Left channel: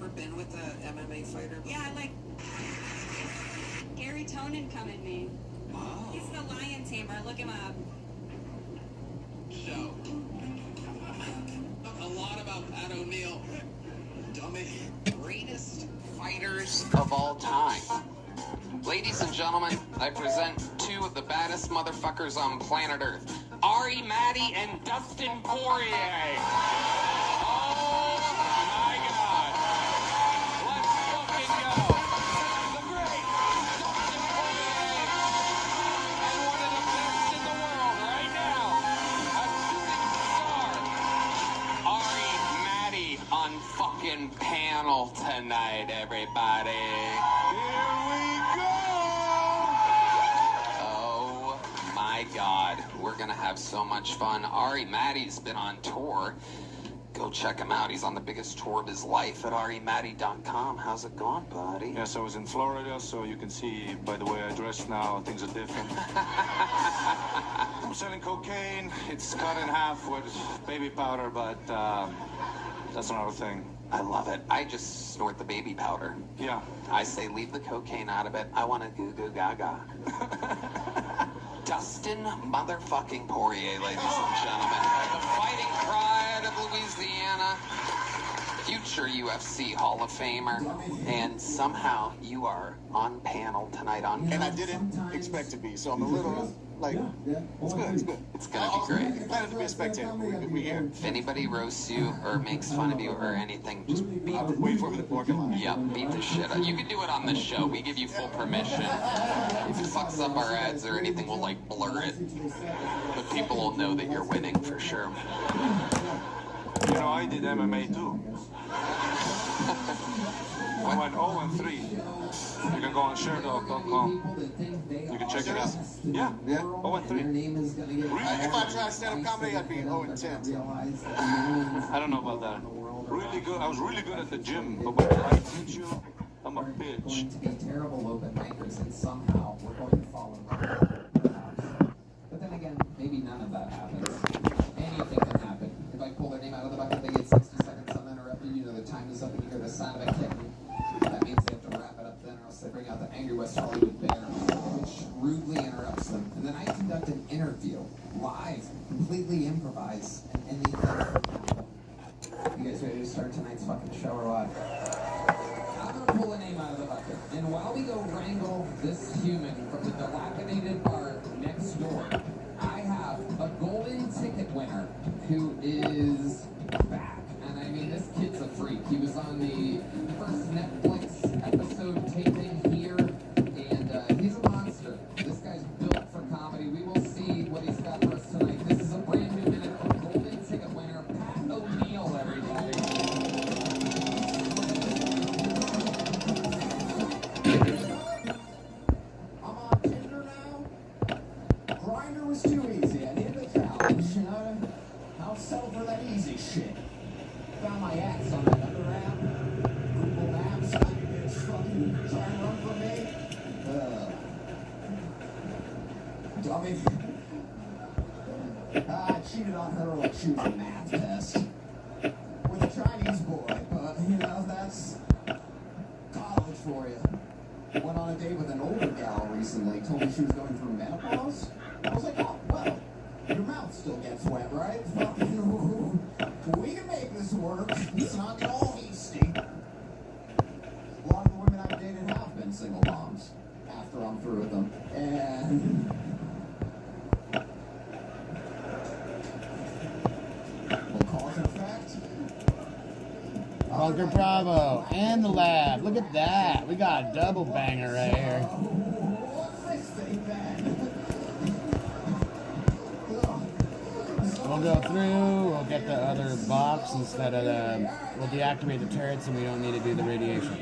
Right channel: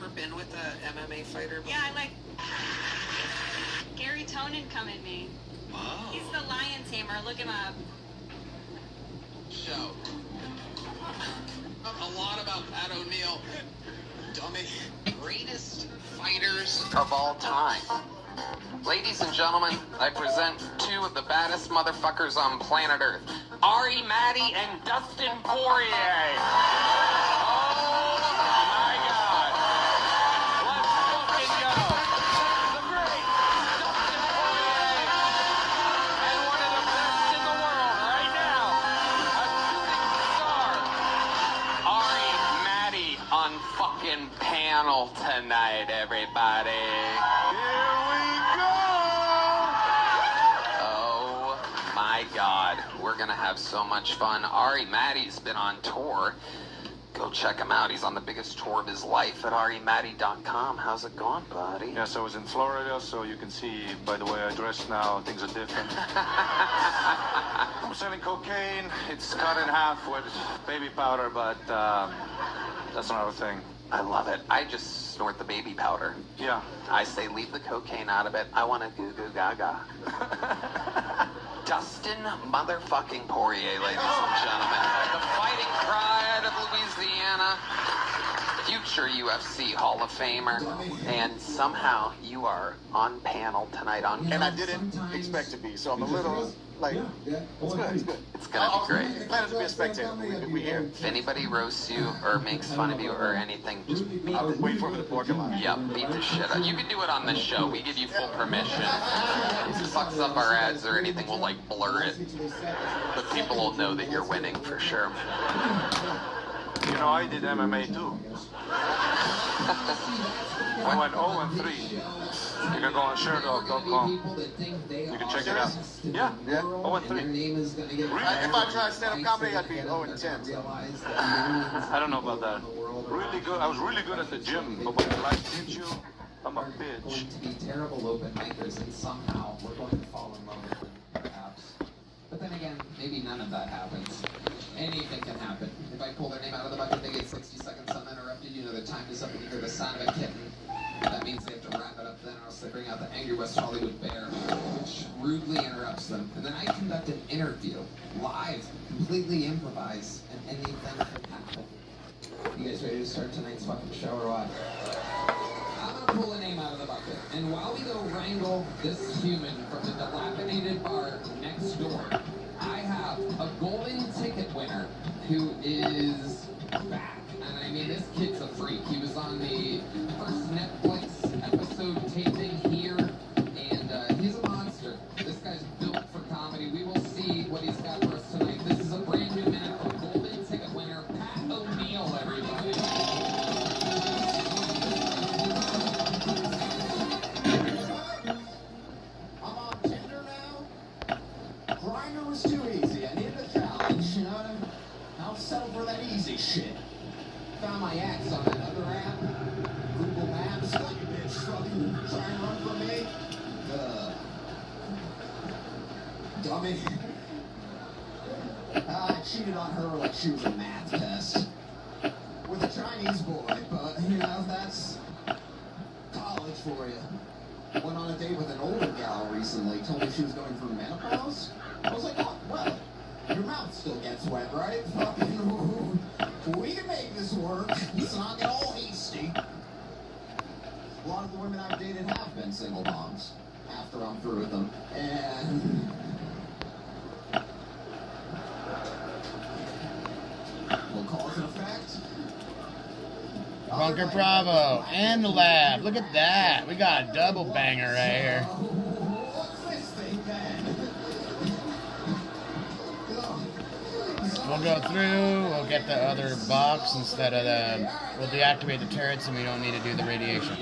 ever been with a MMA fighter before? Yeah, I like Gary Tonin come in me. Oh. He's the lion tamer. Look him up. Show. A lot about Pat O'Neill. Dummy. Greatest fighters of all time. Ladies and gentlemen, I present two of the baddest motherfuckers on planet Earth. Ari Maddie and Dustin Poirier. Oh my God. Let's fucking go. The great Dustin Poirier. And one of the best in the world right now. A shooting star. Ari Maddie on fucking panel tonight, everybody. God, we're gonna have so much fun. Ari Maddie's been on tour. Go check him out. He's on the biggest tour of his life at arimaddie.com. How's it going, buddy? Yes, I was in Florida, so you can see by the way I dress now, things are different. I'm selling cocaine. It's cut in half with baby powder, but that's another thing. I love it. I just snort the baby powder. Yeah. I say leave the cocaine out of it. I want a goo goo gaga. Dustin motherfucking Poirier, ladies and gentlemen. The fighting pride of Louisiana. Future UFC Hall of Famer. And somehow you are on panel tonight on... And I didn't expect to be, so I'm a little... Like, it's good, it's good. It's gonna be great. Planning to be a spectator. We here. If anybody roasts you or makes fun of you or anything, just beat I'll wait for him in the parking lot. Yep, beat the shit out. You can do it on this show. We give you full permission. If it fucks up our ads or anything, we'll like blur it. But people will know that you're winning for sure. You know, I did MMA too. I went 0-3. You can go on ShareDog.com. You can check it out. Yeah, 0-3. If I tried stand-up comedy, I'd be 0-10. So. I don't know about that. Really good. I was really good at the gym, but when the lights hit you, I'm a bitch. We're going to be terrible open micers, and somehow we're going to fall in love with her, perhaps. But then again, maybe none of that happens. Anything can happen. If I pull their name out of the bucket, they get 60 seconds uninterrupted. You know the time is up, and you hear the sound of a kitten. That means they have to wrap it up then, or else they bring out the angry West Hollywood bear, which rudely interrupts them. And then I conduct an interview, live, completely improvised, and anything can happen. You guys ready to start tonight's fucking show or what? I'm gonna pull a name out of the bucket, and while we go wrangle this human from the dilapidated bar next door, I have a golden ticket winner who is back. And I mean, this kid's a freak. He was on the first Netflix episode taping here, and he's a monster. This guy's built for comedy. We will see what he's got for us tonight. This is a brand new minute from golden ticket winner, Pat O'Neill, everybody. I'm on Tinder now. Grindr was too easy. I needed a challenge, you know what I mean? I'll settle for that easy shit. Found my ex on another app. Google Maps. Like a bitch fucking try and run from me. Dummy. I cheated on her like she was a math test. With a Chinese boy, but you know, that's college for you. Went on a date with an older gal recently. Told me she was going through menopause. I was like, oh, well, your mouth still gets wet, right? Fucking, we can make this work. Let's not get all hasty. A lot of the women I've dated have been single moms after I'm through with them. And well, cause and effect. Bunker Bravo and the lab. Look at that. We got a double banger right here. What's this thing, man? We'll go through, we'll get the other box instead of the, we'll deactivate the turrets and we don't need to do the radiation.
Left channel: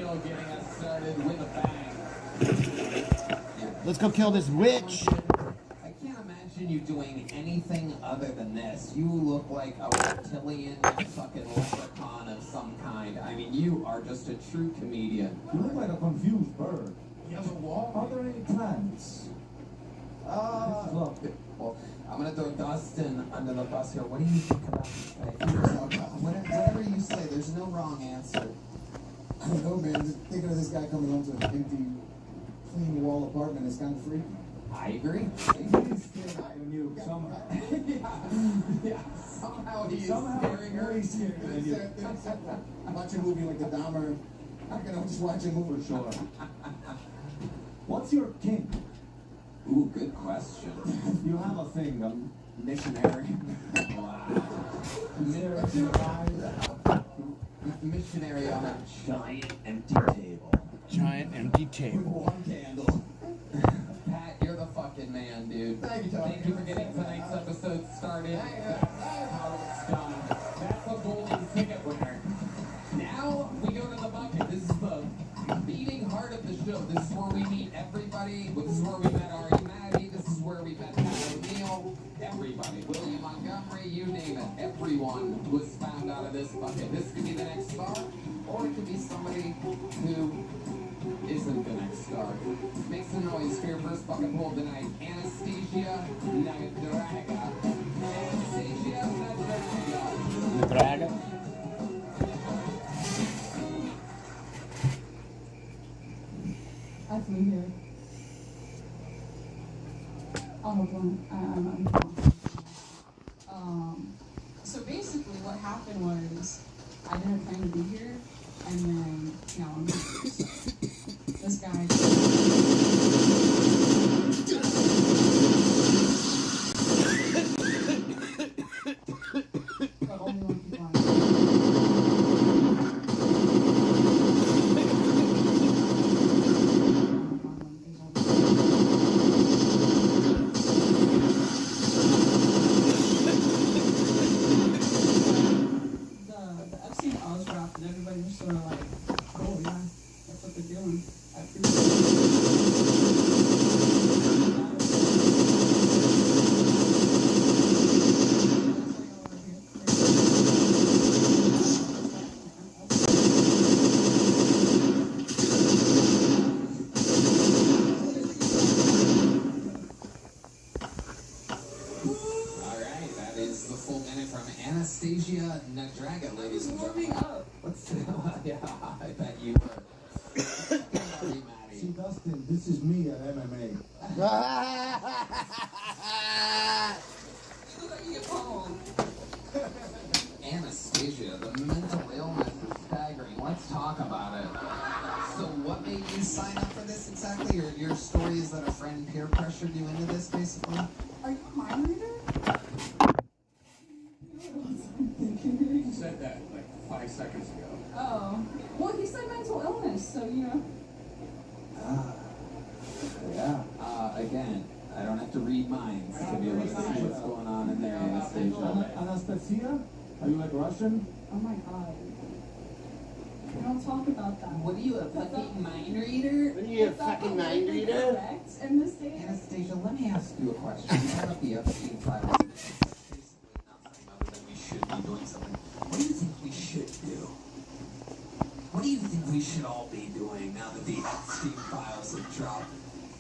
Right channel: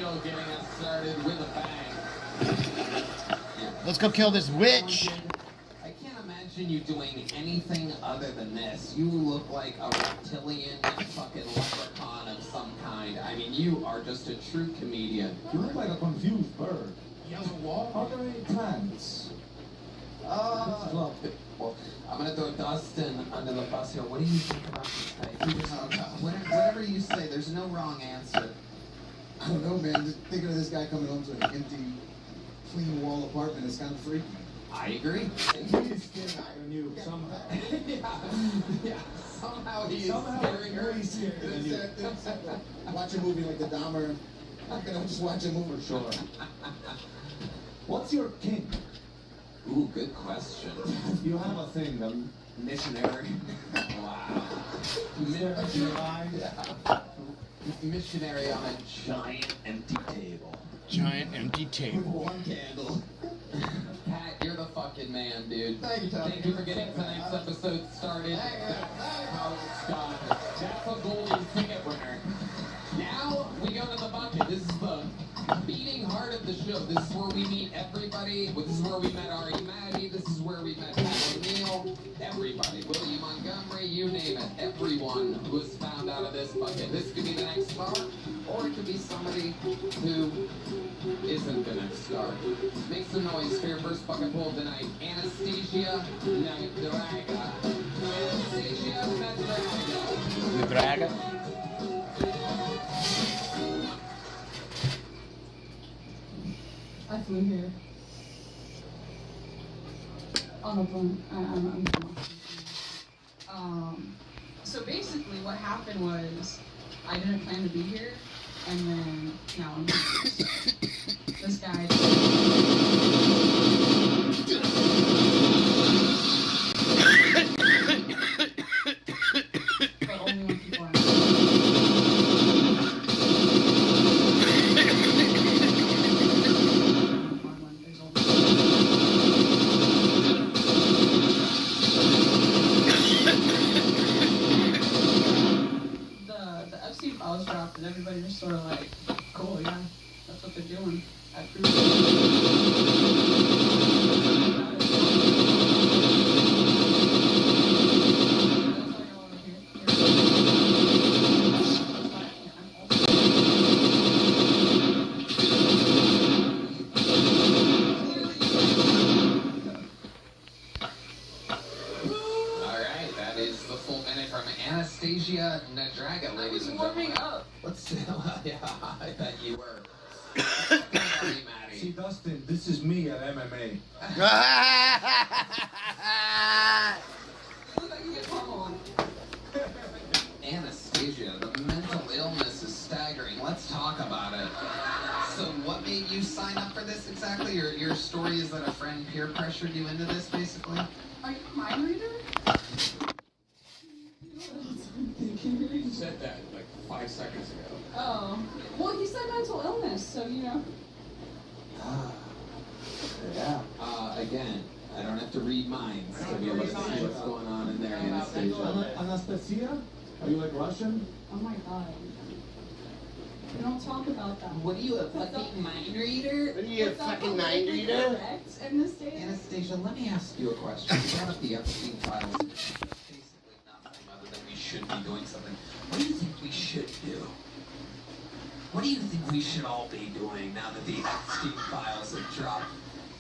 Let's go kill this witch. I can't imagine you doing anything other than this. You look like a reptilian fucking leprechaun of some kind. I mean, you are just a true comedian. You look like a confused bird. He has a wall? Are there any plans? Well, I'm gonna throw Dustin under the bus here. What do you think about this guy? Whatever you say, there's no wrong answer. I don't know, man. Just thinking of this guy coming home to an empty, clean wall apartment is kind of freaky. I agree. He's scaring you somehow. Yeah. Somehow he is scaring her. He's scaring you. Watch a movie like the Dahmer. How can I just watch a movie? For sure. What's your kink? Ooh, good question. You have a thing, Missionary. Wow. Missionary on a giant empty table. Giant empty table. One candle. Pat, you're the fucking man, dude. Thank you, Tom. Thank you for getting tonight's episode started. That's how it's done. That's a golden ticket winner. Now we go to the bucket. This is the beating heart of the show. This is where we meet everybody. This is where we met Ari Maddie. This is where we met Pat O'Neill. Everybody. Willie Montgomery, you name it. Everyone was found out of this bucket. This could be the next star, or it could be somebody who isn't the next star. Make some noise for your first bucket pull tonight. Anastasia Nadraga. Anastasia Nadraga. Nadraga? I flew here on a plane. I'm so basically what happened was I didn't plan to be here, and then now I'm here. This guy but only when people are the Epstein files dropped, and everybody was sort of like, cool, yeah, that's what they're doing. I Alright, that is the full minute from Anastasia Nadraga, ladies and gentlemen. warming up. What's yeah, I bet you were. Sorry, Maddie. See, Dustin, this is me at MMA. Look like you get home. Anastasia, the mental illness is staggering. Let's talk about it. So what made you sign up for this exactly? Your story is that a friend peer pressured you into this, basically? Are you a mind reader? You know what else I'm thinking? You said that like 5 seconds ago. Oh. Well, he said mental illness, so you know. Yeah. Again, I don't have to read minds to be able to see what's going on in there, Anastasia. Anastasia? Are you like Russian? Oh my god. We don't talk about that. What are you, a fucking mind reader? What are you, a fucking mind reader? Correct in this day? Anastasia, let me ask you a question. You brought up the Epstein files. Basically nothing other than we should be doing something. What do you think we should do? What do you think we should all be doing now that the Epstein files have dropped?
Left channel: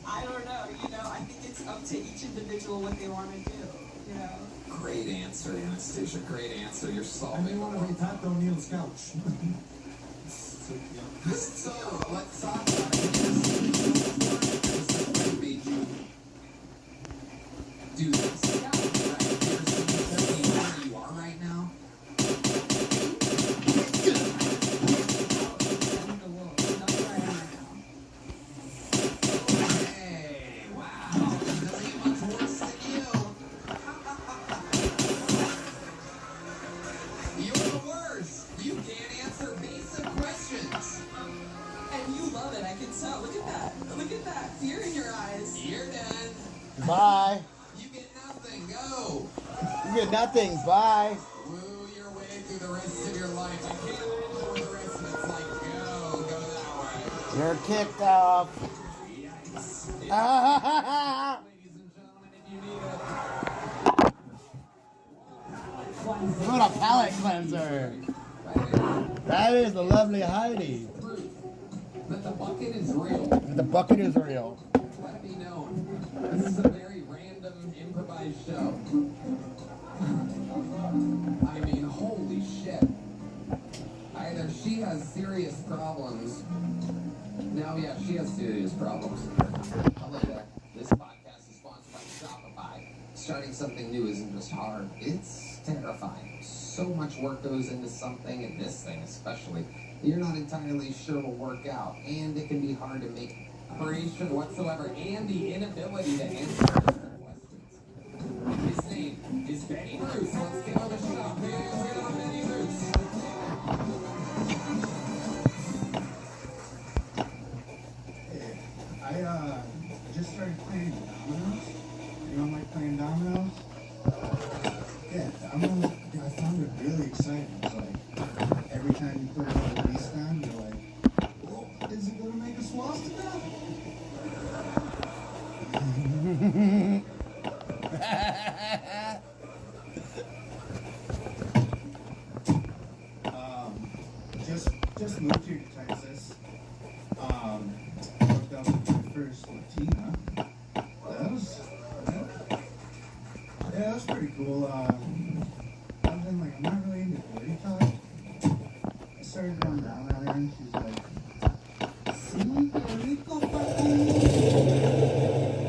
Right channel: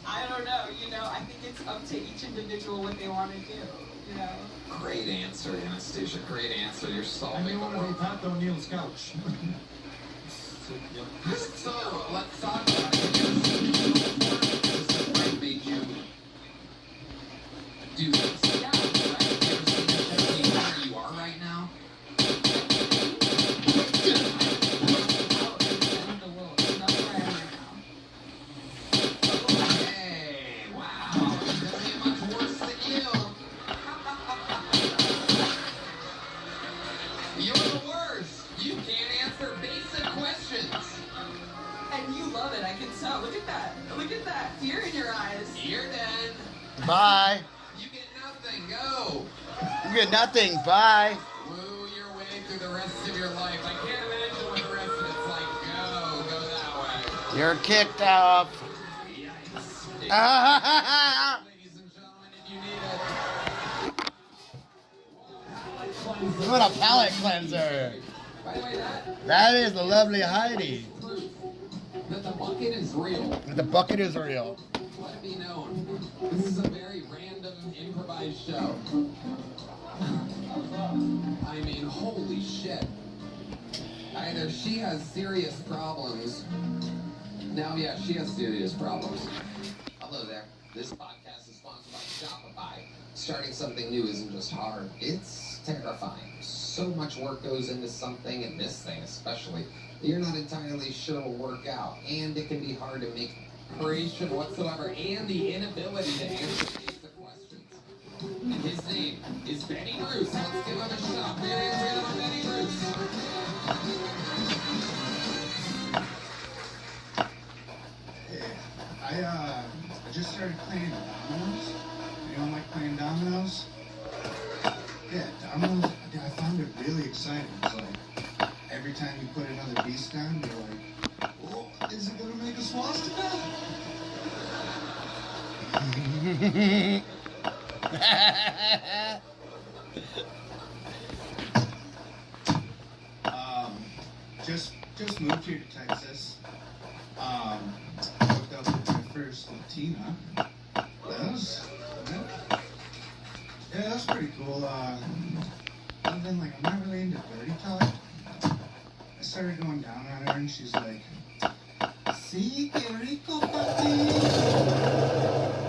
I don't know. You know, I think it's up to each individual what they want to do. You know. Great answer, Anastasia. Great answer. You're And solving they the want to world. be Pat O'Neill's couch. So, let's talk about it. What made you do this? Yeah. Where you are right now? In the world. That's where I am right now. Hey, wow. Doesn't get much worse than you. You're the worst. You can't answer basic questions. And you love it. I can tell. Look at that. Look at that fear in your eyes. You're done. Bye. You get nothing. Go. You get nothing. Bye. Woo your way through the rest of your life. I can't imagine what the rest of it's like. Go that way. You're kicked off. Yikes. Ah, Ladies and gentlemen, if you need it. what a palate cleanser. By the way, That is the lovely Heidi. proof that the bucket is real. The bucket is real. Let it be known. This is a very random improvised show. I mean, holy shit. Either she has serious problems. Now, yeah, she has serious problems. Hello there. This podcast is sponsored by Shopify. Starting something new isn't just hard, it's terrifying. So much work goes into something, and this thing especially, that you're not entirely sure will work out. And it can be hard to make preparation whatsoever, and the inability to answer basic questions. And his name is Benny Bruce. Let's give him a shot. Very real Benny Bruce. Hey, I just started playing dominoes. Anyone like playing dominoes? Yeah, dominoes, I found it really exciting. It's like, every time you put another piece down, you're like, oh, is it gonna make a swastika? Just moved here to Texas. Hooked up with my first Latina. That was pretty cool. And then, like, I'm not really into dirty talk. I started going down on her, and she's like, "Sí, qué rico, papi."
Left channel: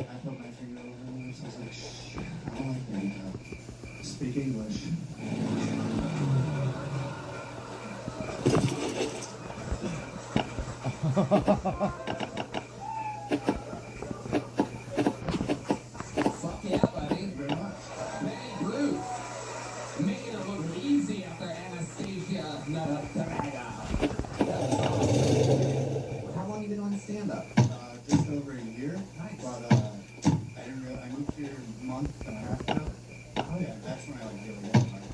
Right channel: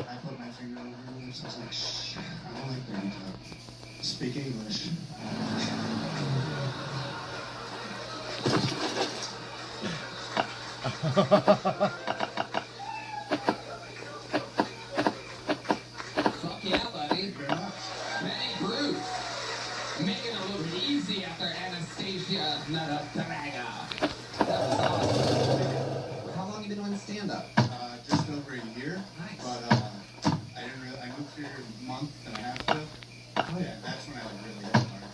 I put my finger over her lips. I was like, "Shh, I don't like dirty talk. Speak English." Fuck yeah, buddy. Benny Bruce. Making it look easy after Anastasia Nadatraga. That was awesome. How long you been doing stand-up? Just over a year. Nice. But I moved here a month and a half ago. Yeah, that's when I really got hard.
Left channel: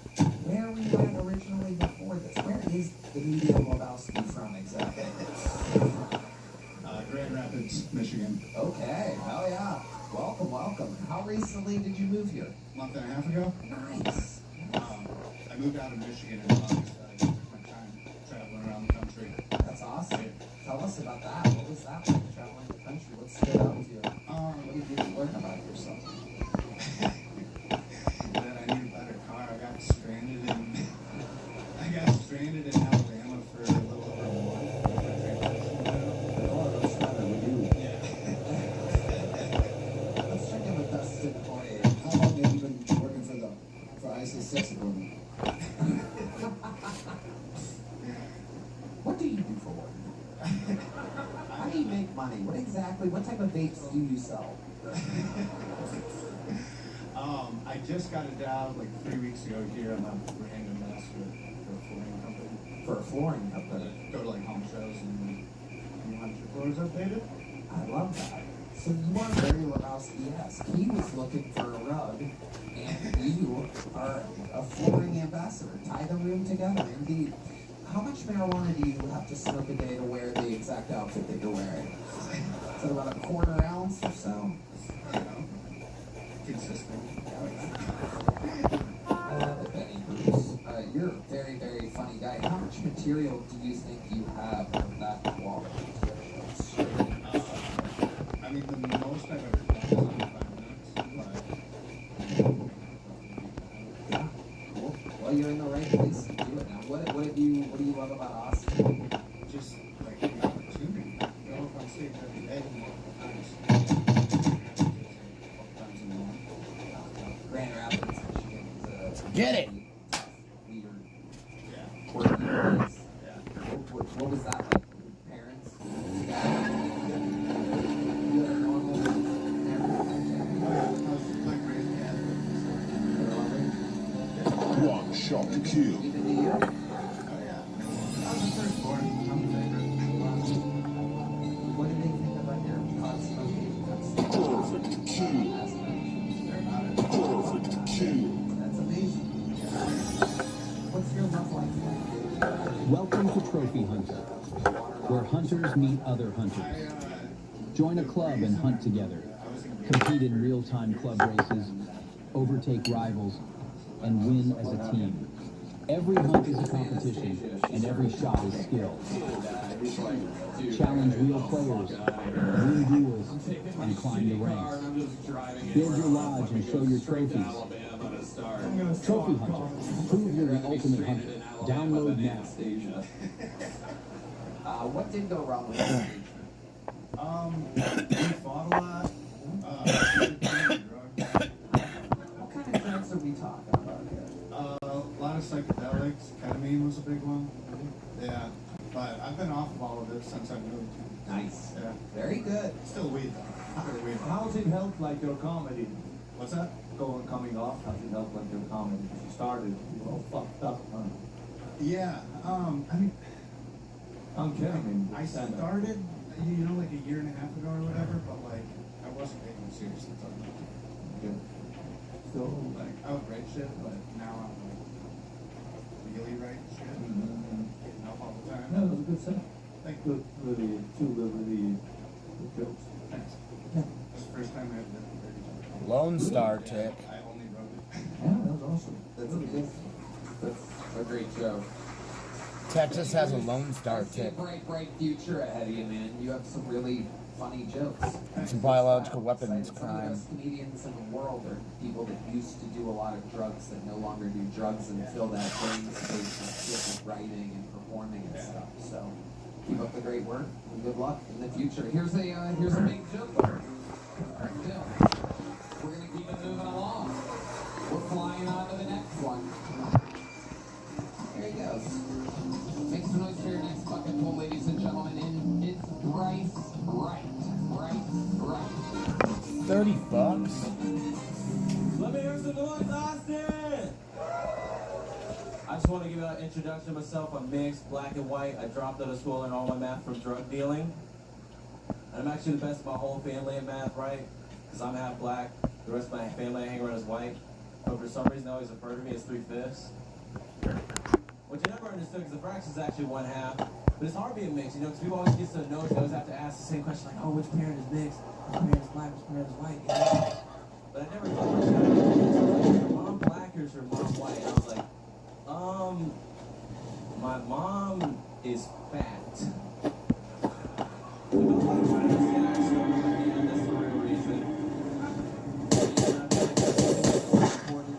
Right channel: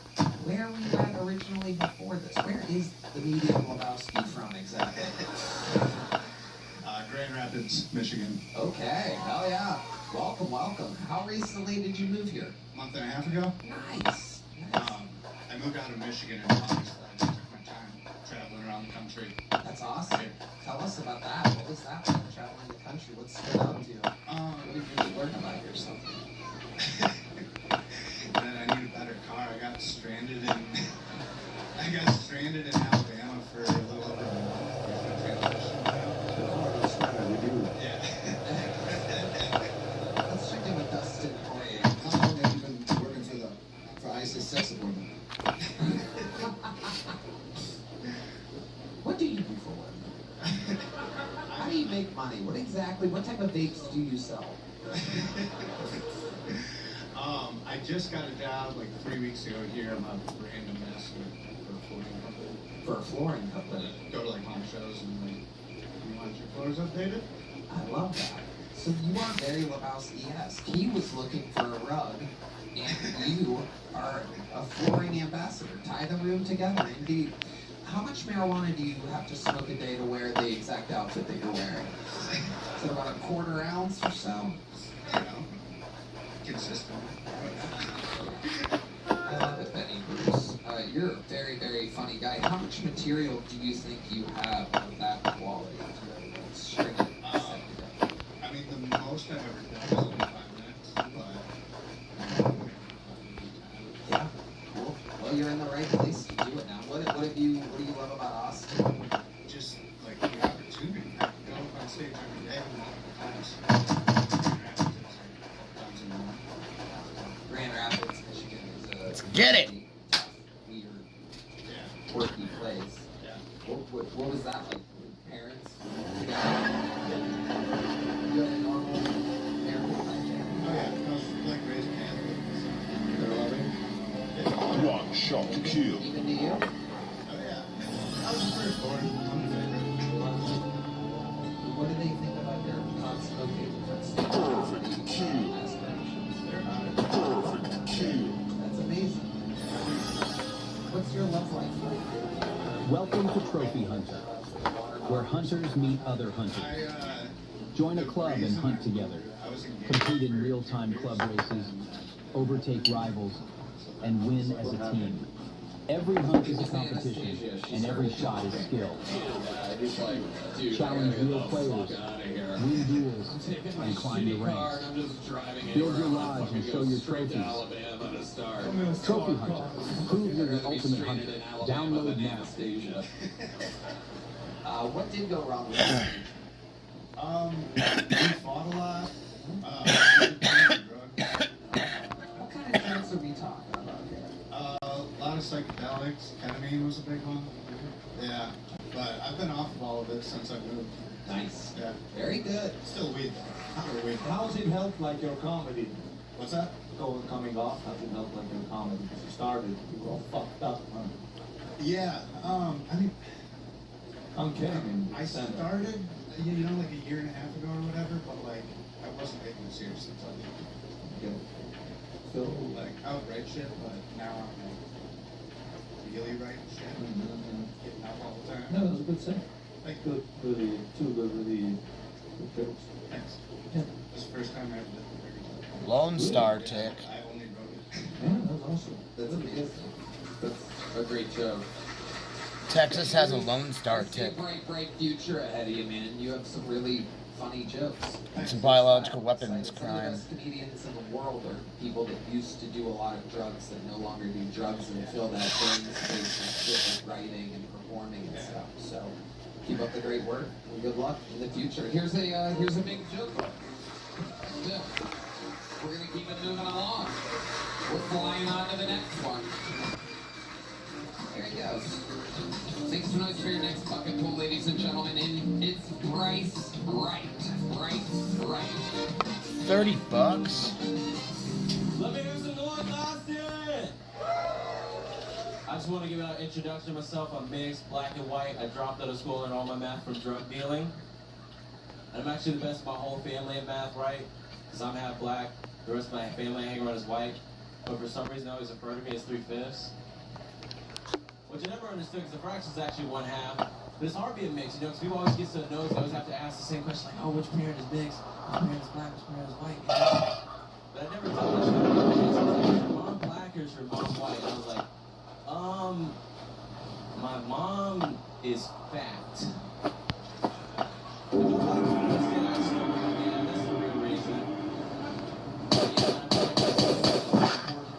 Where were you at originally before this? Where is the media Lebowski from exactly? Grand Rapids, Michigan. Okay, hell yeah. Welcome, welcome. How recently did you move here? A month and a half ago. Nice. I moved out of Michigan in August. I just took my time traveling around the country. That's awesome. Tell us about that. What was that like, traveling the country? What stood out to you? What did you learn about yourself? That I need a better car. I got stranded in Alabama for a little transition. Yeah. Let's check in with Dustin. Hey, how long have you been working for ISIS sex department? What do you do for work? How do you make money? What type of vapes do you sell? I just got a job like 3 weeks ago here. I'm a brand ambassador for a flooring company. For a flooring company. Go to like home shows and like, you want your floors updated? I love that. So you are very Lebowski-esque. He was looking for a rug, and you are a flooring ambassador. Tie the room together, indeed. How much marijuana do you have to smoke a day to wear the exact outfit that you're wearing? Is it about a quarter ounce or so? You know, consistent. I love it, Benny Bruce. You're a very, very funny guy. How much material do you think you have of that quality? Straight up. I mean, the most I've ever done is only 5 minutes, but Yeah, cool. Well, you're in the right place to do it now. What do you love about Austin? just like the opportunity. You go up on stage every day and Grand Rapids, Michigan is a Get it. tough, weird, yeah. quirky place. Yeah. What was that like? Parents? You had a normal parent life there? Oh yeah, I was like raised Catholic. They're loving? One shot to kill. Even to you? Oh yeah. I was the firstborn. I'm the favorite. What do they think about your pot smoking? Perfect kill. Aspirations? They're about it. Perfect kill. That's amazing. What's your love life like? Welcome to Trophy Hunter, where hunters meet other hunters. Join a club and hunt together. Compete in real-time club races, overtake rivals, and win as a team. Every hunt is a competition, and every shot is skill. Challenge real players, win duels, and climb the ranks. Build your lodge and show your trophies. Trophy Hunter. Prove you're the ultimate hunter. Download now. What did go wrong with it? We fought a lot. What kind of drugs are we talking about here? A lot of psychedelics. Ketamine was a big one. Yeah, but I've been off of all of it since I moved. Nice. Yeah. Very good. Still weed though. Still weed. How's it helped like your comedy? What's that? Coming off, how's it helped like your comedy? You started, you were all fucked up, huh? Yeah. I mean, I'm kidding. I started, like a year and a half ago or whatever, but like I wasn't taking it seriously until Good. So, like I would write shit, but now I'm like really writing shit, getting up all the time. no, that was a good thing. Like Good, really, really good jokes. thanks. Yeah. This is the first time I've lived in Lone Star Tick. I only wrote it. Yeah, that was awesome. That's amazing. That's a great joke. Texas has a Lone Star I see a Tick. bright future ahead of you, man. You have some really funny jokes. It's a biological weapons Some of the crime. best comedians in the world are people that used to do a lot of drugs that no longer do drugs and fill that brain space with shit with writing and performing and stuff. So keep up the great work and good luck in the future. Here's a big joke. Bill, we're gonna keep it moving along. We're flying on to the next one. There he goes. Make some noise for your next bucket pool, ladies and gentlemen. And it's Bryce Wright. Bryce Wright. $30? Let me hear some noise, Austin! I just want to give an introduction to myself. I'm mixed, black and white. I dropped out of school and all my math from drug dealing. And I'm actually the best of my whole family in math, right? Because I'm half black. The rest of my family I hang around is white. But for some reason, I always refer to me as 3/5. Which I never understood because the fraction is actually 1/2. But it's hard being mixed, because people always get so nosy. I always have to ask the same question, like, oh, which parent is mixed? Which parent is black? Which parent is white? But I never thought that. Mom black or is her mom white? And I was like, my mom is fat. Yeah, that's the real reason.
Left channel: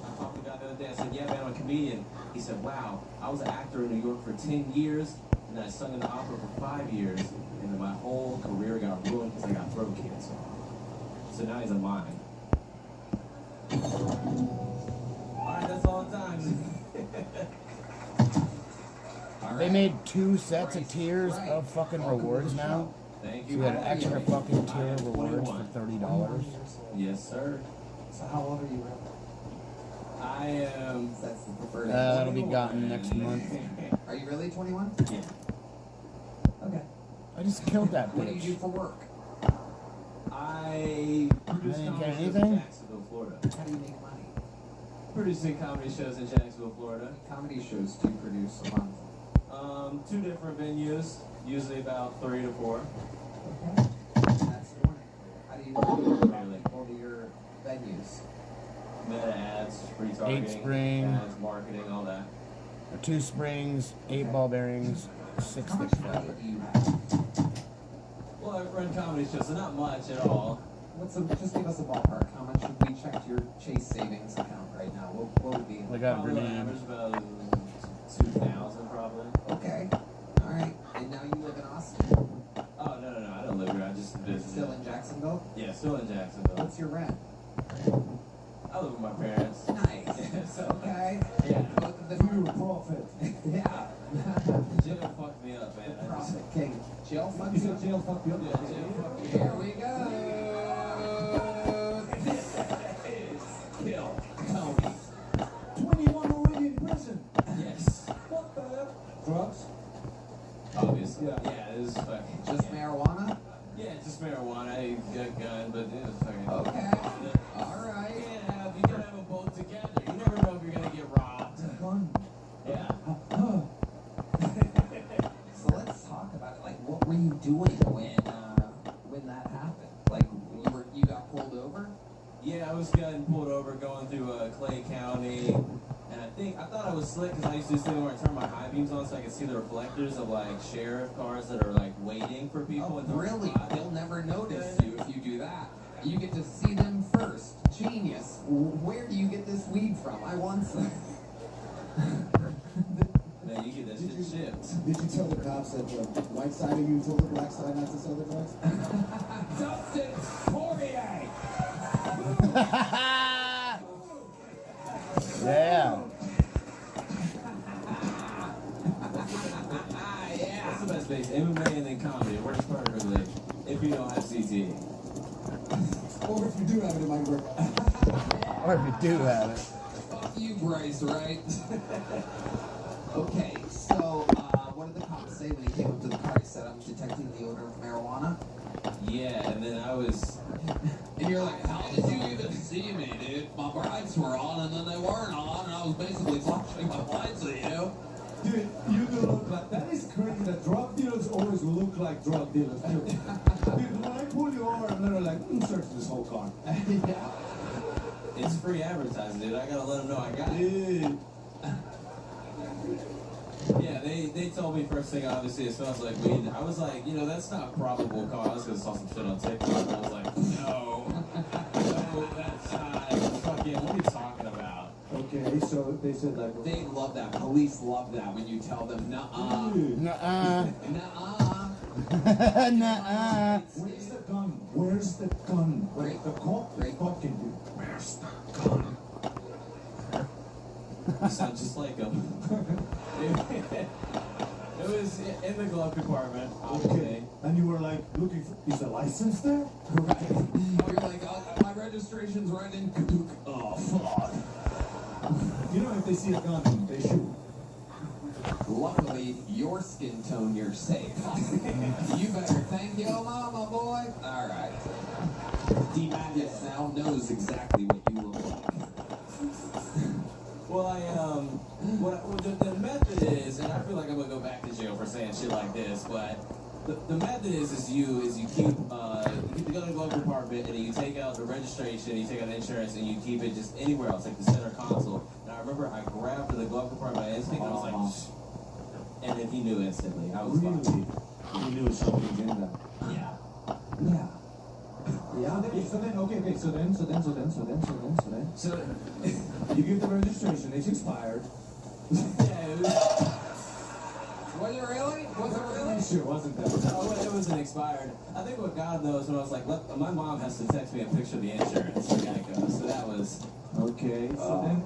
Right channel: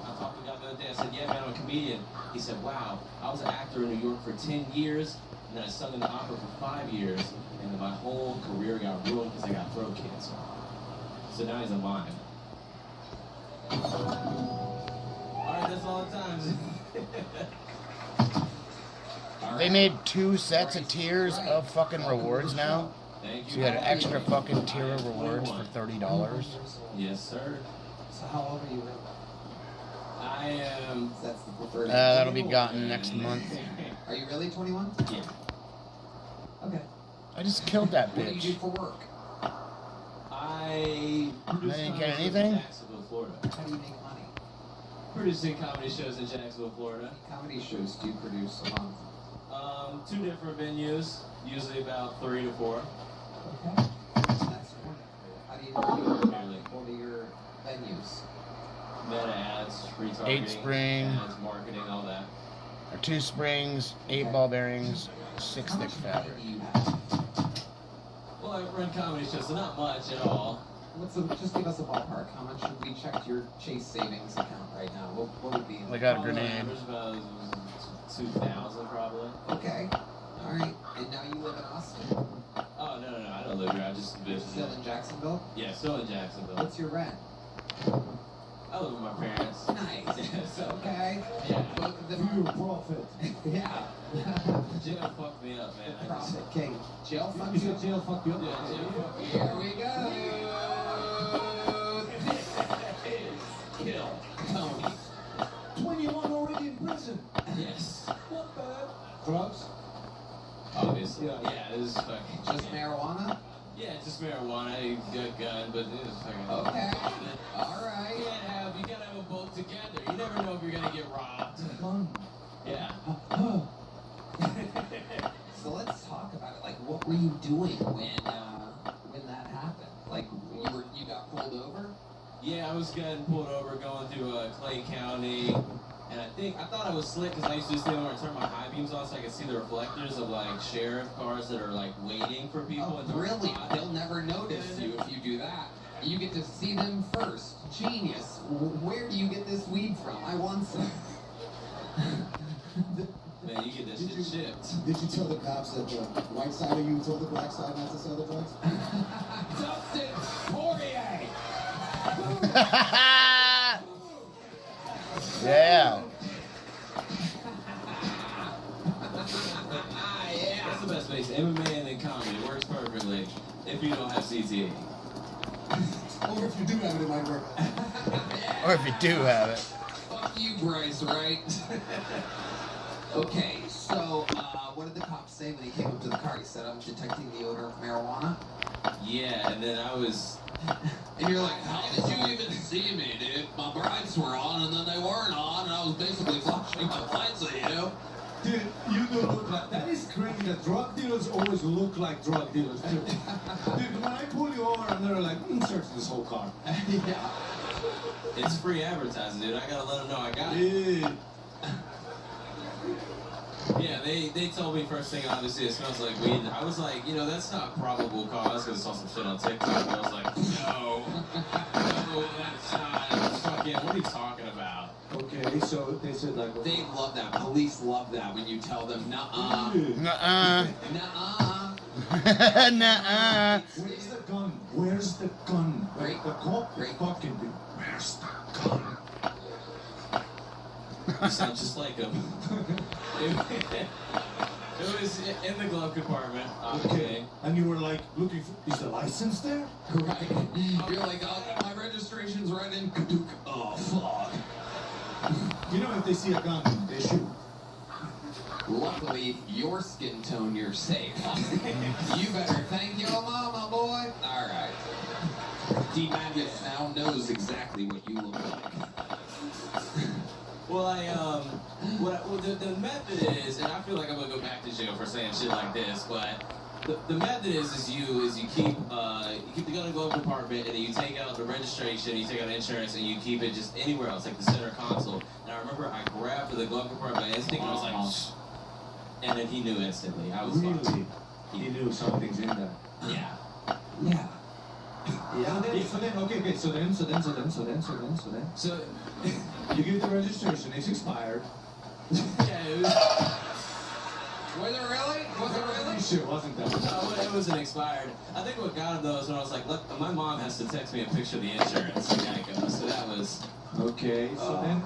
My papa got the other day. I said, yeah, man, I'm a comedian. He said, wow, I was an actor in New York for 10 years, and then I sung in the opera for 5 years, and then my whole career got ruined because I got throat cancer. So now he's a mime. Alright, that's all the time. They made 2 sets of tiers of fucking rewards now. Thank So you got an extra fucking tier of rewards for $30. Yes, sir. So how old are you, Will? I am. That's the preferred. That'll be gotten next month. Are you really 21? Yeah. Okay. I just killed that What do you do bitch. for work? I didn't get anything? in Jacksonville, Florida. How do you make money? Producing comedy shows in Jacksonville, Florida. How many comedy shows do you produce a month? 2 different venues, usually about 3 to 4. Okay. That's wonderful. How do you do Nearly. What are your venues? Meta ads, retargeting, 8 Spring. ads, marketing, all that. 2 springs, 8 ball bearings, 6 How thick much money fabric. do you have? Well, I run comedy shows, so not much at all. Just give us a ballpark. How much should we check your Chase savings account right now? What would be? I got a Probably grenade. average about 2,000 probably. Okay. All right. And now you live in Austin. Oh, no, I don't live here. I just You're visit. still in Jacksonville. Yeah, still in Jacksonville. What's your rent? I live with my parents. Nice. Okay. Yeah. Pure profit. Yeah. Jail fucked me up, man. I just, Profit king. Jail fuck you you. said jail fucked you up? Yeah, jail fucked me Here up. we go. Kill. Tony. 21 already in prison. Yes. Not bad. Drugs? Obviously. Yeah, it was fucking. Just marijuana? Yeah, just marijuana. I got a gun, but it was fucking. Okay. All right. You gotta have a both together. You never know if you're gonna get robbed. Yeah. So let's talk about it. Like, what were you doing when that happened? Like, you got pulled over? Yeah, I was getting pulled over going through Clay County, and I thought I was slick because I used to stand there and turn my high beams on so I could see the reflectors of like sheriff cars that are like waiting for people. Oh, and don't really? stop. They'll never notice you if you do that. You get to see them first. Genius. Where do you get this weed from? I want some. Man, you get that shit shipped. Did you tell the cops that the white side of you told the black side not to sell the drugs? Dustin Poirier! Yeah. That's the best base. MMA and then comedy. It works perfectly if you don't have CTE. Or if you do have it, it might work. Or if you do have it. Fuck you, Bryce, right? Okay, so what did the cop say when he came up to the car? He said, I'm detecting the odor of marijuana. Yeah, and then I was... And you're like, how did you even see me, dude? My brights were on and then they weren't on, and I was basically flashing my lights at you. Dude, you do look like... That is crazy that drug dealers always look like drug dealers, too. Dude, when I pull you over and they're like, search this whole car. Yeah. It's free advertising, dude. I gotta let them know I got it. Dude. Yeah, they told me first thing, obviously, it smells like weed. I was like, you know, that's not probable cause, because I saw some shit on TikTok, and I was like, no, that's not, fucking, what are you talking about? Okay, so they said like... They love that. Police love that when you tell them, nuh-uh. Nuh-uh. Nuh-uh. Nuh-uh. Where's the gun? Where's the gun? Great. The cop? Great. Fucking dude. Where's the gun? You sound just like him. It was in the glove compartment, Okay. And you were like, looking for... Is the license there? Right. You're like, oh, my registration's right in Kadook. Oh, fuck. You know, if they see a gun, they shoot. Luckily, your skin tone, you're safe. You better thank your mama, boy. All right. D-Magus now knows exactly what you look like. Well, the method is, and I feel like I'm gonna go back to jail for saying shit like this, but the method is you keep the gun in the glove compartment, and then you take out the registration, you take out insurance, and you keep it just anywhere else, like the center console. And I remember I grabbed the glove compartment by instinct, and I was like, shh. And then he knew instantly. I was fucked. Really? He knew something's in there. Yeah. Yeah. Yeah. So then, okay, so then. So, You give the registration, it's expired. yeah, it was... Was it really? Was it really? Shit, wasn't that? No, it wasn't expired. I think what got him though is when I was like, look, my mom has to text me a picture of the insurance. I gotta go. So that was... Okay, so then...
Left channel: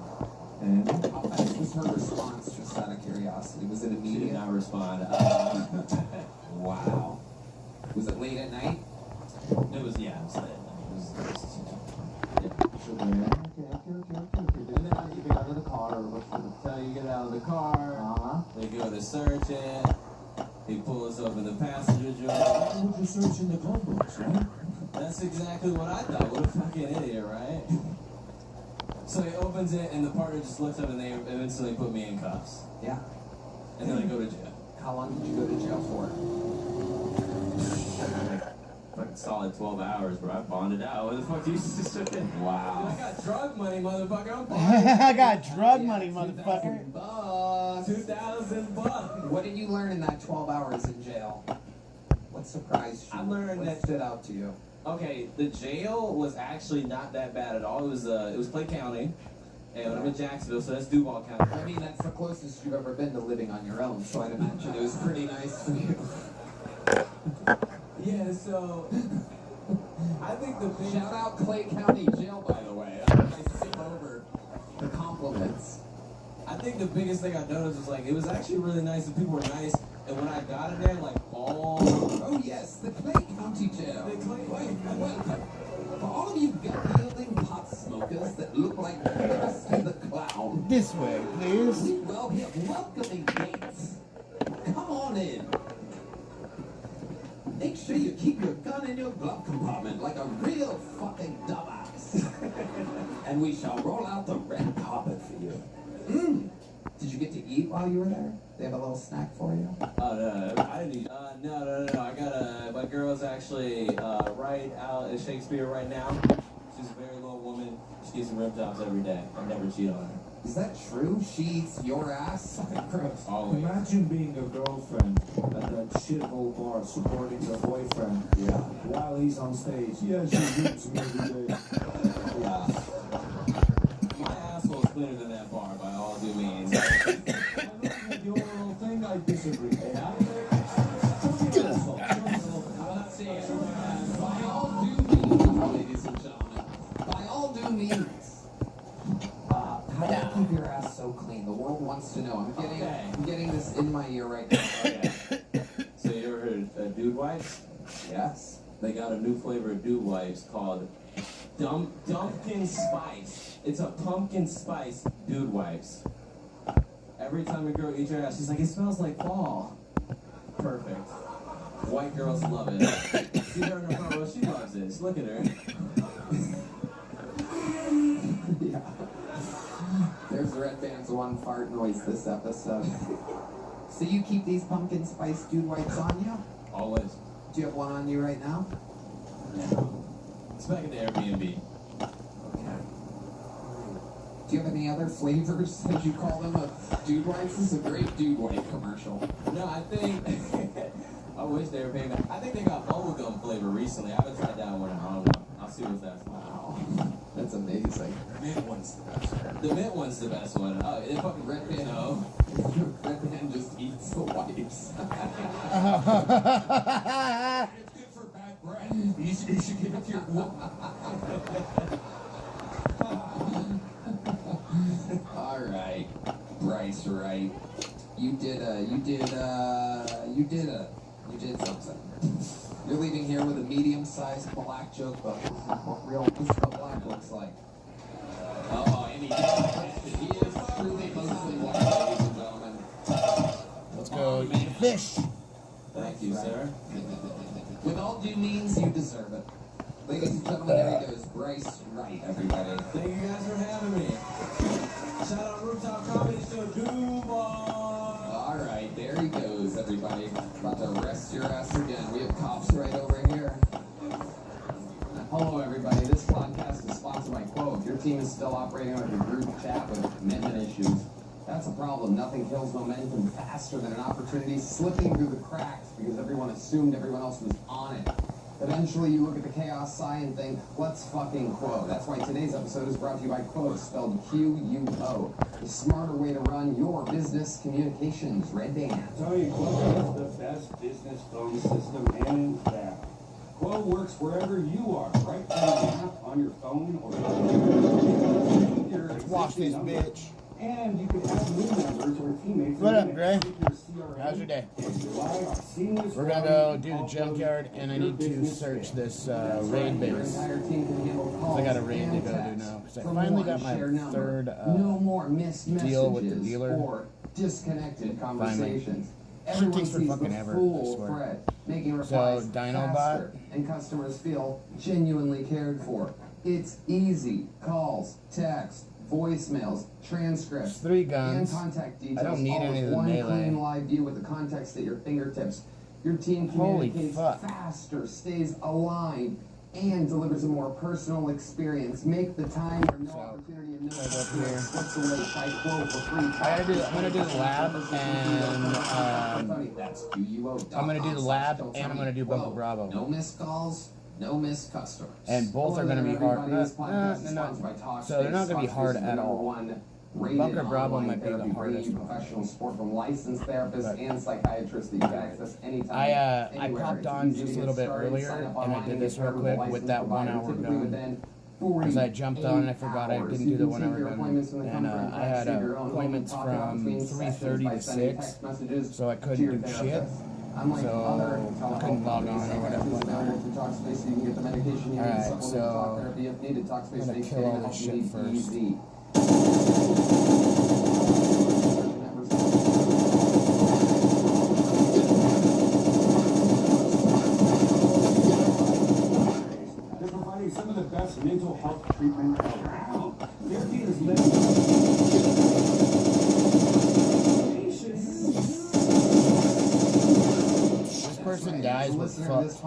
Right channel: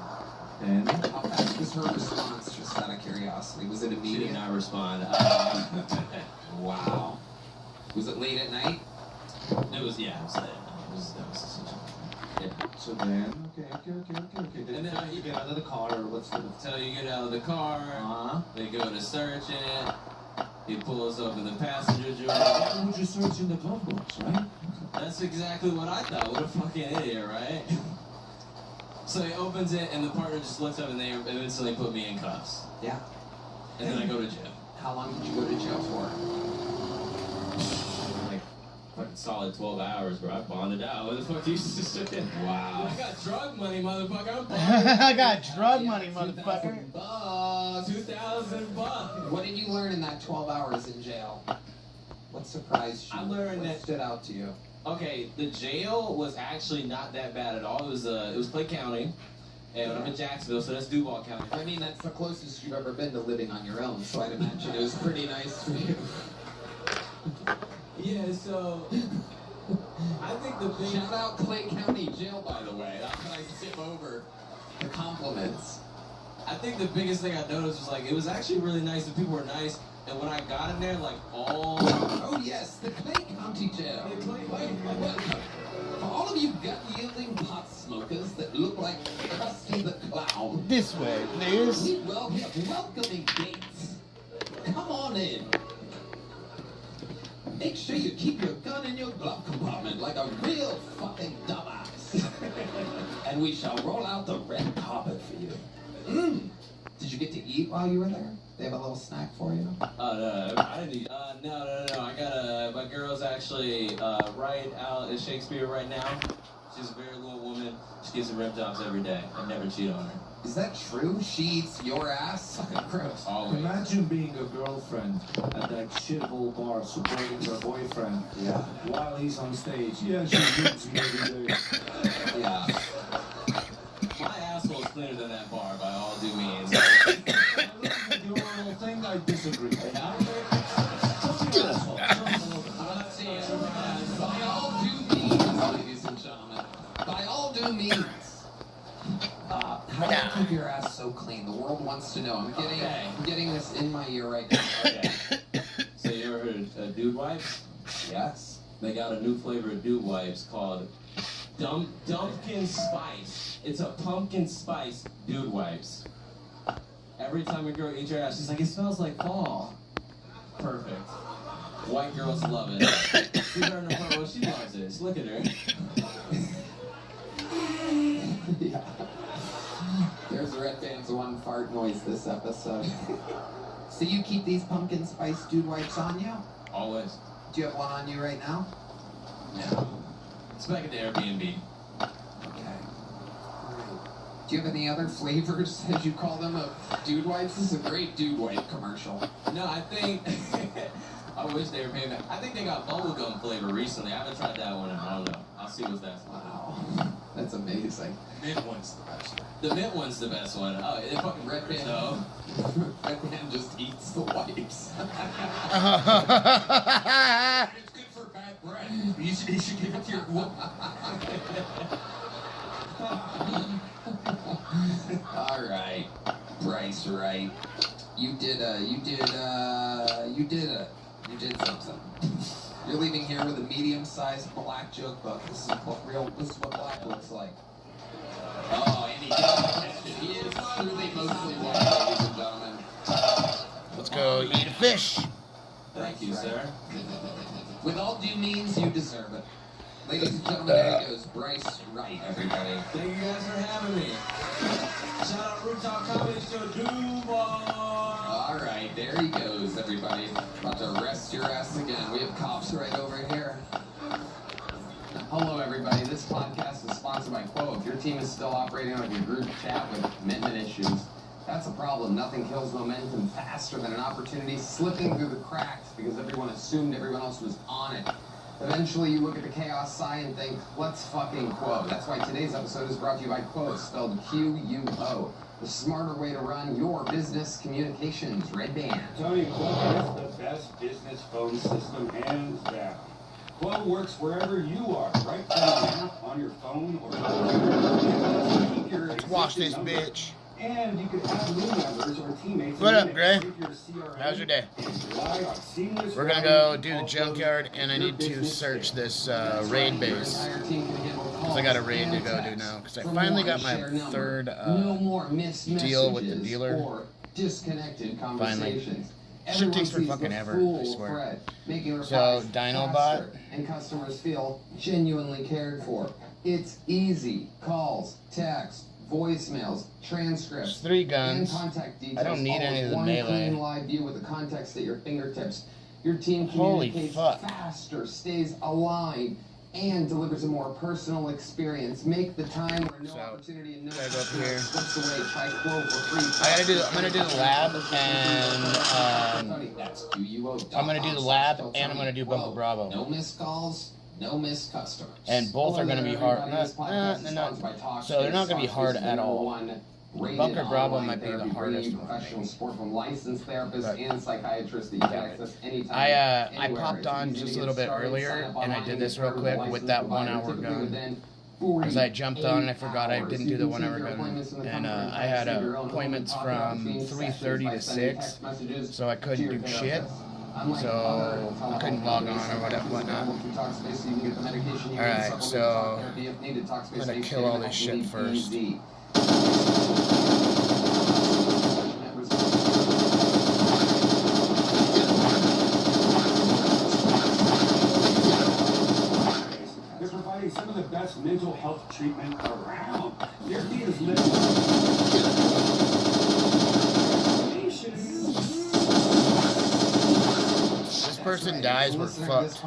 And? How fast was her response, just out of curiosity? Was it She immediate? did not respond. Wow. Was it late at night? It was, yeah, it was late. Yeah. So then, okay. And then You get out of the car, or what's the... So you get out of the car, they go to search it, he pulls over the passenger door. Why would you search in the glove box, right? That's exactly what I thought. What a fucking idiot, right? So he opens it, and the partner just looks up, and they instantly put me in cuffs. Yeah. And then I go to jail. How long did you go to jail for? Like, fucking solid 12 hours, bro. I bonded out. What the fuck do you just Wow. I got drug money, motherfucker. I'm bonded. I got drug money, motherfucker. $2,000. $2,000. What did you learn in that 12 hours in jail? What surprised you? I learned what that- stood out to you? Okay, the jail was actually not that bad at all. It was Clay County, and I'm in Jacksonville, so that's Duval County. I mean, that's the closest you've ever been to living on your own, so I'd imagine it was pretty nice for you. Yeah, so I think the big Shout out Clay County Jail, by the way. I skip over the compliments. I think the biggest thing I noticed was like it was actually really nice. The people were nice, and when I got in there, like all Oh yes, the Clay County Jail. Welcome. For all of you gut-yielding pot smokers that look like Krusty the Clown, This way, please. we welcoming gates. Come on in. Make sure you keep your gun in your glove compartment like a real fucking dumbass. And we shall roll out the red carpet for you. Did you get to eat while you were there? They have a little snack for you? no, I didn't. No. I got my girl's actually right out at Shakespeare right now. She's a very little woman. She gets some rib jobs every day. I never cheat on her. Is that true? She eats your ass? Fucking gross. Always. Imagine being a girlfriend at that shithole bar supporting her boyfriend. Yeah. While he's on stage. Yeah, she beats me every day. Yeah. My asshole's cleaner than that bar by all due means. I look at your little thing, I disagree. By all due means, ladies and gentlemen, by all due means, how do you keep your ass so clean? The world wants to know. I'm getting this in my ear right now. Okay. So you ever heard of dude wipes? Yes. They got a new flavor of dude wipes called Dumpkin Spice. It's a pumpkin spice dude wipes. Every time a girl eats your ass, she's like, it smells like fall. Perfect. White girls love it. See her in the front row, she loves it. Look at her. Yeah. There's Red Band's one fart noise this episode. So you keep these pumpkin spice dude wipes on you? Always. Do you have one on you right now? Yeah. It's back at the Airbnb. Okay. Do you have any other flavors, as you call them, of dude wipes? This is a great dude wipe commercial. No, I think... I wish they were paying back. I think they got bubblegum flavor recently. I haven't tried that one. I don't know. I'll see what's that's like. Wow. That's amazing. Mint one's the best one. The mint one's the best one. Oh, it fucking Red Band. so. Red Band just eats the wipes. It's good for bad breath. You should give it to your All right, Bryce, right? You did something. You're leaving here with a medium-sized black joke book. This is what black looks like. Oh, and he is truly mostly white, ladies and gentlemen. Let's go eat a fish. Thank you, sir. With all due means, you deserve it. Ladies and gentlemen, there he goes, Bryce Wright, everybody. Thank you guys for having me. Shout out Rooftop Comedy Show, Duval. All right, there he goes, everybody. About to arrest your ass again. We have cops right over here. Hello, everybody. This podcast is sponsored by Quo. If your team is still operating on your group chat with commitment issues, that's a problem. Nothing kills momentum faster than an opportunity slipping through the cracks because everyone assumed everyone else was on it. Eventually, you look at the chaos sign and think, let's fucking Quo. That's why today's episode is brought to you by Quo, spelled Q-U-O. The smarter way to run your business communications. Red Band. Tell you, Quo is the best business phone system hands down. Quo works wherever you are, right from an app on your phone or Let's watch this bitch. And you can have new members or teammates. What up, Gray? How's your day? We're gonna go do the junkyard, and I need to search this raid base. Cause I got a raid to go do now. Cause I finally got my third deal with the dealer. Finally. Shit takes for fucking ever, I swear. So, Dinobot. And customers feel genuinely cared for. It's easy. Calls, text, voicemails, transcripts, 3 guns. and contact details. I don't need any of the one melee. clean live view with the context at your fingertips. Your team Holy communicates fuck. faster, stays aligned, and delivers a more personal experience. Make the time where no opportunity and no Gotta go up here. slips away. Try Quo for free. I'm gonna do the lab, and I'm gonna do the lab, and I'm gonna do Bunker Bravo. No missed calls. No missed customers. And both are going to be hard. So they're not going to be hard at all. Bunker Bravo might be the hardest one. Professional support from licensed therapists and psychiatrists that you can access anytime. I popped on just a little bit earlier, and I did this real quick with that 1 hour gun. Because I jumped on and I forgot I didn't do the 1 hour gun. And I had appointments from 3:30 to 6, so I couldn't do shit. So I couldn't log on or whatnot. Alright, so I'm gonna kill all this shit first. They're providing some of the best mental health treatment around. Their team is Person dies, we're fucked.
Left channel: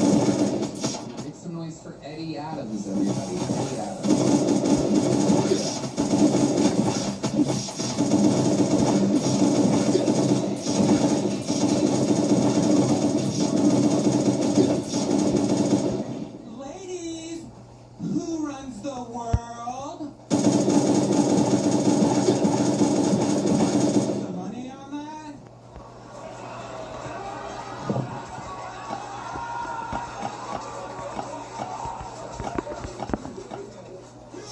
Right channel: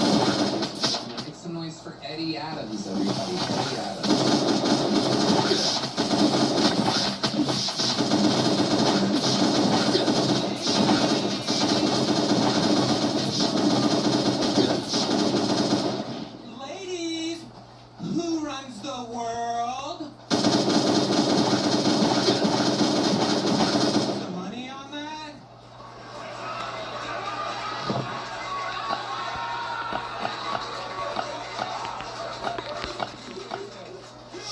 Make some noise for Eddie Adams, everybody. Eddie Adams. Ladies, who runs the world? The money on that?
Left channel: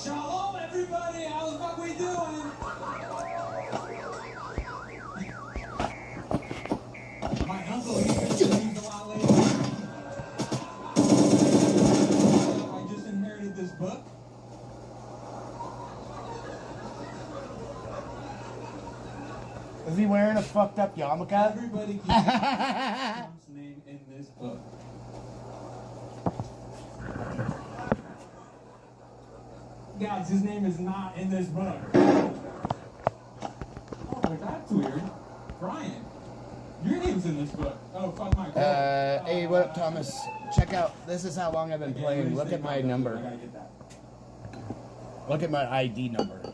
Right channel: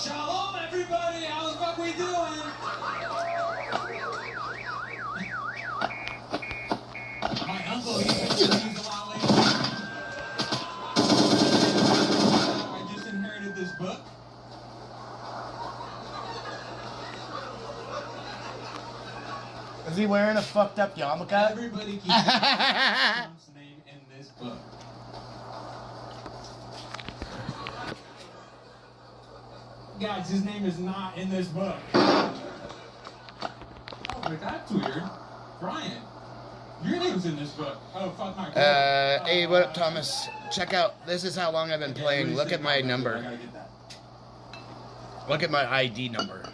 Shalom, everybody. How's what we doing? My uncle, he's a lot later. I just inherited this book. Is he wearing a fucked up yarmulke? Everybody keeps Trump's name in this book. Guys, his name is not in this book. Oh, but that's weird. Brian, your name's in this book. Oh, fuck my God. Hey, what up, Thomas? Check out, this is how long I've been playing. Look at my number. Look at my ID number.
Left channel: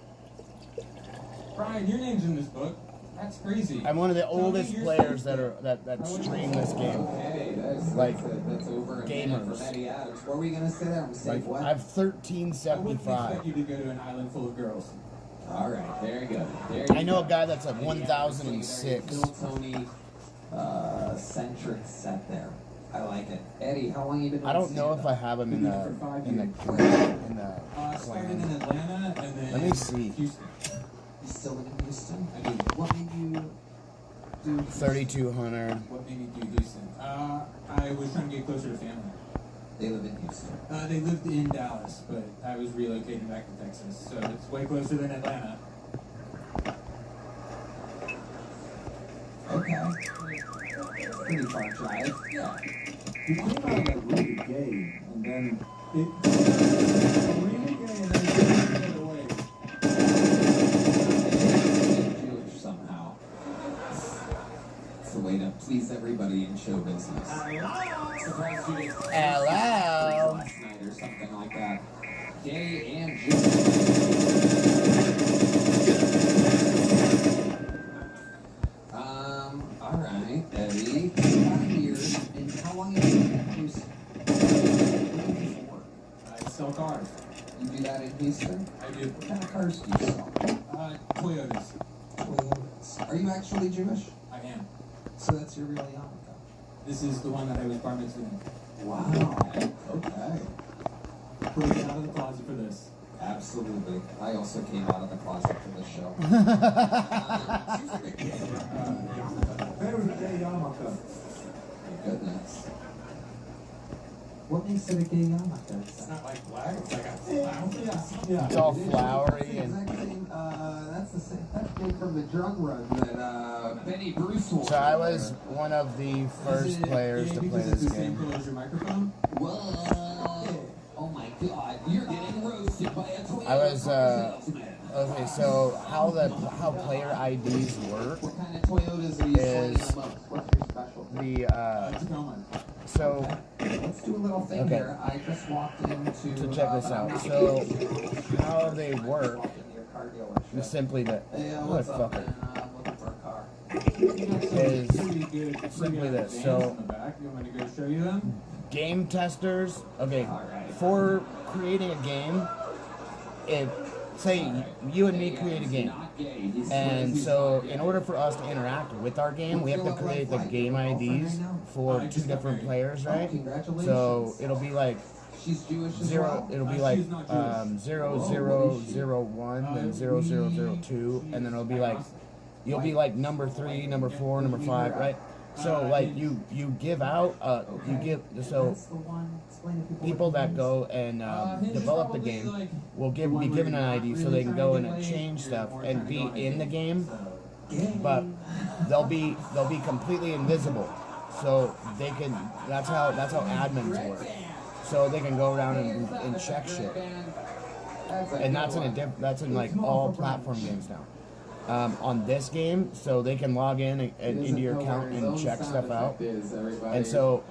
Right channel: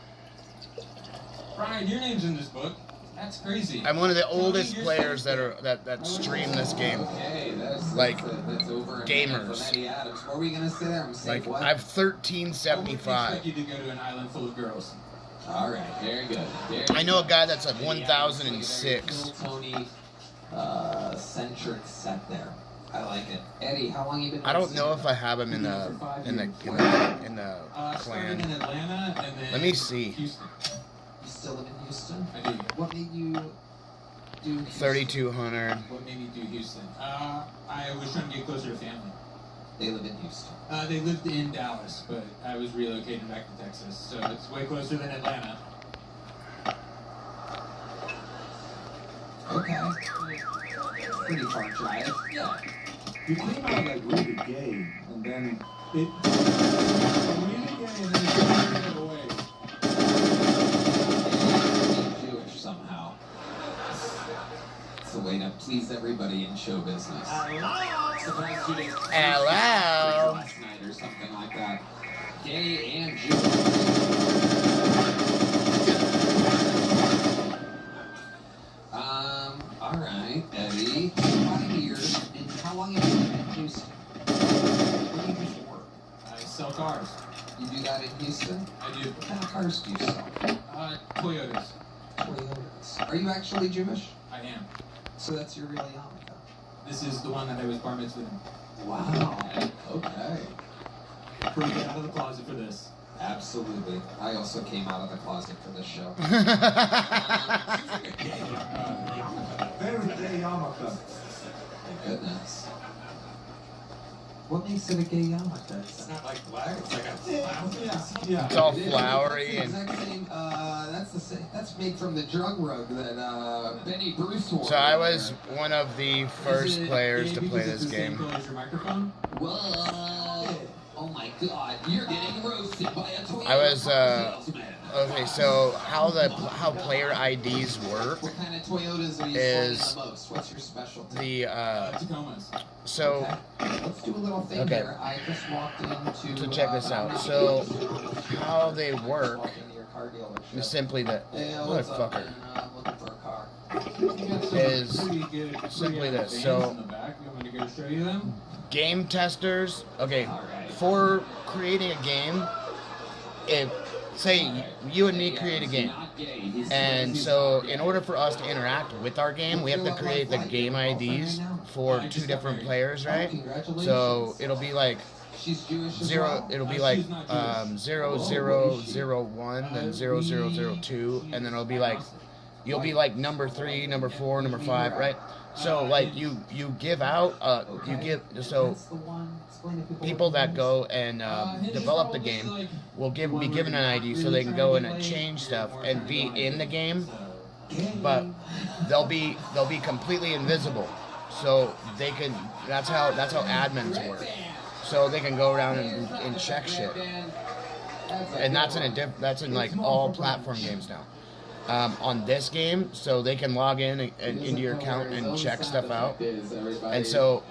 Brian, your name's in this book. That's crazy. I'm one of the oldest players that stream this game. Okay, that's Like, over gamers. from Eddie Adams. What were you gonna say there? I'm saying Like, what? I have I wouldn't 1375. expect you to go to an island full of girls. All right, very good. Very I know a guy that's at good. 1006. Little Tony centric set there. I like it. Eddie, how long you been? I don't know if I have him in the Started clan. in Atlanta and then Let me see. Houston. You still live in Houston? I do. What made you do Houston? 3200. What made me do Houston? I was trying to get closer to family. They live in Houston. They lived in Dallas, but I was relocating back to Texas, so it's way closer than Atlanta. Okay. Pretty far drive. Yeah. You came out like really gay, and then it Really gay, and then it took away. Jewish somehow. It's a way to please everybody in show business. Surprised you didn't. Hello. Last night or something like that. Gay and Jewish. All right, Eddie. Out of here. And how long have you been in Houston? What do you do for work? I sell cars. You do that in Houston? I do. What kind of cars do you sell? Toyotas. Toyotas. Are you actually Jewish? I am. So that's your real yarmulke. This is the one that I was bar mitzvahed. Wow. Okay. Break out of the closet for this. Absolutely. I also came out of the closet for this show. very gay yarmulke. My goodness. What makes it a gay yarmulke? It's not like black, it's like a flower. Yeah. It's all It is. flowery That's the and. exact same, that's the same. That's made from the drug rug that Benny Bruce wore. So I was one of the first Is it players gay to because play it's this the same game. color as your microphone? Whoa. Oh my God, you're getting roasted by a Toyota I was, salesman. Okay, so how player IDs work What kind of Toyotas are you is playing the most? What's your specialty? the Tacomas. so Okay. Let's do a little thing Okay. here. I just walked into. So check this out. So how they work Walked into your car dealership. is simply that Hey, what's up, motherfucker man? I'm looking for a car. is simply this. So In the back, you want me to go show you them? game testers. Okay, Alright. for creating a game, if say you and me create a game, and so in order for us to interact with our game, we have to create the game IDs for two different players, right? So it'll be like She's Jewish as zero. well? It'll be like 0001, then 0002, and then it'll be like you'll be like number 3, number 4, number 5, right? So like you give out so That's the one. Explain to people that go and develop the game will be given an ID so they can go in and change stuff and be in the game, but they'll be completely invisible, so they can. That's how admins work. So they can go around and check shit. and that's in like all platform games now. On this game, so they can log in and into your account and check stuff out. And so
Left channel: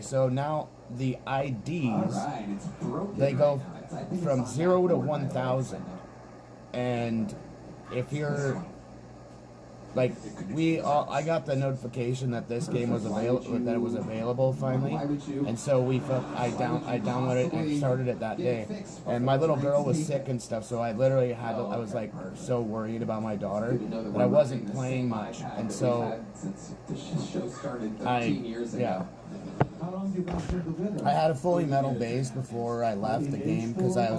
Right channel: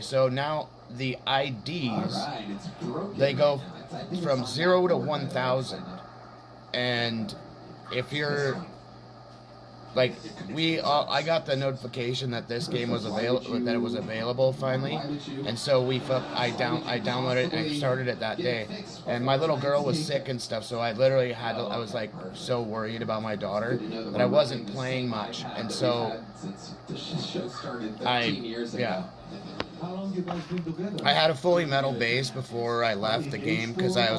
so now the IDs, they go from 0 to 1,000. And if you're like I got the notification that this game was available, that it was available finally, and so I downloaded it and I started it that day. And my little girl was sick and stuff, so I literally I was like so worried about my daughter that I wasn't playing much, and so I had a fully metal base before I left the game because I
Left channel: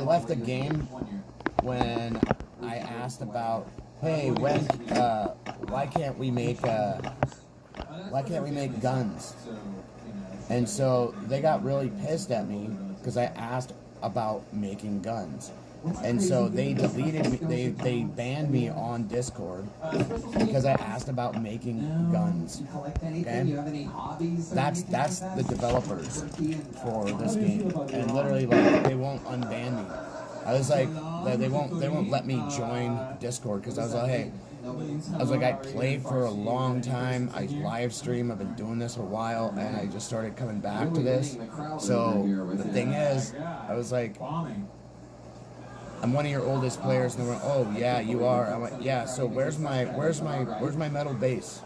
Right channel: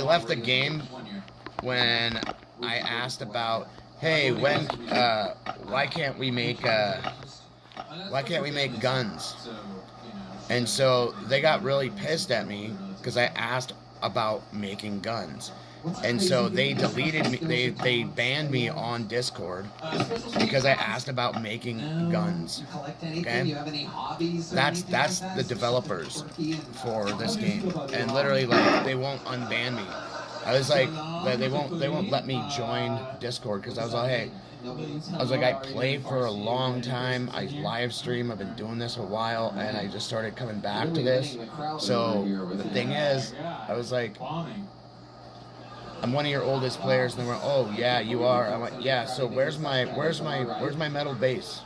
left the game when I asked about, hey, why can't we make guns? And so they got really pissed at me because I asked about making guns. And so they deleted me, they banned me on Discord because I asked about making guns. Okay? That's the developers for this game. And literally, like, they won't unban me. I was like, they won't let me join Discord because I was like, hey, I play for a long time. I live stream. I've been doing this a while, and I just started coming back to this. So the thing is, I was like, I'm one of your oldest players, and they went, oh yeah, you are. I went, yeah. So where's my metal base?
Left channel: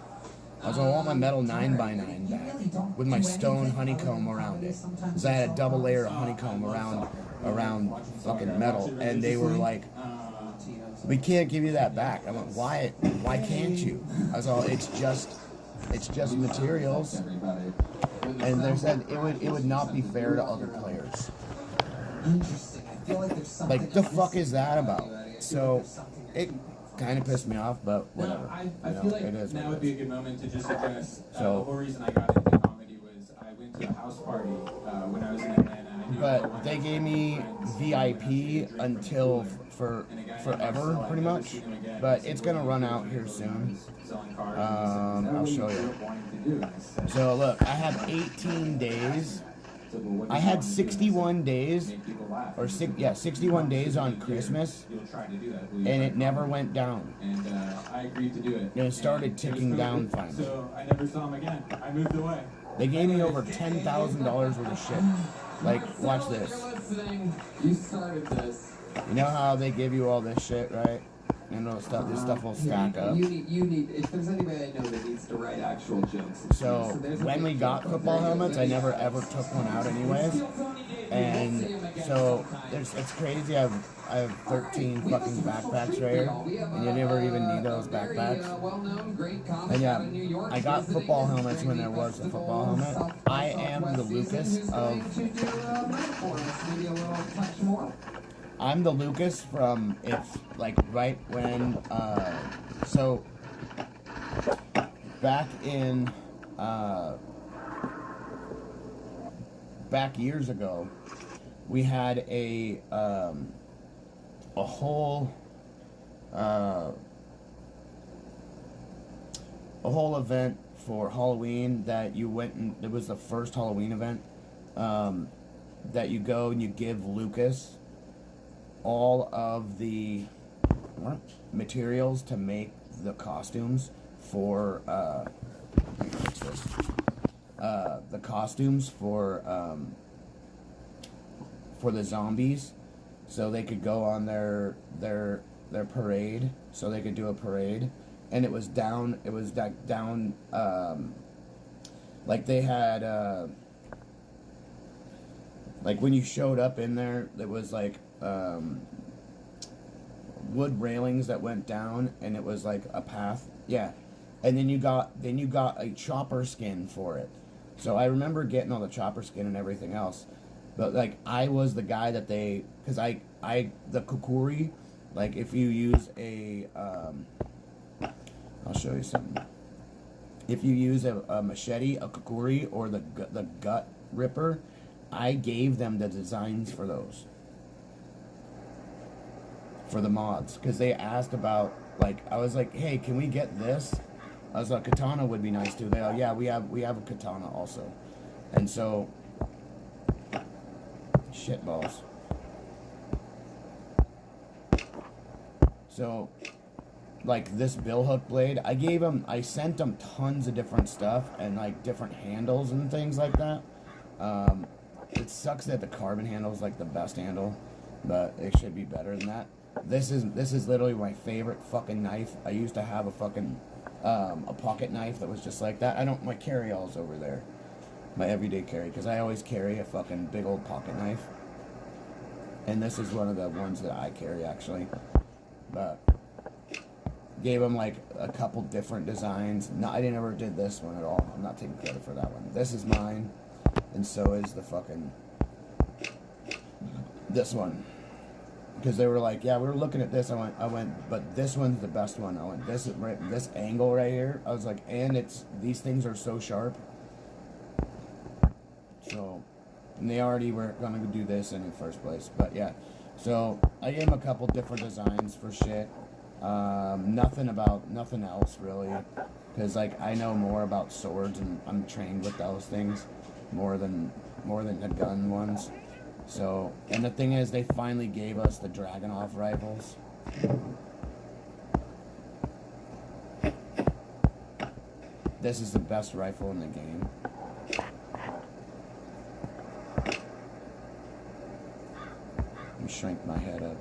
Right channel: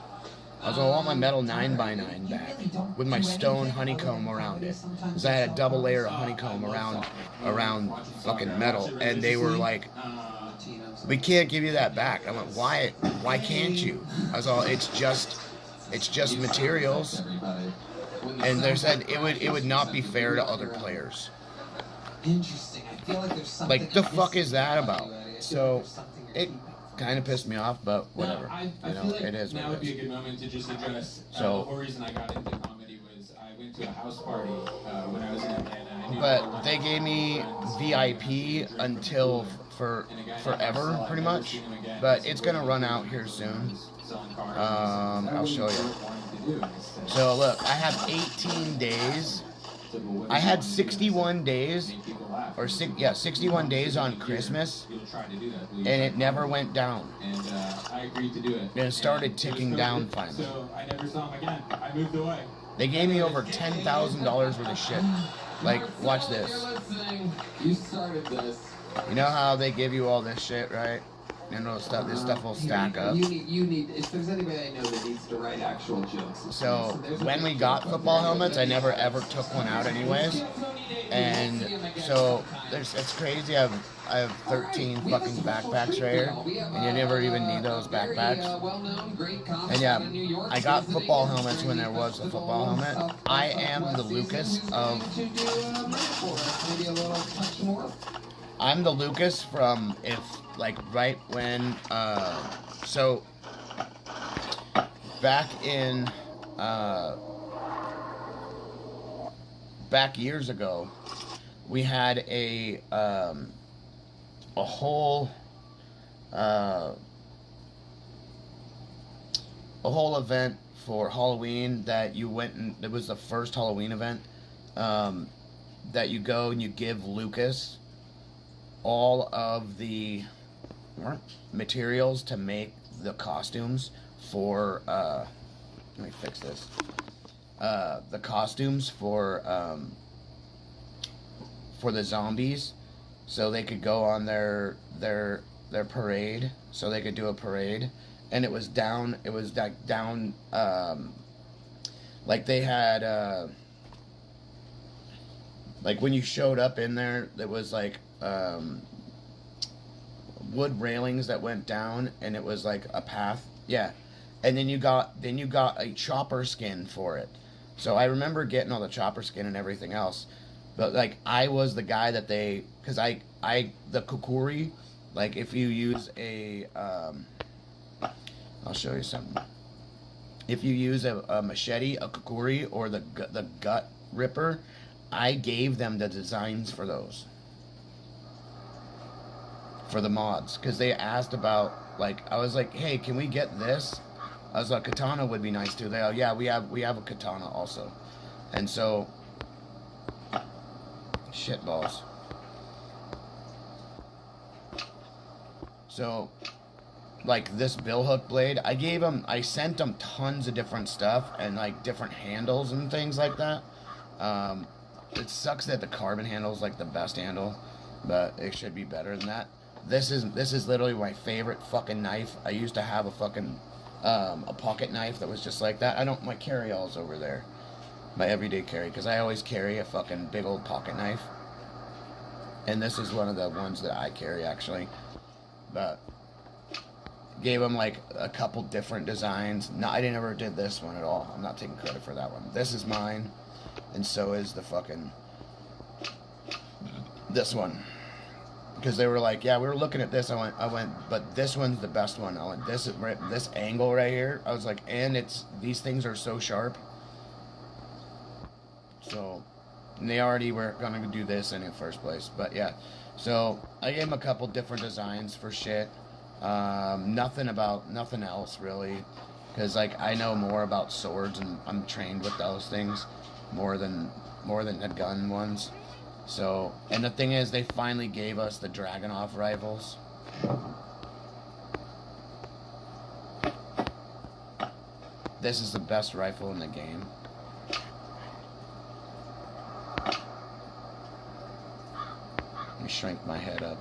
I was like, I want my metal 9x9 back with my stone honeycomb around it, because I had a double layer of honeycomb around fucking metal, and they were like, we can't give you that back. I went, why can't you? I was all, it's just materials, and they said it would not be fair to other players. Interesting. I feel like there's something. Like, the fuck is that about? So it kind of pissed me off, but whatever. I feel like it is. Now would be a good moment to just address the So, whole reason I got into comedy was I went to a house party when I was in Atlanta. but they gave me VIP until forever, pretty much. But it's gonna run out here soon. I'll show you. So look, I have 18 days. I had 61 days, 61 days on Christmas, and it never went down. And I agreed to do it. And it started ticking down finally. So I never saw him again. I moved away. They gave me over $10,000 worth of shit. Like, watch this. You started this. You know how they give you all this shit, right? And this stuff will stack up. You need. If there's anybody I know that needs to write actual jokes. So when we got football helmets, I never ever took one out anyways. And so it's crazy. I have 13 fucking backpacks right here, and you never even need those backpacks. And yeah, I got football helmets when there was a football helmet. I am the Lucas of. I'm the Lucas from right when so back years ago, we had a whole event for Halloween that you went and it was the first Halloween event that you go and you give Lucas all of the materials to make the costumes for let me fix this. The costumes for the zombies, so they could go on their parade, so they could do a parade, and it was down like they had like when you showed up in there, it was like wood railings that went down, and it was like a path, and then you got a chopper skin for it. So I remember getting all the chopper skin and everything else, but like I was the guy that they, because the kukuri, like if you use a I'll show you something. If you use a machete, a kukuri, or the gut ripper, I gave them the designs for those. For the mods, because they asked about, like, I was like, hey, can we get this? I was like, katana would be nice too. They yeah, we have a katana also. And so Shitballs. So, like this billhook blade, I sent them tons of different stuff and like different handles and things like that. It sucks that the carbon handle is like the best handle, but it should be better than that. This is literally my favorite fucking knife. I used to have a fucking a pocket knife that was just like that. My carry-all's over there, my everyday carry, because I always carry a fucking big old pocket knife, and this is one of the ones that I carry actually. But gave them like a couple different designs. No, I never did this one at all. I'm not taking credit for that one. This is mine, and so is the fucking this one. Because they were like, yeah, we were looking at this. I went, but this one's the best one. I went, this angle right here. I was like, and these things are so sharp. So, and they already were gonna do this in the first place. But yeah, so I gave them a couple different designs for shit. Nothing else really, because like I know more about swords and I'm trained with those things more than the gun ones. So, and the thing is, they finally gave us the Dragunov rifles. This is the best rifle in the game. Let me shrink my head up.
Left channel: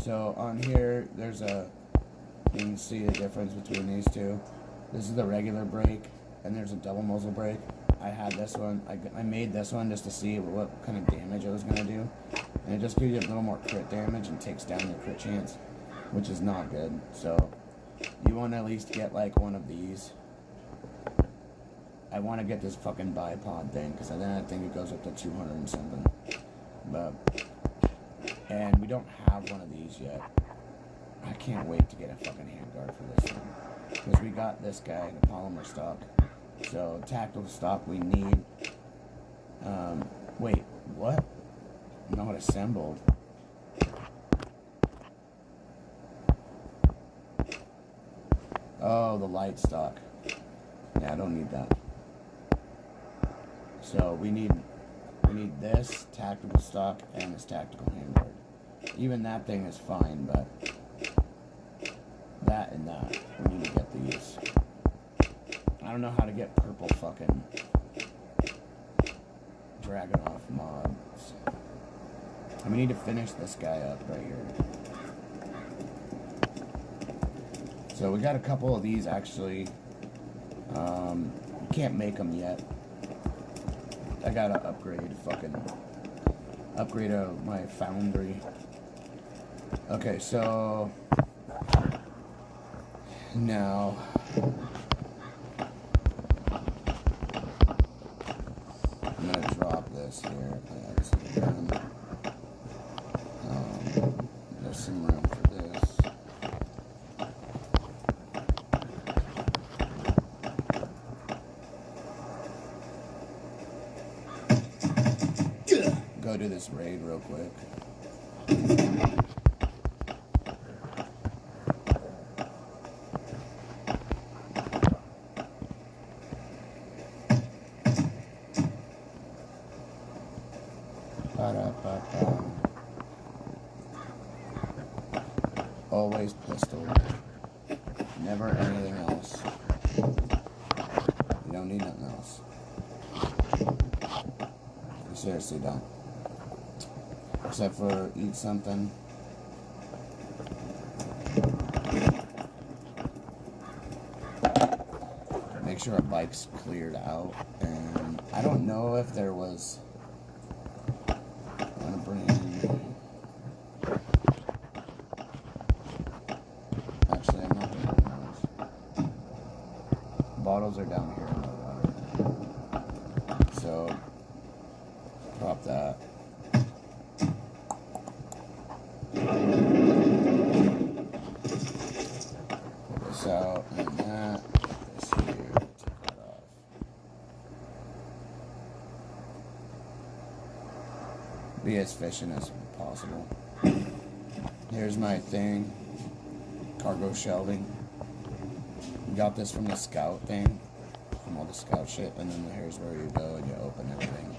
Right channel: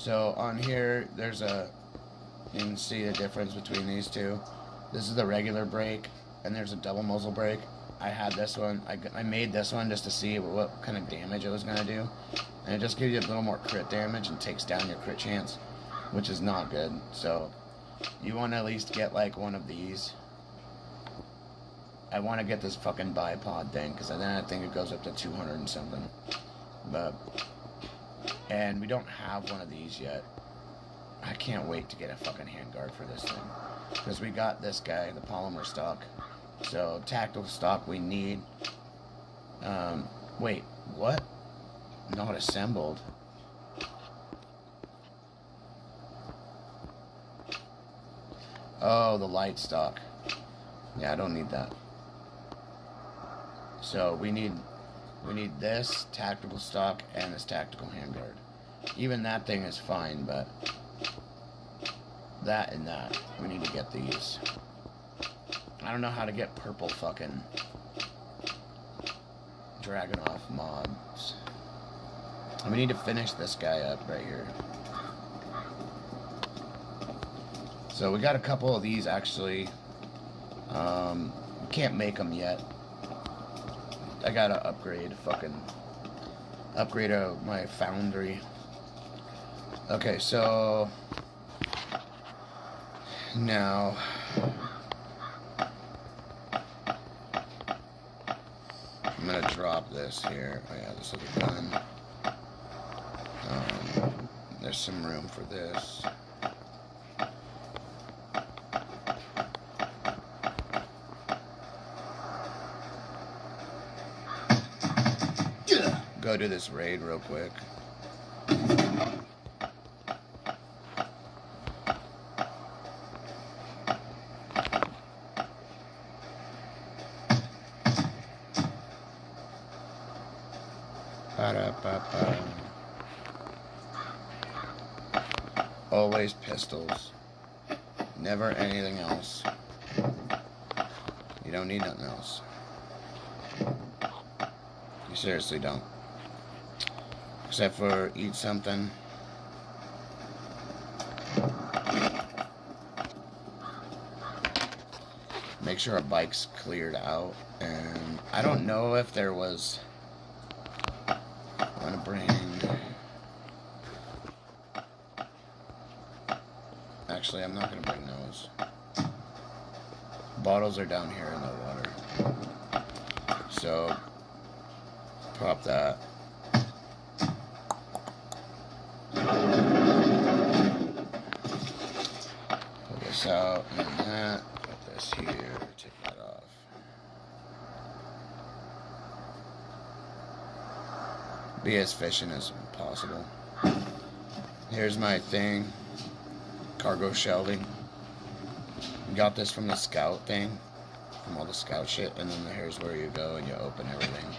So on here, you can see the difference between these two. This is the regular brake, and there's a double muzzle brake. I had this one. I made this one just to see what kind of damage it was going to do. And it just gives you a little more crit damage and takes down your crit chance, which is not good. So you want to at least get like one of these. I want to get this fucking bipod thing, because then I think it goes up to 200 and something. And we don't have one of these yet. I can't wait to get a fucking handguard for this thing, because we got this guy, the polymer stock. So tactical stock we need. Wait, what? Not assembled. Oh, the light stock. Yeah, I don't need that. So we need this tactical stock and this tactical handguard. Even that thing is fine, but that and that, we need to get these. I don't know how to get purple fucking Dragunov mods. And we need to finish this guy up right here. So we got a couple of these actually. Can't make them yet. I gotta upgrade my foundry. Okay, so now I'm gonna drop this here. Oh yeah, this is done. There's some room for this. Go do this raid real quick. Always pistols. Never anything else. You don't need nothing else. You seriously don't. Except for eat something. Make sure our bike's cleared out. And I don't know if there was... I want to bring... Actually, I'm not going to bring those. Bottles are down here in the water. So, pop that. Pull this out and that. Put this here. Take that off. Be as efficient as possible. Here's my thing. Cargo shelving. Got this from the scout thing. From all the scout shit. And then here's where you go and you open everything.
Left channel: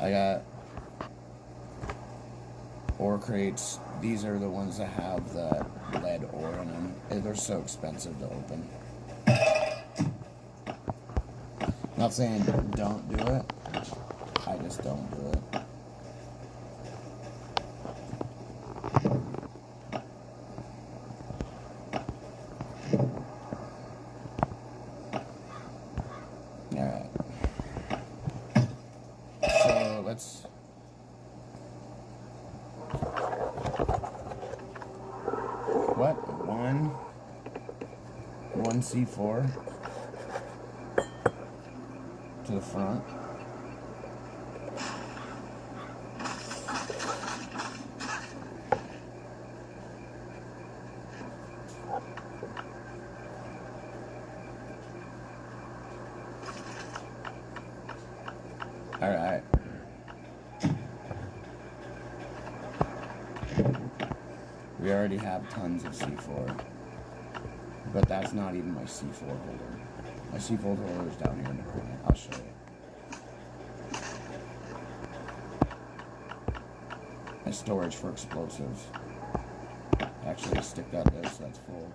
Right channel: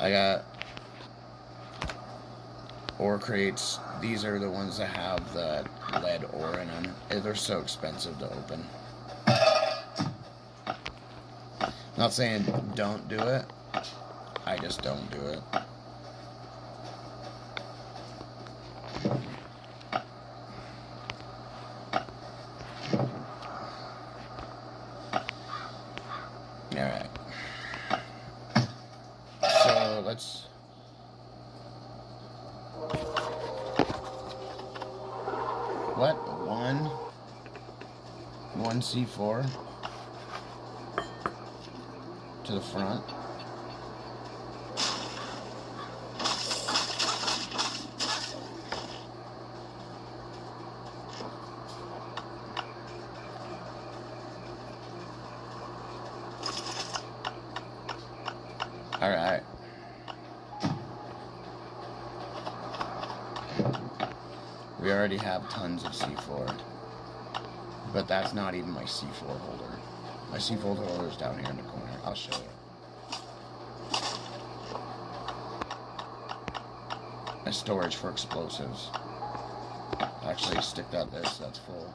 I got ore crates. These are the ones that have the lead ore in them. They're so expensive to open. Not saying don't do it. I just don't do it. Alright. So let's... What? One C4 to the front. All right. We already have tons of C4, but that's not even my C4 holder. My C4 holder is down here in the corner. I'll show you. My storage for explosives. Actually, stick that there so that's full.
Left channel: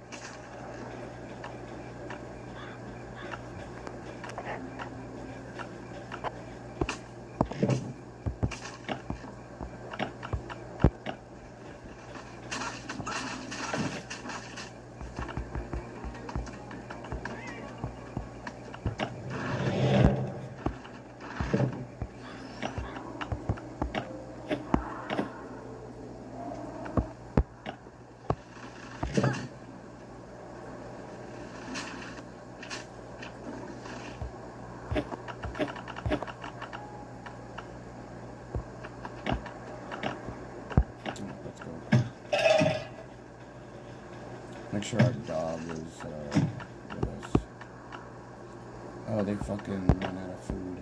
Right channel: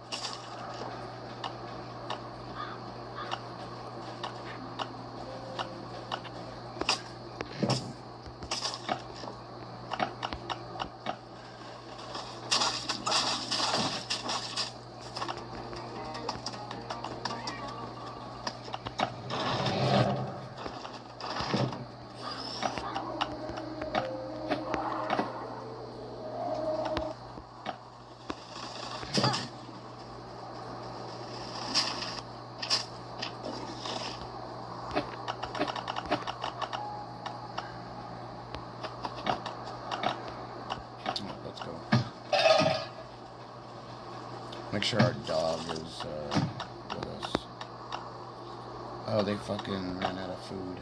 Make sure our dog is with us. Oh, they fucking ran out of food.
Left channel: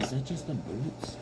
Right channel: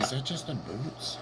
Is that just the boots?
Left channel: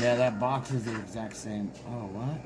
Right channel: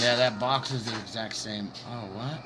Yeah, that box is the exact same. Oh, what?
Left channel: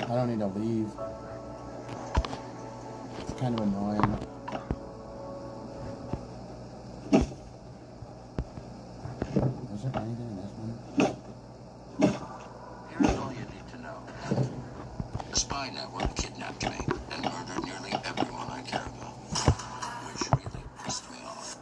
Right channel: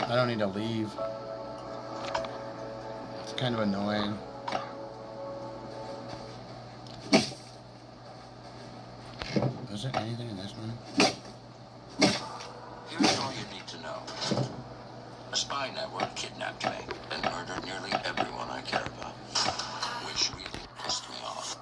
I don't need to leave. It's kind of annoying. Was there anything in this one? Here's all you need to know. A spy network kidnapped me and murdered nearly everyone I care about. Which really pissed me off.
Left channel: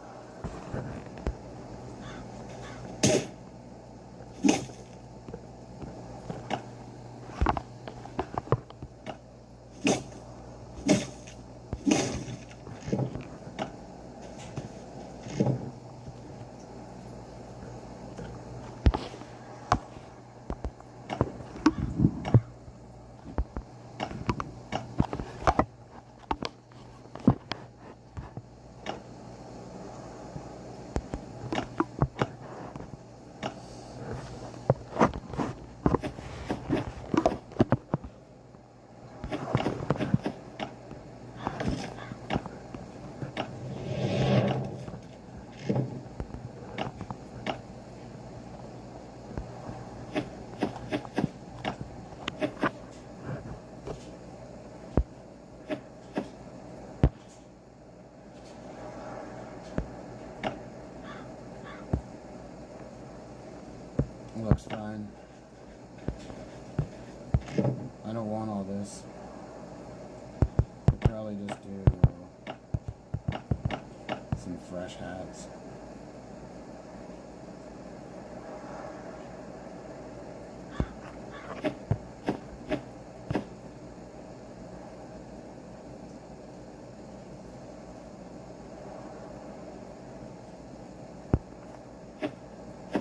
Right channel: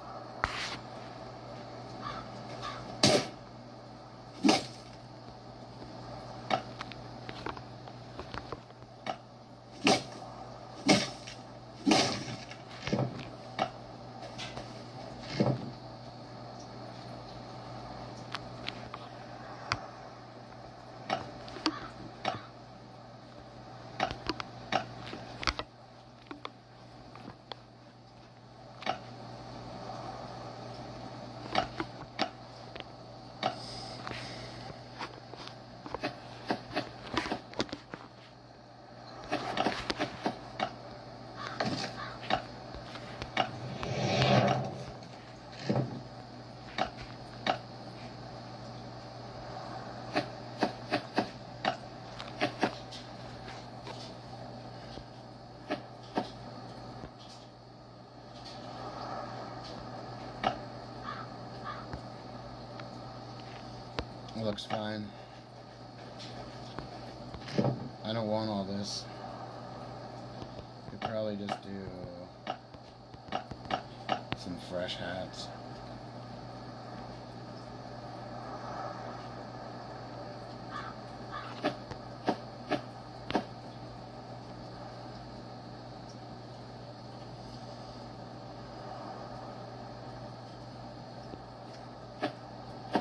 It looks fine. I don't want all this. Could probably just do some fresh hats.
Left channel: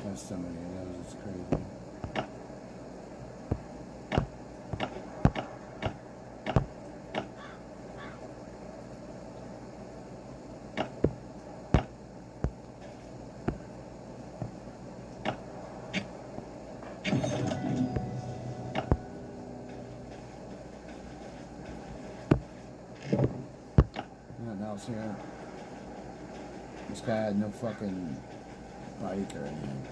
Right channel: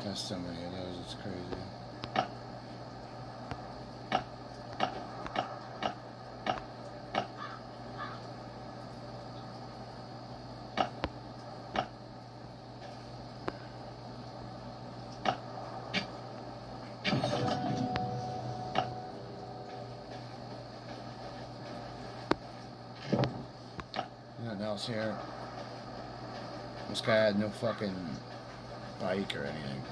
There's so many of those, it's crazy. Nothing else here. This guy had no fucking bike or anything.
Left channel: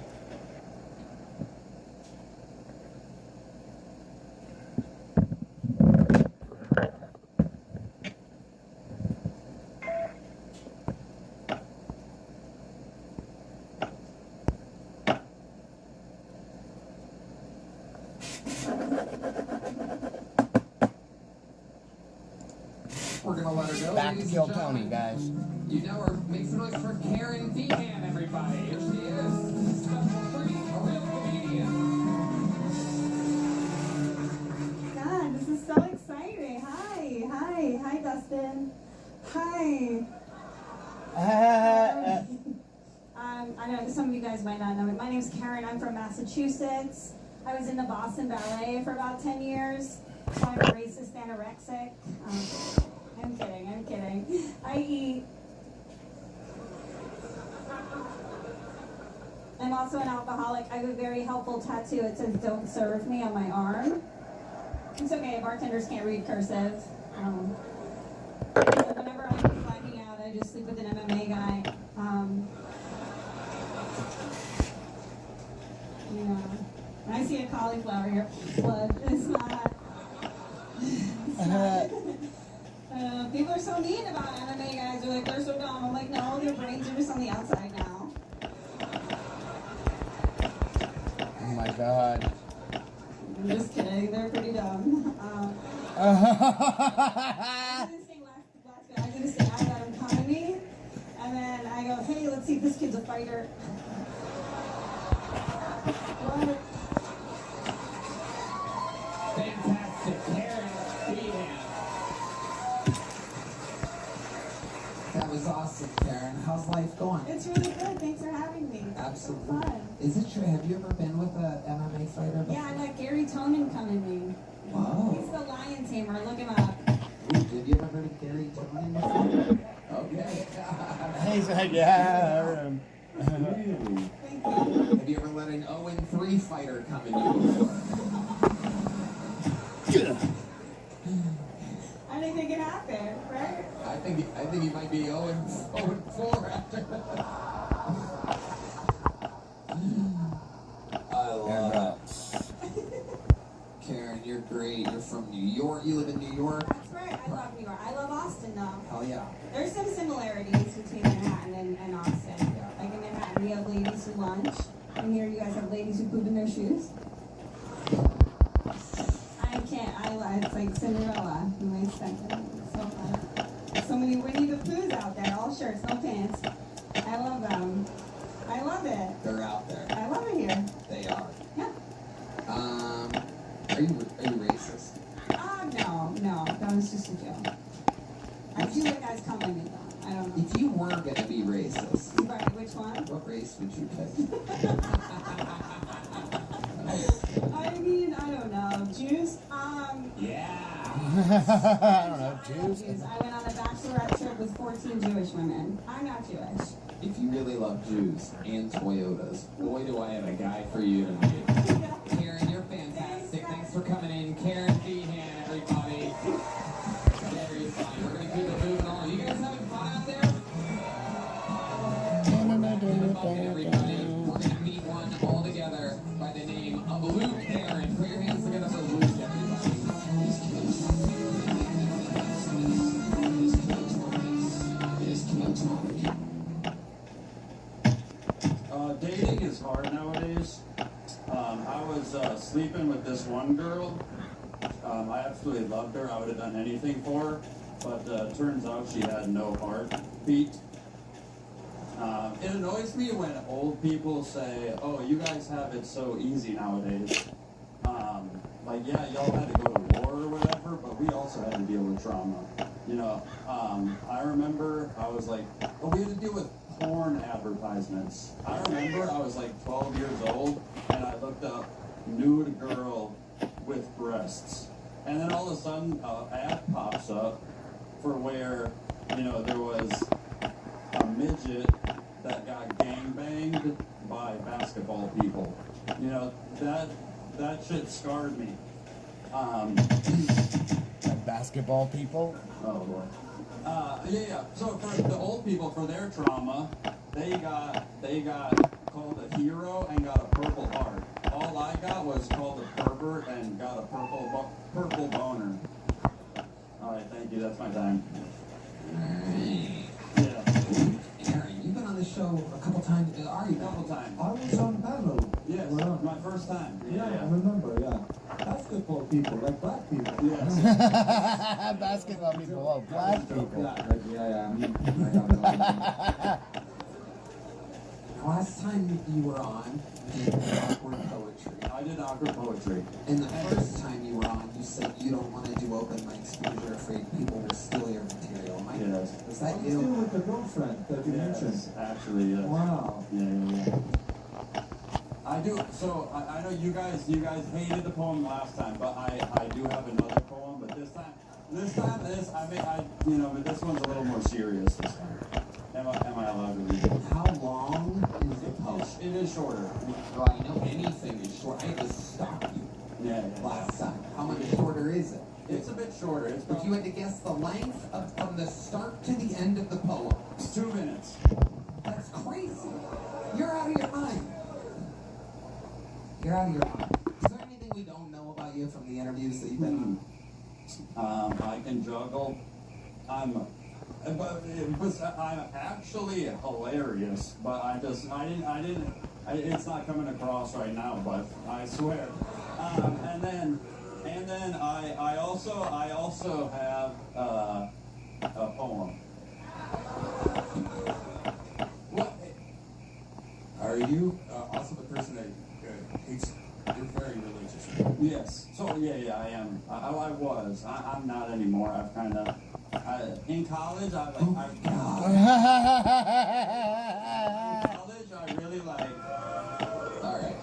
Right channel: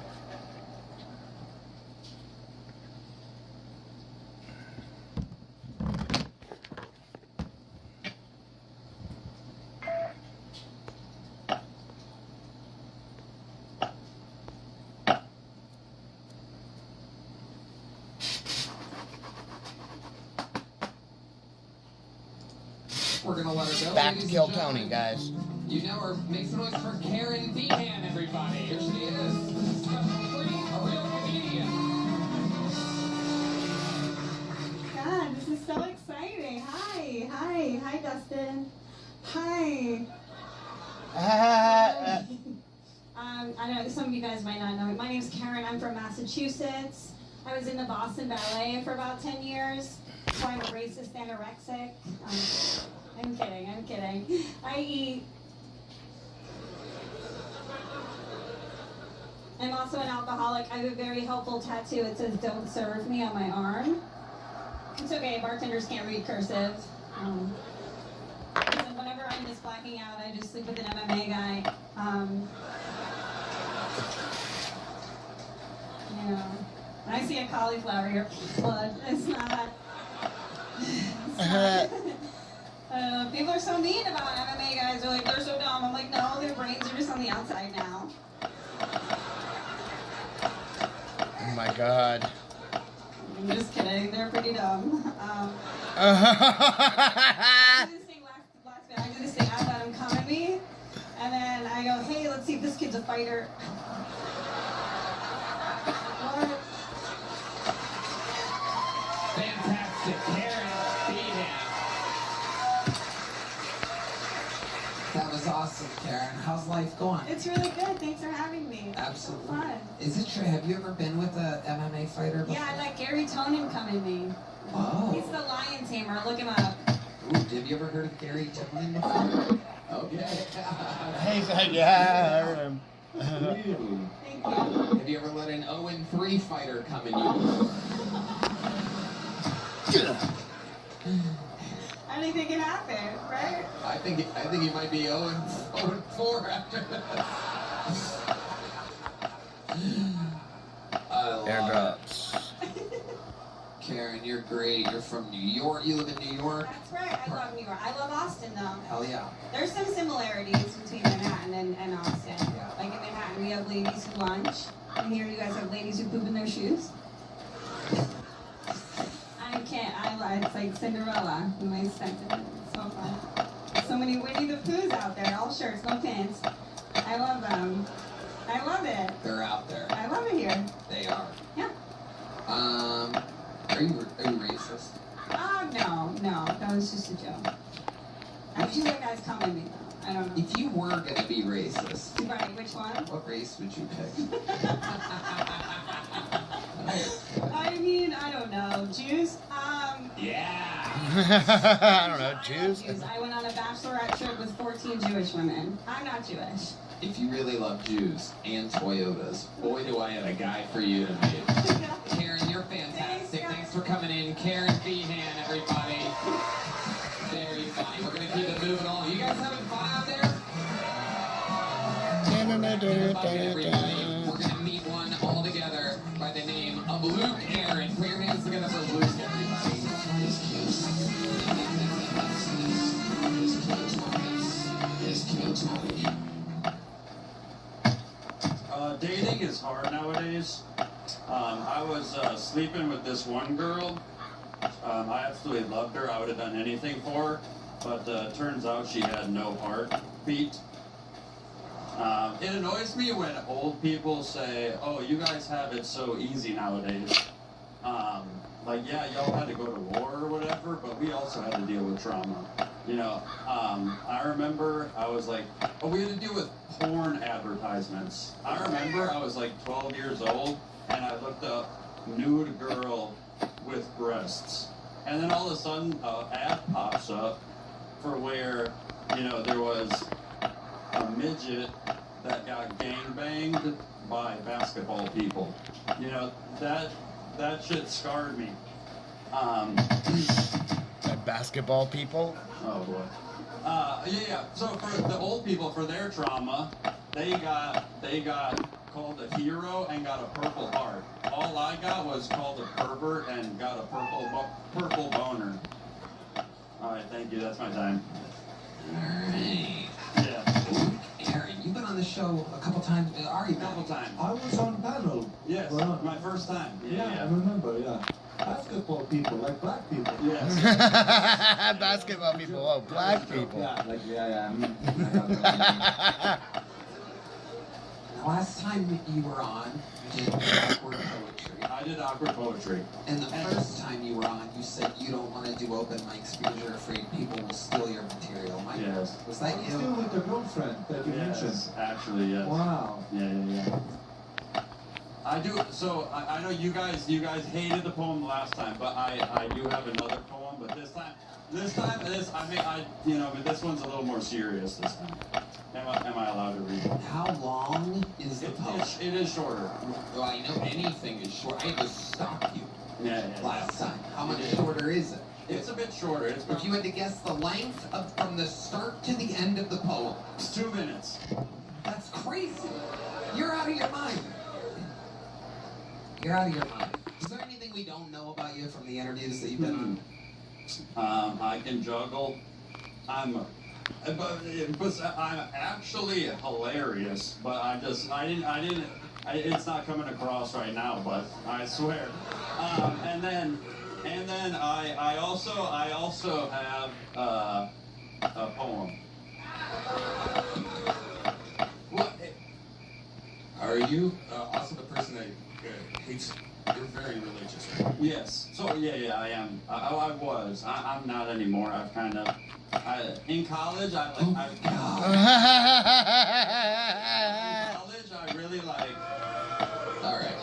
We're gonna let her go. Back to Kill Tony, guys. You know her. Make some noise for Karen Dehan, everybody. Here she is. Stuff free, a real comedian. God, this is so exciting. Hi, Dustin. Hi. I know some of you guys might not know me. My name's Karen. I'm from Massachusetts. I was in the Boston Ballet for about 10 years. So I'm a racist anorexic. I'm kidding. I'm kidding. I eat. I'm also an alcoholic. I have a very helpful tattoo. It says "Don't serve me" on my arm. It's okay. Bartenders can't read cursive. So whenever I'm just blacking out, I just sleep with an MMA guy. Yeah. When I see a cauliflower here, blood. It's not. People are so mean about MMA guys. They're like, they're so dumb. I'm like, no, their brains are just on the outside now. Oh my god. I'm just kidding. They're pretty dumb. I do this thing. I let him come at me, and then I go, hey, let's see if this kid's a fighter. What? Fantastic, Karen. That was awesome, Karen. How's life going? It's really good. Thanks for having me. Absolutely. It's fun. Is it true? Have you ever been with a MMA fighter before? Yeah, I let Gary Tonin come at me. Oh. He's the lion tamer. Look him up. Ooh, have you ever heard of Gary Tonin before? Okay. He said, yeah. Really? Have you ever let an 0-3 fighter come in you? Anything can happen, right? I think he might be 0-4 after that. I love Airdrops. Karen, you're great. You're from New York. You live in New York? That's right. I love New York. I love Austin, though. Hell yeah. There's some similarities between Manhattan and Austin. Yeah. Like in Manhattan, we have ladies who lunch. And here you guys have ladies who poop in their shoes. I can't. It's like Cinderella in my sentence. It's so fun. So many Winnie the Poohs out there. All shirts, no pants. I love them. I love it. They're out there. I love it here. They are. Yeah. Are you racist? No. That was just a joke. I just think that's coming me though. I don't know. If you were going to be racist, Right, which one? what race would you pick? I mean, I don't know. Jews? Yeah. I don't know, Jews? I went on a bachelorette trip with 14 Jewish women. I'm not Jewish. If you really love Jews and Toyotas, boy, do I have a guy for you to meet. Karen, you're fantastic. Thanks for coming in. Karen Behan, everybody. Very funny. We're going to keep it moving on. You guys having fun out there? Everybody, we're going to meet one all together by the name of Luke Aaron. Put your hands together for Luke, everybody. Dating is hard nowadays. I was sleeping with this one girl. I absolutely loved her. I would have done anything for her. But turns out she had no heartbeat. It annoys me when old people say, oh, you guys have it so easy nowadays. Like, yeah, y'all had to go to war or whatever, but we also had to deal with trauma. You know, I remember I was like, oh, we had to deal with porn advertisements. I remember I was like 12 years old, and I looked up nude girl with breasts. And then all of a sudden, an ad pops up for where, you know, there was a midget that got gangbanged by basketball people. You know, that shit scarred me. That basketball people? Oh boy. Yeah. So for the old people, for their trauma, they got called a hero and got a purple heart. All I got was called a pervert and got a purple boner. All right, thank you. That's my time. All right. Yeah. Aaron, you've been on the show a couple times. Are you? A couple times. I was on panel. Yes, my first time. Yeah, I remember, yeah. Basketball people, like black people. Yes. Basketball people, oh, black people. Yeah. The last time you were on, you did awkward poetry. I did awkward poetry. And the first time you were on, you said you don't want to do open mics because you're afraid people will steal your material. Yes. Was that you? Still with your girlfriend that you mentioned. Actually, yes. Wow. Yeah. I do. So I know you guys hated the poem last time, but I do have another poem. But this time This time, but this one's a little more serious this time. Am I allowed to read it? How long is the poem? It is shorter. Well, I know anything is short. I just stopped you Yeah. last time. How much shorter is it? It's a bit shorter. It's If you had to guess the length from the start to the end of the poem. It's 2 minutes. That's crazy. You're out of your mind. You're out of your mind. Is there anything we don't know about you from the interviews that you've been on? I can juggle. I'm actually hilarious, but it's not coming across right now, but I swear. And then I also have a poem. What? Are you also the person that hates? You're very religious. Yes. So yeah, I am. I was. I'm not anymore. I've kind of. In college, in college, I really like. All right.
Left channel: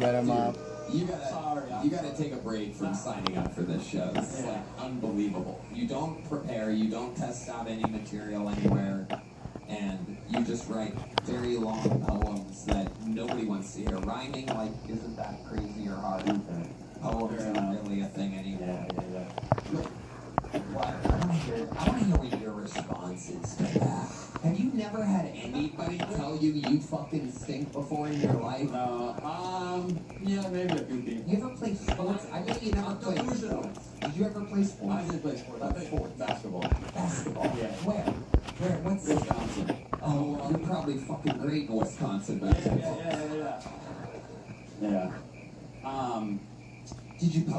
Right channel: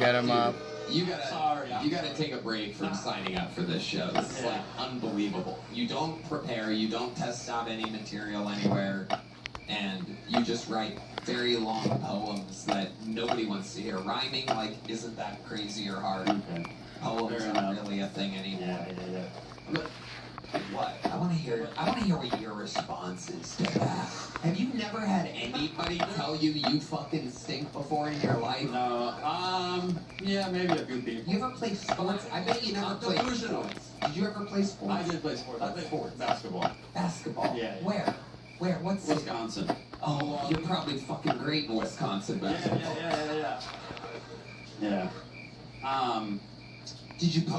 Get him up. You gotta take a break from signing up for this show. This is like unbelievable. You don't prepare. You don't test out any material anywhere, and you just write very long poems that nobody wants to hear. Rhyming, like, isn't that crazy or hard? Okay. Poems aren't really a thing anymore. Yeah. Look, what? I want to hear what your response is to that. Have you never had anybody tell you you fucking stink before in your life? No. Yeah, maybe a few people. You ever play sports? I bet you never played sports. Did you ever play sports? I did play sports. I played sports. Basketball. Basketball? Yeah. Where? What's Wisconsin. Oh, you're probably fucking great in Wisconsin basketball. Yeah.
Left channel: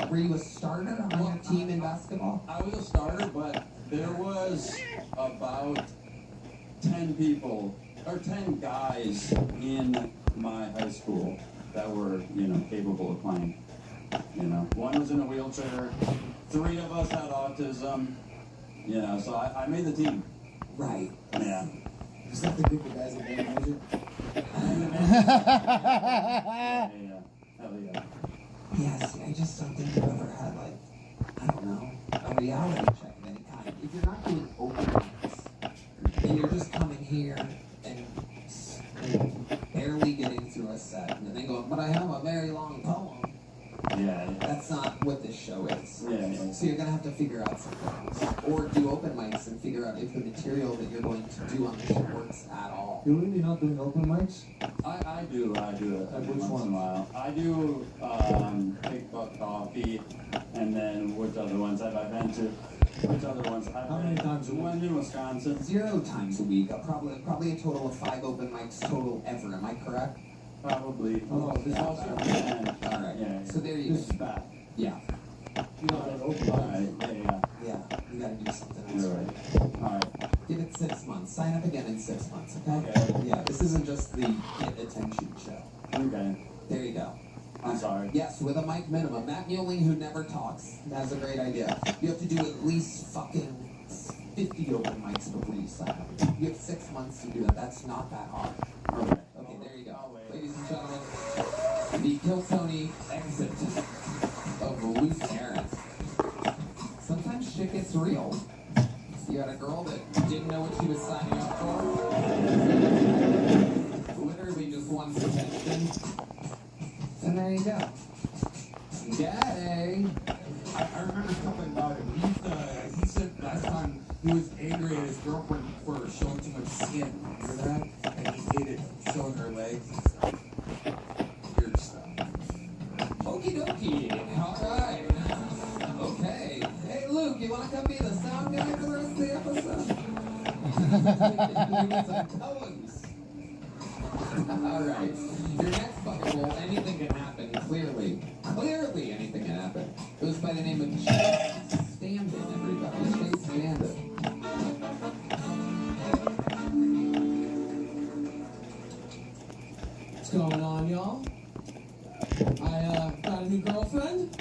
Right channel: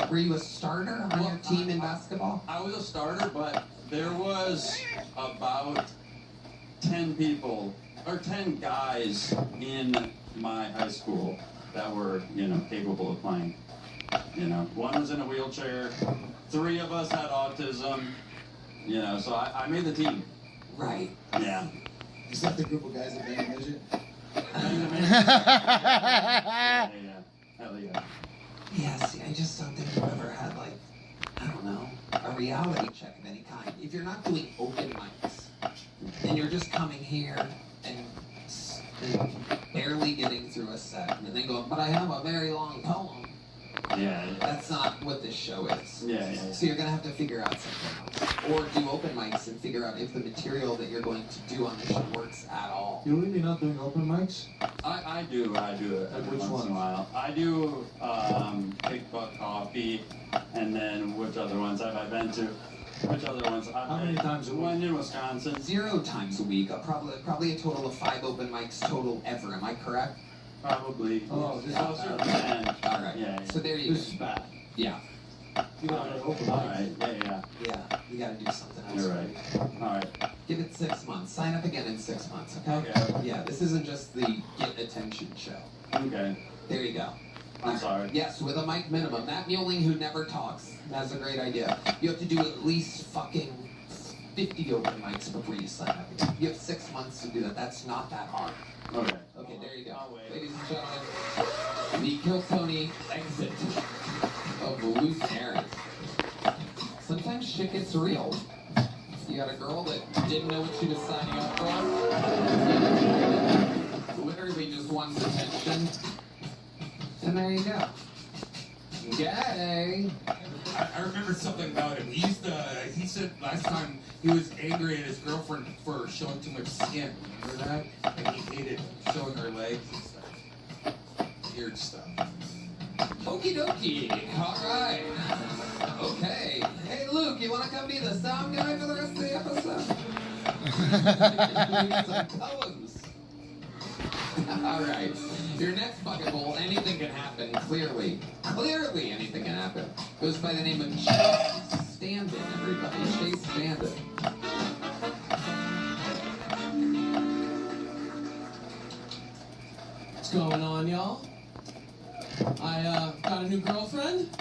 Were you a starter on your team in basketball? I was a starter, but there was about 10 people, or 10 guys in my high school that were, capable of playing. One was in a wheelchair, 3 of us had autism, so I made the team. Right. Yeah. Is that the group of guys that made a midget? Yeah. Hell yeah. Yeah, see, I just don't think you've ever had, like, I don't know, a reality check of any kind. If you're not doing open mics, and you're just coming here and barely getting through a set, and then going, but I have a very long poem. Yeah. That's not what this show is. Yeah. So you're going to have to figure out something else. Or do open mics and figure out if the material that you're going to do on the show works at all. You're really not doing open mics? I do it every Which once in a while. I do Big Buck Coffee, and then which other ones have I been to? Which other ones? How many times a week? One in Wisconsin. 0 times a week. Probably a total of 5 open mics total ever. Am I correct? Probably. Oh, this is All right. Yeah. So there you go. This is bad. Yeah. You don't have open All mics. right. Yeah. You got to do something else. You're right. All right. Give it 6 months. Sign up again in 6 months. Okay. Okay. Yeah. This isn't just the get attention show. Okay. There you go. I'm sorry. Yes, with a mic minimum. Matt Mueling, who never talks, has a great idea. You have to do at least fucking 50 open mics before you sign up. You have 6 months to do that. That's not that hard. Okay. Okay, there you go. Ladies and gentlemen, the Kill Tony exit of Loose Aaron. Sometimes shit gets real. You got a girl that didn't know what she was signing up for. Literally just wants attention. And there you go. Gay. I remember something about him. He said last time he was angry at his girlfriend for showing too much skin. Remember that? And he hated showing her legs and stuff. Weird stuff. Okie dokie. Alright. Okay. Hey Luke, you wanna come be the sound guy for the rest of the episode? Some poems. Alright. Your next bucket bowl, anything can happen, clearly. Clearly anything can happen. Goes by the name of Chase Standing, everybody. Chase Standing. What's going on, y'all? I got a new girlfriend.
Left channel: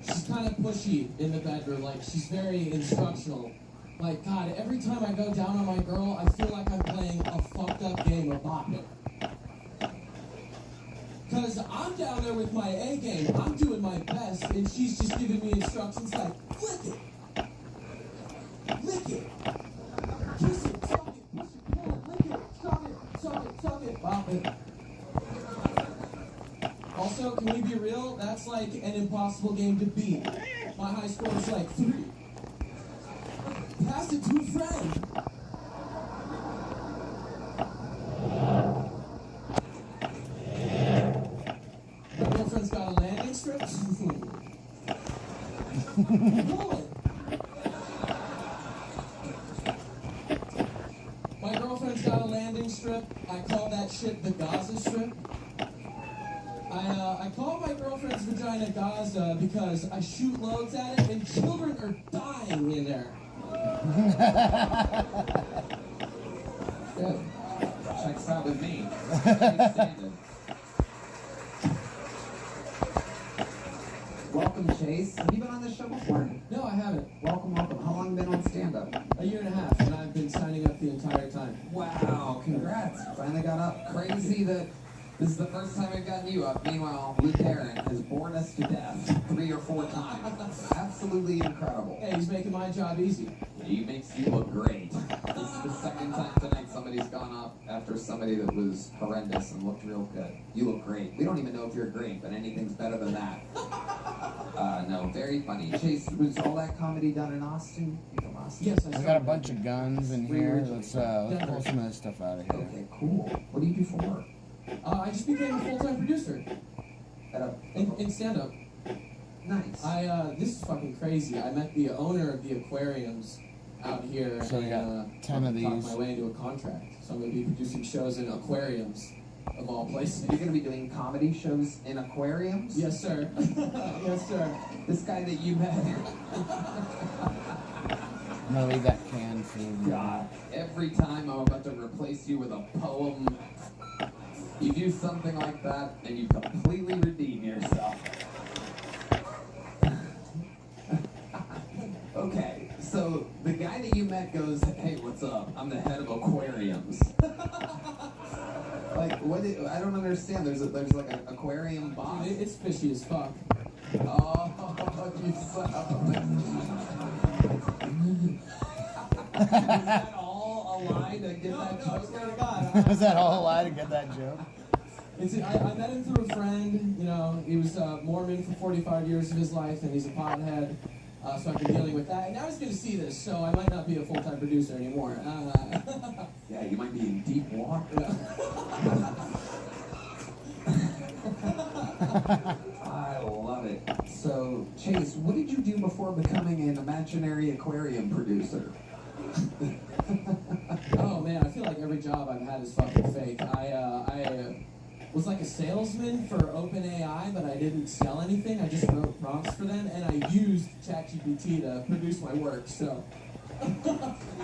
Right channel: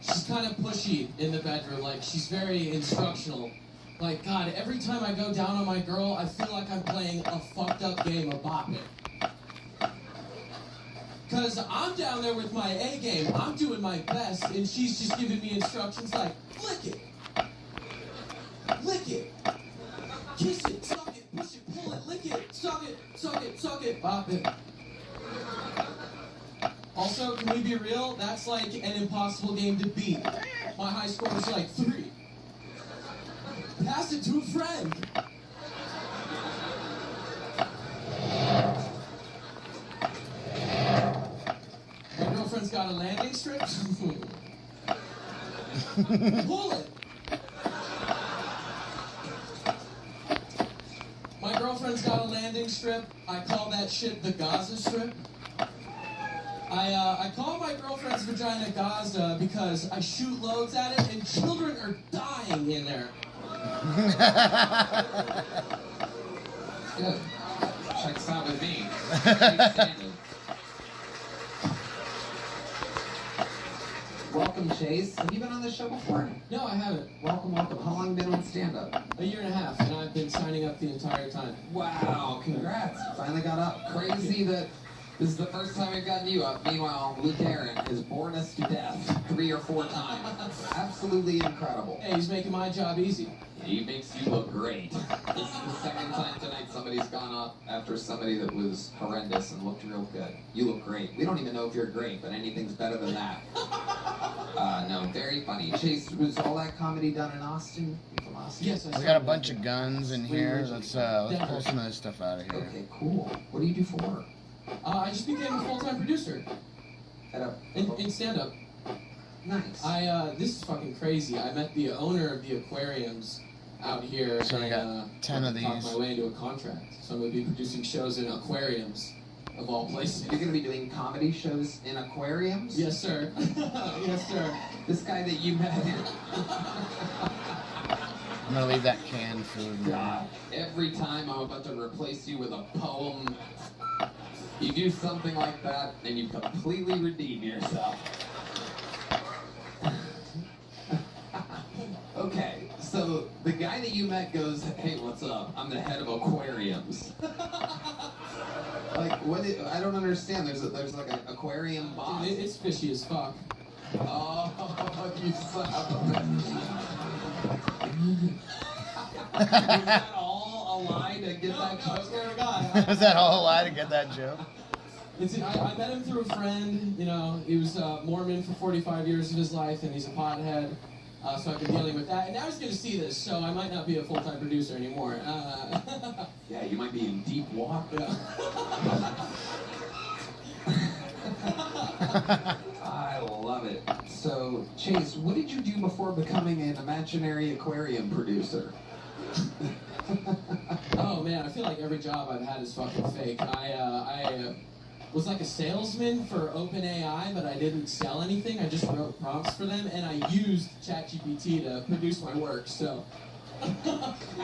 She's kind of pushy in the bedroom. Like, she's very instructional. Like, God, every time I go down on my girl, I feel like I'm playing a fucked up game of Bop It. Because I'm down there with my A game. I'm doing my best, and she's just giving me instructions like, flick it, Stop it. Also, can we be real? That's like an impossible game to beat. My high score is like 3. Pass it to a friend. My girlfriend's got a landing strip. Pull it. My girlfriend's got a landing strip. I call that shit the Gaza Strip. I call my girlfriend's vagina Gaza because I shoot loads at it and children are dying in there. Good. Checks out with me. Welcome, Chase. Have you been on this show before? No, I haven't. Welcome, welcome. How long have you been on stand-up? A year and a half, and I've been signing up the entire time. Wow, congrats. Finally got up. Crazy that this is the first time we've gotten you up. Meanwhile, Luke Aaron has bored us to death 3 or 4 times. Absolutely incredible. Hey, he's making my job easy. He makes you look great. This is the second time tonight somebody's gone up after somebody that was horrendous and looked real good. You look great. We don't even know if you're great, but anything's better than that. No, very funny. Chase, was all that comedy done in Austin? You from Austin? Yes, We got a bunch of guns in here. Let's pull some of this stuff out of here. Okay, cool. What do you do for work? I just became a full-time producer. In stand-up. Nice. This is fucking crazy. I met the owner of the aquariums out here. So we got 10 of talked these. my way into a contract. So I'm going to be producing shows in aquariums, of all places. You're going to be doing comedy shows in aquariums? Yes, sir. Yes, sir. This guy that you met. I'm gonna leave that canned food. God, every time I'm about to replace you with a poem, you do something like that and you completely redeem yourself. Okay, so the guy that you met goes, "Hey, what's up? I'm the head of aquariums." Like, I don't understand. There's like an aquarium boss. It's fishy as fuck. Oh, you son of a Was that all a lie to get that joke? I swear to God. Is that all a lie to get that joke? I met him through a friend. You know, he was Mormon for 45 years of his life, and he's a pothead. So I've been dealing with that. And now he's going to see this, so I might not be a full-time producer anymore. Yeah, you might be in deep water. I love it. So, Chase, what did you do before becoming an imaginary aquarium producer? Oh man, I feel like every job I've had is fucking fake. I was like a salesman for OpenAI, but I didn't sell anything. I just wrote prompts for them, and I used ChatGPT to produce my work. So,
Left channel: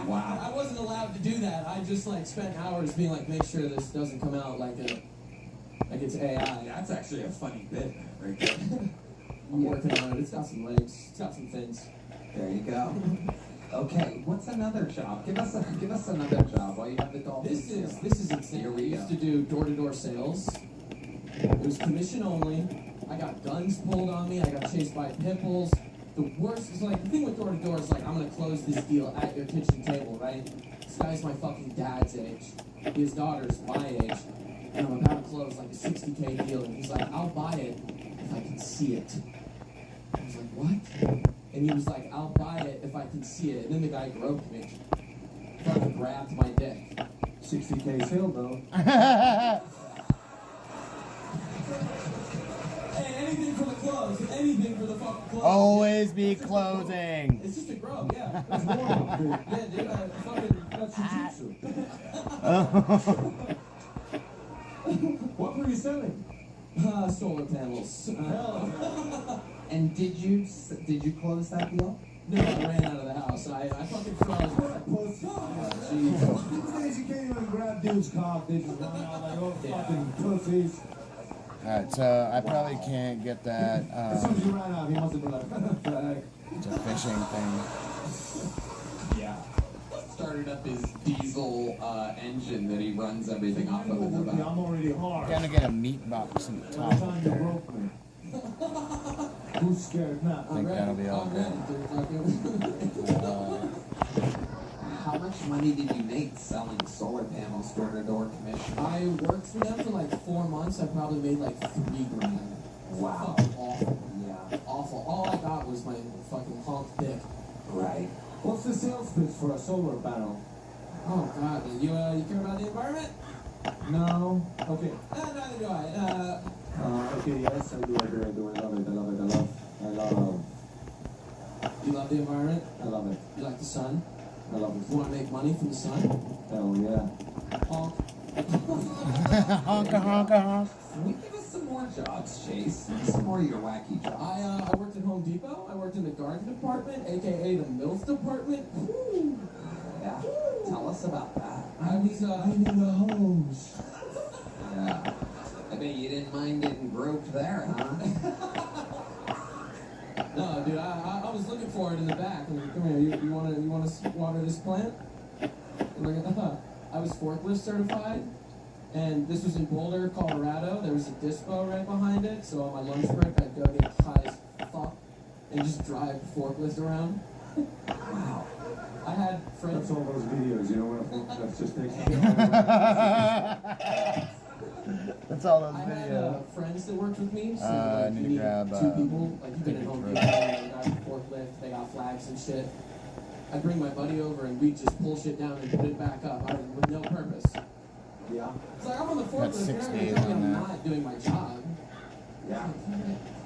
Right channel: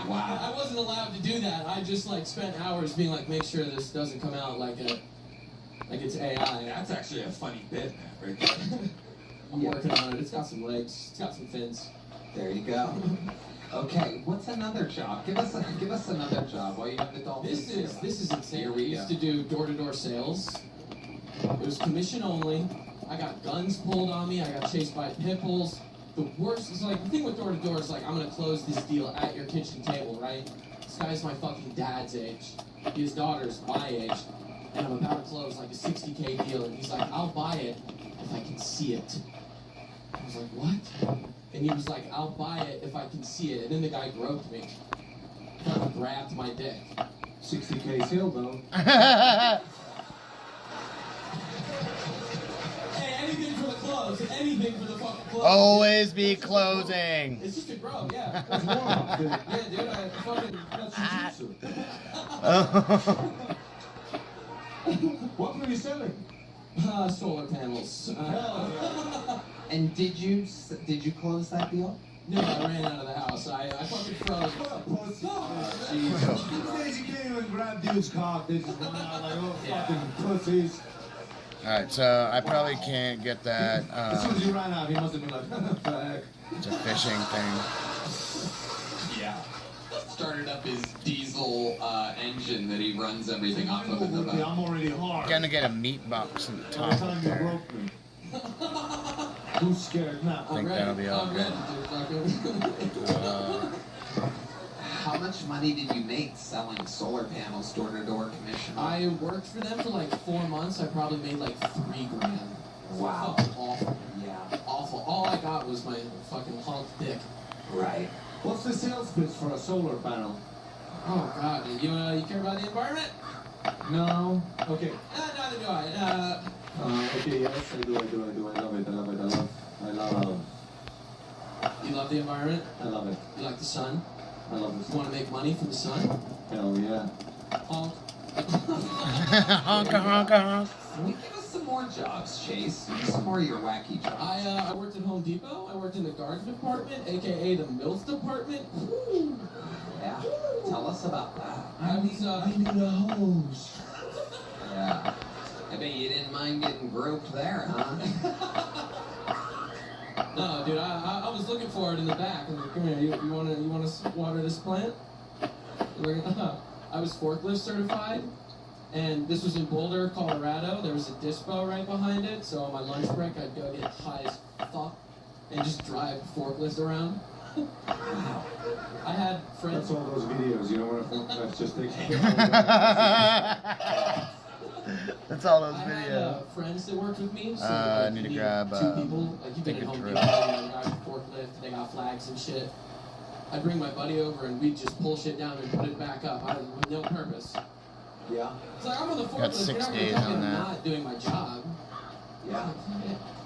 wow, I wasn't allowed to do that. I just like spent hours being like, make sure this doesn't come out like it's AI. That's actually a funny bit right there. I'm working on it. It's got some legs. It's got some fins. There you go. Okay, what's another job? Give us another job while you have the dolphins. This is insane. Here We we used go. to do door-to-door sales. It was commission only. I got guns pulled on me. I got chased by pit bulls. The worst is like the thing with door-to-door is like I'm gonna close this deal at your kitchen table, right? This guy's my fucking dad's age. His daughter's my age, and I'm about to close like a $60K deal, and he's like, "I'll buy it if I can see it." I was like, "What?" And he was like, "I'll buy it if I can see it." And then the guy groped me. Fucking grabbed my dick. 60K sale though. Hey, anything for the close. Anything for the fucking close. Always be closing. It's just a grope, yeah. That's warm-up, dude. Yeah, dude, I fucking got jujitsu. What were you selling? Solar panels. And did you close that deal? No, I ran out of the house. I fucking froze. These days you can't even grab dude's cock. They just run out like, oh, fucking pussies. Alright, so I probably can't get that. As soon as you ran out, he must have been like, fuck. It's a fishing thing. Yeah. Started up his diesel engine that he runs everything off of in the back. I'm already hard. Gonna get a meat box in the By top the of time you there. broke me. Who's scared now? I think that'll be all good. How much much money did you make selling solar panels door-to-door commission? I worked for them for like 4 months. I probably made like $3 grand. Wow. Fucking awful. Yeah. Awful. All I got was my fucking honk dick. Right. What's the sales pitch for a solar panel? Oh God, you care about the environment? No. Okay. Neither do I. Okay, yes, I do. I love it. I love You love the environment? I love it. You like the sun? I love it. You want to make money from the sun? Hell yeah. Honk. Honk, honk, honk. Can we give us some more jobs, Chase? Some more of your wacky jobs. I worked at Home Depot. I worked in the garden department, aka the MILF department. Woo. Yeah. Tell us about that. I was I need a hose. Yeah. I bet you didn't mind getting groped there, huh? No, dude, I was looking for it in the back. I was like, come here, you wanna water this plant? I was forklift certified, and this was in Boulder, Colorado. There was a dispo right behind it, so on my lunch break I'd go get high as fuck and just drive forklift around. Wow. I had friends. That's one of those videos, you know, where that's just That's all those I videos. had friends that worked with me. So I need to grab 2 people. Like you've been at ticket Home for Depot, they got a forklift, they got flags and shit. I'd bring my buddy over and we'd just pull shit down and put it back up with no purpose. Yeah. It's like I'm on the forklift. Got 6 you're not gonna days tell me on I'm that. not doing my job. Yeah.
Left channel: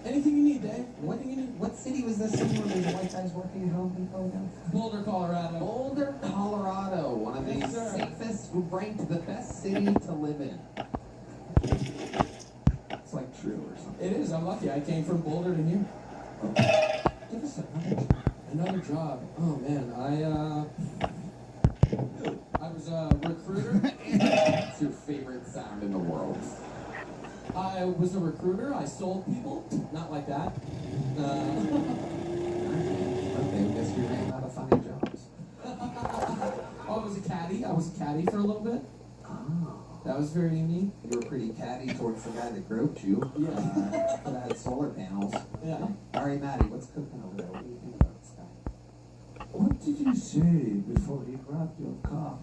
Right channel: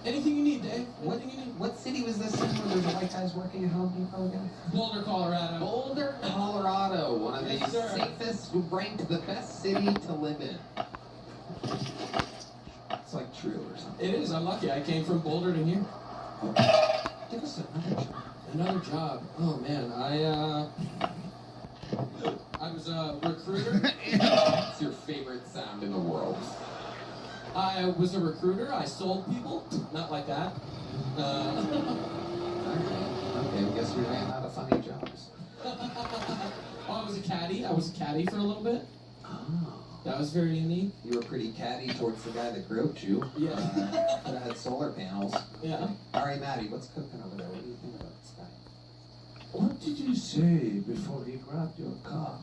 Anything you need, Dave. Anything you need. What city was this in where there's white guys working at Home Depot again? Boulder, Colorado. Boulder, Colorado. One of the Yes, sir. safest, ranked the best city to live in. It's like true or something. It is. I'm lucky. I came from Boulder to here. Give us another job. Another job. Oh man, I was a recruiter. What's your favorite sound in the world? I was a recruiter. I sold people. Not like that. Okay, I guess we ran out of funny jobs. Oh, I was a caddy. I was a caddy for a little bit. Oh. That was very neat. You were pretty catty towards the guy that groped you. Yeah. That had solar panels. Yeah. All right, Maddie, what's cooking over there? What do you think about this guy? What did you say before he grabbed your cock?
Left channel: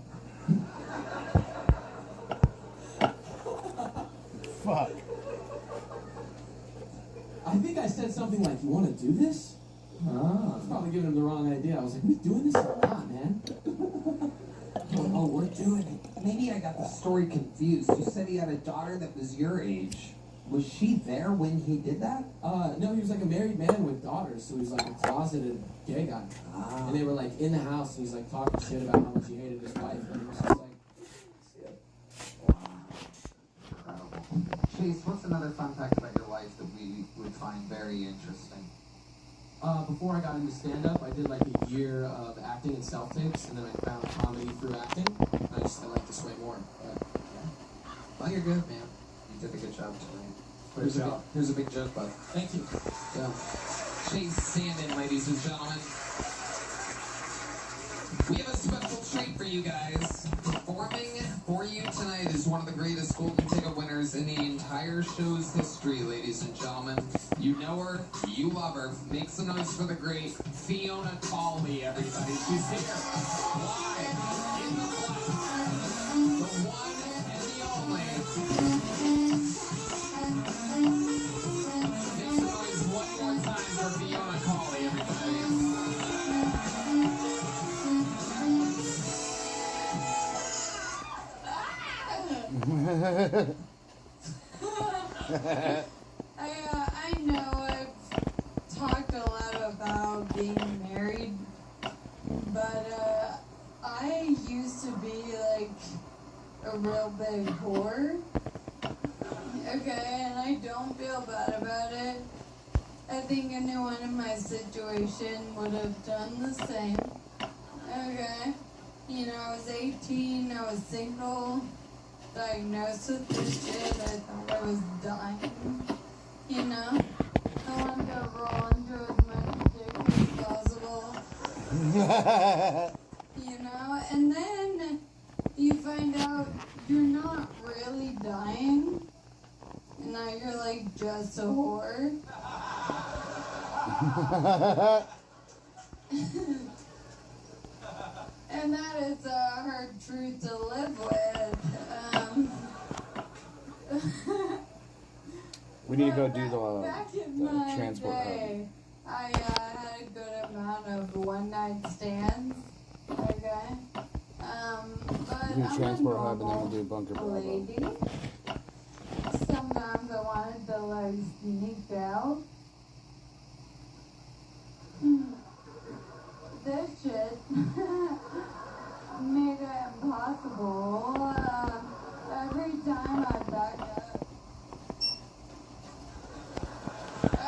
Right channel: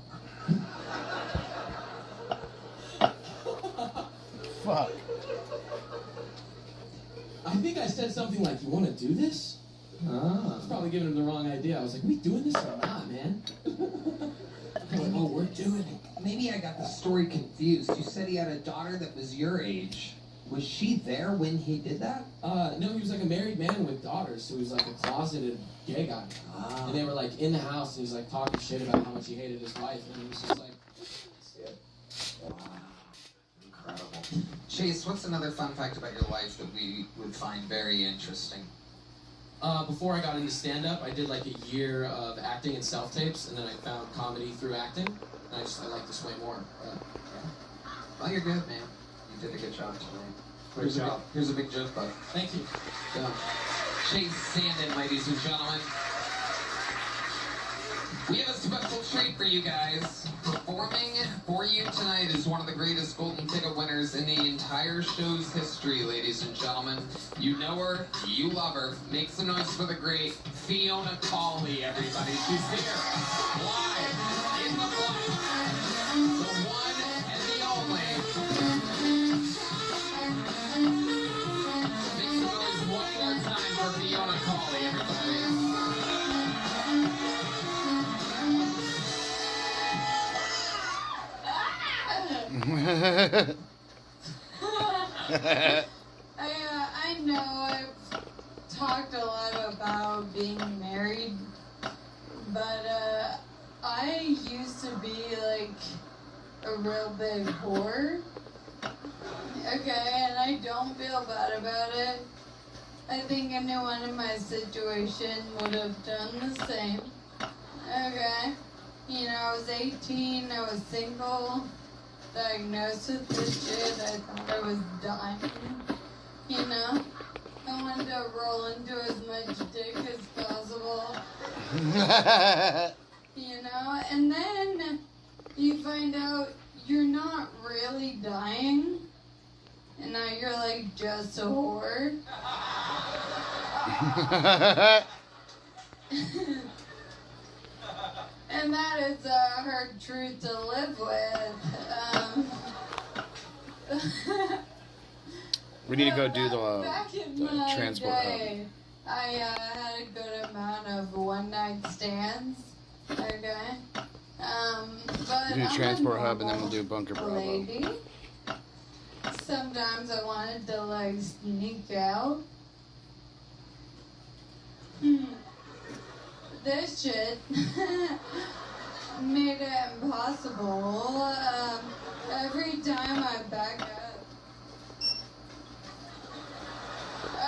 Fuck. I think I said something like, "You want to do this?" I was probably giving him the wrong idea. I was like, "We doing this or not, man?" Going, "Oh, we're doing it." Maybe I got the story confused. You said he had a daughter that was your age. Was she there when he did that? No, he was like a married man with daughters, so he was like a closeted gay guy. Ah. And they were like in the house, and he's like talking shit about how much he hated his wife, and it was just like, Wow. Incredible. Chase, what's another fun fact about your life that we would find very interesting? before I got into stand-up, I did like a year of acting and self-tapes, and then I found comedy through acting, and I like this way more. Well, you're good, man. You did a good job tonight. Here's a big joke, bud. Thank you. Yeah. Chase Sandin, ladies and gentlemen. We have a special treat for you guys. Performing for you tonight is one of the greatest golden ticket winners in the entire show's history, ladies and gentlemen. You know her, you love her. Make some noise for the great Fiona Cawley, everybody. She's here, live, in the flesh. The one and the only. Make some noise one more time for Fiona Cawley, everybody. I know I've talked a lot about being married, but I used to be like a real big whore. Okay, and I don't feel bad about it. I think anyone in my situation would have done the same. Okay, you know, I was 18, I was single, diagnosed with this shit, I thought I was dying. You know, I wanted to roll into as much dick as possible. You know, and then you find out you're not really dying, and now you're like just a whore. And that is her truth to live with. We need to go do Back in the my transport day, I had a good amount of one-night stands. Okay. But We'll do I'm a transport hub, and then normal we'll do bunker bravo. lady. Sometimes I wanted to like sneak out. This shit made it impossible. Every time I back up.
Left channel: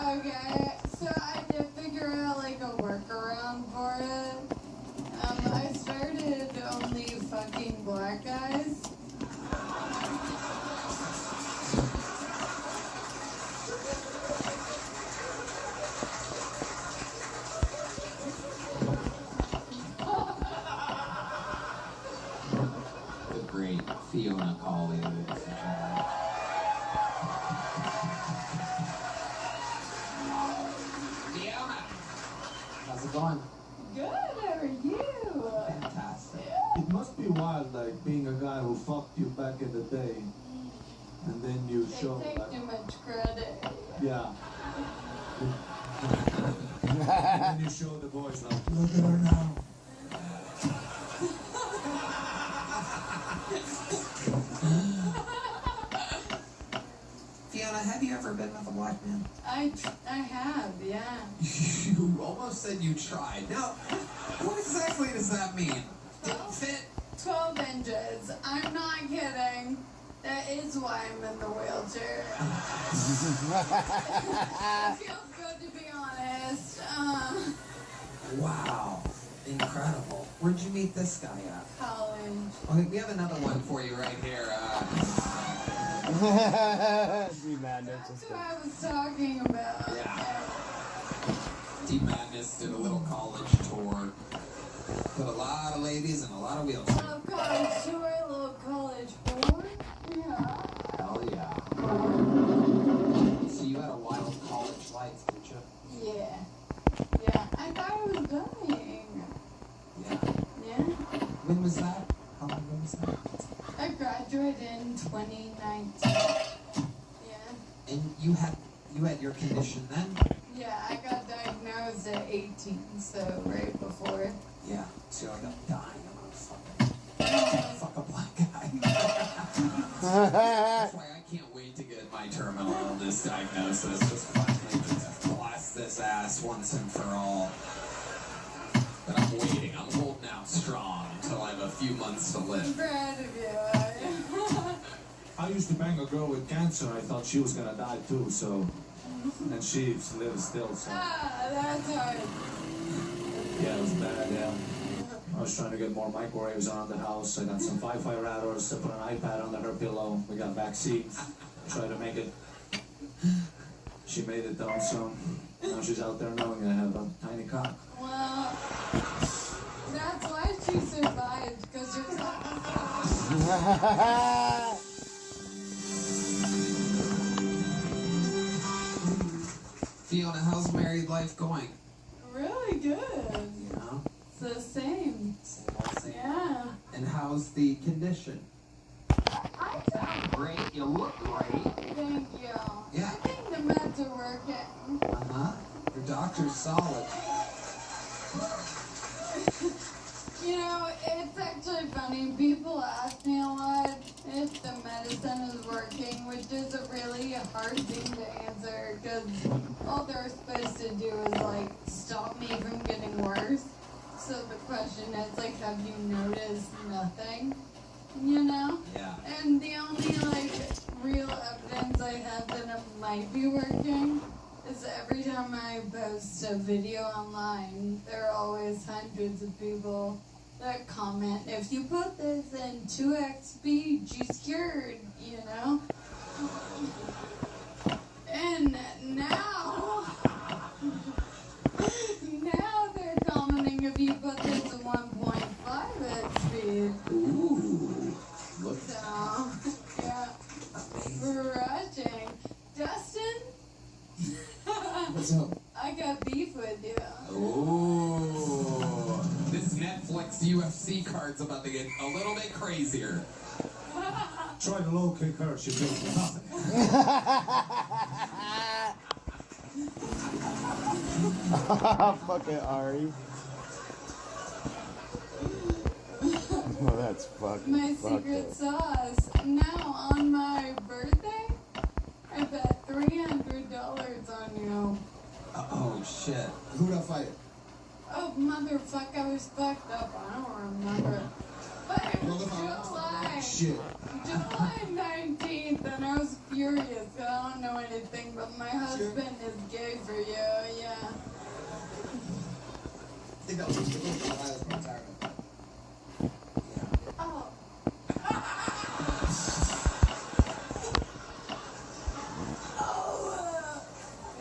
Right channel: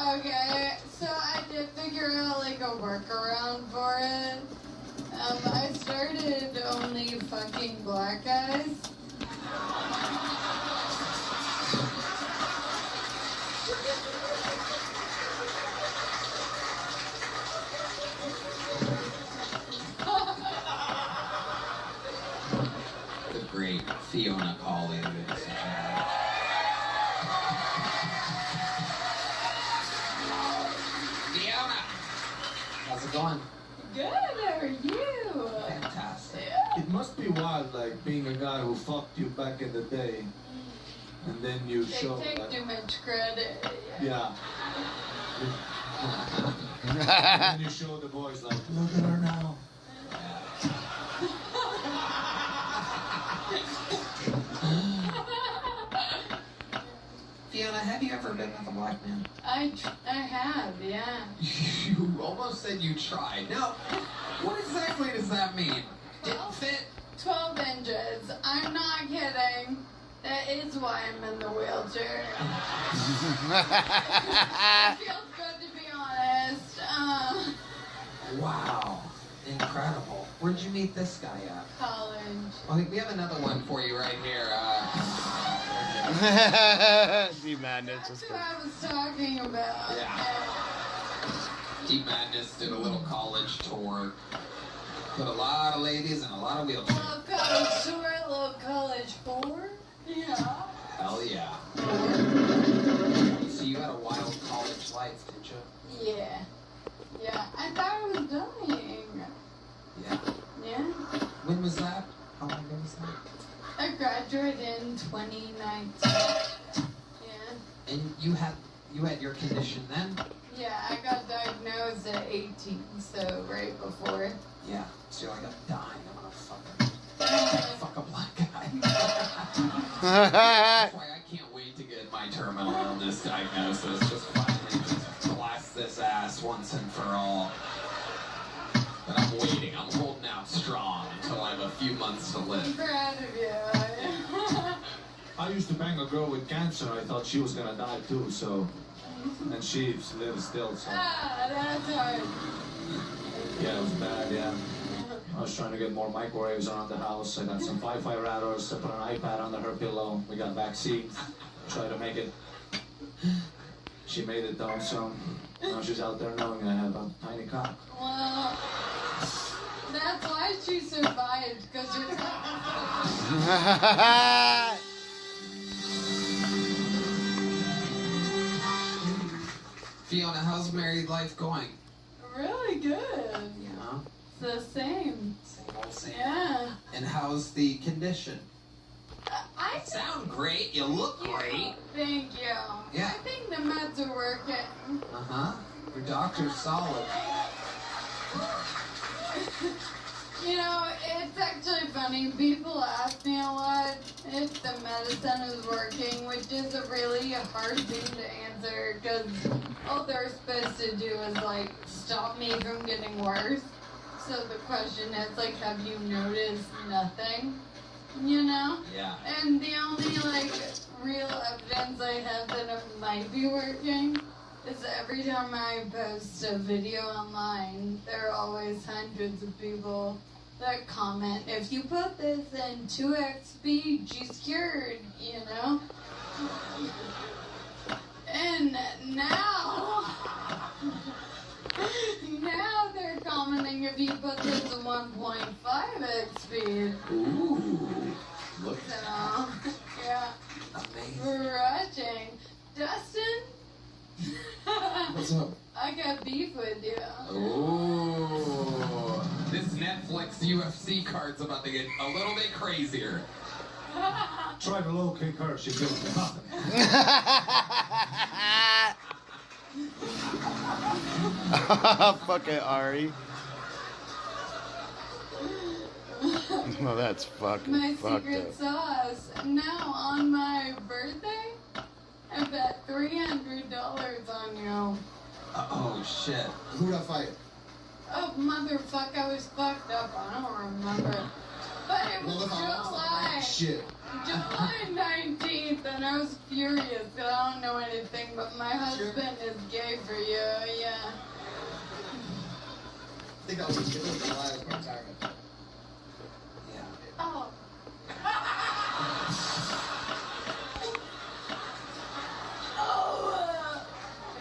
Okay, so I did figure out like a workaround for it. I started only fucking black guys. The great Fiona Colley. Fiona! How's it going? Good, how are you? Fantastic. It must be wild, like being a guy who fucked you back in the day, and then you They show take like, too much credit. yeah. And then you show the boys like, look at her now. Fiona, have you ever been with a black man? I have, yeah. You almost said you tried. Now, what exactly does that mean? Didn't fit? 12 inches. I'm not kidding. That is why I'm in the wheelchair. It feels good to be honest. Wow. Incredible. Where'd you meet this guy at? College. Okay, we have another one for you right here. Deep Madness. That's what I was talking about. Deep Madness did a little college tour. Put a lot of ladies in a lot of wheelchairs. Love college tour, love college board. Yeah. Hell yeah. So you had a wild college life, did you? Yeah. Yeah. I thought I was dying. Yeah. Yeah. When was that? How long ago was that? I graduated in 2019. Yeah. And you had your condition then? Yeah, I got diagnosed at 18, so right before. Yeah. So you're like, I'm dying. I'm gonna fuck a black guy. That's why I can't wait to get my terminal illness diagnosis. Just fucking just blast this ass once and for all. But I'm waiting. I'm holding out strong until I have a few months to I'm live. proud of you. I used to bang a girl with cancer. I thought she was gonna die too, so. And she lives still, so. Ah, that's hard. Yeah, it was bad, yeah. I was trying to get more microwaves around the house. I got some Wi-Fi routers. I put an iPad under her pillow. We got vaccines. Tried to make it. She made it though, so now she's out there knowing I have a tiny cock. Well, that's why she survived, because you're Fiona, how's married life going? really good. Yeah. It's the same. Same old same. Yeah. And how's the condition? I Sound great. You look great. Thank you. Yeah. I think the meds are working. Uh-huh. Your doctor's solid. You know, it's actually funny. People ask me a lot if the medicine is working, which is a really hard thing to answer because all they're supposed to do is like stop me from getting worse. So the question is like, have you noticed nothing? You know? Yeah. And the only like real evidence I have that it might be working is every time I post a video online, there are always hundreds of people that comment, if you put this in 2x speed, she's cured, you know? And now they're commenting if you put this in 1.5x speed. Ooh. Look. So, yeah. Amazing. Rushing. Dustin? What's up? I got beef with you. Ooh. This Netflix Next UFC card's about to get a little bit crazier. Try the low kick card, she feels nothing. Fuck it, Ari. Oh, that's fucking My fucked secret up. sauce. Now on my birthday, I bet $300 on you. Oh shit. Who'd I fight? Oh motherfucker, I was fucked up. I don't remember. But it was July. Shit. July 19th, and I was furious. I don't know anything, but my husband is gay for you. Yeah. I think that was July of retirement. Oh.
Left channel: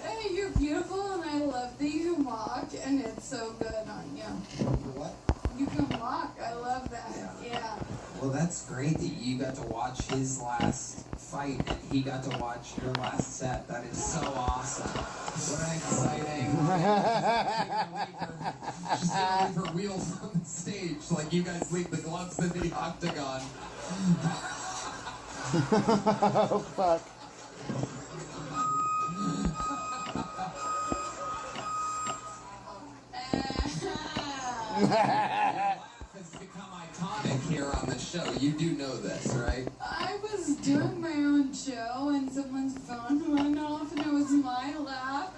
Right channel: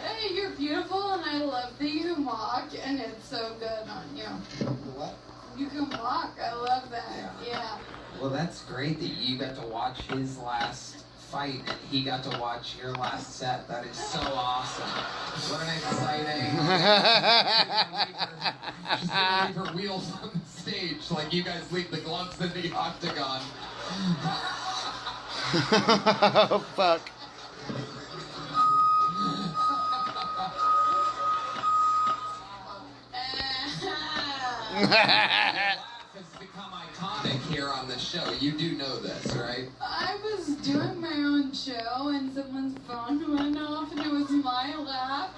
Hey, you're beautiful, and I love that you walk, and it's so good on you. What? You can walk. I love that. Yeah. Well, that's great that you got to watch his last fight and he got to watch your last set. That is so awesome. What an exciting. She's gonna leave her wheels on the stage like you guys leave the gloves in the octagon. Oh, fuck. It's become iconic here on the show. You do know this, right? I was doing my own show, and someone's phone went off, and it was my lap.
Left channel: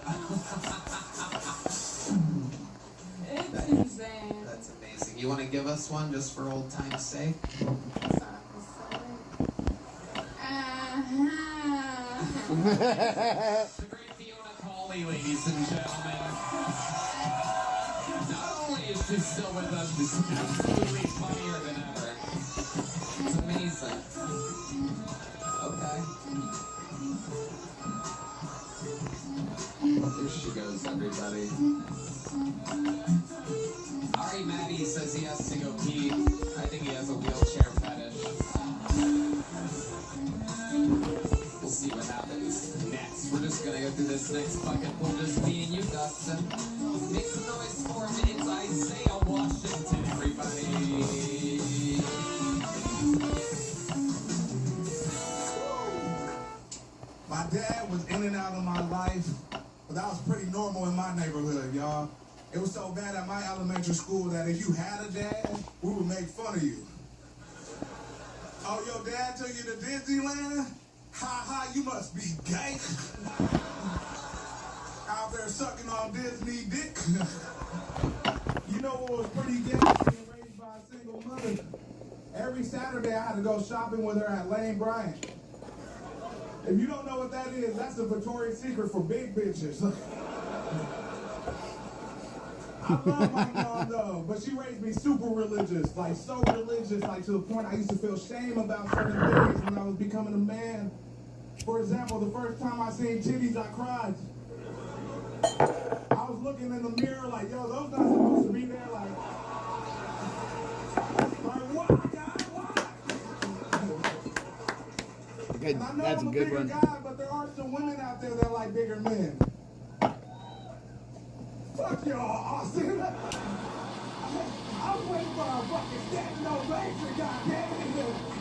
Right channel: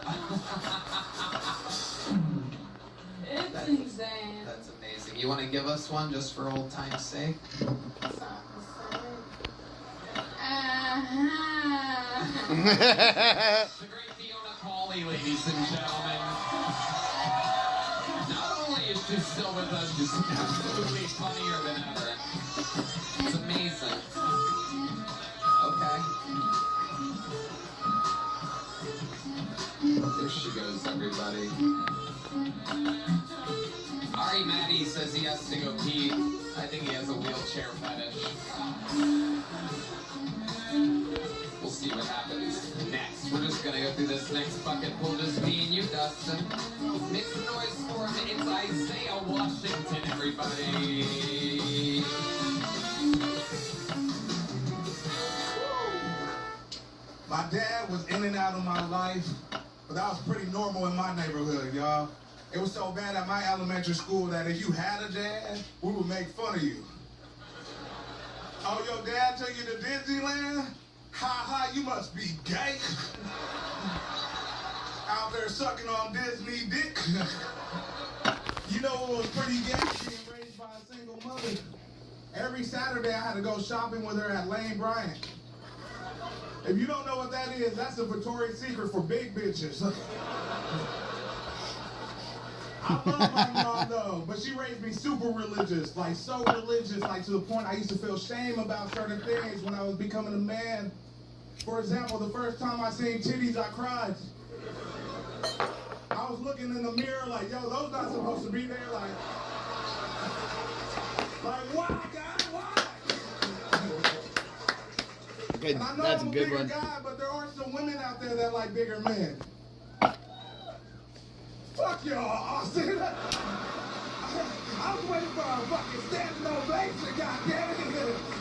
It's insane. That's amazing. You want to give us one just for old time's sake? The great Fiona Pauly, ladies and gentlemen. Not only is she still with us, she's absolutely funnier than ever. It's amazing. Okay. There she goes, everybody. Ari Maddie says he has to go pee. I think he has a wheelchair fetish. We'll see what happens next. We're just gonna go through this next bucket. We'll just me and you, Dustin. Make some noise for him. It's Isaiah Washington, everybody. My dad was in and out of my life, but that was pretty normal in my neighborhood, y'all. It was so bad at my elementary school that if you had a dad, we would make fun of you. Oh, your dad took you to Disneyland? Ha ha, you must be gay. Out there sucking on Disney dick. You know what was pretty gay? Being raised by a single mother. Every Saturday I had to go shopping with her at Lane Bryant. If you don't know what that is, that's the Victoria's Secret for big bitches. I love my mom though, but she raised me super religious, like so religious, like to the point I used to feel shame about certain things when I was becoming a man. For example, the first time I seen titties, I cried. I was looking in the mirror like, yo, those not supposed to be there, like why, God, why? Good. And I know That's I'm a a good bigger one. guy, but there are some women out there that like bigger men. Fuck y'all, Austin. I was waiting for a fucking standing ovation, goddamn.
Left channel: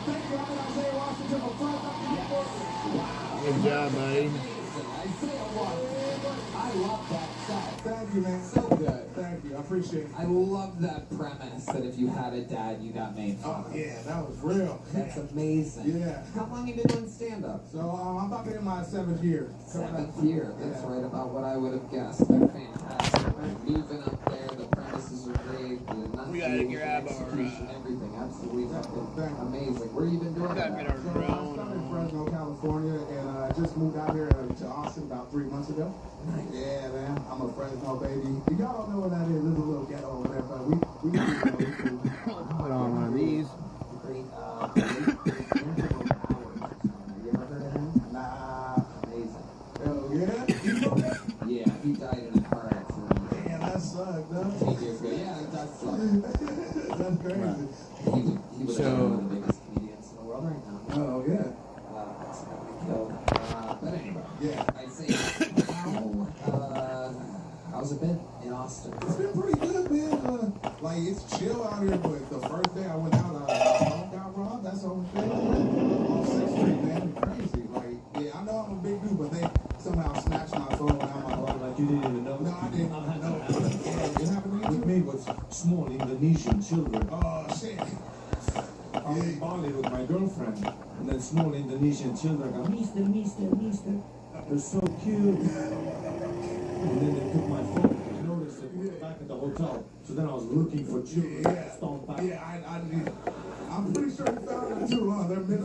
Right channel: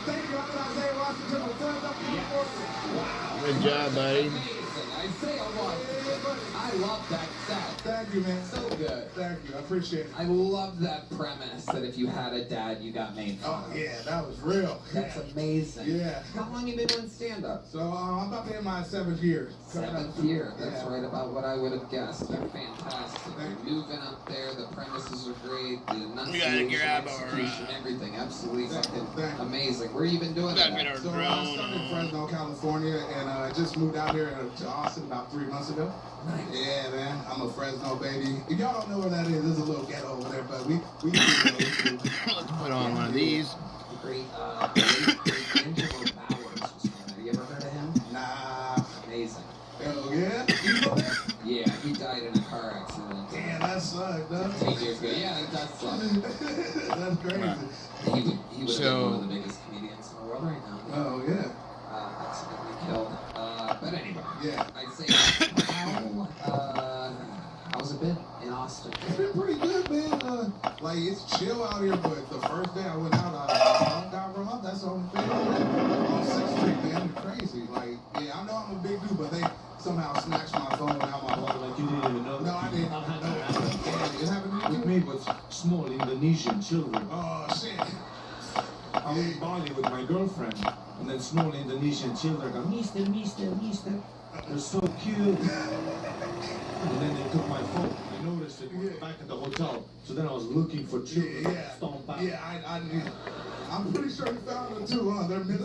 Thank you, I'm Isaiah Washington, my friends up in the book. Good job, buddy. Isaiah Washington. I love that set. Thank you, man. So good. Thank you, I appreciate it. I love that premise that if you had a dad, you got made fun Oh, of. yeah, that was real. That's amazing. Yeah. How long you been doing stand-up? So I'm about to hit my 7th year. 7th year. That's Yeah. right about what I would have guessed. They're fantastic. You're moving up there. The premises are great. The enunciation, execution, everything. Absolutely fucking amazing. Where you been doing that? So I started in Fresno, California, and I just moved out here to Austin about 3 months ago. Yeah, man, I'm a Fresno baby. If y'all don't know where that is, there's a little ghetto over there, but we Let's put on one of these. Great, Angelo Bowers or something. Have you ever heard of him? Nah. Amazing. Oh, yeah? You know that? Yeah, he died in a car accident. Damn, that sucked, huh? 8 years ago. Yeah, it does suck. That's crazy. He would have been one of the biggest comedians in the world right now. Oh, yeah. Accidentally killed. But anyway, Yeah. I'd say, how's it been in Austin? It's been pretty good, man. Like, it's chill out here, but the first day I went out, my phone got robbed. That's the only thing. On 6th Street, man, crazy. Like, yeah, I know I'm a big dude, but they somehow snatched my phone out my wallet. Like you didn't even know. No, I didn't. No, it happened to you? With me was small Indonesian children. Oh, shit. I was in Bali with my girlfriend, and then small Indonesian children go, Mister. They're so cute. And then they took my phone. I noticed it back at the hotel. So then I was looking for children. Yeah. Stomp back. Yeah, I'm pretty sure they found them too, huh? They're missing.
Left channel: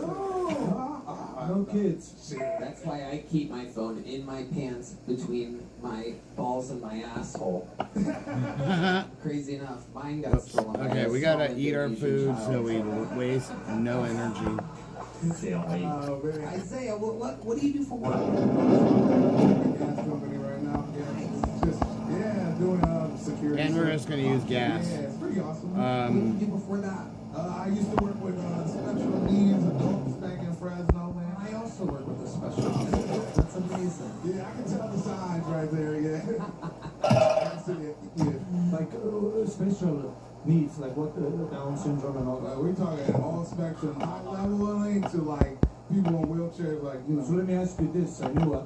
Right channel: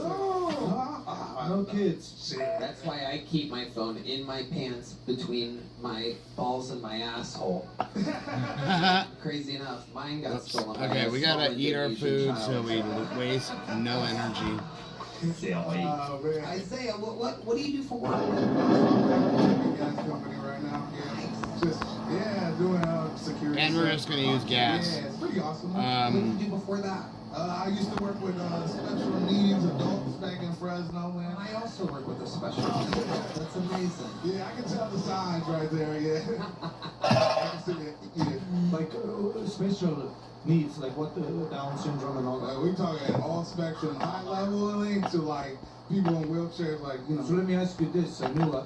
No kids. That's why I keep my phone in my pants between my balls and my asshole. Crazy enough, mine got stolen. by Okay, a we gotta small eat our Indonesian food child. so we waste no energy. Isaiah, what do you do for work? Gas company right now. Yeah, just doing security. And we're just gonna use gas. Yeah, it's pretty awesome. What did you do before that? I used to work with special needs adults back in Fresno, man. I also work with the special needs. That's amazing. Yeah, I can tell the signs right there. Yeah. I can see it. Yeah. Like special needs, like what the Down syndrome and all that. We talking all spectrum, high leveling to like people in wheelchairs, like you know. So let me ask you this, Anua.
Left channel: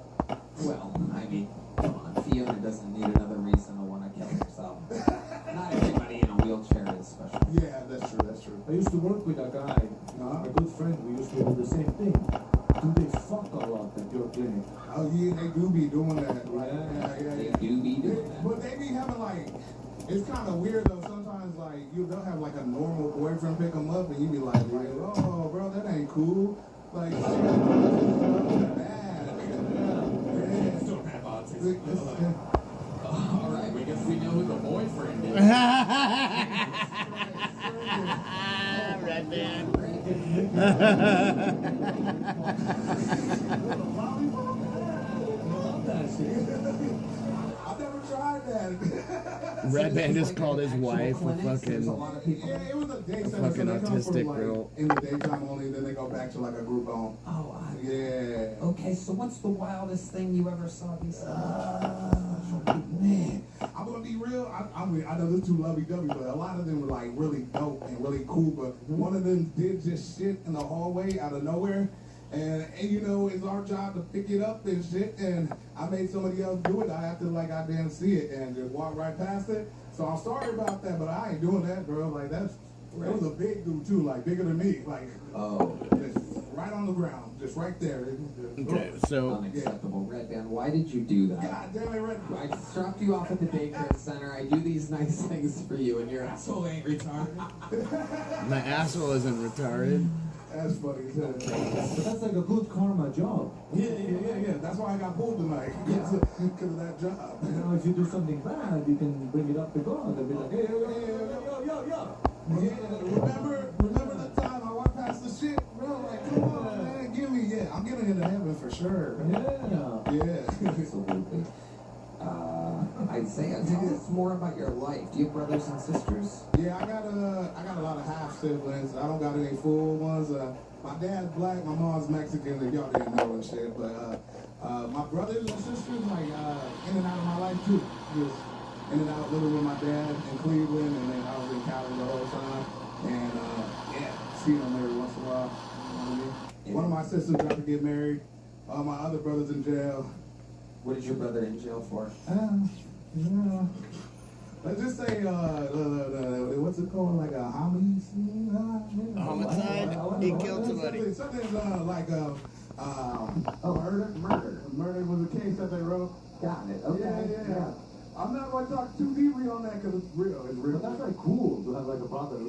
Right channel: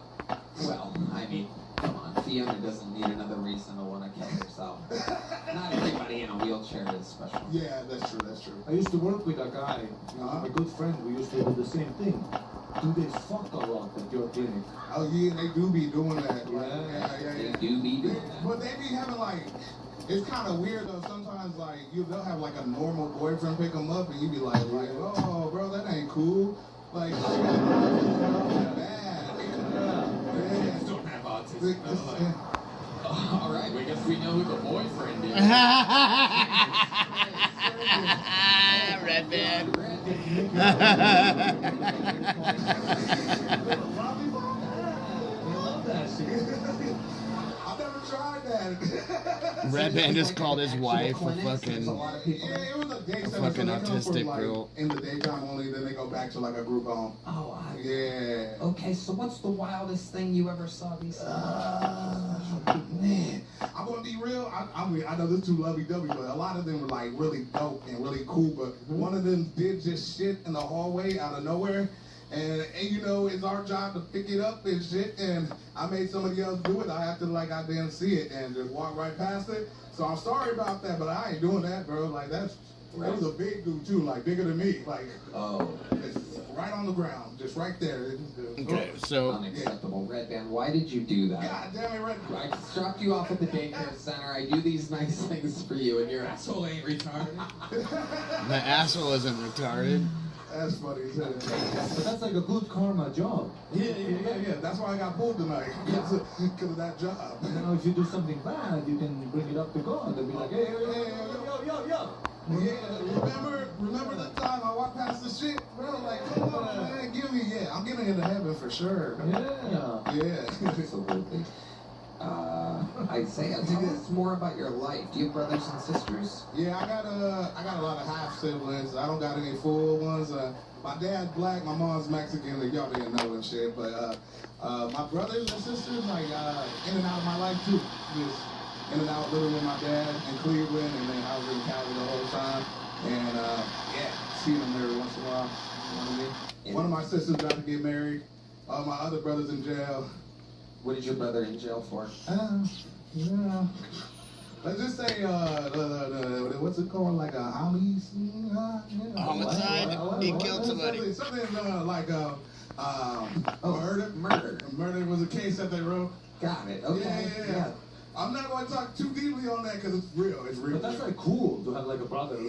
Well, I mean, come on, Fiona doesn't need another reason to want to kill herself. Not everybody in a wheelchair is special. Yeah, that's true. That's true. I used to work with a guy, a good friend. We used to do the same thing. Do they fuck a lot at your clinic? Oh yeah, they do be doing that. Like, yeah. They do be doing that. But they be having like, it's kind of weird though. Sometimes like they'll have like a normal boyfriend pick them up, and you be like, oh bro, that ain't cool. Like, shit, bad. Don't have autism. All right, I guess we know who the boyfriend is. Red band. I've never tried that. Red band just called his wife a fucking it was a day center, fucking so they come autistic from, like, girl. In the daytime only, then they go back to like a group home. Oh, yeah. Okay, so what's the wildest thing you ever saw recently? Man, I'm gonna be real. I know this is too lovey-dovey, but a lot of them were like really dope and really cool. But one of them did just shit in the hallway out of nowhere, and you know it's our job to pick it up and shit. And I made somebody else do it. I acted like I didn't see it and just walked right past it. So I'm sorry about that, but I ain't doing that, bro. Like that was a big dude too, like bigger than me, like right on the ground, just right there. Okay, so unacceptable. Red band, why did you do that? God damn it, Red. I dropped you off at the daycare center. I do these nice things for you, and your asshole ain't retarded. My asshole isn't retarded. That's funny as hell. But that's like a good karma job. Yeah. That's why I got pulled tonight. Because of that job. You know, if you do something bad, you can bring it up to God and be like, hey, yo. Yeah, remember the time I walked past the shit, bro? Like, come on, man, give me, I'm getting into heaven for sure. Yeah. Absolutely. Isaiah, tell us more about your life. Do you have brothers and sisters? Yeah, I got a lot of half siblings. I don't got any full ones. My dad's black, my mom's Mexican. Y'all didn't know and shit, but my brothers and sisters, like in and out of my life too. Just in and out, living with my dad in Cleveland, and then I was in Cali the whole time. And seeing them every once in a while. One of my sisters about to get married. My other brother's in jail. What is your brother in jail for? Yeah. Let's just say, what's it called? Like a homicide? He killed somebody. Something like murder. Murder was a case that they wrote. Got it. Okay. Yeah. I'm not going to talk too deeply on that because it's real. It's real. But that's like cool to have like a brother. I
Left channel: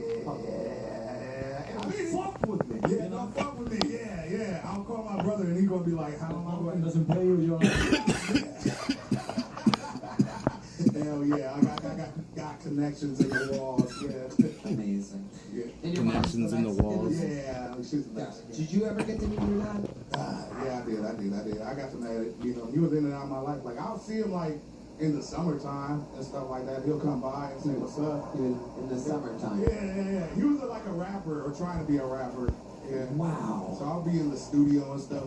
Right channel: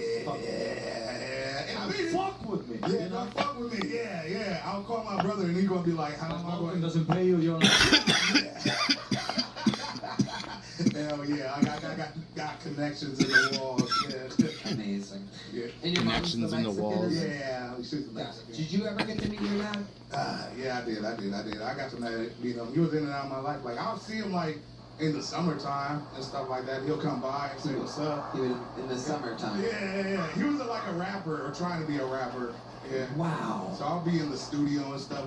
mean, fuck with me. Yeah, don't fuck with me. Yeah. I'll call my brother and he's going to be like, how am I going? Doesn't pay you. You're Hell yeah, I got connections in the walls. Yeah. Amazing. Yeah. And your Connections in the walls. Yeah. Did you ever get to meet your dad? Yeah, I did. I got to meet him. He was in and out of my life. Like I'll see him like in the summertime and stuff like that. He'll come by and say what's up. He was in the summertime. Yeah. He was like a rapper or trying to be a rapper. Yeah. Wow. So I'll be in the studio and stuff.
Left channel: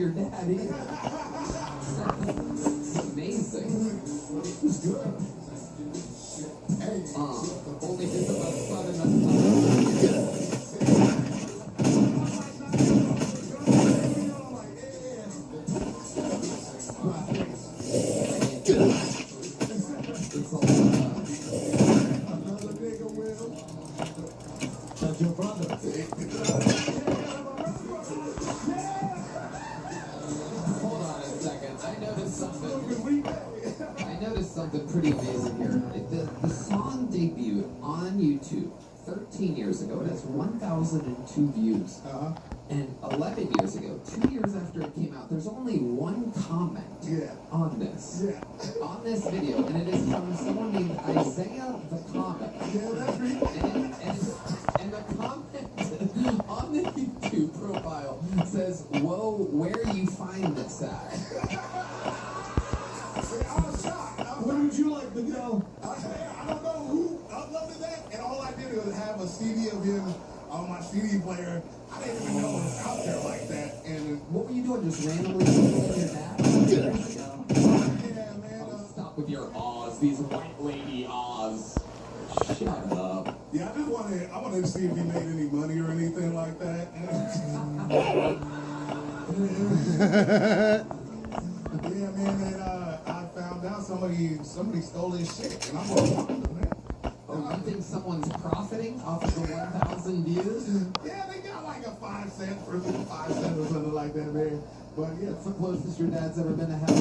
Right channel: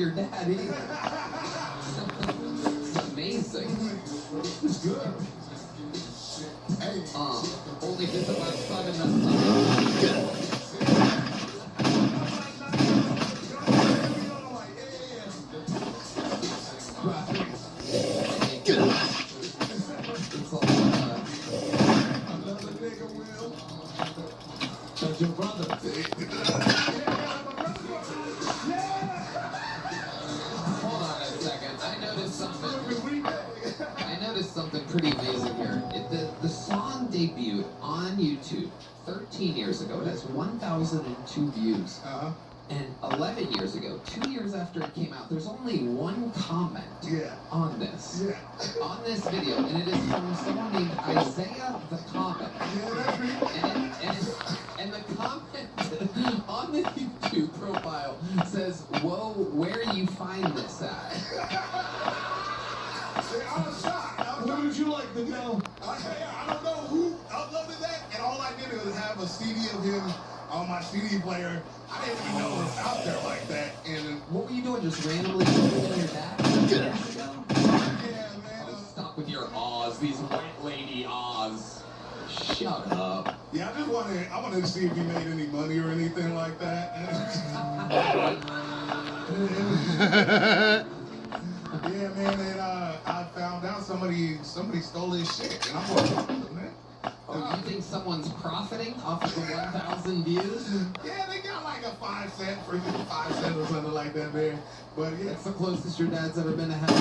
your daddy. It's amazing. It's good. Hey. Only this about sudden That's your brother. Hold on a second. I noticed something pretty amazing here. The song debuted on YouTube 13 years ago. It has 1,002 views. And 11 years ago, 2 years after it came out, there's only one comment on this. On this video, and it is from someone named Isaiah the Comet. And the comment on the YouTube profile says, "Whoa, where do you find this at?" What would you like to know? I don't know who uploaded that, and all I did was have a CD of him on my CD player. I didn't even know it was out there like that. And what were you doing? Just randomly Googling your dad? Yeah, man. Stop with your ahs. These white lady ahs. Shut up. Yeah, I wanted to see if he made any money or anything like that. Yeah, man, and I found out somebody stole his shit, and I'm like, man. Oh, you think someone's profiting off of the 1,000 views? Yeah, they got like a 5 cent for 5 cents or something like that, man. But yeah, it's the closest your dad's ever been to heaven.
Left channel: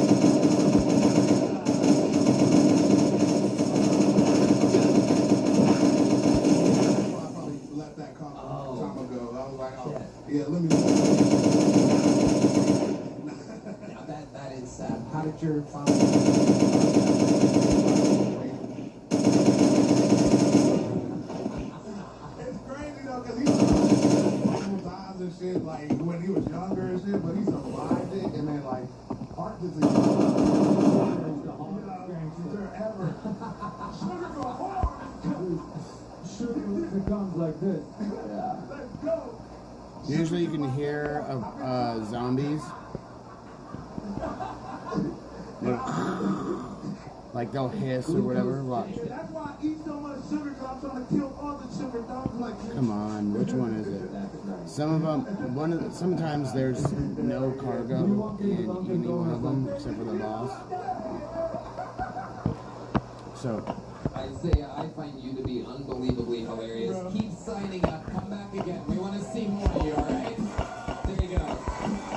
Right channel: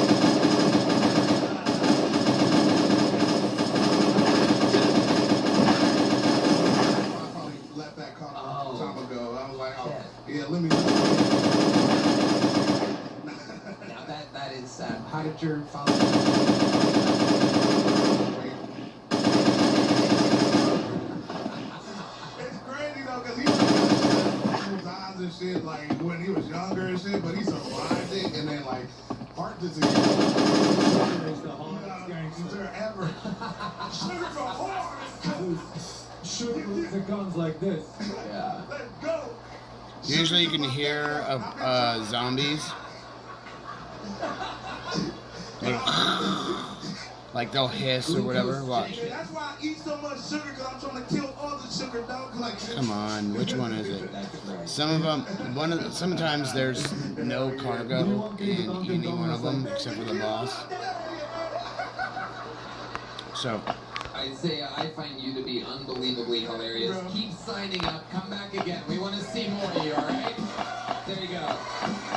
I probably let that come a long time ago. I was like, oh, yeah, let me. Now that is sad. How did your father? And shit, like when he was younger and shit, but he survived it, and then like heart disease. Ever. Sugar for horns. Sugar the guns like this. Yeah. Let's go. Usually you can hear zombies. Like they'll hiss or whatever. Watch. That's why I eat so much sugar, because I'm trying to kill all the sugar, dog. Like, come on, which one is it? Some of them, sometimes there's no cargo in any one of them except for the boss. So, Isaiah, I find you to be unbelievably hilarious. Keep signing up. Come back again. We want to see more of you, all right? There you go.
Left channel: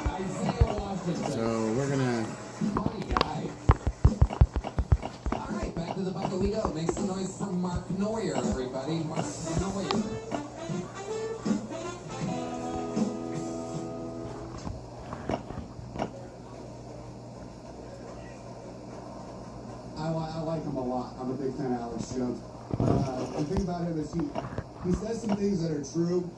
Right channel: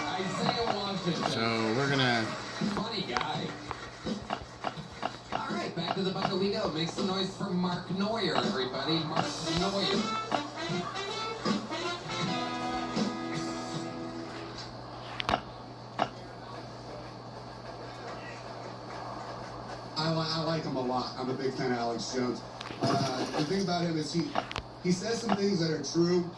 Isaiah Washington. So we're gonna. Funny guy. All right, back to the bucket we go. Make some noise for Mark Neuer, everybody. Mark Neuer. I like him a lot. I'm a big fan of Alex Jones. The thing about him is he says some things that are true,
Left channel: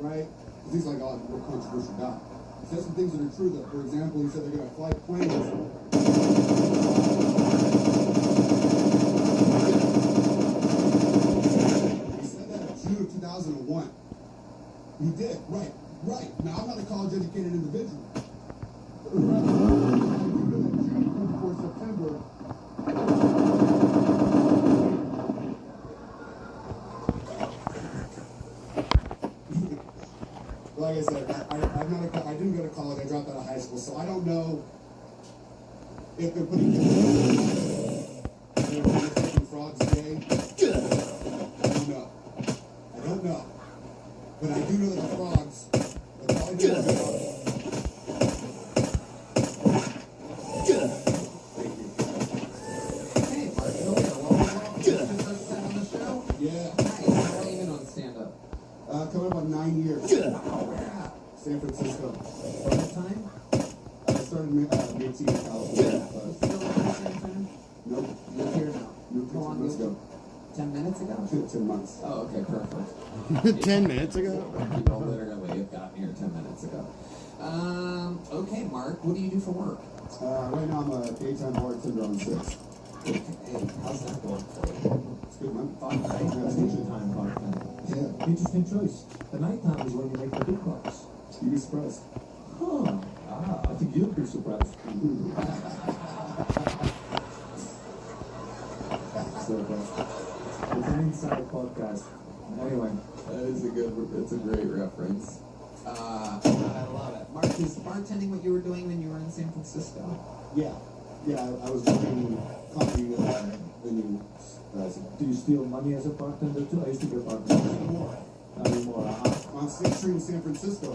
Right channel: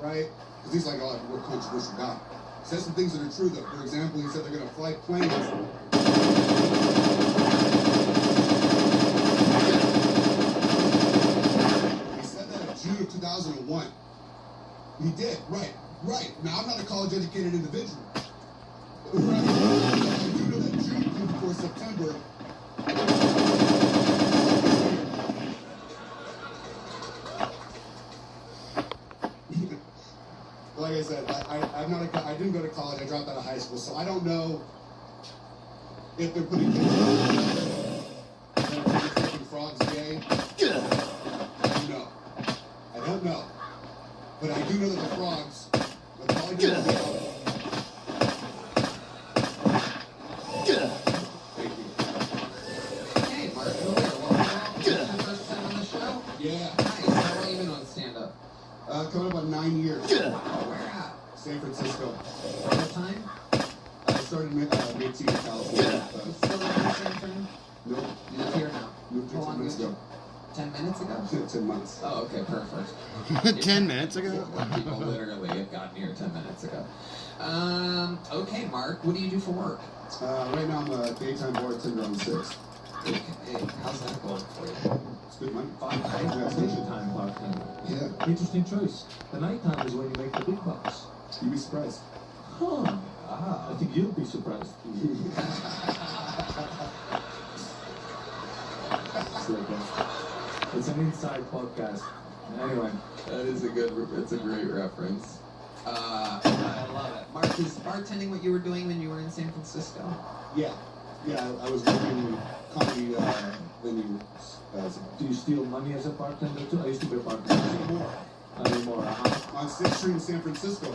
right? Because he's like, oh, we're a controversial guy. He says some things that are true, though. For example, he said they're going to fly planes. He said that in June of 2001. He did, right. Now, I'm not a college-educated individual. June before September. Like I said, I didn't go to college. I dropped out of high school, so I don't know if they're putting frogs gay. I don't know. But I do know that the frogs are probably doing it. Hey, Mark Neuer, welcome. Your first time on the show? Yeah. Nice. How long have you been on stand-up? Coming up on 9 years. Where at? San Francisco. All the time? I started mid-teen in California. Still at the same time? Nope. You live here now? Moved How here 10 long months ago? ago. 10 minutes ago? 10 months. Oh, okay, perfect. 10 minutes ago? People literally have gotten here 10 minutes ago. Okay, Mark, what do you do for work? Right now I'm a daytime bartender on 6. Okay, how's that going for you? It's good money. Fun, right? Daytime bartender. Yeah. Interesting choice. The nighttime is where you make the big bucks. You'd be surprised. Huh. I think you'll be surprised. It's an inside podcast. Anyway, It's a great reference. I love it. Mark, is bartending what you were doing when you were in San Francisco? Yeah, I was working in comedy venue. Do you steal money as a bartender too? I used to be a bartender. Anymore. On 6th Street in San Francisco.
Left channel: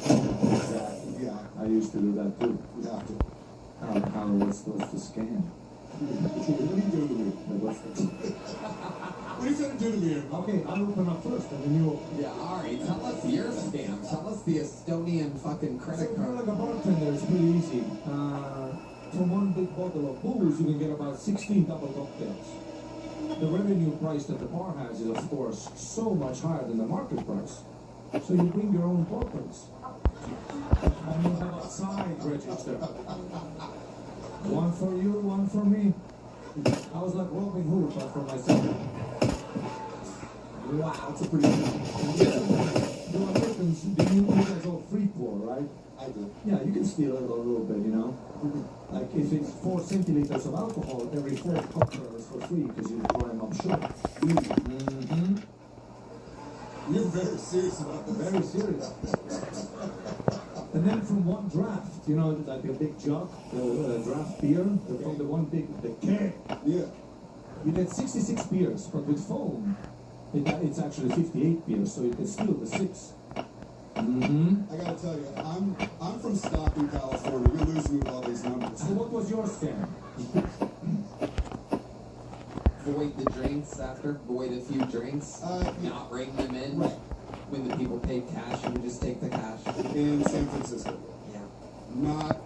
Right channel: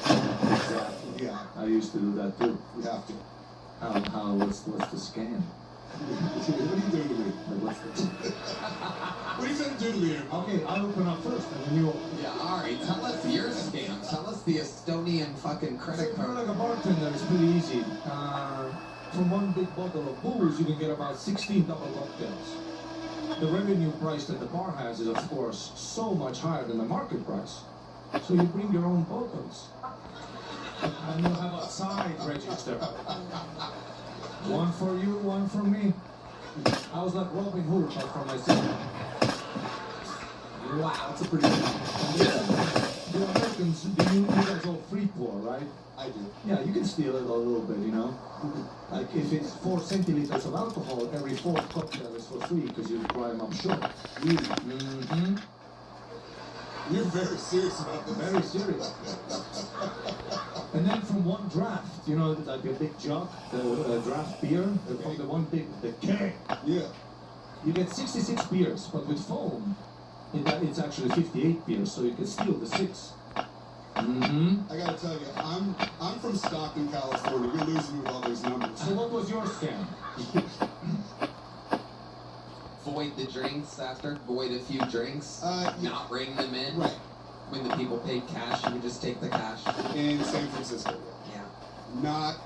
Yeah. I used to do that too. You have to. What's the scam? What are you doing to me? What's the... What are you trying to do to me? Okay, I'll open up first, and then you open. Yeah, alright. Tell us your scam. Tell us the Estonian fucking credit So if you're card. like a bartender, it's pretty easy. From one big bottle of booze, you can get about 16 double cocktails. The revenue price that the bar has is, of course, so much higher than the market price. So you bring your own bottles. And you have a side register. One for you, one for me. I was like Robin Hood, but for myself. Wow. That's a pretty good The Americans, you guys all free pour, right? I do. Yeah, you can steal it a little bit, you know? Like if it's 4 centiliters of alcohol, every 4th cocktail is for free because you dry them up short. Mm-hmm. You're very serious about this. Very serious. And then from one draft, you know, like a big jug, the draft beer, from the one big, the keg. Yeah. You get 66 beers, but with foam, it's actually 58 beers, so you can steal the 6. Mm-hmm. I gotta tell you, I'm from Stockton, California. You're losing with all these numbers. So what was your scam? Void the drinks after? Void a few drinks? Not bring them in? Right. When the people paid cash, you would just take the cash? In San Francisco. Yeah. Not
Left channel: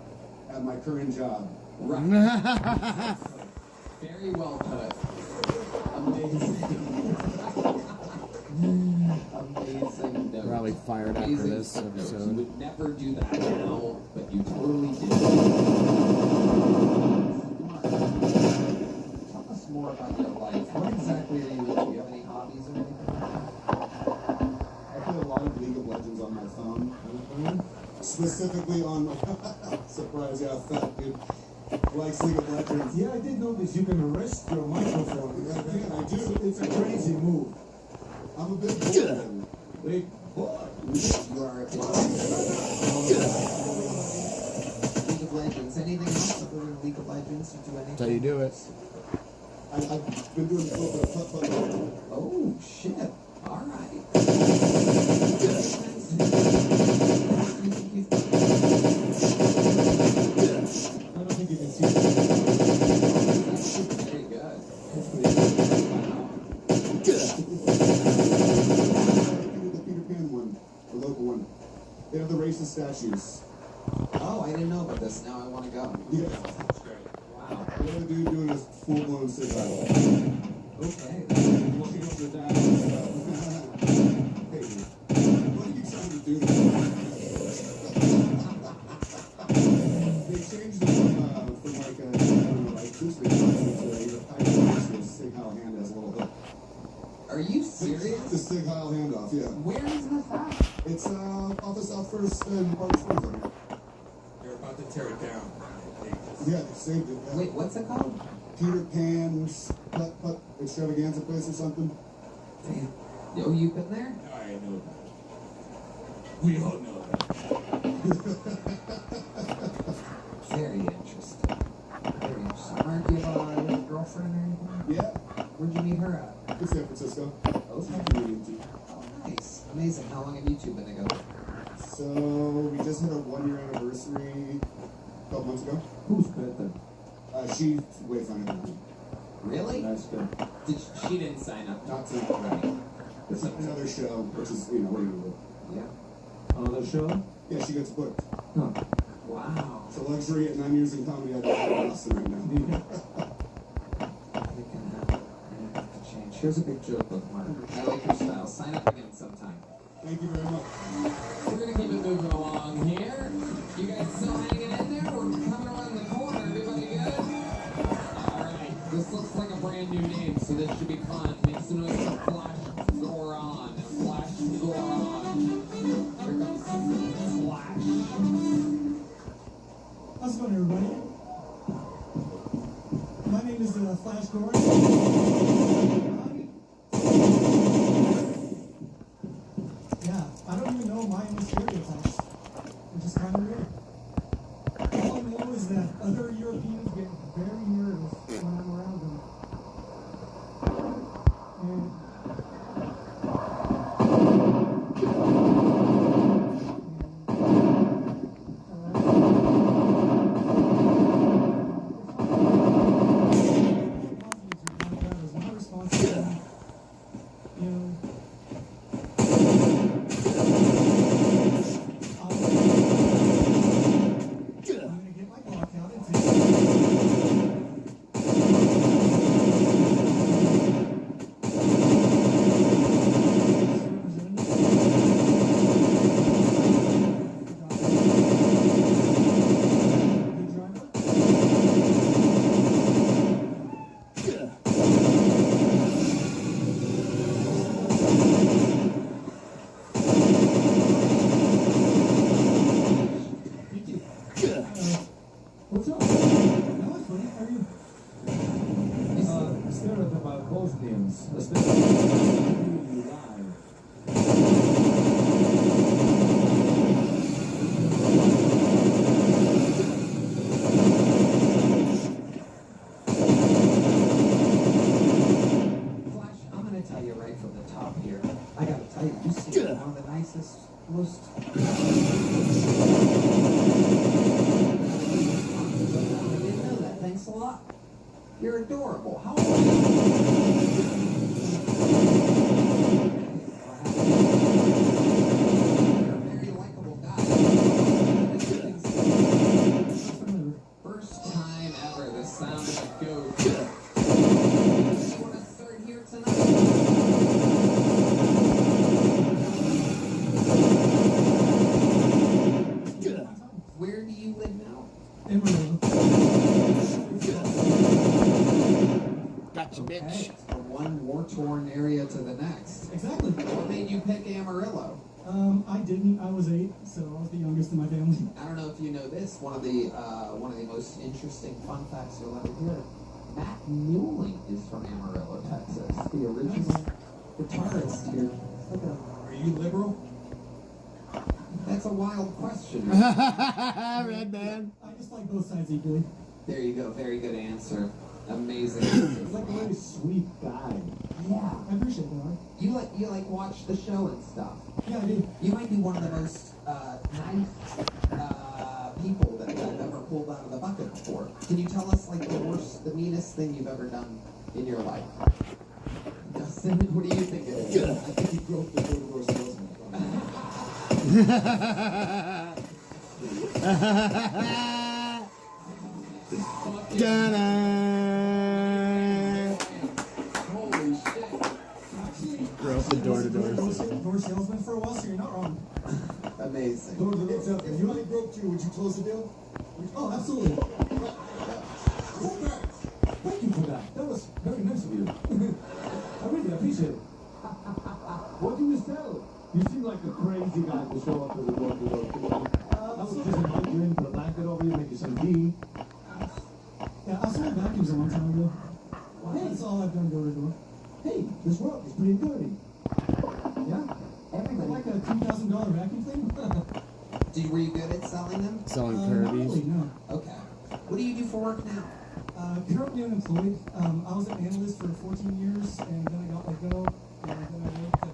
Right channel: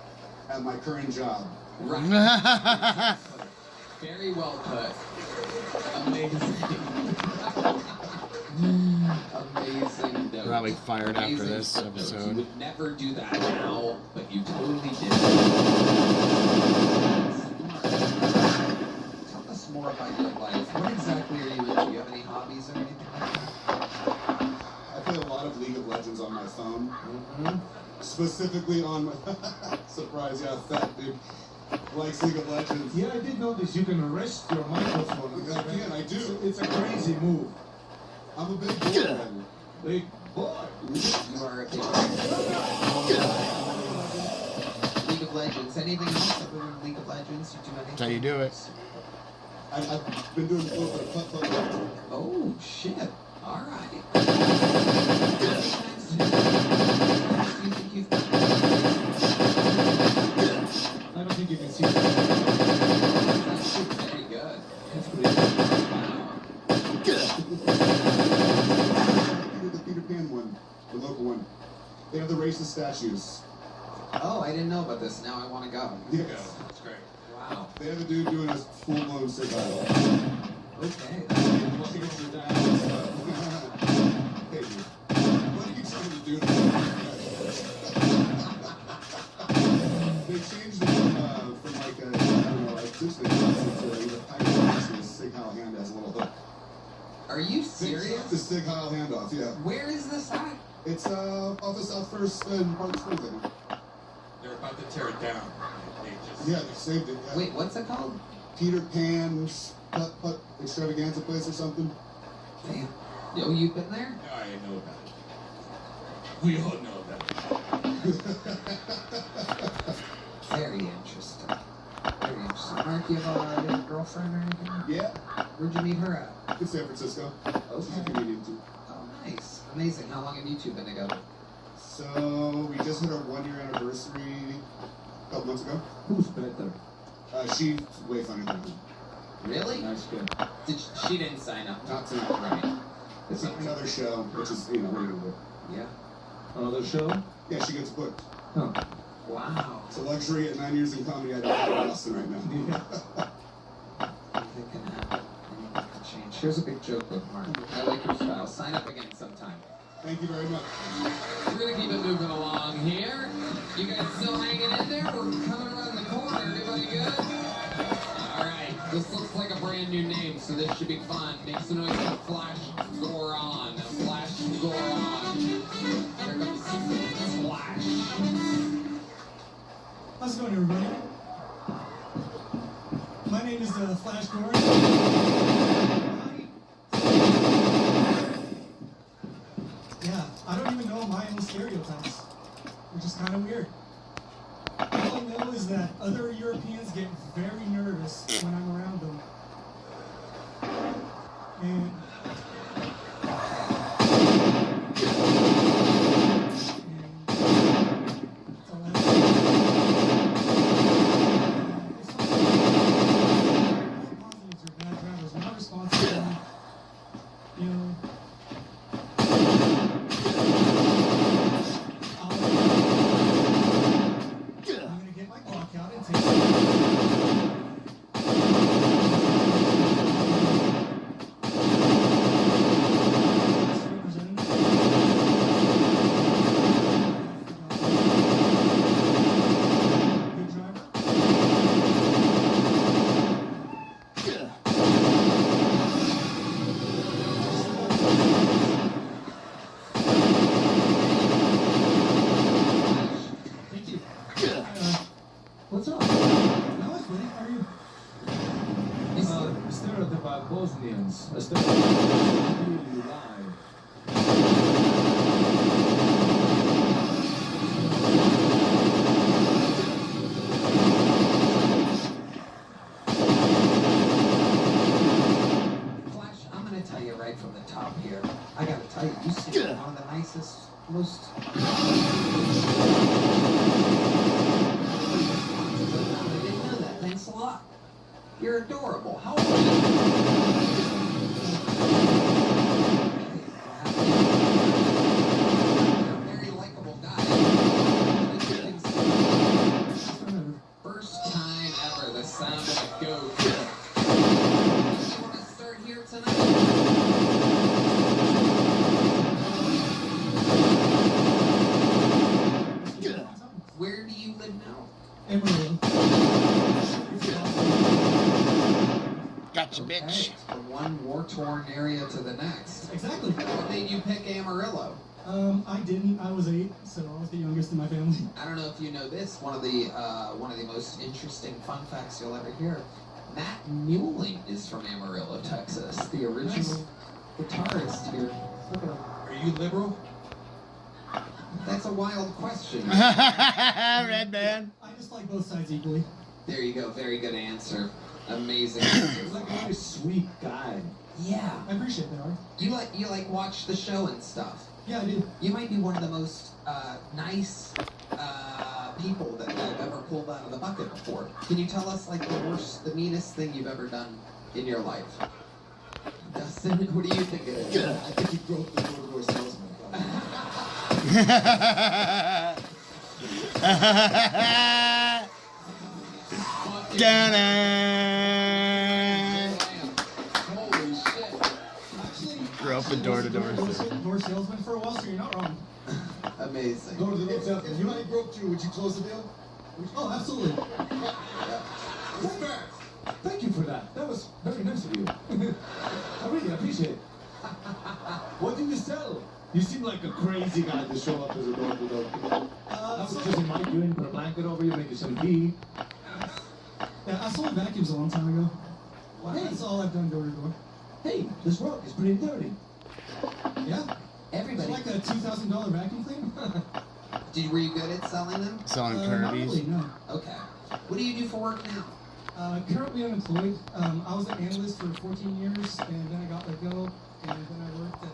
at my current job. Right. Very well put. Amazing. Amazing. Note. Probably fired after Amazing this footnote. You episode. would never do that now, but you totally did. Tell us more about your life. What exactly are you into? Do you have any hobbies or anything like that? I play a lot of League of Legends on my phone. Mm-hmm. Specifically on my... Surprise, yeah, fat dude. Likes League of Legends. Yeah, I did notice you can arrest your microphone. I can, I do. It's a crazy move. I'm a big boy. Man. Big boy. You are a big League of Legends. Anything else other than League of Legends? You do anything? That's how you do it. I've been doing a little bit of putt-putt. Oh, shit. All right. I don't think you can see that. That's very good. That's pretty good. The Peter Pan one, the local one. They have the racist statues. Oh, I didn't know about this. Now I want to go. Yeah. That's great. Wow. They have a dude doing a full-blown cigar. Okay. Looking over that. Hey, dude. What are you trying to do to me? They changed it from like a, I don't know, like essentially to a pirate Sig Heil hand as a little hook. Are you serious? The Sig Heil handoff, yeah. Where is this at? It's off the South First and Park Springs, I think. They're about to tear it down. They just... Yeah, they saved it. Yeah. Wait, what's it called? Peter Pan's putt extravaganza place or something. Damn. Yo, you've been there? I know about it. We all know that. Very interesting. Very interesting. Mark, you have a girlfriend or anything? Yeah. Where'd you meet her at? In San Francisco. Okay. Oh, nice. Amazing. How long have you two been together? So, we just hit our 1-year anniversary a couple months ago. Who's better? She's way funnier than me. Really? Nice guy. She didn't sign up. Not tonight. Right. It's another show, which is, you know, what are you gonna do? Yeah. Another show? Yeah, she gets booked. Huh. Wow. It's a luxury at 9 years in comedy I don't have in Austin right now. Anything can happen. Anything can change. Here's a big joke book, Mark. I like your style. Sign up again sometime. Thank you very much. We're gonna keep it moving along here. You guys still hanging in there? We're coming around the corner. Everybody good? Alright. This looks like a brand new name, so this should be fun. Make some noise for Flash Goron. Flash Goron. Here comes Splash. going, everybody? My name is Flash Gordon. Yeah, I don't even know my own stereotypes, which is kind of weird. All I know is that other Europeans get very nervous when I'm around them. And Bosnians. You live. Flash, I'm gonna tell you right from the top here. I gotta tell you, you seem one of the nicest, most. I didn't know that. Thanks a lot. You're adorable. How old are you? You're a very likable guy. First time ever, the sound of a goat. You want to start here tonight? Where do you live now? Emerald. Gotcha, bitch. From one war-torn area to the next. Exactly. What made you pick Amarillo? I didn't. I was 8, so I was the youngest in my family. I don't know if you know this. One of the most interesting fun facts you'll ever hear. Matt Mueling is from Amarillo, Texas. The original guitarist here. Look at him. Are you liberal? That's a wild question. Red man. I just like both sides equally. There you go. Very good answer. Amazing answer. He's like a very sweet guy. Yeah. I appreciate that, Art. You like watch the show and stuff. Yeah, I do. You might be one of the most nice people that I've ever pulled out of the bucket before. Can you tell us like the meanest thing you've ever done in your life? Dustin, what do you think it is? I think you broke the door-to-door salesman. Holy shit. Grew up a door-to-door salesman for a while, so you're not wrong. Amazing. Door-to-door salesman. If you only broke through, would you close the deal? Oh, absolutely. Congrats. Thank you for that. That was very nice of you. I really appreciate it. What do you sell? You seem like a crazy guy to show up as a door-to-door. I was just invite you in, put a blanket over you, make you some tea. Yeah, I sold vacuums a long time ago. That's all I've done door-to-door. Hey, this rock is pretty dirty. Yeah. Everybody. It's like a $2,000 vacuum thing. Were you good at selling them? Selling Not Kirby's. really, no. Okay. What do you do for work now? Currently unemployed. I was an analyst for 14 years, and then I got let go, and then I worked at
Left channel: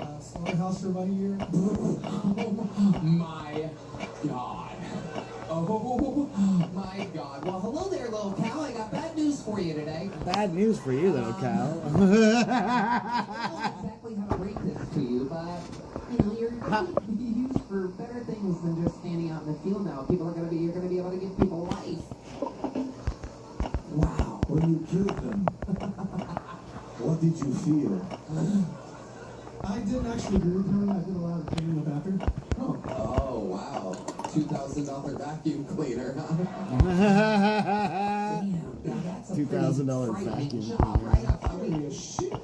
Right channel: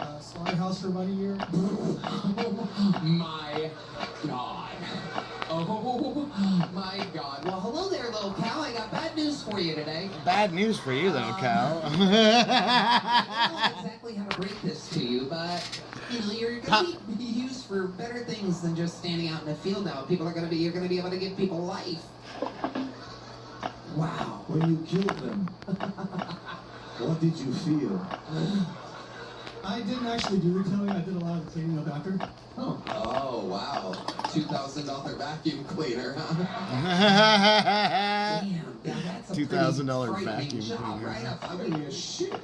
a slaughterhouse for about a year. My God. Oh, my God. Well, hello there, little cow. I got bad news for you today. Bad news for you, though, cow. I don't know exactly how to break this to you, but, you know, you're going to be used for better things than just standing out in the field now. You're going to be able to give people life. Wow. When you killed them, what did you feel? I didn't actually do retailing. I did a lot of cleaning up after. Oh, wow. $2,000 vacuum cleaner, huh? Damn, that's a $2,000 pretty vacuum job, cleaner. right? I mean,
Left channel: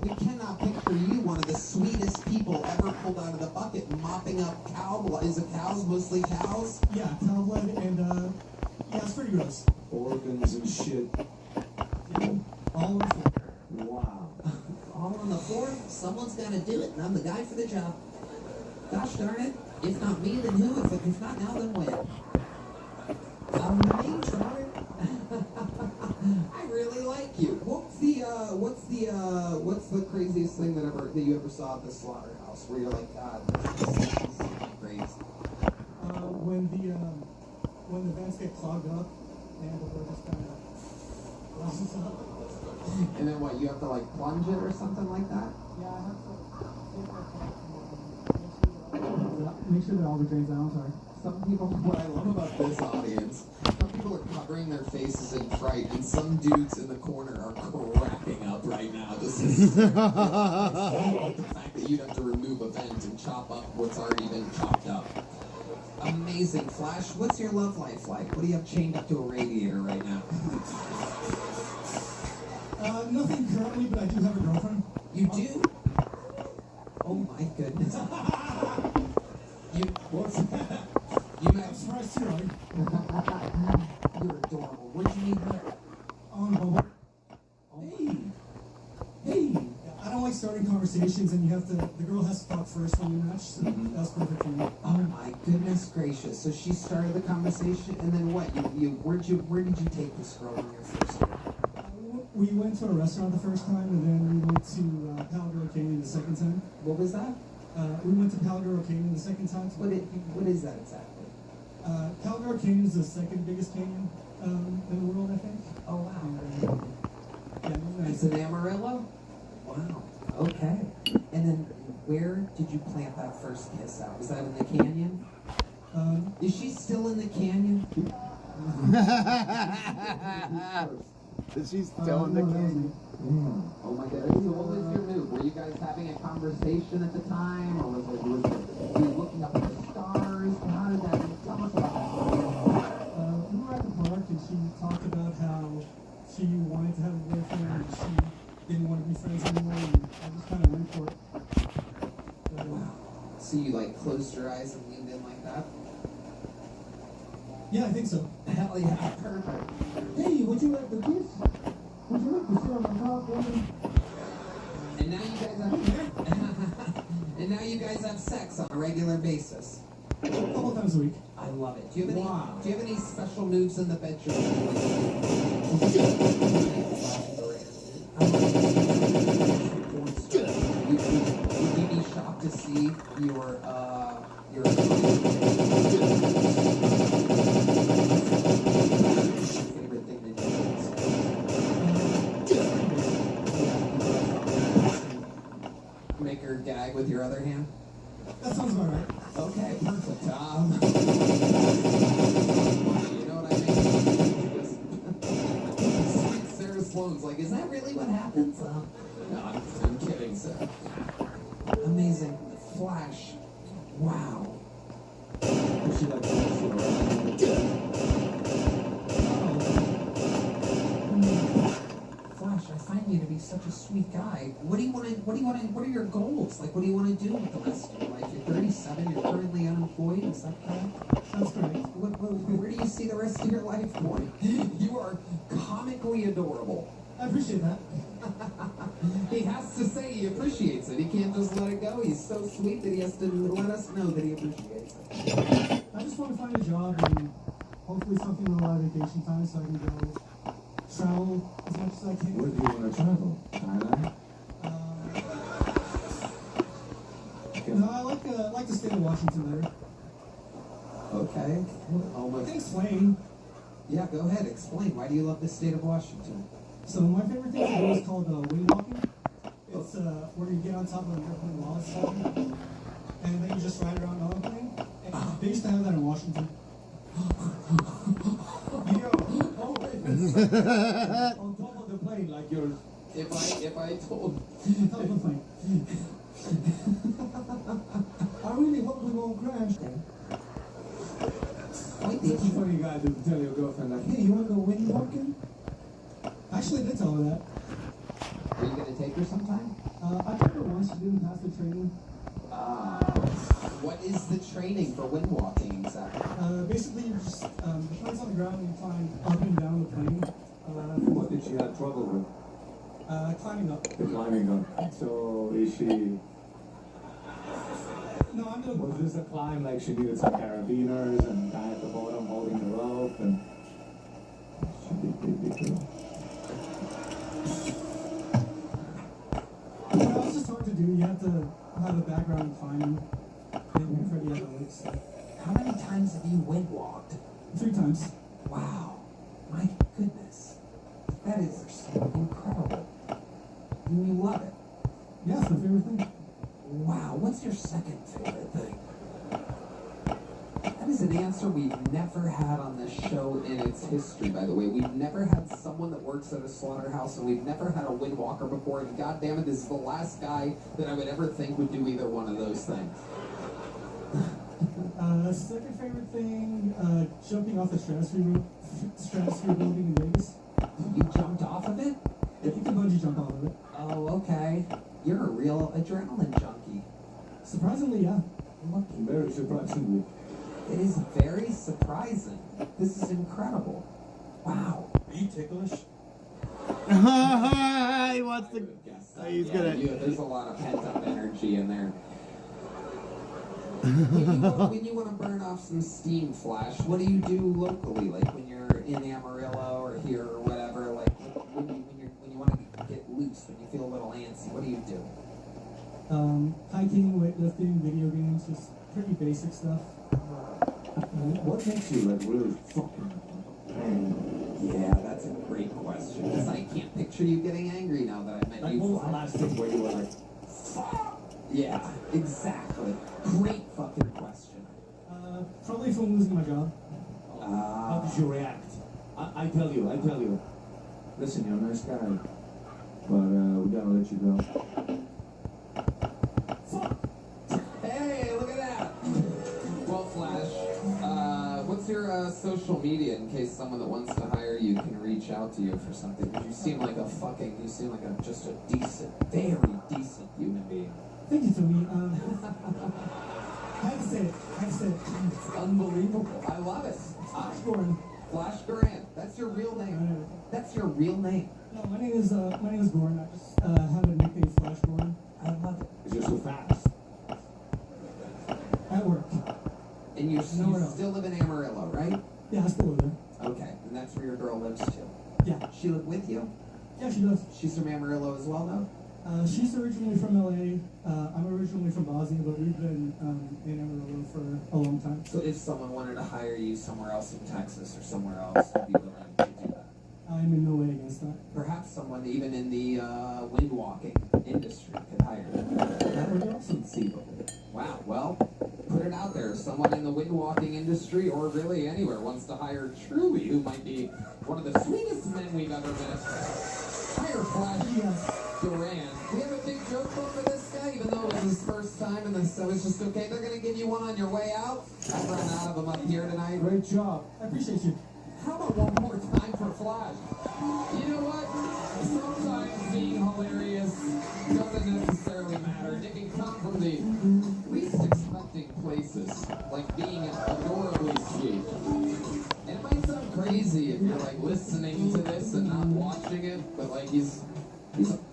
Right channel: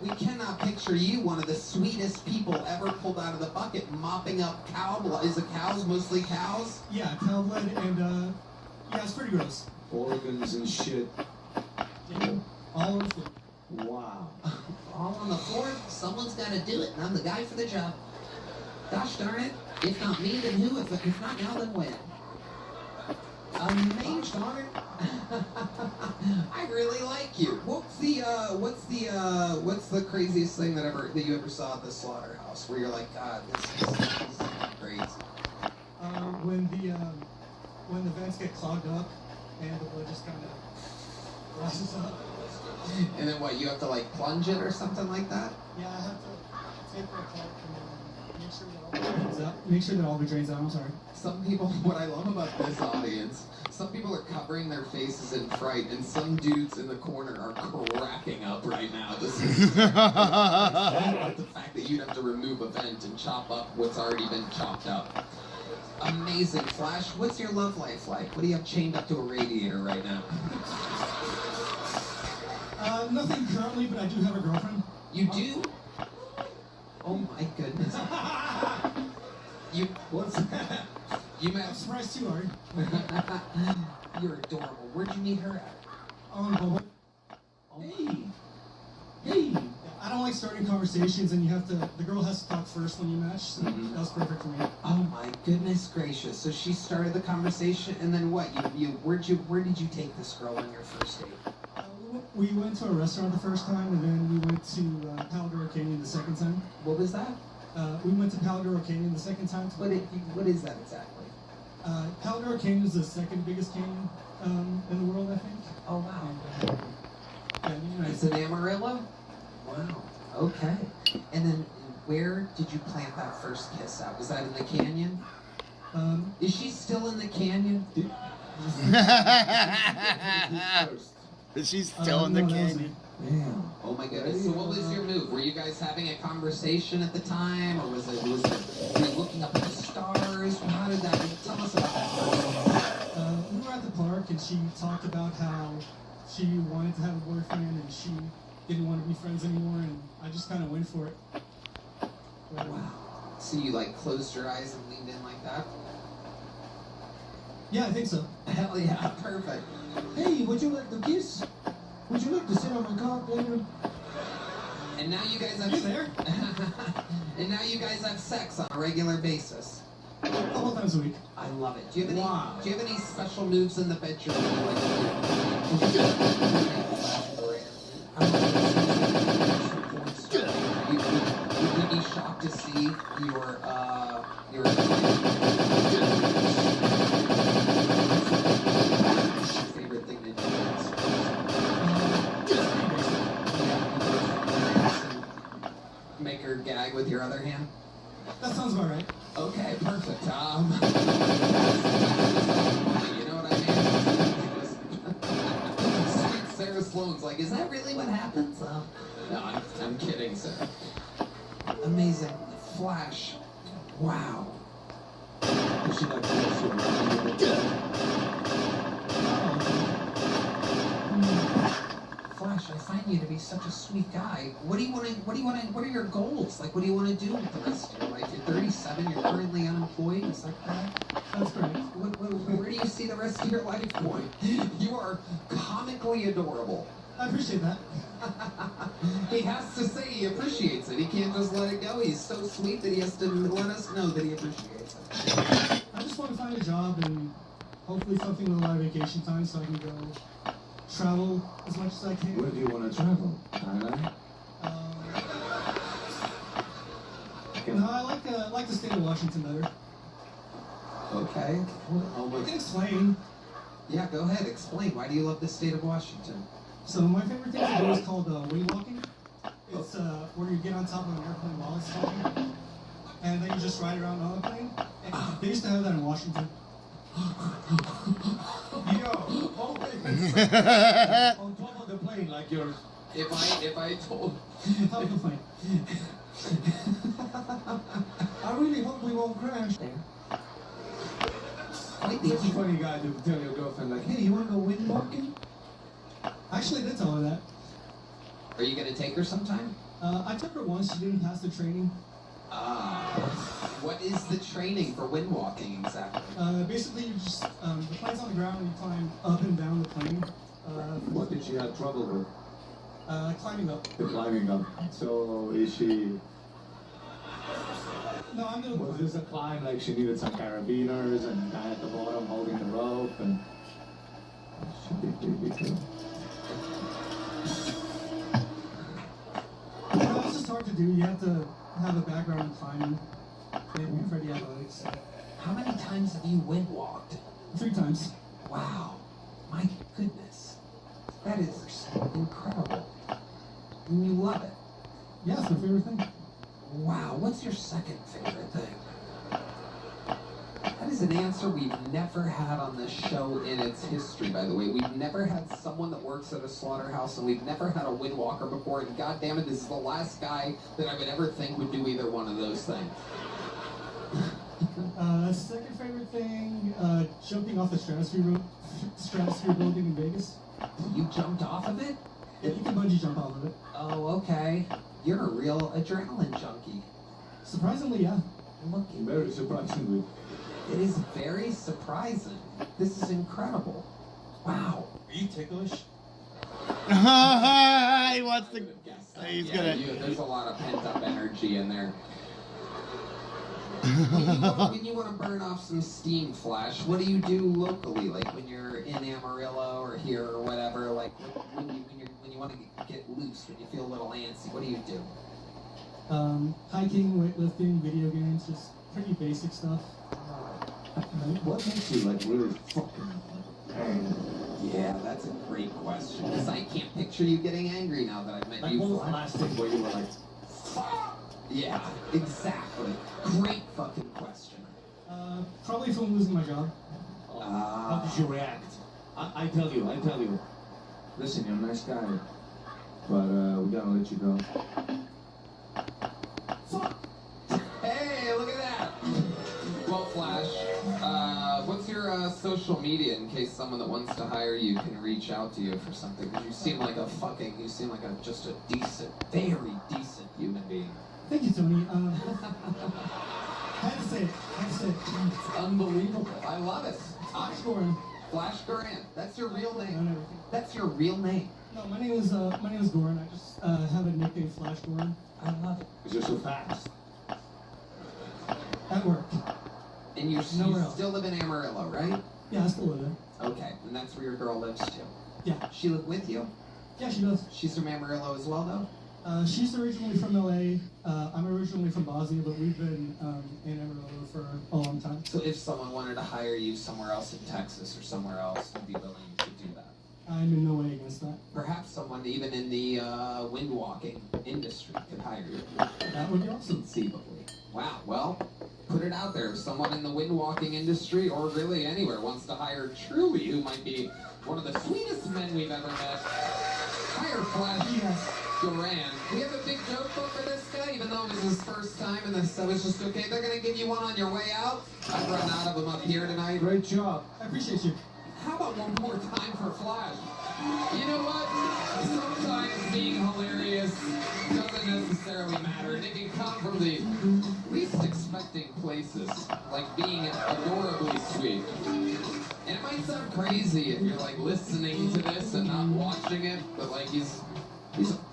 we cannot picture you one of the sweetest people ever pulled out of the bucket, mopping up cow blood. Is it cows, mostly cows? Yeah, cow blood and pretty gross. Organs and shit. Yeah, all on the floor. Wow. All on the floor. Someone's got to do it, and I'm the guy for the job. Gosh darn it. If not me, then who? If not now, then when? Amazing. I really like you. What's the craziest thing that you ever saw at the slaughterhouse where you're like, God, this is crazy? When the vents get clogged up and the blood just kind of rushes up. And then what? You have to like plunge it or something like that? Yeah, I have to taper a cap and make sure that all the drains out. I'm sorry. Some people, what I love about this audience, some people are covering their faces in fright, and some dudes in the corner are cracking up right now. This is the fact that you'd have to remove a vent and chop up what's already been chopped up. Amazing. Flash, what's your love life like? What do you have chained up to a radiator right now? Nothing currently, but I do have a girlfriend. You do? Oh my goodness. What's that? You met. I'm surprised too, Art. You're adorable. Where'd you meet her at? On Bumble. Hey. I don't like starting conversations, and the girl has to talk first when you match. So that was perfect for me. Oh my goodness gracious! So she started the conversation, and then what? Where did you take this girl on your first date? We went to a restaurant the first time, and then we went to Palgaro Canyon the second time. What was that? We went to Palgaro Canyon the second time. What is that exactly? Palgaro Canyon is the second biggest canyon in the world, I think. Oh wow! Yeah, It's in Amarillo. Wow. Okay. And then where did you plant that first kiss at? Was that in the canyon? Is she still in the canyon? Is she still in the canyon? Yeah. Oh my goodness. So what was your move? Were you guys having a conversation at the time, or was it were you looking up at the stars? How did that? Tell us about that. We were at the park, and she talked about how she wanted to have a boyfriend, and she didn't want to be friends anymore, and I just kind of went for it. But, wow. So you like closed your eyes and leaned in like that? Yeah, I think so. Hell yeah, perfect. Hey, would you like to kiss? Would you like to sit on my cock later? And now you guys have and now you guys have sex on a regular basis. A couple times a week. I love it. Do you have any special moves in the bedroom? You'd be shocked to see your favorite thing to do. Make her gag with your other hand? That sounds about right. Okay, perfect. You know what I mean? Sarah Sloan's like, is that really what happens? No, I'm kidding, sir. Amazing. Flash. Wow. Flash, I find you to be such a sweet guy. What are your goals? Like, what do you want to do with the rest of your life? You're 37, you're currently unemployed, is that correct? That's correct. Where do you see the rest of your life going? You are comically adorable. I appreciate that. He has to say he appreciates it. He can't just let it go. He's so sweet that he has to let us know that he appreciates it. I just want to find a job and hopefully something with a lot of vacation time so I can go travel as much as I can. Where do you want to travel? Thailand? No, I like the state of Washington better. Okay. I can explain. Yeah, go ahead. Explain. Why do you love the state of Washington? So my favorite thing to do is called wing walking. It's where you get on top of an airplane while it's talking, and then you just ride around on the plane. And they used to have that in Washington. You know, on top of the plane like yours. If I told on top of the plane. I really hope we won't crash. That's a funny guy to tell your girlfriend like, hey, you want to go wind walking? Actually, I did tell her that. Are you going to take her sometime? I took her once. She didn't pass the training. What is the training for wind walking exactly? Basically, you just the plane's on the ground and you climb up and down the plane. What did she have trouble with? Climbing up. The climbing up. So is she... No, I'm doing. Was this a climb like she needed some carabiners and guy at the bottom holding the rope and... She did really good. No, it's just hard to do. You have to have a background in climbing. Maybe pretty athletics. How many times have you wind walked? 3 times. Wow. My goodness. That is incredible. And you love it. Yeah, it's my favorite thing. Wow. What's your second favorite thing? That is an answer we've never had on this show in its history, by the way. We've never had someone that works at a slaughterhouse, and we've never had a wind walker before, and goddammit, this is the last guy that I would ever think would do either one of those things. Second favorite thing, jumping off the stratosphere building in Vegas. You jumped off of it? Yeah, you can bungee jump off of it. Oh, okay. You're a real adrenaline junkie. Surprisingly, yeah. Very surprisingly. It is very surprising. This is incredible. Wow. Are you ticklish? He wants to. He's Yeah, gonna. there's a lot of pent-up energy in there. When you want to burn off some steam, Flash, what do you do locally? Like when you're in Amarillo or here or whatever, like when you want to get loose, when you feel a little antsy, what do you do? Hiking, weightlifting, video games, just pretty basic stuff. What makes you like really fucking angry? Yeah, that's a great question. Because I can't picture you getting angry now that I've met you. What was the last thing where you were like, yeah, exactly. Great fucking question. Probably from losing my job. how did you react? I tell you. Listen, you're a nice guy, but we gotta let you go. Hey, look at that. Well, Flash, what's your social media in case someone that wants to hire you can reach out to you for something? Because you seem like just a decent, very decent human being. Thank you, Tony. I had to say it. It's unbelievable. I love it. Flash Goran. Flash Goran. That's your real name. That's your real name. No, my name is Goran. I just have a nickname, Flash Goran. I love it. Because you're so fast. At work. And you still live in Amarillo, right? Yeah, I still live there. Okay, and that's where your girl lives too. Yeah. She live with you? Yeah, she does. She's from Amarillo as well, though? She's originally from LA. I'm originally from Bosnia, but we've been in Amarillo for a long time. So if someone wanted to hire you somewhere else in Texas or somewhere else, you'd be willing to do that? I'm in no way against that. Perhaps someone even in the wind walking industry could hire you. That would be awesome. Conceivably. Wow, well, put it out there. If someone in the wind walking industry or really anywhere wants to hire Truly, who might be one of the sweetest men we've ever met, hire Flash Goran. We have a big joke book for this guy, even though it was his first time and this was just okay. They're going to give you one on your way out. I've run out of them up here tonight. Great job. I appreciate you. How about one more time for Flash? You know what? Sometimes being hilarious doesn't necessarily matter. And it can come from the least expecting places, like being adorably sweet. And it might sound crazy if you're like listening to this and not watching it, but like he's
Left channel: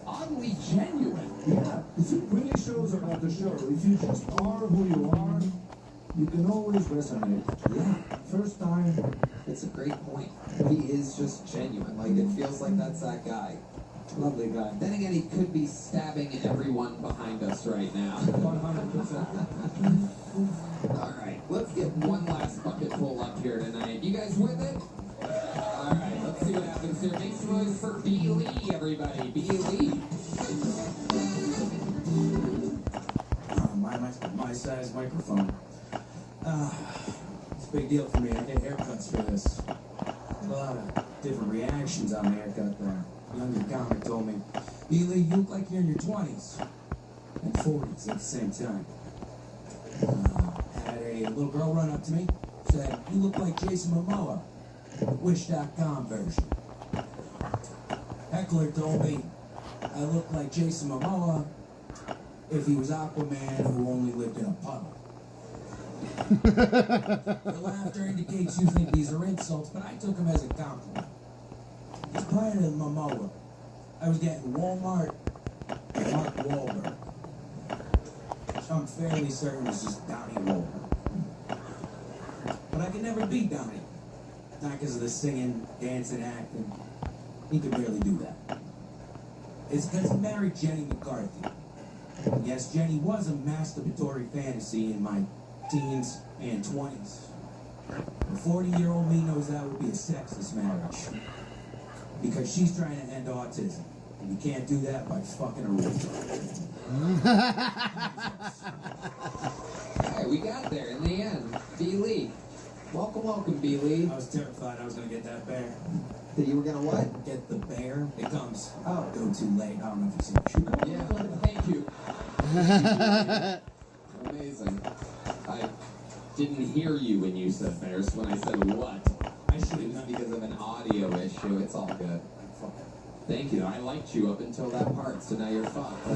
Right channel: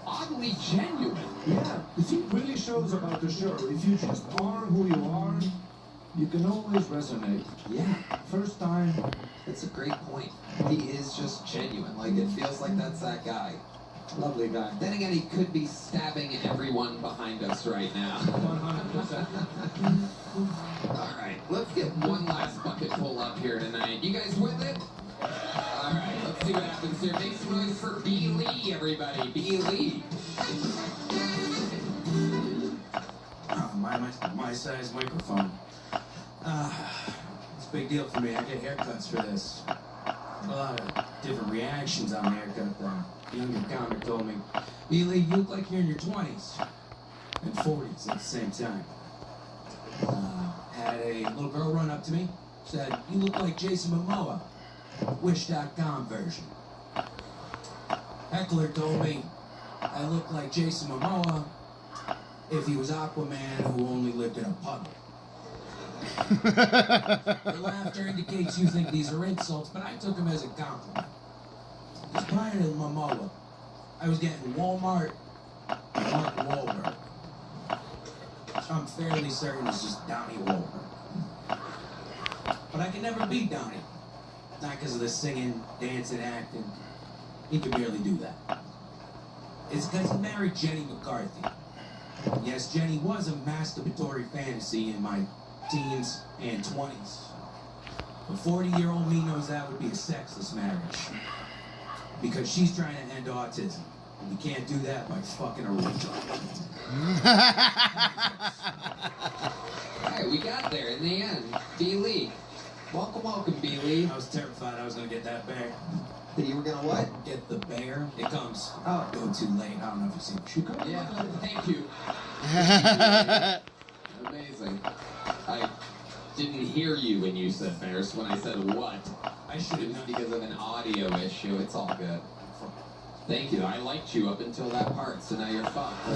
oddly genuine. Yeah, you see, it really shows about the show. If you just are who you are, you can always resonate. Yeah. First time. That's a great point. He is just genuine. Like, it feels like that's that guy. Lovely guy. Then again, he could be stabbing everyone behind us right now. 100%. All right, let's get one last bucket full up here tonight. You guys with it? All right, let's see what happens here. Make some noise for B. Lee, everybody. B. Lee. My size microphone. It's a big deal for me. I get haircuts for this. A lot of different reactions on the haircut. The younger comic told me, Lee, you look like you're in your 20s and 40s at the same time. Had a little girl run up to me, said, you look like Jason Momoa, Wish.com version. Heckler told me I look like Jason Momoa if he was Aquaman who only lived in a puddle. Your laughter indicates you think these are insults, but I took them as a compliment. Just prior to Momoa, I was getting Walmart Mark Wahlberg. I'm fairly certain it's just Donnie Wahlberg. But I can never beat Donnie. Not because of the singing, dancing, acting. He can barely do that. It's because he married Jenny McCarthy. Yes, Jenny was a masturbatory fantasy in my teens and 20s. But 40-year-old me knows that would be a sexless marriage. Because she's trying to end autism. And you can't do that by fucking a retard. Alright, we got there in the end. B. Lee. Welcome, B. Lee. I was terrified I was going to get that bear. That you were gonna what? Get the bear. It comes. Oh. Go too late. I don't know if you've seen the shoe. Yeah, thank you. Amazing. I didn't hear you when you said bears. When I said what? I should have known. Because of an audio issue. It's all good. Thank you. I liked you up until that part, so now you're fucked. I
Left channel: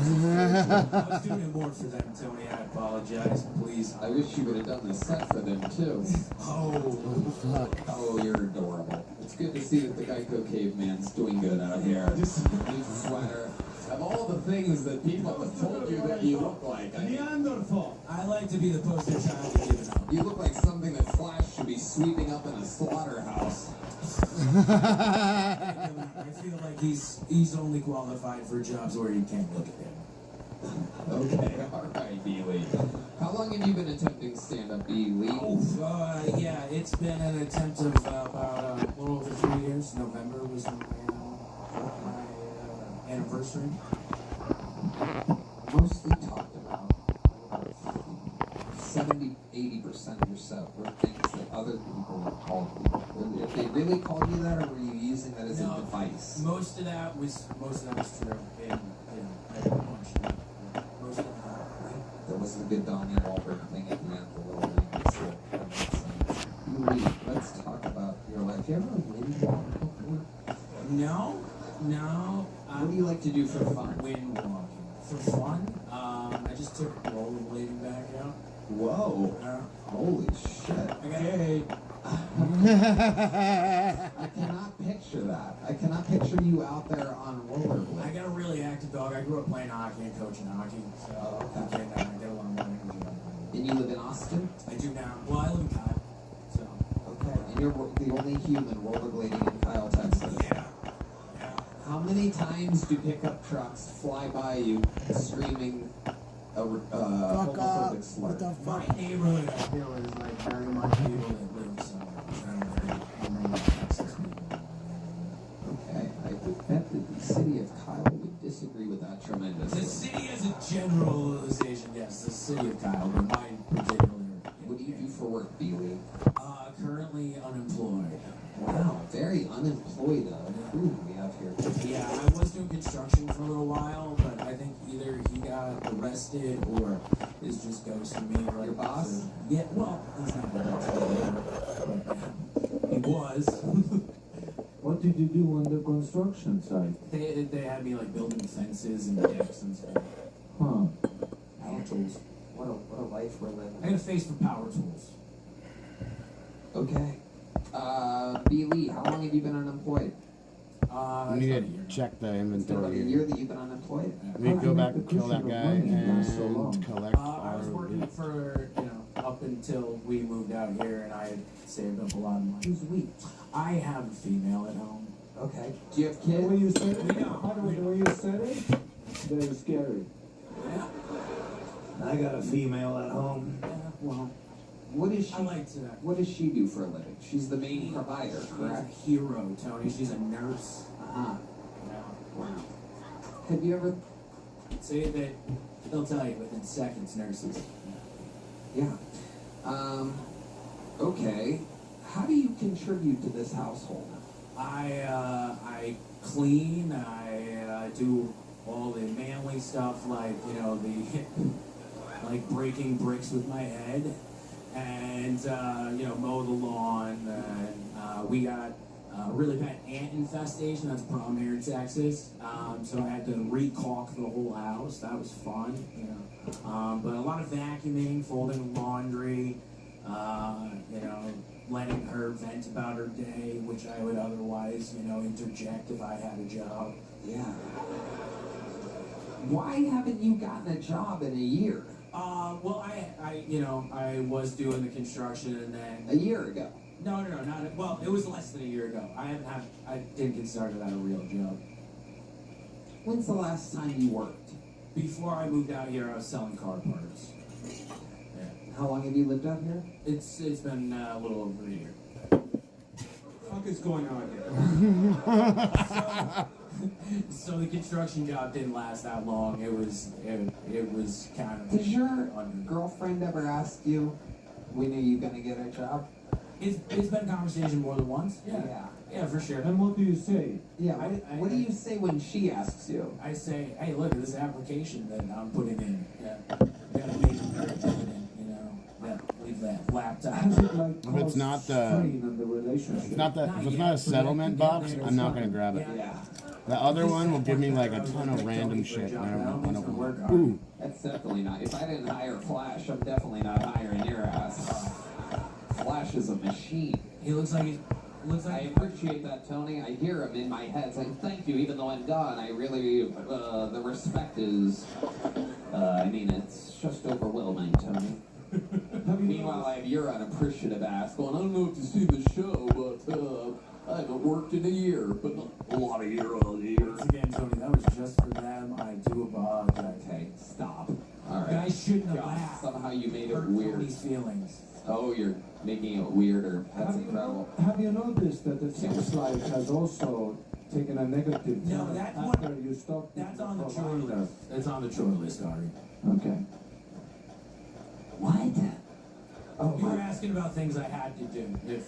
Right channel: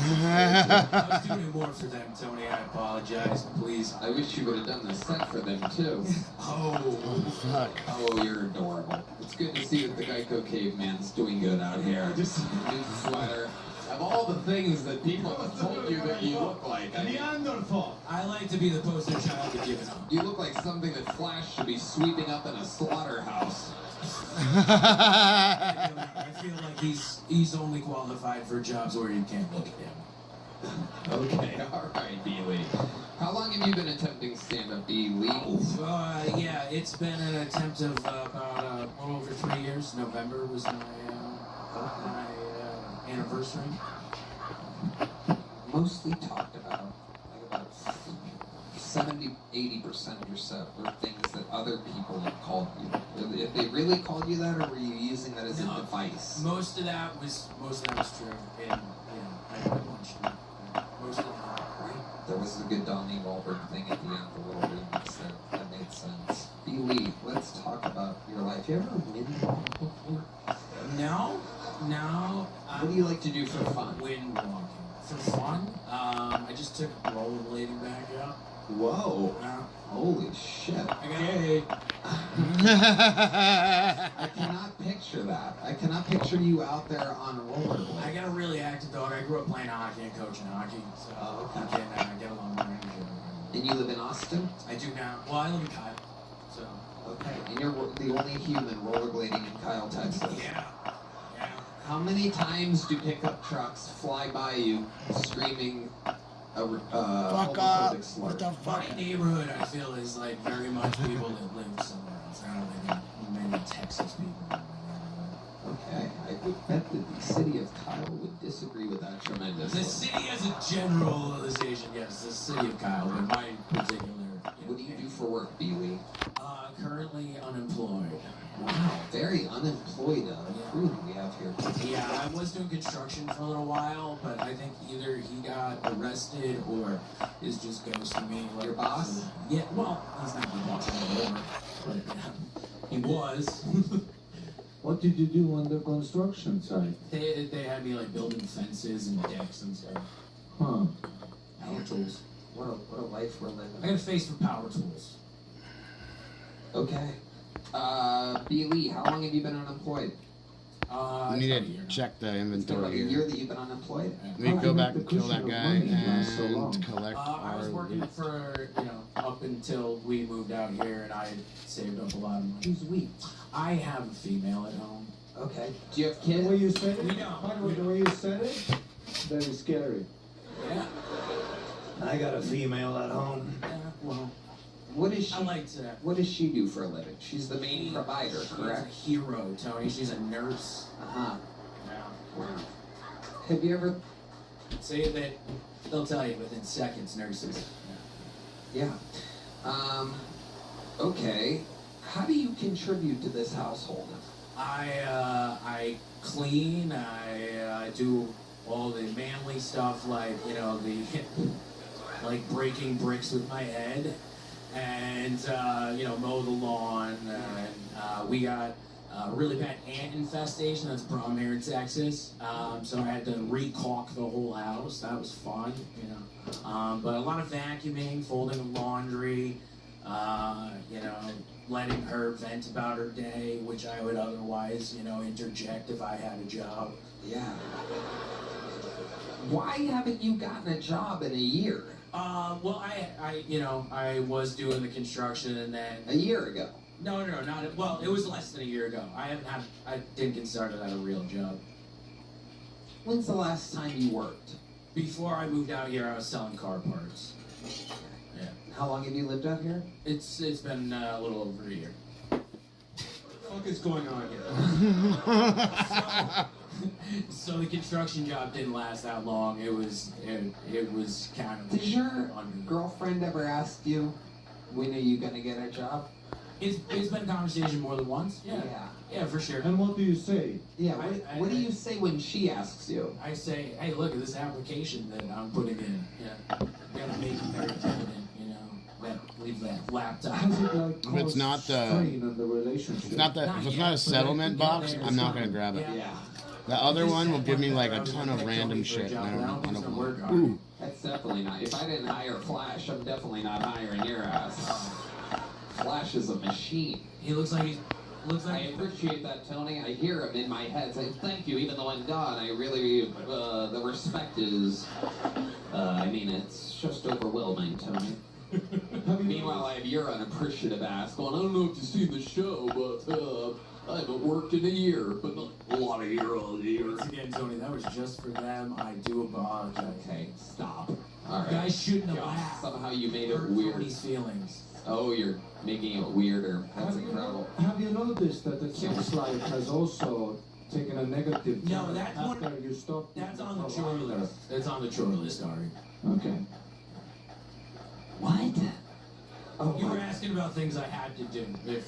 was doing it more for them, Tony. I apologize. Please. I wish you would have done the set for them, too. Oh, fuck. Oh, you're adorable. It's good to see that the Geico caveman's doing good out here. Just new sweater. Of all the things that people have told you that you look like, I mean, I like to be the poster child to give it up. you look like something that Flash should be sweeping up in a slaughterhouse. I feel like he's only qualified for jobs where you can't look at him. Okay, all right, B. Lee. How long have you been attempting stand-up, B. Lee? Yeah, it's been an attempt of about a little over 3 years. November was my anniversary. Mostly talked about 70-80% of your set were things that other people have called you. If they really called you that, or were you using that as a device? Most of that was true. And I punched it. Most of that. There was a good Donnie Wahlberg thing at the end, the little remix that made sense. B. Lee, let's talk about your life. You ever wind walk before? No. What do you like to do for fun? Wind walking. For fun? I just took rollerblading back out. Whoa. Holy shit. Hey. I cannot picture that. I cannot picture you out there on rollerblades. I got a really active dog. I grew up playing hockey and coaching hockey, so I can get a lot more energy out of it. And you live in Austin? I do now. Well, I live in Kyle, so. Okay. And you're the only human rollerblading in Kyle, Texas. Yeah. How many times do pickup trucks fly by you screaming homophobic slur? My neighborhood, I feel, is like very much people that live somewhere else. I don't know how many Texas people. Okay, I would bet that the city of Kyle would disagree with that tremendously. The city as a generalization, yes, the city of Kyle, but my particular. What do you do for work, B-Lee? Currently unemployed. Wow, very unemployed crew we have here. Yeah, I was doing construction for a little while, but I think either he got arrested or is just ghosting me. Your boss? Yeah, well, he's not the boss anymore, but he was. What did you do on the construction site? They had me like building fences and decks and stuff. Huh. Power tools. What a life we're living. I got a face for power tools. Okay. B. Lee, how long have you been unemployed? We need to check the It's been like inventory a here. year that you've been unemployed? We go back and kill that guy and collect I was our working loot. for, up until we moved out here, and I had saved up a lot of money. Who's we? I have a female at home. Okay. Do you have The kids? way you said it? We don't. By the way, the way you said it, very scary. Yeah. I got a female at home. Well, What is she? I like to. What does she do for a living? She's the main provider, She's a correct? hero, Tony. She's a nurse. Uh-huh. Wow. Have you ever? Say that they'll tell you within seconds, nurses. Yeah. Okay. How do you contribute to this household? I clean. I do all the manly stuff, like like breaking bricks with my head, and mow the lawn. And we got a really bad ant infestation. That's a problem here in Texas. So I had to re-caulk the whole house. That was fun, But a lot of vacuuming, folding laundry, You know, letting her vent about her day, which I would otherwise, you know, interject if I had a job. Yeah. Why haven't you gotten a job in a year? Well, I was doing the construction and then... A year ago? No, not... Well, it was less than a year ago. I didn't consider that a real job. When's the last time you worked? Before I moved out here, I was selling car parts. Yeah. How long have you lived out here? It's been a little over a year. What the fuck is going on here? So the construction job didn't last that long. It was kind of... Did your girlfriend ever ask you, when are you gonna get a job? It's been a conversation more than once. Yeah, for sure. And what do you say? Yeah, what do you say when she asks you? I say, hey, look at this application that I'm putting in. Yeah, gotta make it very evident, you know. Leave that laptop. If it's not a settlement box, I'm not gonna grab it. Yeah. The other one will give me like a ton of random shit, and I don't want. Ooh. That's definitely not. If I didn't hire Flash, I'm definitely not hiring your ass. Flash is a machine. He looks like I appreciate that, Tony. I hear him in my head saying, thank you, even though I'm gone. I really, the respect is, it's just overwhelming, Tony. Meanwhile, I have your unappreciative ass going, I don't know if you see the show, but, I haven't worked in a year, but not a lot of years. Once again, Tony, that was just for them. I do apologize. Okay, stop. All right. Guys shouldn't have laughed. Somehow you made it weird. Tony's feelings. Oh, you're making it weirder. That's incredible. Have you noticed that the sex life has also taken a negative No, turn that after one, you stopped? that's on the chore list. It's on the chore list, Ari. Okay. What? Oh, You were asking about things I had to do. If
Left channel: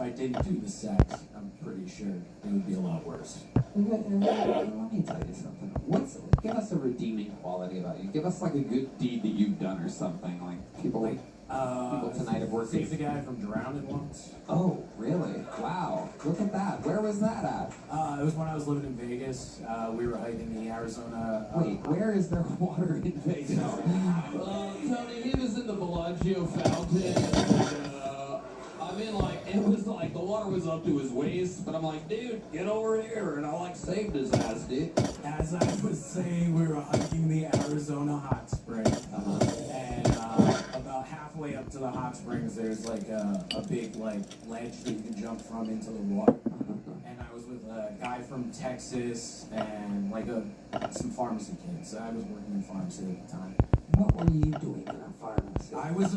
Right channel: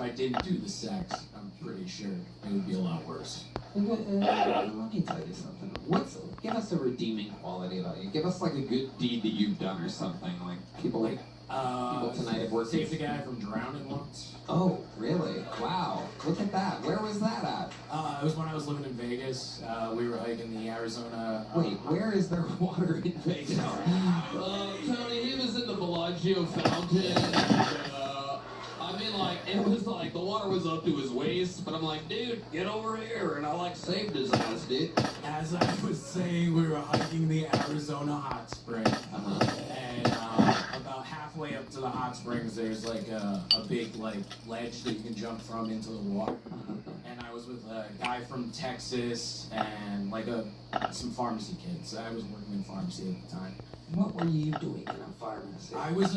I didn't do the sex, I'm pretty sure it would be a lot worse. Let me tell you something. Give us a redeeming quality about you. Give us like a good deed that you've done or something. Like people tonight have worked. Saved the guy from drowning once. Oh, really? Wow. Look at that. Where was that at? It was when I was living in Vegas. We were hiking the Arizona. Wait, where is there water in Vegas? Tony, he was in the Bellagio fountain. It was like the water was up to his waist, but I'm like, dude, get over here, and I saved his ass, dude. As I was saying, we were hiking the Arizona hot spring, and about halfway up to the hot springs, there's like a big ledge that you can jump from into the water. And I was with a guy from Texas and some pharmacy kids. I was working in pharmacy at the time. What were you doing in a pharmacy? I was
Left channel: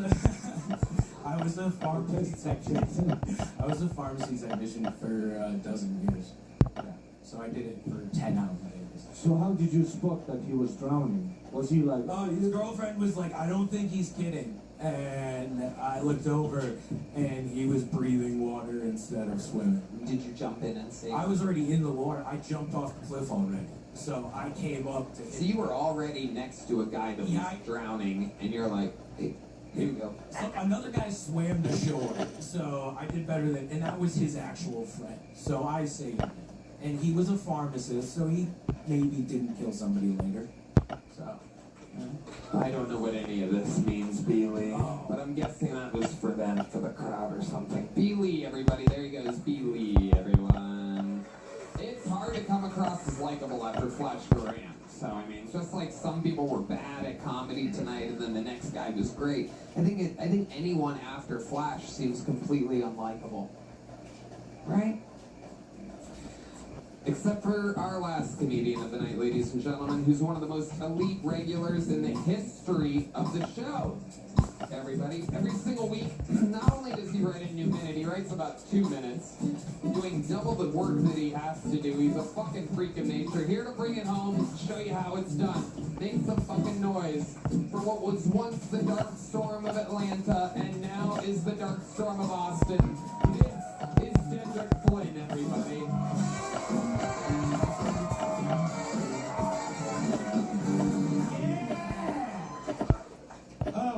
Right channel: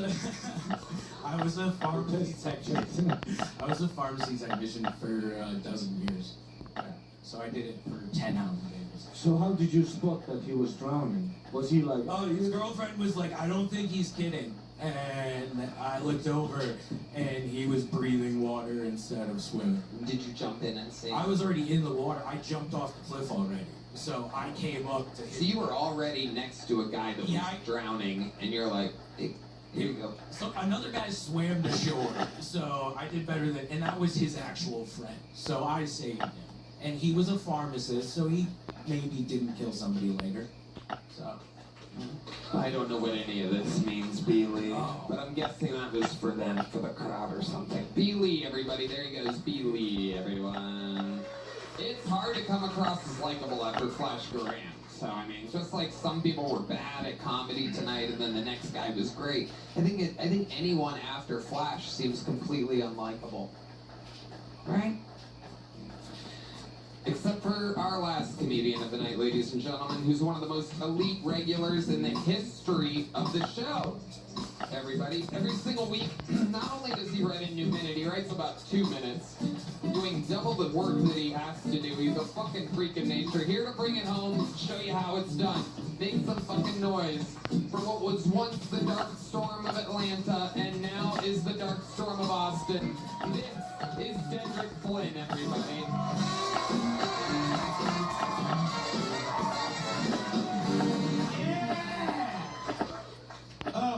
a pharmacy technician. I was a pharmacy technician for a dozen years. Yeah. So I did it for 10 hours days. So how did you spot that he was drowning? Was he like... Oh, his girlfriend was like, I don't think he's kidding. And I looked over, and he was breathing water instead of swimming. Did you jump in and save him? I was already in the water. I jumped off the cliff already. So I came up to him. So you were already next to a guy that was drowning, and you're like, hey, here you go. So another guy swam to shore, so I did better than, and that was his actual friend. So I saved him. And he was a pharmacist, so he maybe didn't kill somebody later. So... I don't know what any of this means, Beely, but I'm guessing that was for them, for the crowd or something. Beely, everybody, there he goes, Beely, everyone. It's hard to come across as likable after Flash Duran. So, just like some people were bad at comedy tonight and then the next guy was great, I think anyone after Flash seems completely unlikable. Right? Except for our last comedian of the night, ladies and gentlemen, who's one of the most elite regulars in the history of the show. Everybody, every single week, not only does he write a new minute, he writes about 2 minutes, doing double the work that he has to do. He's a fucking freak of nature, here to bring it home, show you how it's done. Make some fucking noise for what was once the dark storm of Atlanta, and now is the dark storm of Austin. This is Cedric Flynn, everybody.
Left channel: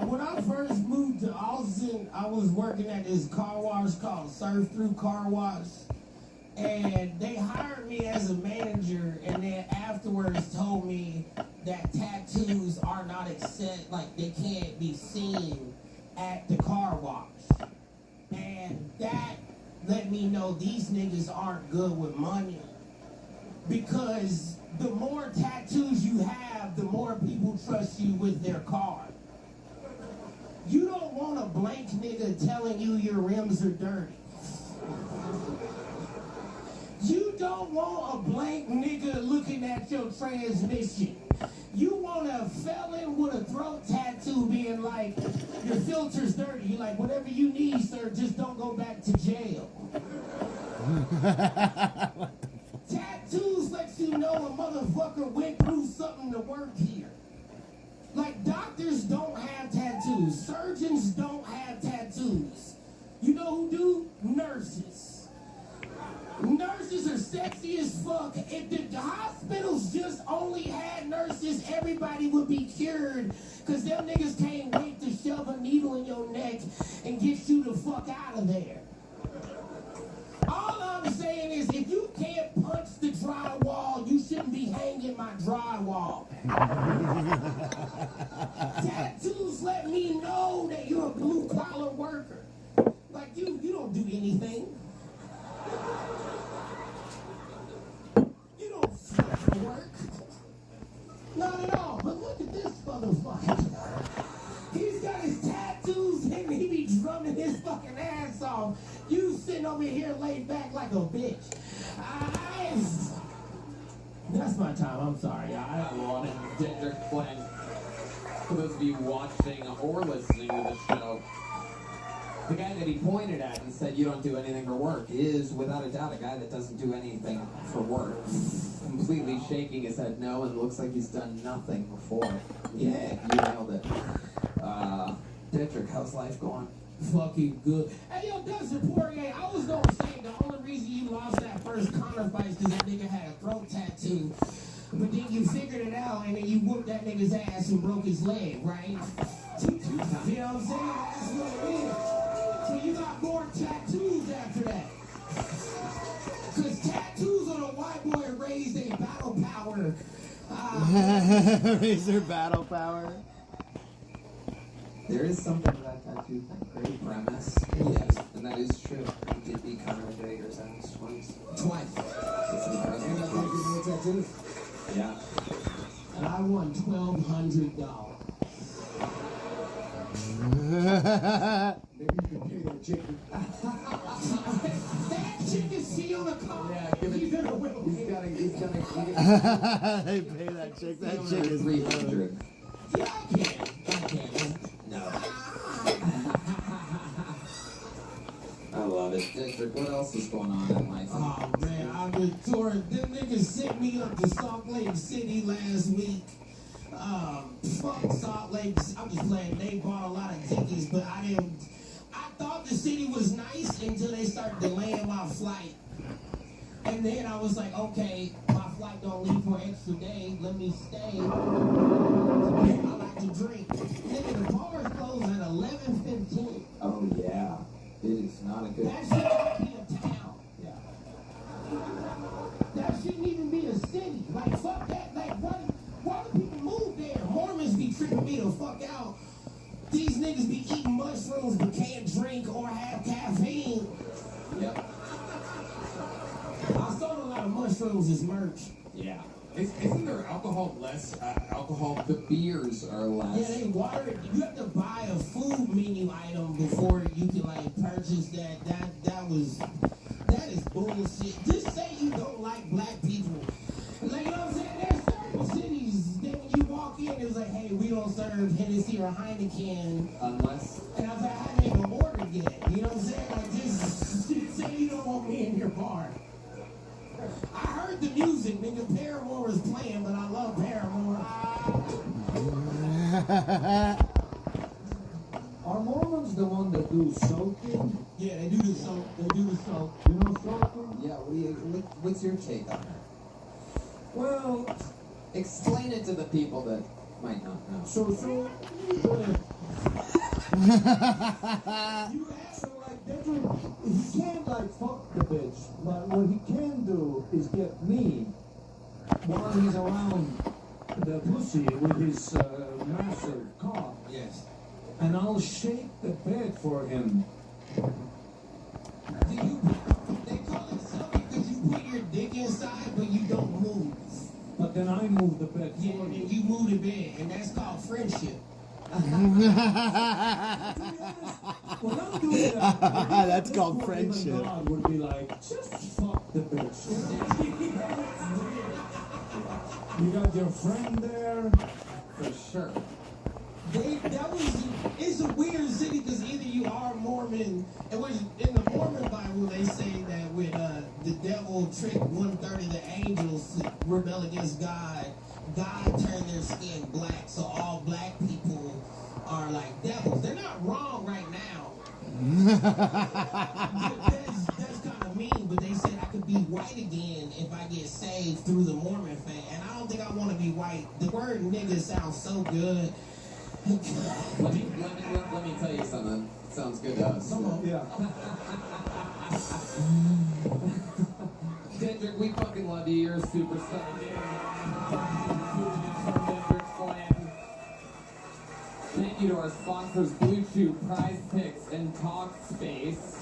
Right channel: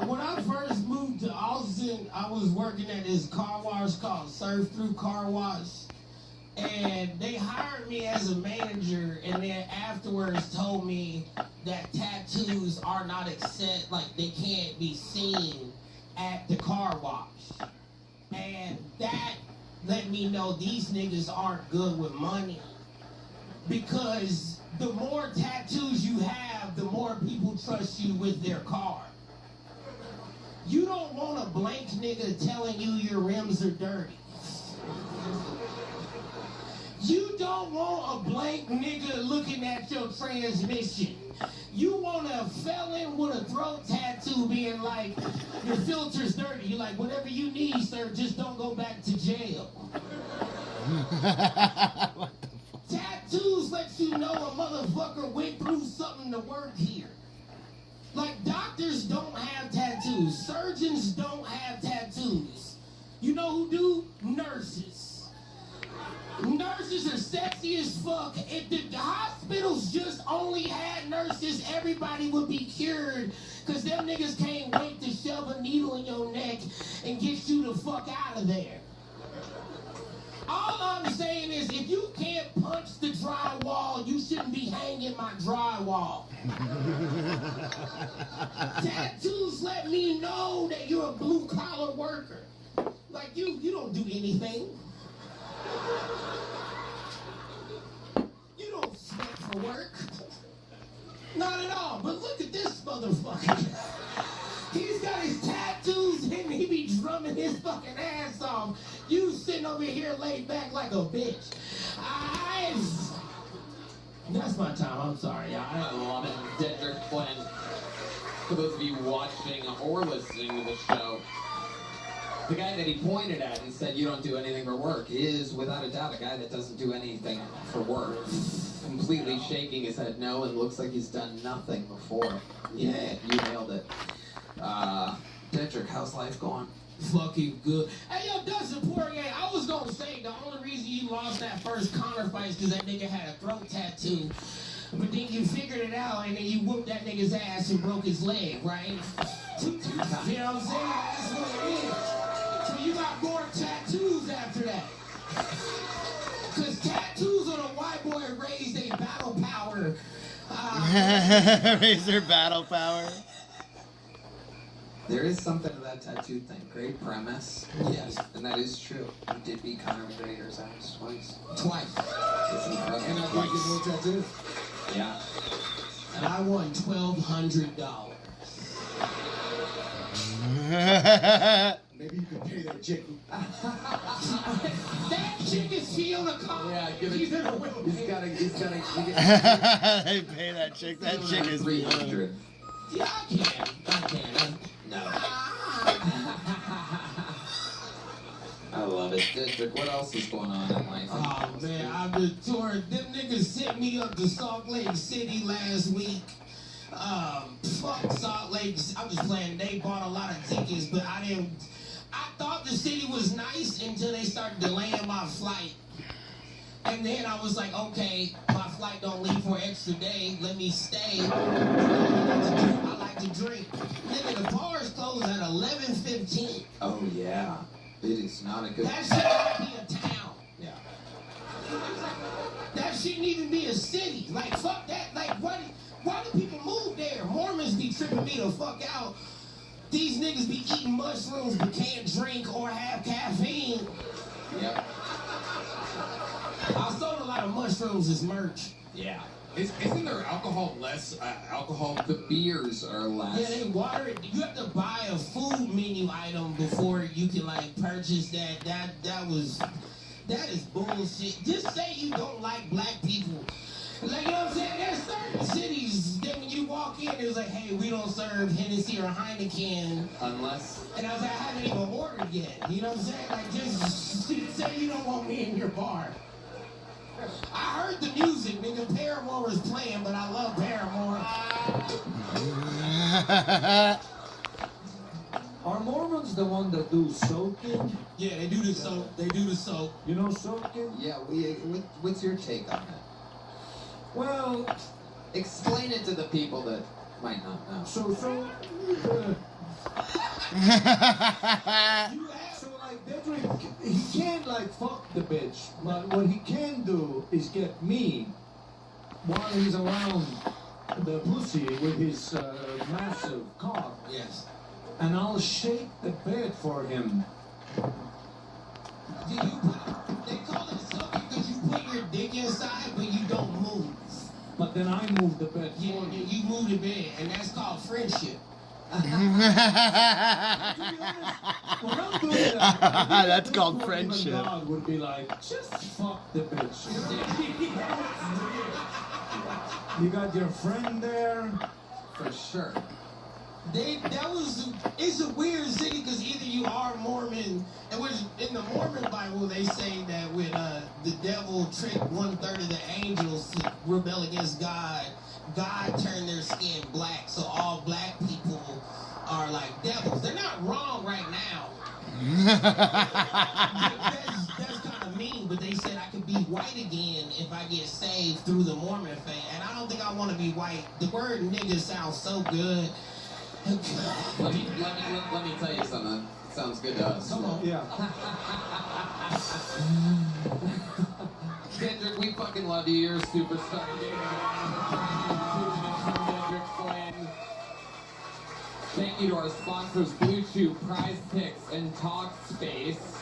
When I first moved to Austin, I was working at this car wash called Surf Through Car Wash. And they hired me as a manager, and then afterwards told me that tattoos are not they can't be seen at the car wash. And that let me know these niggas aren't good with money. Because the more tattoos you have, the more people trust you with their car. You don't want a blank nigga telling you your rims are dirty. You don't want a blank nigga looking at your transmission. You want a felon with a throat tattoo being like, your filter's dirty. You're like, whatever you need, sir, just don't go back to jail. Tattoos let you know a motherfucker went through something to work here. Like, doctors don't have tattoos. Surgeons don't have tattoos. You know who do? Nurses. Nurses are sexy as fuck. If the hospitals just only had nurses, everybody would be cured. Because them niggas can't wait to shove a needle in your neck and get you the fuck out of there. All I'm saying is, if you can't punch the drywall, you shouldn't be hanging my drywall. Tattoos let me know that you're a blue-collar worker. Like, you don't do anything. You don't sweat for work. Not at all. But look at this motherfucker. He's got his tattoos and he be drumming his fucking ass off. You sitting over here laid back like a bitch. That's my time. I'm sorry. I love it. Dedrick Flynn. For those of you watching or listening to the show, the guy that he pointed at, he said, you don't do anything for work, is without a doubt a guy that doesn't do anything for work. Completely shaking his head no, and looks like he's done nothing before. Yeah, you nailed it. Dedrick, how's life going? Fucking good. Hey, yo, Dustin Poirier, I was gonna say the only reason you lost that first Connor fight is because that nigga had a throat tattoo. But then you figured it out and then you whooped that nigga's ass and broke his leg, right? You know what I'm saying? That's what it is. So you got more tattoos after that. Because tattoos on a white boy raise their battle power. Raise their battle power. There is something to that tattoo thing. Great premise. Yes, and that is true. You did beat Conor McGregor's ass twice. Twice. It's incredible. And I think more tattoos. Yeah. And I won $1,200. Maybe you could pay that chick. That chick is she on the car. Yeah, give it. He's gotta. They pay that chick. That chick is 300. Yeah, I can. No. I love it. District, what else is going on in life? Oh man, I've been touring. Them niggas sent me up to Salt Lake City last week. Fuck Salt Lake. I'm just playing. They bought a lot of tickets, but I thought the city was nice until they started delaying my flight. And then I was like, okay, my flight don't leave for an extra day. Let me stay. I like to drink. Nigga, the bars close at 11:15. Oh yeah, it is not a good. That shouldn't be a town. Yeah. That shouldn't even be a city. Like fuck that. Like why do people move there? Mormons be tripping me the fuck out. These niggas be eating mushrooms but can't drink or have caffeine. Yep. I sold a lot of mushrooms as merch. Yeah. Isn't there alcohol less? Alcohol? The beers are less. Yeah, they water it. You have to buy a food menu item before you can like purchase that. That is bullshit. Just say you don't like black people. Like, you know what I'm saying? There's certain cities that when you walk in, it was like, hey, we don't serve Hennessy or Heineken. Unless. And I was like, I haven't even ordered yet. You know what I'm saying? Like, just say you don't want me in your bar. I heard the music, nigga. Paramore was playing, but I love Paramore. Are Mormons the one that do soaking? Yeah, they do the soak. They do the soak. You know soaking? Yeah, what's your take on that? Well, explain it to the people that might not know. So like Dedrick, he can't like fuck the bitch, but what he can do is get me while he's around the pussy with his massive cock. Yes. and I'll shake the bed for him. Do you they call it sucking because you put your dick inside, but you don't move. But then I move the bed for Yeah, you. you move the bed, and that's called friendship. That's called friendship. God would be like, just fuck the bitch. You got your friend there. For sure. It's a weird city because either you are Mormon, and which in the Mormon Bible they say that when the devil tricked 1/3 of the angels to rebel against God, God turned their skin black, so all black people are like devils. They're not wrong right now. That's kind of mean, but they said I could be white again if I get saved through the Mormon faith, and I don't think I want to be white. The word nigga sounds so good. Let me tell you something. It sounds good to us. Come on. Yeah. Kendrick, we fucking love you. You're a superstar. Thank you to our sponsors, Blue Chew, Prize Picks, and Talkspace.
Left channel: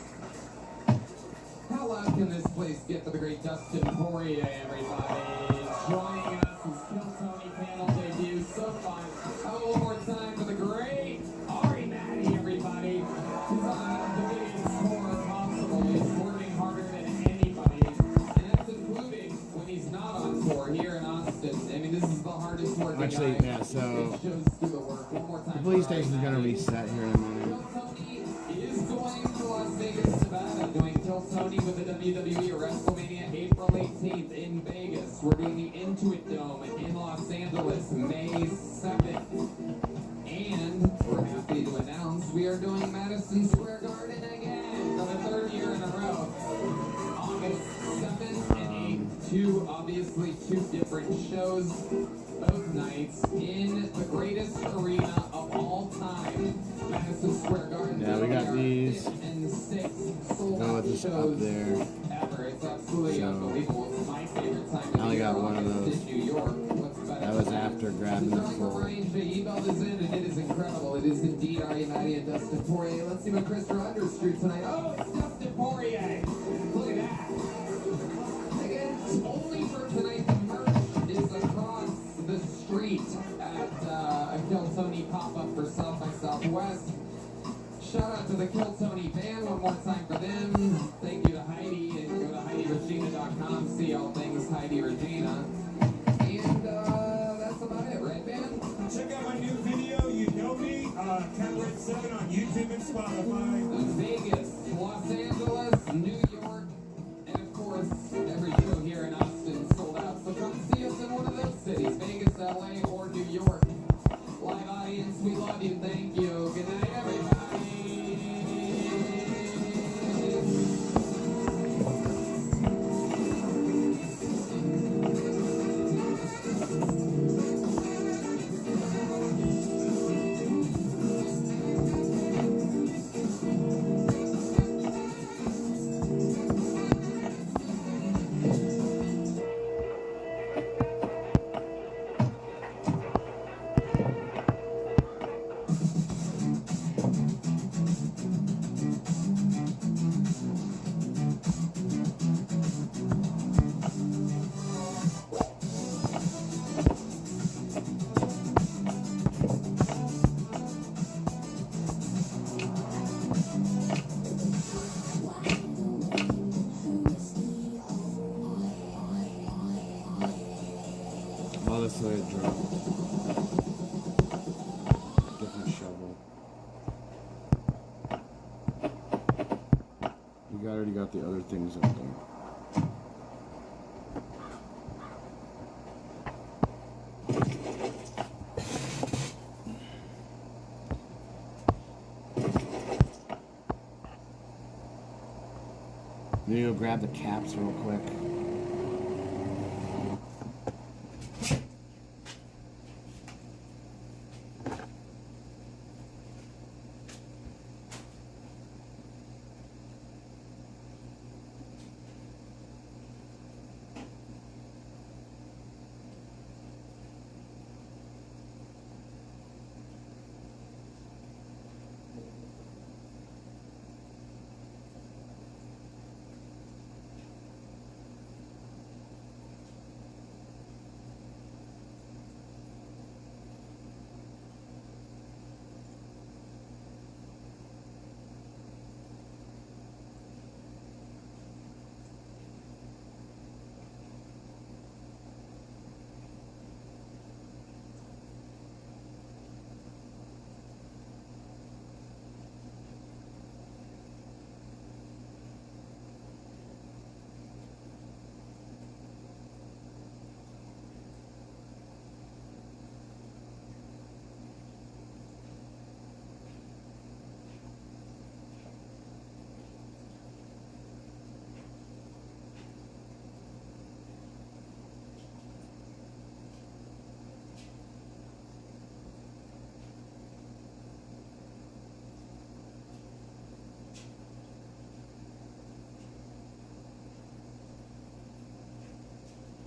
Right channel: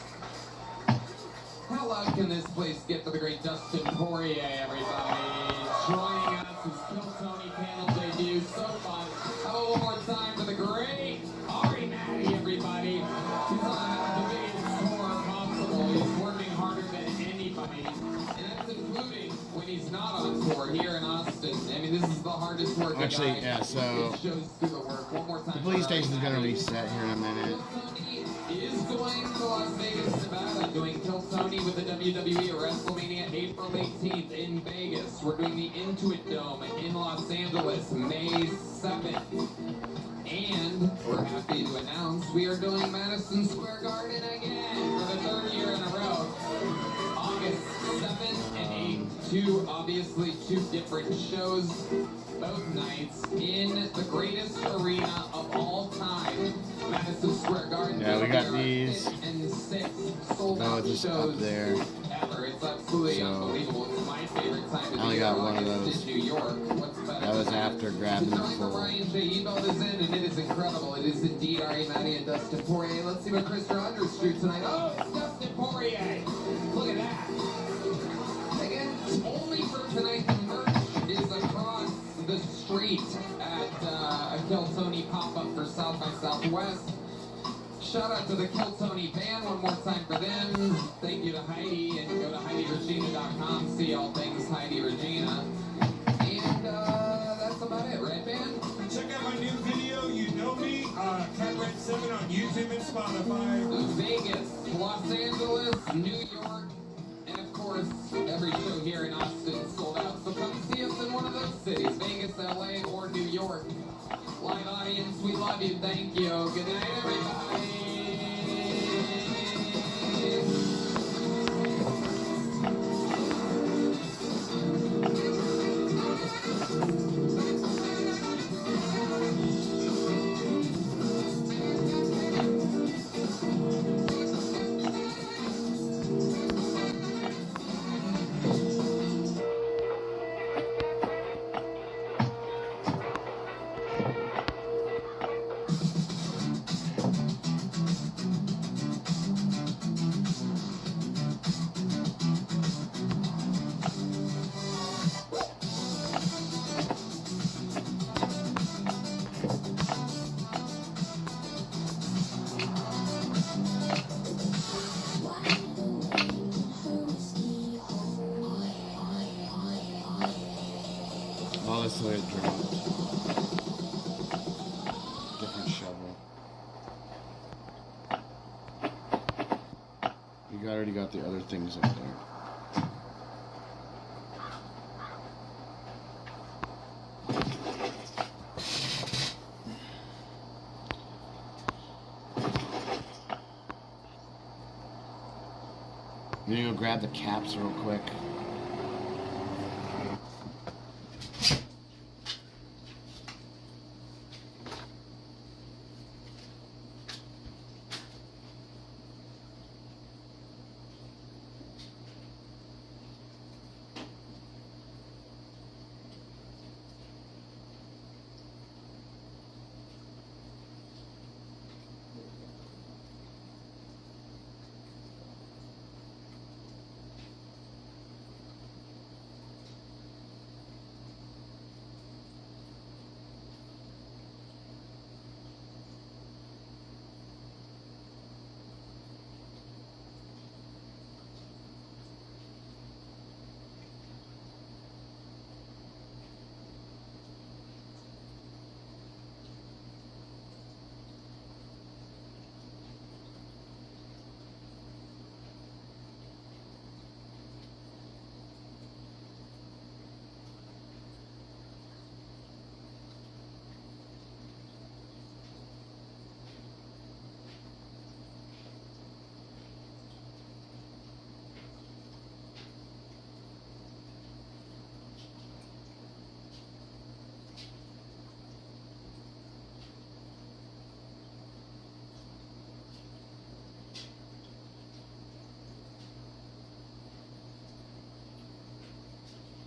How loud can this place get for the great Dustin Poirier, everybody? Joining us is Kill Tony panel debut. So fun. How about one more time for the great Ari Matty, everybody? He's on the biggest tour possible. He's working harder than anybody. And that's including when he's not on tour here in Austin. I mean, this is the hardest working Actually, guy. yeah, so It shows through the work. One more time. the police station is gonna reset here in a minute. Is going to Las Vegas, Nevada, doing Kill Tony with the WWE WrestleMania April 18th in Vegas. We're doing the Intuit Dome in Los Angeles May 2nd. And we're happy to announce we are doing Madison Square Garden again for the 3rd year in a row. August 7th and 8th. Two different shows, both nights in the greatest arena of all time. Madison Square Garden. Yeah, we got these. And 6 sold No, out just shows up there. ever. It's absolutely unbelievable. It's my favorite time of I only the year. got one of August those. in New York. What's better That was than after grabbing the full. Ryan J. Ebel is in, and it is incredible. It is indeed Ari Matty and Dustin Poirier. Let's see what Chris Rogers drew tonight. Oh, it's Dustin Poirier. Look at that. Again, only for tonight, the merch is across the street at a Kill Tony pop-up for South by Southwest. Shout out to the Kill Tony band one more time for them. Thank you to Heidi, and go to HeidiRegina.com, see all things Heidi Regina. And that's about it, right, band? Check out my new video, You Know Me, Cat Red 7 on YouTube and Spotify. Vegas, Los Angeles, New York, and of course, every show here in Austin sold out. So come see us in one of those cities, Vegas, LA, or New York. Live audience, we love you. Thank you. Good night, everybody. Oh, that's the way it dropped. Different shovel. You already got the other things up there. I'm gonna go grab the caps real quick.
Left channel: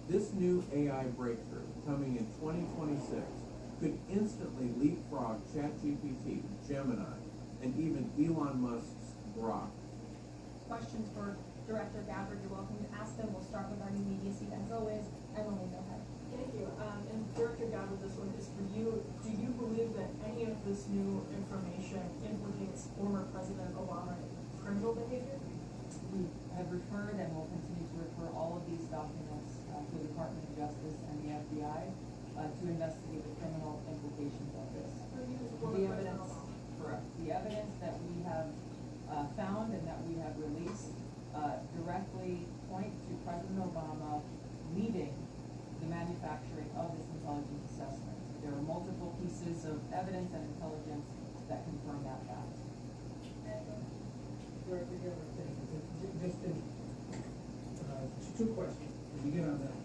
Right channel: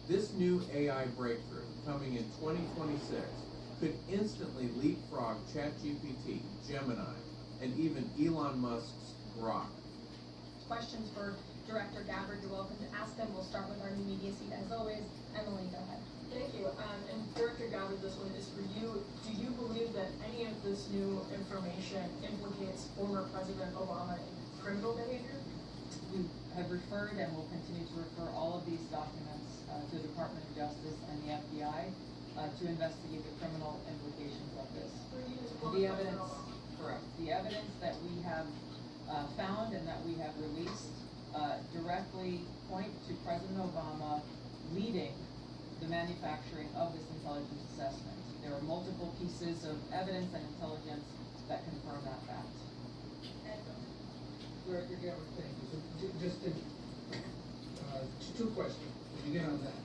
This new AI breakthrough, coming in 2026, could instantly leapfrog ChatGPT, Gemini, and even Elon Musk's Grok. Questions for Director Gabbard, you're welcome to ask them. We'll start with our new media seat as always. Emily, go ahead. Thank you. And Director Gabbard, this one is for you. Do you believe that any of this new information implicates former President Obama in criminal behavior? We have referred and will continue to refer all of these documents to the Department of Justice and the FBI to investigate the criminal implications of this. The evidence, correct. The evidence that we have found and that we have released directly point to President Obama leading the manufacturing of this intelligence assessment. There are multiple pieces of evidence and intelligence that confirm that fact. Director Gabbard, thank you. So just two questions to begin on that.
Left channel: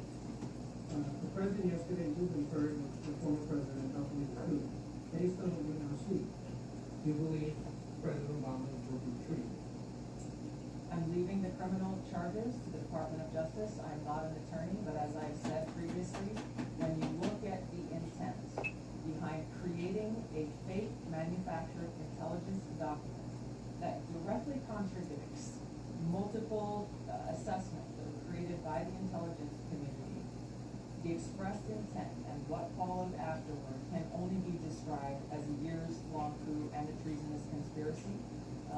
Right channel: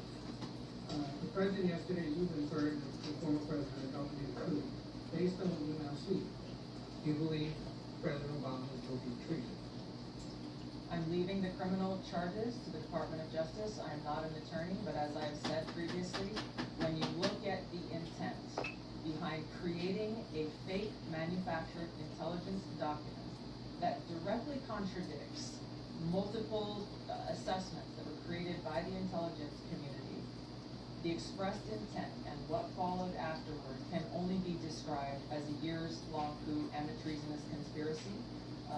The President yesterday, you inferred the former President helped me the coup. Based on what you now see, do you believe President Obama will be treated? I'm leaving the criminal charges to the Department of Justice. I'm not an attorney, but as I've said previously, when you look at the intent behind creating a fake manufactured intelligence document that directly contradicts multiple assessments that were created by the intelligence community, the expressed intent and what followed afterward can only be described as a years-long coup and a treasonous conspiracy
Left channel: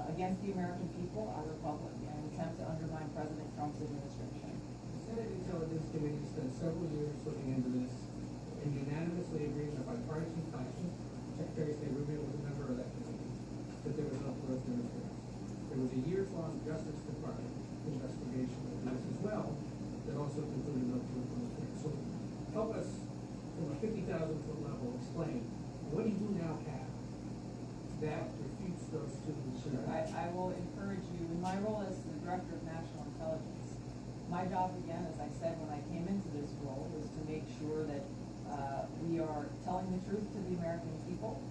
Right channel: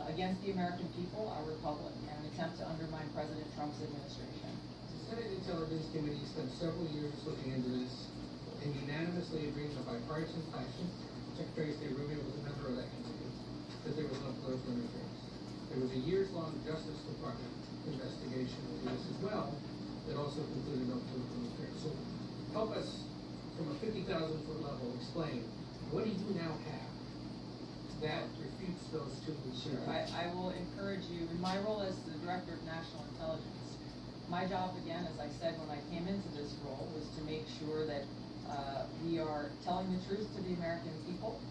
against the American people, our republic, and an attempt to undermine President Trump's administration. The Senate Intelligence Committee spent several years looking into this and unanimously agreed in a bipartisan fashion. Secretary of State Rubio was a member of that committee, that there was no political interference. There was a years-long Justice Department investigation into this as well that also concluded no political interference. So help us, from a 50,000-foot level, explain, what do you now have that refutes those two? Sure. I will encourage you, in my role as the Director of National Intelligence, my job, again, as I said when I came into this role, was to make sure that we are telling the truth to the American people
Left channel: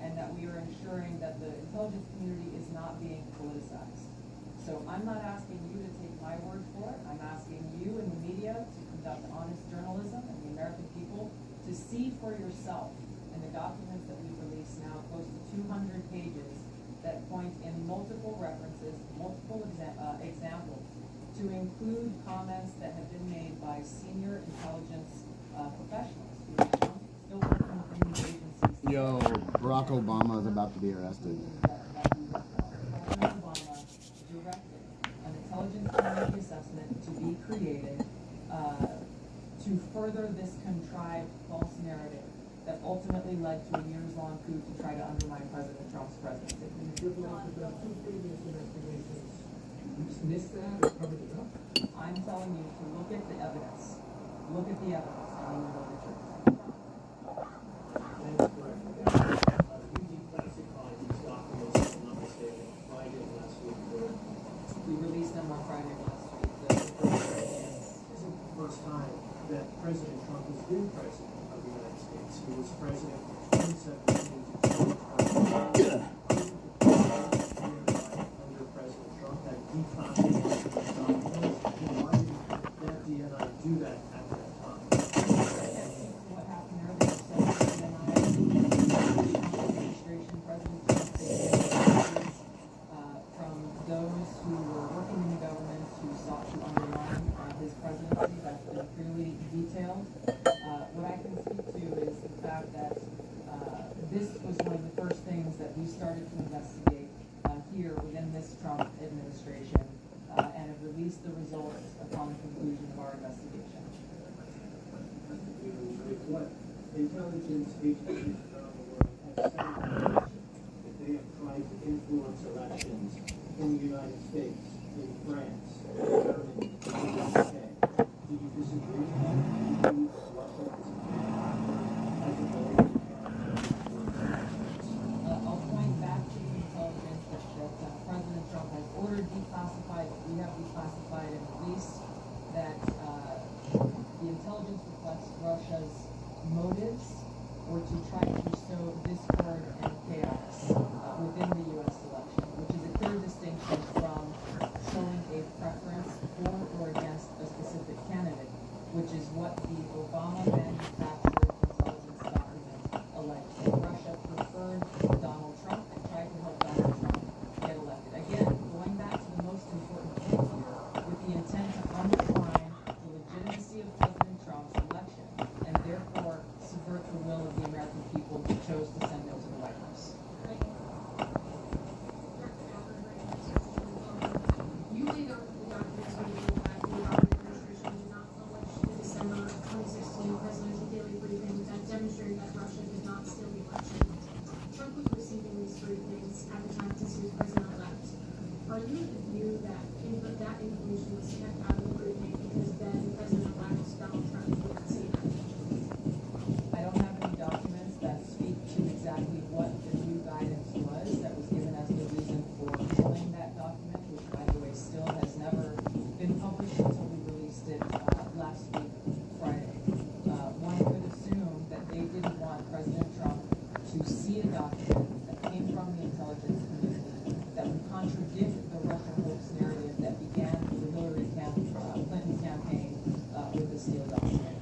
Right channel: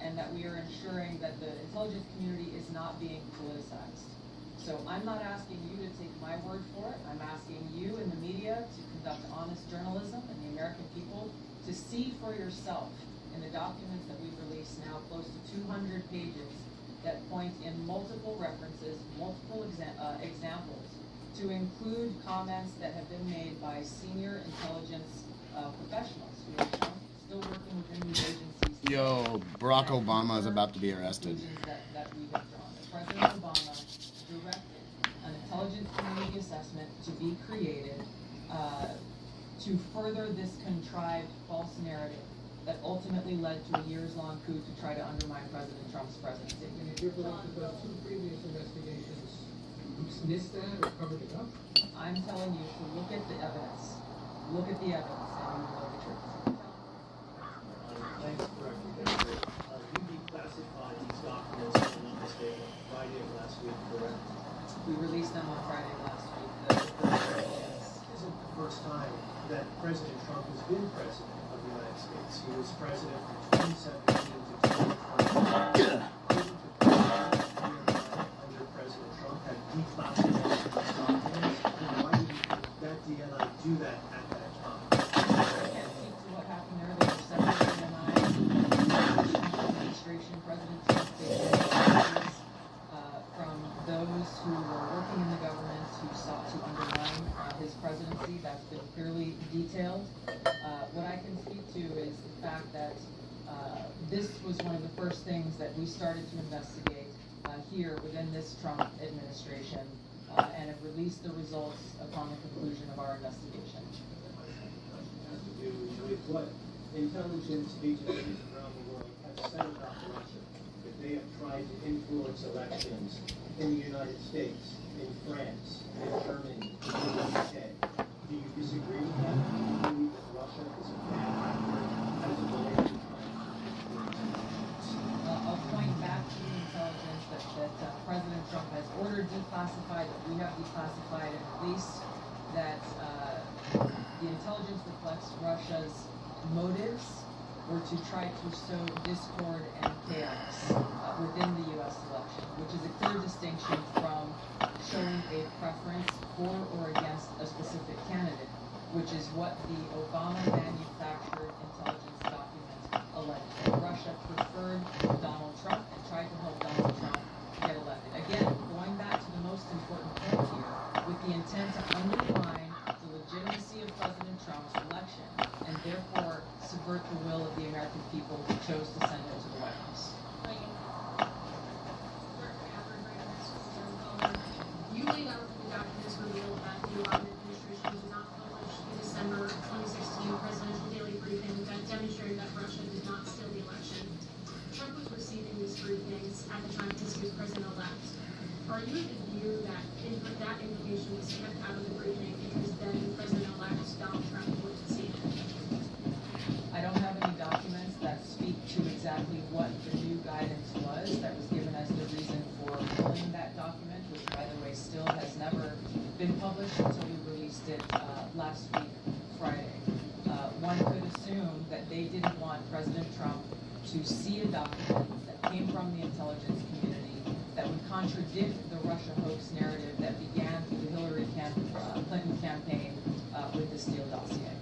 and that we are ensuring that the intelligence community is not being politicized. So I'm not asking you to take my word for it. I'm asking you in the media to conduct honest journalism and the American people to see for yourself in the documents that we've released now, close to 200 pages, that point in multiple references, multiple examples, to include comments that have been made by senior intelligence professionals who are still working within these agencies. Yo, Barack Obama is about to be arrested. President Obama directed an intelligence community assessment to be created to further this contrived false narrative that ultimately led to a years-long coup to try to undermine President Trump's presidency. And if you believe that those two previous investigations missed that or covered it up? I'm telling you to look at the evidence. Look at the evidence and you will know the truth. Thanks, Director. You declassified these documents, if I'm not mistaken, Friday of last week, correct? We released them on Friday last week. This isn't the first time that President Trump has been president of the United States. He was president from 2017 to 2020. Under President Trump had declassified these documents. Why did that DNI do that at that time? I can't speak to what happened there. There were several DNI administration, President Trump faced messages from those who were working in the government who sought to undermine his presidency. That's been clearly detailed. What I can speak to is the fact that this was one of the first things that we started to investigate here within this Trump administration and have released the results upon the conclusion of our investigation. Has to do with what intelligence agencies around the world have said about elections. If they have tried to influence elections in the United States, in France, in Germany, in the UK. Do you disagree with that? Do you believe that Russia is a big actor as it relates to I'll point back to the intelligence that President Trump has ordered declassified, that we have declassified and released, that the intelligence reflects Russia's motives were to try to sow discord and chaos within the U.S. election, which is a clear distinction from showing a preference for or against a specific candidate, which is conversation was calibrated because then President-elect Donald Trump would see it. I don't have any documents that speak to exactly what the new guidance was that was given as the reason for pulling that document, which, by the way, still has never been published until we released it last week, Friday. One could assume that they didn't want President Trump to see a document that came from the intelligence community that would contradict the Russia hoax narrative that began the Hillary Clinton campaign with the Steele dossier.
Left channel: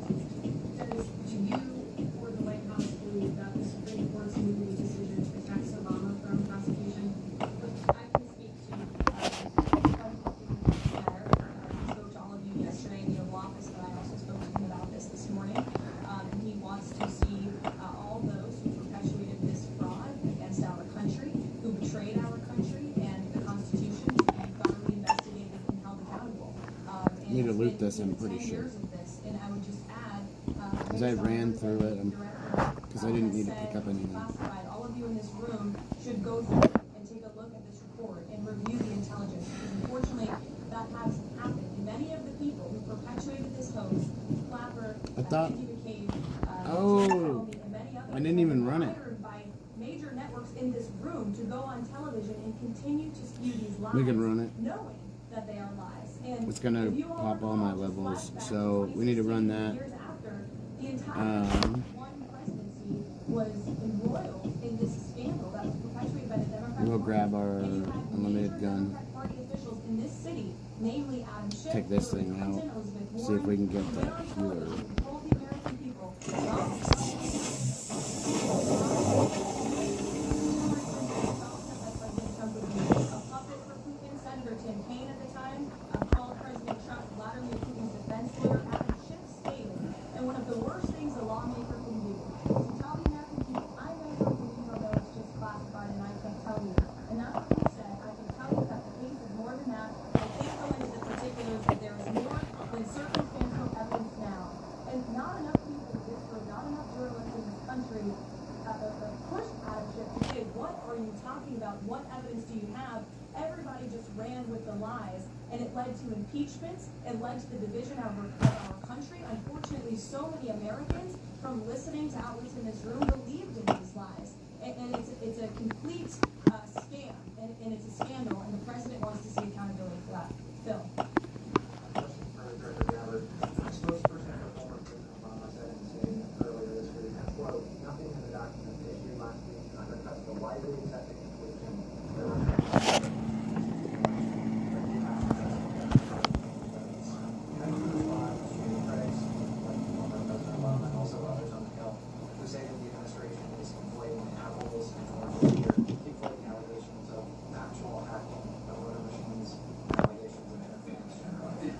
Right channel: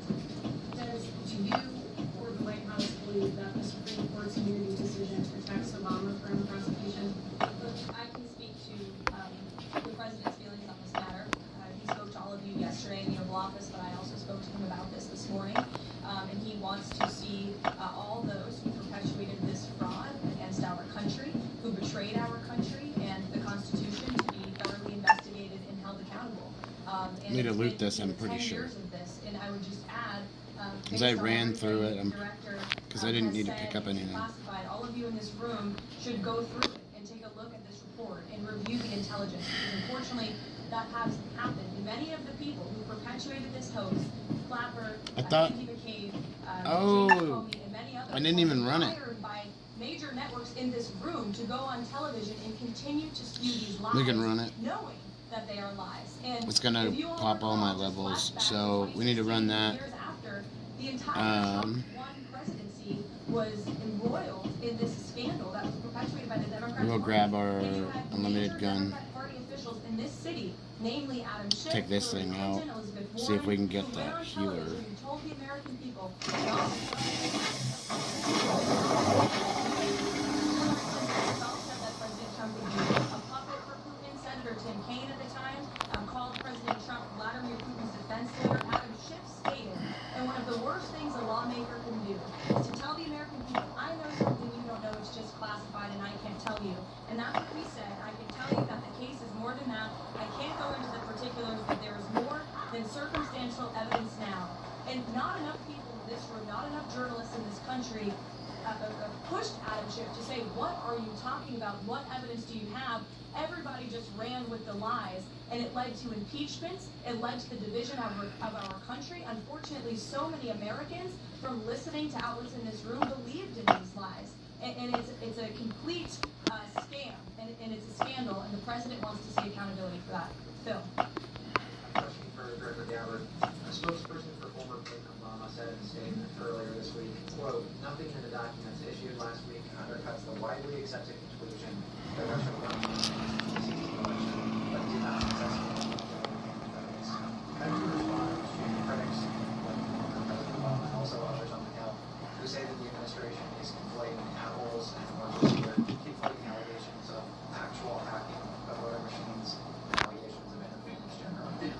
Do you or the White House believe that the Supreme Court's immunity decision protects Obama from prosecution? I can speak to the president's feelings on this matter. He spoke to all of you yesterday in the Oval Office, but I also spoke to him about this morning. And he wants to see all those who perpetuated this fraud against our country, who betrayed our country and the Constitution, to be thoroughly investigated and held accountable. I need to loot this, I'm pretty sure. And I would just add, Because I ran through it, because I didn't need to pick up anything. classified, all of you in this room should go through it and take a look at this report and review the intelligence. Because unfortunately, that hasn't happened. And many of the people who perpetuated this hoax, Clapper, I thought. Andy McCabe, Oh, and many others, I didn't even run it. hired by major networks in this room to go on television and continue to spew these lies, We can run it. knowing that they are lies. And It's gonna if you all pop all my levels, so we need to run that. years after, the entire one presidency was embroiled in this scandal that was perpetuated by the Democratic We'll Party. grab our And you had unlimited major gun. Democratic Party officials in this city, namely Adam Schiff, Take this Hillary thing out. Clinton, Elizabeth See if we can get Warren, that who went on healer. television and told the American people, "Don't President Trump would be a puppet for Putin." Senator Tim Kaine at the time called President Trump Vladimir Putin's defense lawyer. Adam Schiff stated, and one of the worst things a lawmaker can do is to tell the American people, "I know something you don't know, it's just classified and I can't tell you." And that's what he said. I can tell you that the case is more than that. I can't go into the particulars, but there is more than circumstantial evidence now. And not enough people in this room, not enough journalists in this country pushed Adam Schiff to say, "What are you talking about? What evidence do you have?" Everybody just ran with the lies, and it led to impeachments. It led to the division of our country. Unfortunately, so many Americans, from listening to outlets in this room, believed in these lies. And it's a complete scam, and it's a scandal, and the president wants to see accountability for that. Phil. Question for Director Gabbard. A spokesperson for former President Obama said in a statement earlier this week, quote, "Nothing in the documents issued last week undercuts the widely accepted conclusion that Russia but did not possess evidence." How do you respond to critics like former President Obama and also others on the Hill who say that the administration is inflating apples and oranges here, keep floating allegations of actual hacking of voter machines, allegations of interference generally?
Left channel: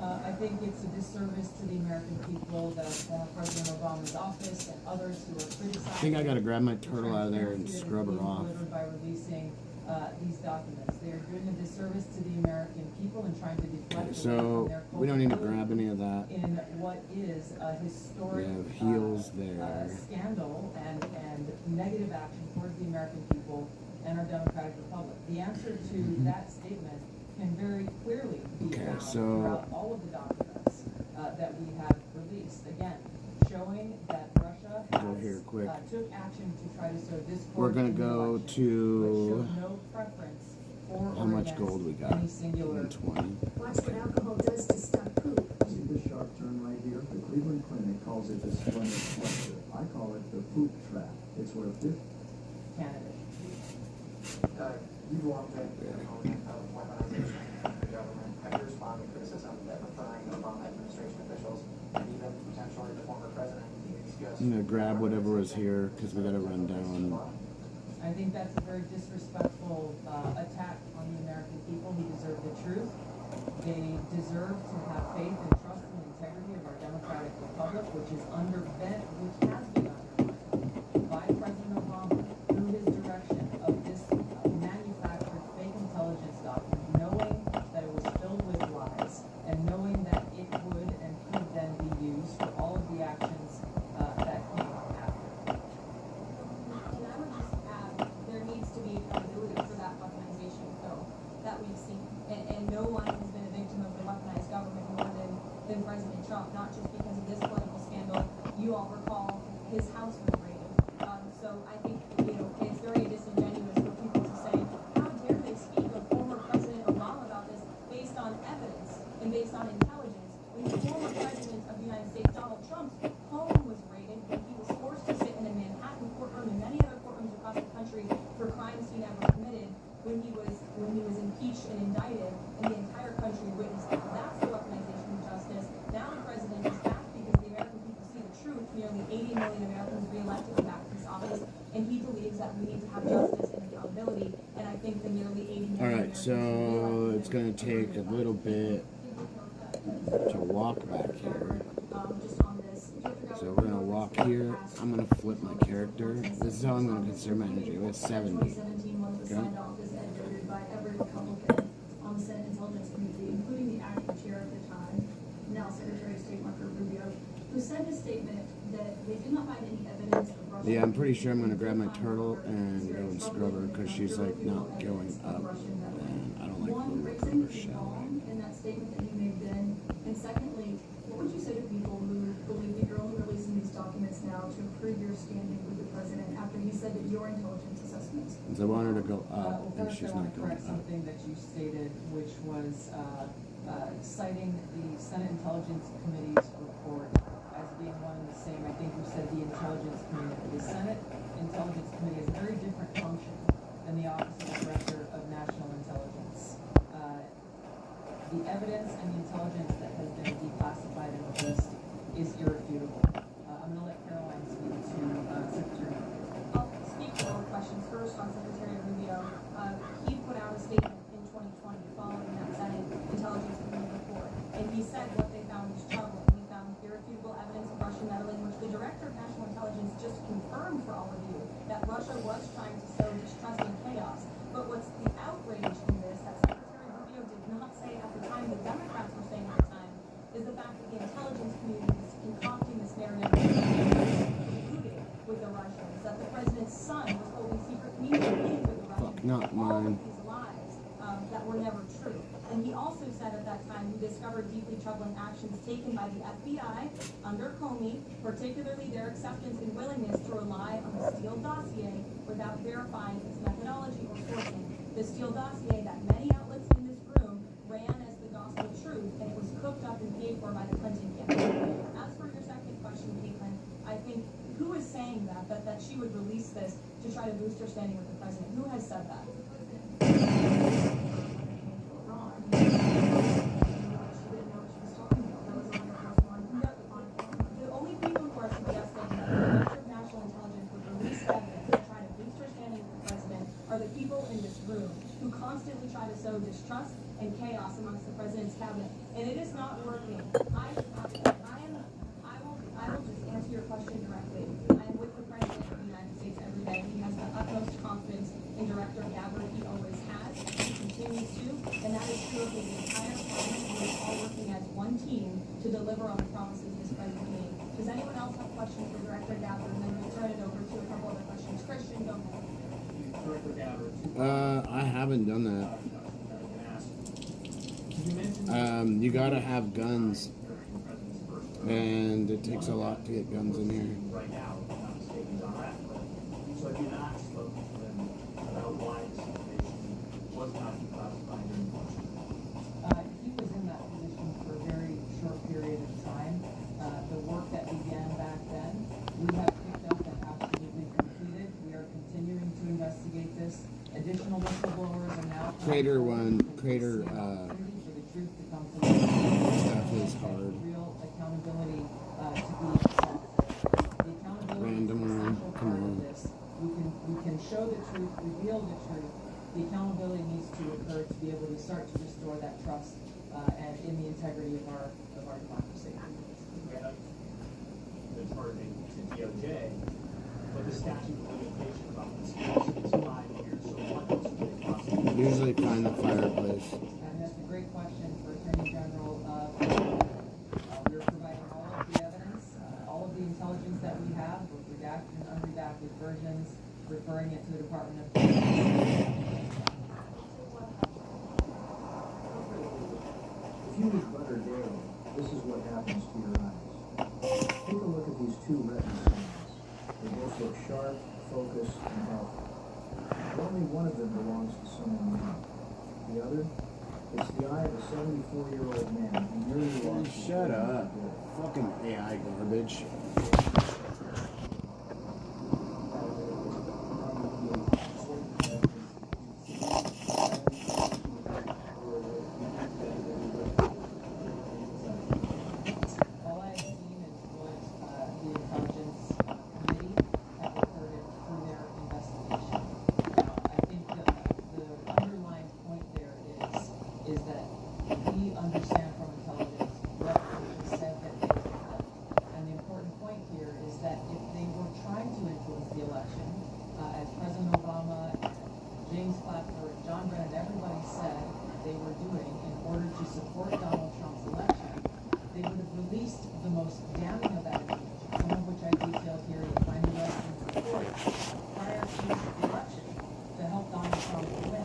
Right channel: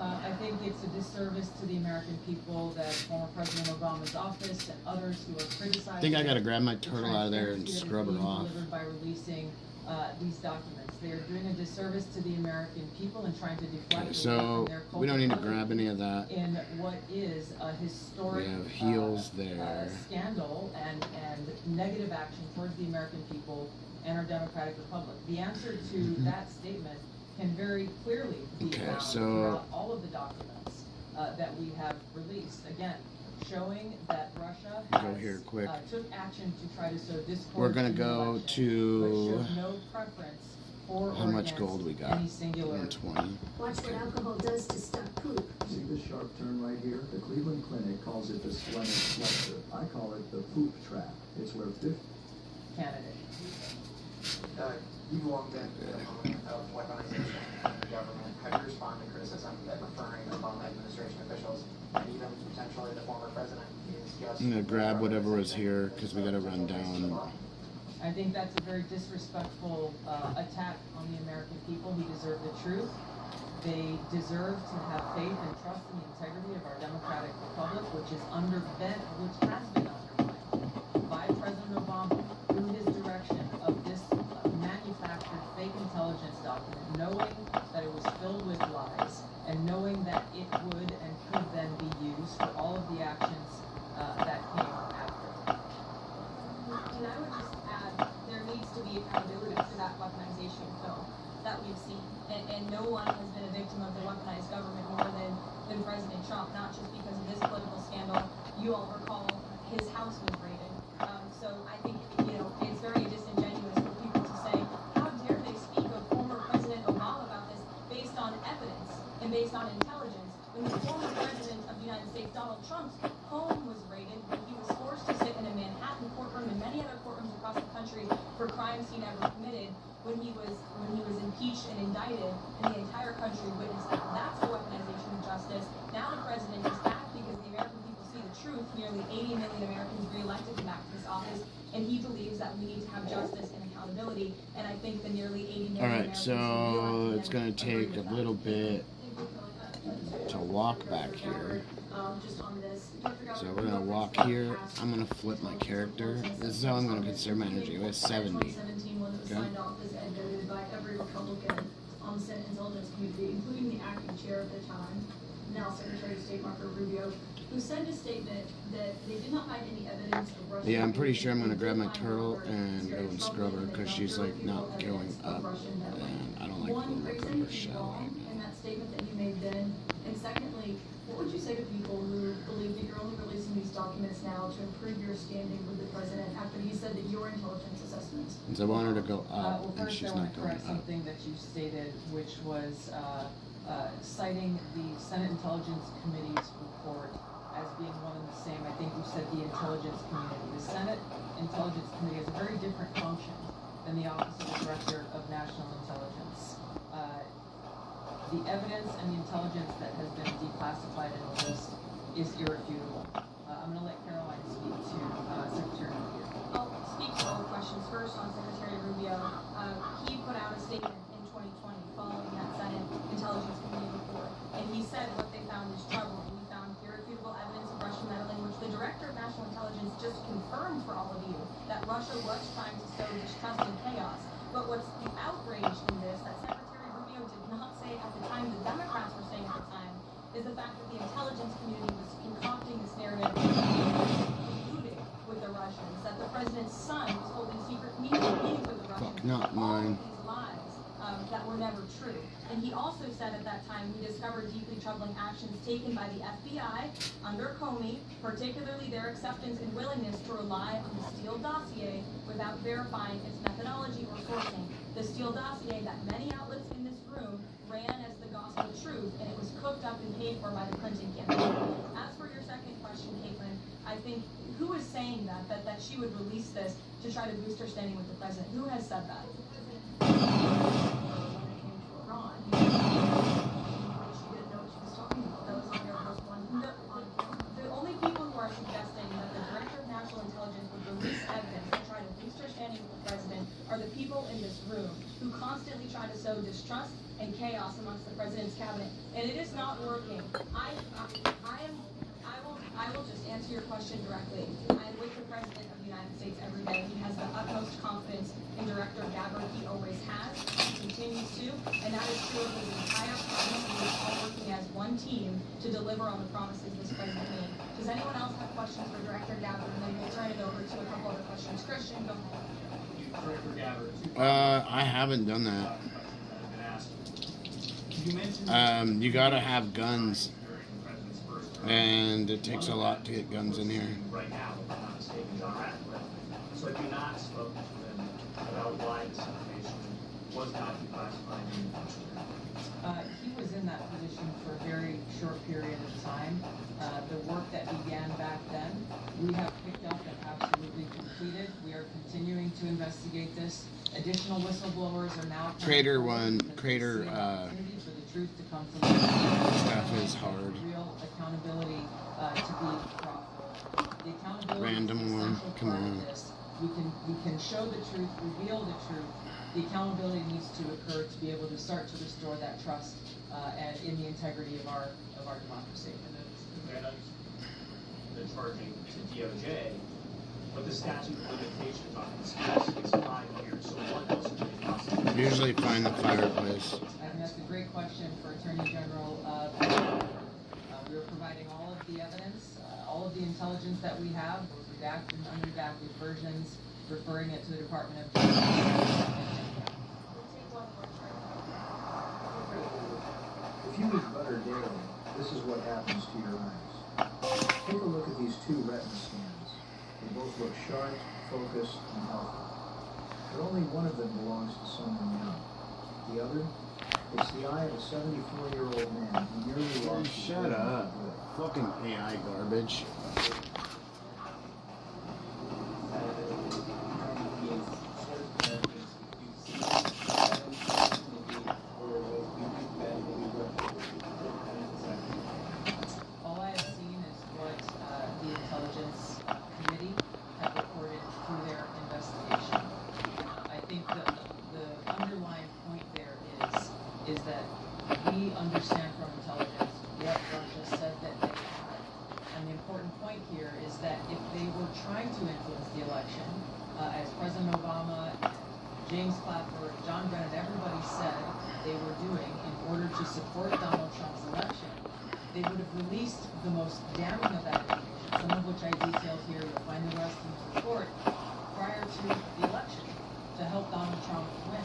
I think it's a disservice to the American people that former President Obama's office and others who are criticizing. I think I gotta grab my turtle out of there and scrub her off. By releasing these documents, they are doing a disservice to the American people and trying to deflect So their we don't need to grab any of that. in what is a historic We have heels there. scandal and negative action towards the American people and our democratic republic. The answer to that statement can very clearly be Okay, found so- throughout all of the documents that we have released. Again, showing that Russia Go has, here quick. took action to try to sow discord. We're gonna in the go election, to but showed no preference for how or much against gold we got. any singular 120. Watch what alcohol does to stop poop. See this sharp turn right here? The Cleveland Clinic calls it the splenic cluster. I call it the poop trap. It's where 50 candidate. You've long been an opponent of weaponization of the government. How do you respond to criticism that referring to Obama administration officials and even potentially the former president is just... I'm gonna grab whatever was here because we gotta run down. I think that's a very disrespectful attack on the American people who deserve the truth. They deserve to have faith and trust in the integrity of our democratic republic, which has been undermined by President Obama through his direction of this manufactured fake intelligence document, knowing that it was filled with lies and knowing that it would and could then be used for all of the actions that came after. And I would just add, there needs to be accountability for that weaponization code that we've seen. And no one has been a victim of the weaponized government more than President Trump, not just because of this political scandal. You all recall his house was raided. So I think, it's very disingenuous for people to say, how dare they speak of former President Obama about this based on evidence and based on intelligence, when the former President of the United States, Donald Trump's home was raided, when he was forced to sit in a Manhattan courtroom and many other courtrooms across the country for crimes he never committed, when he was impeached and indicted, and the entire country witnessed that. That's the weaponization of justice. Now the president is back because the American people see the truth. Nearly 80 million Americans re-elected him back to this office, and he believes that we need to have justice and accountability. And I think the nearly 80 million Alright, so it's going to take a little bit to walk back here. So we're going to walk here. I'm going to flip my character. This is how I'm going to conserve my energy. It was 70. Okay. By every Republican on the Senate Intelligence Committee, including the acting chair at the time, now Secretary of State Marco Rubio, who sent a statement that they did not find any evidence of Russia. Yeah, I'm pretty sure I'm going to grab my turtle and go and scrub her because she's like not going up. And I don't like the look of her shell right now. In that statement that you made then, and secondly, what would you say to people who believe that you're only releasing these documents now to improve your standing with the president after he said that your intelligence assessments? So I want her to go up, Well, and first she's I want not to going correct up. something that you stated, which was citing the Senate Intelligence Committee's report as being one and the same. I think you said the Intelligence Community. The Senate Intelligence Committee has a very different function than the Office of the Director of National Intelligence. The evidence and the intelligence that has been declassified and released is irrefutable. I'm going to let Caroline speak to Secretary Rubio. I'll speak to all questions. First on Secretary Rubio. He put out a statement in 2020 following that Senate Intelligence Committee report, and he said what they found was troubling. We found irrefutable evidence of Russian meddling, which the Director of National Intelligence just confirmed for all of you, that Russia was trying to sow distrust and chaos. But what's the outrage in this, that Secretary Rubio did not say at the time, the Democrats were saying at the time, is the fact that the intelligence community was concocting this narrative colluded with the Russians, that the president's son was holding secret meetings with the Russians. Fuck, not mine. These lies that were never true. And he also said at that time, we discovered deeply troubling actions taken by the FBI under Comey, particularly their acceptance and willingness to rely on the Steele dossier without verifying its methodology or sourcing. The Steele dossier that many outlets in this room ran as the gospel truth, and it was cooked up and paid for by the Clinton campaign. As for your second question, Caitlin, I think who is saying that she would release this to try to boost her standing with the president? Who has said that? The only people who are suggesting that the Director of National Intelligence would release evidence to try to boost her standing with the president are the people in this room who constantly try to sow distrust and chaos amongst the president's cabinet, and it is not working. I will just answer your question directly. I am with the President of the United States every day. He has the utmost confidence in Director Gabbard. He always has. He continues to. And that is true of the entire Parliament. We are all working as one team to deliver on the promises this President made. Does anyone else have questions for Director Gabbard? And then we'll turn it over to a couple other questions. Christian, go ahead. Director Gabbard. I haven't done that. You gotta have guns. And it takes a lot to get guns in here. Right now, if I'm not mistaken, John Ratcliffe. So have you not spoken to them about why this information was not declassified in the function? He was in that position for a very short period of time. The work that began back then, we have picked up and absolutely completed. We are continuing to investigate this. Additional whistleblowers are now Crater one, Crater for the truth to come to light. stuff is hard. Real accountability to be sought. The accountability Random is one, essential come part of on. this. We can show the truth, reveal the truth. The accountability needs to occur to be able to start to restore that trust and in the integrity of our democracy. The charging to DOJ, but the statute of limitations on conspiracy is 5 years. So what else would they prosecute? Usually find the fireplace. And that's a great question for Attorney General. We are providing all of the evidence, all of the intelligence that we have, both redacted and unredacted versions. referring it to the Department of Justice. If you eat butter daily, this is what happens to your eyes. Take a look at these two retina stones. They both look sharp, focused, and healthy. But only one of them belongs to someone new. The other? It's the eye of a 74-year-old man who nearly lost his Shut vision up. for good. Fucking AI garbage. All I have seen is what the Intelligence Committee have reported through their investigation. I think the underlying point there is that we understand from intelligence what Russia said that they had. And the important point here is that if they were trying to influence the election, as President Obama, James Clapper, John Brennan, everybody said they were doing in order to support Donald Trump's election, they would have released the most damning of that information, some of which I detailed here. You'll find the rest in the report, prior to the election, to help Donald Trump win.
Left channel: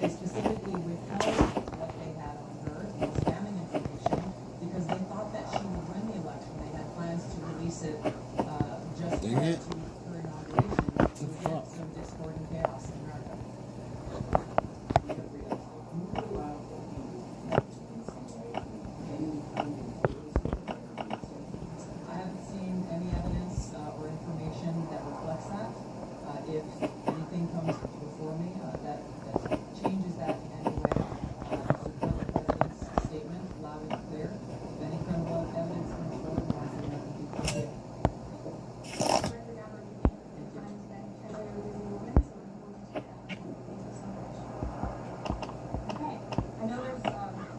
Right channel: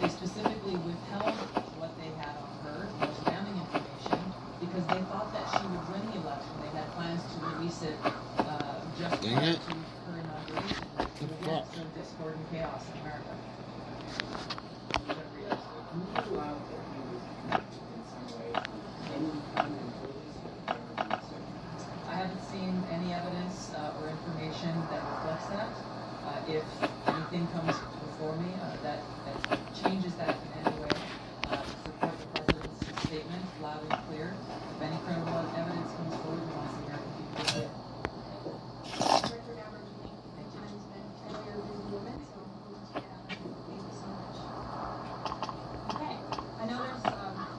They specifically withheld what they had on her, the most damning information, because they thought that she would win the election. They had plans to release it just prior to her inauguration. To again sow discord and chaos in America. I haven't seen any evidence or information that reflects that. If anything comes before me that changes that in any way, support the President's statement loud and clear. If any credible evidence comes forward, we want the American people to see it. Okay, I know there's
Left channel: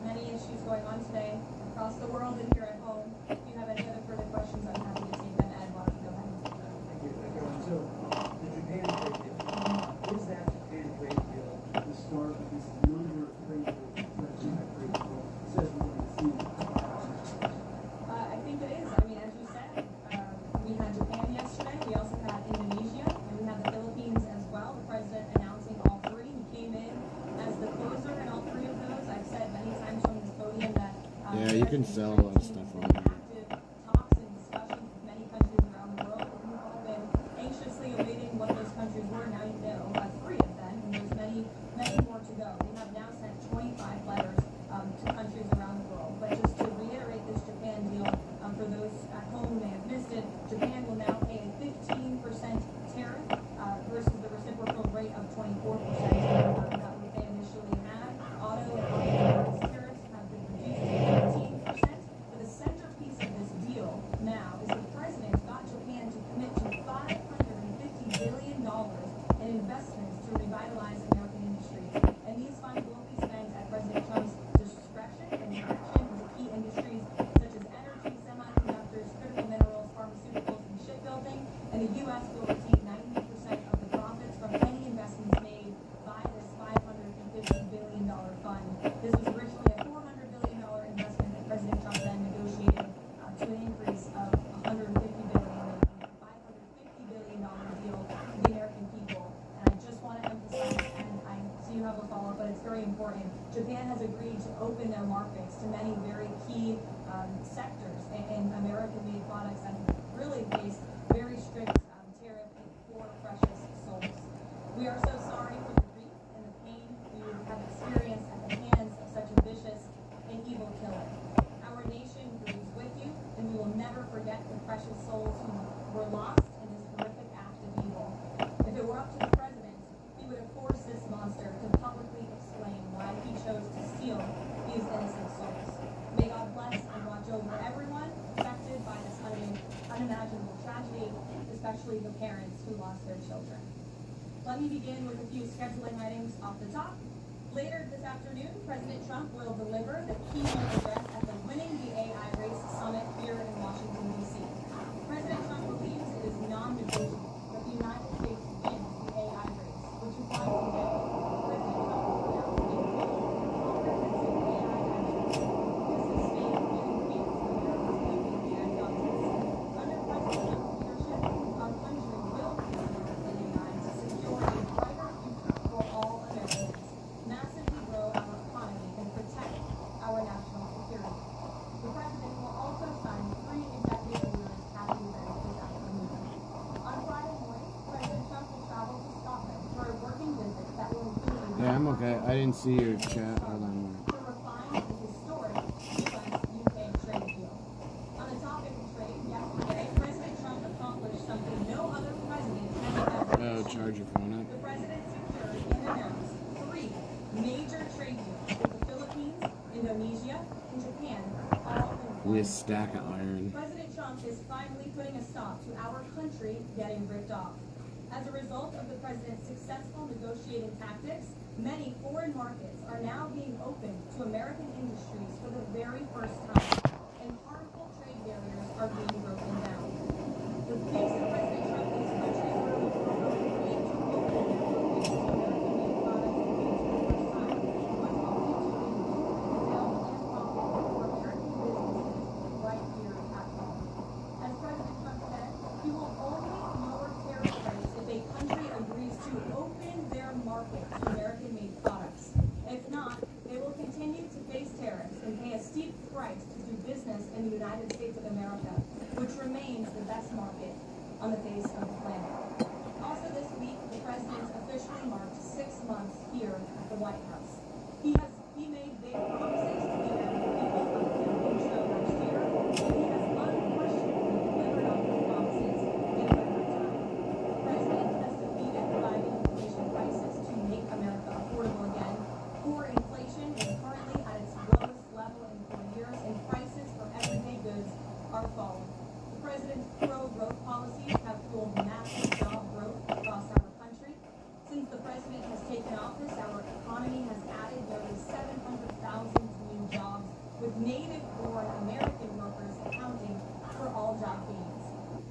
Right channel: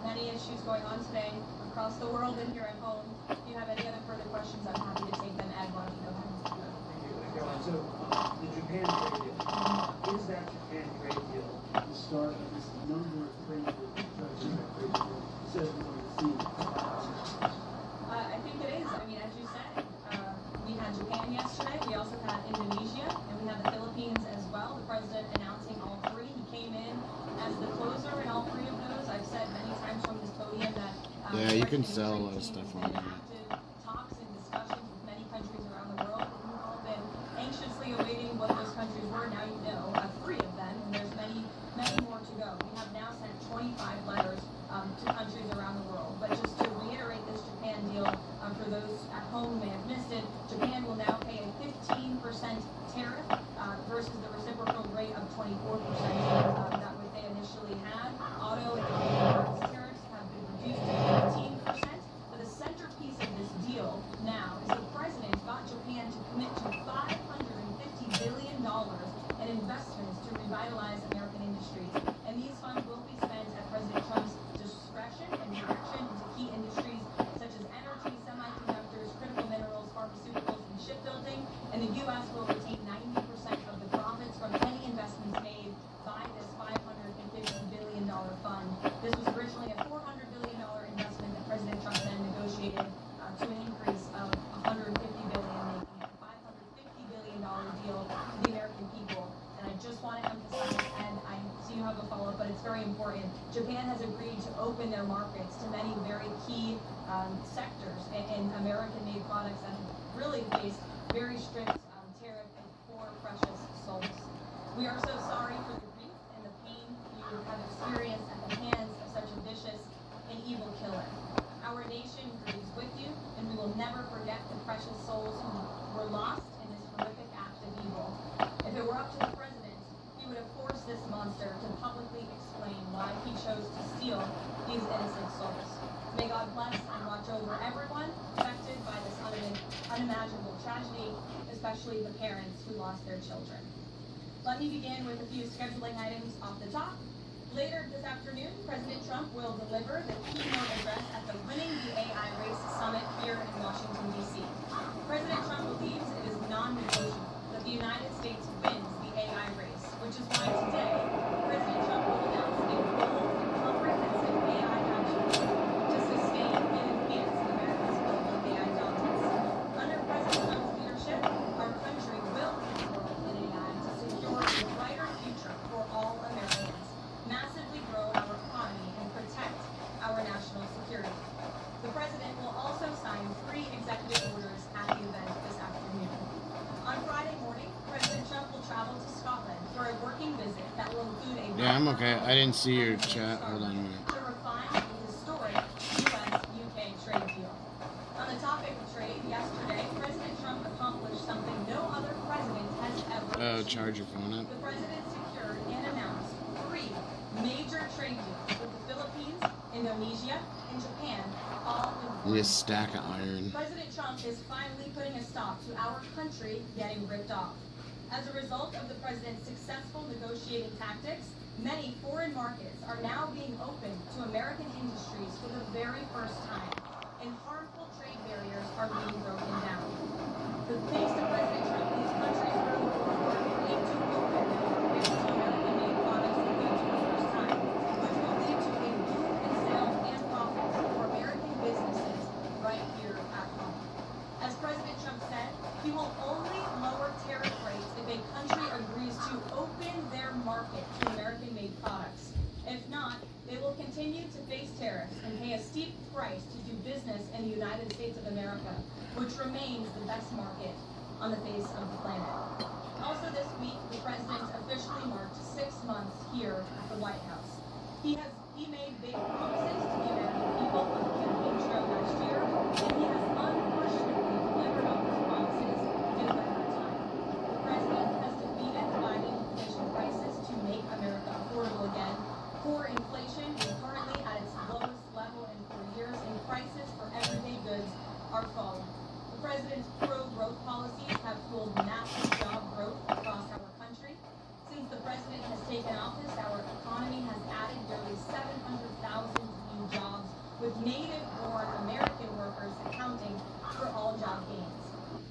many issues going on today across the world and here at home. If you have any other further questions, I'm happy to take them. Ed, why don't you go ahead? Thank you, Caroline. So, the Japan trade deal, is that Japan trade deal the start of this number of trade deals that trade deal says we're going to see? I think it is. I mean, as you said, we had Japan yesterday. We also had Indonesia, and we had the Philippines as well. The president announcing all three. He came in as the closer in all three of those. I've said many times from this podium that Yeah, you can sell a lot of stuff on there. talks and discussions with many countries around the world. We've all been anxiously awaiting what those countries were. Now you know three of them, and there's many, many more to go. We have now sent 25 letters to countries around the world. But just to reiterate this Japan deal, for those at home who may have missed it, Japan will now pay a 15% tariff versus the reciprocal rate of 24% that they initially had. Auto and auto tariffs have been reduced to 15%. But the centerpiece of this deal now is the president got Japan to commit to $550 billion in investments to revitalize American industries. And these funds will be spent at President Trump's discretion and direction into key industries such as energy, semiconductors, critical minerals, pharmaceuticals, and shipbuilding. And the U.S. will retain 90% of the profits from any investments made by this $550 billion fund. This was originally a $400 billion investment that President Trump then negotiated to an increase of $150 billion, making it a $550 billion deal for the American people. And I just want to emphasize, and I see you have a follow-up, but it's very important. Japan has agreed to open their markets to many very key sectors in American-made products that have really faced very strict tariff and poor precious souls. We are so sorry for the grief and the pain you have experienced at the hands of such a vicious and evil killer. Our nation grieves with you, and we will never forget the precious souls who were lost in this horrific act of evil. If it were up to the president, he would have forced this monster to publicly explain why he chose to steal these innocent souls. May God bless and watch over everyone affected by this unimaginable tragedy, especially the parents who lost their children. Let me begin with a few scheduling items off the top. Later this afternoon, President Trump will deliver the keynote address at the Winning the AI Race Summit here in Washington, D.C. President Trump believes it is non-negotiable that the United States wins the AI race, which is why today, President Trump will announce a bold and comprehensive AI action plan to sustain and enhance America's global AI dominance. Under President Trump's leadership, our country will transform in AI to Yeah, I'm okay. I didn't see your chat. Hold on a minute. To refine the historic U.S.-UK trade deal. On the topic of trade, yesterday, President Trump accomplished something no other president has ever. Oh, charge your phone up. The president secured and announced 3 major trade deals with the Philippines, Indonesia, and Japan, all in With a stack of iron. President Trump is finally putting a stop to our country getting ripped off. As a result of the president's successful negotiating tactics, many foreign markets are now being opened to American industries for the very first time, and harmful trade barriers are being broken down. Thanks to President Trump and his country's early forward, aim to open access to American-made products for the first time, which will lead to a boom in sales and profits for American businesses right here at home. As President Trump said, he will only lower tariff rates if a country agrees to open their market to American-made products. If not, they will continue to face tariffs and pay a steep price to do business in the United States of America, which remains the best market on the face of the planet. Also this week, the president officially marked 6 months here at the White House. He made big promises to the American people on the campaign trail last year, and he has unquestionably delivered on his promises in record time. The president has defeated the Biden inflation crisis to make America affordable again. Core inflation is currently at its lowest level in 4 years, and prices for everyday goods are falling. The president's pro-growth policies have fueled massive job growth across our country. Since the president has taken office, our economy has added nearly 700,000 new jobs, with native-born American workers accounting for all job gains.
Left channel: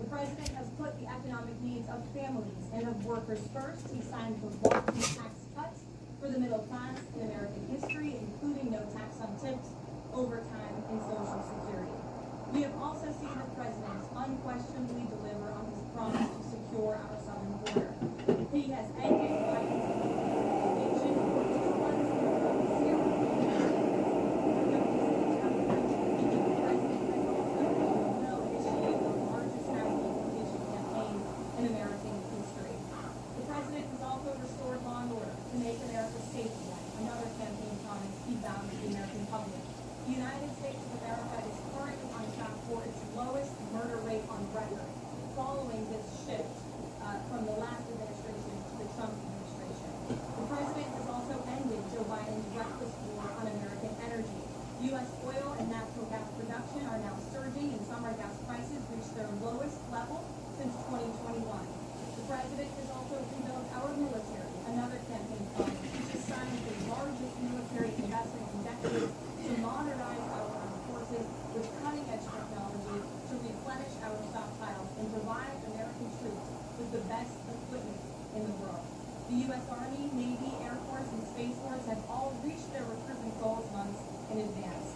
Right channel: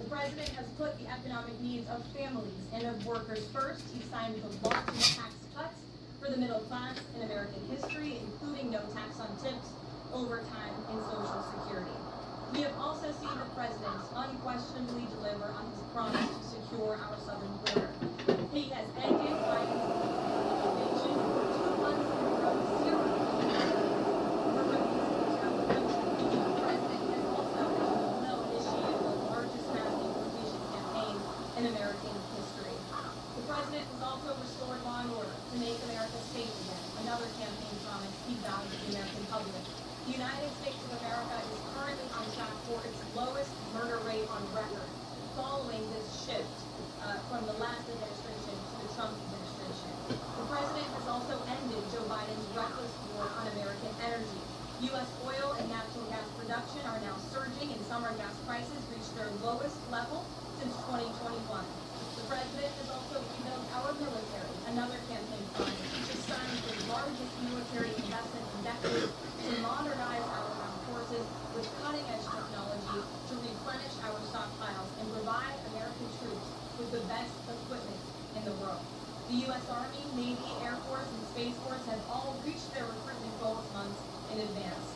The president has put the economic needs of families and of workers first. He signed the largest tax cuts for the middle class in American history, including no tax on tips, overtime, and Social Security. We have also seen the president unquestionably deliver on his promise to secure our southern border. He has ended Biden's invasion 2 months in a row, 0 for good reason. The president has also, as you know, initiated the largest mass deportation campaign in American history. The president has also restored law and order to make America safe again, another campaign promise he vowed to the American public. The United States of America is currently on track for its lowest murder rate on record, following this shift from the last administration to the Trump administration. The president has also ended Joe Biden's reckless war on American energy. U.S. oil and natural gas production are now surging, and summer gas prices reached their lowest level since 2021. The president has also rebuilt our military, another campaign promise, which has signed the largest military investment in decades to modernize our armed forces with cutting-edge technology to replenish our stockpiles and provide American troops with the best equipment in the world. The U.S. Army, Navy, Air Force, and Space Force have all reached their recruitment goals months in advance.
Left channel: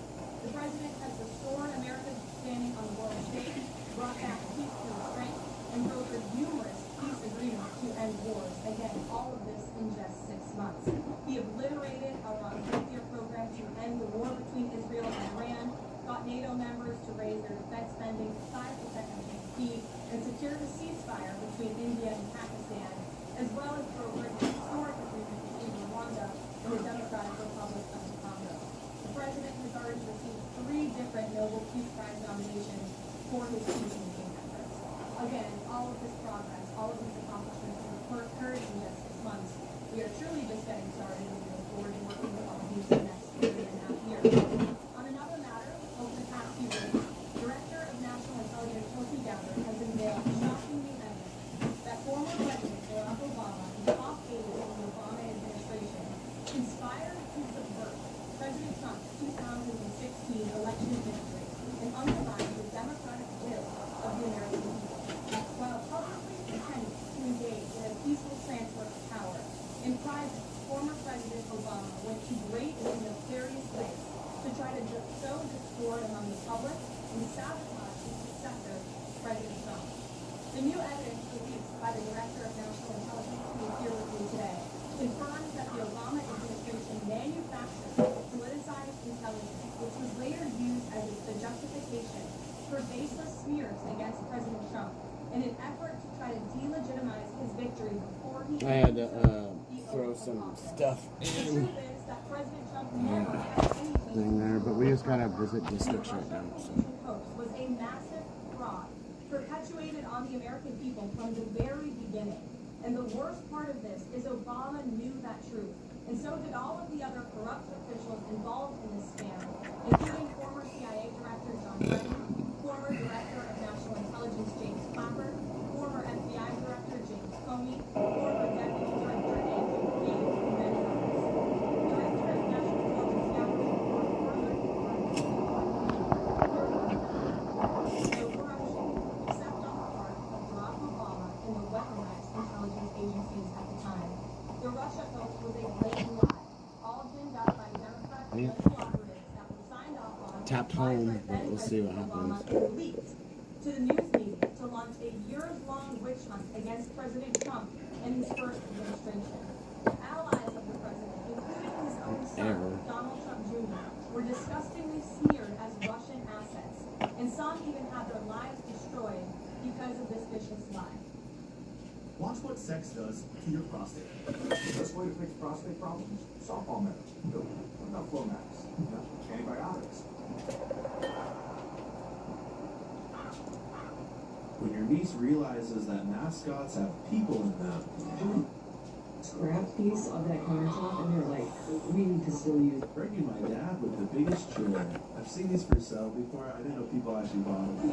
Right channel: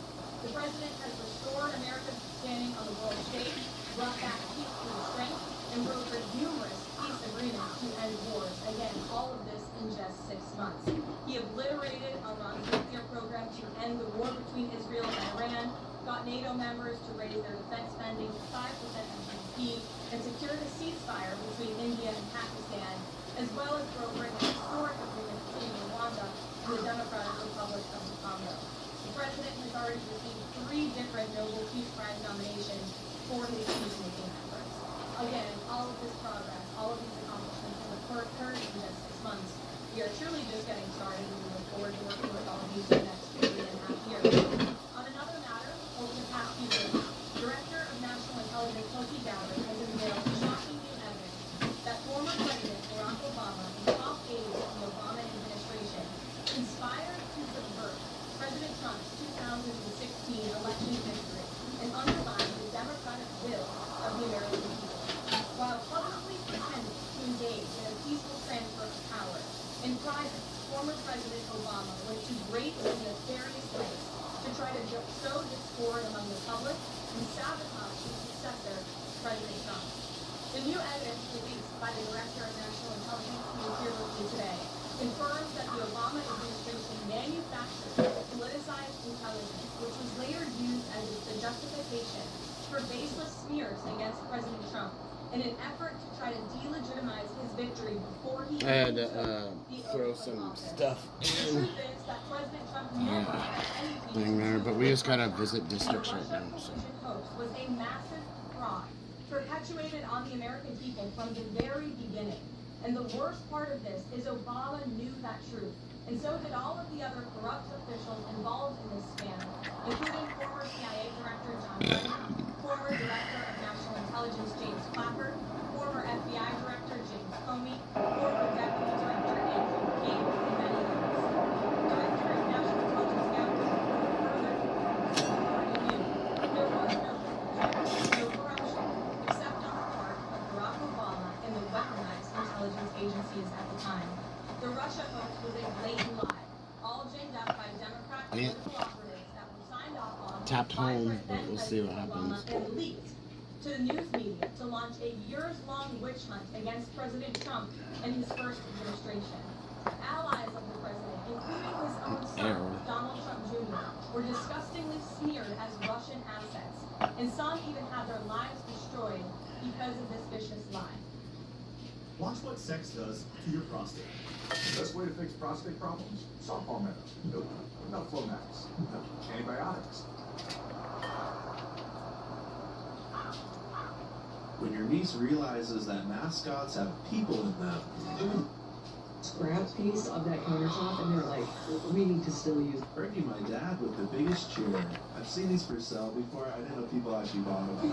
The president has restored America's standing on the world stage, brought back peace through strength, and brokered numerous peace agreements to end wars. Again, all of this in just 6 months. He obliterated Iran's nuclear program to end the war between Israel and Iran, got NATO members to raise their defense spending to 5% of GDP, and secured a ceasefire between India and Pakistan, as well as brokered a historic agreement between Rwanda and the Democratic Republic of the Congo. The president has already received 3 different Nobel Peace Prize nominations for his peacemaking efforts. Again, all of this progress, all of these accomplishments have occurred in just 6 months. We are truly just getting started, and we look forward to working with all of you for the next 3.5 years. On another matter, over the past few weeks, Director of National Intelligence Tulsi Gabbard has revealed shocking new evidence that former President Barack Obama and top aides of the Obama administration conspired to subvert President Trump's 2016 election victory and undermine the democratic will of the American people. While publicly pretending to engage in a peaceful transfer of power, in private, former President Obama went to great and nefarious lengths to try to sow discord among the public and sabotage his successor, President Trump. The new evidence released by the Director of National Intelligence, who is here with me today, confirms that the Obama administration manufactured politicized intelligence, which was later used as the justification for baseless smears against President Trump in an effort to try to delegitimize his victory before he the throw some stuff in. Thing there, but we just gotta visit districts right now. So. Was a massive fraud perpetuated on the American people from the very beginning. And the worst part of this is Obama knew that truth. And so did all of the other corrupt officials involved in this scandal, including former CIA Director John Brennan, former Director of National Intelligence James Clapper, former FBI Director James Comey, former Deputy Director Andrew Gates, and many others. Director of National Intelligence Gathering further, there was no corruption, except on the part of Barack Obama and the weaponized intelligence agencies at the time. The Russia hoax was a blatant lie, all ginned up by Democrat political operatives that were signed off on. Tapped home, but we'll see what happens. And leaked to the news media to launch a years-long witch hunt against President Trump and his first administration. Allies of the president, including his own son, Donald Trump Jr., were disgustingly smeared as Russian assets, and some even had their lives destroyed because of this vicious lie. Watch what sex does to your prostate. The best way to fix prostate problems? Softball medicine. No Flomax. No antibiotics. When your niece realizes that mascots have people in them. Grab a piece of that countertop and they're like, we need to still use it. Bernie, my dad, with the biggest chair. I've seen these for sale before. I didn't know people actually bought them.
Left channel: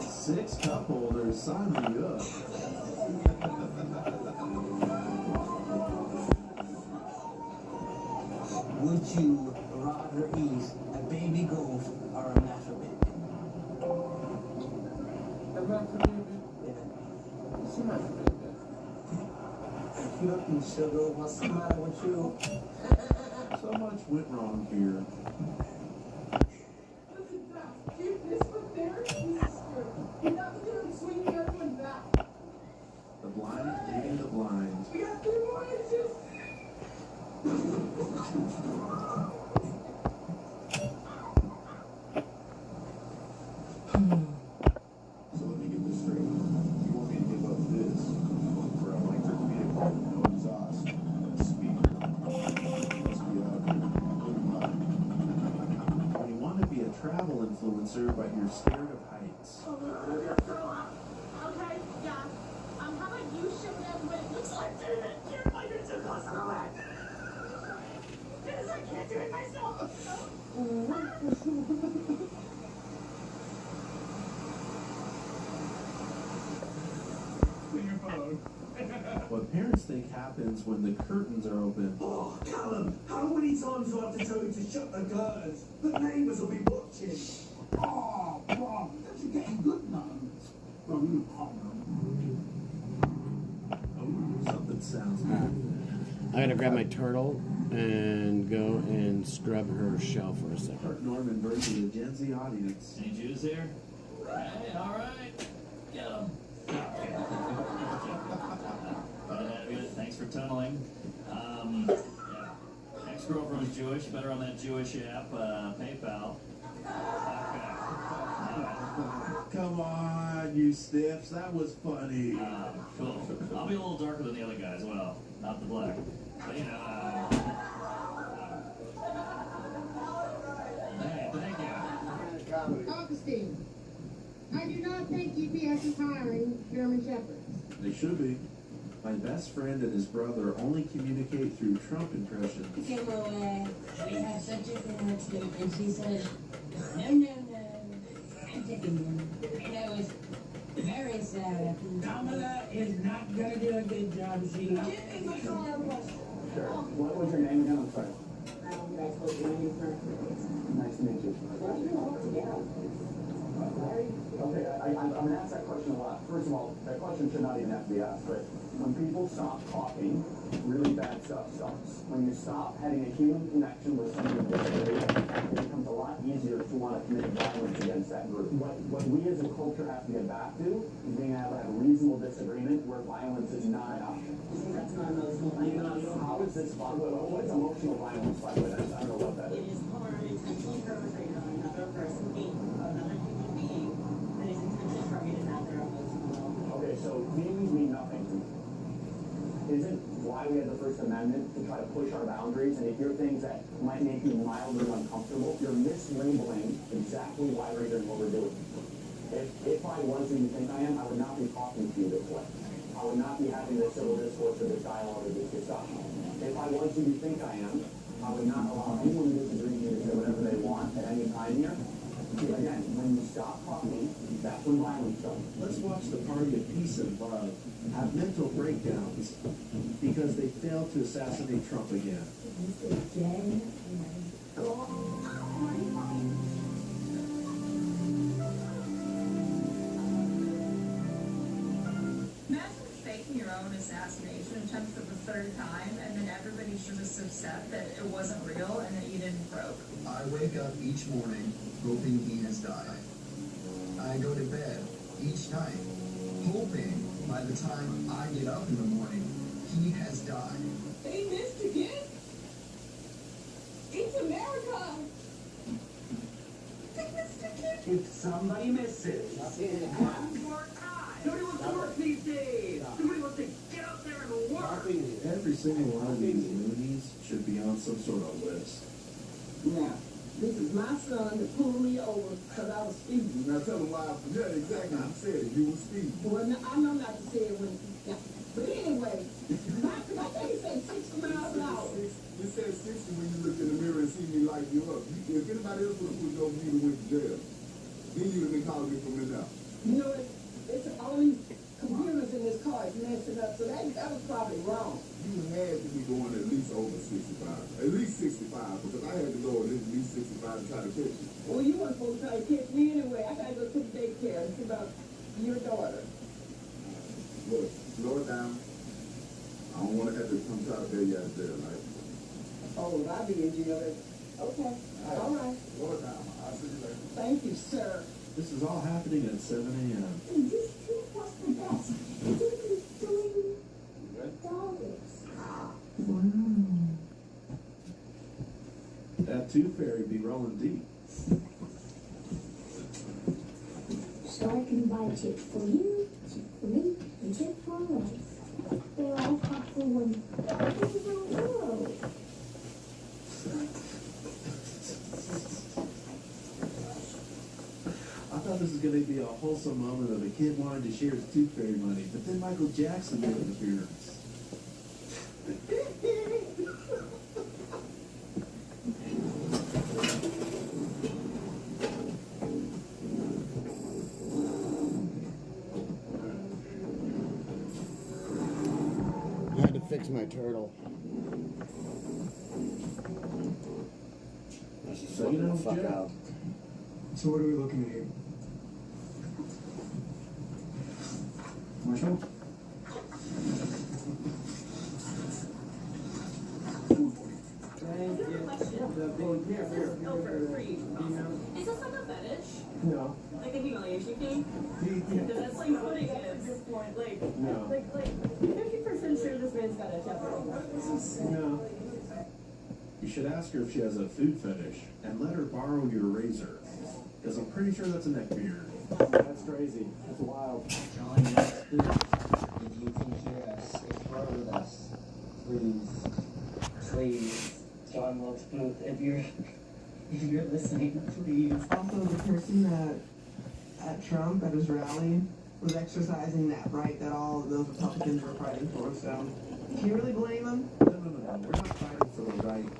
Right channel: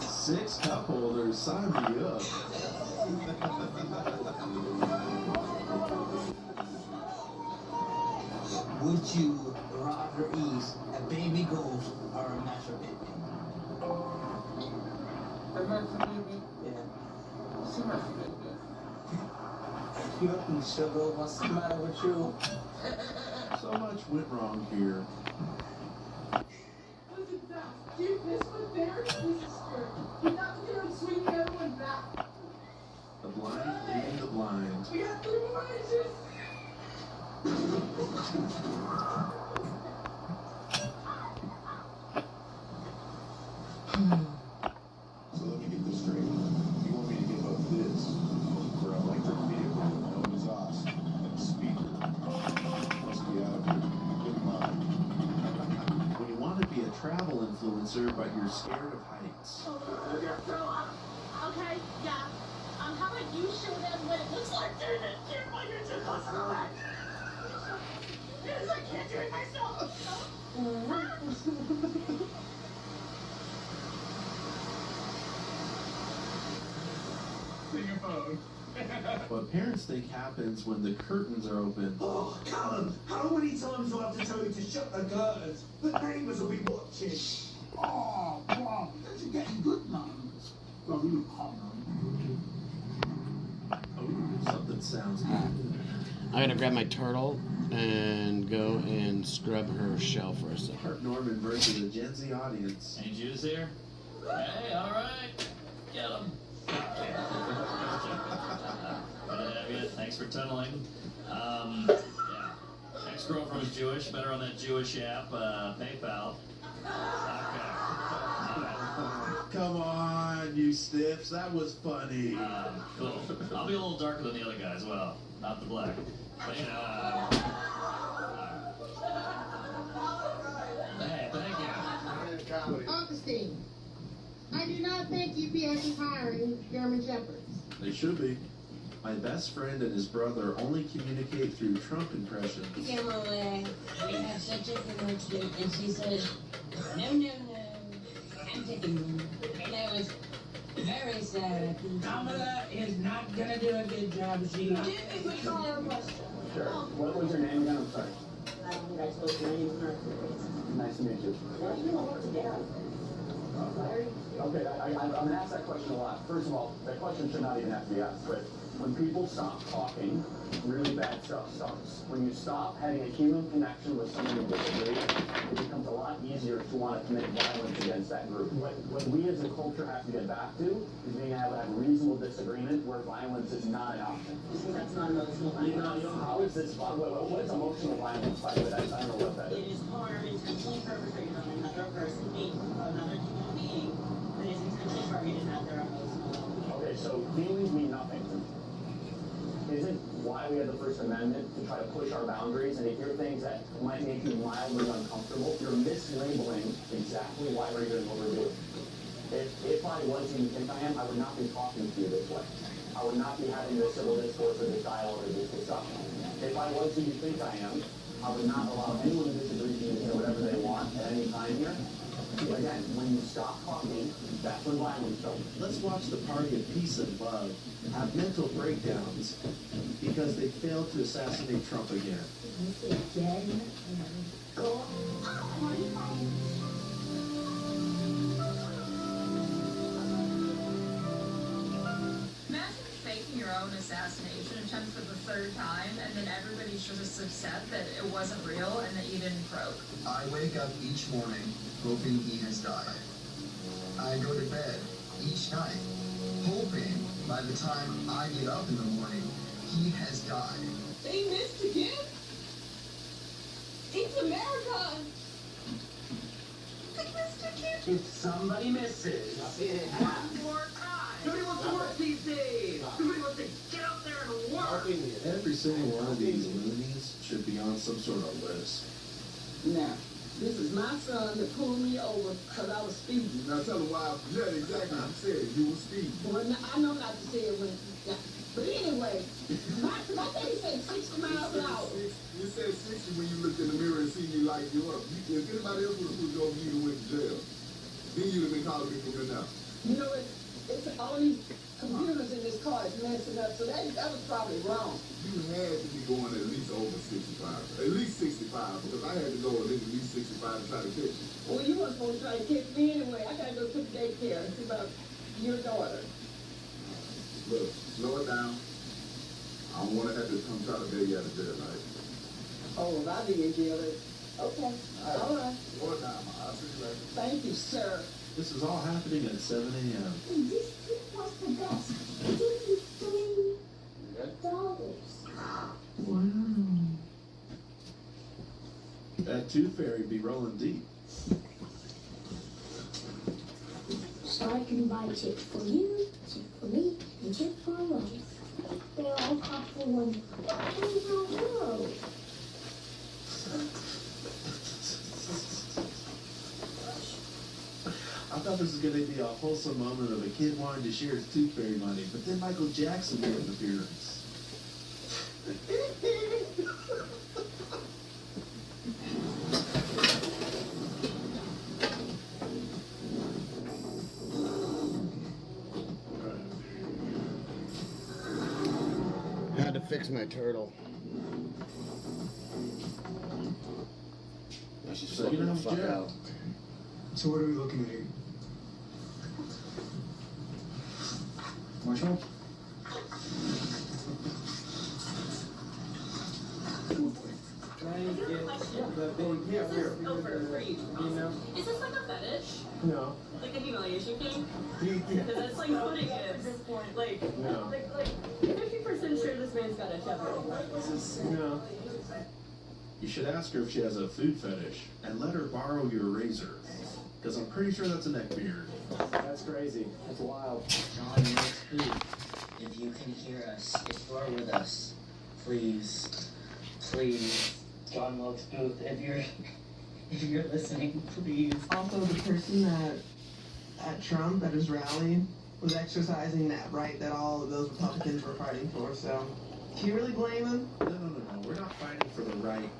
6 cup holders, sign me up. Would you rather eat a baby goat or a mashed baby? A mashed baby? Yeah. What's a mashed baby? Nothing, sugar. What's the matter with you? So much went wrong here. Listen, Dad, keep this one there, piece of skirt. You're not going to swing the other one back. The blind leading the blind. We got 3 more inches. So let me get this straight. You want me to give up this for an electric vehicle with no exhaust and a speaker? Must be out of your good mind. When you want to be a travel influencer, but you're scared of heights. Okay, yeah. How about you show them what it looks like doing it? You're going to do this and all that. Because I can't do it myself. Your phone. What parents think happens when the curtains are open. Oh, Callum, how many times do I have to tell you to shut the curtains? The neighbours will be watching. Oh, wow. You're getting good now. Well, you Oh, something sounds good. I'm gonna grab my turtle and go and scrub her shell for a second. Kirk Norman versus the Gen Z audience. Any Jews here? Hey, all right. Get them. Good. Thanks for tunneling. Yeah. Ex-girlfriend's Jewish. Better on that Jewish app, PayPal. Okay. Come on, you stiffs. That was funny. Cool. I'll be a little darker than the other guy as well. Not the black. But, you know, hey, thank you. Augustine, I do not think UPS is hiring German Shepherds. They should be. My best friend and his brother only communicate through Trump impressions. We had such a good birthday, and she said, no, no, no, I'm taking you. And it was very sad. Kamala is not going to do a good job. She did is a car question. Sure. What was your name again? I'm sorry. Nice to meet you. Okay, I'm going to ask that question a lot. First of all, that question should not even have to be asked, but when people stop talking, really bad stuff starts. When you stop having a human connection with someone with disability, it becomes a lot easier to want to commit violence against that group. What we as a culture have to get back to is being able to have reasonable disagreement where violence is not an option. That's not emotional violence. How is this fun? What is emotional violence, by the way? I don't know what that is. It is harm intentionally perpetrated on another person, another human being, that is intentionally targeted at their emotional well-being. Okay, so feelings mean nothing. why we have the First Amendment, to try to push our boundaries and to hear things that might make you mildly uncomfortable. You're mislabeling exactly why we're doing what we're doing. If I was who you think I am, I would not be talking to you this way. I would not be having this civil discourse or this dialogue or this discussion. If I was who you think I am, I would not allow anyone who disagrees with me to say whatever they want at any time here. Again, when you stop talking, that's when violence starts. Let's watch the party of peace and love have mental breakdowns because they failed to assassinate Trump again. Imagine faking your own assassination attempt for the third time, and then everybody's just upset that it wasn't real and that you didn't croak. I wake up each morning hoping he has died. I go to bed each night hoping by the time I get up in the morning, he has died. They missed again? It's America! They missed again! If somebody misses, One more time! Nobody wants to work these days! Nobody wants to get out there and work! Every single one of these loonies should be on some sort of list. Now, this is my son that pulled me over because I was speeding. Now tell him why. Yeah, exactly. You said it. You were speeding. Well, I know not to say it when. Yeah. But anyway, my thing said 60 miles an hour. You said 60 when you looked in the mirror and seen you like you up. If anybody else would have put you over, you'd have went to jail. Then you'd have been calling me from the now. You know, it's all these computers in this car is messing up, so that was probably wrong. You had to be going at least over 65. At least 65, because I had to go at least 65 to try to catch you. Well, you weren't supposed to try to catch me anyway. I gotta go to the daycare and see about your daughter. Look, slow it down. I don't want to have to come try to bail you out of jail, right? Oh, well, I'll be in jail. Okay, all right. Slow it down. I'll see you later. Thank you, sir. This is all happening at 7 a.m. This trip was the best. $53. Wow. That tooth fairy be rolling deep. So I can buy a chip for you, chip for me, and chip for life. They all cost for one. Oh, I thought this was going to be a wholesome moment of a kid wanting to share his tooth fairy money, but then Michael Jackson made an appearance. I had to fix my turtle. I should So you know, the fuck Jeff. out. So what are we looking at here? Marshall? Is this like a fetish? No. Like a humiliation thing? Because that's like what it is. Like, No. like 50% sure this man's got a Jeopardy. No. You should ask her if she has a food fetish and let her borrow your razor, because I'm pretty sure that's a neck beard. That's crazy. It's wild. John likes food. If you can hear us, if you're with us, please, please, John Wilkes Booth, if you're listening, please. Also, the person that at Trump at his rally was exercising that right that all of those Republicans were fighting for. So, can you really blame them? No. We're not fighting for the right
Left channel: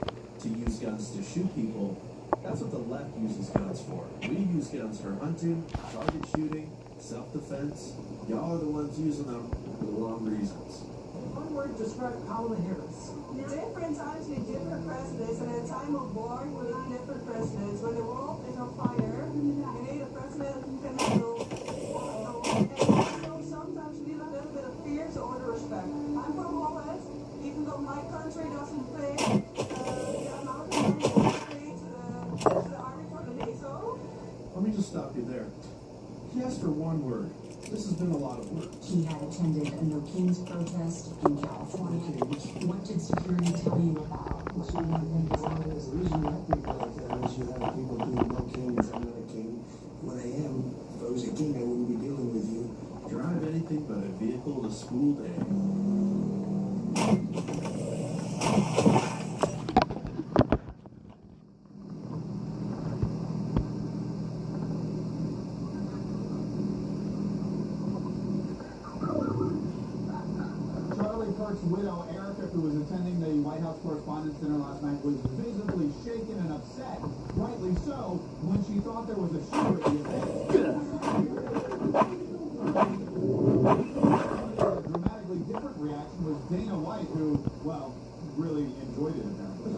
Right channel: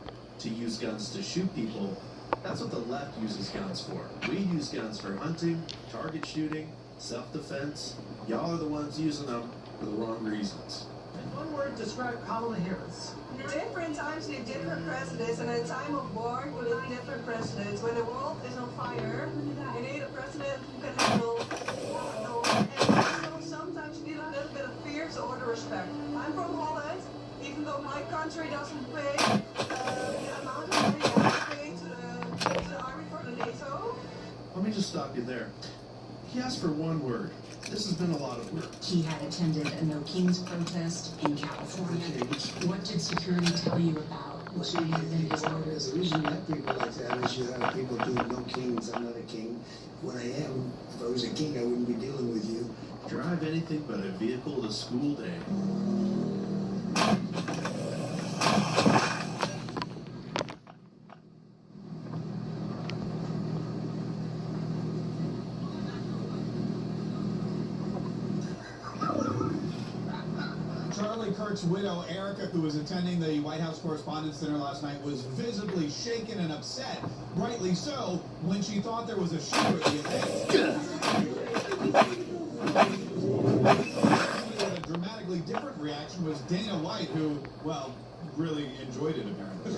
to use guns to shoot people. That's what the left uses guns for. We use guns for hunting, target shooting, self-defense. Y'all are the ones using them for the wrong reasons. One word to describe Kamala Harris. Different times need different presidents, and in a time of war, we need different presidents. When the world is on fire, you need a president who can handle and sometimes you need a little bit of fear or the respect. I'm from Holland, even though my country doesn't pay the amount of money that we pay to the army for the NATO. Let me just stop you there. He asked for one word. This has been a lot of work. He had attended a No Kings protest in California. What did security tell you about what he had been disorders? The reason you have people like that is you have people doing no kings. I'm not a king. When I am, if I was a king, I wouldn't be dealing with you. Drive anything but a vehicle to school day. Kurt's widow, Erica, who was attending the White House Correspondents' Dinner last night, was visibly shaken and upset, rightly so, when she thought there was a shooter at the event. A dramatically different reaction was Dana White, who, well, really enjoyed it, apparently.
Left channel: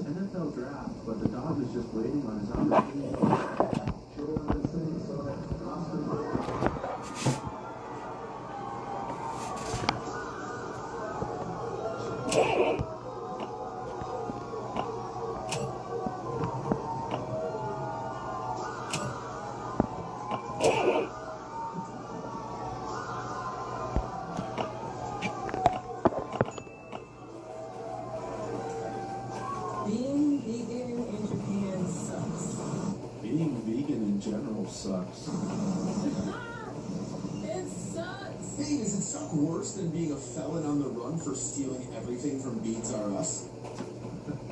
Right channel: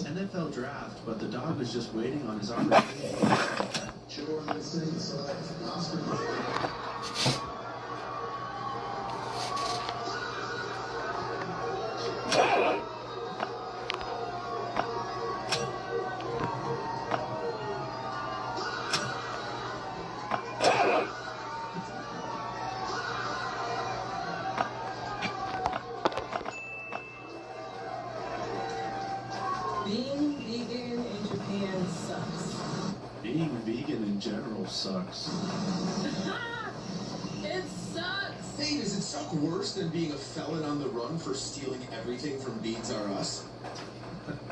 NFL draft, but the dog was just waiting on his opportunity. Being vegan in Japan sucks. Being vegan in general sucks. It sucks. Hey, does it suck worse than being a felon on the run for stealing everything from Beads R Us?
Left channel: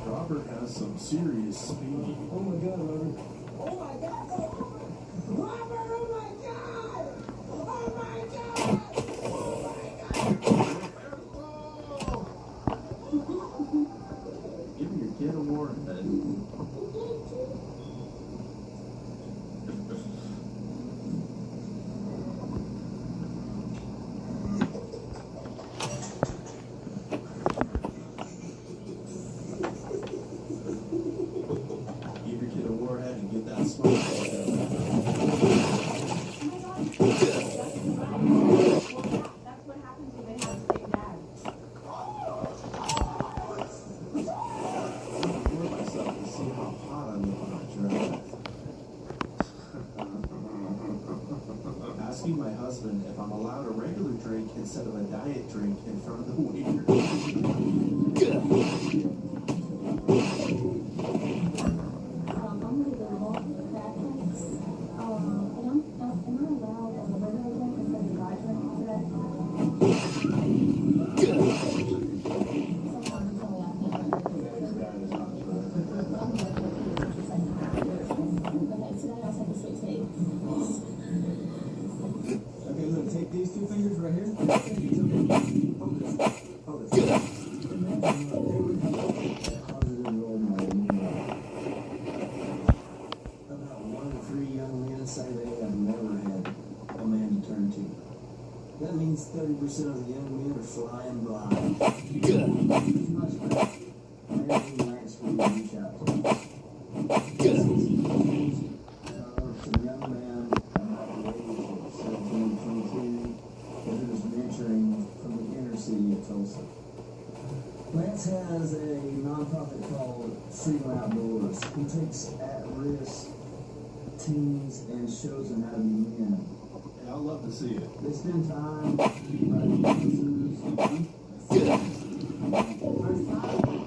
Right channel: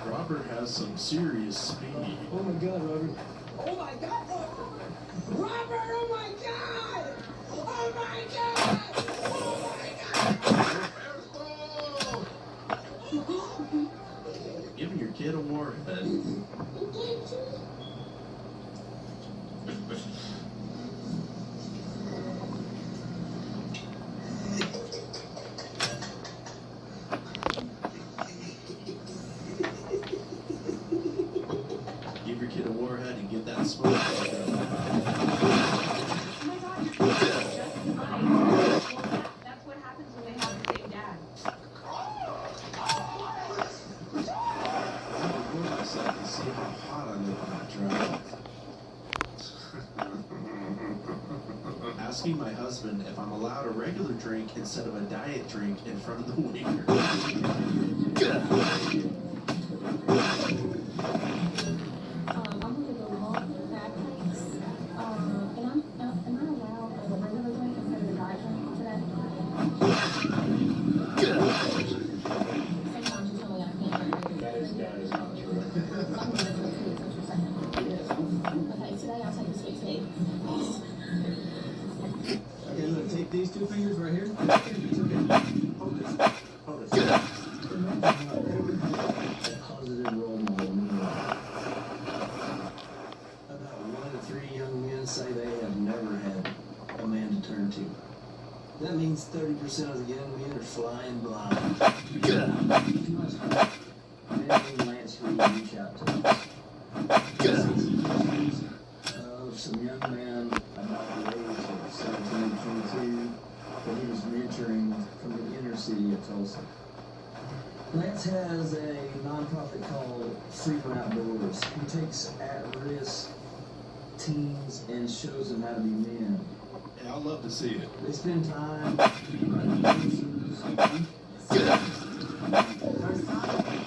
Robert has some serious speed. Oh my god, Robert. Oh my god! Robert, oh my god! Oh my god! Oh my god! Giving your kid a warhead. Give your kid a warhead and get that smoke. That's what happens when they have the same dad. Myself and see how hot I look on that drive. Asking my husband if I'm allowed a regular drink instead of a diet drink in front of the waiter. Okay, look, take these two fingers right here. Hold this. Hold this. Positive role model. About 1 in 3 young men say they have never had a man to turn to. That means 30% of the young men are flying blind. Too much. Maybe Lance Reed reach out to us. Some young man about the age of 17, 22 that he was mentoring from the inner city of Tulsa. Lance has a nonprofit called Freedom Outdoors. He takes at-risk teens and shows them how to be men. Yeah, I'd love to see it. They spend time writing courses.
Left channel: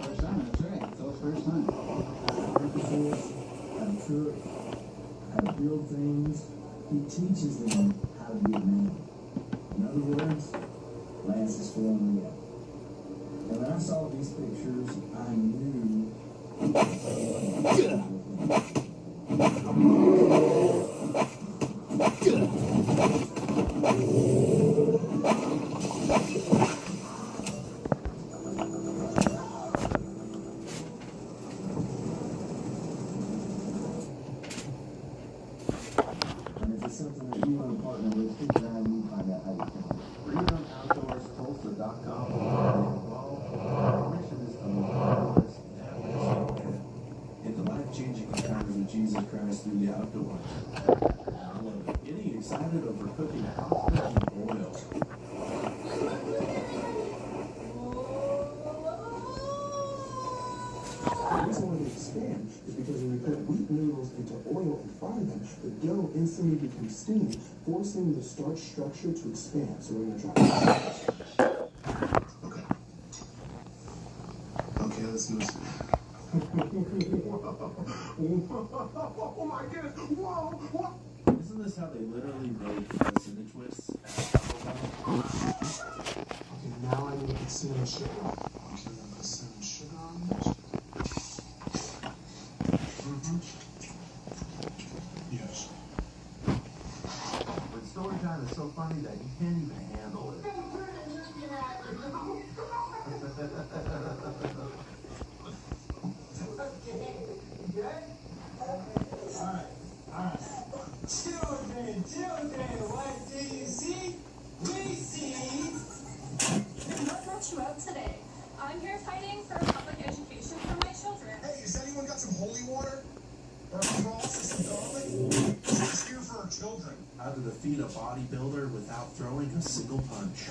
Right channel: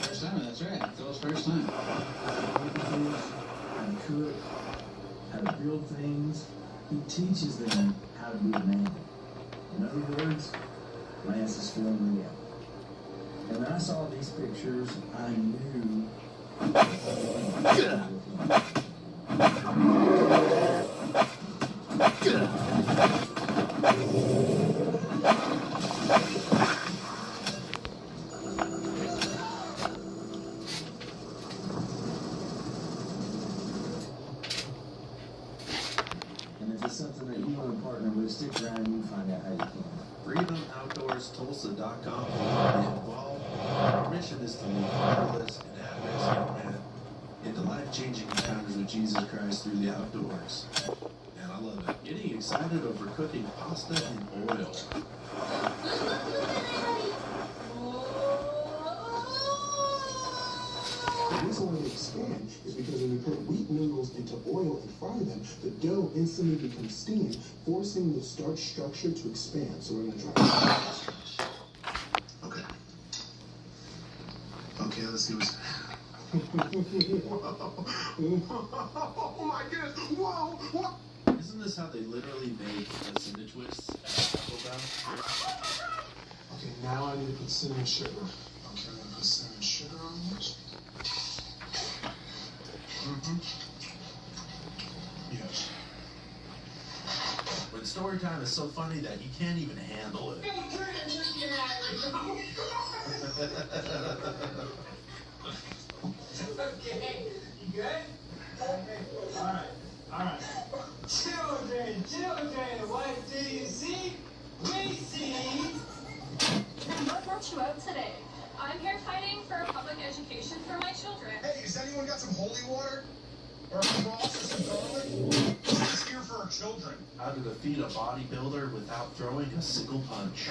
First time, that's right. Phil's first time. How to fish, how to cook, how to build things. He teaches them how to be a man. In other words, Lance is filling me out. And when I saw these pictures, I knew and if it's something that you want to partner with, stick around and you find out how you can. FreedomOutdoorsTulsa.com. Involved. Our mission is to lead fatherless and at-risk young men into life-changing encounters with Jesus Christ through the outdoors. And I love it. Getting excited over cooking pasta in oil. The reason why they expand is because when you put wheat noodles into oil and fry them, the dough instantly becomes steamed, forcing the starch structure to expand. So we're going to try. Okay. Okay, let's see what's... Oh my goodness! Whoa! What? Isn't this how they literally make the cinder twists at Taco Bell? Okay, now Now I need to put cinnamon sugar on it. Okay, I'm gonna put cinnamon sugar on this. Yes. But story time is so funny that he can't even handle it. Okay, you good? Alright. Children, what do you see? We see. What brought you out today? I'm here fighting for public education for my children. Hey, has anyone got some holy water? Or a cross or some garlic? This is here for our children. How to defeat a bodybuilder without throwing a single punch.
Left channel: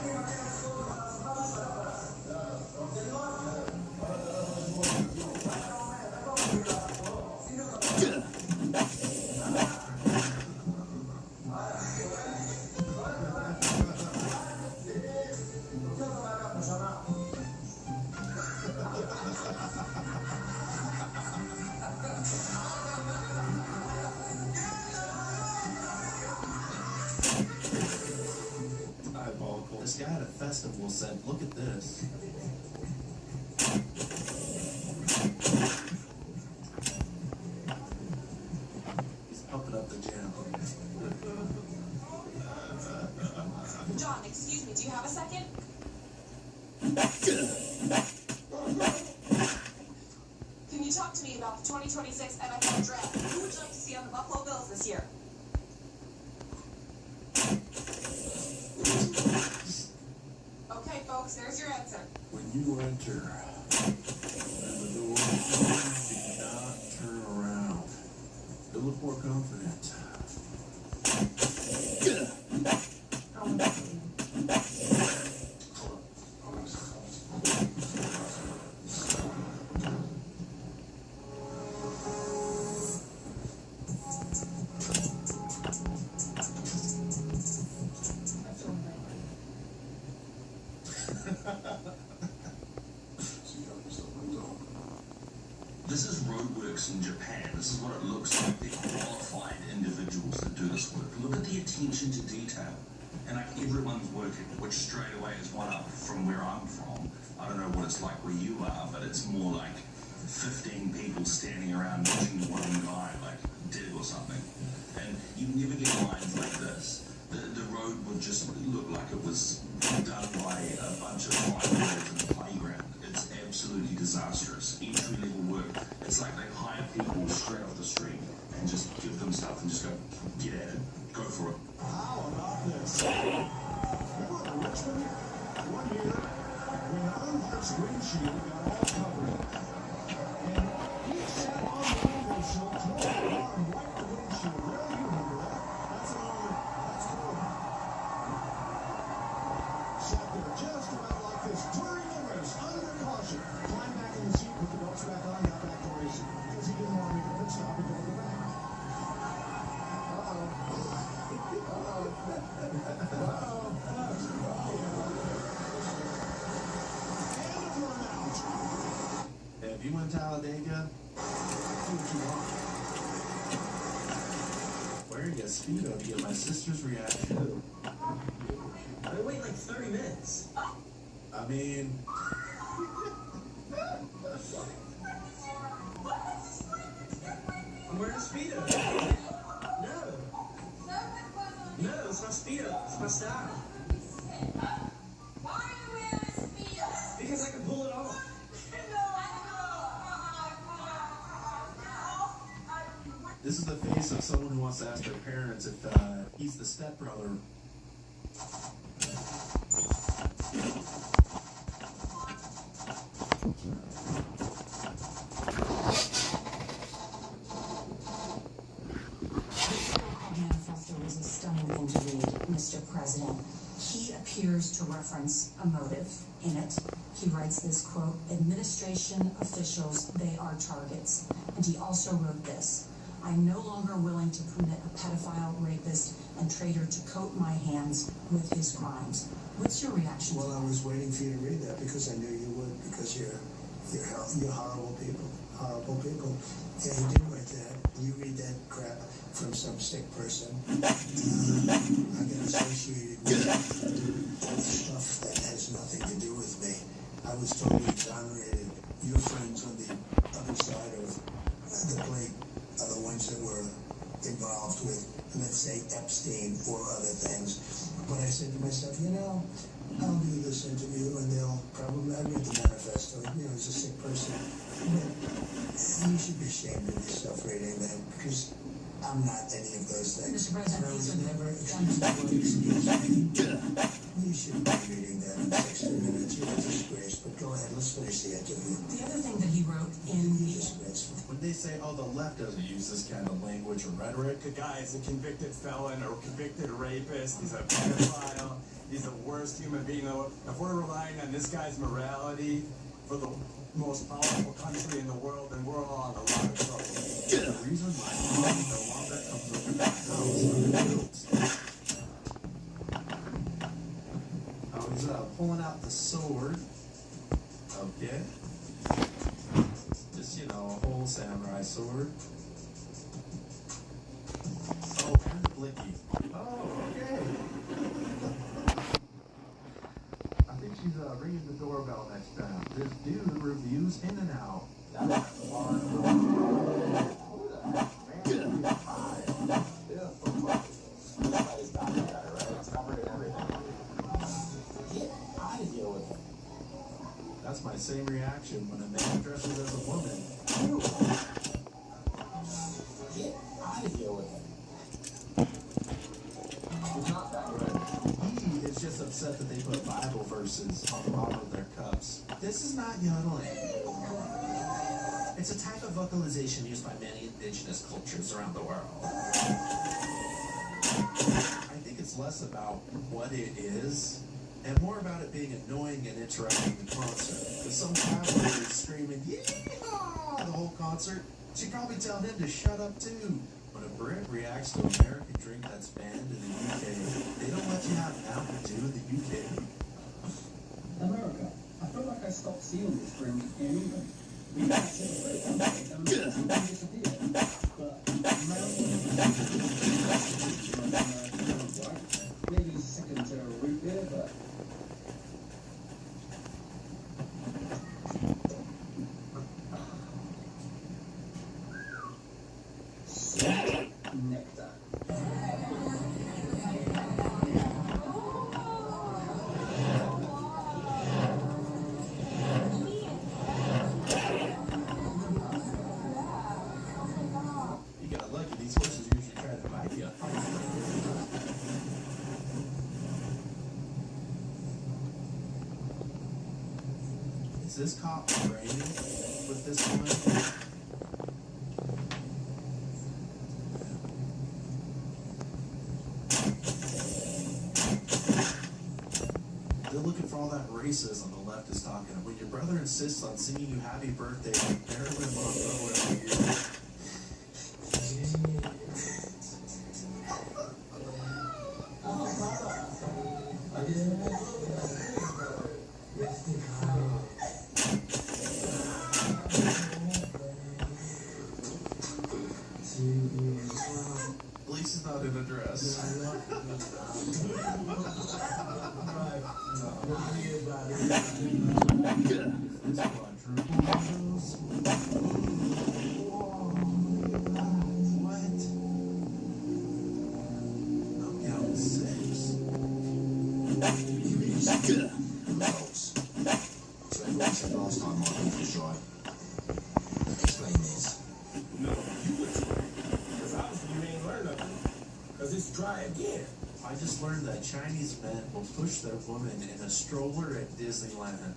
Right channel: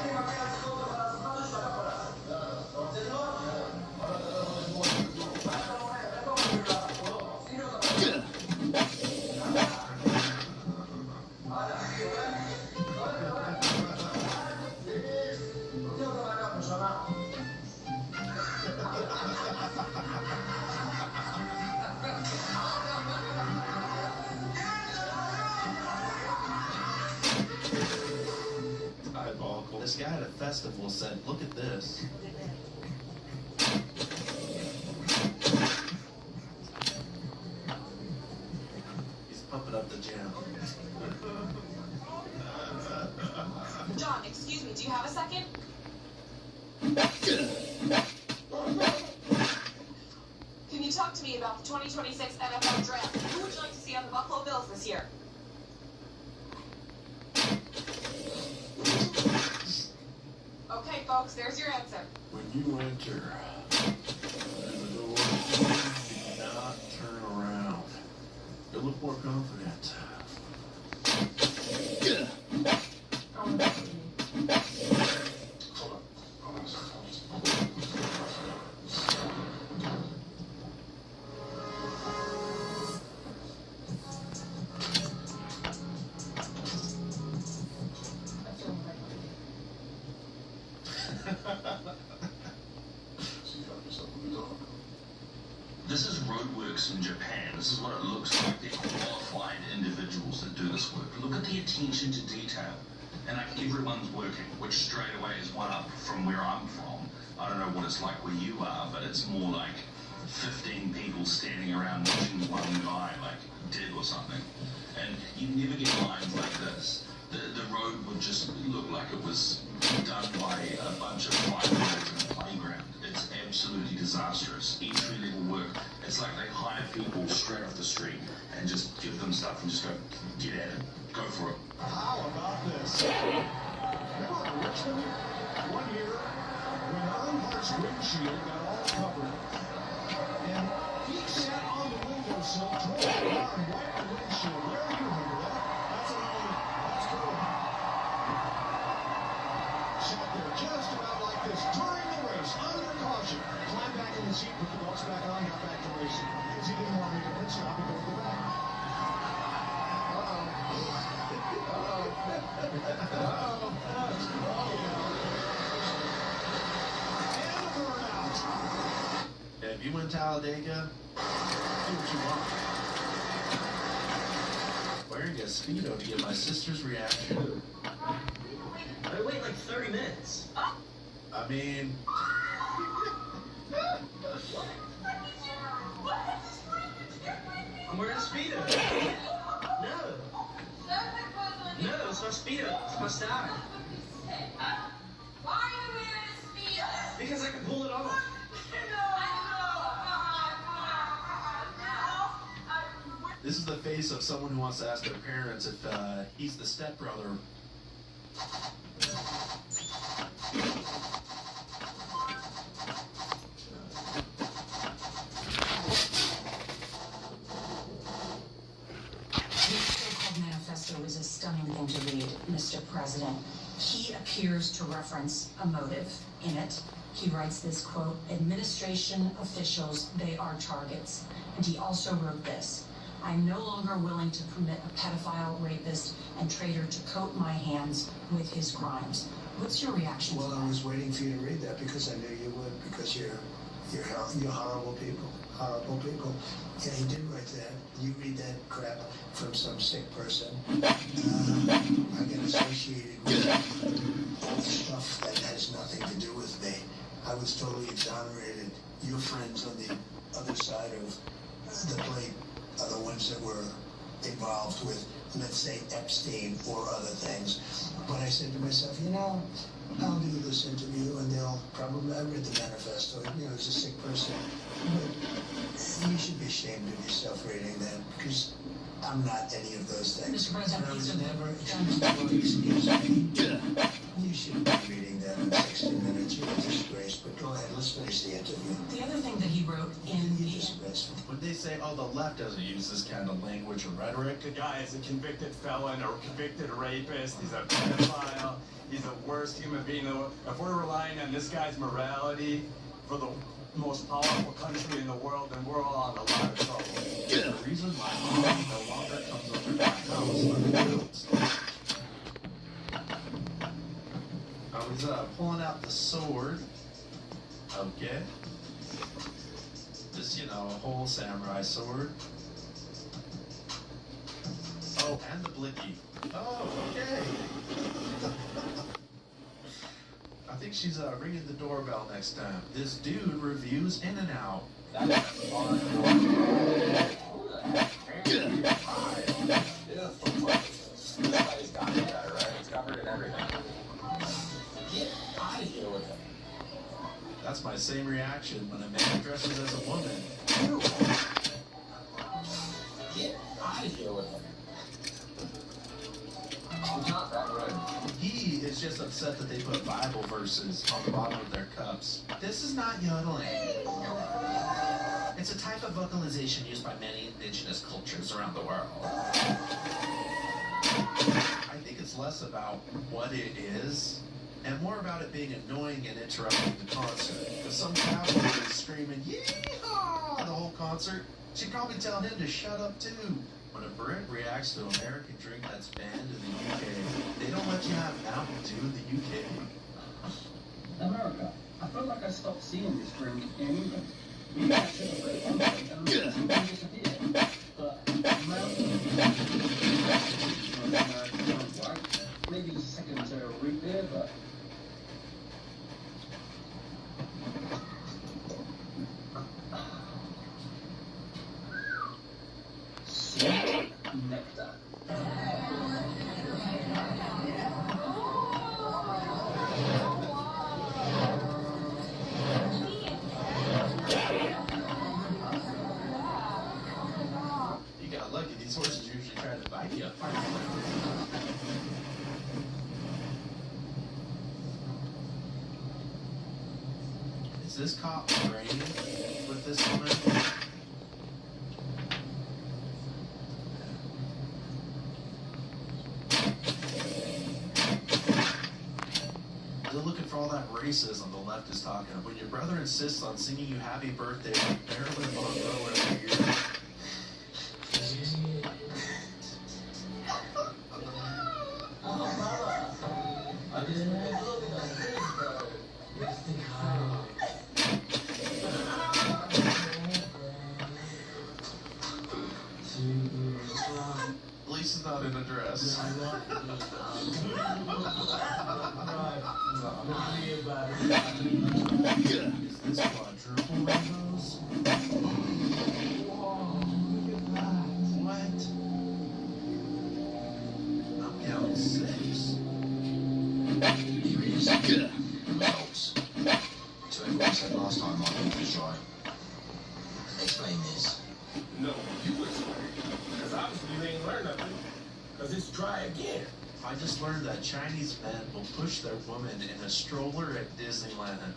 This guy at a festival said, look at this. He's pumping up the jam. John, excuse me, do you have a second? Can you talk to me about the 2026 NFL draft? Who would you like to see on the Buffalo Bills this year? Okay, folks, there's your answer. When you enter the door, do not turn around. To look more confident. This is roadworks in Japan. This is what it looks like. They're qualified individuals that do this work. Look at the attention to detail. And like everyone's working, which straight away is one up from where I'm from. I don't know what it's like where you are, but it's more like 15 people standing around watching one guy like dig or something. And you'd never get lines like this. The road would just look like it was done by a bunch of 5-year-olds in a playground. It's absolutely disastrous. Entry-level work. It's like they hire people straight off the street and just give them stuff and just go, get at it. Go for it. How about this? Remember in Richmond, one year, when Earnhardt's windshield got all covered up? And he sat on the windowsill, tore the car, and wiped the windshield. Where do you remember that? That's cool. Sat there just about like this during the race, under caution. Climbed back in the seat, put the belts back on, got back to racing. Because he didn't want me to pit stop and go to the back. If you went to Talladega, do what you want. Wearing a Speedo to get my sister's reaction. I wait like 30 minutes. I mean... I'm wearing a Speedo. No. No, it's my Speedo. It's my style. Why are you wearing a Speedo? Because I can pull it off. This is the face of someone who wants to ask their parents if he's the stepbrother. Manifesto is a stunning thing to read, Mr. President. He appears to reference a motive in it. He writes this quote, administration officials, they are targets. And he also wrote this, I'm no longer willing to permit a pedophile, rapist, and traitor to coat my hands with his crimes. What's your reaction to that? Well, I was waiting for you to read that because I knew you would, because you're You're horrible people. Horrible people. Yeah, he did write that. You read that crap from some sick person. I get associated with stuff that has nothing to do with me. I was totally exonerated. Your friends on the other side of the plate are the ones that were involved with, let's say, Epstein or other things. But I said to myself, you know, I'll do this interview and they'll probably, I read the manifesto, you know, he's a sick person. But you should be ashamed of yourself reading that, because I'm not any of those things. Mr. President, I was please never, excuse me. You shouldn't be reading that in 60 minutes. You're a disgrace. But go ahead, let's finish the interview. The other thing that he wrote in the... When they say, oh, the left doesn't use this kind of language or rhetoric. The guy is a convicted felon or convicted rapist. He's a pedophile. He's the worst human being. If we're relying on this guy's morality for the most powerful country in the world, then we're all in a lot of trouble. The reason why he no longer comes over to my house. He's pulling out the sword. Okay. Just, you know, a whole samurai sword. Oh, and the blicky. Oh, okay. I think she's ringing the doorbell next time. This dude reviews In-N-Out. That's my same reaction when a man dresses as a woman. Get out of here with it. It's not that right. He is just upset that they put Bible verses on the bottom of their cups. This is not yodeling. It's a type of vocalization used by many indigenous cultures around the world. I think it's less about what it is and more about it being annoying and interrupting the concert. If some cowboy is screaming, "Yeehaw!" the whole concert, she'd probably tell him to shut up too. When a Brit reacts to an American drink that's banned in the UK, they don't let you have Mountain Dew in the UK. America, I feel like I stopped seeing this drink in England. We actually disappeared. But Mountain Dew, maybe second to root beer, but nectar. You got lucky. These horses usually try to bite you. Is this cop agreeing with this woman? They're looking for all that racism the left is talking. When your brother insists on singing you happy birthday like Marilyn Monroe every year. At least it's not in a dress. Is this quadruple windows? What? I'm counting 6. So everyone said last time my beef was dry. Explain this. No, you explain. Because obviously you ain't learned nothing. Because it's dry again. I just learned that Chinese men will push their woman in a stroller at Disneyland.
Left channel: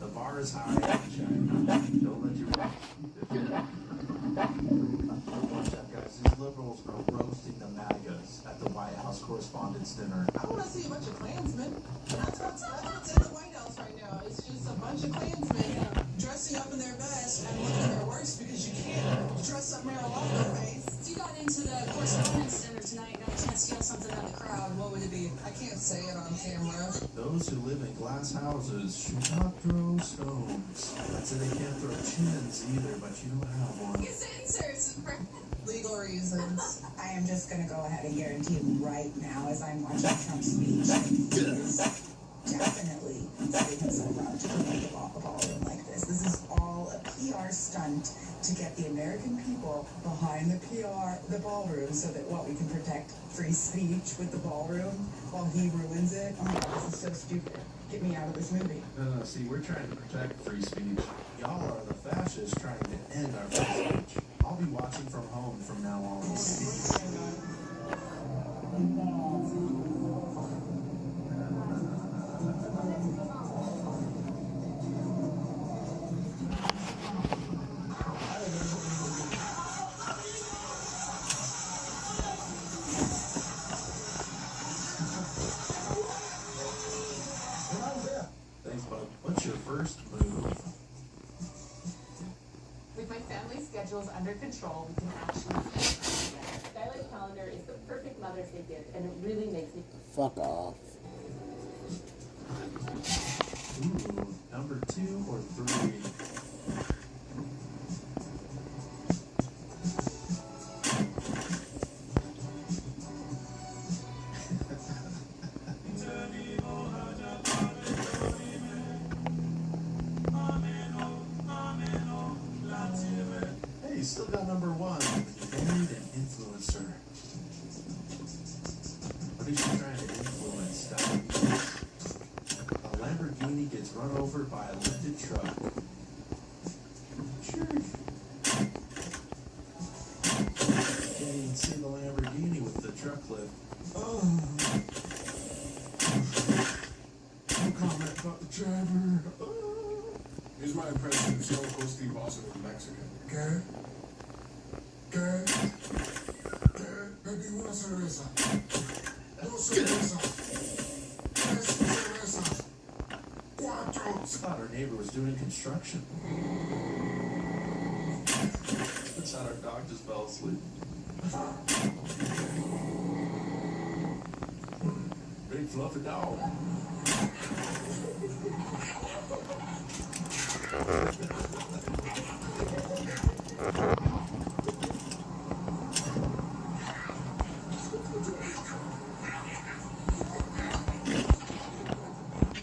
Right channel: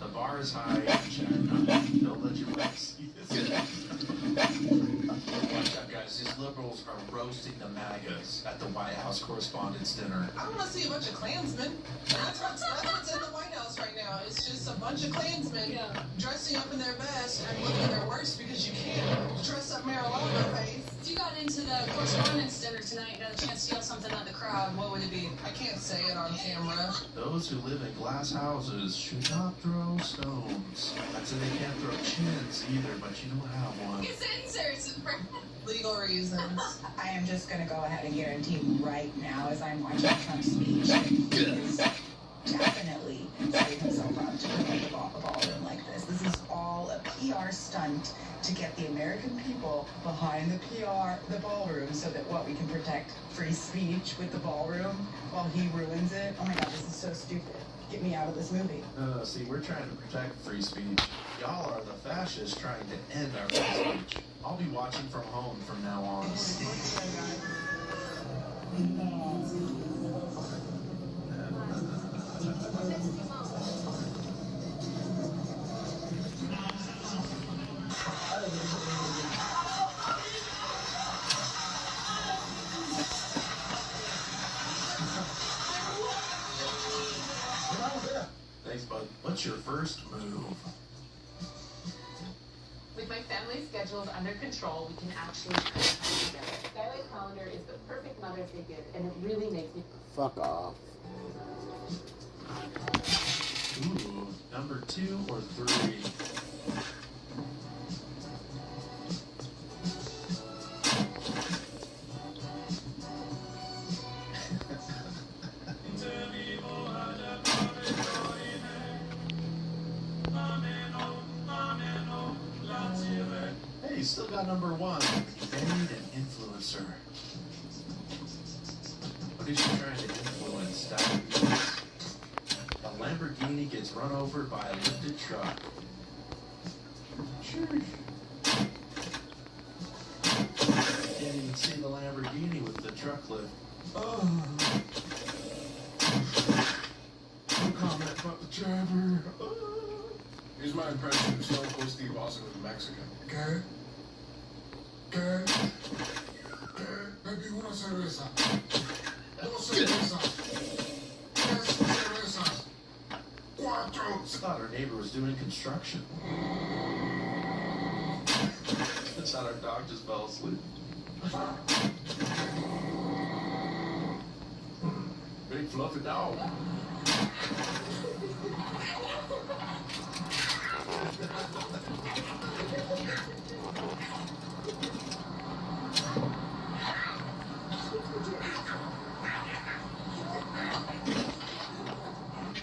The bar is high in China. Don't let your wife see this. Watch out, guys. These liberals are roasting the MAGAs at the White House Correspondents' Dinner. I want to see a bunch of Klansmen. That's what's in the White House right now. It's just a bunch of Klansmen dressing up in their best and looking their worst because you can't dress up Mar-a-Lago face. If you got into the correspondence dinner tonight and got a chance to yell something at the crowd, what would it be? I can't can't say it on camera. Those who live in glass houses should not throw stones. I'd say they can't throw chins either, but you don't have one. His inserts for Legal reasons. I am just going to go ahead and guarantee right now, as I'm watching Trump's speech, that he is definitely setting himself up to promote a ballroom like this. This is all a PR stunt to get the American people behind the ballroom, so that we can protect free speech with the ballroom while he ruins it. Oh my God, this is so stupid. Get me out of this movie. No, see, we're trying to protect free speech. Y'all are the fascists trying to end our free speech. I'll be watching from home from now on. Thanks, bud. What's your first move? With my family schedules under control, we can actually put time together. Skylight Calendar is the perfect Mother's Day gift, and it really makes me... Fuck off. Ooh, number 2 or 3? Hey, you still got number 1. Married an influencer. What is she trying to influence? A Lamborghini gets run over by a lifted truck. Sure. Can't even see the Lamborghini with the truck lift. Oh. No comment about the driver. Oh. Here's my impression of Stone Cold Steve Austin with Mexican. ¿Qué? ¿Qué? ¿Qué? Baby, una cerveza. Dos cervezas. Tres cervezas. Cuatro. I thought our neighbor was doing construction. I thought our dog just fell asleep. Big fluffy dog.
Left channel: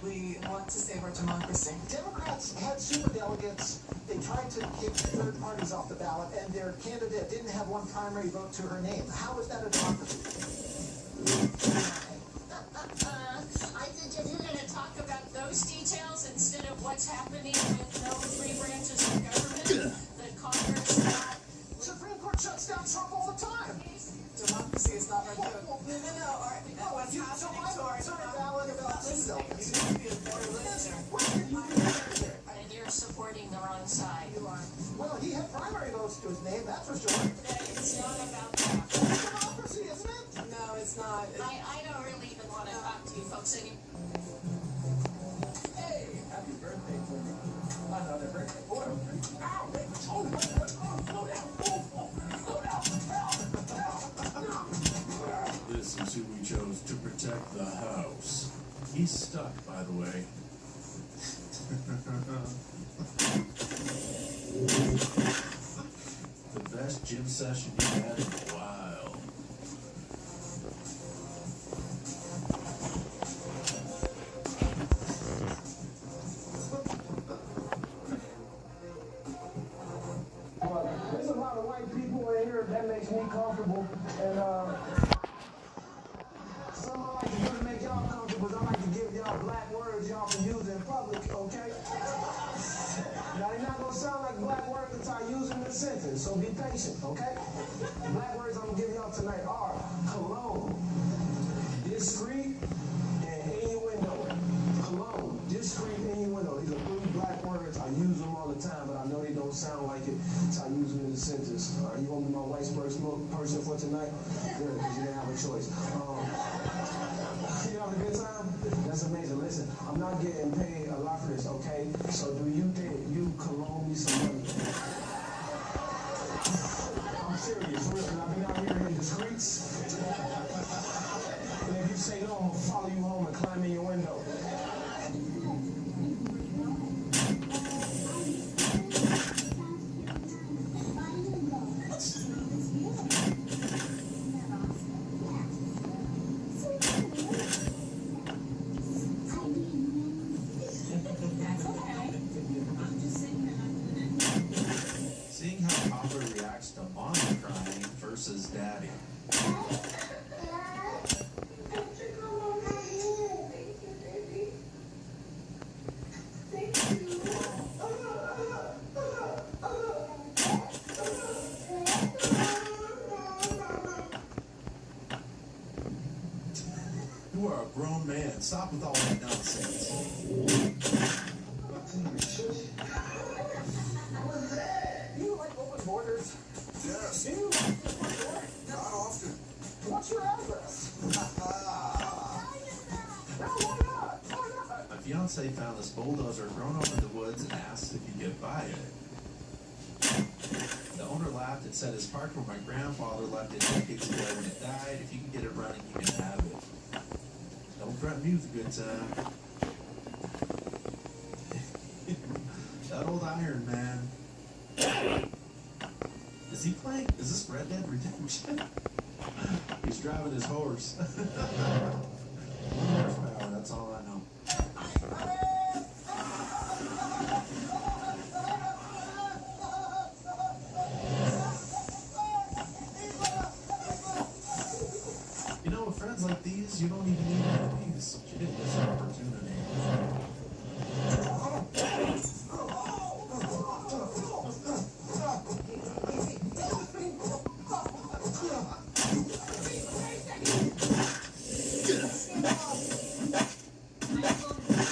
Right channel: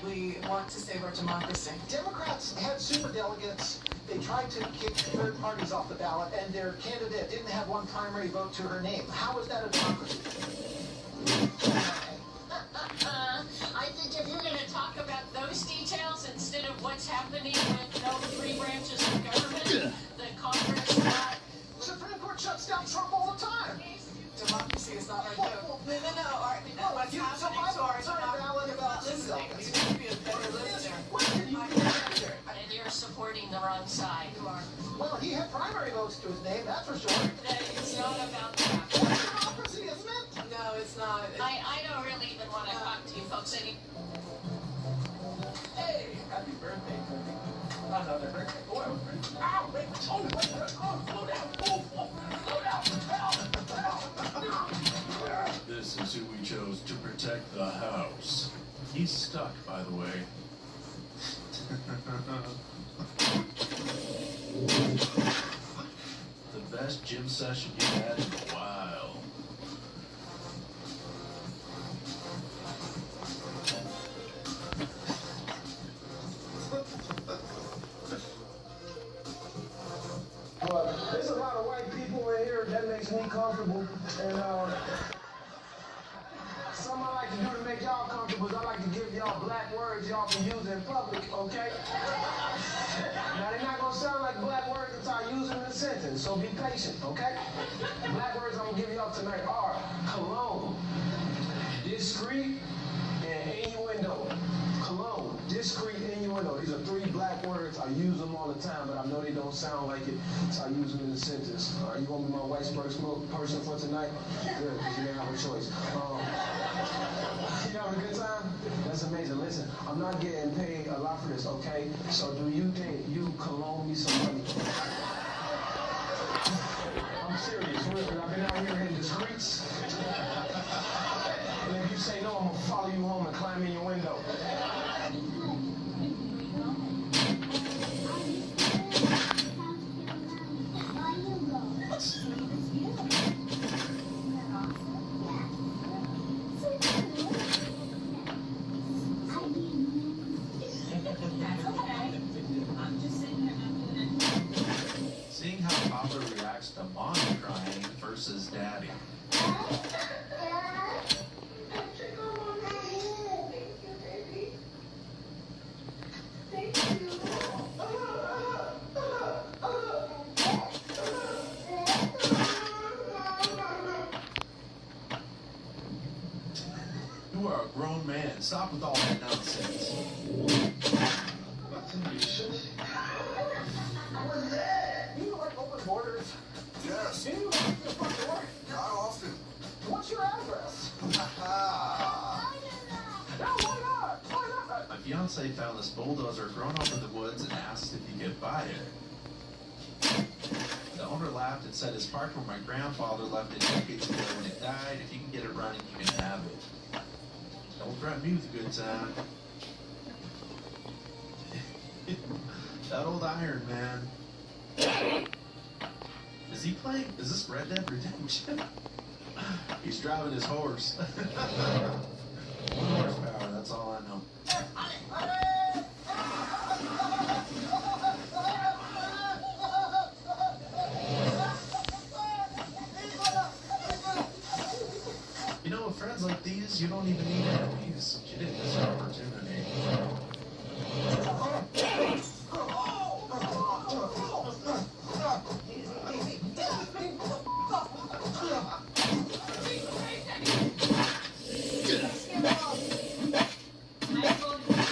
We want to save our democracy. Democrats had superdelegates. They tried to kick third parties off the ballot, and their candidate didn't have one primary vote to her name. How is that a democracy? I think if you're going to talk about those details instead of what's happening with no three branches of government, the Congress got... Supreme Court shuts down Trump all the time. Democracy is not like no. What's happening to our democracy is not listening. You need to be a better listener. And you're supporting the wrong side. You are. Well, he had primary votes to his name, that's for sure. It's not about that. That's democracy, isn't it? No, it's not. I don't really even want to talk to you folks anymore. Hey, happy birthday, Tony. Another birthday. Oh, ow, wait, oh, slow down. Slow down. This is who we chose to protect the house. He's stuck, by the way. The best gym session you've had in a while. There's a lot of white people in here that makes me comfortable, and something I like to do to make y'all comfortable is I like to give y'all black words y'all can use in public, okay? Now they're not gonna sound like black words until I use them in a sentence, so be patient, okay? Black words I'm gonna give y'all tonight are cologne, discreet, and innuendo. Cologne, discreet, innuendo. These are 3 black words. I use them all the time, but I know they don't sound like it, so I use them in a sentence. Are you gonna be my white person for tonight? Good, because you didn't have a choice. You having a good time? That's amazing. Listen, I'm not getting paid a lot for this, okay? So do you think you can loan me some money? I'm serious, really. I've been out here in the streets. And if you say no, I'm gonna follow you home and climb in your window. Seeing how Papa reacts to mommy crying versus daddy. You are a grown man. Stop with all that nonsense. You like open borders? Yes. Do you like the front door? Not often. What's your address? No, why not? Why not? My fiance found this bulldozer grown up in the woods and asked if he could buy it. The owner laughed and said it's parked where my grandfather left it decades ago when it died. If you can get it running, you can have it. Don't threaten me with a good time. That old Iron Man. Is he playing? Is this Red Dead Redemption? He's driving his horse. 1 horsepower, that's all I know. You know, with friends like these, you don't even need enemies. She didn't miss an opportunity.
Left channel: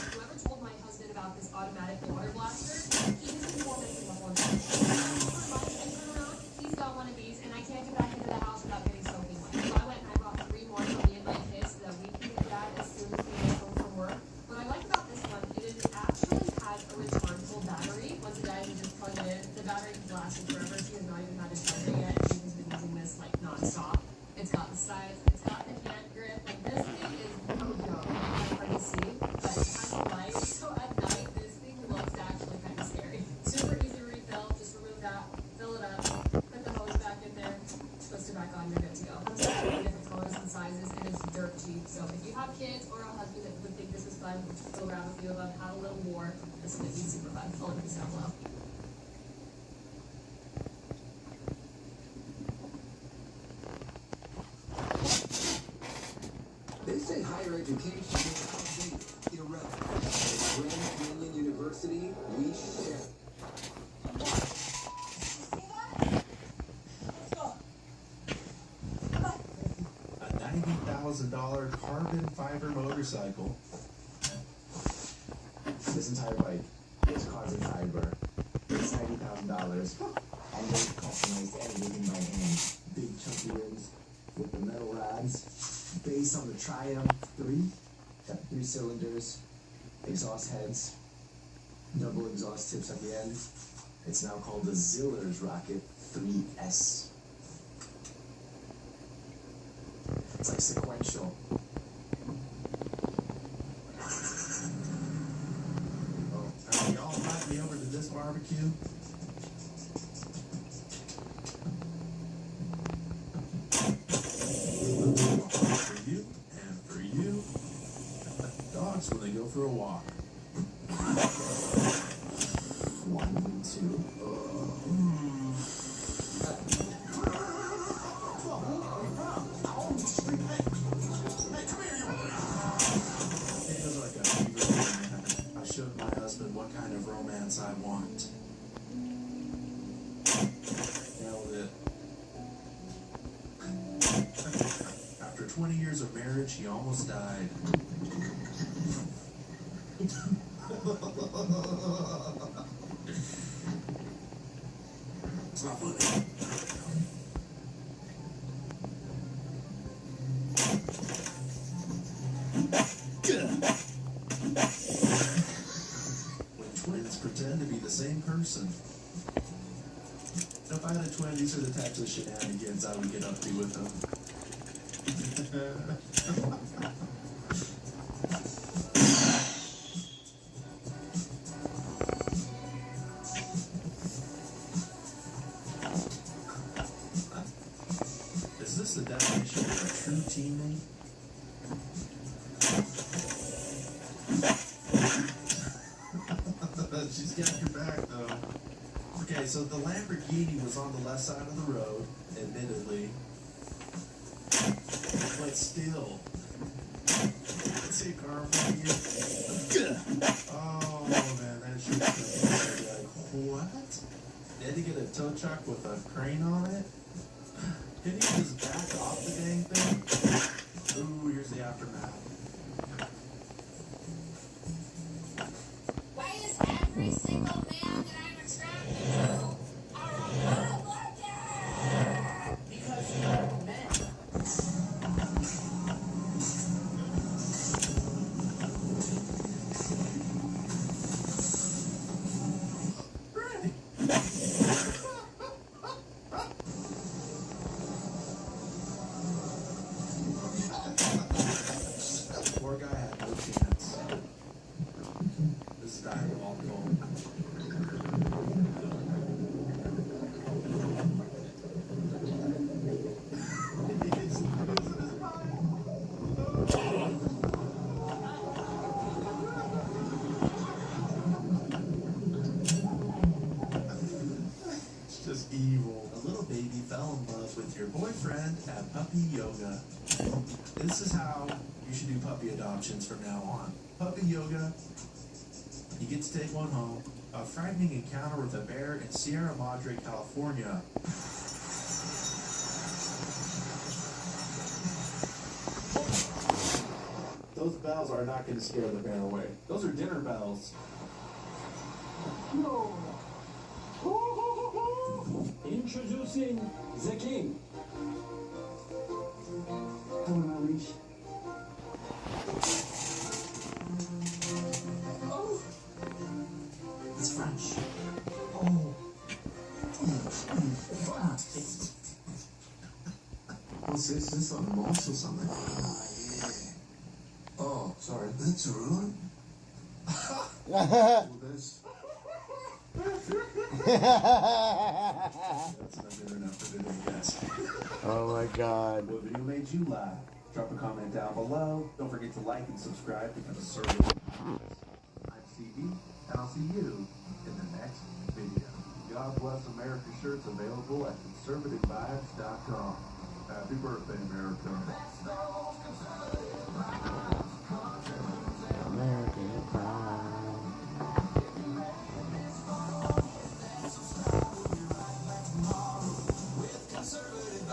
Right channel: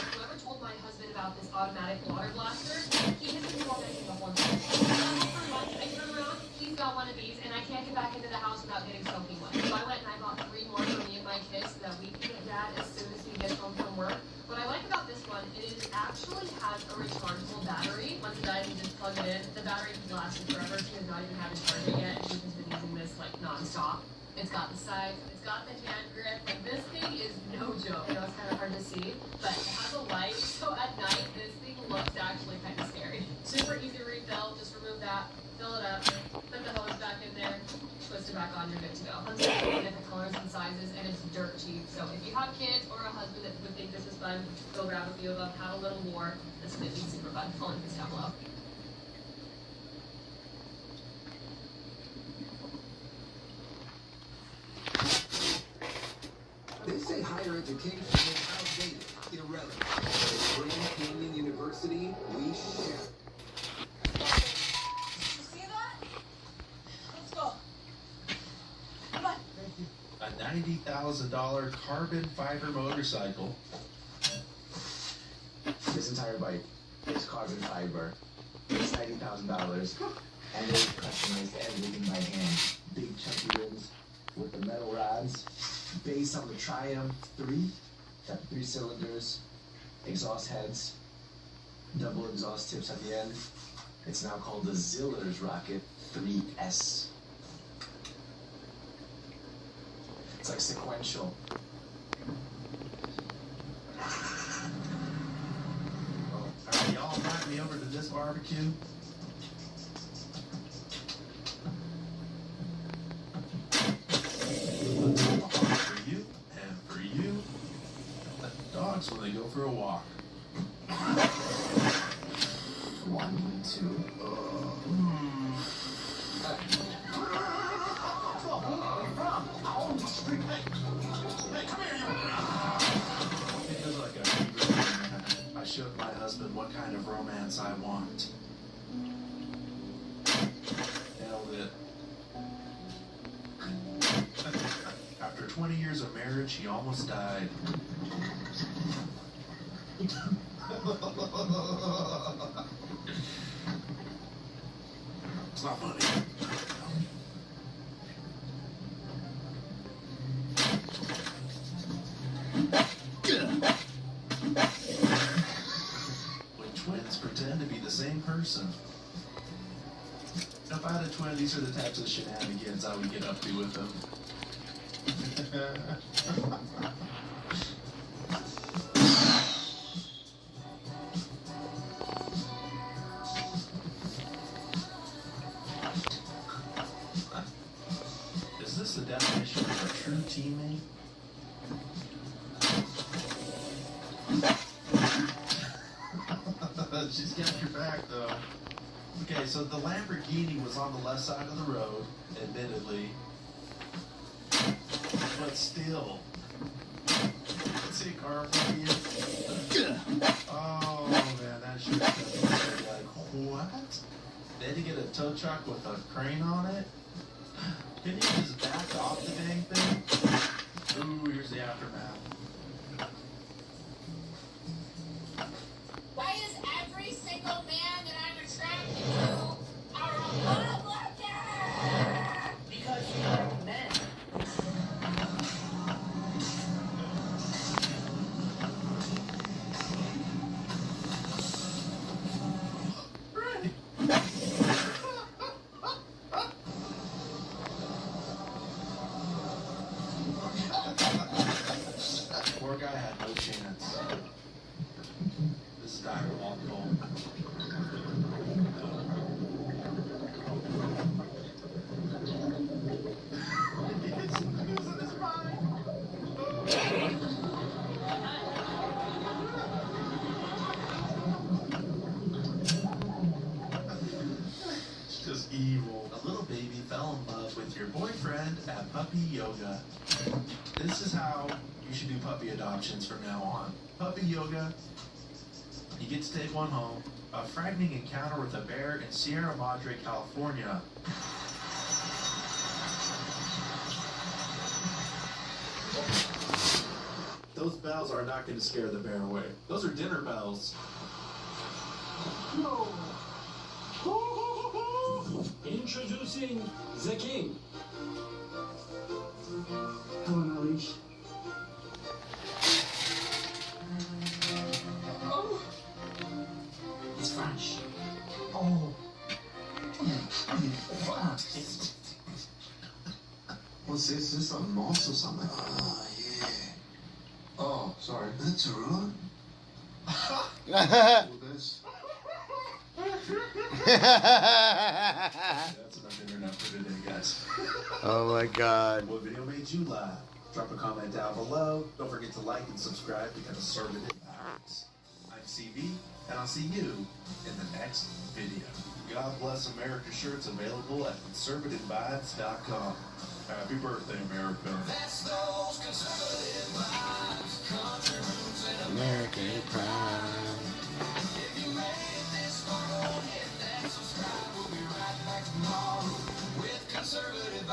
Whoever told my husband about this automatic water blaster, he has been tormenting the whole night. For months, I turn around, he's got one of these, and I can't get back into the house without getting soaking wet. So I went and I bought 3 more for me and my kids so that we can get that as soon as we get home from work. What I like about this one, it actually has a rechargeable battery. Once it dies, you just plug it in. The battery can last you forever. She has not even had a charger yet, and she has been using this like non-stop. It's got the size, it's got the hand grip. Like this thing is no joke. It's kind of hard to see, but it has a light. So at night, this thing looks actually kind of scary. Super easy refill. Just remove that, fill it up, put the hose back in there, twist it back on, you're good to go. Comes in different colors and sizes, and it's dirt cheap. So if you have kids or a husband that would think this is fun, go grab a few of them, have a little war. This would be super fun. Full link is down below. They say higher education is outdated, irrelevant. At Grand Canyon University, we share. A $90,000 carbon fiber motorcycle. This entire bike is carbon fiber. It's $90,000, and they've customized everything by hand. Big chunky rims with the metal rods. Base on the Triumph 3, got 3 cylinders, exhaust heads, double exhaust tips at the end. It's now called the Ziller's Rocket 3S. It's like sequential. Alright, y'all invite me over to this barbecue. For you and for you. Dogs when they go for a walk. 1, 2. It feels like a fever dream. I showed my husband what kind of romance I want. Nailed it. After 20 years of marriage, he almost died. It's not funny. When twins pretend to be the same person. If I had a twin, these are the types of shenanigans I would get up to with them. Is this the definition of a true teammate? She's got your back, though. Okay, so the Lamborghini was on the left side of the road, admittedly. But still. Let's see, car in front of you. Oh, man, that shit's gonna be like, what? Then you get a tow truck with a crane on it? Didn't he just back off the dang thing? Ooh, here's the aftermath. Why is every single man that I'm attracted to a Republican? Because you like men. Poor guy had no chance. This is diabolical. It's just evil. A little baby fell in love with your boyfriend at puppy yoga. This is how you should do puppy adoptions from now on. Puppy yoga, you get to take one home. A frightening encounter with a bear in Sierra Madre, California. Those bells are not going to scare the bear away. Those are dinner bells. No. Introducing the king. Come on, Alicia. Oh, It's French. Oh. What's this? Is this a moss or something? Ah, yeah. Oh, sorry. That's a rug? Well, this. That's enough internet for today, guys. Oh my God. What video made you laugh? Drop a comment down below. Don't forget to like and subscribe to Conservative Vibes. I'm CB, and I'll see you in the next video. God Bless America shirts available at conservativevibes.com. Happy birthday, America. American Pride. Conservative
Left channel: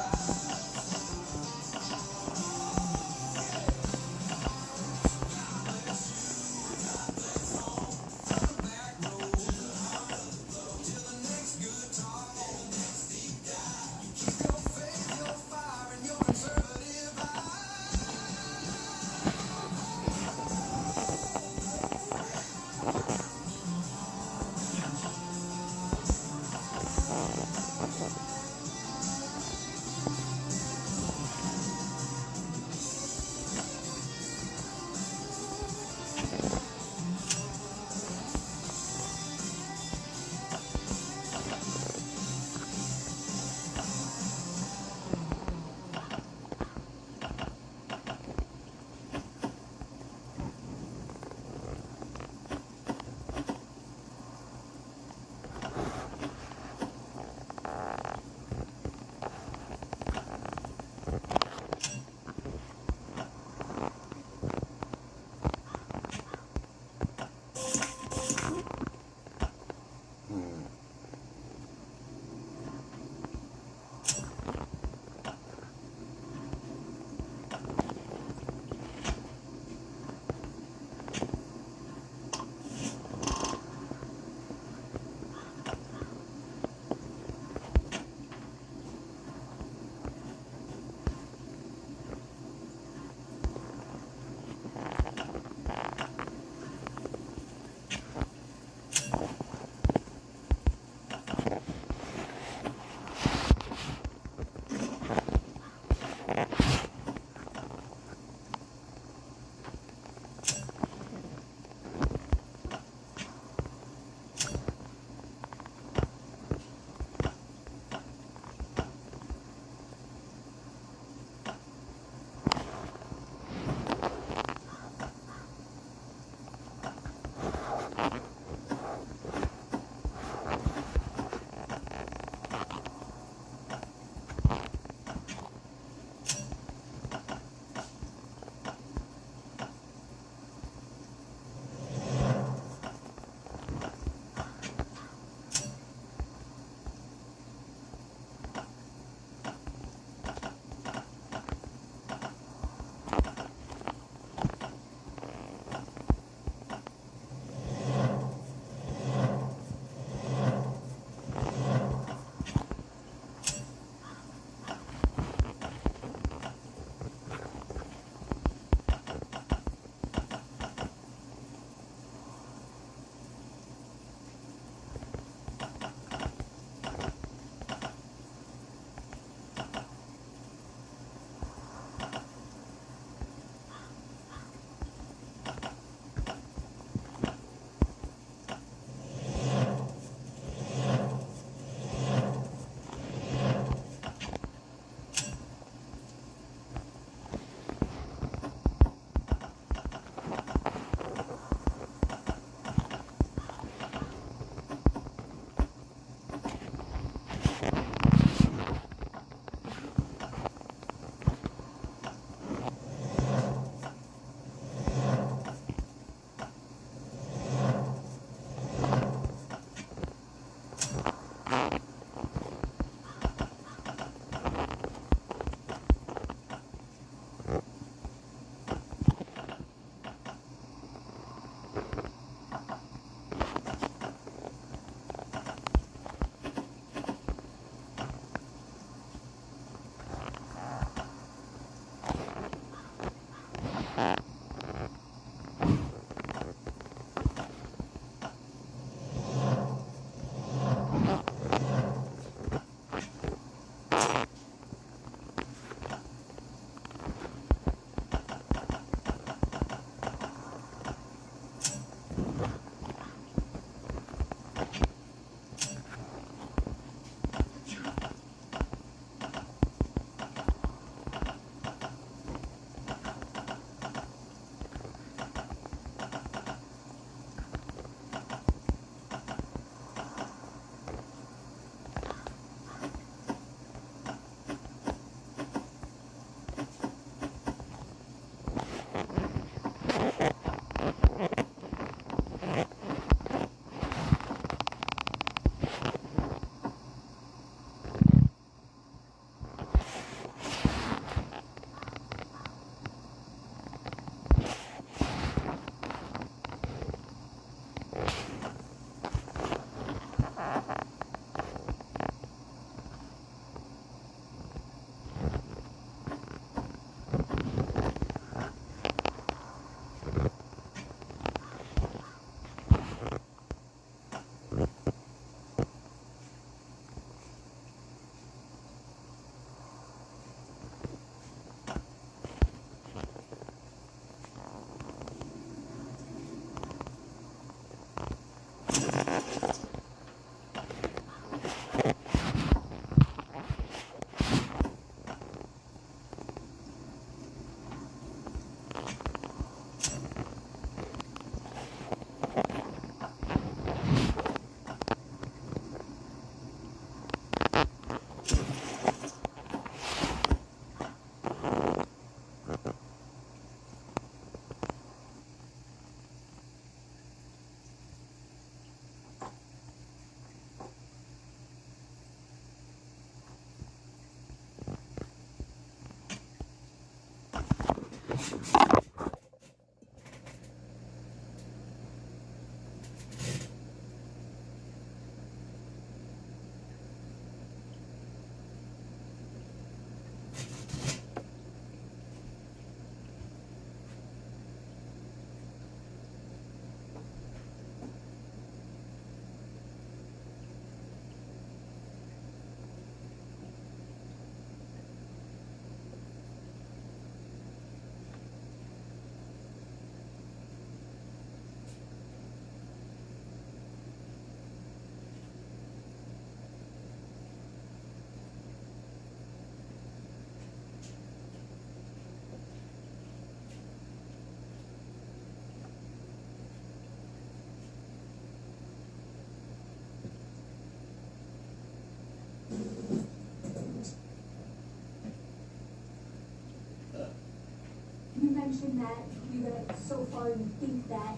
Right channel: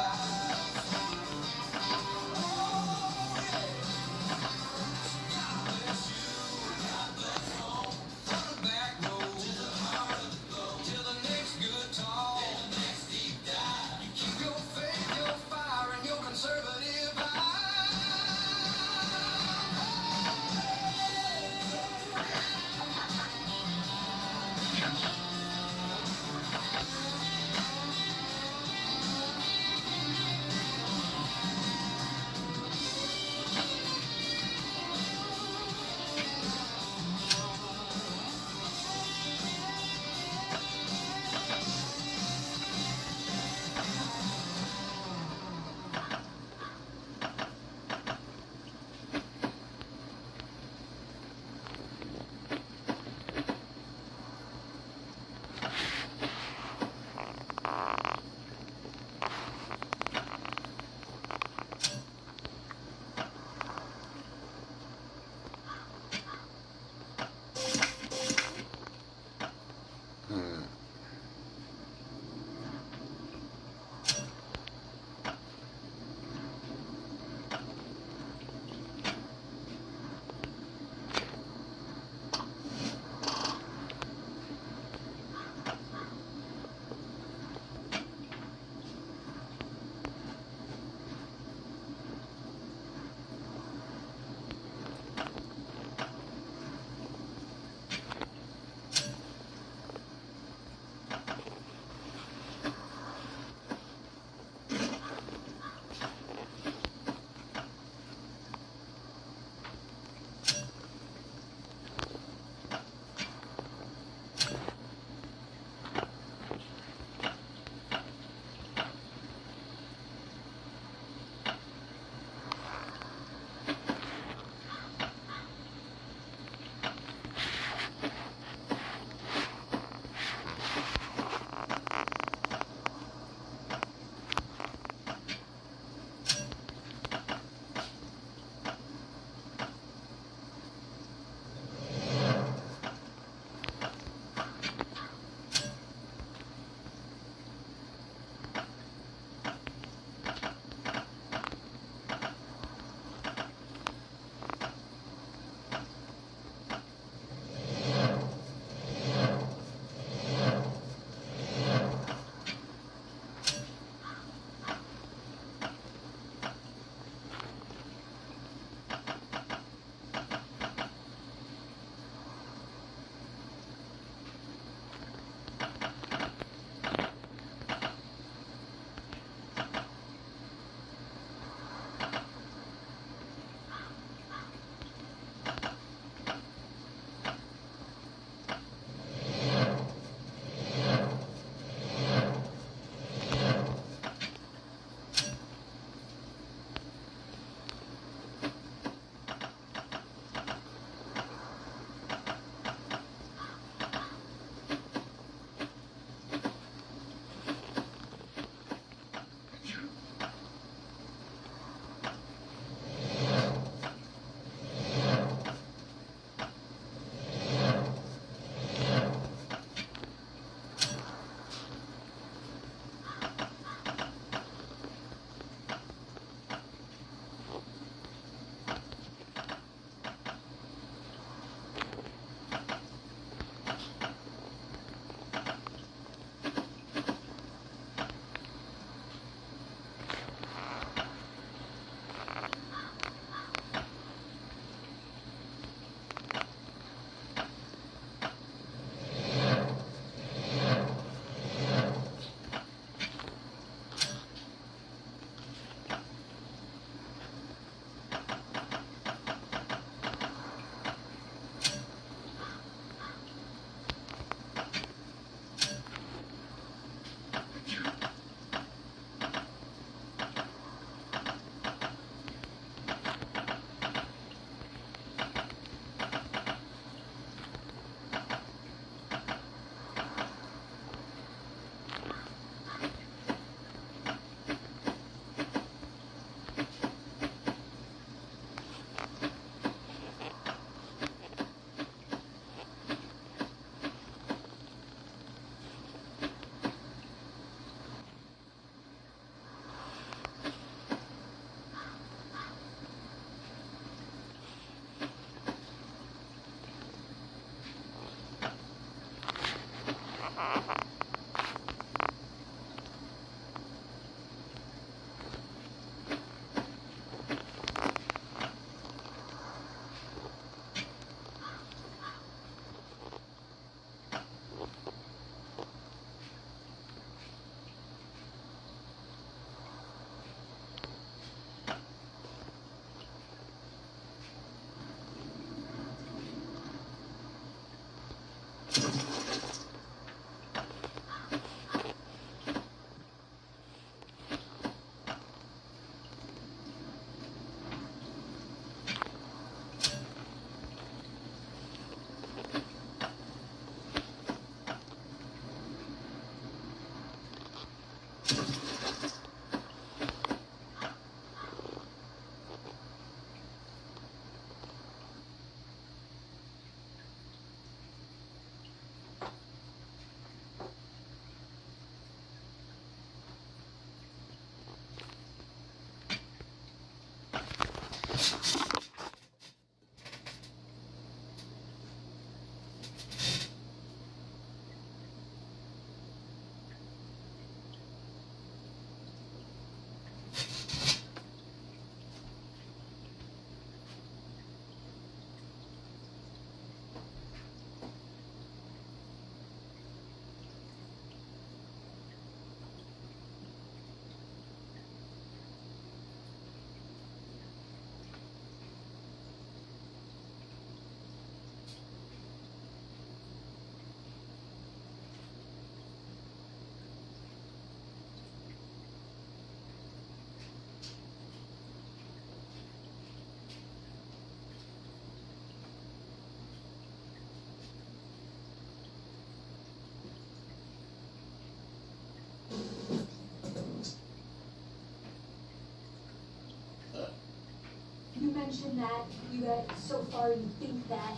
mentioned that you guys, so far, you think that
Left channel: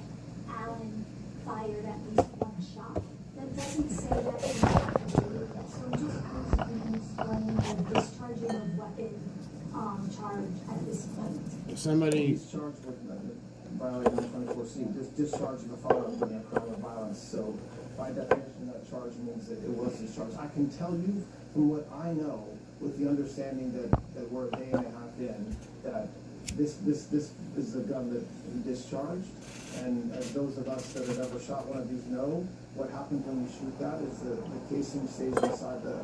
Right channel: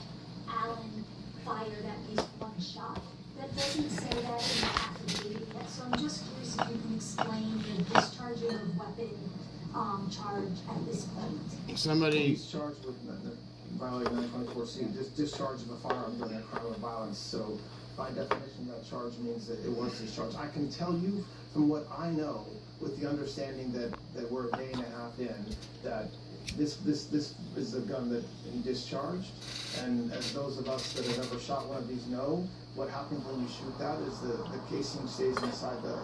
Allen fired at least one shot. That doesn't say that in the affidavit yet, so I'm just curious if you can explain the discharging of weapon charge at this point. Somebody. He's charged with violating 924C, just discharging the firearm within a crime of violence. So, by definition, that charge means that it was discharged. I can tell you from what I know, with the understanding that we're a day and a half in, that this is the gun that he discharged. And as those of us that have ever shot one of these know, what happens when you shoot that is the casing stays inside the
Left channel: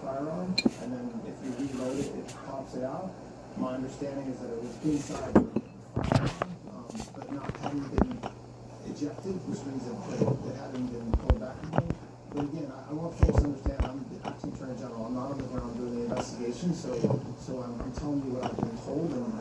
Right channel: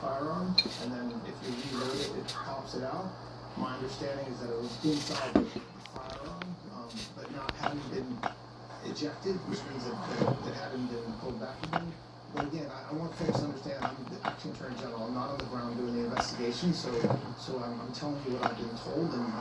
firearm, and then if you reload it, it pops it out. My understanding is that it was inside the firearm, but not having been ejected, which means that it hadn't been pulled back again. But again, I want folks to understand I'm the acting attorney general. I'm not on the ground doing the investigation, so I'm telling you what I've been told, and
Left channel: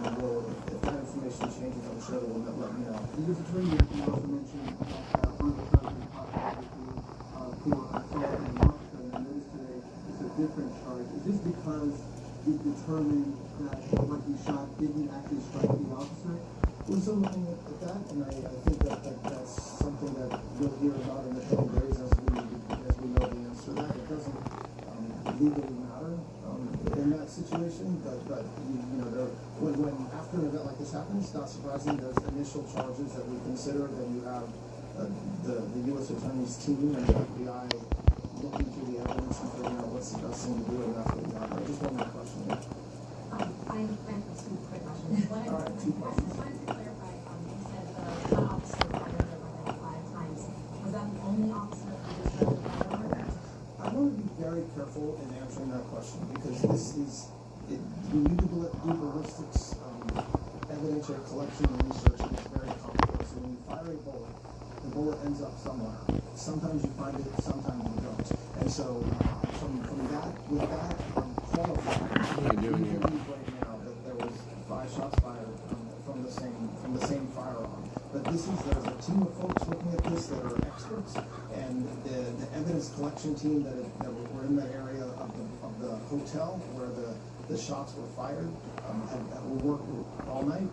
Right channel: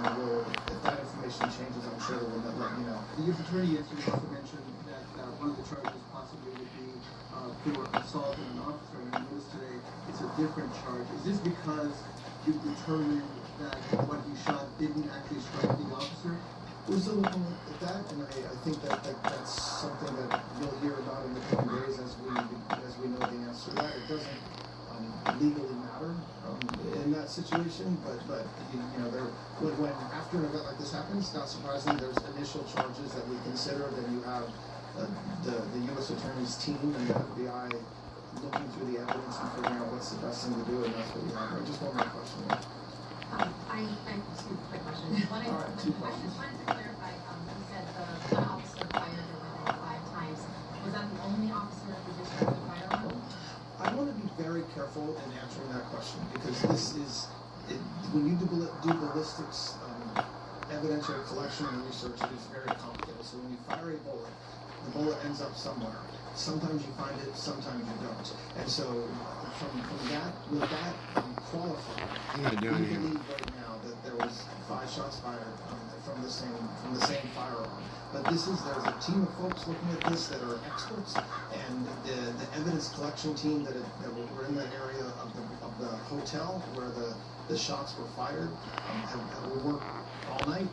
if that information changes, I'm sure we'll let you know. The U.S. Attorney also mentioned that one of the charges possibly would be for assault on an officer, and I noticed today it's a different charge. Is this because you've determined that what he shot didn't actually strike the officer? There's something wrong with that, and I think that's something that you'll hear about in the coming days as we know the answer to that. It doesn't legally matter in that situation, but you know, when after an event like this happens, not surprisingly, there's initial charges that we consider. Then you have the U.S. Attorney's team and the FBI looking through the evidence and figuring out what's the best thing to do, and that's what we have. Just one more question. I have two quick questions. One, I just wanted to clarify, you said the one officer fired the weapon 5 times. Was that the only officer that you discharged the firearm? I want to be very careful in answering that question because this is, when you do ballistics evidentiary collection and research, it is very complicated. So when you fire a bullet, the bullet ends up somewhere. Sometimes you find it, sometimes you don't. And so from that, with that qualifier, What am I doing here? I believe right now that there was 5 shots fired from the same firearm. But there's a team of folks looking at this that are experts, and the evidence collection team that were in the area of the hotel where the shots were fired have worked all night.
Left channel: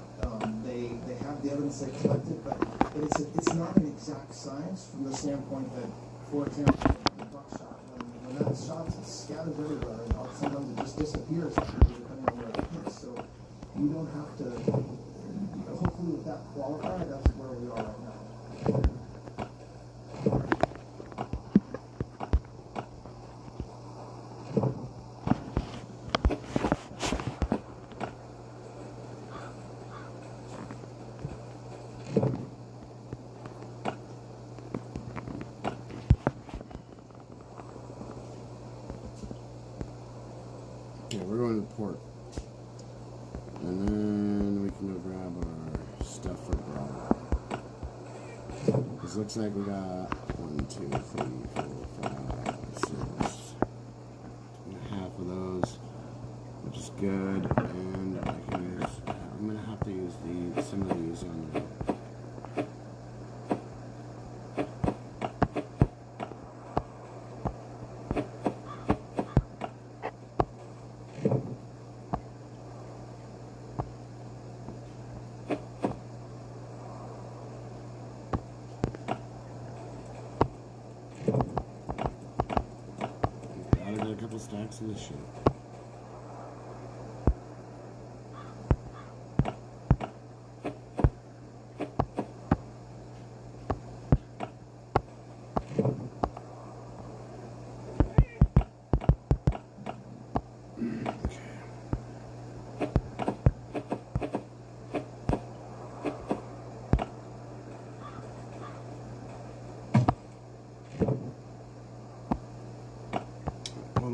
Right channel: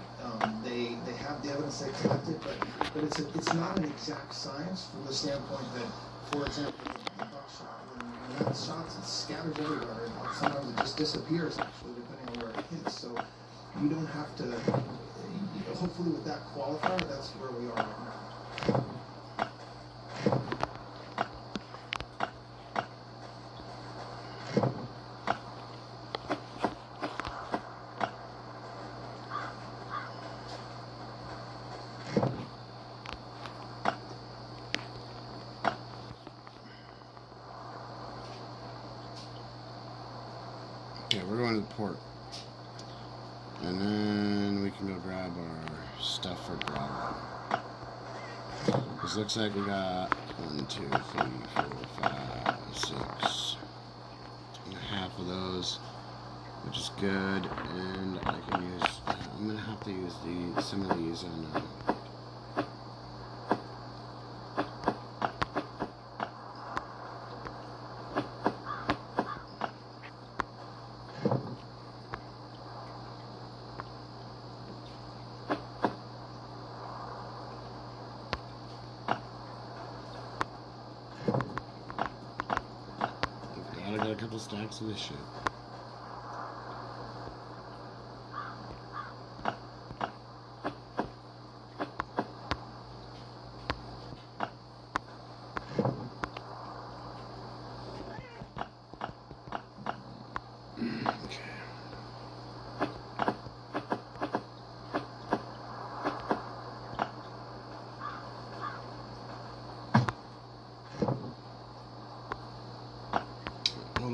They have the evidence they collected, but it's not an exact science from the standpoint that, for example, the buckshot, when that shot scatters everywhere, and sometimes it just disappears depending on where it hits. So you don't have to. Hopefully, with that qualifier, that's where we are right now. Okay, we're going to the port. And then we can go grab our stuff for Bravo. This looks like we got 1, 2, 3, 4, 5, 6. And a half of those, which is good. And I can use, I'm going to have to use some of these on the stacks of this shit.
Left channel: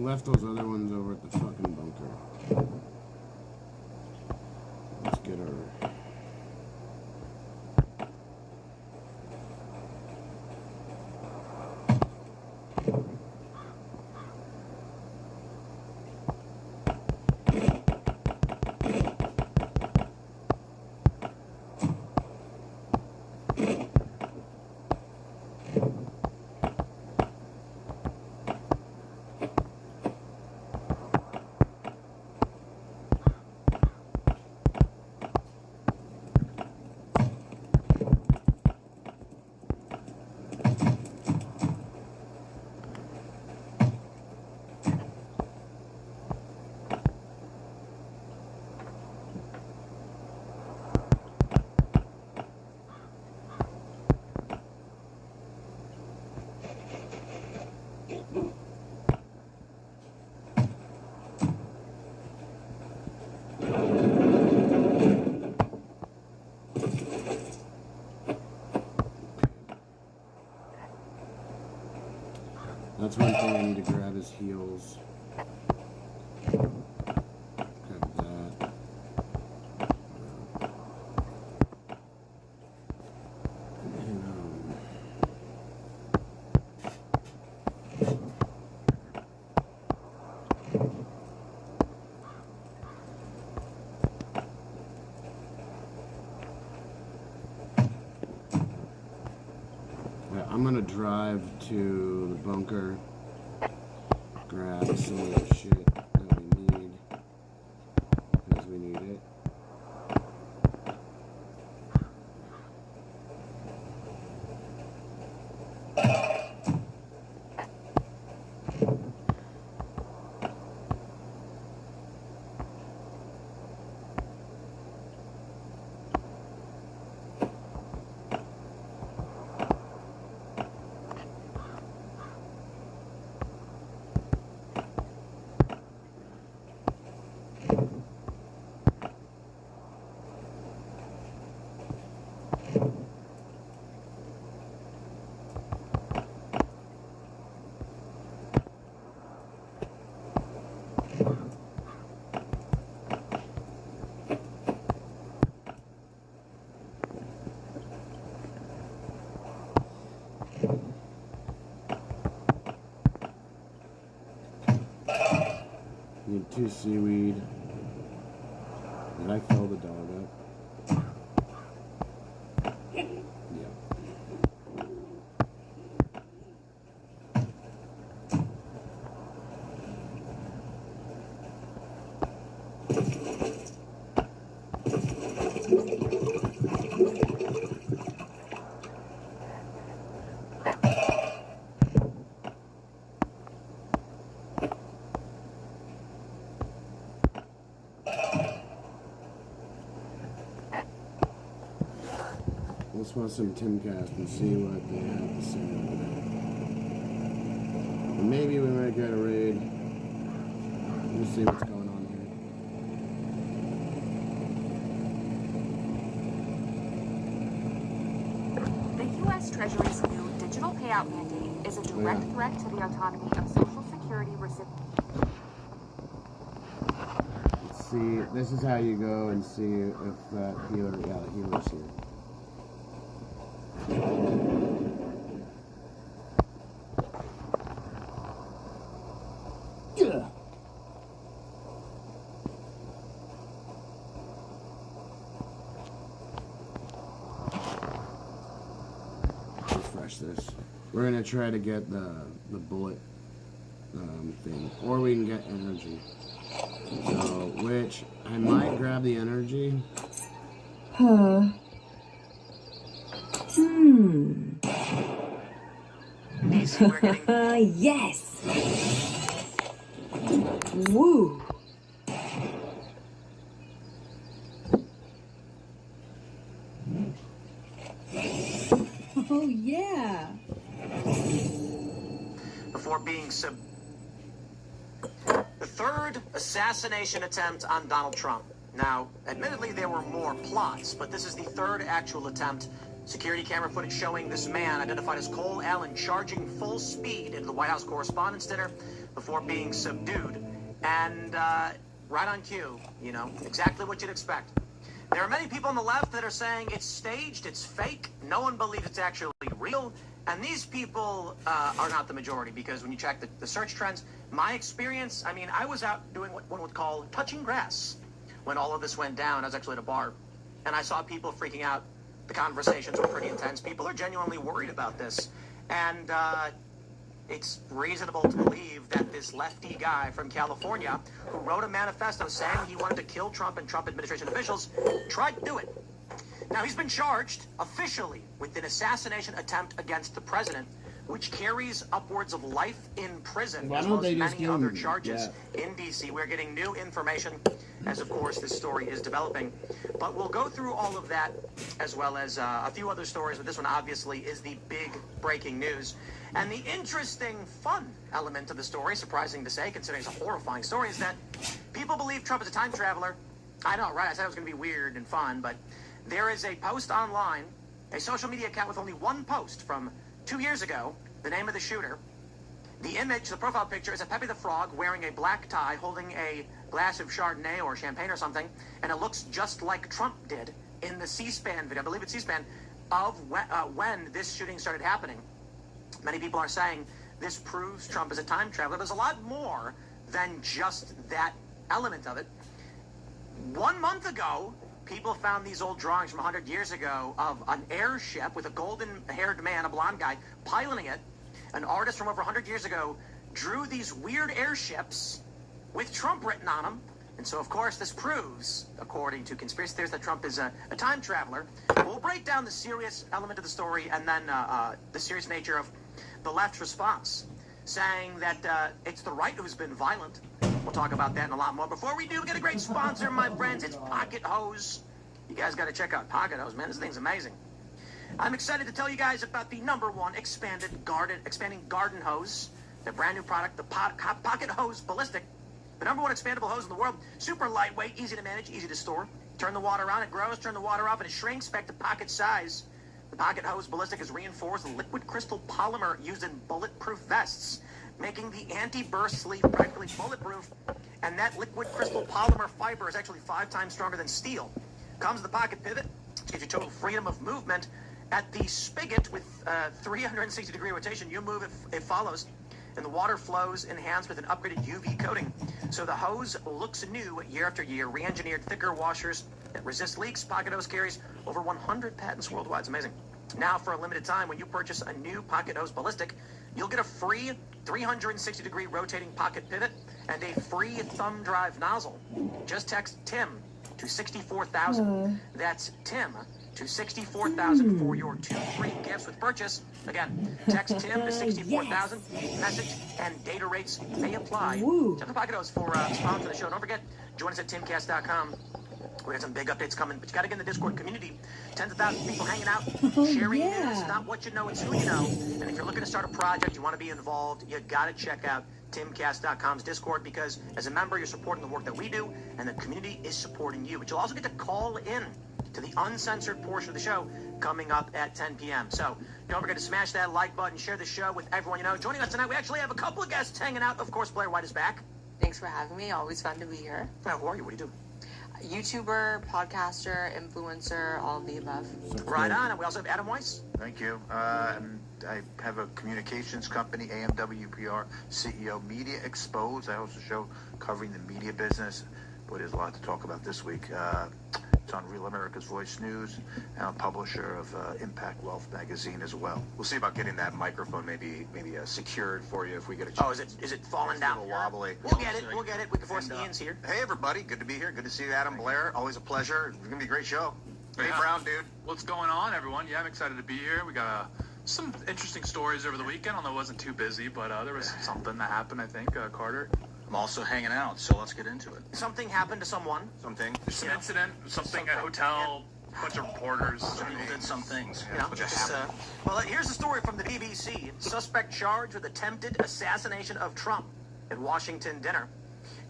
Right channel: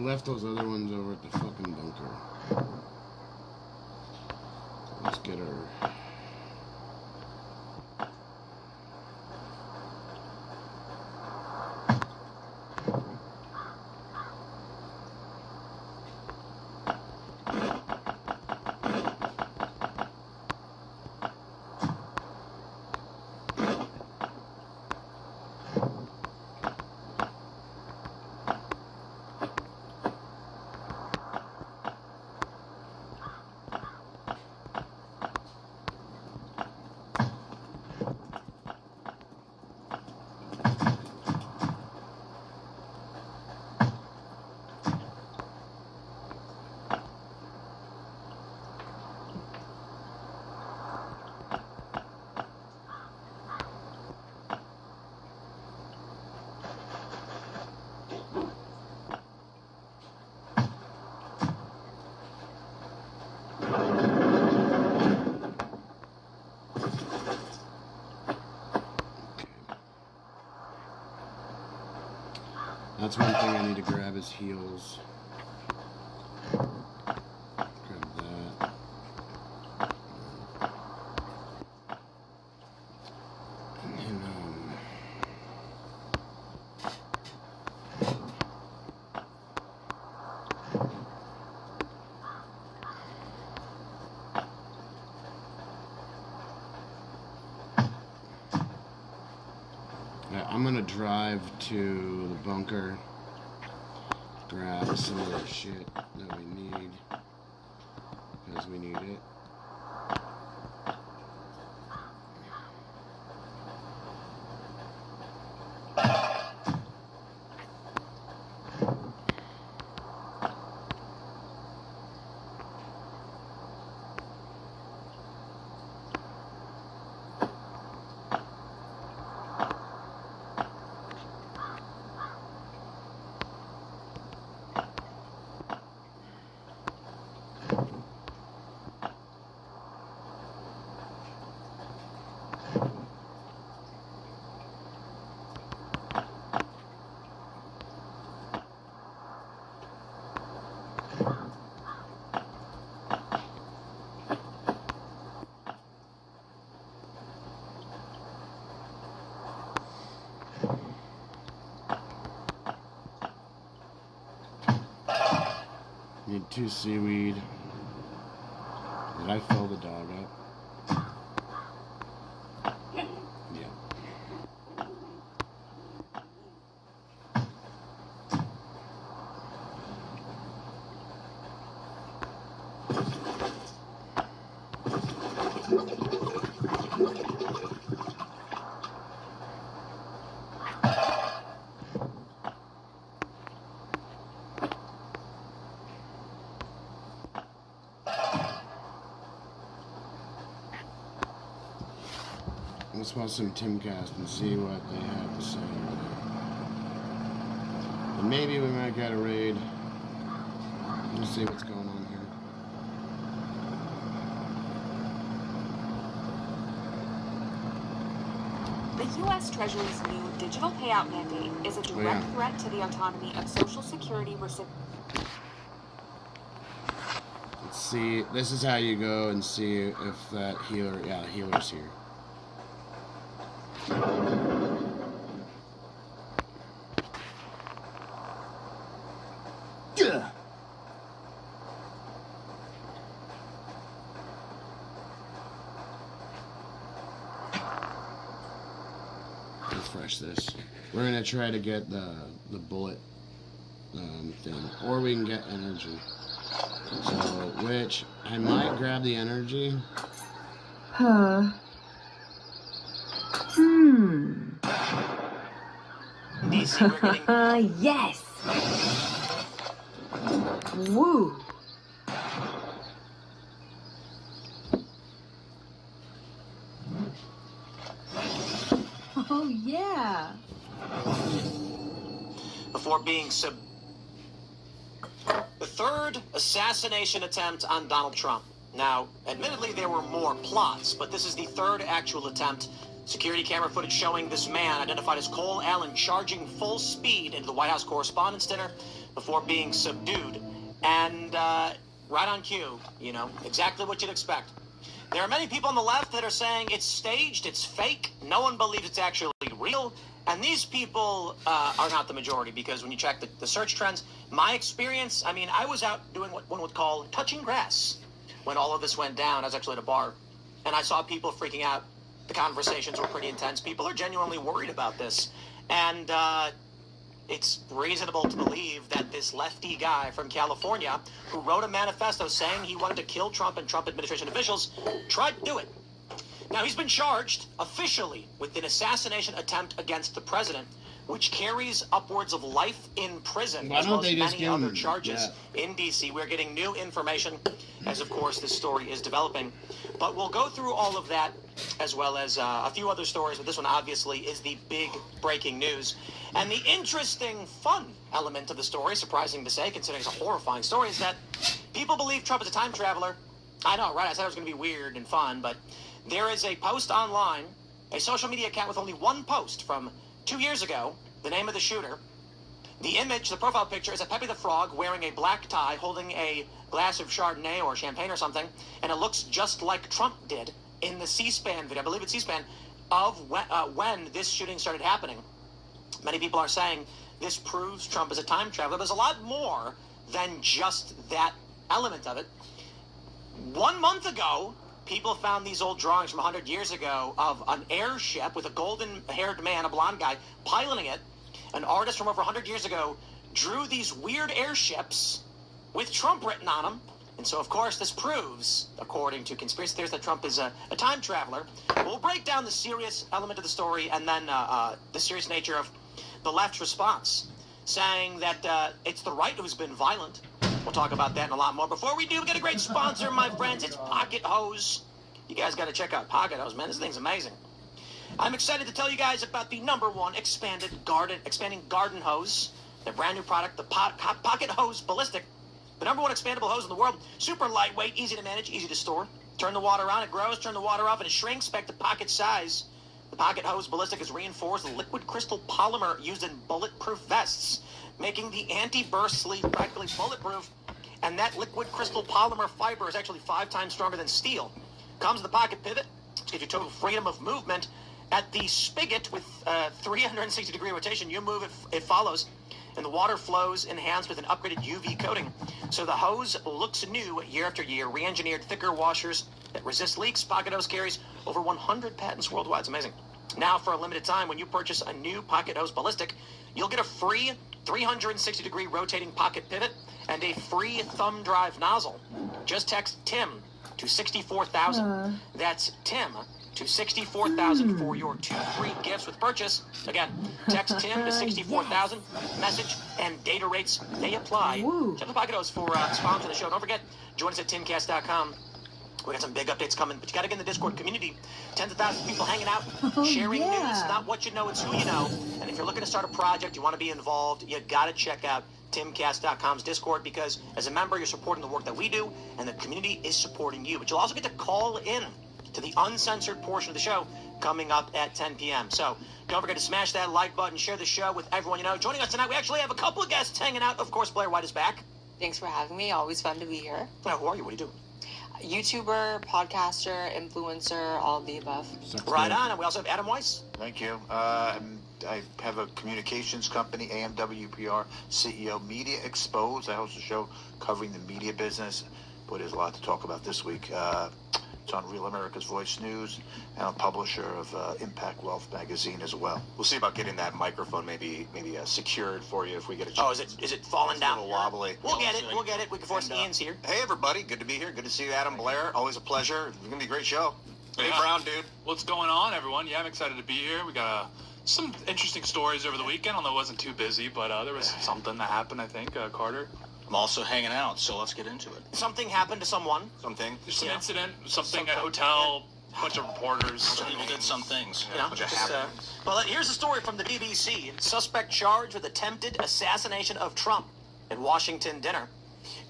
Left those other ones over at the fucking bunker. Let's get her. That's one thing I need to grab is heals. Grab that. I'm gonna drive to the bunker, grab some of that shit that we need, because we need it. Need 2 seaweed. Did I fill the dog up? Yeah. Let's watch some Timcast and see what they have to say over there. And maybe we might get a raid. We'll see what's going on here. The U.S. Treasury's new digital payout mandate is a direct threat to the autonomy of Social Security recipients. Let's see. This is how you go and see if that healer, the healer's here. Refresh this. We're gonna try to get the bullet thing, or we can get energy. So, which I might grab the energy. Yes. Woo. Oh yeah. Before being the third assassination attempt on Donald Trump. Now, admittedly, there were more plots, but this is the third actual attempt. Security camera footage showing this man, identified as Cole Allen, charging full speed into the White House Correspondents' Dinner before being subdued. And right on cue, you know, exactly what you'd expect. There are many people on the left that are saying it's staged, it's fake, no one believes it's actually real. And these people are not the majority, because when you check the search trends, my experience, I mean, I was out doing what one would call touching grass when all of this went down. I was actually at a bar, and I saw people freaking out. The conversations were pretty intense. People are genuinely worried about this. And it's reasonable to believe that this lefty guy from California, who wrote a manifesto saying he wanted to kill Trump and Trump administration officials, tried to do it. Now, he's been charged officially with an assassination attempt against the president, which carries upwards of life in prison. Why don't they just give him charges in D.C.? We're getting new information as, of course, this story is developing. But we'll go through all of that, as well as a few other stories. But this one, obviously, is the big breaking news. And the interesting, fun element of the story, surprising to say, considering it's a horrifying story, is that people believe Trump is a time traveler. I know, right? I said it was going to be weird and fun, but there is a post online, a social media account with only one post from 2 years ago, the name of the shooter, The image, the profile picture, is a Pepe the Frog wearing a black tie, holding a glass of Chardonnay or champagne or something, and it looks just like Trump did in the C-SPAN video, I believe it's C-SPAN, of when this shooting started happening. Many people are saying this proves Trump is a time traveler. There's a lot more than just that element of it. 1 month ago, people found these old drawings from 100 years ago of an airship with a golden-haired man, a blonde guy, piloting it. An artist from over 100 years ago drew these weird airships with Trump written on them. And so, of course, this proves, according to conspiracy theories, that Trump is a time traveler. We'll break down the serious element of the story and then the serious nature of the left's response, saying that it's the right who's been violent. We'll talk about that and a lot more. Before we do, we get a great sponsor, my friends. It's Pocket Hose. You guys got to check out Pocket Hose, man. This thing's amazing. I'm excited to tell you guys about the #1 expanding garden hose, the brand new product, the Pocket Hose Ballistic, the #1 expandable hose in the world. Super lightweight, easy to manage, easy to store. Turn the water on, it grows. Turn the water off, and it shrinks back to pocket size. The Pocket Hose Ballistic is reinforced liquid crystal polymer used in bulletproof vests, making the anti-burst sleeve practically bulletproof. And that liquid crystal polymer fiber is actually 5 times stronger than steel. Comes with the pocket pivot to give you total freedom of movement. At the spigot with 360-degree rotation, you move it follows, and the water flows enhanced with an upgraded UV coating. So the hose looks new year after year. Re-engineered thicker washers that resist leaks. Pocket Hose carries over 100 patents worldwide. It's amazing. Now, for a limited time, when you purchase a new Pocket Hose Ballistic, you'll get a free 360-degree rotating pocket pivot and a free thumb drive nozzle. Just text TIM to 64,000. That's TIM to 64,000 for your 2 free gifts with purchase. Again, text TIM to 64,000. Message and data rates may apply. Check the Pocket Hose for sponsor the show. Don't forget, join us at timcast.com. We got some big updates coming, but you got to get in the Discord community. Tens of thousands of people hanging out, sharing news. Not what you know, it's who you know. And if you're looking to start a project, you want to be involved, you got to check out timcast.com's Discord, because as a member, you're supporting the work that we do, and the community is supporting you. But you'll also get to call in to the uncensored portion of the show coming up at 10 p.m. So don't forget to smash that like button, share the show with everyone you know. Joining us tonight, we actually have a couple of guests hanging out. Of course, Blair White is back. Thanks for having me. Always fun to be here. Who are you? What do you do? YouTuber, podcaster, influencer, all of the above. Right on. And we also have Adam Weiss. Thank you. I have a communications company, AMWPR, CEO Media Exposed. I host a show covering the media business. Boy, there's a lot to talk about this week. It's on Real America's Voice News, and I'm publisher of Impact Wealth magazine as well. We'll see about getting that microphone maybe secured for you if we get a chance. Oh, is it falling down? A little wobbly. We'll get it. We'll get it. We can force Ian's here. Hey, everybody. Good to be here. Good to see you, Adam, Blair. Always a pleasure. It's going to be a great show. Hey, Brown, dude. What's going on, everyone? Yeah, I'm excited to be here. We got some interesting stories over the weekend, although it wasn't too busy, but there was something that happened, I think, Carter. I'm also hanging out, so let's get into it. Something happened to someone. Something. There's an incident, something at a hotel, bunch of reporters. Some people did some things. Well, here's a story from the BBC. Suspect charged with attempted assassination of Trump at Washington dinner.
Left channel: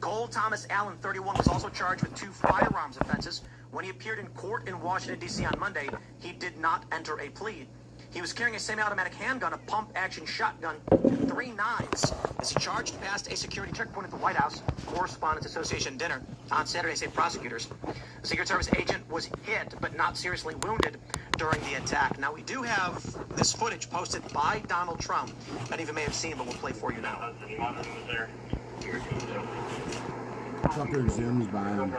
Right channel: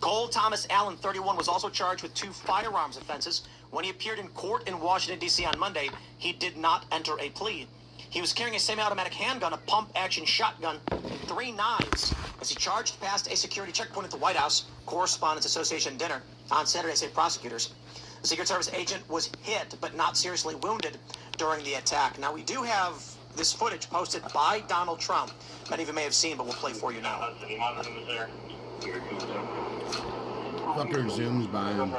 Cole Thomas Allen, 31, was also charged with 2 firearms offenses. When he appeared in court in Washington, D.C. on Monday, he did not enter a plea. He was carrying a semi-automatic handgun, a pump-action shotgun, 3 knives, as he charged past a security checkpoint at the White House Correspondents Association dinner on Saturday, say prosecutors. The Secret Service agent was hit, but not seriously wounded during the attack. Now, we do have this footage posted by Donald Trump. Many of you may have seen, but we'll play for you now. Fucker zooms by him.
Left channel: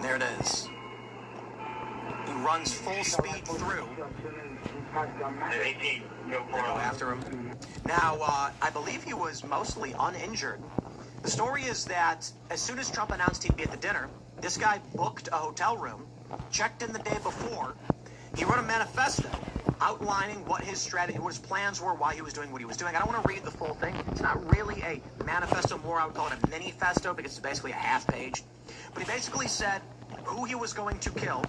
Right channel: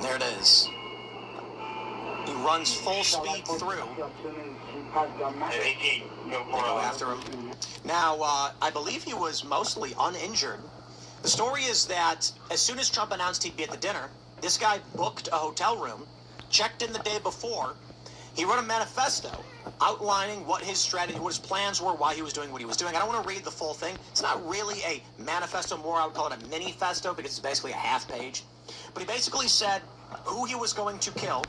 There it is. He runs full speed through. They go after him. Now, I believe he was mostly uninjured. The story is that as soon as Trump announced he'd be at the dinner, this guy booked a hotel room, checked in the day before. He wrote a manifesto outlining what his strategy, what his plans were, why he was doing what he was doing. I don't want to read the full thing. It's not really a manifesto, more I would call it a mini-festo, because it's basically a half page. But he basically said who he was going to kill,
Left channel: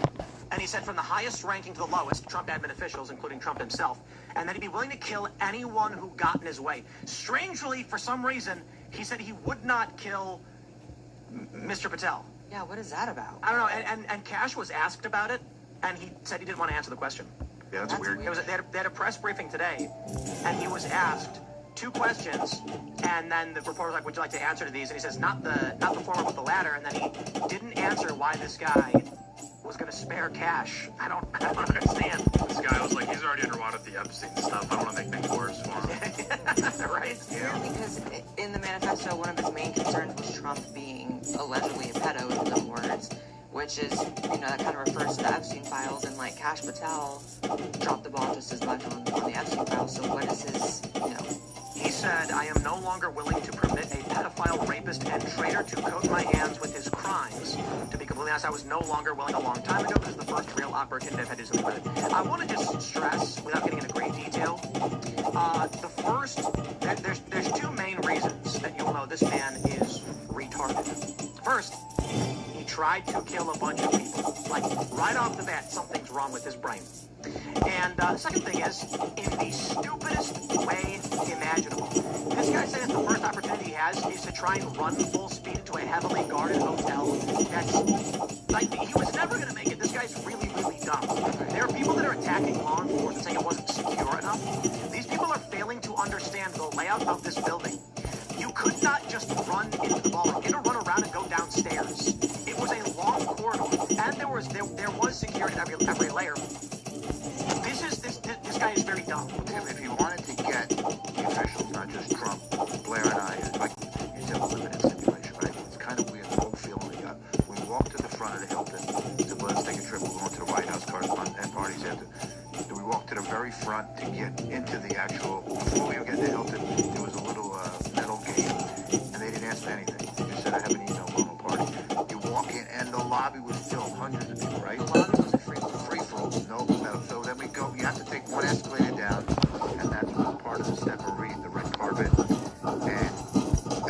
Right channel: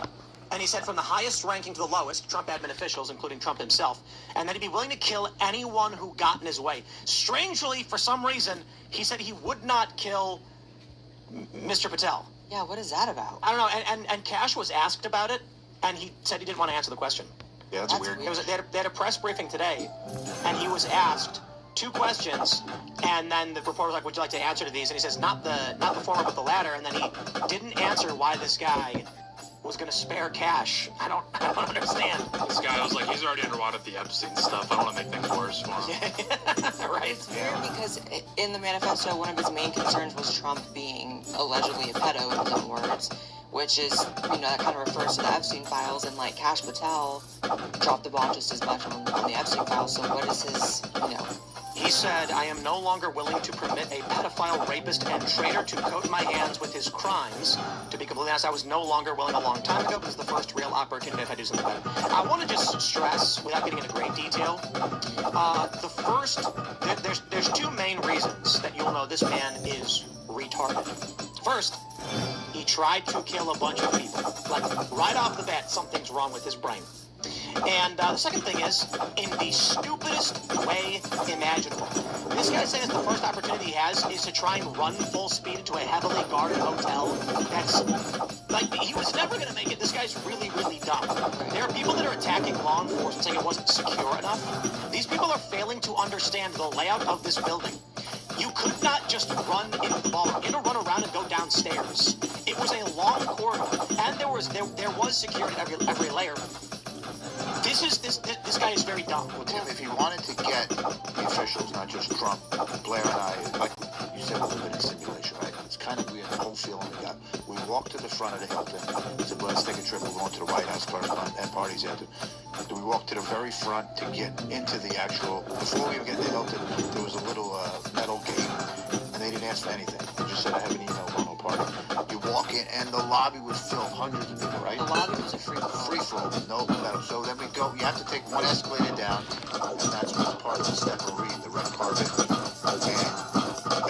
and he said from the highest ranking to the lowest, Trump admin officials, including Trump himself, and that he'd be willing to kill anyone who got in his way. Strangely, for some reason, he said he would not kill Mr. Patel. Yeah, what is that about? I don't know, and Cash was asked about it, and he said he didn't want to answer the question. Yeah, that's weird. They had a press briefing today, and he was asked, 2 questions, and then the reporter was like, would you like to answer to these? And he says, not the former, but the latter. And then he didn't answer why this guy was going to spare cash. I don't understand. This guy was like, he's already underwater with the Epstein stuff. I don't want to make things worse for him. Right? It's weird because in the manifesto, one of his main concerns was Trump being allegedly a pedo, in his own words, which is, that kind of refers to the Epstein files, and like Kash Patel dropped the ball just as much on the Epstein files. So what is his, He said, I am no longer willing to permit a pedophile, rapist, and traitor to coat my hands with his crimes. To be completely honest, I was no longer willing a long time ago, but this is the first real opportunity I've had to do something about it. I want to just stress, without getting into great detail, there's 2 main reasons that you'll know this man is retarded. First, he tried to kill a bunch of people. Like, right off the bat, something's wrong with his brain. And the second thing is, in the stupidest way imaginable. This guy said that the first opportunity he has is to try and run full speed into a heavily guarded hotel. That's, like, he was never going to make it. This guy's really, really dumb. There are people that are attacking law enforcement saying it wasn't secure enough. These people are failing to understand the layout of this building. You could not just run in run around and go downstairs. It was a long corridor, and there was security at every layer. This guy is very dumb. If you wanted to get the officials, not just Trump, Blair and I, like you said, we live in a simulation, right? It's kind of weird, the whole feeling we got. We walked to the front of the Hilton, said, let's take a trip, we're going to the White House, and parties after. We walked to the very front to get into the actual, before we get to the Hilton, there was a little metal gate, and they didn't ask for anything. They just said, I have an email, going to a party. You walk in, and the lobby was filled, hundreds of people, right? The lobby was a free-for-all. No metal. So then we go, you have to take one escalator down, and that's what's part of the step of the red carpet. And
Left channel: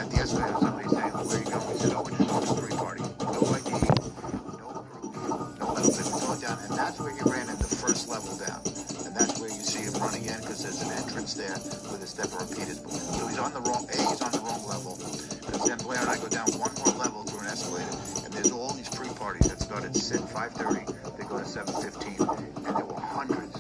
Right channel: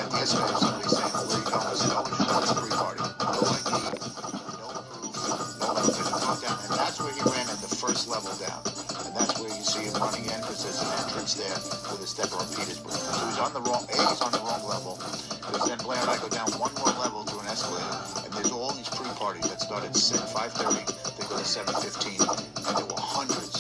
at the escalator, somebody's saying, where you going? I said, oh, we're just going to the pre-party. No ID, no proof, no nothing, no down. And that's where he ran at the first level down. And that's where you see him running in, because there's an entrance there with a step repeaters booth. So he's on the wrong level. Because then Blair and I go down one more level through an escalator, and there's all these pre-parties that start at 5:30, they go to 7:15, and there were hundreds,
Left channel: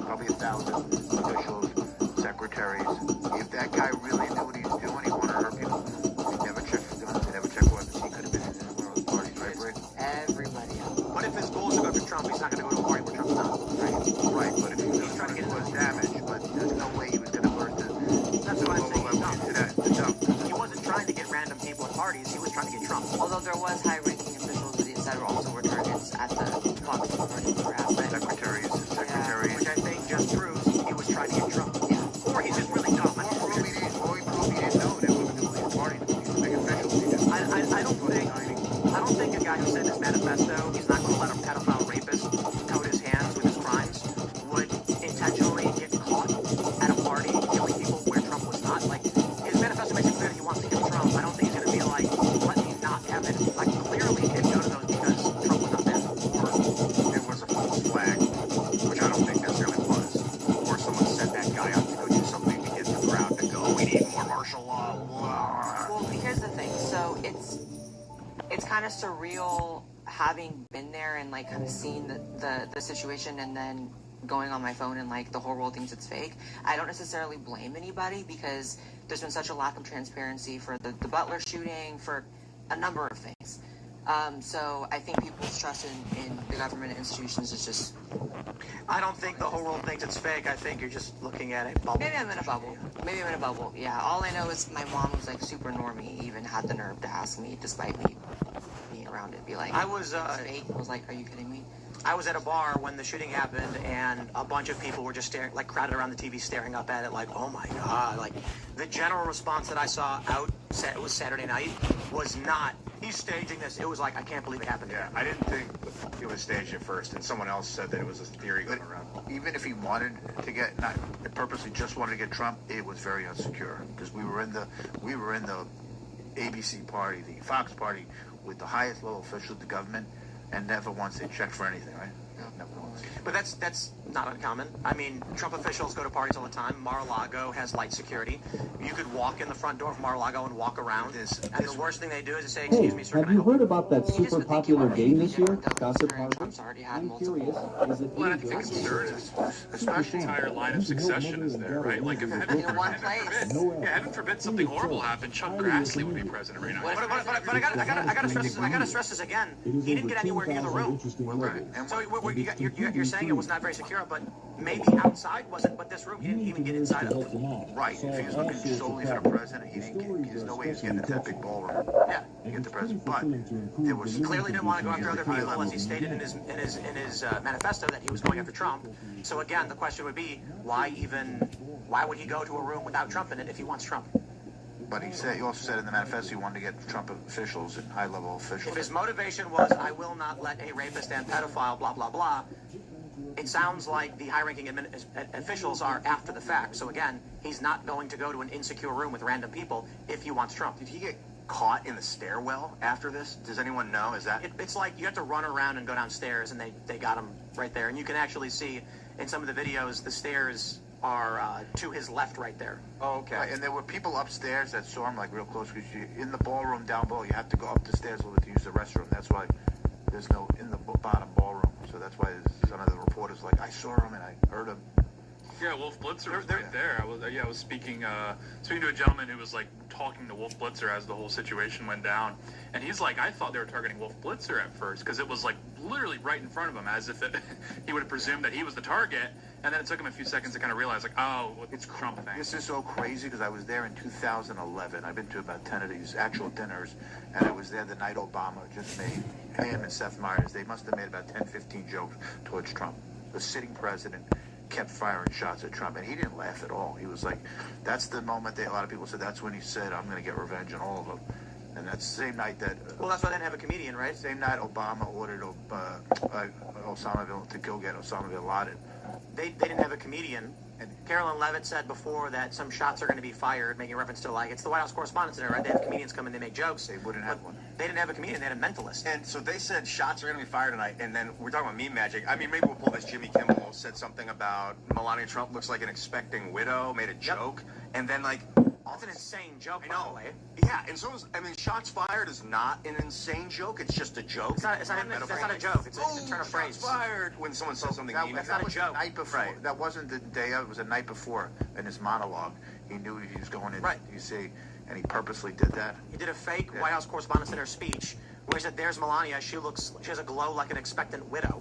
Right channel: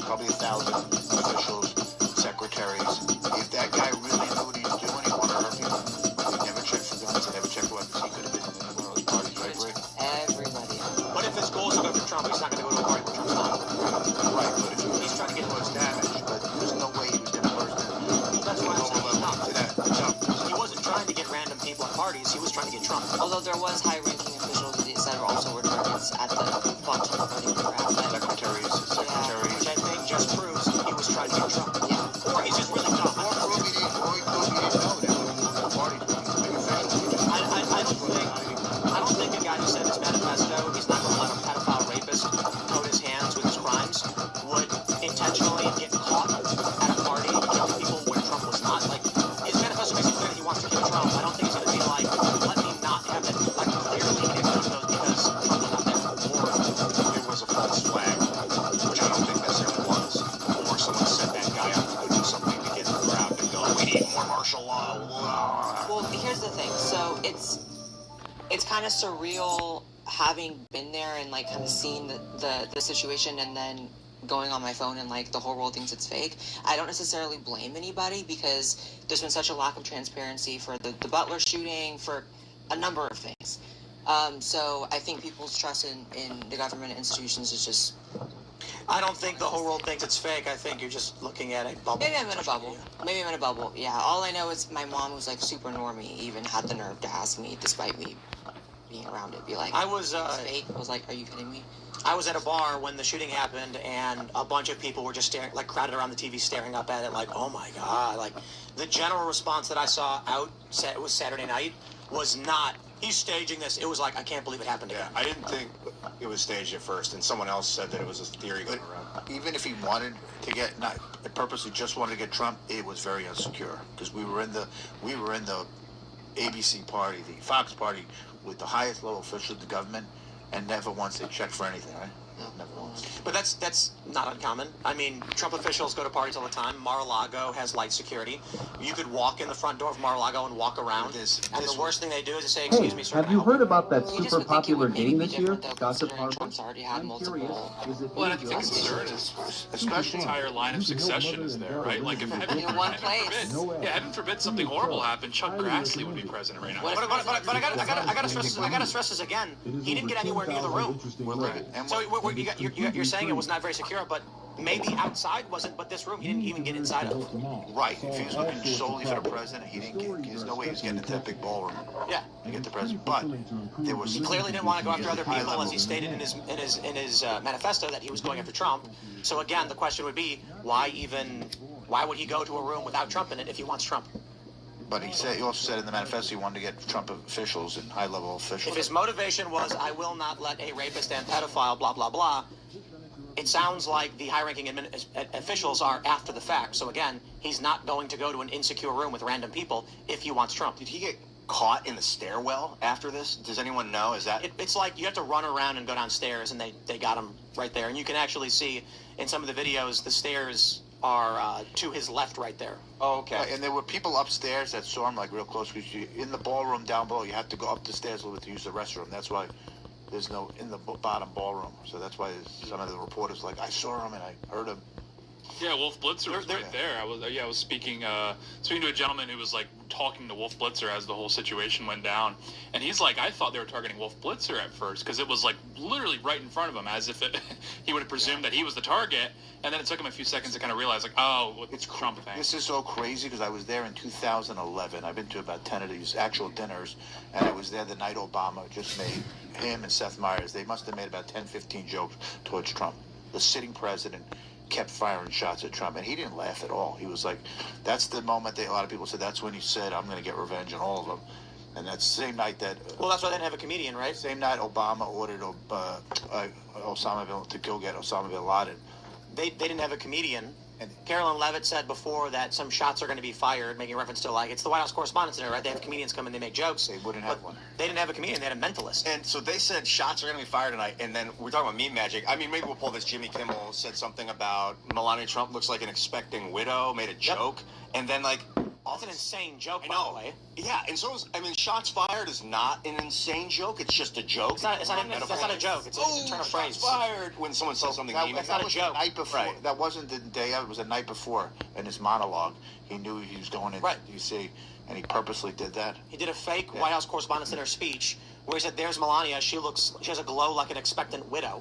probably 1,000 officials, secretaries. If that guy really knew what he was doing, he wanted to hurt people. He never checked for guns, he never checked weapons. He could have been in one of those parties, right, Rick? Everybody. What if his goal is to go for Trump? He's not going to go to a party with Trump's not. Right, but if he's trying to get to his damage, but there's no way he was going to hurt them. That's what I'm saying. Into that. He wasn't trying to get random people at parties. He was trying to get Trump. Although there was high-ranking officials that also were targets at the bunch of party crowd. Secretaries. Which I think just proves he was trying to get Trump. Yeah. Or he's just really dumb. Or he didn't know that was the party. He's a big official. I don't think a guy who said his manifesto, he's not going to let a pedophile rapist coat his hands with his crimes, would intentionally get caught at a party killing people where Trump was not. Like, his manifesto makes it clear that he wants to kill Trump. I don't think he's going to be like, let me not have it. Like, clearly, if those because Trump was not there. Or there was a false flag, which I don't think necessarily was. Or someone set that guy up to go do something to get the crowd to go, we need more martial law. Well, here's the thing. So it's kind of surreal having been there and like kind of seen the situation and then going on my phone and like the whole world thinks it's fake. I don't necessarily blame anybody because there's been such a lack of transparency for the Butler shooting, for a number of things. So I think people's trust in the government and institutions is just... I don't think the whole world thinks it's fake. I think you're just looking at a bubble. Maybe I'm in a bubble. Yeah, all I know is my mom, who's like super normie, even had the nerve to ask me, despite me being around it, be like, I was fake. I was like, are you kidding me? I was at a bar when the shooting happened, and a bunch of people were just staring, like crowded around the TV, staring up at it, like, oh my god. Like, the general response that I saw it was Saturday night, was not, he's staging this. It was like, I can't believe it happened again. I didn't think it was staged at first, and someone else said that it was a theory going around. Even if he wanted to get, not purposely just wanted to get Trump, it was very insecure because we were in the ABC party, the Fox party, with the highest level officials of the government, and never once they checked for anything, right? No, never once. But that's not uncommon. I mean, Trump officials go to parties all the time. Mar-a-Lago has light security. You could walk in the front door of Mar-a-Lago and walk around. And the worst thing they do is to say, "Excuse me, sir." Have you heard about that super popular game this year, Gossip Harbor? I'm curious. Is it Well, I think the concern is, especially the entire line of succession is there, right? Like, if heaven forbid something horrible happened, Chuck Grassley would be president right now. But I gotta stress this again. He didn't get anywhere near the room. So you're saying it was not very secure, but maybe outside wasn't, but this room he didn't even get inside of. Right. If he was looking solely for the president, he didn't get. There's no way he was getting into that big ballroom. Yeah. To get the president, but there was. He clearly didn't want to go after other people, as he stated in his manifesto that he was going after Trump. So again, the question would be, why would he go to a room without Trump in it if he wants Trump? But he also said in the manifesto he wanted to get Trump officials and high-level officials. If his motivation was, I will not let a rapist and pedophile, blah, blah, blah, it sounds like the high-ranking officials are after the fact. So again, he's not going to go to an insecure room with random people if he wants Trump. Did he get caught in the stairwell after this? Does anyone know? Is that... It's like you have to run around and go downstairs, and they got him right there. And you can actually see in some of the videos the stairs are to his left right there. Oh, okay. Right, and there were people upstairs that saw him like real close, because in the ballroom down below, you have to go up the stairs a little bit to use the restroom. That's why there's no in the bottom ballroom. So that's why some of the reporters like, I saw him and I heard him. Yeah, Wolf Blitzer was right there. I was speaking to a gentleman who was like talking to Wolf Blitzer as the whole situation went down, and he's like, I thought they were targeting Wolf Blitzer at first because it was like literally right in front of him, as if he would have presumed that he was the target, and then it took him a few seconds to kind of realize like, oh, it's Trump thing. This is so crazy because I was there in 2011. I've been to about 10 of these actual dinners, and I was there the night Obama just made him and Seth Meyers. They must have made about 10, 15 jokes towards Trump. The sitting president kept firing shots at Trump, and he didn't laugh at all. He was like, that's the moment a lot of people said, that's when he said, I'm going to get revenge on all of them. And that's the same night that... well, that's why they didn't have a comedian, right? Same night Obama ordered to go get Osama bin Laden. They didn't have a comedian. And Carolyn Levitt said before that some shots are going to be fired, making reference to like, it's the White House Correspondents' Dinner, right? They have comedians come in, they make jokes. They wouldn't have one. They didn't have a comedian, they had a mentalist. And so they said shots are going to be fired tonight, and then we're talking about meme magic. I mean, maybe we'll pull this. Jimmy Kimmel said something about Melania Trump looks like an expecting widow, made a joke, and then like... That's an insane joke, I know. by the way. Yeah, and so is, I mean, shots fired is not an insane joke. It's just a joke. That's not a joke. It's a turn of phrase. Shots fired when someone says something mean. That's not a joke. The night before. Right. That wasn't the day of. It was the night before in his monologue. He knew he was going in. Right. You see, and he purposely did that. He did a fake White House Correspondents' Dinner speech where he said, "There's Melania. She has a glow like an expectant widow,"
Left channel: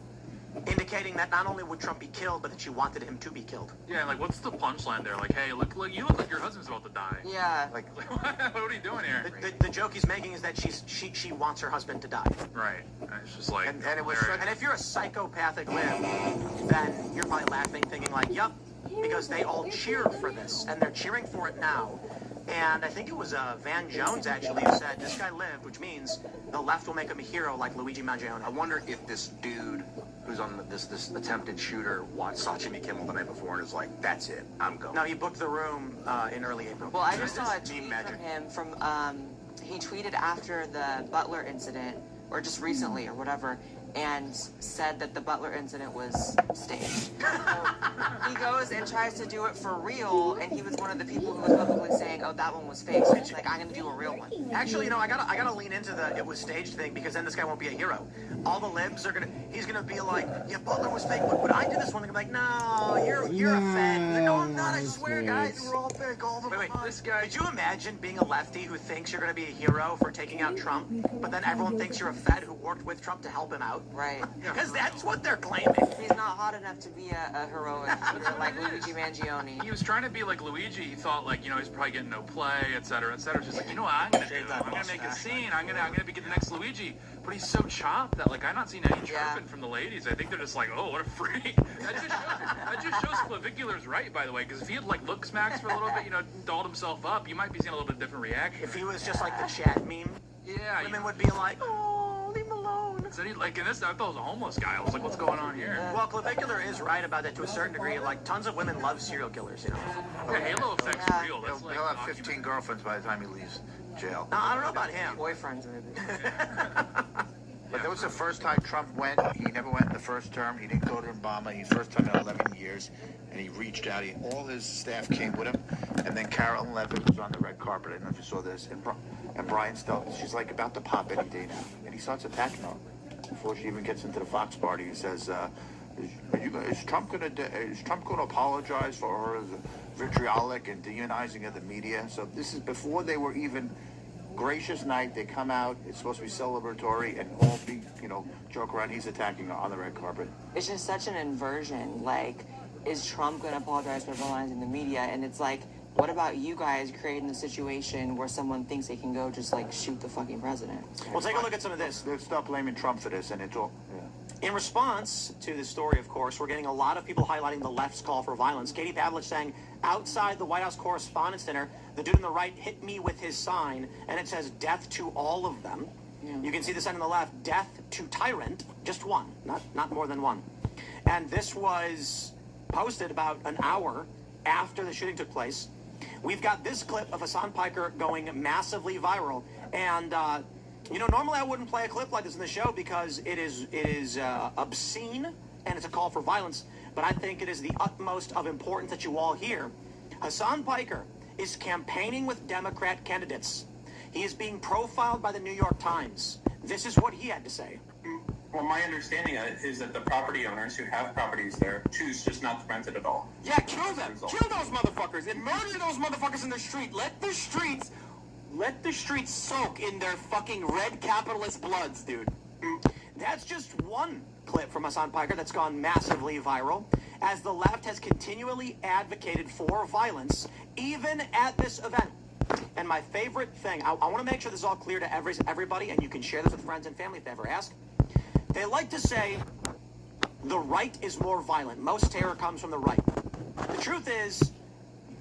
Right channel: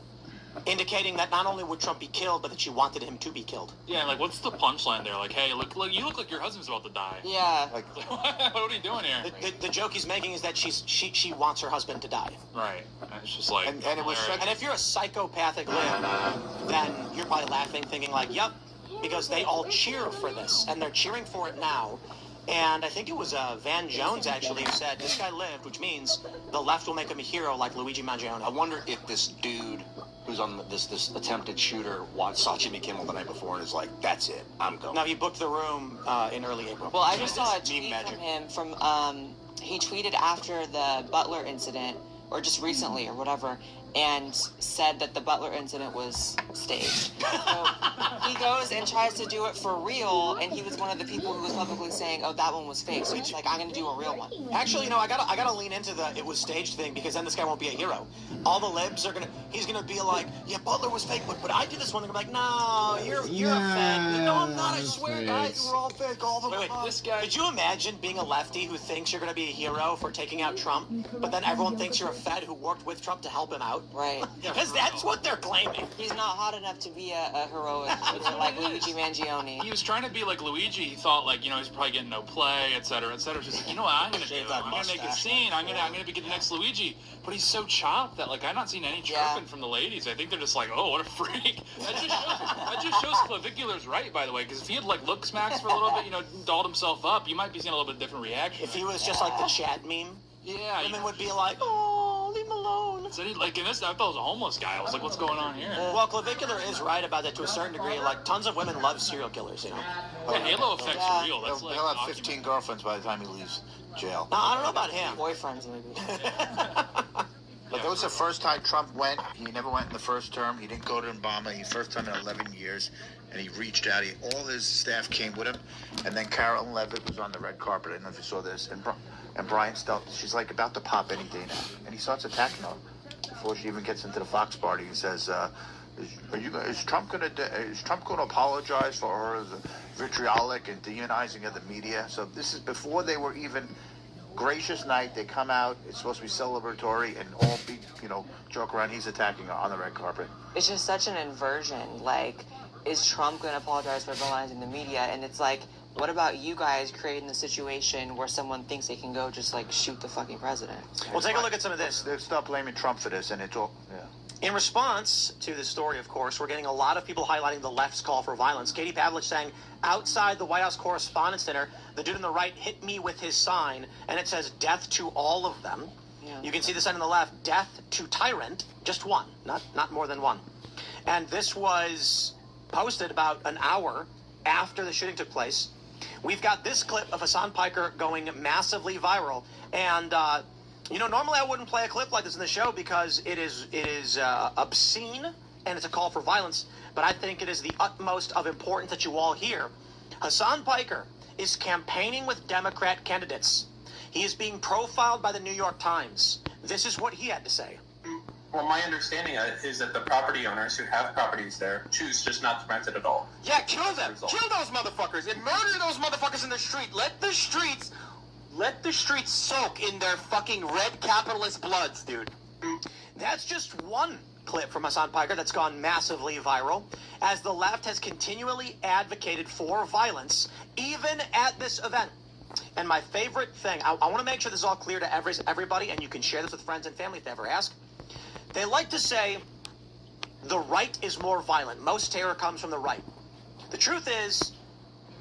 indicating that not only would Trump be killed, but that she wanted him to be killed. Yeah, like what's the punchline there? Like, hey, look, you look like your husband's about to die. Yeah. Like what are you doing here? The joke he's making is that she wants her husband to die. Right. It's just like, and if you're a psychopathic lib, then you're probably laughing, thinking like, "Yep," because they all cheered for this, and they're cheering for it now. And I think it was Van Jones, actually, who said, this guy lived, which means the left will make him a hero like Luigi Mangione. I wonder if this dude who's on this attempted shooter saw Jimmy Kimmel the night before and is like, that's it, I'm going. No, he booked the room in early April. Well, I just saw a tweet from him he tweeted after the Butler incident, or just recently, or whatever, and said that the Butler incident was staged. So he goes and tries to do it for real, and he was one of the people who was publicly saying, "Oh, that one was fake." So it's like, I'm going to do a real one. Actually, I gotta lean into the it was staged thing, because then this guy won't be a hero. All the libs are he's gonna be like, "Yeah, Butler was fake, but I did this one thing." I'm like, "No, you're a fed." No, I'm not. I swear, guys, we're all fake all the time. This guy. Did you imagine being a lefty who thinks you're gonna be a hero for taking out Trump, but then everyone thinks you're a fed who worked with Trump to help him out? Right. Because that's what they're claiming. He's not hot enough to be a heroic like Luigi Mangione. He was trying to be like Luigi. He thought like, he's probably getting no play, et cetera, et cetera. Just like, you know what I'm gonna do? I'm gonna make a scene. I'm gonna be the next Luigi. But he's so chopped that like I'm not seeing any chirping from the ladies. I think they're just like, oh, what a freak. That just shows Clavicular's right, by the way. Because if he had like look smacks for a little bit, dolled himself up, you might be seeing a little bit different reaction. If he was just like the chat meme, women would be like, oh, leave him alone. So like in this, I thought it was a homeless guy. I was like, what's going on here? Well, Clavicular is right about that to a certain degree. Like, tons of women love serial killers, Yeah, Halo effect's real. That's He'll have 15 girlfriends by the time he leaves jail. No, I don't know about him. Boyfriends, maybe. But that was the first time Trump went. He never went in the first term. He didn't go to Obama. He first time in 11 years. And he reached out. All his staff came with him. And then Carolyn Levitt was on the red carpet. I don't know if you saw this. And Brian Stelton, she's like about to pop any day now. And he starts attacking her before she even gets into the Fox party. He says, is Trump going to apologize for her vitriolic and demonizing of the media? So this is before they were even gracious night. They come out. It's supposed to be celebratory and all be, joke around. He's attacking her on the red carpet. It's just such an inversion. Like, is Trump going to apologize for villainizing the media? And it's like, what about you guys creating the situation where someone thinks they can go just like shoot the fucking president? Well, take a look at some of this. They'll stop blaming Trump for this, and it's all. Yeah. In response to this story, of course, we're getting a lot of people highlighting the left's call for violence. Katie Pavlich saying, outside the White House Correspondents' Dinner, the dude on the right hit me with his sign, and it says, death to all of them. Yeah. You can see the sign on the left, death to tyrant, just one, not more than one. And this was posted about an hour after the shooting took place. We've got this clip of Hassan Piker going massively viral, and normally I wouldn't play a clip like this in the show because it is obscene and it's a call for violence, but I think it is the utmost of importance that you all hear. Hassan Piker is campaigning with Democrat candidates. He is being profiled by the New York Times. This is what he had to say. Well, my understanding is that the property owners who have properties there choose just not to rent it at all. Yeah, kill them. Kill those motherfuckers and murder those motherfuckers in the street. Let the streets soak in their fucking red capitalist bloods, dude. That's just one clip from Hassan Piker that's gone massively viral, as the left has continually advocated for violence, even at this event. And my favorite thing, I want to make sure this is all clear to everybody, and you can share this with friends and family if they ever ask. They like to say the right is more violent. Most terror comes from the right. The truth is,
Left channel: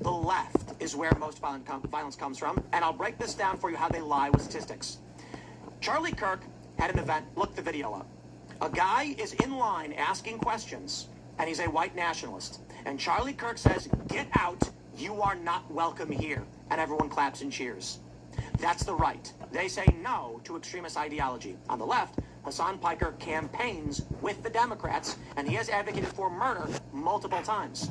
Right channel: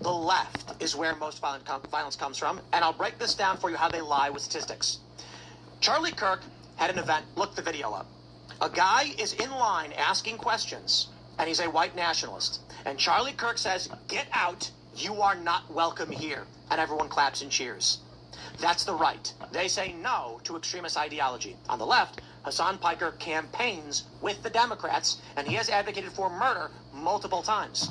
the left is where most violence comes from, and I'll break this down for you how they lie with statistics. Charlie Kirk had an event. Look the video up. A guy is in line asking questions, and he's a white nationalist. And Charlie Kirk says, "Get out, you are not welcome here." And everyone claps and cheers. That's the right. They say no to extremist ideology. On the left, Hassan Piker campaigns with the Democrats, and he has advocated for murder multiple times.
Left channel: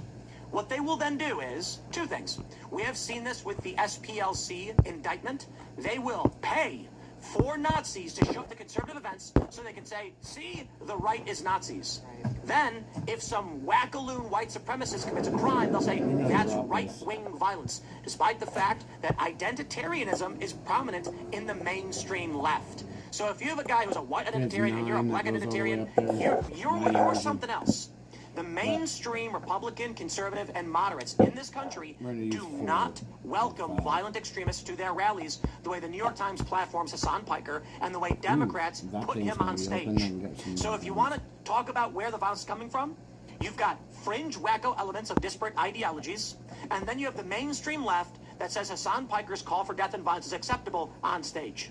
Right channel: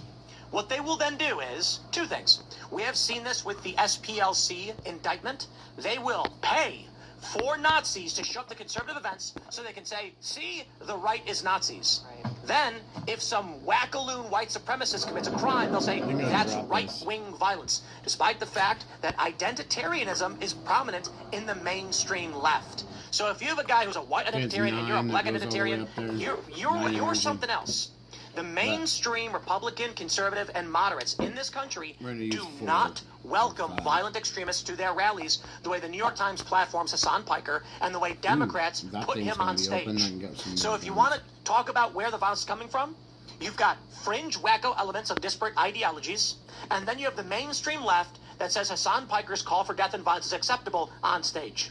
What they will then do is two things. We have seen this with the SPLC indictment. They will pay for Nazis to show up to conservative events so they can say, see, the right is Nazis. Right. Then, if some wackaloon white supremacist commits a crime, they'll say, that's right-wing violence, despite the fact that identitarianism is prominent in the mainstream left. So if you have a guy who's a white identitarian and you're a black identitarian, you're something else. The mainstream Republican, conservative, and moderates in this country do not welcome violent extremists to their rallies the way the New York Times platforms Hassan Piker and the way Democrats put him on stage. So if you want to talk about where the violence is coming from, you've got fringe wacko elements of disparate ideologies, and then you have the mainstream left that says Hassan Piker's call for death and violence is acceptable on stage.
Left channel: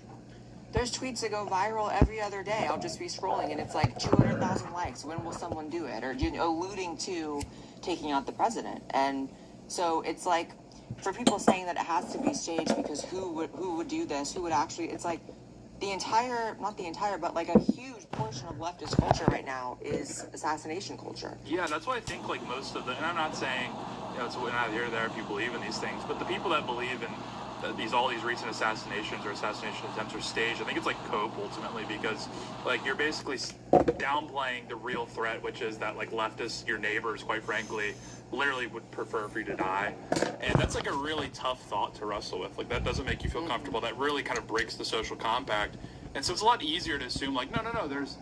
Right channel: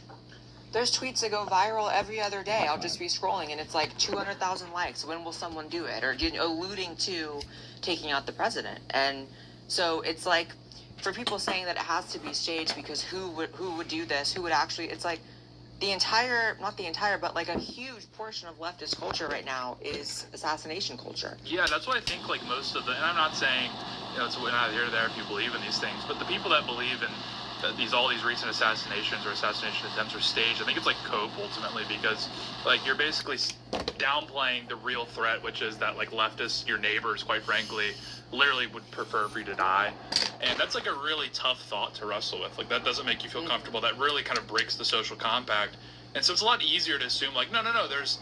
There's tweets that go viral every other day. I'll just be scrolling, and it's like 200,000 likes. When will someone do it? Or alluding to taking out the president. And so it's like, for people saying that it has to be staged because who would do this? Who would actually? It's like not the entire, but like a huge portion of leftist culture right now is assassination culture. Yeah, that's why I think like most of the, and I'm not saying it's neither here nor there if you believe in these things, but the people that believe in all these recent assassinations or assassination attempts are staged, I think it's like cope ultimately, because like you're basically downplaying the real threat, which is that like leftists, your neighbors, quite frankly, literally would prefer for you to die. And that's like a really tough thought to wrestle with. Like that doesn't make you feel comfortable. That really kind of breaks the social compact. And so it's a lot easier to assume like, no, there's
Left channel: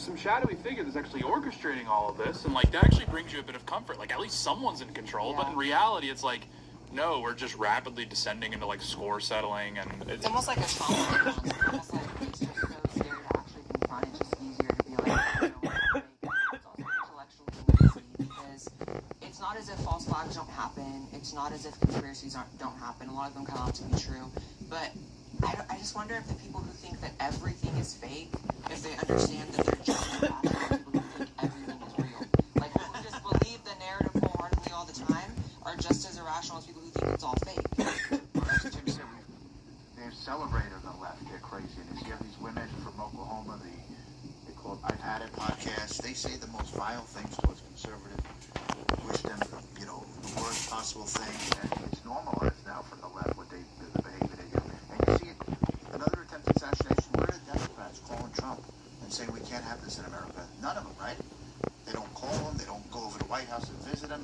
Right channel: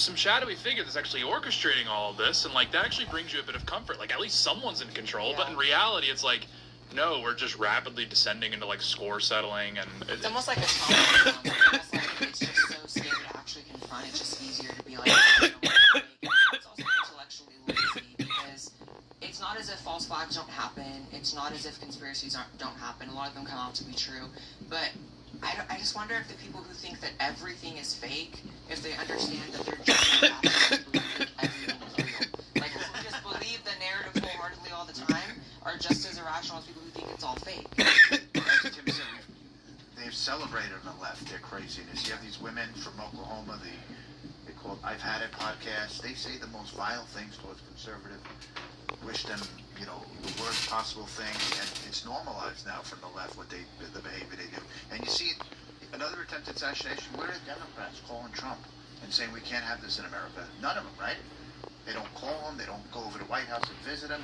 some shadowy figure that's actually orchestrating all of this, and like that actually brings you a bit of comfort. Like at least someone's in control. Yeah. But in reality, it's like, no, we're just rapidly descending into like score settling, and it's almost like a trauma. It's almost like it's just so scary to actually confront. It's just easier to be like, it's also intellectually lazy because it's not as if false flags don't happen. It's not as if conspiracies don't happen. A lot of them come out to be true, but I just wonder if the people who think that everything is fake, if they understand that they're just not actually believing everything is real. Like if we just believe the narrative wholeheartedly all the time, are just as irrational as people who think it's all fake. They've celebrated on the left their craziness. You have these women from Oklahoma, they call I've Had It podcast. They say the most vile things towards conservative. Wish them, you know, the worst possible things, and it's normalized now from the left what the behavior they do. And you see another attempted assassination. Where are the Democrats calling Trump and saying we can't have this in America? None of them, right? They don't call him. They don't go over to the White House and visit him.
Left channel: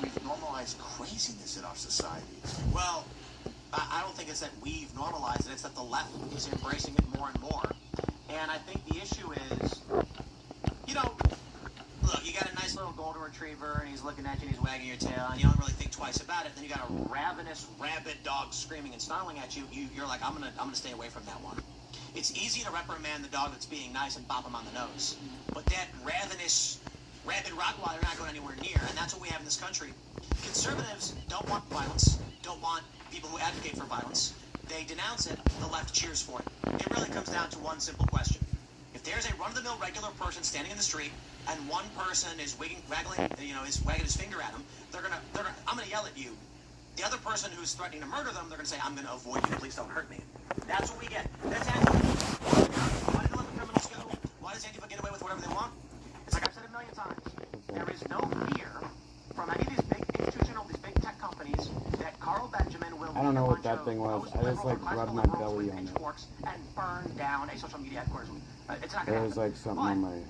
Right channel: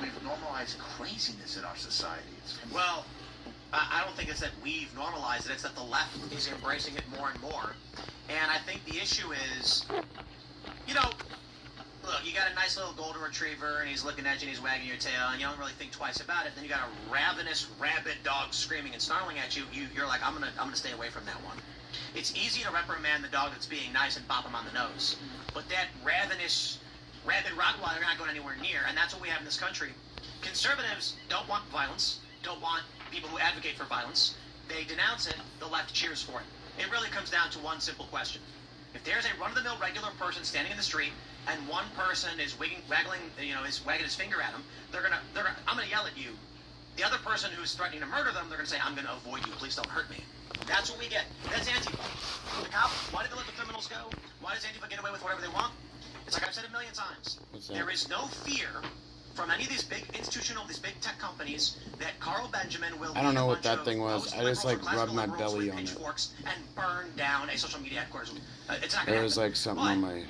We've normalized craziness in our society. Well, I don't think it's that we've normalized it. It's that the left is embracing it more and more. And I think the issue is, you know, look, you got a nice little golden retriever, and he's looking at you, and he's wagging your tail, and you don't really think twice about it. Then you got a ravenous, rabid dog screaming and snarling at you. You're like, I'm gonna stay away from that one. It's easy to reprimand the dog that's being nice and bop him on the nose, but that ravenous, rabid Rottweiler, you're not going anywhere near, and that's what we have in this country. Conservatives don't want violence, don't want people who advocate for violence. They denounce it, the left cheers for it. It really comes down to one simple question. If there's a run-of-the-mill regular person standing in the street, and one person is wagging his finger at him, I'm gonna yell at you. The other person who's threatening to murder them, they're gonna say, I'm gonna avoid you, please don't hurt me. That's what we get. That's Antifa. Like, why do they let the criminals go? Why does Antifa get away with whatever they want? It's like I've said a million times. There is no fear from any of these big these big tech companies that Carl Benjamin will. I don't know what that thing was. I just like rubbed my belly on it. And burn down a social media headquarters. It's not There was like something on my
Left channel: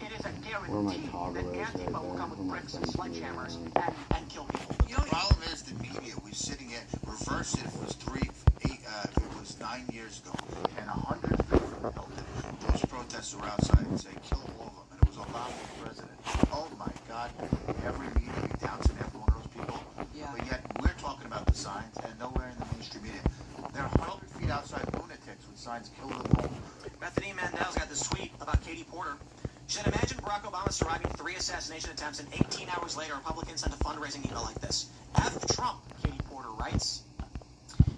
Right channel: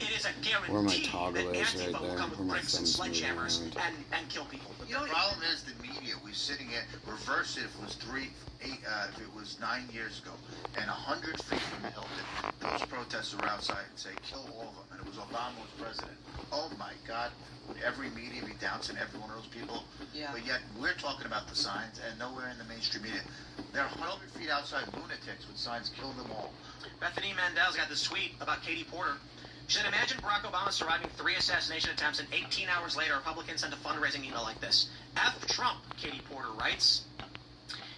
it is a guarantee where my toggle is right Antifa will there, come where with my bricks and thumb's sledgehammers moving around. and kill people. You know, the problem is the media. We're sitting at reverse it. If it was 9 years ago, and 100 feet from the Hilton, those protesters were outside and say, "Kill all of them," and it was Obama was president. Oh my God! Every media be doubting every one of those people. Yeah. But yet we're talking about the signs, and nowhere in the mainstream media. They're 100 feet outside lunatics with signs, "Kill them all." Bethany Mandel's got this tweet about Katie Porter. She said, imagine Barack Obama surviving 3 assassination attempts, and 18 hours later, Republicans sent a fundraising email like this. F Trump, Katie Porter writes.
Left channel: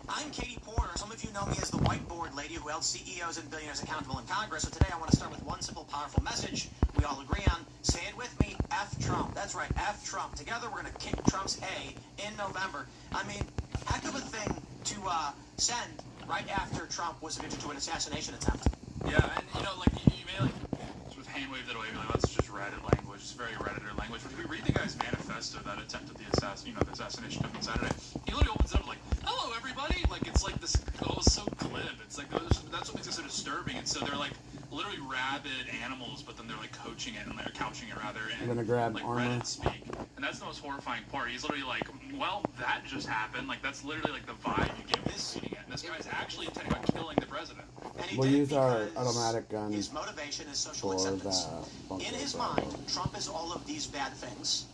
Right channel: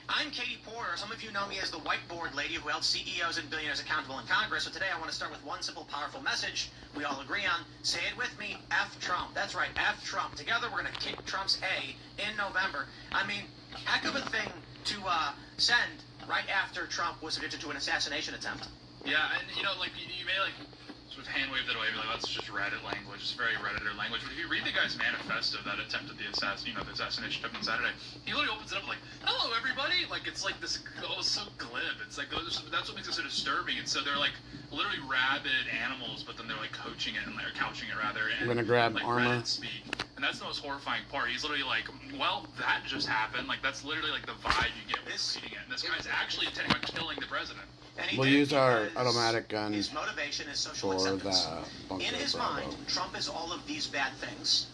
I'm Katie Porter. Some of you know me as the whiteboard lady who held CEOs and billionaires accountable in Congress. So today I want to start with one simple, powerful message we all agree on. Say it with me, F Trump. That's right, F Trump. Together we're going to kick Trump's A in November. I mean, heck of a thing to send right after Trump was addicted to an assassination attempt. Yeah, and you know, like you may like sort of hand wave that away, like that's just Reddit language, it's very Redditor language. But if you read the guy's manifesto that attempted the assassination attempt on Saturday, he literally opens it up like, "Hello, everybody!" Like it's like this, so glib. It's like that's what makes it so disturbing. And so they're like literally rabid animals, but then they're like coaching it and they're couching it rather. And, I'm gonna grab like, armor. Reddit speak. And that's the most horrifying part. He's literally like, well, that just happened. Like that's literally like the vibe you get when reading it. And this guy's actually intending on killing the president. We'll use our automatic gun His motivation is social for acceptance. the bunker In his Bravo. mind, Trump is all of these bad things.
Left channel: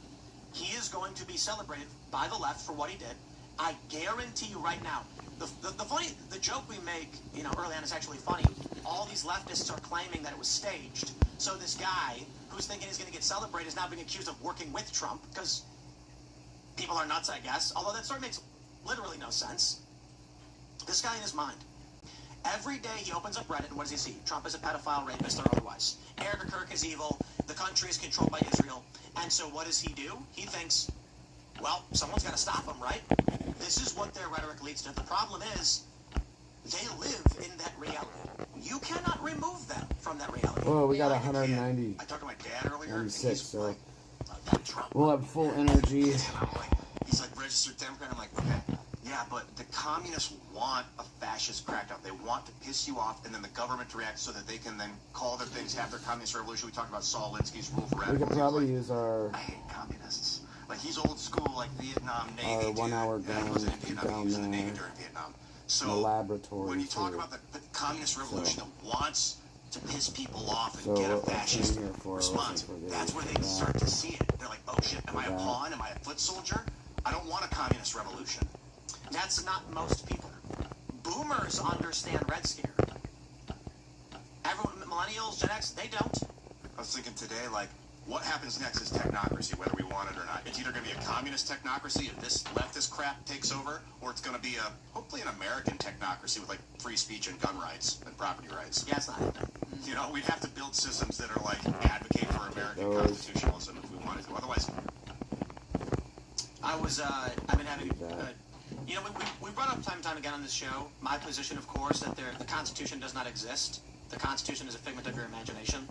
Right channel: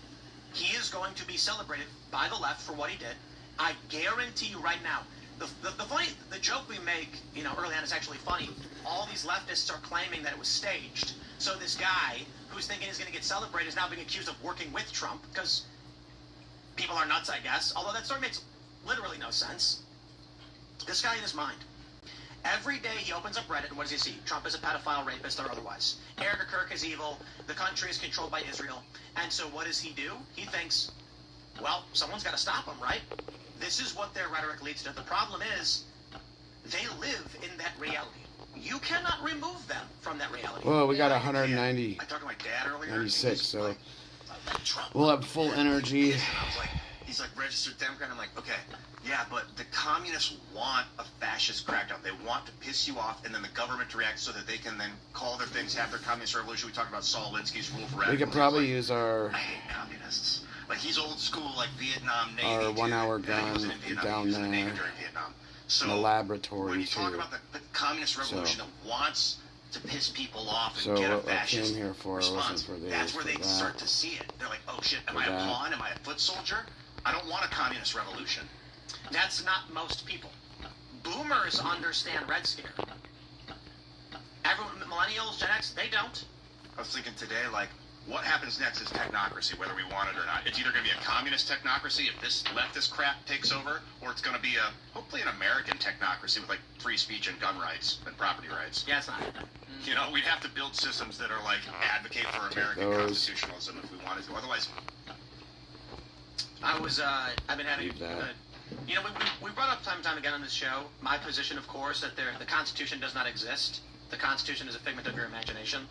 He is going to be celebrated by the left for what he did. I guarantee you right now. The joke we make, you know, early on is actually funny. All these leftists are claiming that it was staged. So this guy who's thinking he's going to get celebrated is now being accused of working with Trump because people are nuts, I guess. Although that story makes literally no sense. This guy in his mind. Every day he opens up Reddit, and what does he see? Trump is a pedophile, rapist, or otherwise. Erica Kirk is evil. The country is controlled by Israel. And so what does he do? He thinks, well, someone's got to stop him, right? This is what their rhetoric leads to. The problem is they live in that reality. You cannot remove them from that reality. Well, we got 190, I talked to my dad earlier. 96, so we'll have full energy. He's like registered Democrat. I'm like, okay, yeah, but the communists want a fascist crackdown. They want to piss you off, and then the government to react so that they can then call their things after communist revolution. We talked about Saul Alinsky's rule for We could probably use our I hate communists. Like he's old school, like Vietnam Navy. our 1 hour gun down there in the laboratory when you too. talk about the communist revolution that wants to piss people off and So get a what I fascist came here for response, wasn't for this, that's where they for that, start to see it. They're like, oh shit, am for I a that. pawn? Am I a foot soldier? I don't want a communist revolution. That's not most people. Boomers understand Red Scare. Everyone, millennials, Gen X, they don't. I was thinking today, like, what happens next is technocracy, whether we want it or not. It's either going to be a communist technocracy if this leftist crap takes over, or it's going to be hopefully an American technocracy with, like, free speech and gun rights and property rights. Yeah, it's not happening. You know, we'd have to build systems that are, like, advocate for American constitutionalism if we wanted to. Otherwise, I've been having You know, we brought up time and time again on this show my position, of course, that the Constitution does not exist. The Constitution is a figment of your imagination.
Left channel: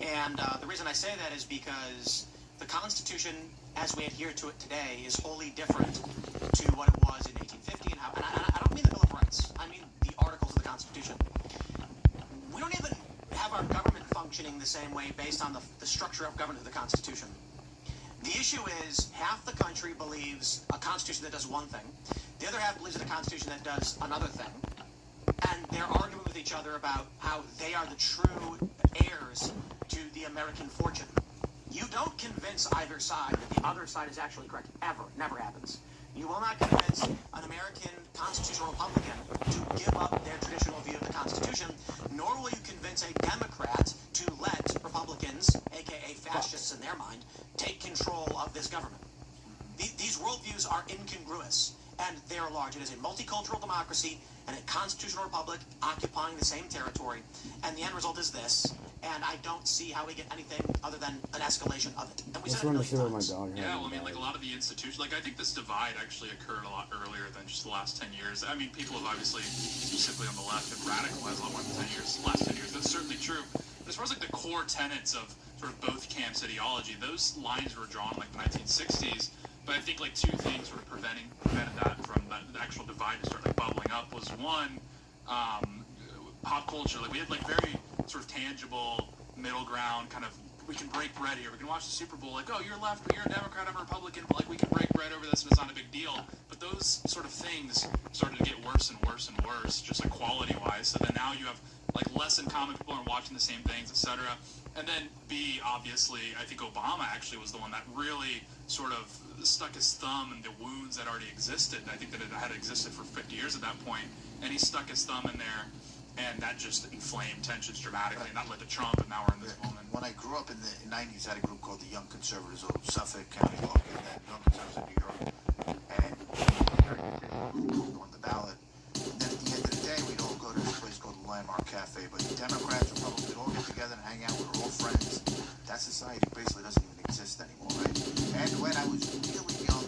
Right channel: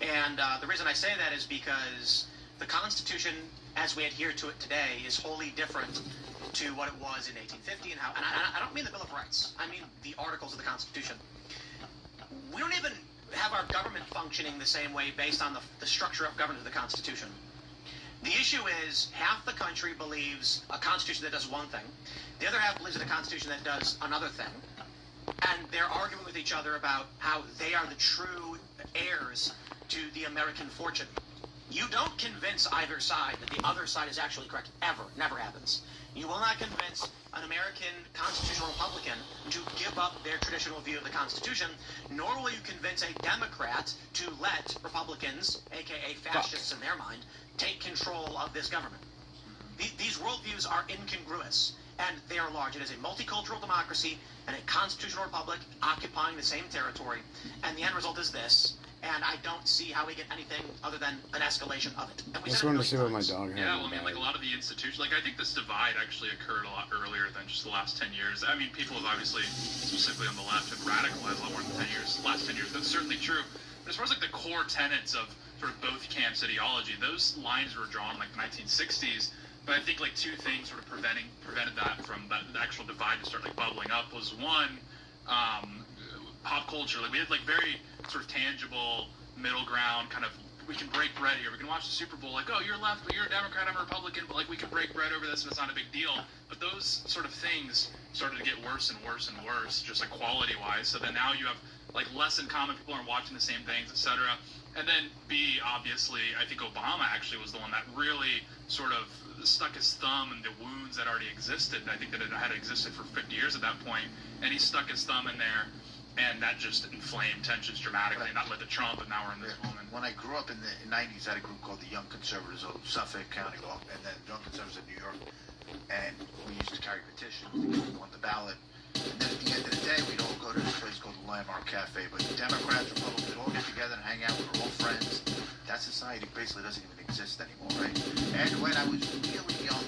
And the reason I say that is because the Constitution, as we adhere to it today, is wholly different to what it was in 1850. And I don't mean the Bill of Rights. I mean the articles of the Constitution. We don't even have our government functioning the same way based on the structure of government of the Constitution. The issue is half the country believes a Constitution that does one thing. The other half believes in a Constitution that does another thing. And they're arguing with each other about how they are the true heirs to the American fortune. You don't convince either side that the other side is actually correct, ever. Never happens. You will not convince an American constitutional Republican to give up their traditional view of the Constitution, nor will you convince a Democrat to let Republicans, aka fascists in their mind, take control of this government. These worldviews are incongruous, and they are large. It is a multicultural democracy and a constitutional republic occupying the same territory, and the end result is this. And I don't see how we get anything other than an escalation of it. I just wanted to see what my dog had. Yeah, well, I mean, like a lot of the institutions, like I think this divide actually occurred a lot earlier than just the last 10 years. I mean, people have obviously, specifically on the left, have radicalized a lot more than 10 years, the last 10 years. That's certainly true. As far as like the core tenets of sort of both camps ideology, those lines were drawn like the 1960s. But I think like two things sort of prevented that from the actual divide to start like bubbling up was one, pop culture. Like we had like very sort of tangible middle ground kind of, we can break bread here. We can watch the Super Bowl like, oh, you're left, but you're a Democrat, I'm a Republican, but like we can break bread over this and it's not a big deal. But those sort of things started to get worse and worse and worse, just like quality wise. So then now you have like less in common, people aren't watching the same things, etc. And then B, obviously, I think Obama actually was the one that really sort of stuck his thumb in the wounds that already existed. I think that it had existed for 50 years at that point, and he stuck his thumb in there, and that just inflamed tensions dramatically, not led to Trump, and now we're in this moment. When I grew up in the 90s, I had a group called the Young Conservatives of Suffolk County Law, and then Young Conservatives of New York, and we used to carry petitions on the ballot. And then at the end of the day, we'd all go to this place called the Landmark Cafe, but Democrats, Republicans, we'd all get together and hang out, we're all friends. That society basically doesn't even exist anymore, right? And when I was really young,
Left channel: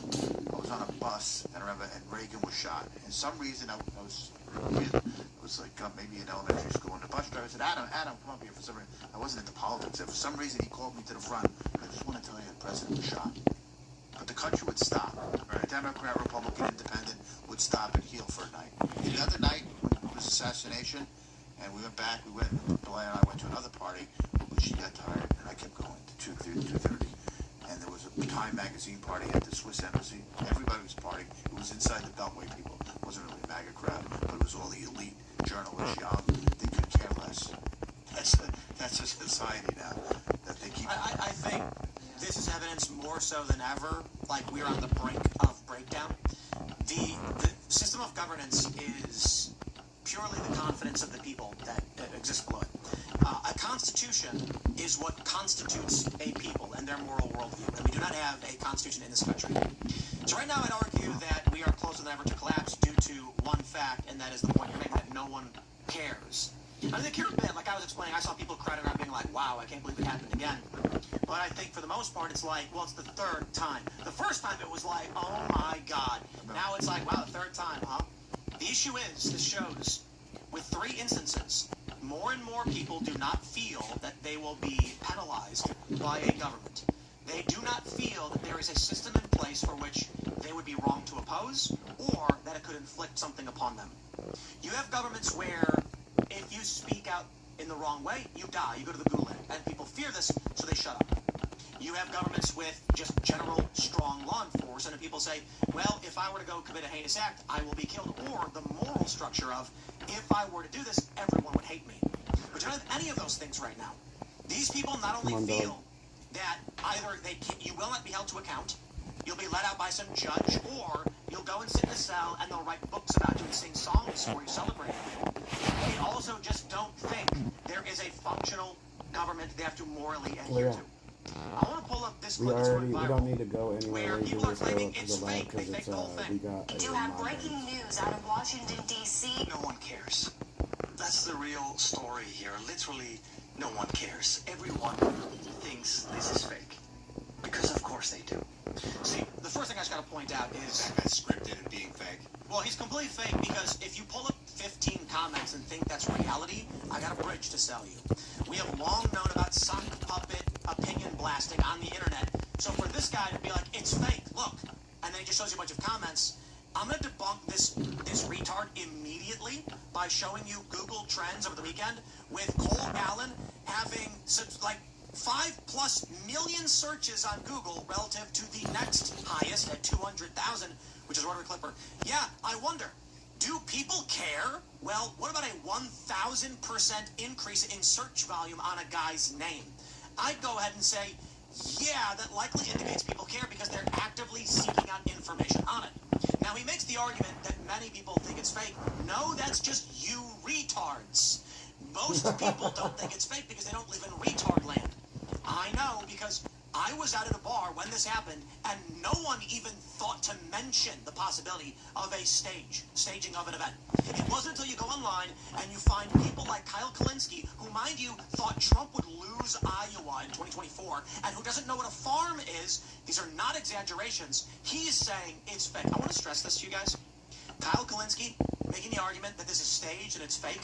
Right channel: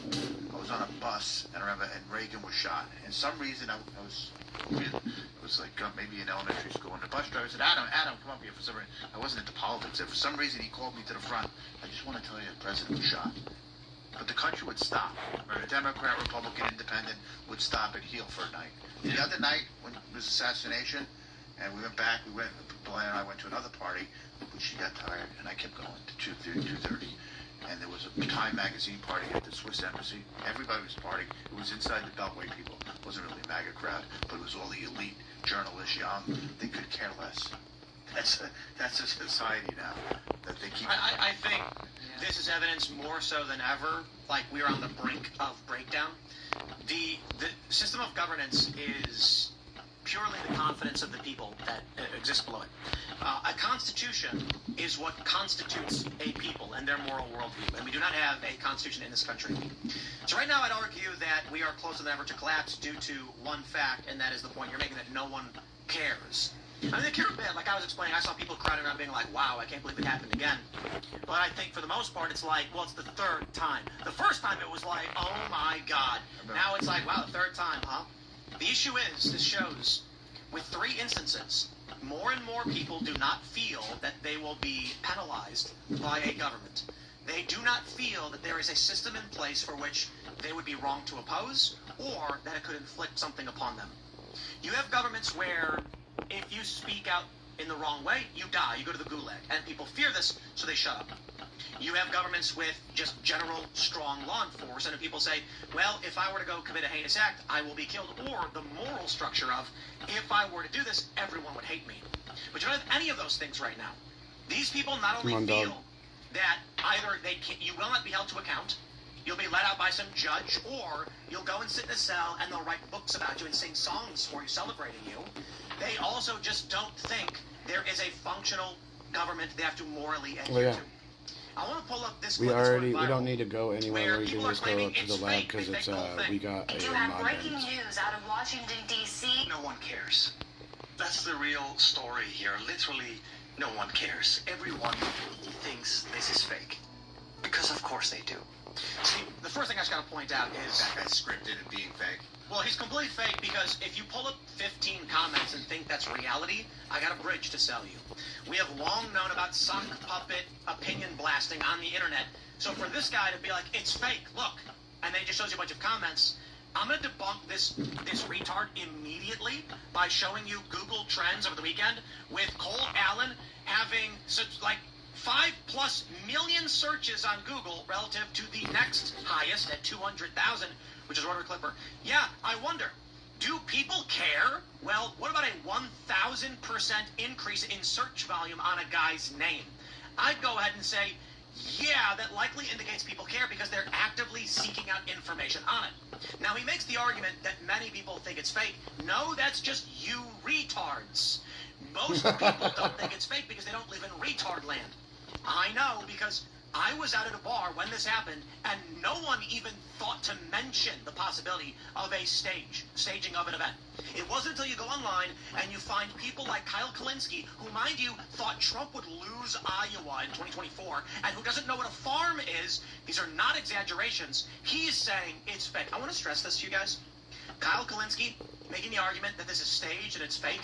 I was on a bus, and I remember, and Reagan was shot. And some reason I was like maybe in elementary school, and the bus driver said, Adam, come up here for some reason. I wasn't into politics. And for some reason, he called me to the front. I just want to tell you the president was shot. But the country would stop. Right? A Democrat, Republican, Independent would stop and heal for a night. The other night, when it was assassination, and we went back, Blair and I went to another party, she got tired, and I kept going to 2:30. And there was a Time magazine party at the Swiss Embassy. Everybody was partying. It was inside the Beltway people. It wasn't really a MAGA crowd, but it was all the elite journalists, young. They could care less. That's a society now that they keep. I think this is evidence more so than ever, like we're on the brink of breakdown. The system of governance is purely the confidence of the people that exists below it. A constitution is what constitutes a people and their moral worldview, and we do not have a constitution in this country. So right now I'd argue that we are closer than ever to collapse due to one fact, and that is the point you're making, that no one cares. I mean, like I was explaining, I saw people crowding around being like, wow, I can't believe it happened again. But I think for the most part, it's like, well, it's the third time. The first time it was like, oh my God. Now it's like, wow, the third time, huh? The issue is, this shows, with 3 instances, more and more people do not feel that they will be penalized by a government. They do not feel that there is a system in place for which they would be wrong to oppose, or that it could inflict something upon them. You have governments where if you speak out in the wrong way, you die, you go to the gulag, and people fear this, so they shut up. You have governments with just general strong law enforcement, and people say, well, if I were to go commit a heinous act, I will be killed. Or the moral structure of, if I were to do this, everyone would hate me. But you don't have any of those things right now. These people not only feel that either you will not be held to account, you'll be let out by some judge, or you'll go and sit in a cell and they'll write books about you and sing songs for you, celebrating you. They also just don't think there is a functional government they have to morally adhere to. I want to pull up this. We don't need to go anywhere. We can just go up to the lab because it's we got a mod. Breaking news out of Washington D.C. No one cares. That's the real story here. Literally, no one cares. Everyone thinks this is fake, because of course they do. See, the first thing I just got to point out is that guy's scripted and being fake. well, he's completely fake because if you pull up 15 comments and think that's reality, I got a bridge to sell you. We have long known about sock puppet opinion blasting on the internet. So for this guy to be like, it's fake, look, and then he just shows you a bunch of comments, I'm going to debunk this retard immediately by showing you Google Trends over the weekend with Cole Allen having like 5+ million searches on Google relative to the next highest at 200,000, which is Rotor Clipper. Yeah, I wonder, do people care? Well, what about a 1,000% increase in search volume on a guy's name? I'd go ahead and say, yeah, that likely indicates people care because they're actively seeking out information on it. Now, he makes the argument that many people think it's fake. No, that's just you retards. Most people don't think it's fake because they don't live in retard land. I know because I was out at a bar when this happened, and no one even thought to mention the possibility of a staging of an event. It wasn't until you go online and you find people like Kyle Kalinske, who, mind you, thought Trump would lose Iowa in 2024, and who doesn't know what a farm is. These are not exaggerations. He's saying it's fake. I want to stress this to you guys. Kyle Kalinske making the argument that this is staged and it's fake,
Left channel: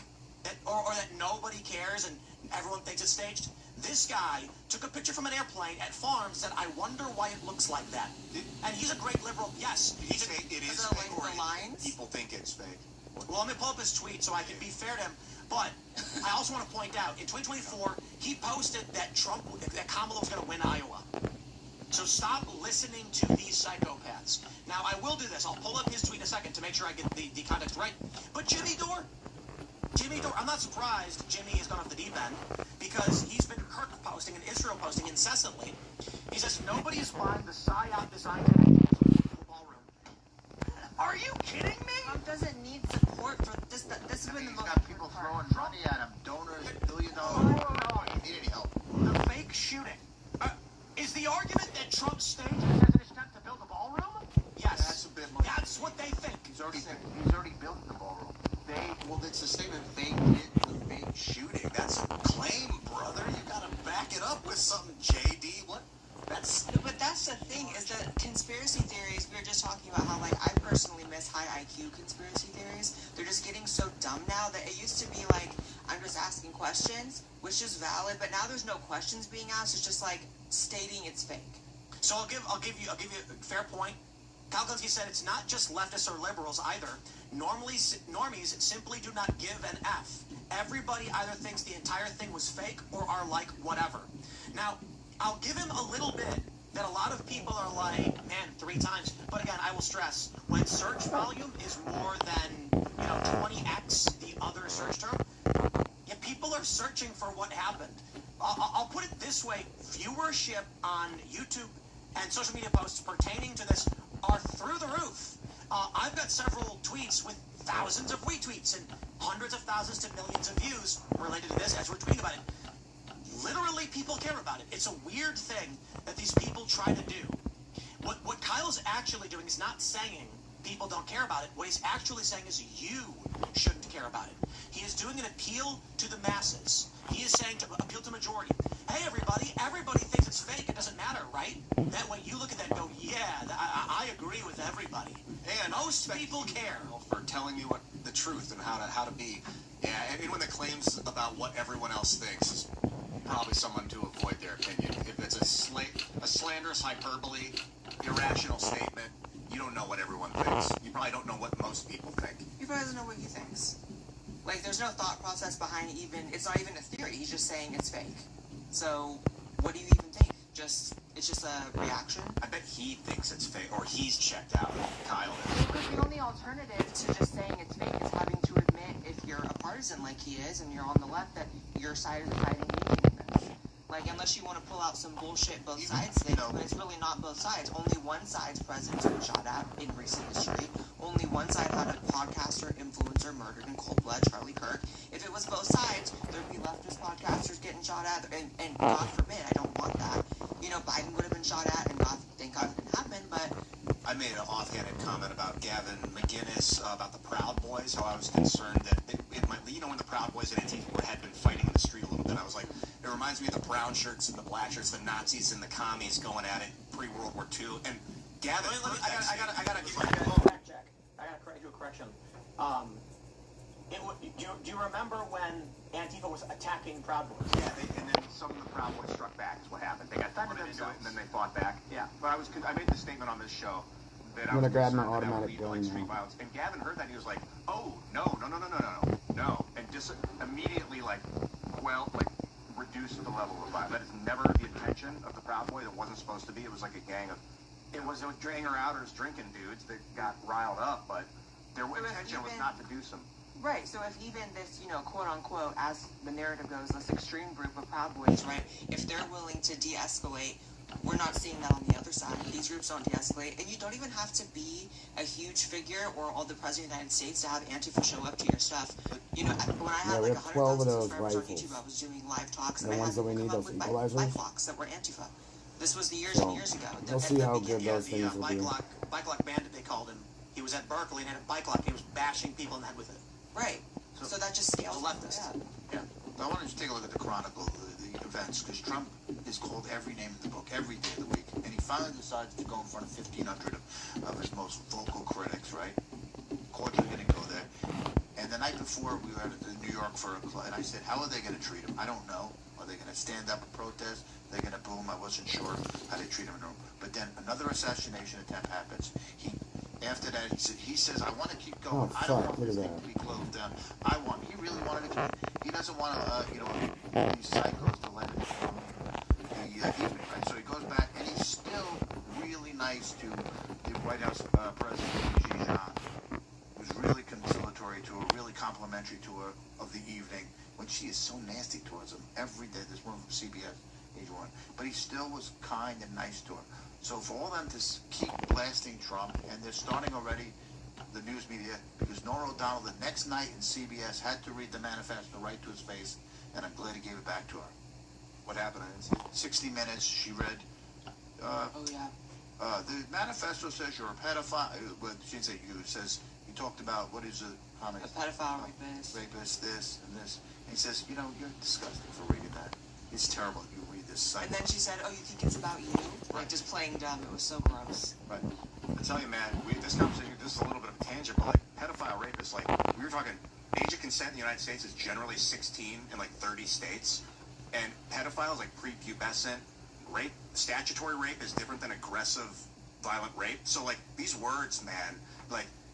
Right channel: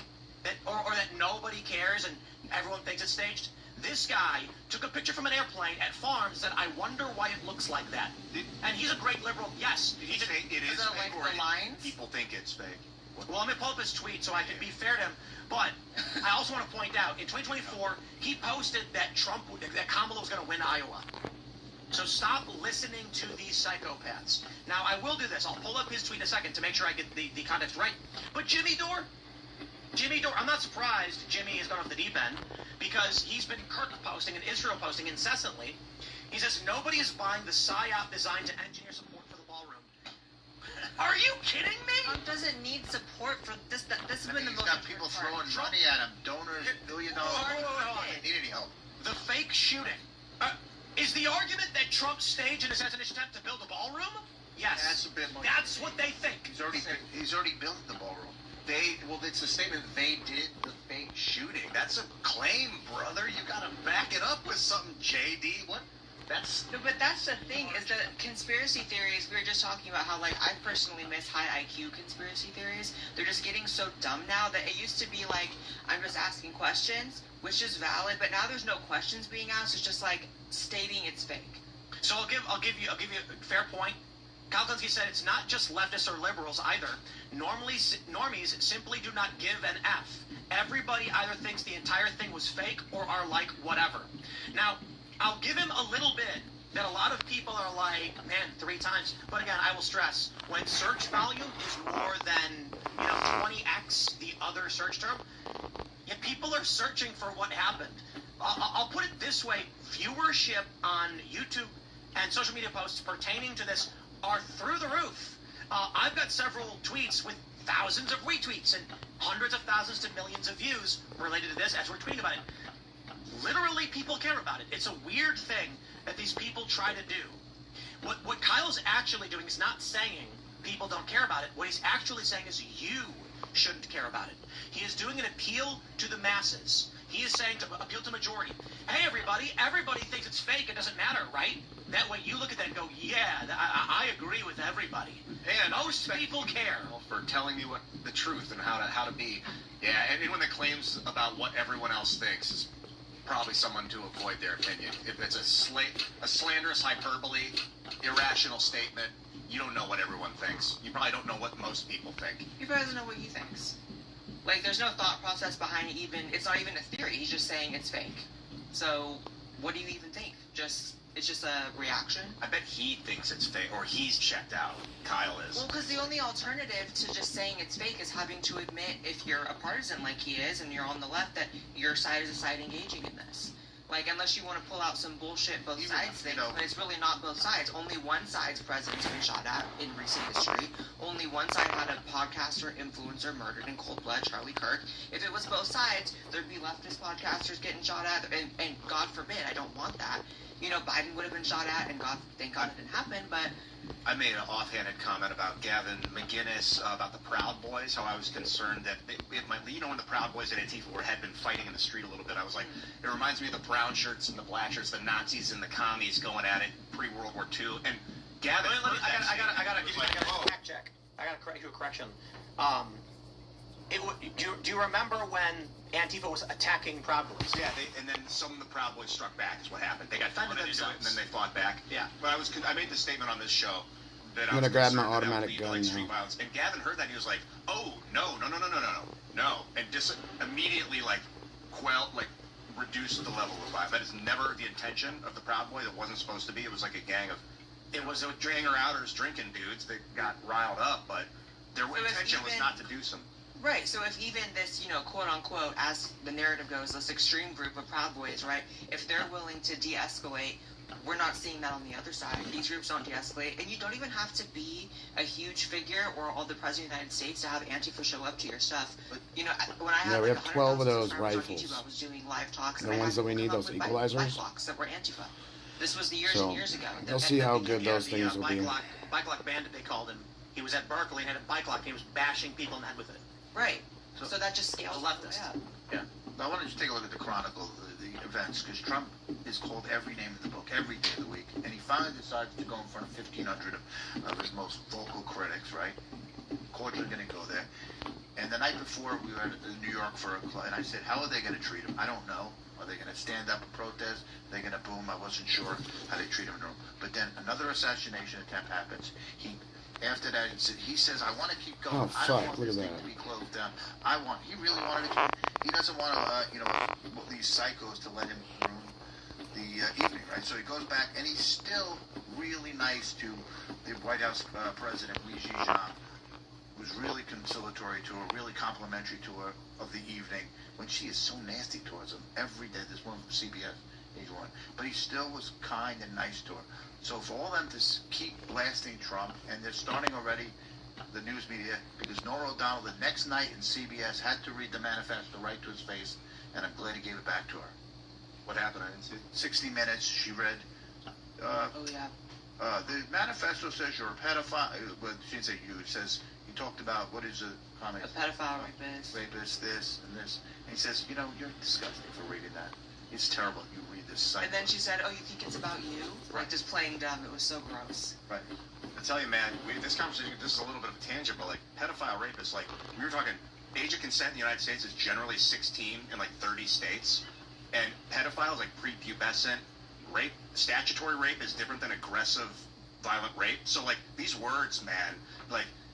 or that nobody cares and everyone thinks it's staged. This guy took a picture from an airplane at farms and said, I wonder why it looks like that. And he's a great liberal. Yes. Did he say it is fake, or people think it's fake? Well, let me pull up his tweet so I can be fair to him. But I also want to point out, in 2024, he posted that Kamala was going to win Iowa. So stop listening to these psychopaths. Now, I will do this. I'll pull up his tweet in a second to make sure I get the context right. But Jimmy Dore, I'm not surprised Jimmy has gone off the deep end because he's been Kirk posting and Israel posting incessantly. He says nobody is buying the PSYOP designed to engineer support for the ballroom. Are you kidding me? Trump doesn't need support for this. This has been the most. He's got people throwing money at him, donors, $1 billion. Need any help? The fake shooting. Is the argument that Trump staged an assassination attempt to build a ballroom? Yes. That's a bit more. That's what they think. He's already built the ballroom. Well, it's a statement. They did the fake shooting. That's a claim, brother. You gotta back it up with something, JD. What? But that's the thing, is that conspiracy theories, we were just talking about how, like, I personally miss high IQ conspiracy theories. They're just getting so dumb now that it used to be like, I'm just asking questions, which is valid, but now there's no questions being asked. It's just like stating it's fake. So I'll give you a fair point. Kyle Kalinske said it's not just leftists or liberals either. Normies simply do not give an F. Everybody either thinks the entire thing was fake or are like whatever. Now, I'll give him a little bit that a lot of people are like, man, 3 times. But again, I will stress, when search volume is more than 20x the other search term, yeah, people are searching for what happened. I'll put it this way: viewership on YouTube and social media posts pertaining to this are through the roof. I've got several tweets with thousands of retweets and hundreds of thousands to millions of views related to this as we're tweeting about it. Literally, people care about it. It's a weird thing that these people try to do. What Kyle's actually doing is not saying people don't care about it. What he's actually saying is you shouldn't care about it. He is doing an appeal to the masses. He is saying to appeal to majority. Hey, everybody thinks it's fake. It doesn't matter, right? That way you look at that and go, yeah, I agree with everybody. And most people care. For telling me what the truth and how to be. Yeah, and anyone that claims about what everyone else thinks is probably someone to avoid their opinion. If it's a slanderous hyperbole, irrational statement, you don't know what everyone thinks. You probably don't know what most people think. You probably don't know what he thinks. Like, there's no thought process behind it even. It's not even a theory. He's just saying it's fake. So, what do you even think? It's just a reaction? I bet he thinks it's fake, or he's checked out. Kyle is. Well, because the only alternative to just saying it's fake is having to admit, if you're a partisan like he is, and you're on the left, that your side is the side engaging in this. Like, unless you want to pull out some bullshit both sides thing, but it's really not both sides. Only one side's president's been shot at in recent history. Only one side had a podcaster, influencer murdered in cold blood, Charlie Kirk. If it was both sides, there'd be leftist podcasters getting shot at, and God forbid, I don't want that. Biden would have been shot at, and thank God it didn't happen, but... I made an offhanded comment about Gavin McInnes, about the Proud Boys, how I was concerned that it might, when the Proud Boys and Antifa had been fighting in the street a little bit, I was like, it reminds me of the brown shirts and the black shirts, the Nazis and the commies going at it pre-World War II. And Gavin, I gotta fact check. I gotta do a correction. Do you remember when Antifa was attacking Proud Boys? Yeah, and then some of the Proud Boys struck back. Is what happened. They got funded into it, and then they fought back. Yeah. But I made the statement on this show that I'm gonna grab my automatic gun like street now. violence. And Gavin heard that, he was like, "Oh no," and just immediately reduced the level of violence. That is never the intention of the Proud Boy. That wasn't supposed to be. It was like a gang of, it was hanger-outers, drinking dudes that got riled up, but their intention was not to do some. Right, so if even this, quote-unquote, as the narrative goes, this extreme group of Proud Boys, right, if they're willing to de-escalate, we're not seeing that on the other side. These groups don't de-escalate, and you don't even have to be a huge figure or all the President of the United States to have Antifa show up to your stuff. When I had we have 12 of those rifles. YouTube, I was doing live talks. The ones that we need, those equalizers. That were Antifa. This was years So, and years ago. we'll see how good those things will be. Bike lock bandit, they called him. He was at Berkeley and had a bike lock. He was bashing people in the head with it. Right. So that just scales leftist. Yeah. I wanted to take a look at the Chronicle, the events, because Trump is called every name in the book, every day of the week. And he finally decided to go in front of 1,500 of his most vocal critics, right? Cordially going to go there. And the night before, we were in New York for a play, and I said, how are they going to treat him? I don't know. Are they going to stand up and protest? Are they going to boo him? I wasn't sure how they treat him in the room. But then another assassination attempt happens. After that, he says, I want to keep going. Oh, fuck, look at that. To be closed down. He really wanted to, he doesn't want to, these psychos to let him ruin the evening, right? So he goes back, and he's still really nice to the White House President, Xi Jinping, who's really conciliatory to her, really complimentary to her of the evening, when she is so nasty towards him every day. This one from CBS, he's one. But he still was kind and nice to her. So for all them to keep blasting Trump, and they're starting already, the news media, because Norah O'Donnell the next night in CBS had to read the manifesto right to his face, and I'm glad he gave it back to her. What happened? I didn't see. 60 Minutes, she read. The manifesto says you're a pedophile. Well, she didn't say you. It says, he talked about, what is the comment? A pedophile, rapist. Rapist, this, and this. And he says, you're disgusting for reading that. It's terrible. You read this site. And then she said, oh, you think it's about you? Like, just playing dumb. It was so gross. Right. I tell you, man, this conversation, this is a little bit of a tangent, but, pedophile, rapist, we were talking, age of consent in the United States is generally 16 in, 30 states. And pedophiles, prepubescent, rape, statutory rape is different than aggressive, violent rape. So, these words, man,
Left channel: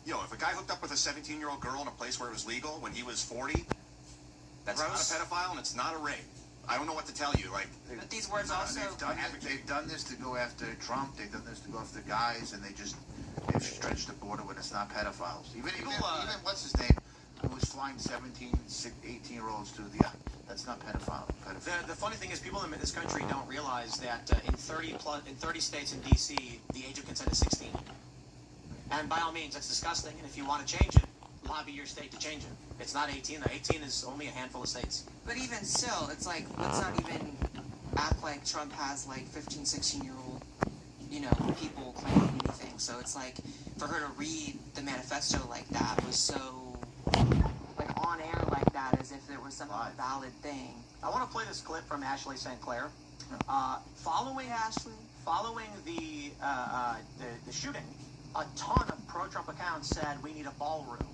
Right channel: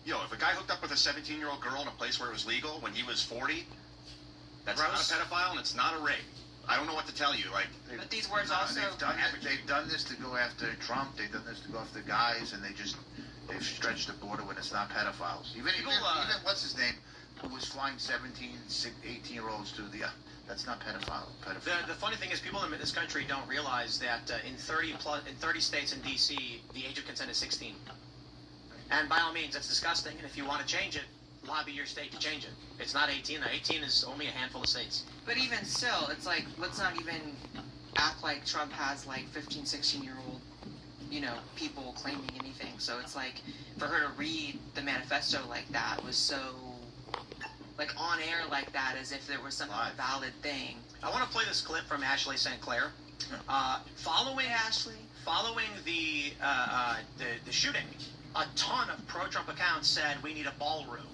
if a guy hooked up with a 17-year-old girl in a place where it was legal when he was 40, that's not a pedophile and it's not a rape. I don't know what to tell you. But these words also... They've done this to go after Trump. They've done this to go after guys, and they've stretched the border when it's not pedophiles. Even what's his name, who was flying 17, 18-year-olds to the... That's not pedophile. The funny thing is, people in this country don't realize that in 30 states in D.C., the age of consent is 16. And by all means, that's disgusting. And if you want to change it, lobby your state to change it. It's not 18. 18 is only a handful of states. But even still, it's let's not even act like Trump has 15, 16-year-old, people claiming anything. So it's for her to read the manifesto like that was so, on air like that, as if there was some valid thing. I want to play this clip from Ashley St. Clair. Following the shooting, a ton of pro-Trump accounts said we need a ballroom,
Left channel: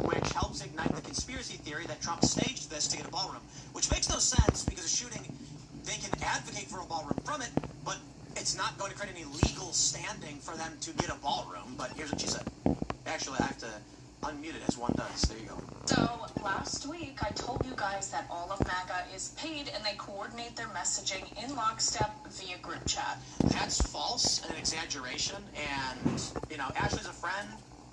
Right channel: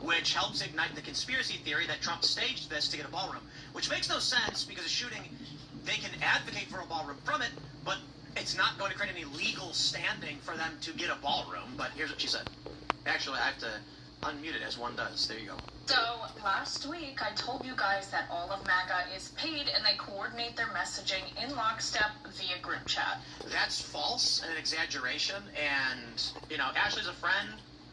which helps ignite the conspiracy theory that Trump staged this to get a ballroom, which makes no sense because a shooting, they can advocate for a ballroom from it, but it's not going to create any legal standing for them to get a ballroom. But here's what she said. Actually, I have to unmute it as one does. There you go. So, last week, I told you guys that all of MAGA is paid and they coordinate their messaging in lockstep via group chat. That's false and an exaggeration, and, Ashley's a friend.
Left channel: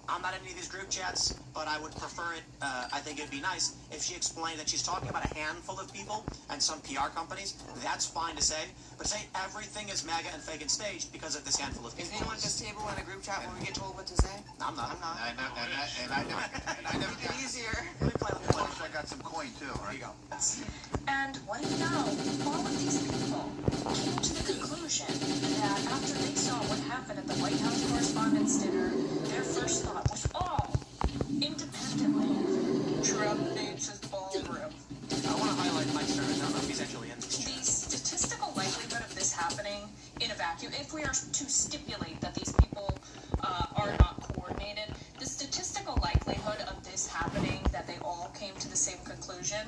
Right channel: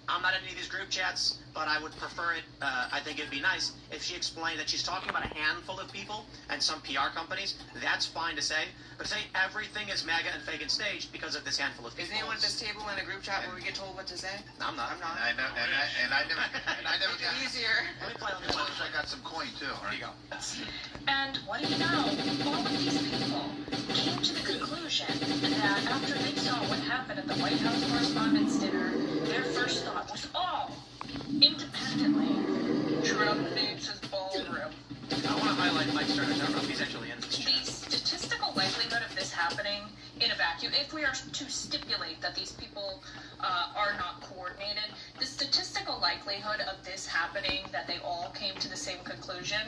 I'm not in any of these group chats, but I would prefer it, I think it'd be nice if she explained that she's talking about a handful of people and some PR companies. That's fine to say, but to say everything is MAGA and fake and staged because of this handful of people. Is anyone at this table in a group chat where we get told what to say? I'm not. I never got easier. I got some coin, too. There you go. And what do you know? All of these people came to the conclusion that after they saw what happened at the White House Correspondents' Dinner, their first thought was all independently, Trump needs his ballroom. I want to highlight Mike Stern. He's actually in this chat. The statistical likelihood of this happening in a vacuum, if we are to this happening that they all came to the same conclusion,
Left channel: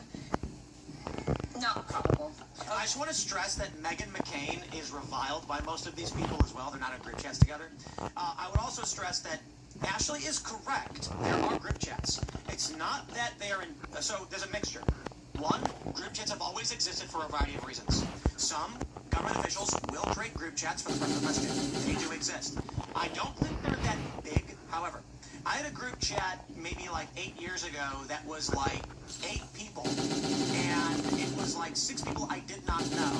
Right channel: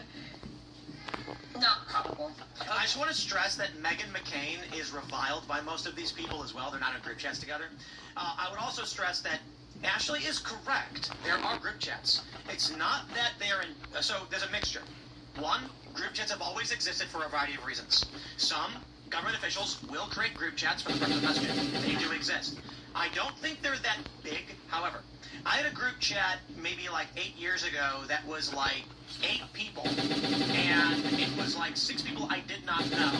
not probable. I just want to stress that Meghan McCain is reviled by most of these people as well. They're not in group chats together. I would also stress that Ashley is correct. There are group chats. It's not that they're in... So there's a mixture. One, group chats have always existed for a variety of reasons. Some government officials will create group chats for the purpose of messaging. They do exist. I don't think they're that big. However, I had a group chat maybe like 8 years ago that was like 8 people, and it was like 6 people I did not know,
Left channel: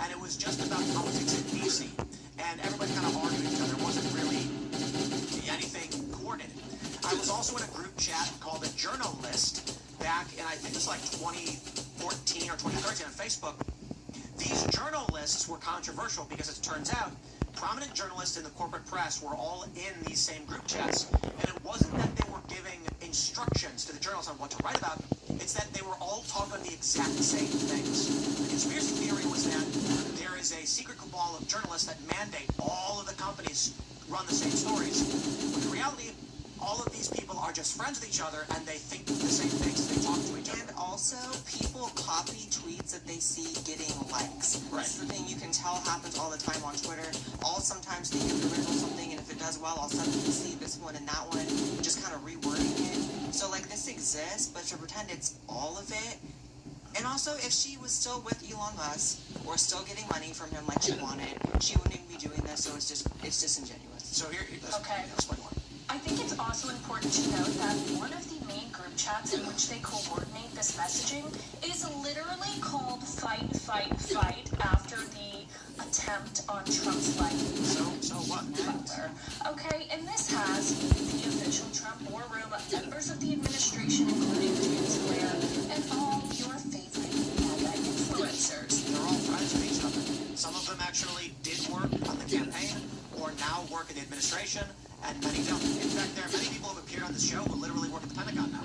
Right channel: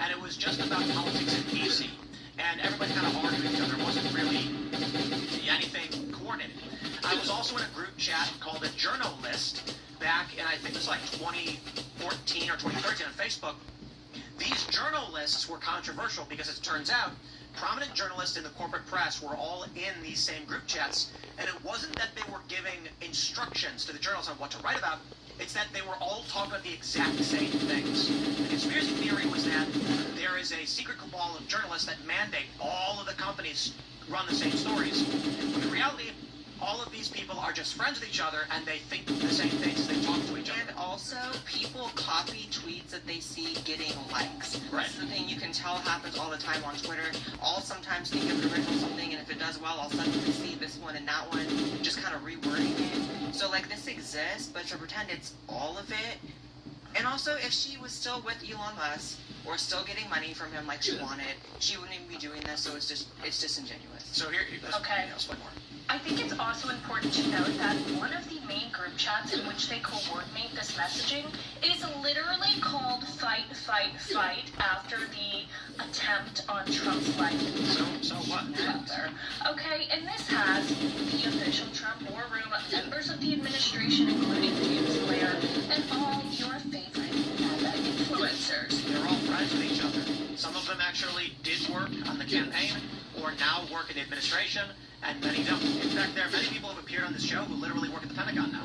and it was just about politics in DC, and everybody kind of argued with each other. It wasn't really anything coordinated. I was also in a group chat called a Journal List back in, I think it was like 2014 or 2013 on Facebook. These journal lists were controversial because it turns out prominent journalists in the corporate press were all in these same group chats, and it wasn't that they were giving instructions to the journalists on what to write about, it's that they were all talking about the exact same things. The conspiracy theory was that there is a secret cabal of journalists that mandate all of the companies run the same stories. But in reality, all of these people are just friends with each other, and they think the same things, they talk to each other. And also, people copy tweets that they see getting likes. Right. That's the thing you can tell happens all the time on Twitter. I'll sometimes think of original something, and if it does well, I'll suddenly see this one and that one, just kind of rewording it. So, like, this exists, but to pretend it's all of it. And also, if she was still with Elon Musk, or still getting money from him like she wanted, she wouldn't even be doing this, so it's disingenuous. So here, Okay. Let's more. I think it's also important to note that one of the main group chats in which they coordinate this messaging is literally called Fight, Fight, Fight after the attempt on Trump's life. So what? Okay, and this has the official Trump war room, members of the administration, including James Blair, and all your favorite influencers. They're all friends with each other. Some of them actually did work on the campaign, or now work in the administration, and many don't. In fact, there are many people who have appeared on this show who literally work at the Pentagon now.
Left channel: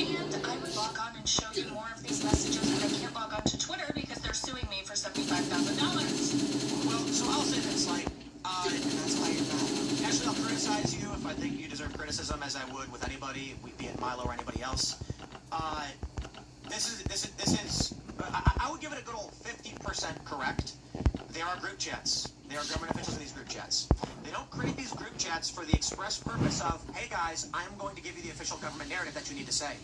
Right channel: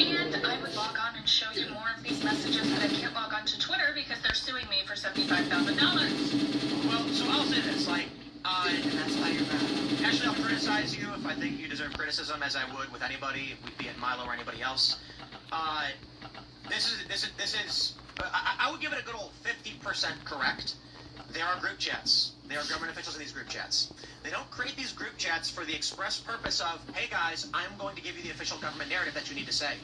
And I would log on and show you more of these messages, but I can't log on to Twitter because they're suing me for $75,000. Well, so I'll say this, like, that's why you're bad. Actually, I'll criticize you if I think you deserve criticism, as I would with anybody, be it Milo or anybody else. This is I would give it a good old 50% correct. There are group chats. There are government officials in these group chats. They don't create these group chats for the express purpose of, hey guys, I'm going to give you the official government narrative that you need to say.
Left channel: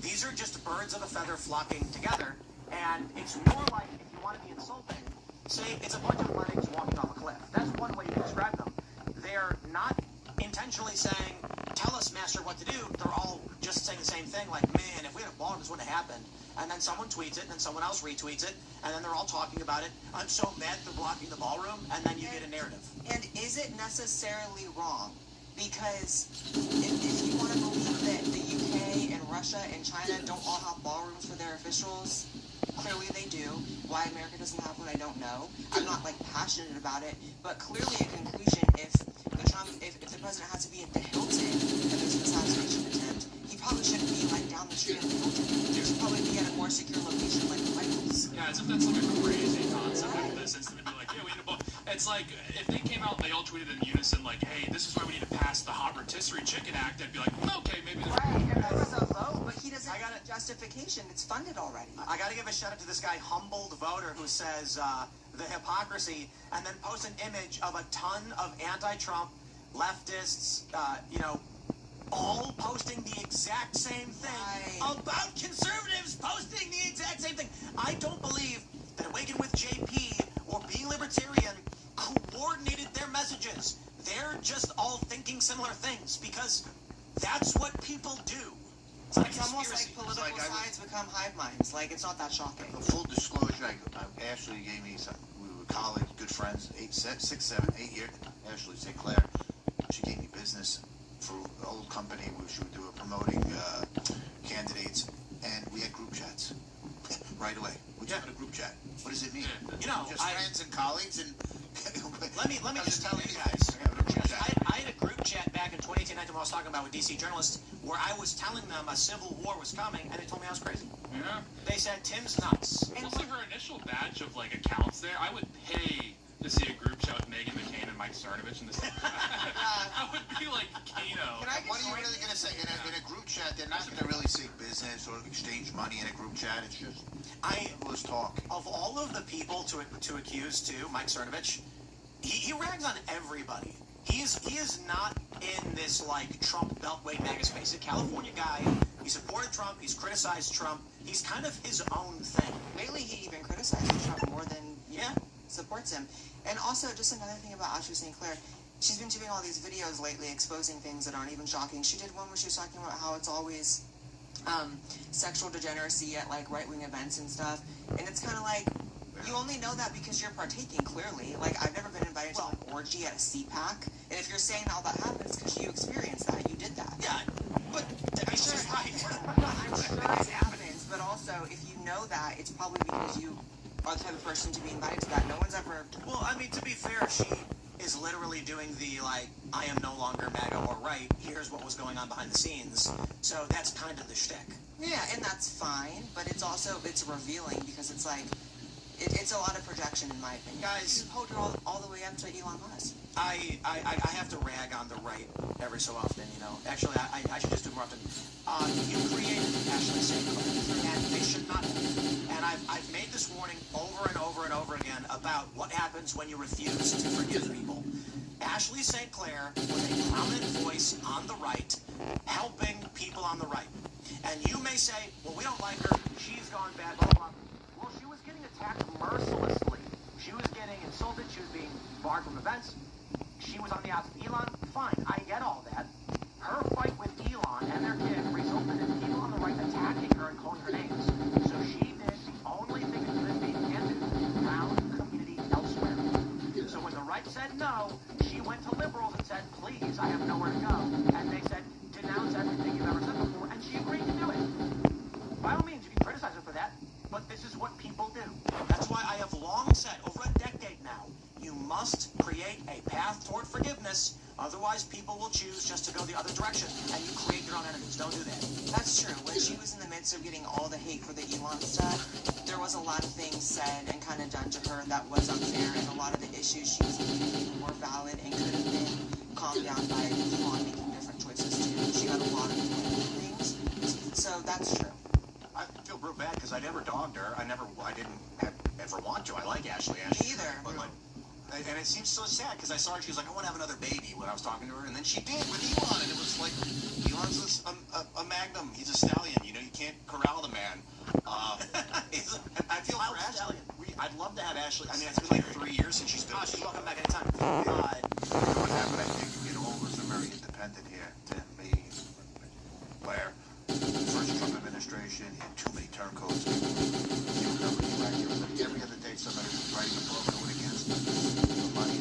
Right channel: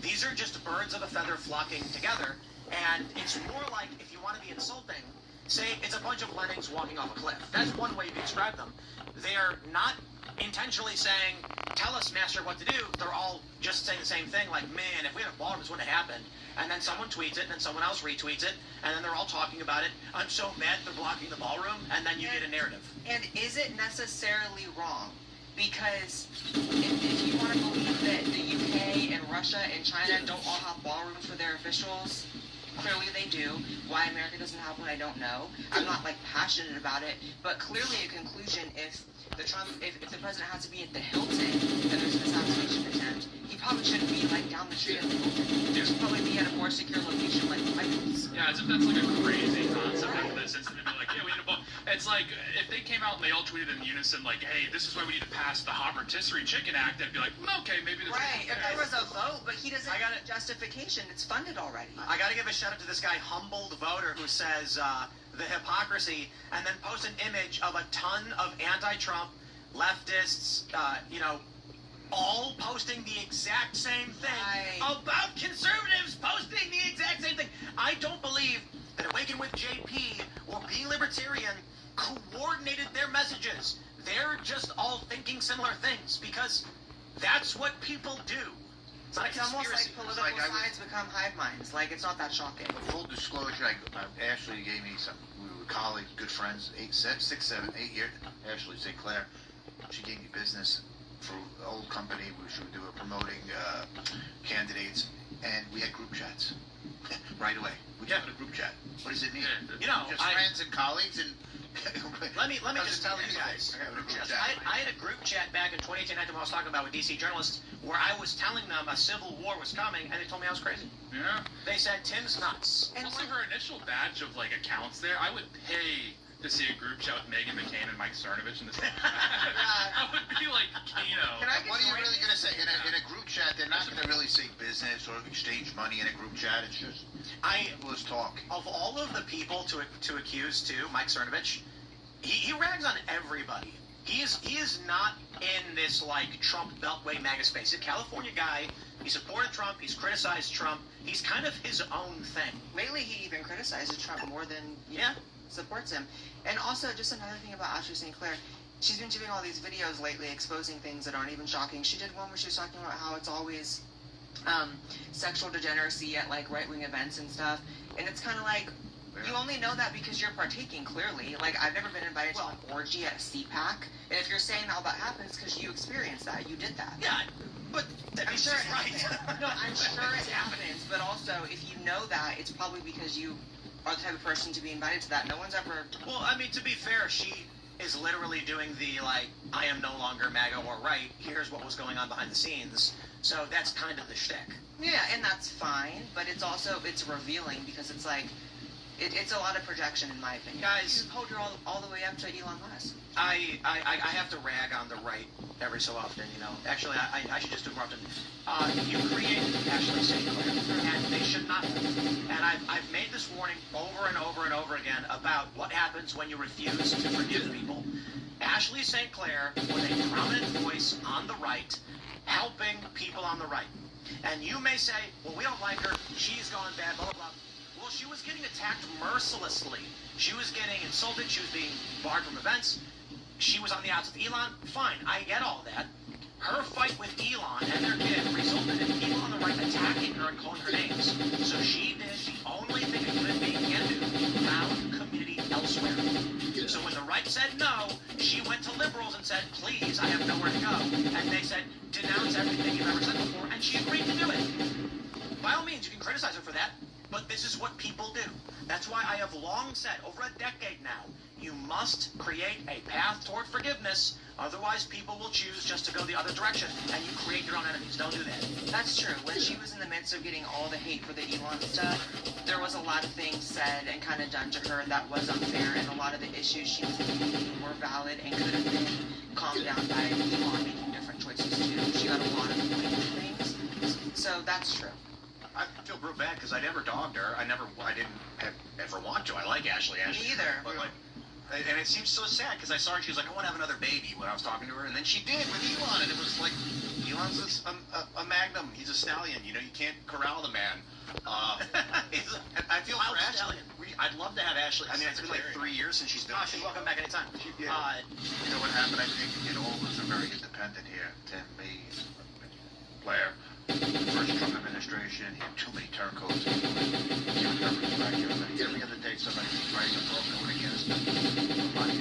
These are just birds of a feather flocking together, and it's more like, if you want to be insulting, say it's a bunch of lemmings walking off a cliff. That's one way you can describe them. They're not intentionally saying, tell us, master, what to do. They're all just saying the same thing, like, man, if we had a ballroom, this wouldn't have happened. And then someone tweets it, and then someone else retweets it, and then they're all talking about it. I'm so mad they're blocking the ballroom, and then you get a narrative. And is it necessarily wrong? Because if you want to believe that the UK and Russia and China don't all have ballrooms for their officials, clearly they do. Why America doesn't have one, I don't know. I'm not, like, passionate about it, but clearly a conclusion, if the president has to be at the Hilton and there's an assassination attempt, he probably shouldn't be, like, down the street at the Hilton. He should probably be at a more secure location, like the White House. Yeah, as if that's like a crazy concept of this incident. Like, yeah, we need a ball. It's like, if they came out and they all tweeted in unison, like, hey, this is why we need to pass the hot rotisserie chicken act, I'd be like, well, okay, maybe there's... Right, and there was a vote, but he doesn't have justification. It's funded already. I gotta give a shout out to this guy, Humboldt Voter, who says the hypocrisy, and then post an image of a ton of anti-Trump leftists, all posting the exact same thing about conservatives posting the exact same thing. I don't believe that Awaken with JP or Being Libertarian coordinated their messages. They're just all thinking similar things because that's what people do. It's almost like political sides become hive minds. Like, it's not that shocking. Full disclosure, Ashley gave me some. We were colleagues, good friends, 8 years. Ashley Sinclair, she gave me business for the old company, which we were promoting candidates, and we had group chats right away. We just had a group chat. What does it mean? Just friends and colleagues and. Let me just tell you guys. I had a group chat back in 2018, when I was talking about with DC journalists, where I was telling them a civil war was coming, and they told me I was crazy. Yeah. They said Tim's nuts. And also her initial batch of like accounts there, I would pay to see a group chat with Meghan McCain and Mike Cernovich in the same. I would be like, What are you really going to say? In a group chat, they're not going to really say business or exchange money in a group chat. It's just, let's talk. Of all of the people to accuse, too, Mike Cernovich, he rags on everybody. He is not in this, like, Trump Beltway MAGA space. He's a California guy. He supported Trump. He's criticized Trump. He's kind of his own thing. Lately, he even criticizes Trump more than supports him. And also, just another thing about Ashley St. Clair, she's been doing all these videos lately exposing things that aren't even shocking. She did one where she was talking about how it's always sexual degeneracy at, like, right-wing events and stuff. And it's kind of like, you only know that because you're partaking, clearly. Like, I've never been invited to an orgy at a CPAC. And if you're saying all that happens, because you experienced that. You did that. Yeah, but I'm sure it happens. No, I'm sure it happens. But also, if you know that, it's probably because you are the type of person to be invited to that. No one's ever... Well, I mean, to be fair, she is literally doing the, like, I am no longer MAGA or right. Here's what was going on behind the scenes. So that's kind of the shtick. Yeah, and that's fine. But it's also, it's revealing because it's like... It's a lot of projection, in my opinion. Guys, you hold her all the way up to Elon Musk. I have to rag on the right every so often, you know. Actually, I should just do it more often. You create Ashley St. Clair, and they should not. And I've made this warning over and over and over again about what happens when you refuse to forgive people. Ashley St. Clair was a prominent voice on the right, helping people on the right. And you may say, well, we don't like her, she's gone bad, blah, blah, blah. Well, she was getting attacked mercilessly. She was getting insulted. She was being barred from events. She was on the outs with Elon. Fine, I get all that. Her fight with Elon and their kid resulted in people on the right attacking her and calling her names. So she did the only thing a human being can do, found community elsewhere. So when the right said no, she went to liberals and said, please, I have nowhere to go. And they said, denounce everything you've ever said before, and she agreed to do it. By all means, you can criticize her for that. But this is what people do. That's why I have long said, over a decade now, you must create a path toward forgiveness. Otherwise, people will choose just to go the other direction, and you create your own enemies. Don't do that. That's true. When she was in the midst of getting all the hate for the Elon stuff, there was a lot of things said and kind of done to her that was unfair, and a lot of the issues she was making were valid and could have been calmed down by Elon making different choices, too. She got a lot of things. So that's true. I feel real bad because I never dogged her. I didn't ever want to. I like Ashley. Me either. But like, and it seems so sad because I saw her. She was like, I want to have another baby when I was talking to her, and then she did with Elon, and it was like, Elon's a magnum. He's a stallion. You know, you can't corral the man. I feel for Ashley. I'd love to have Ashley. I mean, it's been like 3 years since she's done. Oh, she's welcome back anytime. What happened? I think it all was a very independent here. Tim, me, Blair. First Trump administration, he had too many turncoats. The other day, somebody was writing a book against him.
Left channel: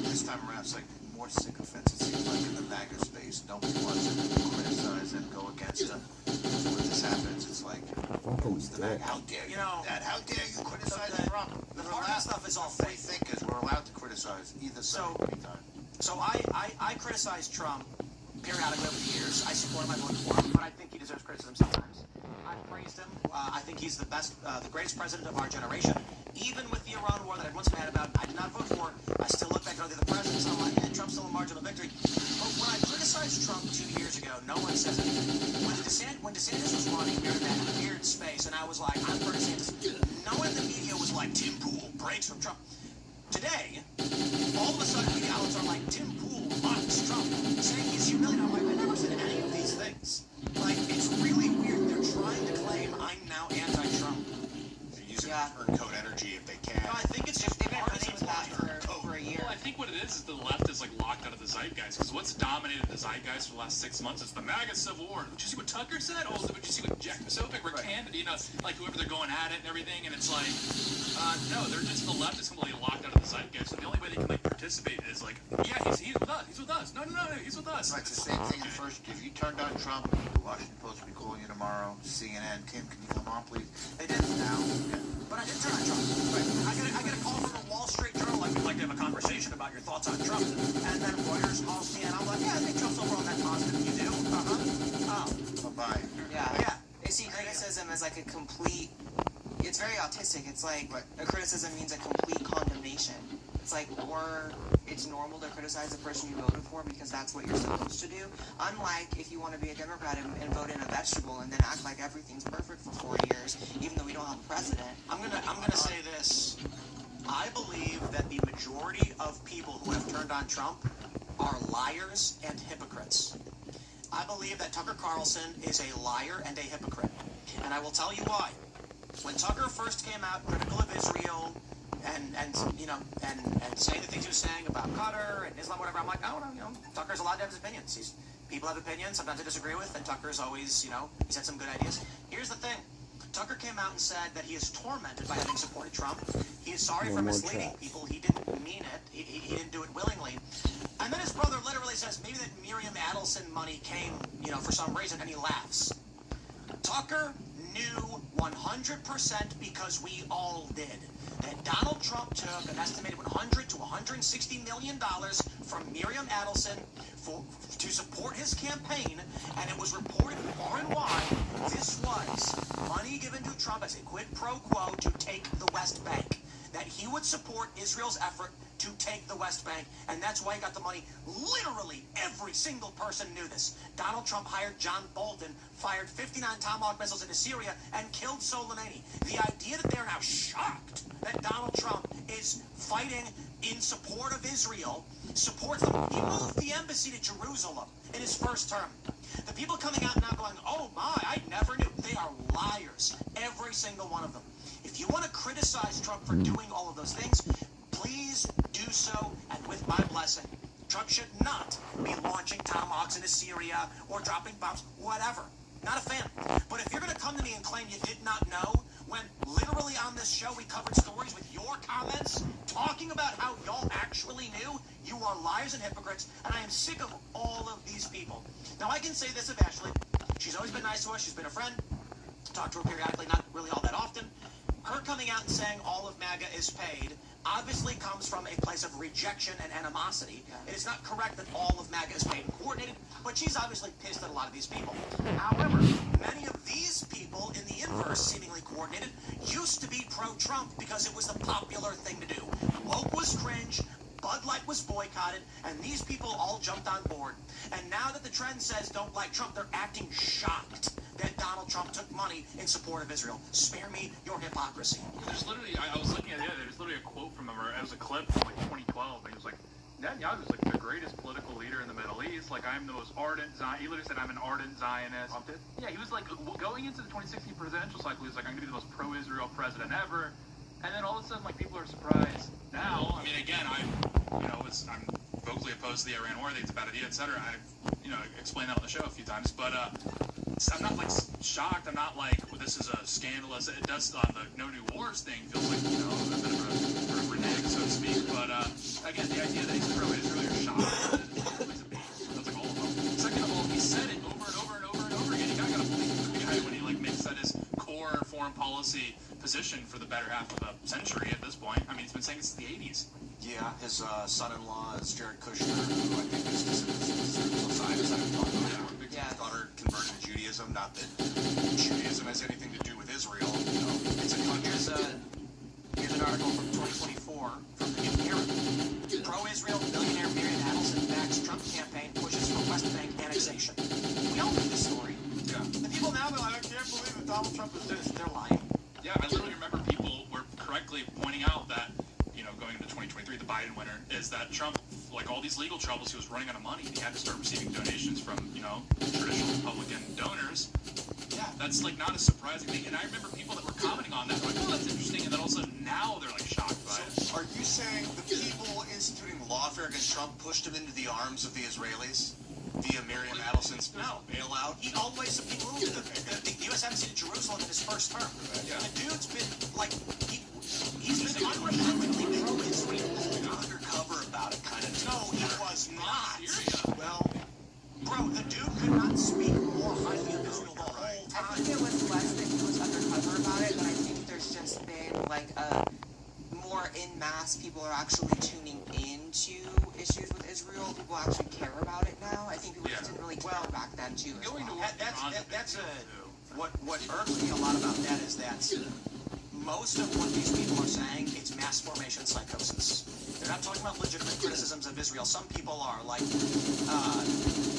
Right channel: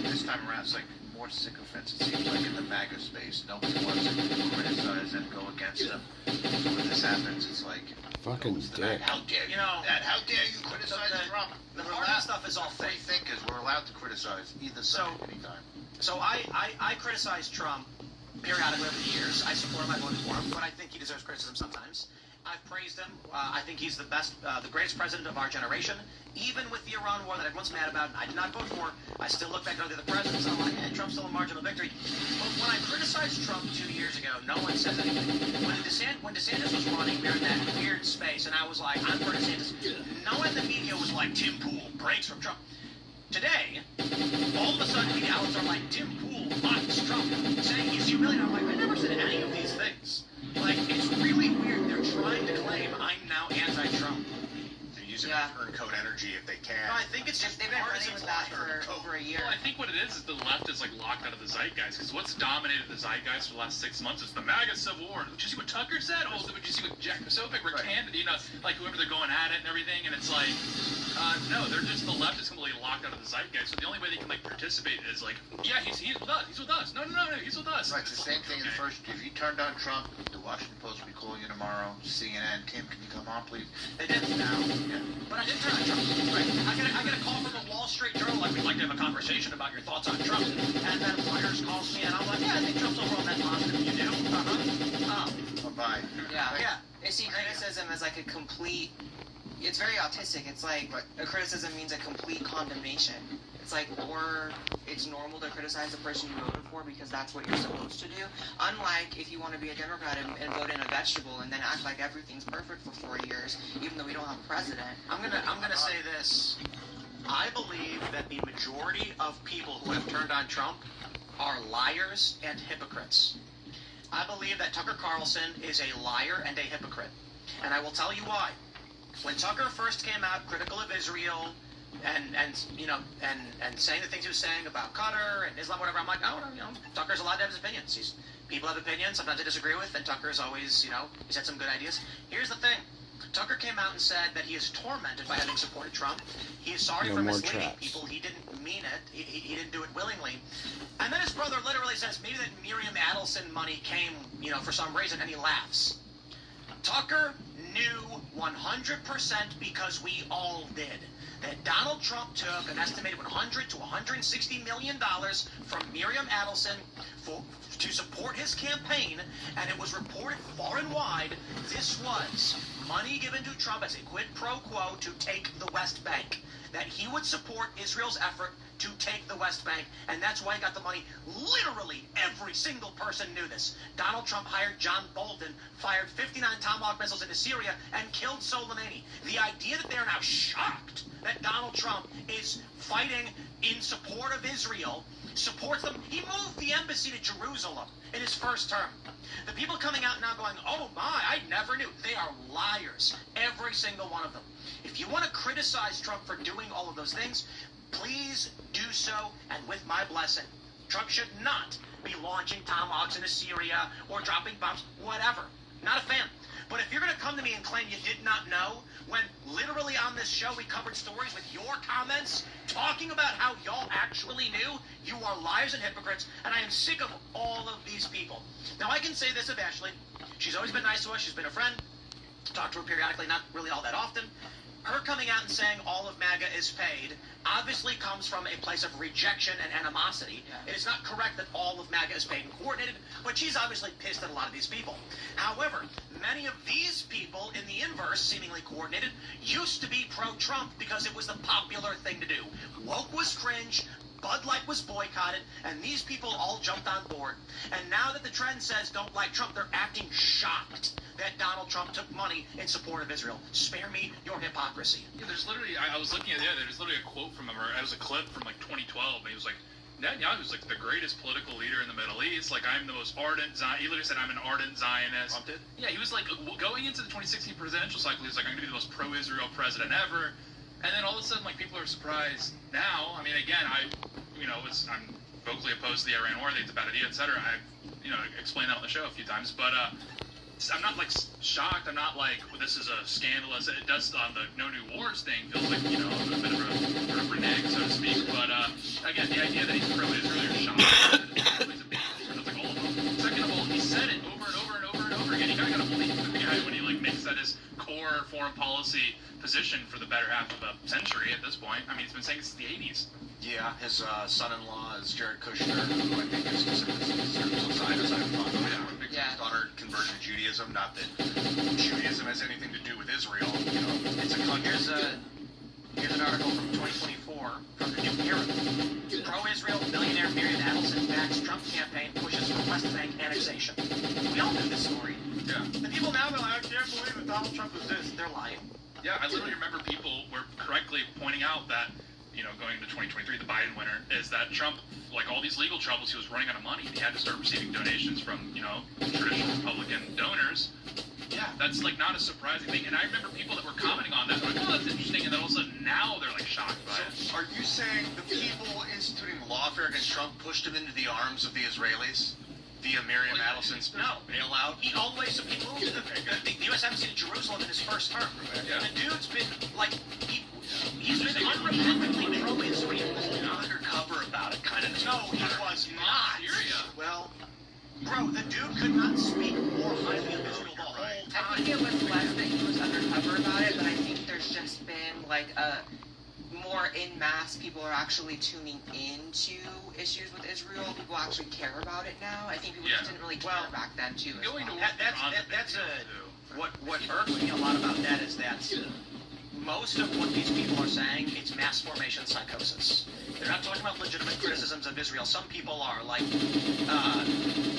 This time around, it's like more sycophants, it seems like, in the MAGA space. Nobody wants to criticize and go against him. So when this happens, it's like, fucking dick. How dare you? How dare you criticize Trump? The Florida stuff is all fake. We think is we're allowed to criticize either side anytime. So I criticize Trump periodically over the years. I support him, I vote for him, but I think he deserves criticism sometimes. I've praised him. I think he's the best, the greatest president of our generation. Even with the Iran war that everyone's mad about, I did not vote for. I still look back at other presidents and I'm like, Trump's still a marginal victory. But when I criticized Trump 2 years ago, no one says anything. When DeSantis was running, we were in that weird space, and I was like, I'm for DeSantis. No one in the media was like, Tim Pool breaks from Trump. Today, all of a sudden the outlets are like, Tim Pool likes Trump, saying he's humiliated. I'm like, I never said any of these things. Like, it's really weird. They're trying to claim I'm now anti-Trump. They're using turncoat energy if they can. No, I think it's just they've been running with that for over a year. Well, I think what it is the left is like locked out of the zeitgeist. Because what's dominated the zeitgeist for the last 6 months is the MAGA Civil War. Did you see what Tucker said? Oh, did you see what Jack Posobiec were candid? You know, like whoever they're going at it and everything. And it's like, no, they're just the left is completely locked out of the zeitgeist. So the only way they can like participate is like, yeah, he's with us. He's with us. No, he's with us. Right, it's the same thing in the first. If you turn down Trump, the Washington Post will be calling you tomorrow. CNN, Tim, can you come on, please? They did now. Yeah. But I did turn on Trump. Right? I get a call from the Wall Street Journal. Like, we'd like to have a conversation about your thoughts on Trump. And then Reuters calls me, and I'm like, yeah, I think Trump's overall net positive. You do? Bye. Yeah. I see criticism as like a complete. It's very autistic. It's like a criticism means a complete condemnation. it's like, or it's normal to criticize the person you voted for because that's what you're supposed to do. Unlike if you want to be a Democrat and vote in a vegetable and then act like everything's perfect for 4 years, even though we don't have a president. I'm gonna say this. I believe that the majority of people who have turned on Trump are liars and hypocrites. I believe that Tucker Carlson is a liar and a hypocrite. And I will tell you why. When Tucker first came out critical of Israel and saying the things he was saying about Qatar and Islam, whatever, I'm like, oh, no, Tucker's allowed to have his opinions. People have opinions, sometimes they disagree with, and Tucker's always, he's had some good ideas. Here's the thing. Tucker came out and said that he is tormented by having supported Trump. He is sorry for misleading people. He didn't mean it. He didn't do it willingly. And then his brother literally says maybe that Miriam Adelson money came, for some reason, and he laughs. Tucker knew 100% because we all did that Donald Trump took an estimated $100 to $160 million from Miriam Adelson to support his campaign, and it was reported far and wide this was money given to Trump as a quid pro quo to take the West Bank, that he would support Israel's effort to take the West Bank, and that's why he got the money. Literally every single person knew this. Donald Trump hired John Bolton, fired 59 Tomahawk missiles into Syria, and killed Soleimani. The idea that they're now shocked that Donald Trump is fighting in support of Israel, supports them. He moved the embassy to Jerusalem in his first term. The people coming out now going, oh my, I never knew. They are liars, every single one of them. If you want to criticize Trump for doing all of those things, please do so, and with my blessing. Trump should not be launching tomahawks into Syria or dropping bombs, whatever. Not a fan. But if you're going to come to me and claim you did not know, when literally on this show we covered stories with your comments talking about how y'all actually knew, you are liars and hypocrites, and I am sick of all of these people. Now, I can say this of Ashley. She's always been nice to us. She's been a friend. Talk to her periodically, not really all that often. Her coming out and saying all of MAGA is paid obviously comes from a place of rejection and animosity. It is not correct that all of MAGA is paid and coordinated, but she's obviously pissed at a lot of these people. However, many of these people in the inverse, seemingly coordinated, used to be pro-Trump because it was the popular thing to do. Woke was cringe, Bud Light was boycotted, and these people all jumped on board. And now that the trend says don't like Trump, they're acting shocked that Donald Trump took money in support of Israel. Spare me your hypocrisy. Yeah, there's literally, I was looking at the other day, there's literally a quote from him, or it was a clip from like 2012, and he was like, Netanyahu is like the greatest political leader in the Middle East. Like, I'm the most ardent Zionist. He literally said, I'm an ardent Zionist. Yeah, he was like, going into the 2016 presidential cycle, he was like, I'm going to be the most pro-Israel president ever. And then all of a sudden, like, people are surprised now. I mean, again, I'm vocally opposed to the Iran war, it's a bad idea, etc. I've, explained that on the show a few times. But I'm not, like, shocked. I'm not like, well, this is a scandalous. It does, the No New Wars thing feels like, a bit of a renege, so to speak. But, again, the idea that he's pro-Israel, you're shocked. That's like all of them. Second of all, he said it over and over and over and over again. You gotta believe the guy when he, like, makes that his core foreign policy position for the better half of a century at this point. I mean, he's been saying it since the 80s. Yeah, his son-in-law is Jared Kushner, who I think is Zionist. His daughter converted to Judaism. Not that Judaism has anything to do with Israel. It's a country. Here's an article from 2024 from the New Era. Pro-Israel billionaire Miriam Adelson backs Trump campaign pushes for West Bank annexation. We all know this story. Yeah. The people now go, I can't believe that Donald Trump was this. They're lying. Yeah, I literally remember people were correctly pointing out that, going into 2023, the Biden winner, is that Trump, like all these legal troubles, he was running out of money. He had to start receiving donations from, traditional Republican donors. Yeah, that's like not a surprising thing. And I remember people that were commenting on that, like, oh, that's interesting. And then all of a sudden now they're like shocked by it. Are you saying the people instituting lawfare against Trump pushed him into the arms of the Israelis? Via Miriam Adelson's bailout? He always moved the U.S. Embassy to Jerusalem in his first term. Yeah. The dude's been, like, he's been unrepentantly pro-Israel. Undercover about it, kind of. No, he was not. Well, bro, the dude could not speak more highly of Israel the whole time. I think it was less that he was undercover about it, but I think there's just been, like, more en masse people are actually tuning into issues with Israel. People actually care about it now. I think people just didn't really care back then, too. That's what irks me a lot about that is that most of what these people are saying, it's mass formation psychosis. They're not talking about legitimate criticisms of Israel. Some people are, like,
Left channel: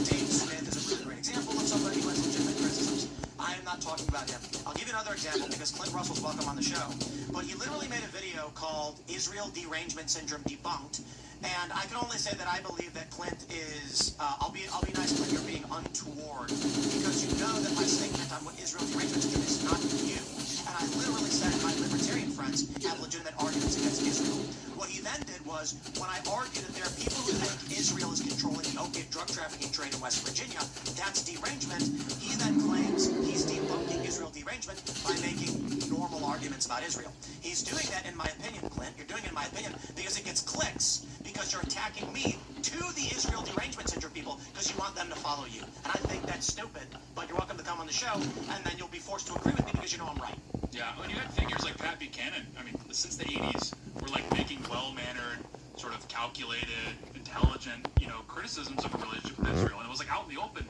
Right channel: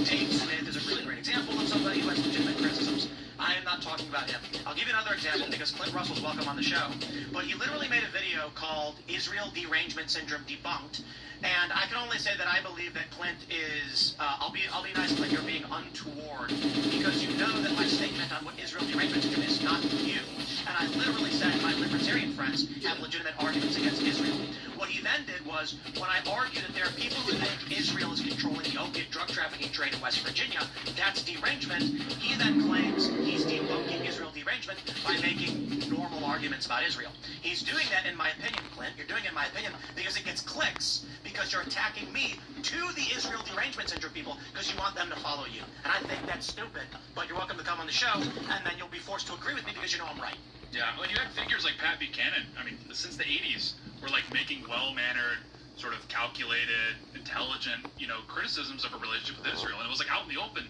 Dave Smith is a really great example of somebody who has legitimate criticisms. I am not talking about him. I'll give you another example because Clint Russell's welcome on the show. But he literally made a video called Israel Derangement Syndrome Debunked. And I can only say that I believe that Clint is, I'll be nice, Clint, you're being untoward. Because you know that my statement on what Israel derangement syndrome is not you. And I literally said my libertarian friends have legitimate arguments against Israel. What he then did was, when I argued that there are people who think Israel is controlling the opiate drug trafficking trade in West Virginia, that's derangement, he then claims he's debunking Israel derangement by making normal arguments about Israel. He's doing that, in my opinion, Clint, you're doing it in my opinion, because it gets clicks, because you're attacking me to the Israel derangement syndrome people, because you want them to follow you. And I think that's stupid, but you're welcome to come on the show, and then you'll be forced to agree with me because you know I'm right. Yeah, when you had figures like Pat Buchanan, I mean, since the 80s, were like making well-mannered, sort of calculated, intelligent, criticisms of a relationship with Israel, and it was like out in the open.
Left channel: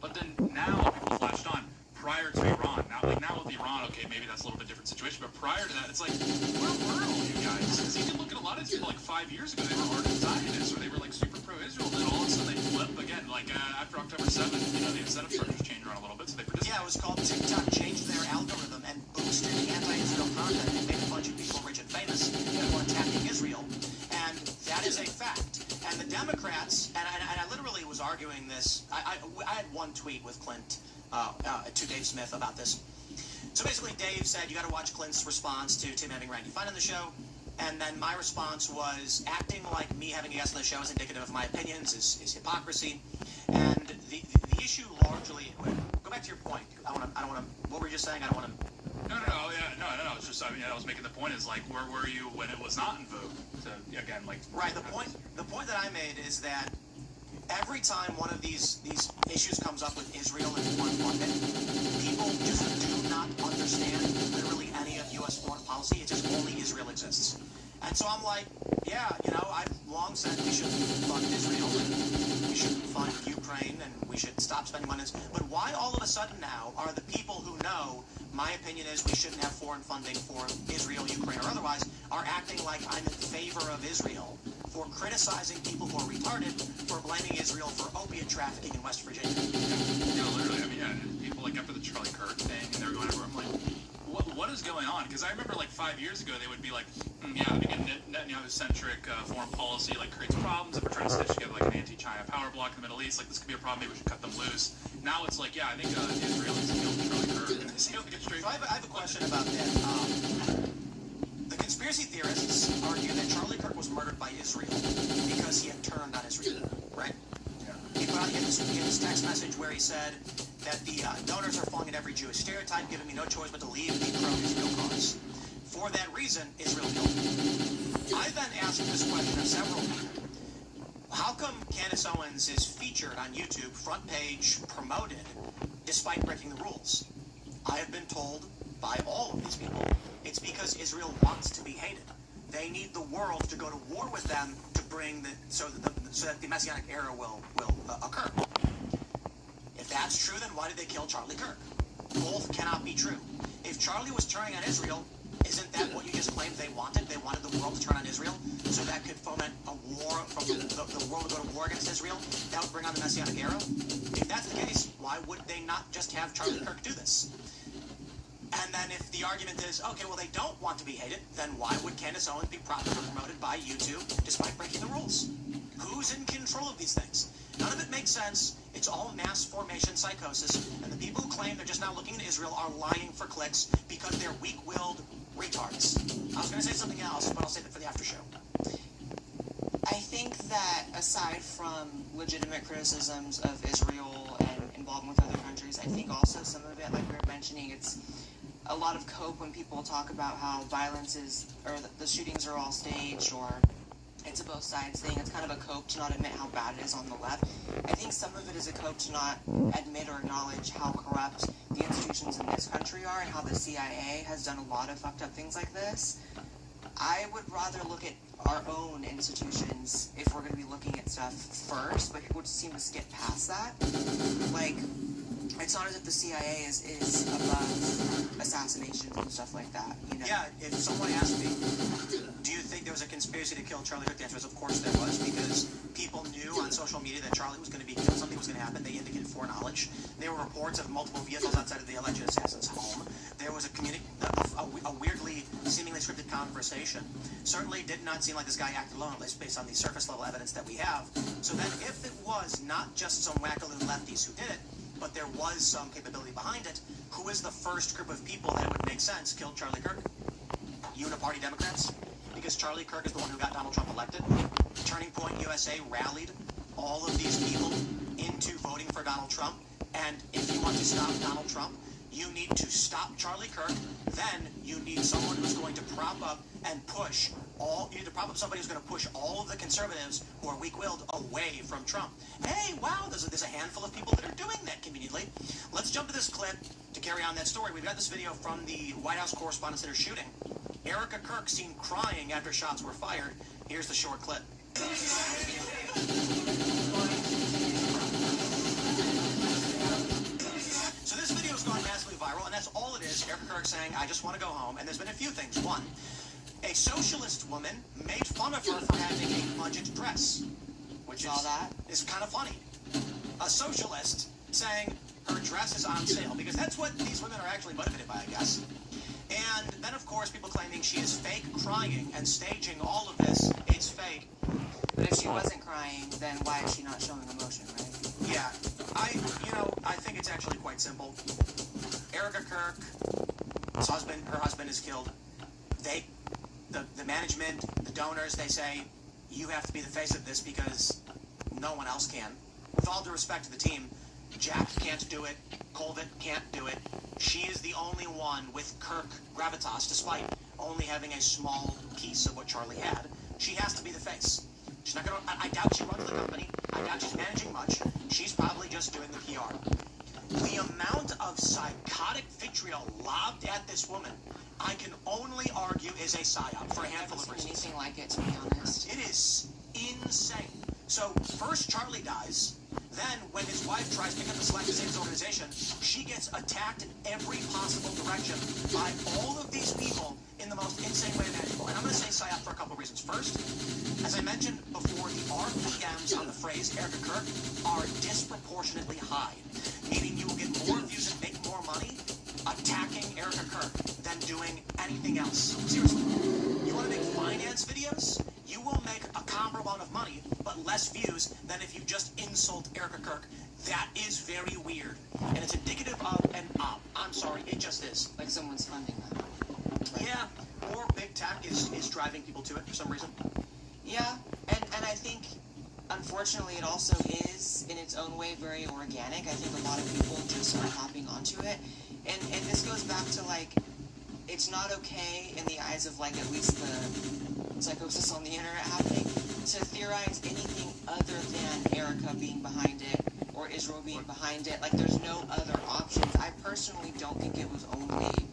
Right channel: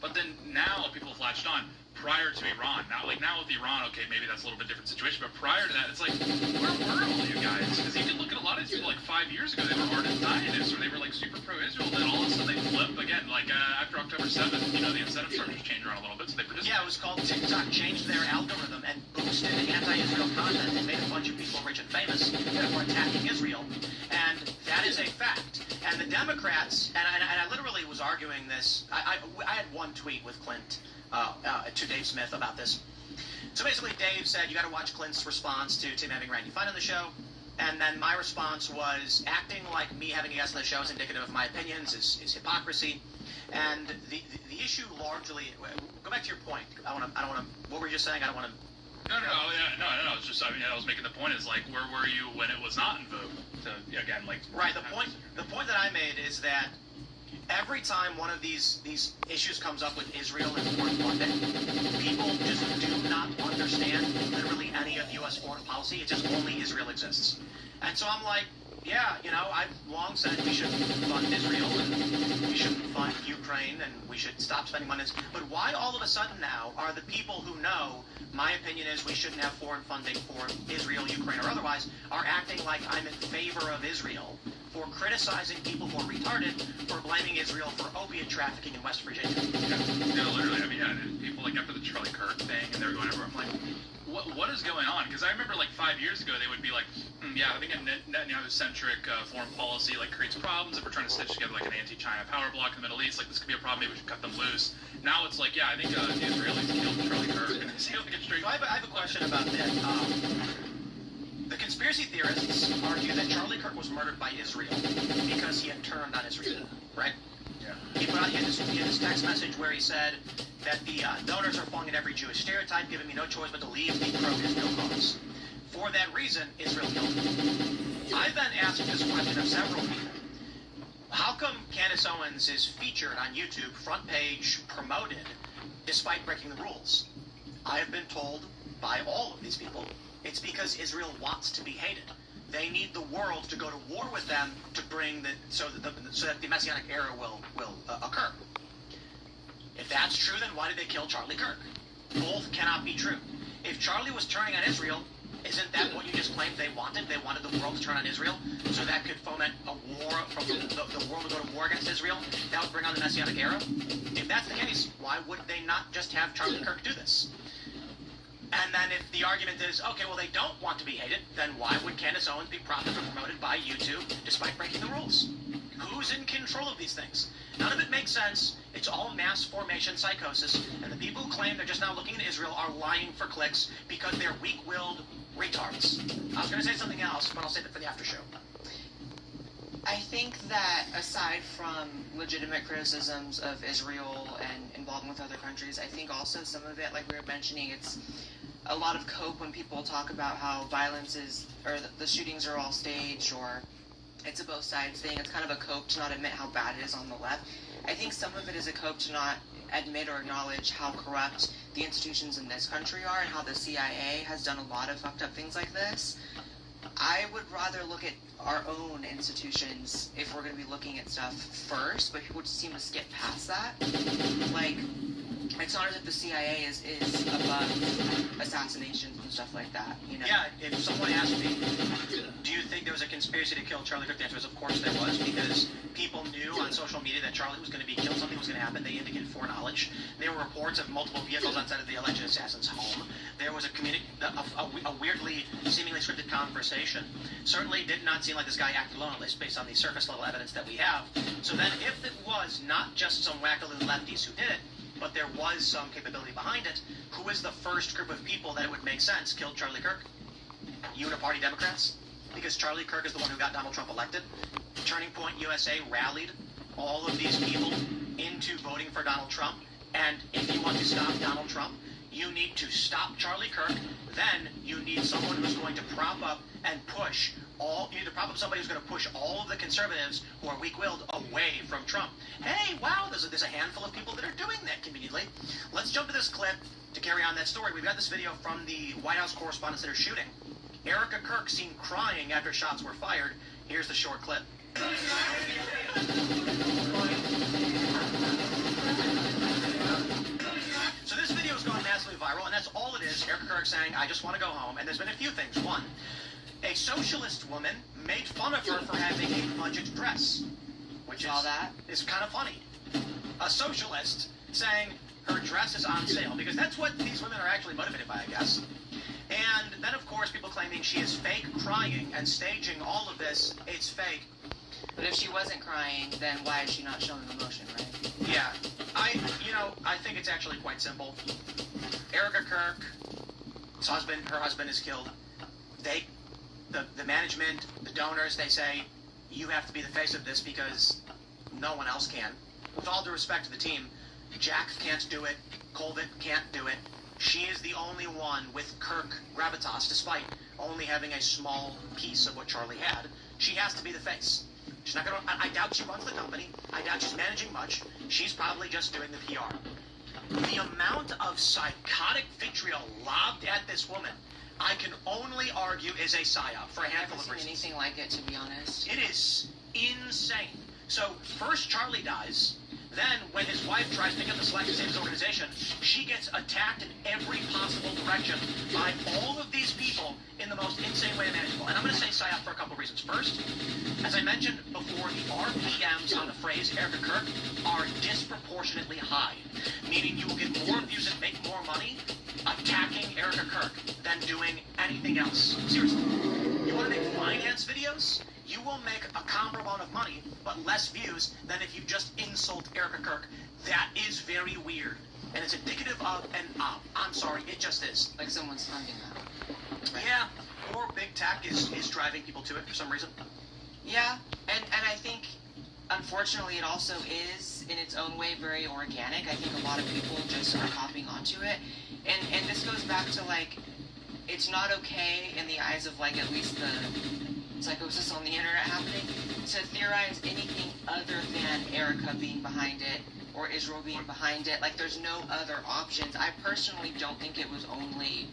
But then now people flashed on prior to Iran. Now with Iran, okay, maybe that's a little bit different situation, but prior to that, it's like, where were all you guys? Because you can look at a lot of these people, like 5 years ago, they were ardent Zionists, or they were like super pro-Israel, then all of a sudden they flip again, like after October 7th, the incentive charges changed around a little bit, so they produced. Yeah, it was called TikTok changed their algorithm and boosted anti-Israel content and made a bunch of people rich and famous that were attacking Israel, and that is a fact. And the Democrats, and I literally was arguing this, I had one tweet with Clint to Dave Smith about this. So basically Dave said, you got to watch Clint's response to Tim having Randy Fine on the show, and then my response was, acting like me having a guest on the show is indicative of my opinions, is hypocrisy, and the issue largely, go back to your point, I don't want to, what were you just saying? I don't want to. No, it's just, I was making the point is, like, where were you when it was not in vogue? Again, like... Right, the point that I made is that every time one of these issues comes up with Israel and foreign funding, people just do not understand literally any of U.S. foreign policy. It's just only Israel exists. And so I'm like, yeah, I've long said we should fund Israel, and we should fund Ukraine, and we should stop spending money. But why all of a sudden now are the people who know my opinion is we shouldn't have foreign funding for Israel, Ukraine, or otherwise, are acting like I'm in favor of Israel for criticizing people who are retarded for blaming Israel for opiate trafficking in West Virginia? Literally, people like after the Charlie Kirk thing, and they're going over, I'm like, what is going on? Because I remember like 5 years ago, they would be like, having a Netanyahu-centric foreign policy like creates problems if we're trying to stitch together like an anti-China power bloc in the Middle East. Like this could be a problem. Maybe we should cut them loose. Now it's like, I think the Israelis killed Charlie Kirk. So I have a question about that. The conspiracy theorists argue that Charlie Kirk was murdered by Israel because he had turned on Israel, right? Yeah. He had this text message where he said that the donors are falling in every Jewish stereotype, giving me no choice but to leave the pro-Israel cause. For that reason, Israel killed him. I then asked this question of several people. How come Candace Owens is featured on YouTube, front page, promoted, despite breaking the rules? I have been told by all of these people, it's because Israel wants to be hated. They need the world to go to war with them to bring so that the Messianic era will occur. If that's true, then why did they kill Charlie Kirk? Both cannot be true. If Charlie was turning on Israel, isn't that what you just claimed they wanted? They wanted the world to turn on Israel, so that could foment a war, from the world to go to war against Israel? That would bring on the Messianic era? If that's the case, why would they not just have Charlie Kirk do this? And then if the argument is, okay, well, they don't want to be hated, then why would Candace Owens be propped and promoted by YouTube despite breaking the rules? Who's in control of these things? None of it makes sense. It's all mass formation psychosis, and the people who claim they're just now looking at Israel are lying for clicks because they're weak-willed retards. I was going to say something else, but I'll save it for the after show. I think that aside from legitimate criticisms of Israel and involvement with other countries, I think also some of it, like we were mentioning, it's a lot of cope when people talk about how violence is, or the shootings are all staged, or it's a both sides thing. It's kind of a cope to not admit how bad it is on the left. I think some of it is a cope to not admit or acknowledge how corrupt the institutions in this country are and how the CIA has done a lot of fucked up things like this. I would rather look at our own institutions if we're going to be looking at stuff first, but people just seem to skip past that. Like, it's not as if the CIA is above assassinations and stuff like that, you know? Yeah, if someone asked me, do you think there was a conspiracy to kill Charlie Kirk? The answer is, of course there was, because people knew on social media that Charlie was going to be killed, something was going to happen. They indicated foreknowledge. There were reports of multiple vehicles outside of the alleged assassin's home. There was a weirdly, seemingly scripted conversation. Certainly did not seem like this guy acted alone, at least based on the surface level evidence that we have. So then, if it was not just some wackaloon lefties who did it, but there was some capability behind it, who is the first group of people that it would make sense killed Charlie Kirk? Uniparty Democrats? Because Charlie Kirk is the one who got Donald Trump elected. Turning Point USA rallied all of these people into voting for Donald Trump. And if you want to stop Donald Trump, you need to stop Charlie Kirk. Then you need someone who's going to prop up and push you need to prop up somebody who's going to push all of the conservatives who are weak-willed away from Trump. Hey, wow, there's a handful of people that are doing that conveniently. Let's jump to this clip to carry on that story. We've got this video from the White House correspondents that are shooting. Erica Kirk seen crying after shots were fired. Here's the short clip. So this video has gone massively viral, and that's all it is. Erica Kirk saying, I just want to go home. And there's been a few things. One, a socialist woman made fun of her for having a budget dress, which is kind of funny. A socialist saying her dress is on sale, because that's what these women are actually motivated by, I guess. And then, of course, people claiming she is fake crying and staging all of this. It's fake. But if she wasn't crying, then why is she not showing emotion, right? Yeah. I think it's actually quite simple. Erica Kirk, her husband is killed. The management, the donors, they say, you have to be the face of this because no one else can. With all due respect to the team, Jack can't do it. Colvin can't do it. She is the only one with Kirk gravitas, despite only having a small piece of what Charlie had. She has to be the face. She's not going to... I doubt she runs the company. I doubt she's managing much. She's probably just doing the PR. The amount of psychotic vitriol lobbed at this woman, I can only argue is a psyop for a handful of reasons. Anything like it, to be honest. It is insane. So, first Charlie dies. Then, when his wife tries to pick up the Select Savings organization, she gets attacked in every possible direction by all of these people in the most insane way imaginable. And I'm going to say psyop for a couple of reasons. First, as I mentioned before, the RPMs on the phrase Erica Kirk are disproportionately high, meaning you will get more views and make more money attacking Erica Kirk than doing anything else. Seriously. You want to make finance videos? You will make a comparable amount of money, but less views than if you just insult Erica Kirk. That is very weird. And it's indicative of an op. I'm sorry, it just is. Like someone's funding that. Right? Yeah, or big tech is driving people to it for some reason. Yeah, and I think, unfortunately, it also is, in its own way, very organic. I think a lot of people just are hopping onto it. And this goes back to, like, it's not okay in the eyes of, like, at least the psychosis on the internet happening to theorize anything other than Erica being behind it or Israel being behind it. Like, there's no other options. I personally don't think it was only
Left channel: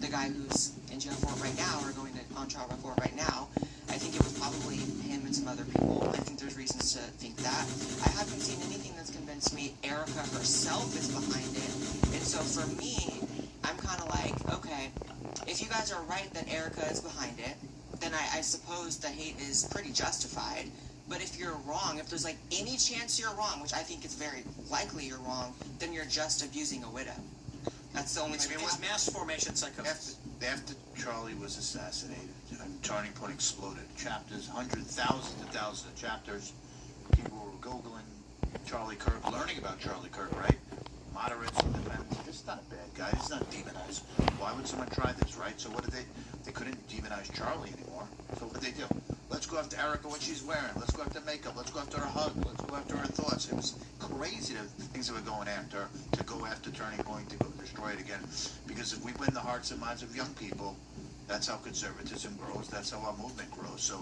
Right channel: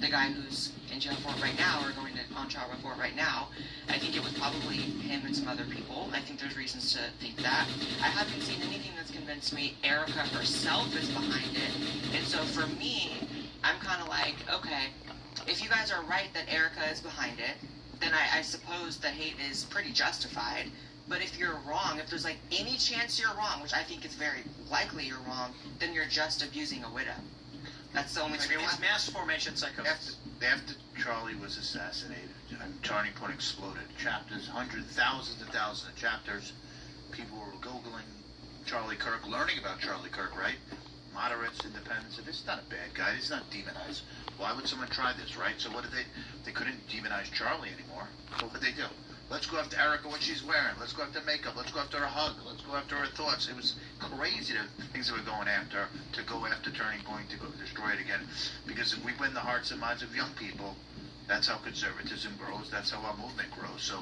the guy who's in jail for it right now or going on trial for it right now. I think it was probably him and some other people. I think there's reasons to think that. I haven't seen anything that's convinced me Erica herself is behind it. And so for me, I'm kind of like, okay, if you guys are right that Erica is behind it, then I suppose the hate is pretty justified. But if you're wrong, if there's like any chance you're wrong, which I think it's very likely you're wrong, then you're just abusing a widow. That's the only thing. It's mass formation psychosis. After Charlie was assassinated and Turning Point exploded, chapters, hundreds, thousands and thousands of chapters, people were Googling Charlie Kirk, learning about Charlie Kirk, right? Moderates, independents. If it's not a bad guy, he's not demonized. Why would someone try this, right? So what did they couldn't demonize Charlie anymore. So what did they do? Let's go after Erica, what she's wearing. Let's go after makeup. Let's go after her hug. Let's go after her thoughts. It was crazy the things that were going after, to go after Turning Point, to go destroy it again. Because if we win the hearts and minds of young people, that's how conservatism grows. That's how our movement grows. So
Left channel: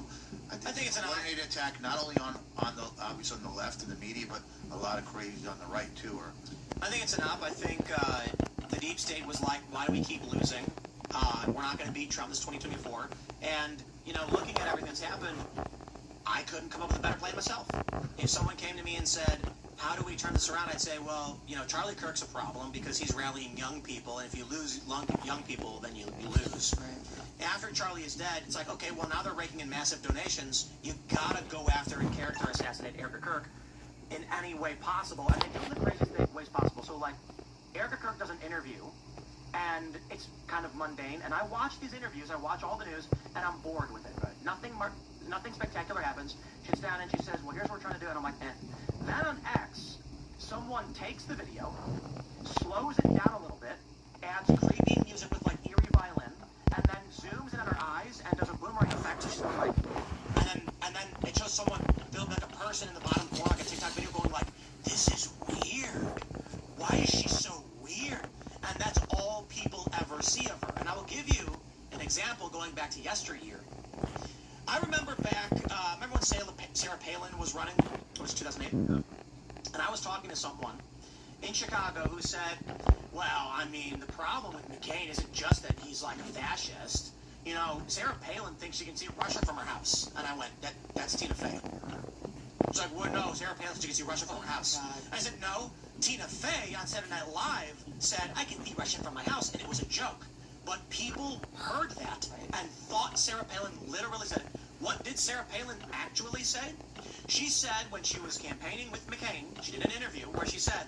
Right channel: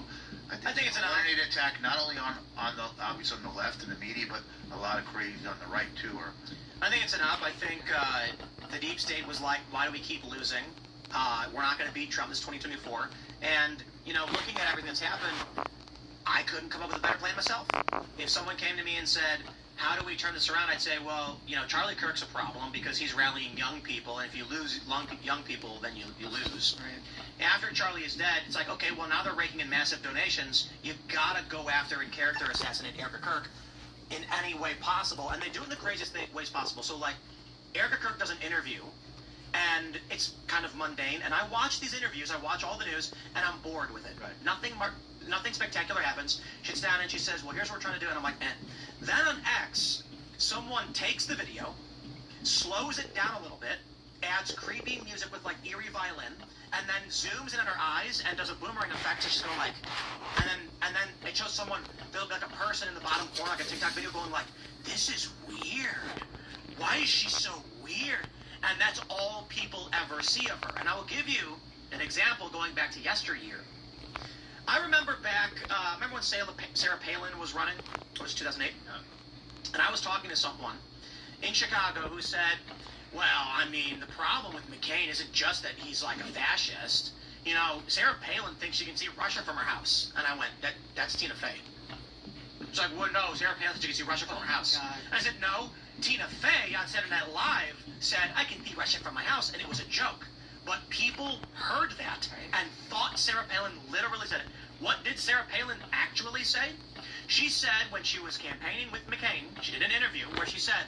I think it's an coordinated attack, not only on the obviously on the left and the media, but a lot of crazy on the right too. I think it's an op. I think the deep state was like, why do we keep losing? We're not going to beat Trump this 2024. And, you know, looking at everything that's happened, I couldn't come up with a better plan myself. If someone came to me and said, how do we turn this around? I'd say, well, you know, Charlie Kirk's a problem because he's rallying young people, and if you lose young people, then you lose. Right. After Charlie is dead, it's like, okay, well, now they're raking in massive donations. You've got to go after and character assassinate Erica Kirk in any way possible, and they do it in the craziest ways possible. So, like, Erica Kirk does an interview, and it's kind of mundane, and I watch these interviews, I watch all the news, and I'm bored with it. Right. Nothing spectacular happens. She sits down and she says, well, here's what we're trying to do, and I'm like, eh. Then on X, someone takes the video, slows it down a little bit, adds creepy music with, like, eerie violin, and then zooms in on her eyes and does a boomerang effect, so she's sort of like, and then it shows someone, there'll be like a person in the bottom corner, like a TikTok video, going like, this is weird. Why is she so weird? And that's all people ever see of her. And I will give you an example going back to yesteryear. I remember back, remember when Sarah Palin was running? It was 2008. And I was talking to someone in Chicago who said, well, I mean, the problem with McCain isn't just that he's like a fascist. You know, Sarah Palin thinks she can see Russia from her house. And I went, that's Tina Fey. It's like, well, no, Sarah Palin thinks she can see Russia from her house. And I said, no, Tina Fey on Saturday Night Live said, I can see Russia from my house, and it was a joke. But people heard that and thought Sarah Palin literally said it. What did Sarah Palin actually say? She said when she was campaigning with McCain, she did an interview where she said,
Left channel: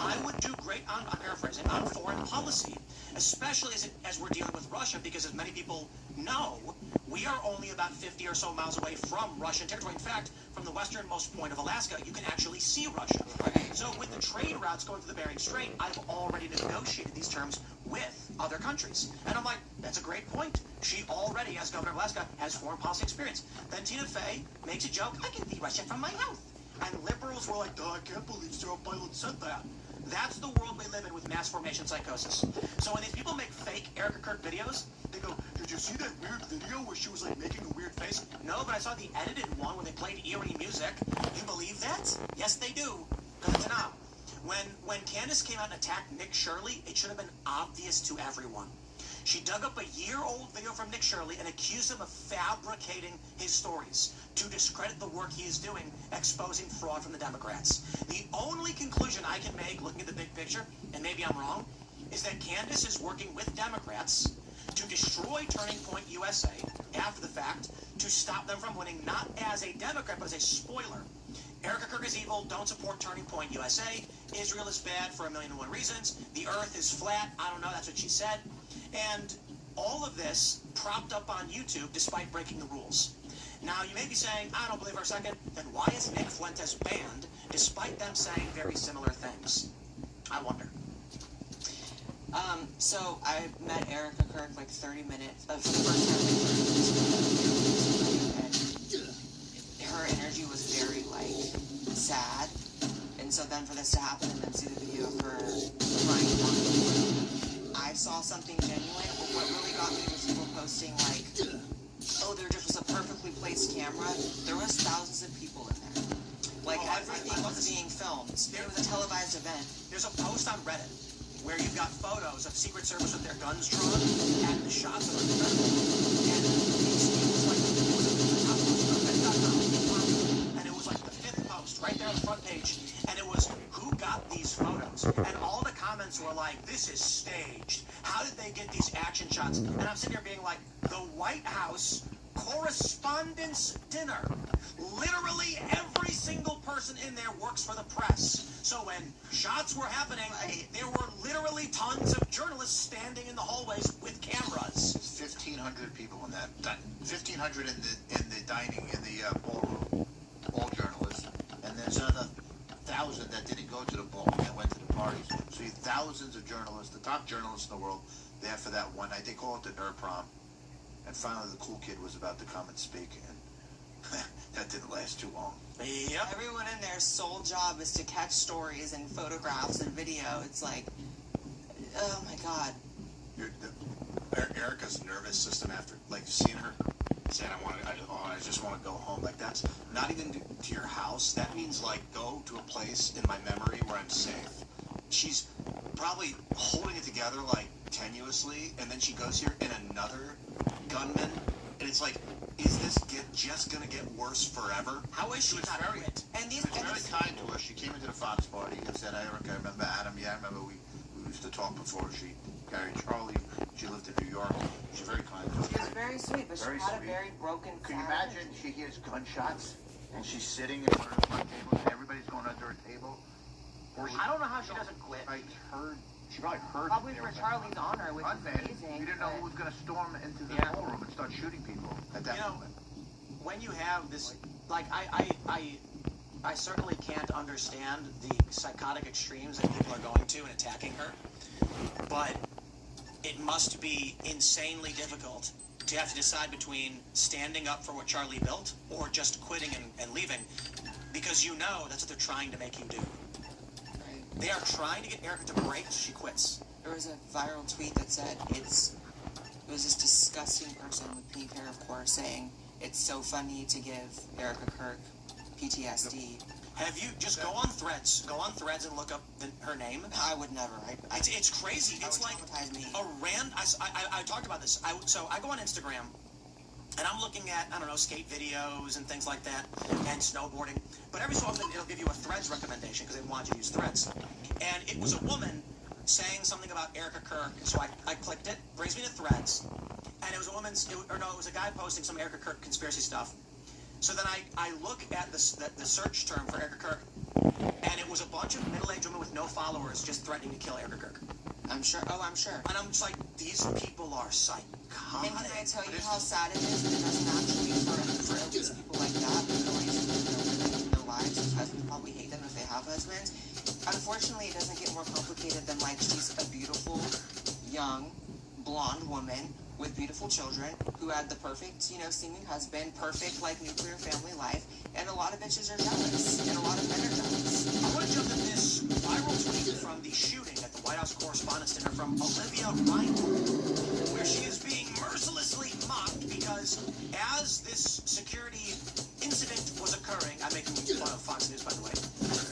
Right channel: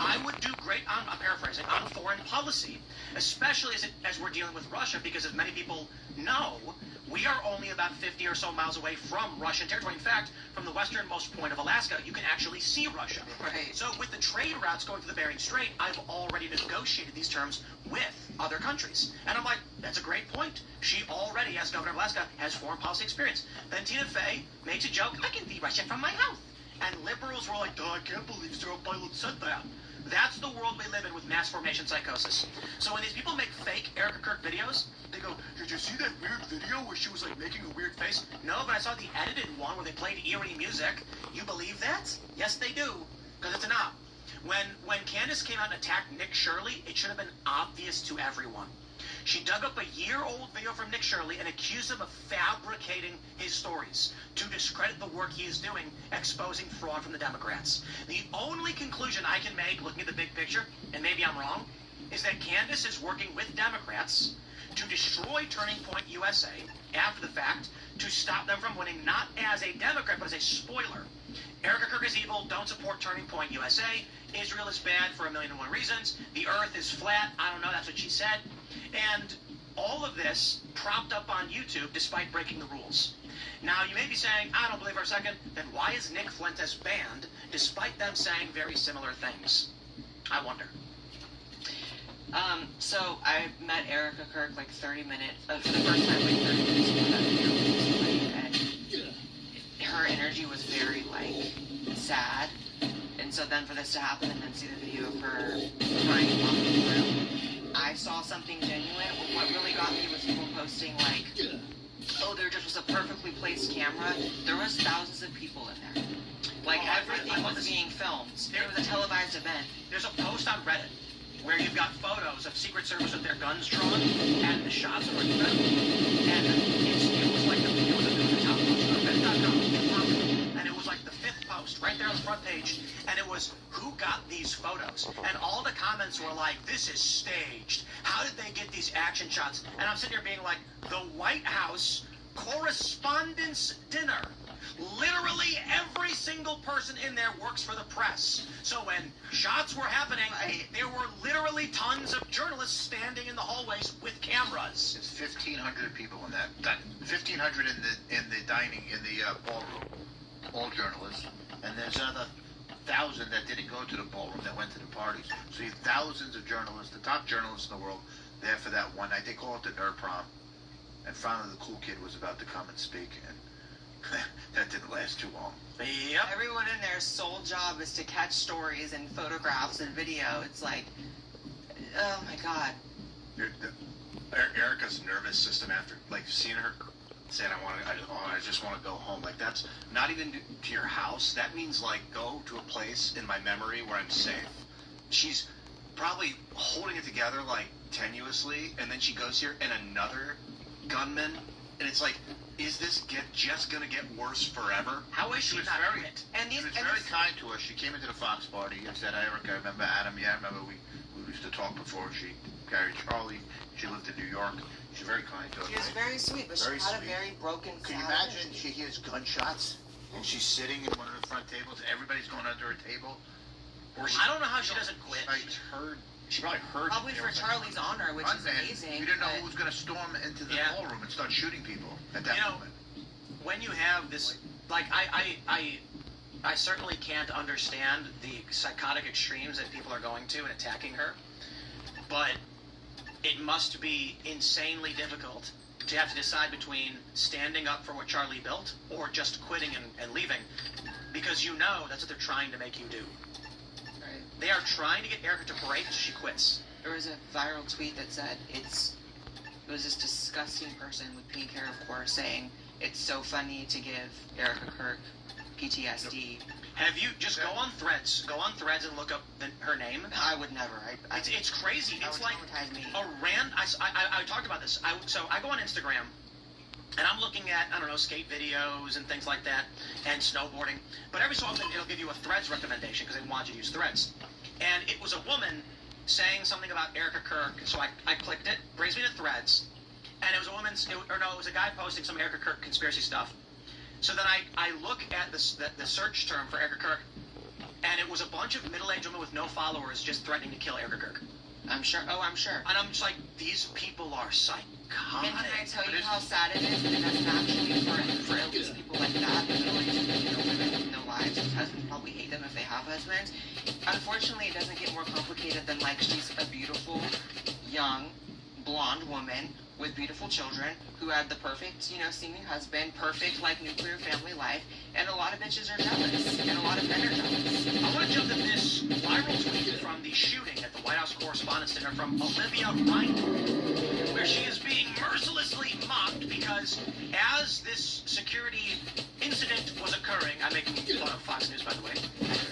I would do great, I'm paraphrasing, on foreign policy, especially as we're dealing with Russia, because as many people know, we are only about 50 or so miles away from Russian territory. In fact, from the westernmost point of Alaska, you can actually see Russia. So with the trade routes going through the Bering Strait, I've already negotiated these terms with other countries. And I'm like, that's a great point. She already, as governor of Alaska, has foreign policy experience. Then Tina Fey makes a joke, I can see Russia from my house. And liberals were like, I can't believe Sarah Palin said that. That's the world we live in with mass formation psychosis. So when these people make fake Erica Kirk videos, they go, did you see that weird video where she was like making a weird face? No, but I saw the edited one where they played eerie music. You believe that? Yes, they do. Because it's an op. When Candace came out and attacked Nick Shirley, it should have been obvious to everyone. She dug up a year-old video from Nick Shirley and accused him of fabricating his stories to discredit the work he is doing, exposing fraud from the Democrats. The only conclusion I can make, looking at the big picture, and maybe I'm wrong, is that Candace is working with Democrats to destroy Turning Point USA after the fact, to stop them from winning not as a Democrat, but as a spoiler. Erica Kirk is evil, don't support Turning Point USA. Israel is bad for 1,000,001 reasons. The earth is flat, I don't know, that's what she said. And all of this propped up on YouTube despite breaking the rules. Now, you may be saying, I don't believe for a second, then why is Nick Fuentes banned despite them saying very similar things? I wonder. So I met Erica Kirk like 30 minutes, for the first time like 30 minutes, and her energy was very like sad. And so then for this to happen and then see the video of her crying and walking through, I saw something genuine. What really got me was people posting like, oh, there just was a perfectly placed camera. There was thousands of people in there. Like everything was being filmed. There was a televised event. There's a post on Reddit where you've got photos of Secret Service with their guns drawn and the shots of the and it was like the fifth post right there on the front page, and it was who got these photos, and all the comments were like, this is staged. How did they get these action shots? And I'm sitting here being like, the White House correspondence dinner. Literally every single person in there works for the press. So when shots were happening, there were literally tons of journalists standing in the hallways with cameras. There's 1,500 people in that. 1,500 in the dining, in the ballroom. All journalists. And there's another 1,000 that didn't go to the ballroom, that went to the parties. So you have thousands of journalists, the top journalists in the world, there for that one night. They call it the Nerd Prom. And finally the cool kid was about to come and speak, and that didn't last too long. Yep. Everyone in their sole job is to catch stories and photographs and video. It's like, oh my God. Erica's nervous system after, like, seeing her saying, I just want to go home. Like, that's not even to your house. That means, like, go to a place in my memory where I'm safe. She's probably holding it together, like, tenuously, and then she goes here, and another gunman, and it's like, is this just going to get worse forever? How is she not hurt? And she was very kind to us. She came into the Fox party and said, Eric, I remember Adam. Yeah, I remember we used to talk before she carried Charlie. She lived in New York. She was very kind to us. She was very sweet, but Very she had sweet. a very broken Can you family. imagine she hears gunshots and she's sitting in one of the front tables and everybody's going under a table? I don't know how she doesn't quit. She probably heard. Probably for Charlie's honor, which is amazing. You didn't know but- who was going to storm into the ballroom and start shooting people at that moment. When you have this, like, I certainly can't understand the psychotic extremes that people are going to in attacking her, but it must be insanely difficult to have to decide between standing up for what Charlie built or just quitting and leaving, because you know that's what they're trying to make you do. They are trying to get Erica to break, she quits. There was a viral tweet that said it was this disgusting person with pink hair, of course, saying it's so funny to give Erica Kirk PTSD. Have you just go on Threads and look up her name? I would never. It's crazy. It's like a random. I talked about this. So I go on Instagram, and I'm looking at, I don't know, skate videos and things like that, and snowboarding. But every so often, it'll give you a Threads recommendation because they want you to use Threads. And it was a woman saying something about Erica Kirk. So I clicked it, brings me to Threads, and it was a it was a guy posting some Erica Kirk conspiracy stuff. So then I look at the search term for Erica Kirk, and it was a bunch of middle-aged women with no followers just threatening to kill Erica Kirk. I'm sure. Oh, I'm sure. And I'm just like, these people are psychotic. And can I tell you how sad it is? And that's naturally for at least people like that, that really live their lives. Husbands probably hate them if they have husbands. Unfortunately, it doesn't get more complicated than like she's a beautiful, young, blonde woman with beautiful children who had the perfect, seeming husband, perfect like nuclear family life, and a lot of bitches are jealous, and a lot of men are jealous. I want to jump to this viral tweet from the shooting at the White House Correspondents' Dinner from Olivia Reinhardt, where she is being mercilessly mocked because as this security incident was occurring, I'm making fun of Fox News, by the way,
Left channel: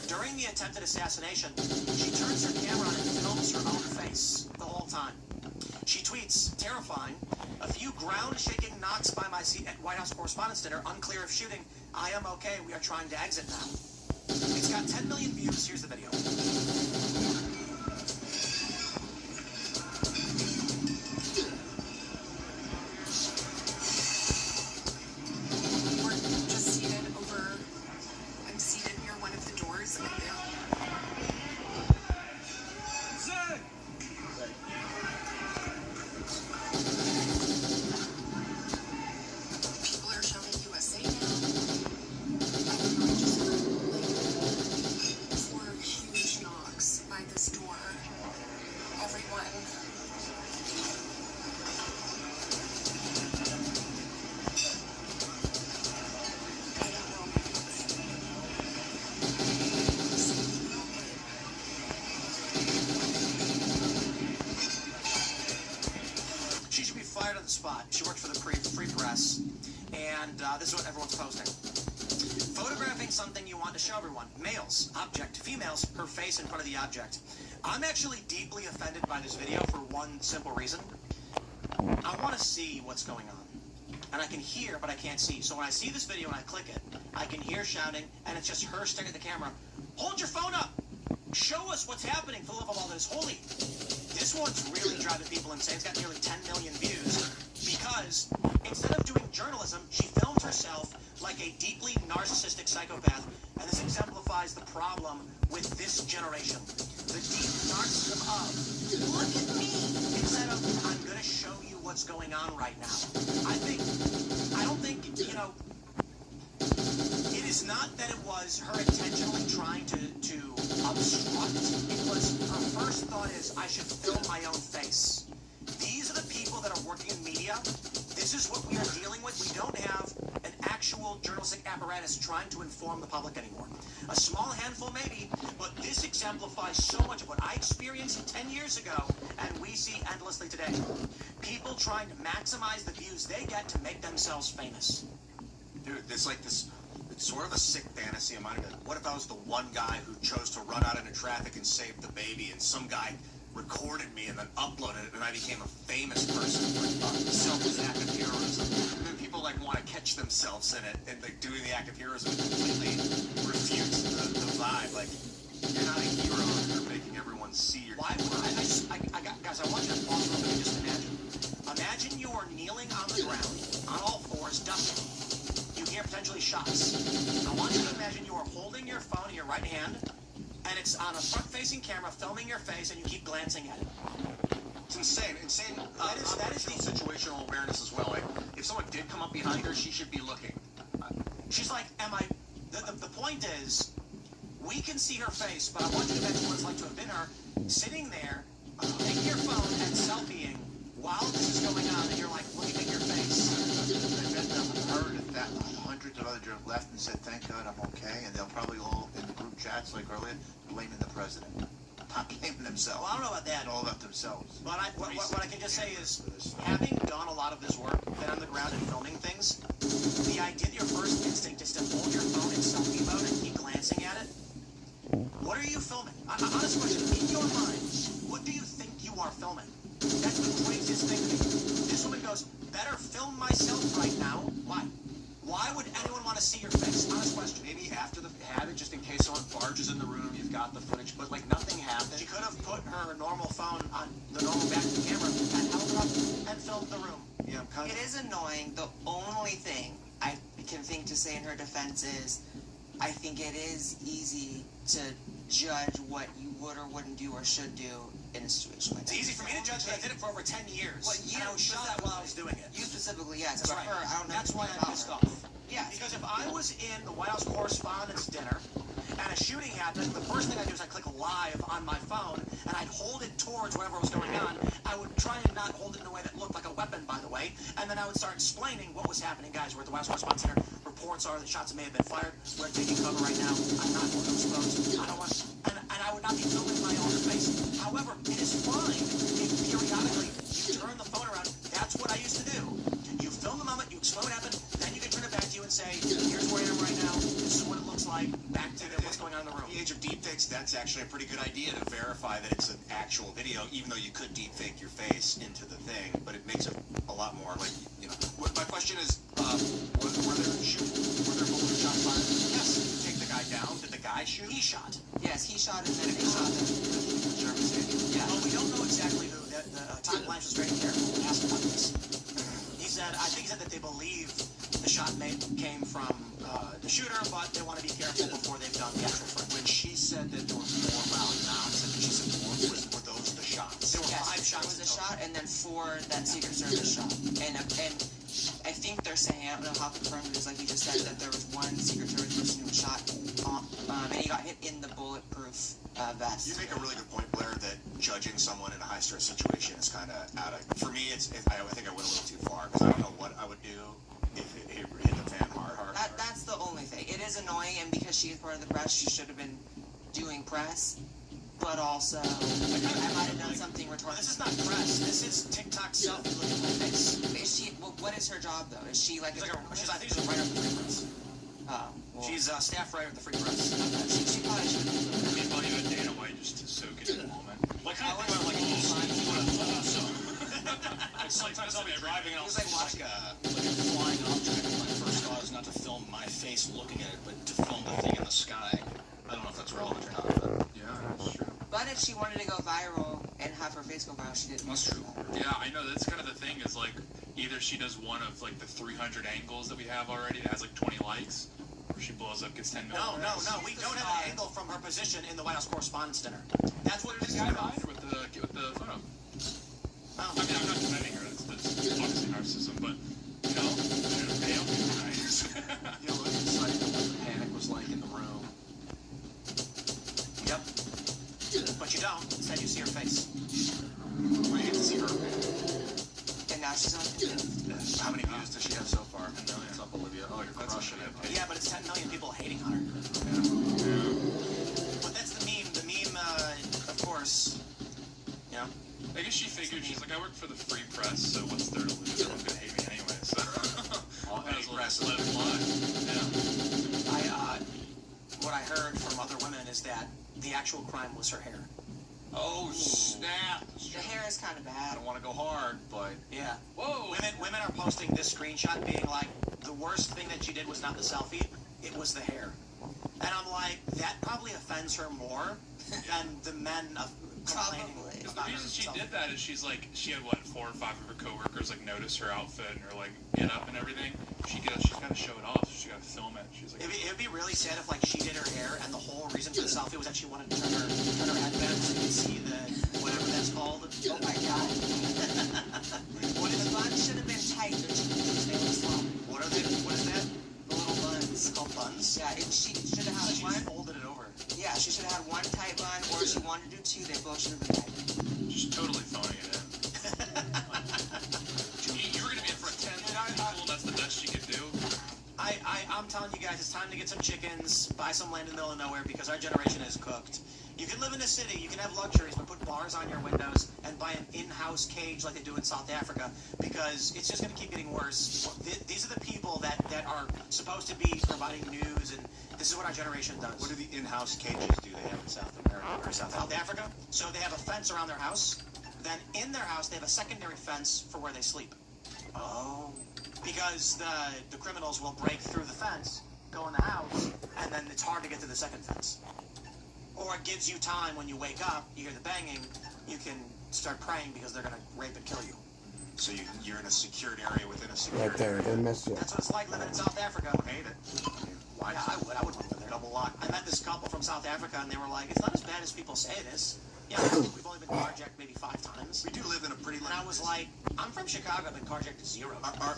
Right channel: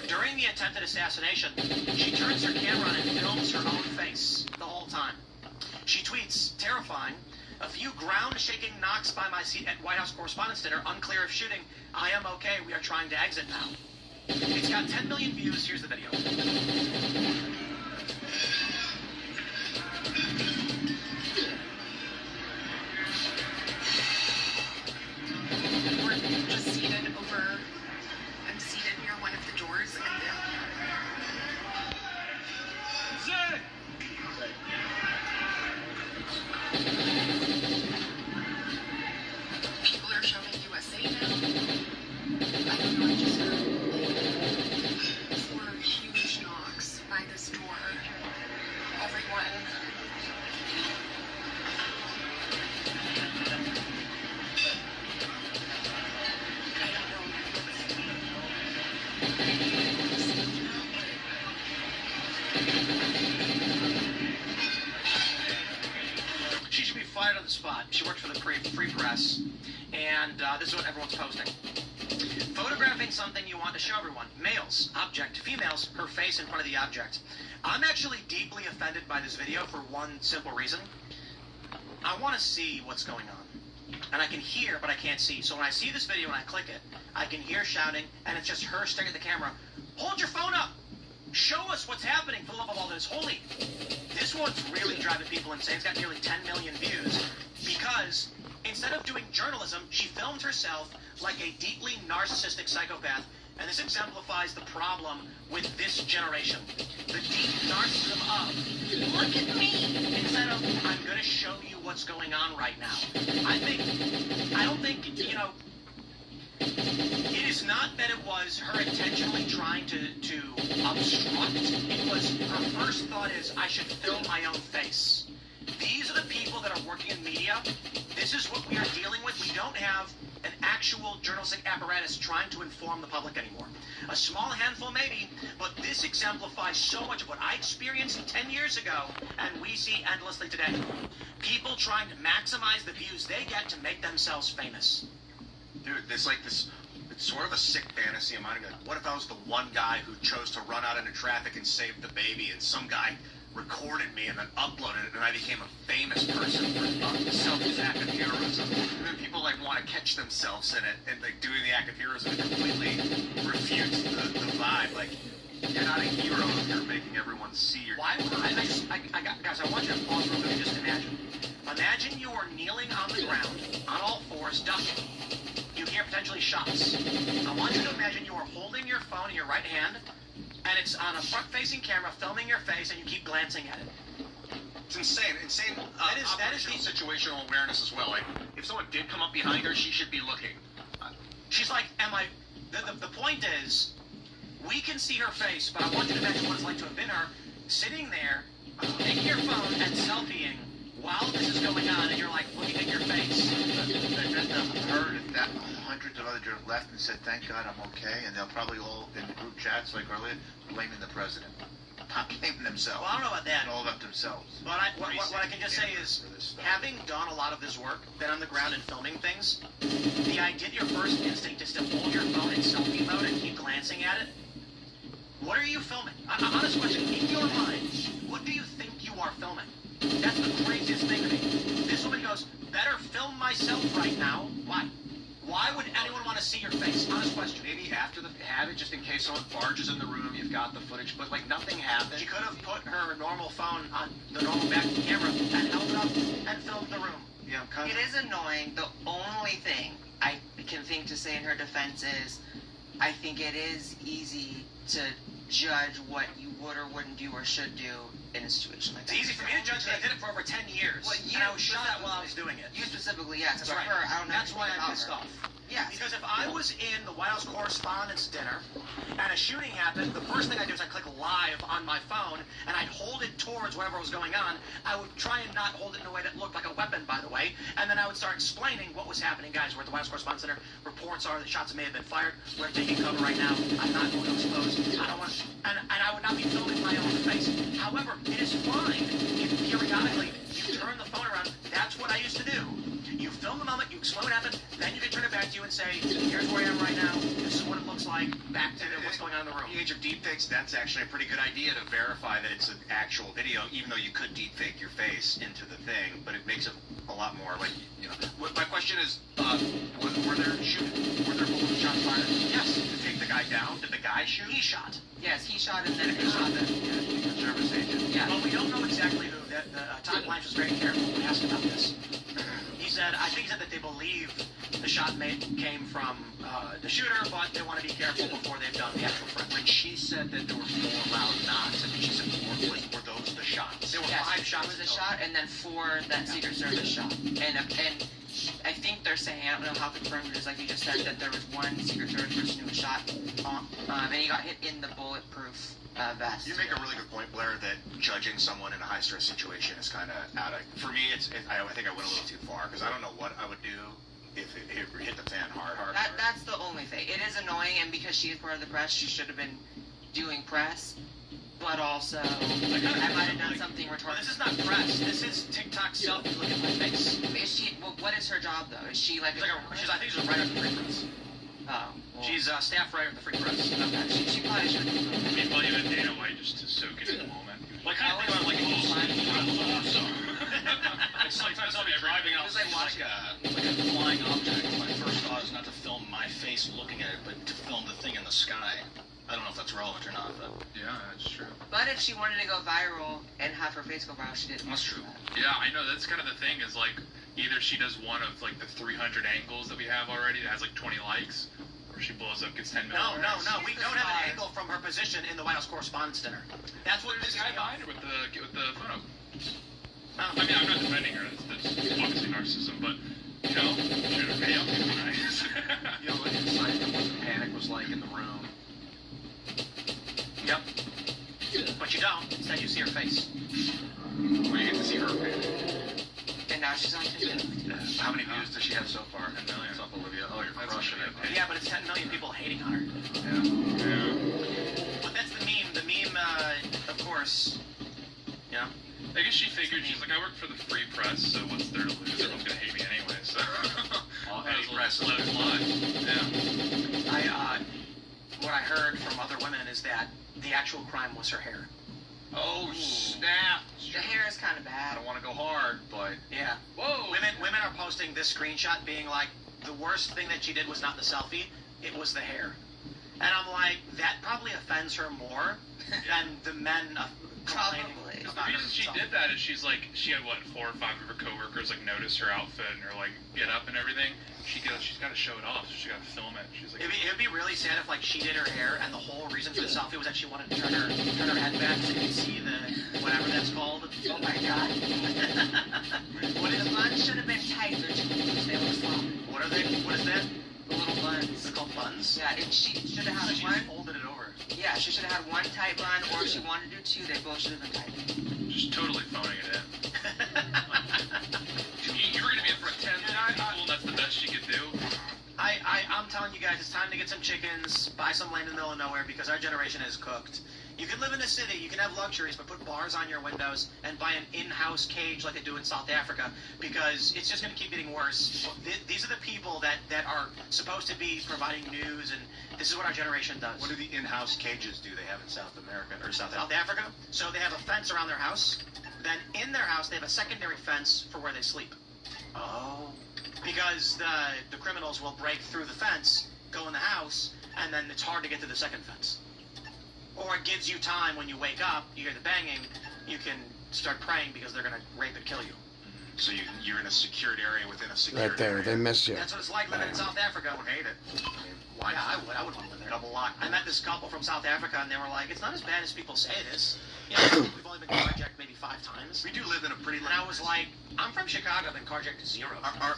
during the attempted assassination, she turns her camera on and films her own face the whole time. She tweets, terrifying, a few ground-shaking knocks by my seat at White House Correspondents' Dinner, unclear if shooting. I am okay, we are trying to exit now. It's got 10 million views, here's the video. We're just seated over, I'm seated near one of the doors, and people are shouting USA now. I don't know, just four huge knocks by this door. Everyone. She should be fired on the spot. She works for the Free Press, and this is what everyone's posting. Photographing something you want to show everyone. Males, object. Females, her face in front of the object. I'm actually deeply offended by this video for one simple reason. I want to see what's going on. And I can hear, but I can't see. So when I see this video and I click it, I can hear shouting, and it's just her staring at the camera. Hold your phone up! Show us what's happening for the love of all that is holy. This one's really driving people insane. It's got nearly 10 million views because instead of doing journalism, she filmed herself like a deeply narcissistic psychopath, and this exemplifies the problem with this generation. The deep narcissism of, look at me, instead of, I'm going to show you what's going on right now. I don't think, it is not that it was her intentionally trying to obstruct. It was, her first thought is, I should film my own face. These are the people that are working in media. This is what we are dealing with. We don't have an actual journalistic apparatus trying to inform the public anymore. A small handful maybe, but this exemplifies so much of what I experienced 10 years ago, and we see endlessly today. People trying to maximize the views they get to make themselves famous. Dude, it's like this, it's sort of a sick fantasy of mine. Like, what if I was the one guy who chose to run out into traffic and save the baby, and some guy recorded me and then uploaded it, and I became a famous person for selfies and act of heroism. And then people like want to catch themselves in it and like doing the act of heroism completely refutes the vibe. Like, you're not a hero if you're making everyone see your. Why? Guys, I want you to pause for a minute and just imagine. Imagine you are kneeling on the ground, on all fours, ducking. You hear potentially shots. I want you to imagine you are holding your phone in your right hand, and it's on a front-facing camera filming your face, and you keep glancing at it. It's insane. That is the situational awareness as well. Like, if someone did come up behind her, she should be looking. She's like, the point is, we can see her face, but I want you to imagine what it's like to have been her, sitting there, taking your phone and selfieing while this is going on, and you're like looking at your face. That hundreds of other journalists left and said, "Thank God I'm okay," and they'll probably all in the group chats like earlier blaming the president, not blaming themselves. Well, I don't know about that. All about themselves. But what I can just say is, having done a lot of this work, been on the ground and filming things, the idea, your first instinct is to hold your phone in selfie mode and keep glancing at it. What are you filming? Honest question. In your mind, what do you think you are filming? That's the craziest thing to me. This woman goes, better film myself right now. Why? Why would anyone want to see your face? Honest question. Maybe after have it, just in case someone barges in the room, you've got the footage, but like nothing happened. She could have put her normal phone on the normal back camera and held it up and filmed the room. Yeah, It is annoying. The only thing I can think to say in her defense is, I think it is easy to judge what you would or wouldn't do or should do in a situation like that. It's easy for me to judge that I did it for over 10 years. Well, and I was shot while I was doing it. You specifically, yes. That's But right. her, I don't know. That's why I'm pissed off. Yeah. Because if I was in the White House Correspondents' Dinner and a shooting happened, the first thing I do is I click live on my phone and I'd hold it towards whatever was going on. I would try and not hold it in a way that looked like a weapon, by the way. And then I would start explaining what was happening. Guys, we're at the White House Correspondents' Dinner. Reports are that shots may have been fired. We're taking cover right now. I'm not going to expose. I don't want. And I would not be filming my own face. However, it is fine if periodically you turn the phone around. That's what I used to do. You film the moment, you explain what happened, then you can turn it back to you and say, here's where I am right now. This is what it looks like. Back to what's going on in the room. In the age of deepfakes, that's actually a pretty good idea to verify that it's an actual video, even though you could deepfake your face into the thing, but it makes it a lot more like, you know. My question is, were there multiple shots fired? Yes. To take the guy down? Did the guy shoot? He shot. Yes, he shot and then he shot them. Service agent. Yeah, but we don't know exactly who. Todd Blanche was very careful when asked about this. He said, I think he said that they believe the shot came from the shooter, but they want to be careful before they've done the actual front. When she said that there were 4 loud knocks, and she said, were those the shots? There were 5 shots. It was a shot and then 4 that Secret Service shot. And I think they're saying, I don't know how confirmed it is, like you just said, that there was one Secret Service person who was shot, and he got hit in the bulletproof vest. You make a really good point, Blair, that judging someone in a high-stress situation is kind of out of... For me, I think I went a little too far, because I don't know what I would do if it hit the fan hard. That's the only thing. It is annoying, and because she is part of the press, she should have been doing press. But also, I might have done something retarded. Well, this is not press. This is TikTok selfie. Look at my face. Is she? Well, what is her job though? Is she like? I think she's a writer at the Free Press. Oh. Well, she's a staff writer at the Free Press. Okay. She probably should. People even data might just to soak it in the moment. Like kind of thing on like a little sign. Awesome. It's sometimes I'll be driving out. It's like a flying object. My first thought is not to film my face looking at it, but to film the thing in the sky. I don't know if that's relevant or not, but yeah, that's true. But if she wanted to go viral and have her face go viral, she didn't. That's true. Yeah, I know. That's kind of the thing. Is like either she does one of like the 300 angles that we have already that has like 20 likes, or she blows up, gets 10 million. No. We don't have an angle from her position in the White House Correspondents' Dinner. That's what it is. This guy behind her with the photo. I mean, I'm not defending her. That's obviously narcissism, but you know, should have paid up for nice. You know, like inside what the panic was like in the room. Yep. But you don't. Instead, you see her face. We get to see her face. And now she's on TV. How many views does she have so far? 10 million. What's up, Olivia? Oh, you're crushing it. Yeah, but it's 10 million people hating on her. Yeah. But that's the meme. The meme, of course, you know. I guess she figured, she's like, I work for the Free Press, so what's there to lose? Everyone's gonna hate me anyway, so... All any press let it fly. What I heard from other women is that the actual crime was her hair. Oh, snap. The hair is kind of I bad. don't want to go hard, but Yeah. whoa. Women are posting this screenshot being like, the worst thing that she did was not the selfie, it was the hair. And I'm like, that probably offends her more than the men complaining. Probably. The reason she did that is she had what, 4 or 5 of her coworkers like notice her outfit and her like get up and everything. She's got to show it off, so she got to film it. She's like, It'd be really sad if like she did her hair and the whole reason for the selfie was that she wanted to turn her head back so you could see the whatever that's called. Oh my god. The buns should have been tight. They're too loose. They look slow. What are they? What is that? The little buns. They're called buns. Yeah, she should have had She one. just folded it over. Yeah, she should have had one tight bun, or if she wanted to do 2, they both should have been tight. just totally phoning it in. You were going to be in for a 10 people, that's the best she could do. I'm telling you guys, it's time to get some chickens, buy some land in the middle of nowhere, because our generation is cooked. You can live in the city, you can have luxuries, but put bars on your windows and buy an in-house cage like they do in South Africa, because it's just going to keep getting worse. These are the people that are supposed to be providing news, and this is what our generation does. What do the in-house cages do they have in South America or South Africa? So they have a fence around their house. Then in their house, they have a secondary fence for where they sleep. Oh. Because the criminals will break through the fence, go in the house, and then it's hard to get to the second fence. Or it gives you time when you wake up, you hear the banging, you can start praying because they're going to rape and kill you. So you're in a secured area within a secured Right there, area. they missed you. That's what it's like living in South Africa. I hate it. I mean, why not? I would want to live there. Double lock. I met this couple from South Africa, and they were like, it's not as bad as people say it is. You know, we've only been carjacked maybe 5 times. We do live in a pretty... And I was like, I'm from Chicago, I've been carjacked 0.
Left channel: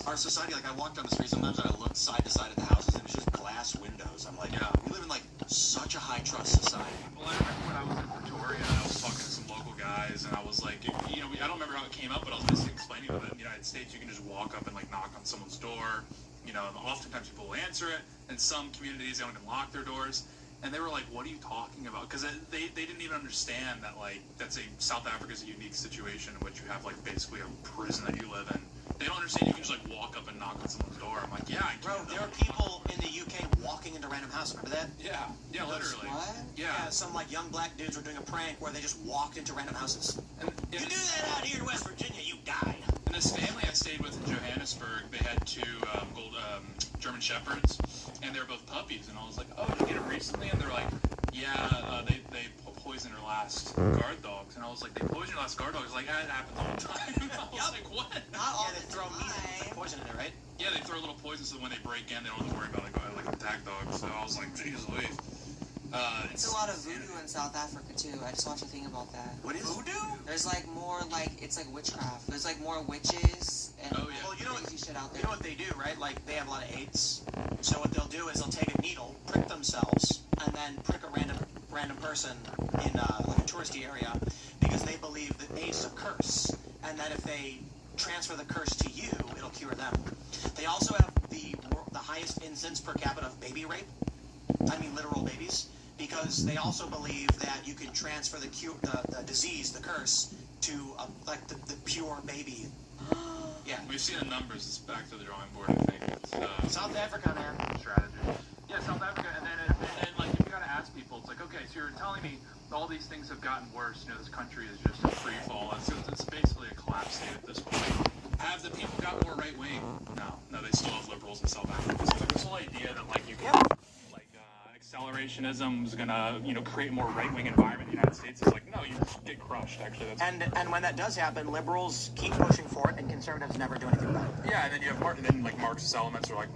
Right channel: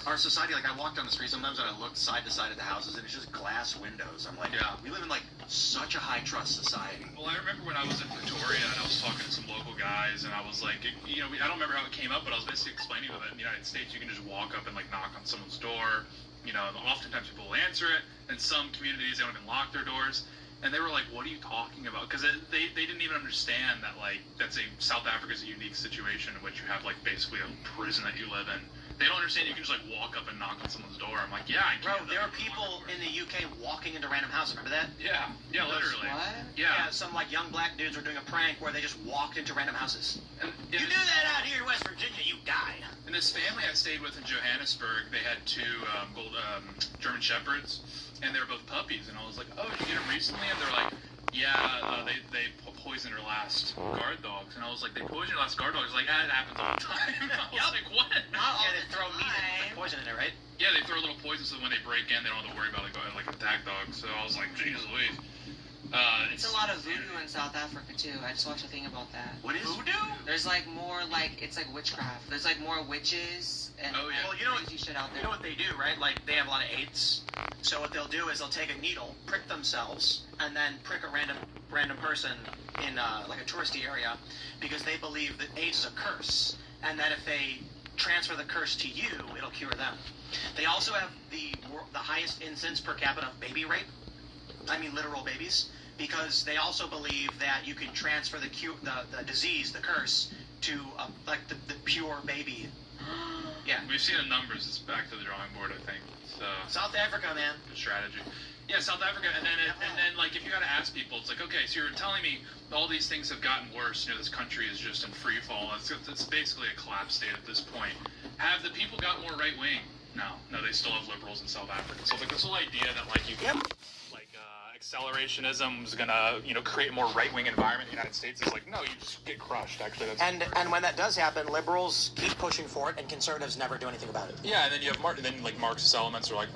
Our society, like I walk down the street sometimes and I look side to side at the houses and it's just glass windows. I'm like, Yeah. we live in like such a high trust society. Well, I remember when I was in Victoria and I was talking to some local guys, and I was like, you know, I don't remember how it came up, but I was basically explaining to them that in the United States you can just walk up and like knock on someone's door. You know, and oftentimes people will answer it. In some communities, they don't even lock their doors. And they were like, what are you talking about? Because they didn't even understand that, like, South Africa's a unique situation in which you have, like, basically a prison that you live in. They don't understand you can just, like, walk up and knock on someone's door. I'm like, yeah, I can. Bro, there are people in the UK walking into random houses. Remember that? Yeah, literally. What? Yeah. Some, like, young black dudes were doing a prank where they just walked into random houses. And, You do that out here in West Virginia, you die. And this family I stayed with in Johannesburg, they had 2 German Shepherds, and they were both puppies. And I was like, oh, did you get them recently? And they're like, yeah, they poisoned her last guard dogs. And I was like, they poisoned your last guard dogs? Like, it happens all the time. I was like, what? Yeah, they throw meat and poison in it, right? Yeah, they throw a little poison so when they break in, they don't have to worry about like an attack dog. So I was like, Jesus Louise. It's a lot of voodoo in South Africa too. I just watched a thing about that. What is voodoo? There's like more it's like witchcraft. There's like more witches and Well, you know crazy shit out there. You know what they do, right? Like, they have a lot of AIDS. So what they'll do is they'll take a needle, prick themselves, and then prick a random person in like a touristy area, because they believe that AIDS is a curse, and that if they transfer the curse to you, it'll cure them. They also have the highest incidence per capita of baby rape. I mean literal babies, because they also believe that you can transfer the disease, the curse, to like the pure baby. Yeah. We've seen the numbers. It's back to the drawing board, I think. It's, South Africa, man. strategy. Yeah, South Africa, and then like if you gotta ask people, it's like, okay, so you're telling me all these things have gotten worse. You know, this country is just in free fall. It's basically a collapse state at this point. Have the people got more right wing? No, they still have liberals in South Africa. So it's like this whole idea that like you can accelerationism is gonna create a more right wing environment in the United States is like, no, you just get crushed. Actually, that's And when that does happen, liberals keep pushing for it, and conservatives never do anything about it. yeah. And then you have Marxist elements are like,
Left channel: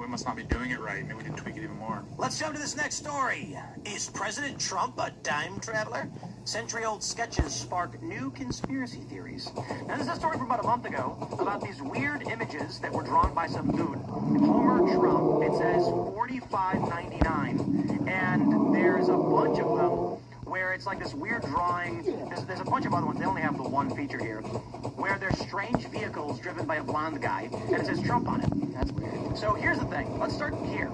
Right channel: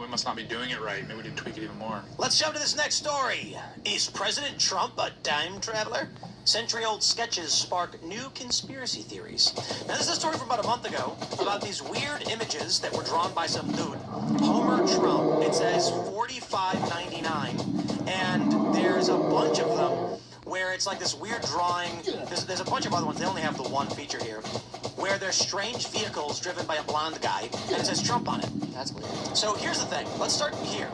we must not be doing it right. Maybe we need to tweak it even more. Let's jump to this next story. Is President Trump a time traveler? Century-old sketches spark new conspiracy theories. Now, this is a story from about a month ago about these weird images that were drawn by some dude. Homer Trump. It says 45.99, and there's a bunch of them where it's like this weird drawing. There's a bunch of other ones. They only have the one feature here, where there's strange vehicles driven by a blonde guy, and it says Trump on it. That's weird. So here's the thing. Let's start here.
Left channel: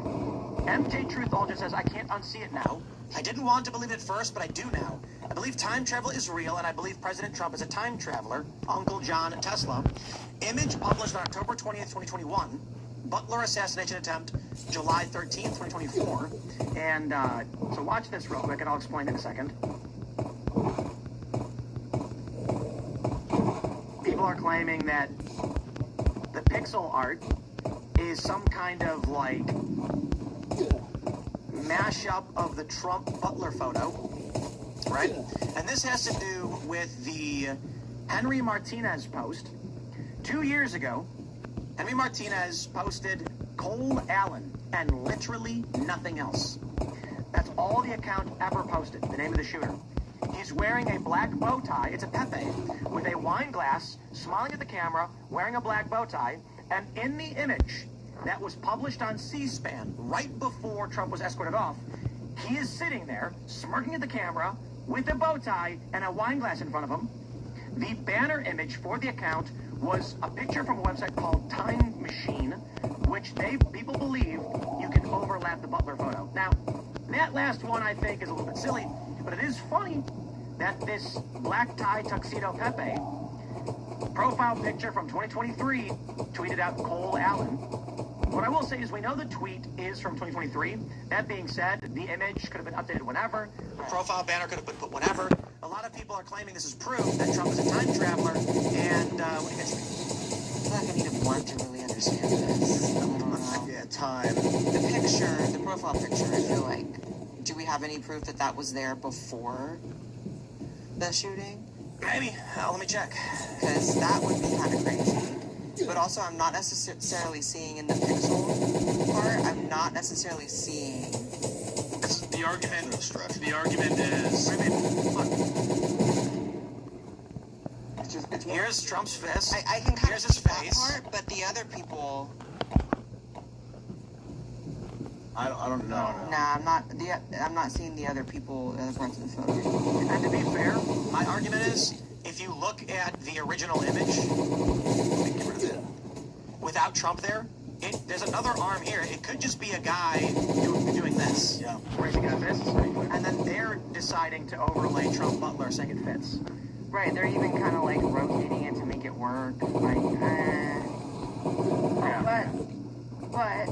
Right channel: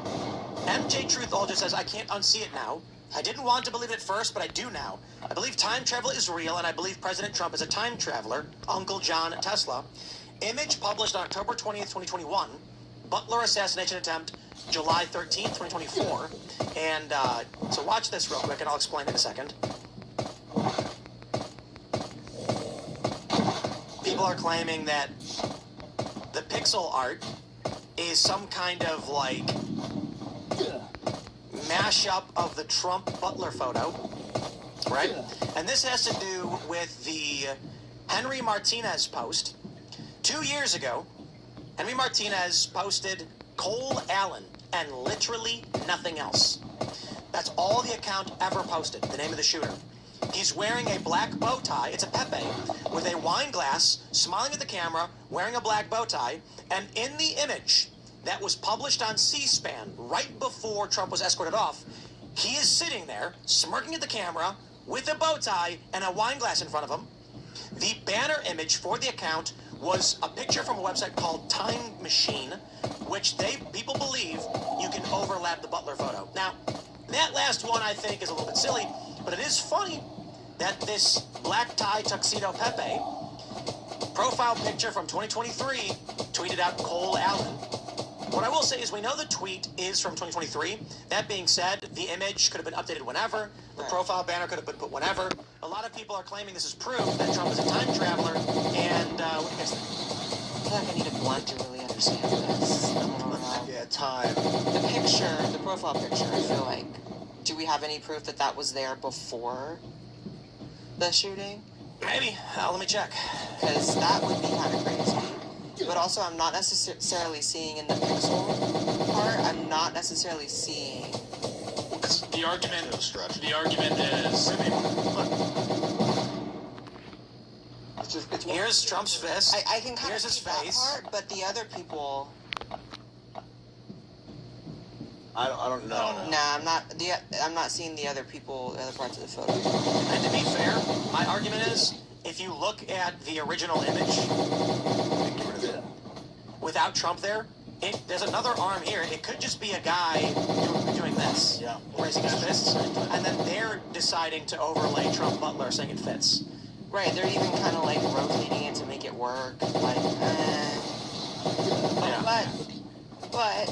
MJ Truthology says, I can't unsee it now. I didn't want to believe it at first, but I do now. I believe time travel is real, and I believe President Trump is a time traveler, Uncle John Tesla. Image published on October 20th, 2021. Butler assassination attempt, July 13th, 2024. And so watch this real quick, and I'll explain in a second. people are claiming that the pixel art is some kind of like mashup of the Trump Butler photo, right? And this has to do with the Henry Martinez post. 2 years ago, Henry Martinez posted Cole Allen and literally nothing else. That's all the account ever posted, the name of the shooter. He's wearing a black bow tie, it's a Pepe, with a wine glass, smiling at the camera, wearing a black bow tie, and in the image that was published on C-SPAN right before Trump was escorted off, he is sitting there, smirking at the camera, with a bow tie and a wine glass in front of him. The banner image for the account was a picture from a website called Time Machine, which people believe you can overlap the Butler photo. Now, that last one I think is a little bit silly, but it is funny that this black tie tuxedo Pepe profile picture from 2023 tweeted out Cole Allen. What I will say is we know the tweet is from 2023. That being said, the image could have been updated whenever. The profile banner could have been put whenever. A lot of people are claiming this is proof that Trump is a time traveler. And what do you guys think? I feel like I need a blunt to really understand this. Yeah, time. The picture, the profile picture, I feel like, do we have any proof that that was there before the shooting? Maybe. Let me check. Because that would be kind of crazy. But also, I'm not necessarily seeing in the pixel part, I'm not necessarily seeing... The argument is... Here's Trump's fist. I can kind Here's of his see that face. part, but the other people... I don't know. Nah, I'm not seeing the other people, the other parts of the photo. And to be fair, my argument is, if you look at the original image, without Trump there, there's another arm here. It could just be a guy doing this, raising his fists, and then they're deciding to overlay Trump Butler saying it fits. Right, they're even kind of like rotating it to make it work. Like, But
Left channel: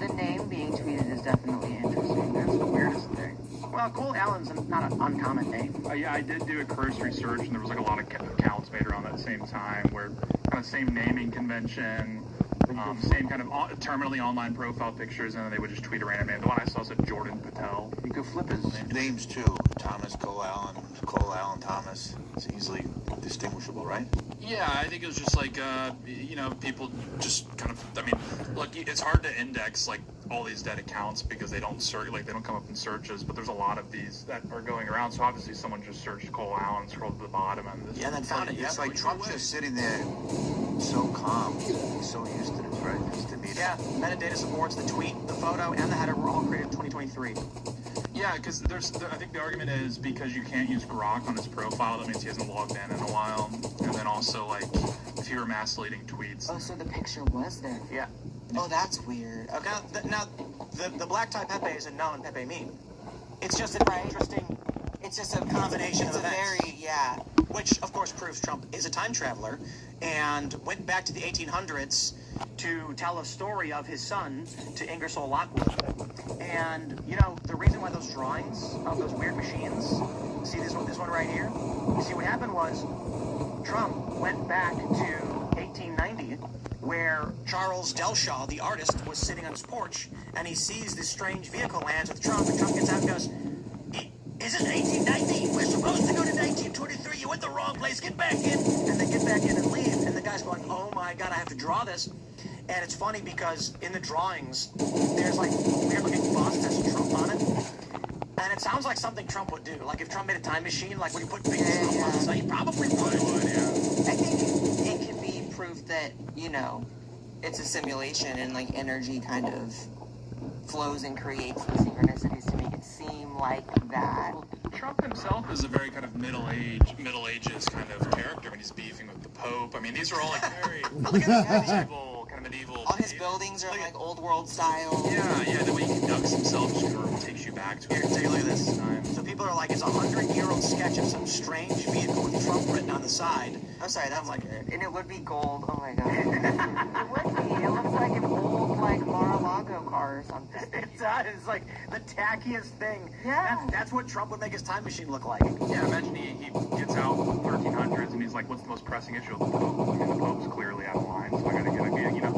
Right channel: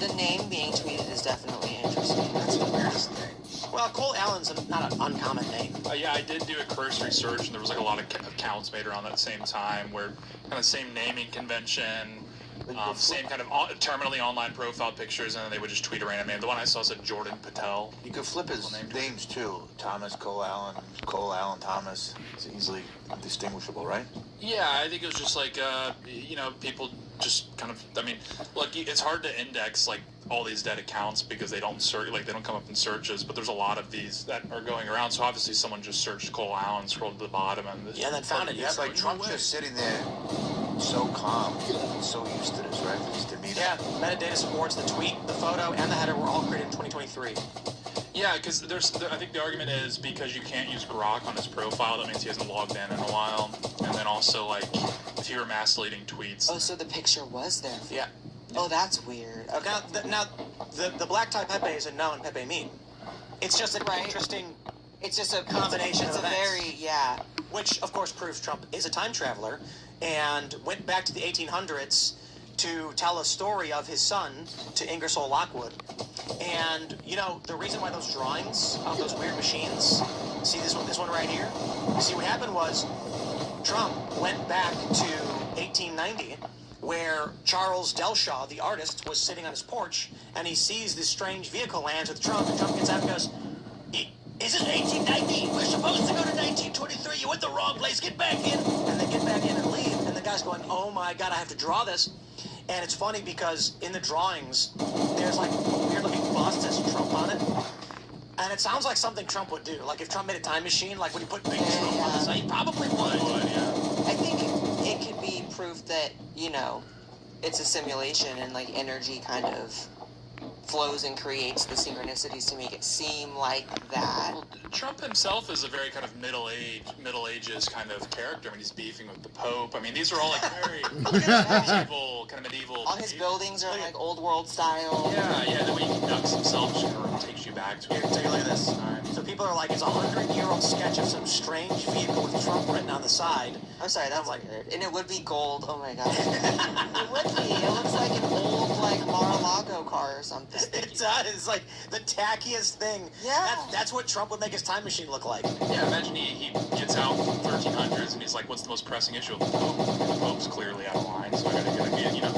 the name being tweeted is definitely interesting. That's the weirdest thing. Well, Cole Allen's not an uncommon name. Yeah, I did do a cursory search, and there was like a lot of accounts made around that same time, where kind of same naming convention, same kind of terminally online profile pictures, and then they would just tweet a random name. The one I saw said Jordan Patel. You could flip his names too. Thomas, Cole Allen, Thomas. It's easily distinguishable, right? Yeah, I think it was just like, people just kind of, look, it's hard to index, like, all these dead accounts because they don't they don't come up in searches, but there's a lot of these that are going around, so obviously someone just searched Cole Allen, scrolled to the bottom, and... then found it. Yeah, like Trump's just sitting there so calm, so used to this, right? His demeanor. Yeah, metadata supports the tweet, the photo, and the header were all created in 2023. Yeah, because I think the argument is because you can't use Grok on his profile, that means he hasn't logged in a while. And then also, like, if you were mass deleting tweets. Oh, so the picture was there. Yeah. Oh, that's weird. Okay. Now the black tie Pepe is a known Pepe meme. It's just an interesting. It's just a combination of events. Which, of course, proves Trump is a time traveler and went back to the 1800s to tell a story of his son to Ingersoll Lockwood. And, the reason why those drawings of those weird machines, see this one right here? You see, what happened was Trump went back to 1890, where Charles Delshaw, the artist, was sitting on his porch, and he sees this strange vehicle lands with Trump, and Trump gets out and goes, "Is it 1890? We're supposed to go to 1923. You went the wrong place. Get back in." And they get back in and leave, and the guy's going, "Oh my God, I have to draw this." And it's funny because in the drawings, there's like a weird-looking bust that says Trump on it. And it sounds like something Trump would do. Like if Trump made a time machine, like when he put big Trump on the site, he probably would. I think it could be proof that, it's a simulation and like energy kind of flows and creates the synchronicities to make it seem like that. Trump himself is a very kind of Middle Ages kind of character. He's beefing with the Pope. These are all like very medieval. All his buildings are like old world style. Yeah, the way he conducts himself just kind of takes you back to it. Take a look at this. So people are like, it's a 100-year-old sketch of some strange vehicle with Trump written on the side. I'm sorry, that's like, and it would be gold. Oh my God. It would be. It looks like an old like Mar-a-Lago car or something. It does. It's like the tackiest thing. Yeah. That's what Trump would make his time machine look like? Yeah, imagine he gets out 1300s and he's like, what's the most pressing issue of the Pope? I mean, the Pope's clearly out of line, so I gotta get, you know,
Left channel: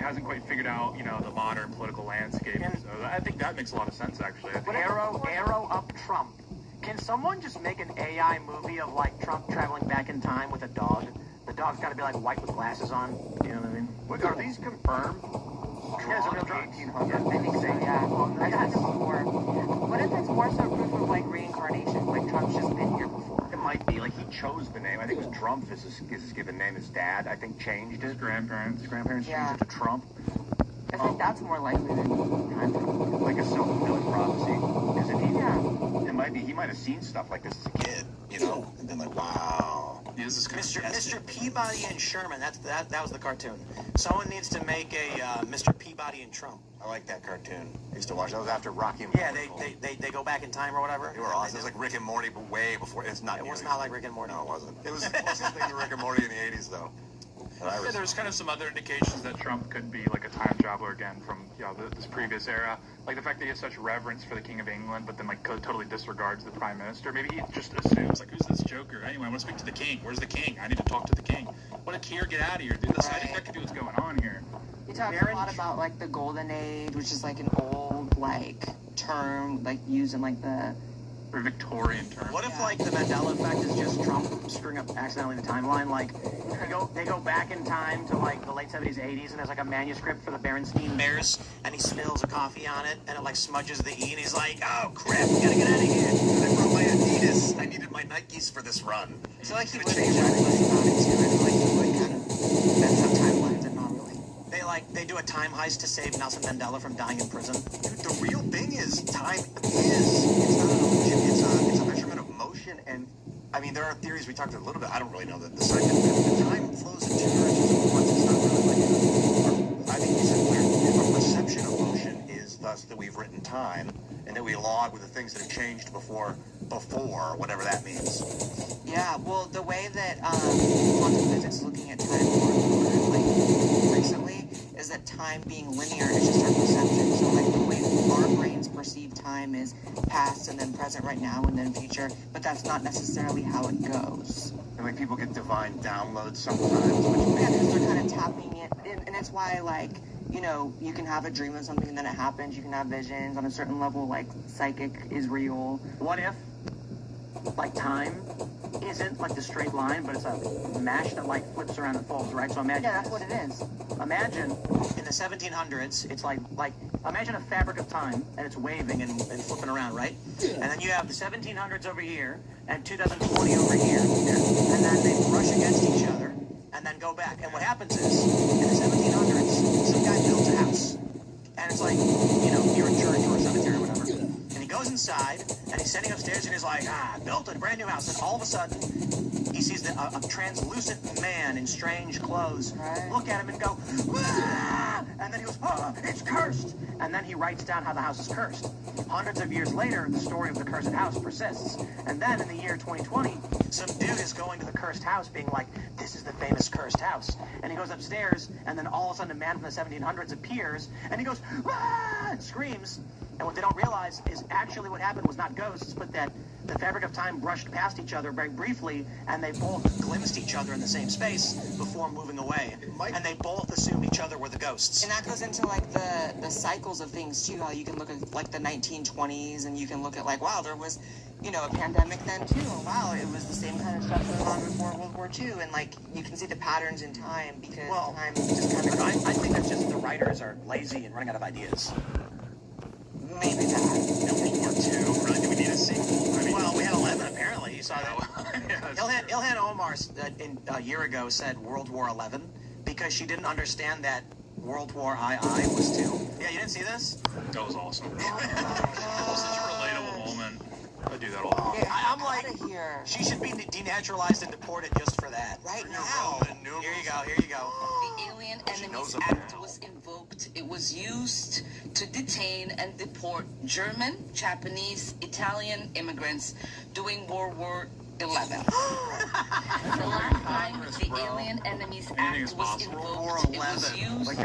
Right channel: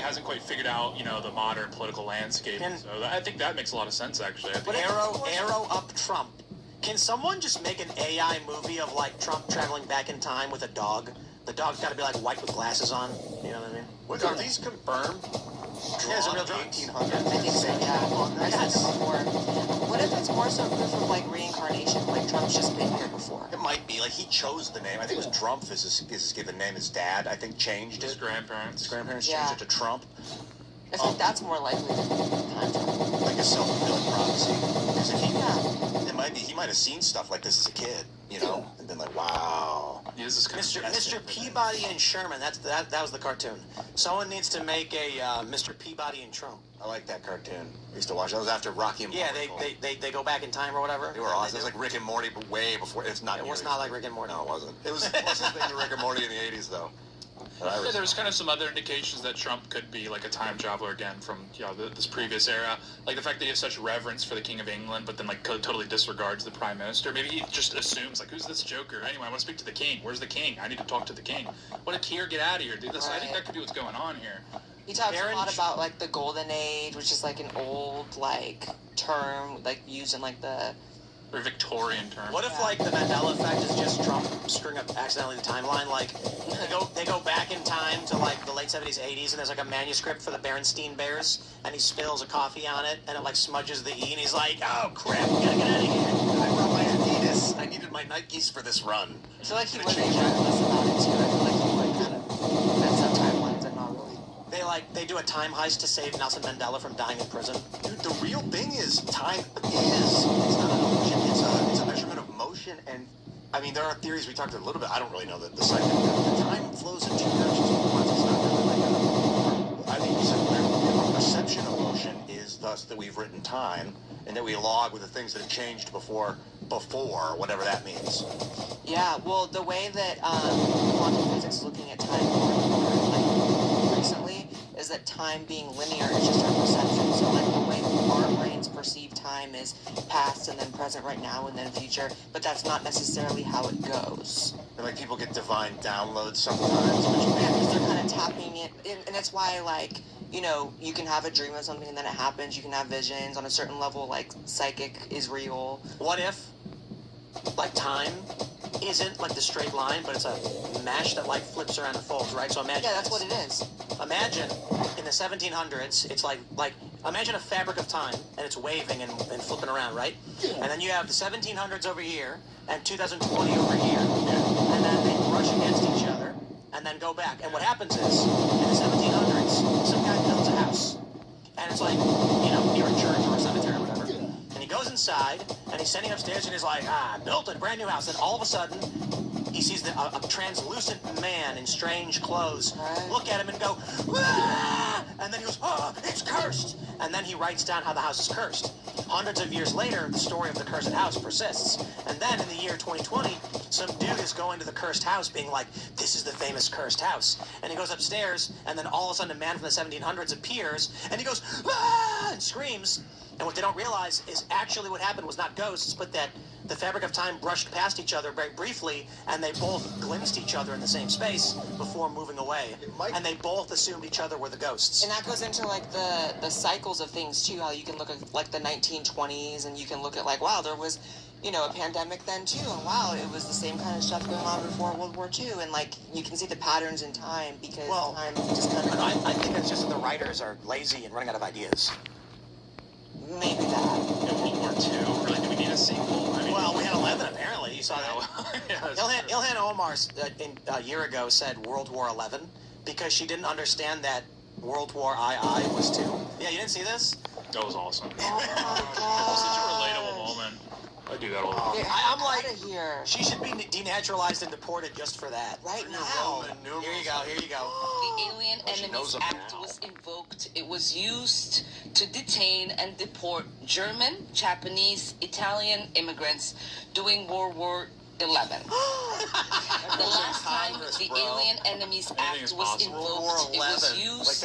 hasn't quite figured out, you know, the modern political landscape. So I think that makes a lot of sense, actually. But arrow up Trump. Can someone just make an AI movie of like Trump traveling back in time with a dog? The dog's got to be like white with glasses on. You know what I mean? What, are these confirmed? Yeah, it's a real 1800s. I think so, yeah. I said before. What if it's more so proof of like reincarnation? Like Trump's just been here before. It might be like he chose the name. I think it was Trump is his given name. His dad, I think, changed his it. grandparents. His grandparents changed it to Trump. I think that's more likely than time travel. Like a self-fulfilling prophecy. Because if he might have seen stuff like this as a kid, you know, and been like, wow. Yeah, this is kind Mr. Peabody and Sherman. That was the cartoon. Someone needs to make a Mr. Peabody and Trump. I like that cartoon. I used to watch. That was after Rocky and Yeah, Morty. they go back in time or whatever. They were awesome. It was like Rick and Morty, but way before. It's not. It was not like Rick and Morty. No, it wasn't. It was closest thing to Rick and Morty in the '80s, though. Yeah, there's kind of some other indications that Trump could be like a time traveler again from, you know, this previous era. Like the fact that he has such reverence for the King of England, but then like totally disregards the Prime Minister. Maybe he just assumes like, who's this joker? Anyway, I want to speak to the King. Where's the King? I need to talk to the King. What a Kier, get out of here, dude. I think that could be what's going on here. He talks a lot about like the Golden Age, which is like an old like term like used in like the or Victorian term. What if like the Mandela effect is just Trump screwing up accidentally the timeline? Like they go back in time to like the late 70s, 80s, and there's like a manuscript for the Berenstain Bears, and he spills a coffee on it, and it like smudges the E, and he's like, "Oh crap, we gotta get out of here." I found my Adidas. I needed my Nikes for this run. I feel like he would change it less about it too. I feel like he would kind of mess up timelines and not really. They do a time heist to save Nelson Mandela from dying in prison. Dude, the real thing is time is. It's not an illusion. It's a measurement of motion, and I mean there are theories we talked a little bit. I don't really know the scientific. Time flows in two directions at once. It's not really like I think you said our perception of motion is thus that we've written time, and that we log with the things that have changed before, whatever that means. Yeah, well, the way that quantum physics is looking at time more recently is that time being linear is just our perception. So, like, the way our brains perceive time is past and then present right now and then future, but that's not necessarily how it goes. And, like, people get divine downloads sometimes. Yeah, because they're kind of tapping it, and it's why, like, you know, you can have a dream of something and then it happens. You can have visions on a certain level, like, psychic is real. What if, like, time isn't like the straight line, but it's a mesh that like flips around and folds, right? So imagine. Yeah, that's what it is. Imagine in the 1700s, it's like imagine a fabric of time and it's waving and flipping around, right? Yeah. And then you have the 1700s over here and 2020 over here, and then they brush against each other and then go back. And what happens is in the 1700s, some guy builds a house, and it's like, you know, near a church or a cemetery or whatever. And he goes inside, and he's sitting upstairs, and he's like, I built a brand new house. And all of a sudden, he sees a translucent man in strange clothes look at him and go, ah! And then he goes, oh, it's cursed. And then he writes down how the house is cursed. Hundreds of years later, the story of the cursed house persists. And then in the year 2020, some dude is going to the cursed house being like, this is the famous cursed house. And he goes upstairs, and then all of a sudden a man from the 1700s appears, and he goes, ah! And screams. And what they don't realize is actually what happened was not ghosts, but that the fabric of time brushed past each other very briefly, and they both glimpsed each other in the same space before moving away. And they both assumed each other were the ghosts. And that goes into like the cycles of things too, how you can look at like the 1920s, and you can look at like, wow, there was, you know, a pandemic then too, and wow, it was the same kind of stuff going on before World War II, and like you can see the patterns in time because time just kind of. I think that's just that the writers are lazy and running out of ideas. Maybe that. In World War II, really, do we need a sequel? I mean, well, we had 11 apparently. You saw that. Ilhan Omar a year ago said World War 11 because she didn't understand that World War II was too. Yeah, you didn't see this? That was awesome. That was such a relatable moment. I do that all the time. I'm like, she should be denaturalized and deported just for that. Right now. Here you go. Here you go. The Alien Enemies Act was invoked. It was used to detain and deport German, Japanese, Italian immigrants during World War XI. The last time the Alien Enemies Anything Act is was possible. invoked. It was used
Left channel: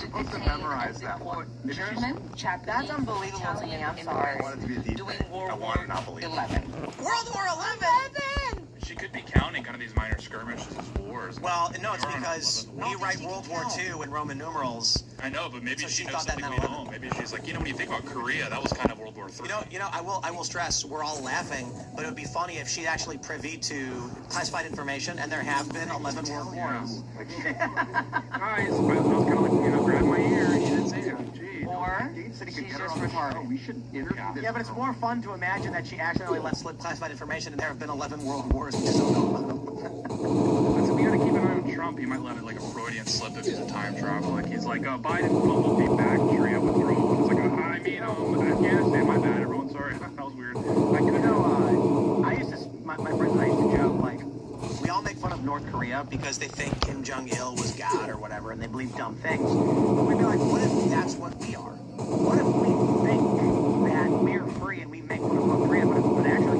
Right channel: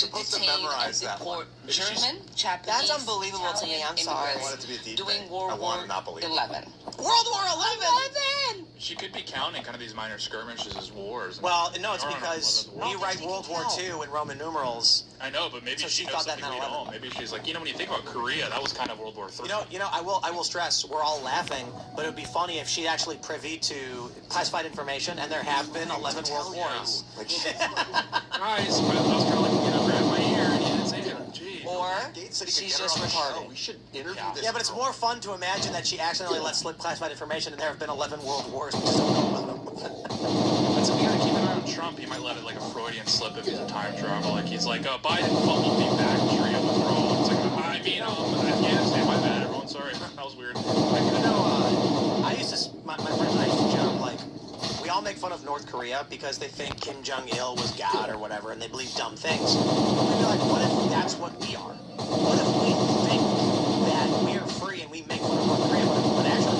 to detain and deport German, Japanese, That's unbelievable to me. I'm sorry. immigrants I want it to be a deep during thing. World I want War it not believable. 11. World War 11. She could be counting kind of these minor skirmishes as wars. Well, no, it's because you write World War II in Roman numerals. I know, but maybe So she she knows thought that something we meant don't. Maybe she's like, when you think about Korea, that was kind of World War III. I will stress, we're all laughing, but it would be funny if she actually privy to classified information, and there have been 11 world wars. Guys, I was kind of like, grab my ear, and you didn't say it. Jeez. Or she's just retarded. We should interview this. Yeah, but it's more fun to imagine that she accidentally let slip classified information, and there have been 11 world wars. We just don't know about them. We gotta keep an eye on Trump. He might let it like a Freudian slip if he's a time travel. Like he's like, Biden fumbled the bacteria withdrawal. It's like, Afghanistan, my bad, everyone. Sorry, that was weird. I used to, my friends and I used to joke, like, we all make fun of North Korea because they think Kim Jong-il was God or whatever, and they believe dumb things. But we'd be like, what if that's what we are? What if we think that we're free and we make fun of North Korea, but actually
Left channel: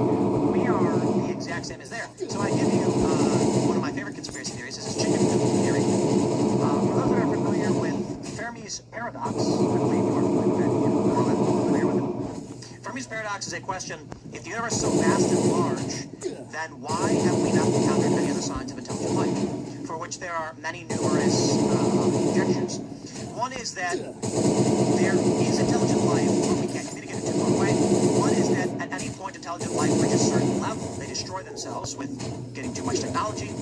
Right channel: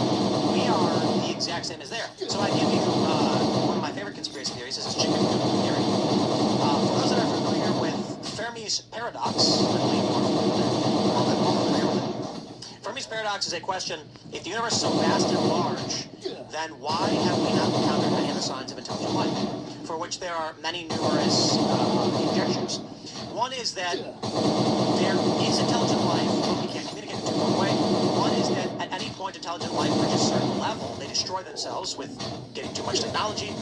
we are the exact same as they are? So I give you one of my favorite conspiracy theories. This is chicken coop theory. For those that are familiar with Fermi's paradox, I believe you're familiar with it. Fermi's paradox is a question: if the universe is so vast and large, then why have we not encountered any other signs of intelligent life? For which there are many numerous conjectures. One is that there is intelligent life, but we can't communicate in a two-fold way. One is that at any point intelligent life reaches a certain level, they destroy themselves with getting too much technology.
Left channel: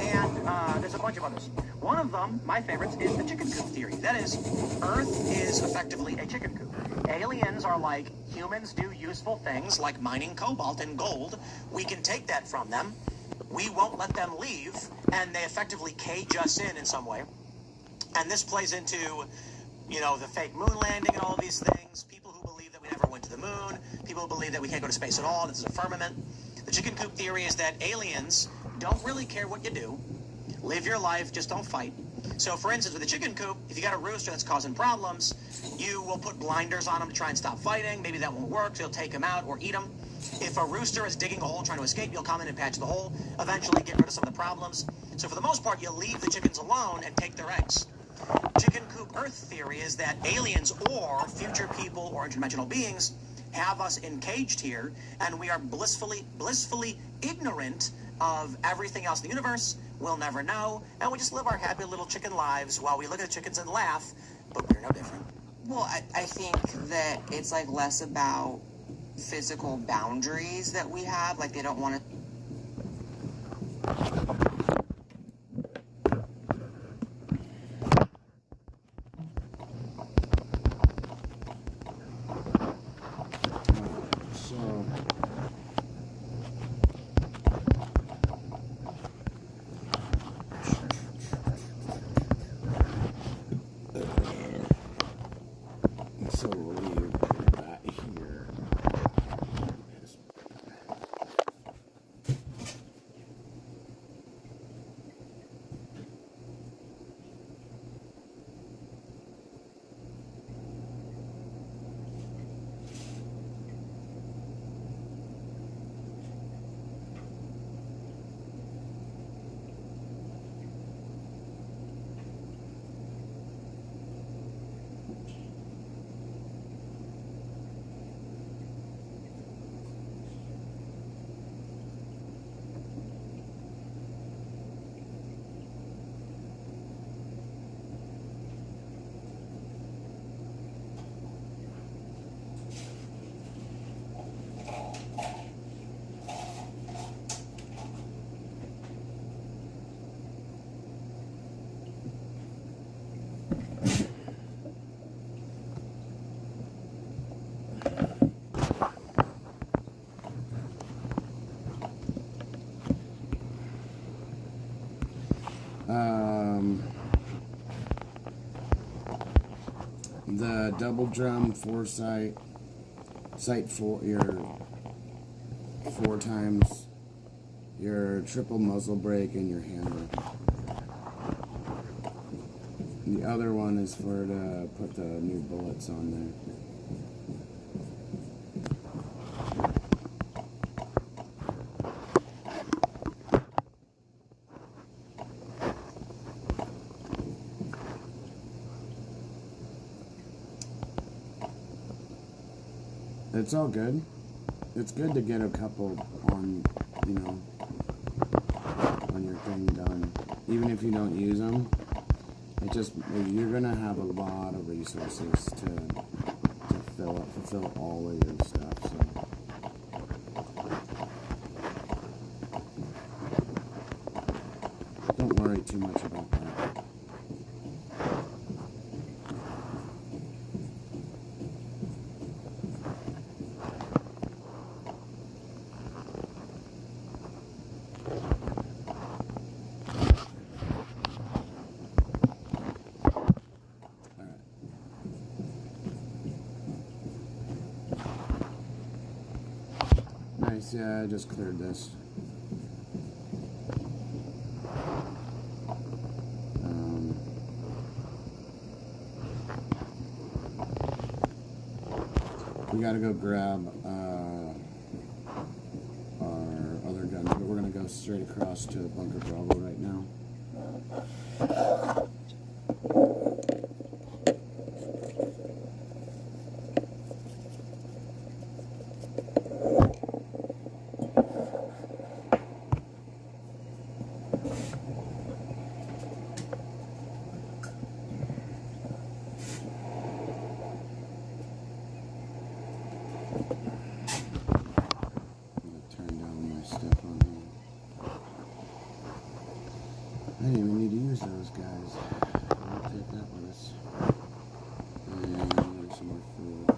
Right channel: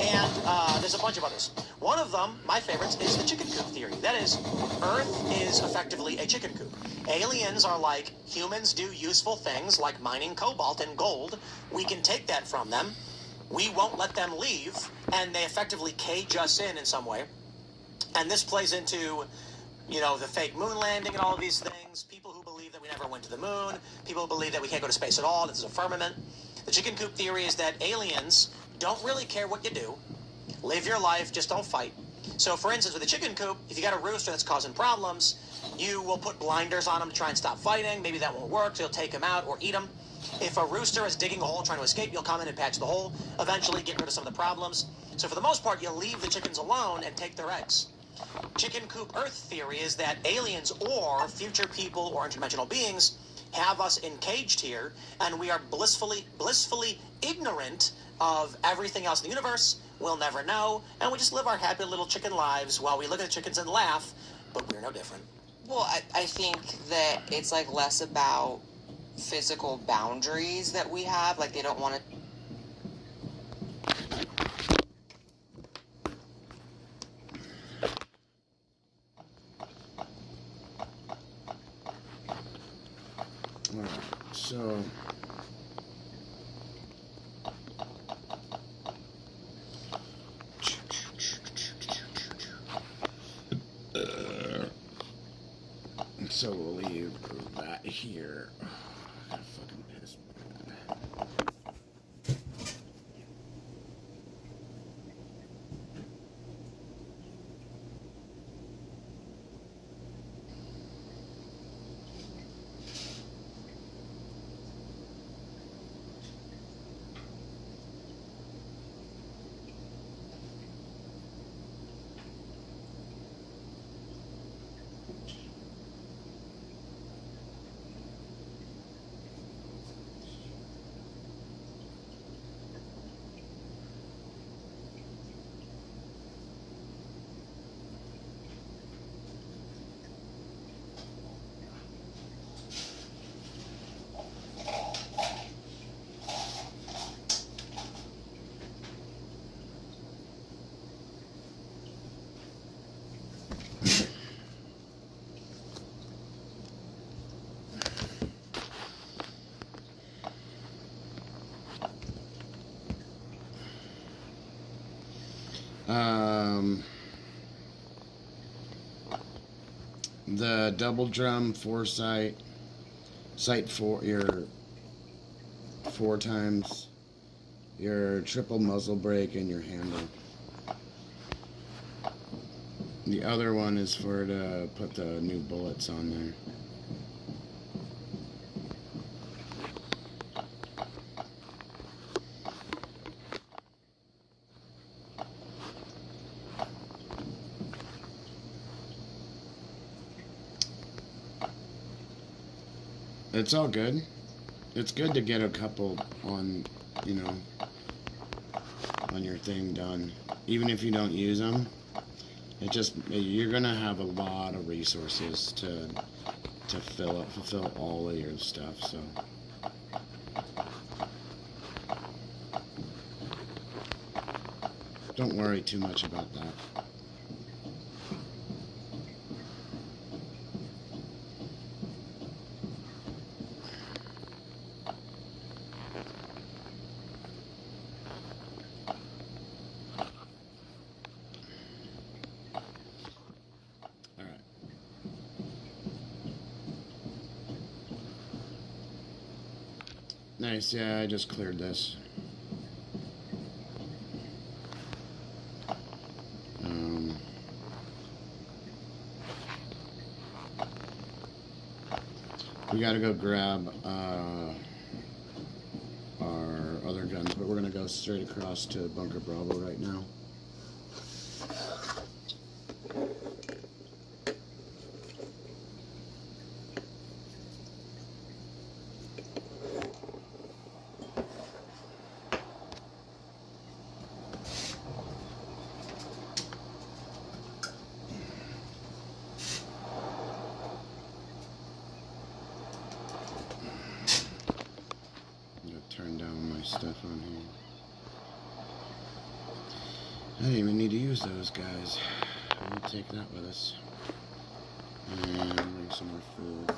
And there's a bunch of others. One of them, my favorites, is the chicken coop theory. That is, Earth is effectively a chicken coop. Aliens are like humans do useful things like mining cobalt and gold. We can take that from them. We won't let them leave, and they effectively cage us in some way. And this plays into, the fake moon landing and all of these things. People who believe that we never went to the moon. People who believe that we can't go to space at all. This is a firmament. The chicken coop theory is that aliens don't really care what you do. Live your life, just don't fight. So, for instance, with a chicken coop, if you got a rooster that's causing problems, you will put blinders on him to try and stop fighting. Maybe that won't work, so you'll take him out or eat him. If a rooster is digging a hole trying to escape, you'll come in and patch the hole, eventually get rid of some of the problems. So for the most part, you'll leave the chickens alone and take their eggs. Chicken coop Earth theory is that aliens or future people or interdimensional beings have us encaged here, and we are blissfully ignorant of everything else in the universe. We'll never know, and we just live our happy little chicken lives while we look at the chickens and laugh, but we're no different. Well, I think that it's like less about physical boundaries that we have. Like they don't want to. So. So we'll leave that here. The double drum foresight, sight for your 4 times, your triple muzzle brake, and your handle. The other one is for to put the new bullets on there. It's all good. It's good to get a couple on, you know, on your thing done. Even if you don't use them, you're gonna have a lot of resources to fulfill all of your stuff. So. Don't worry too much about that. Nice, yeah, I just cleared this. We gotta go grab our other guns, but we're gonna go straight across to Bunker Bravo right now. I didn't even need to use those guys. We'll take that with us. And bring some more food.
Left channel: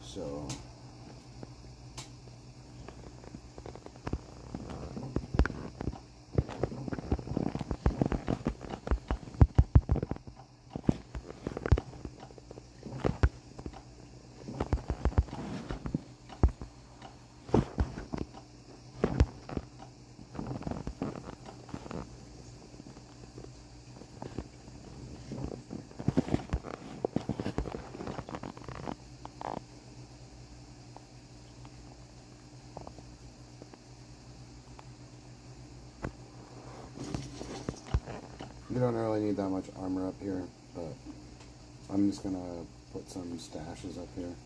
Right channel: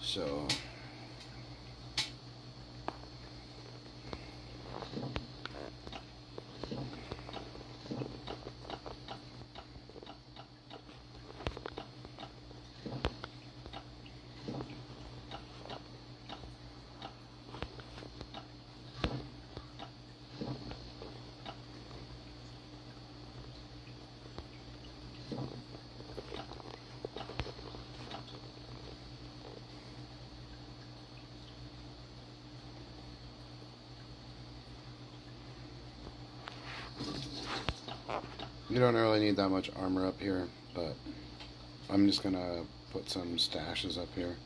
So you don't really need that much armor up here, but I'm just gonna put some stashes up here.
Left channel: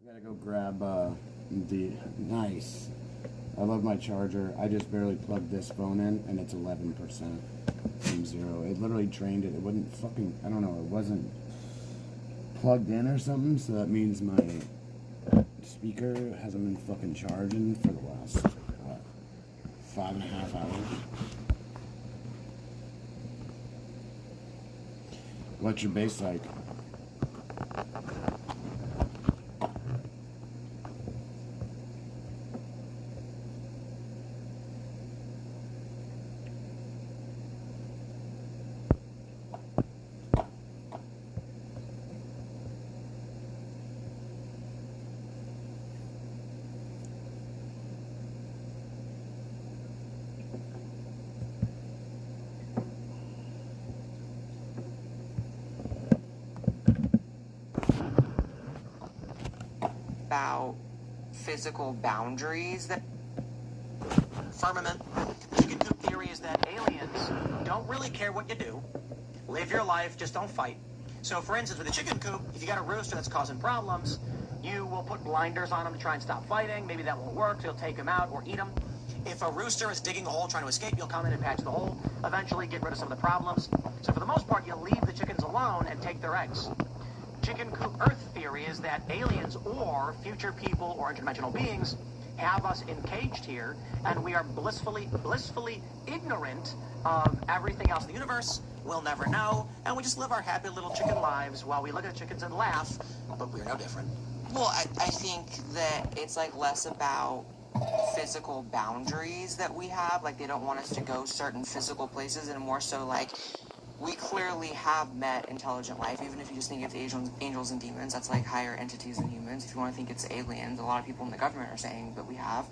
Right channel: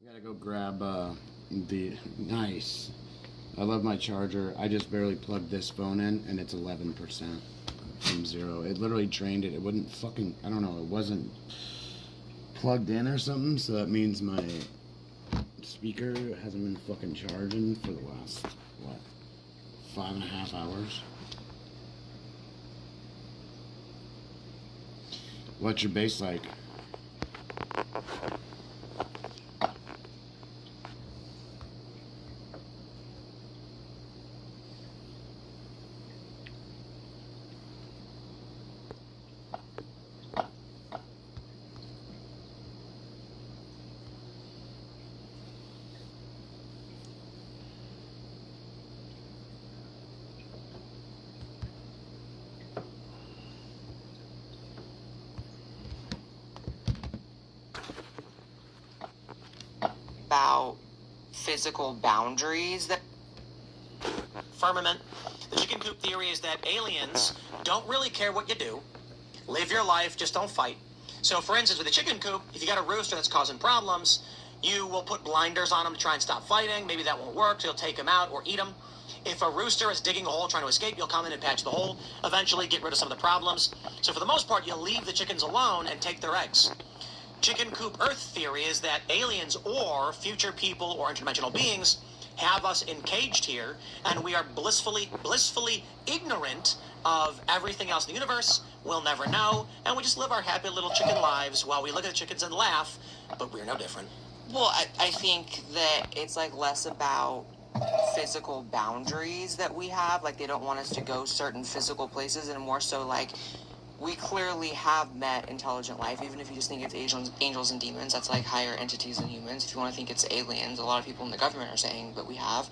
We gotta go grab the nice. I love my charger. I just barely plugged this phone in, and it's 11% from 0. It literally drained it. It wouldn't fucking. I don't know. It wasn't plugged in or something. So that means my speaker hasn't been fucking charging for the last what 5.5 hours. What's your bass like? About physical boundaries that Firmament. The chicken coop theory is that aliens don't really care what you do. Live your life, just don't fight. So, for instance, with a chicken coop, if you got a rooster that's causing problems, you will put blinders on him to try and stop fighting. Maybe that won't work, so you'll take him out or eat him. If a rooster is digging a hole trying to escape, you'll come in and patch the hole, eventually get rid of some of the problems. So for the most part, you'll leave the chickens alone and take their eggs. Chicken coop Earth theory is that aliens or future people or interdimensional beings have us encaged here, and we are blissfully ignorant of everything else in the universe. We'll never know, and we just live our happy little chicken lives while we look at the chickens and laugh, but we're no different. Well, I think that it's like less about physical boundaries that we have, like they don't want us to go certain physical places, and more so like we clearly have met intelligent life, even if you just think it's angels and demons. That's like higher entities than humans. If you want to think it's aliens, a lot of people in the government are saying, but we have.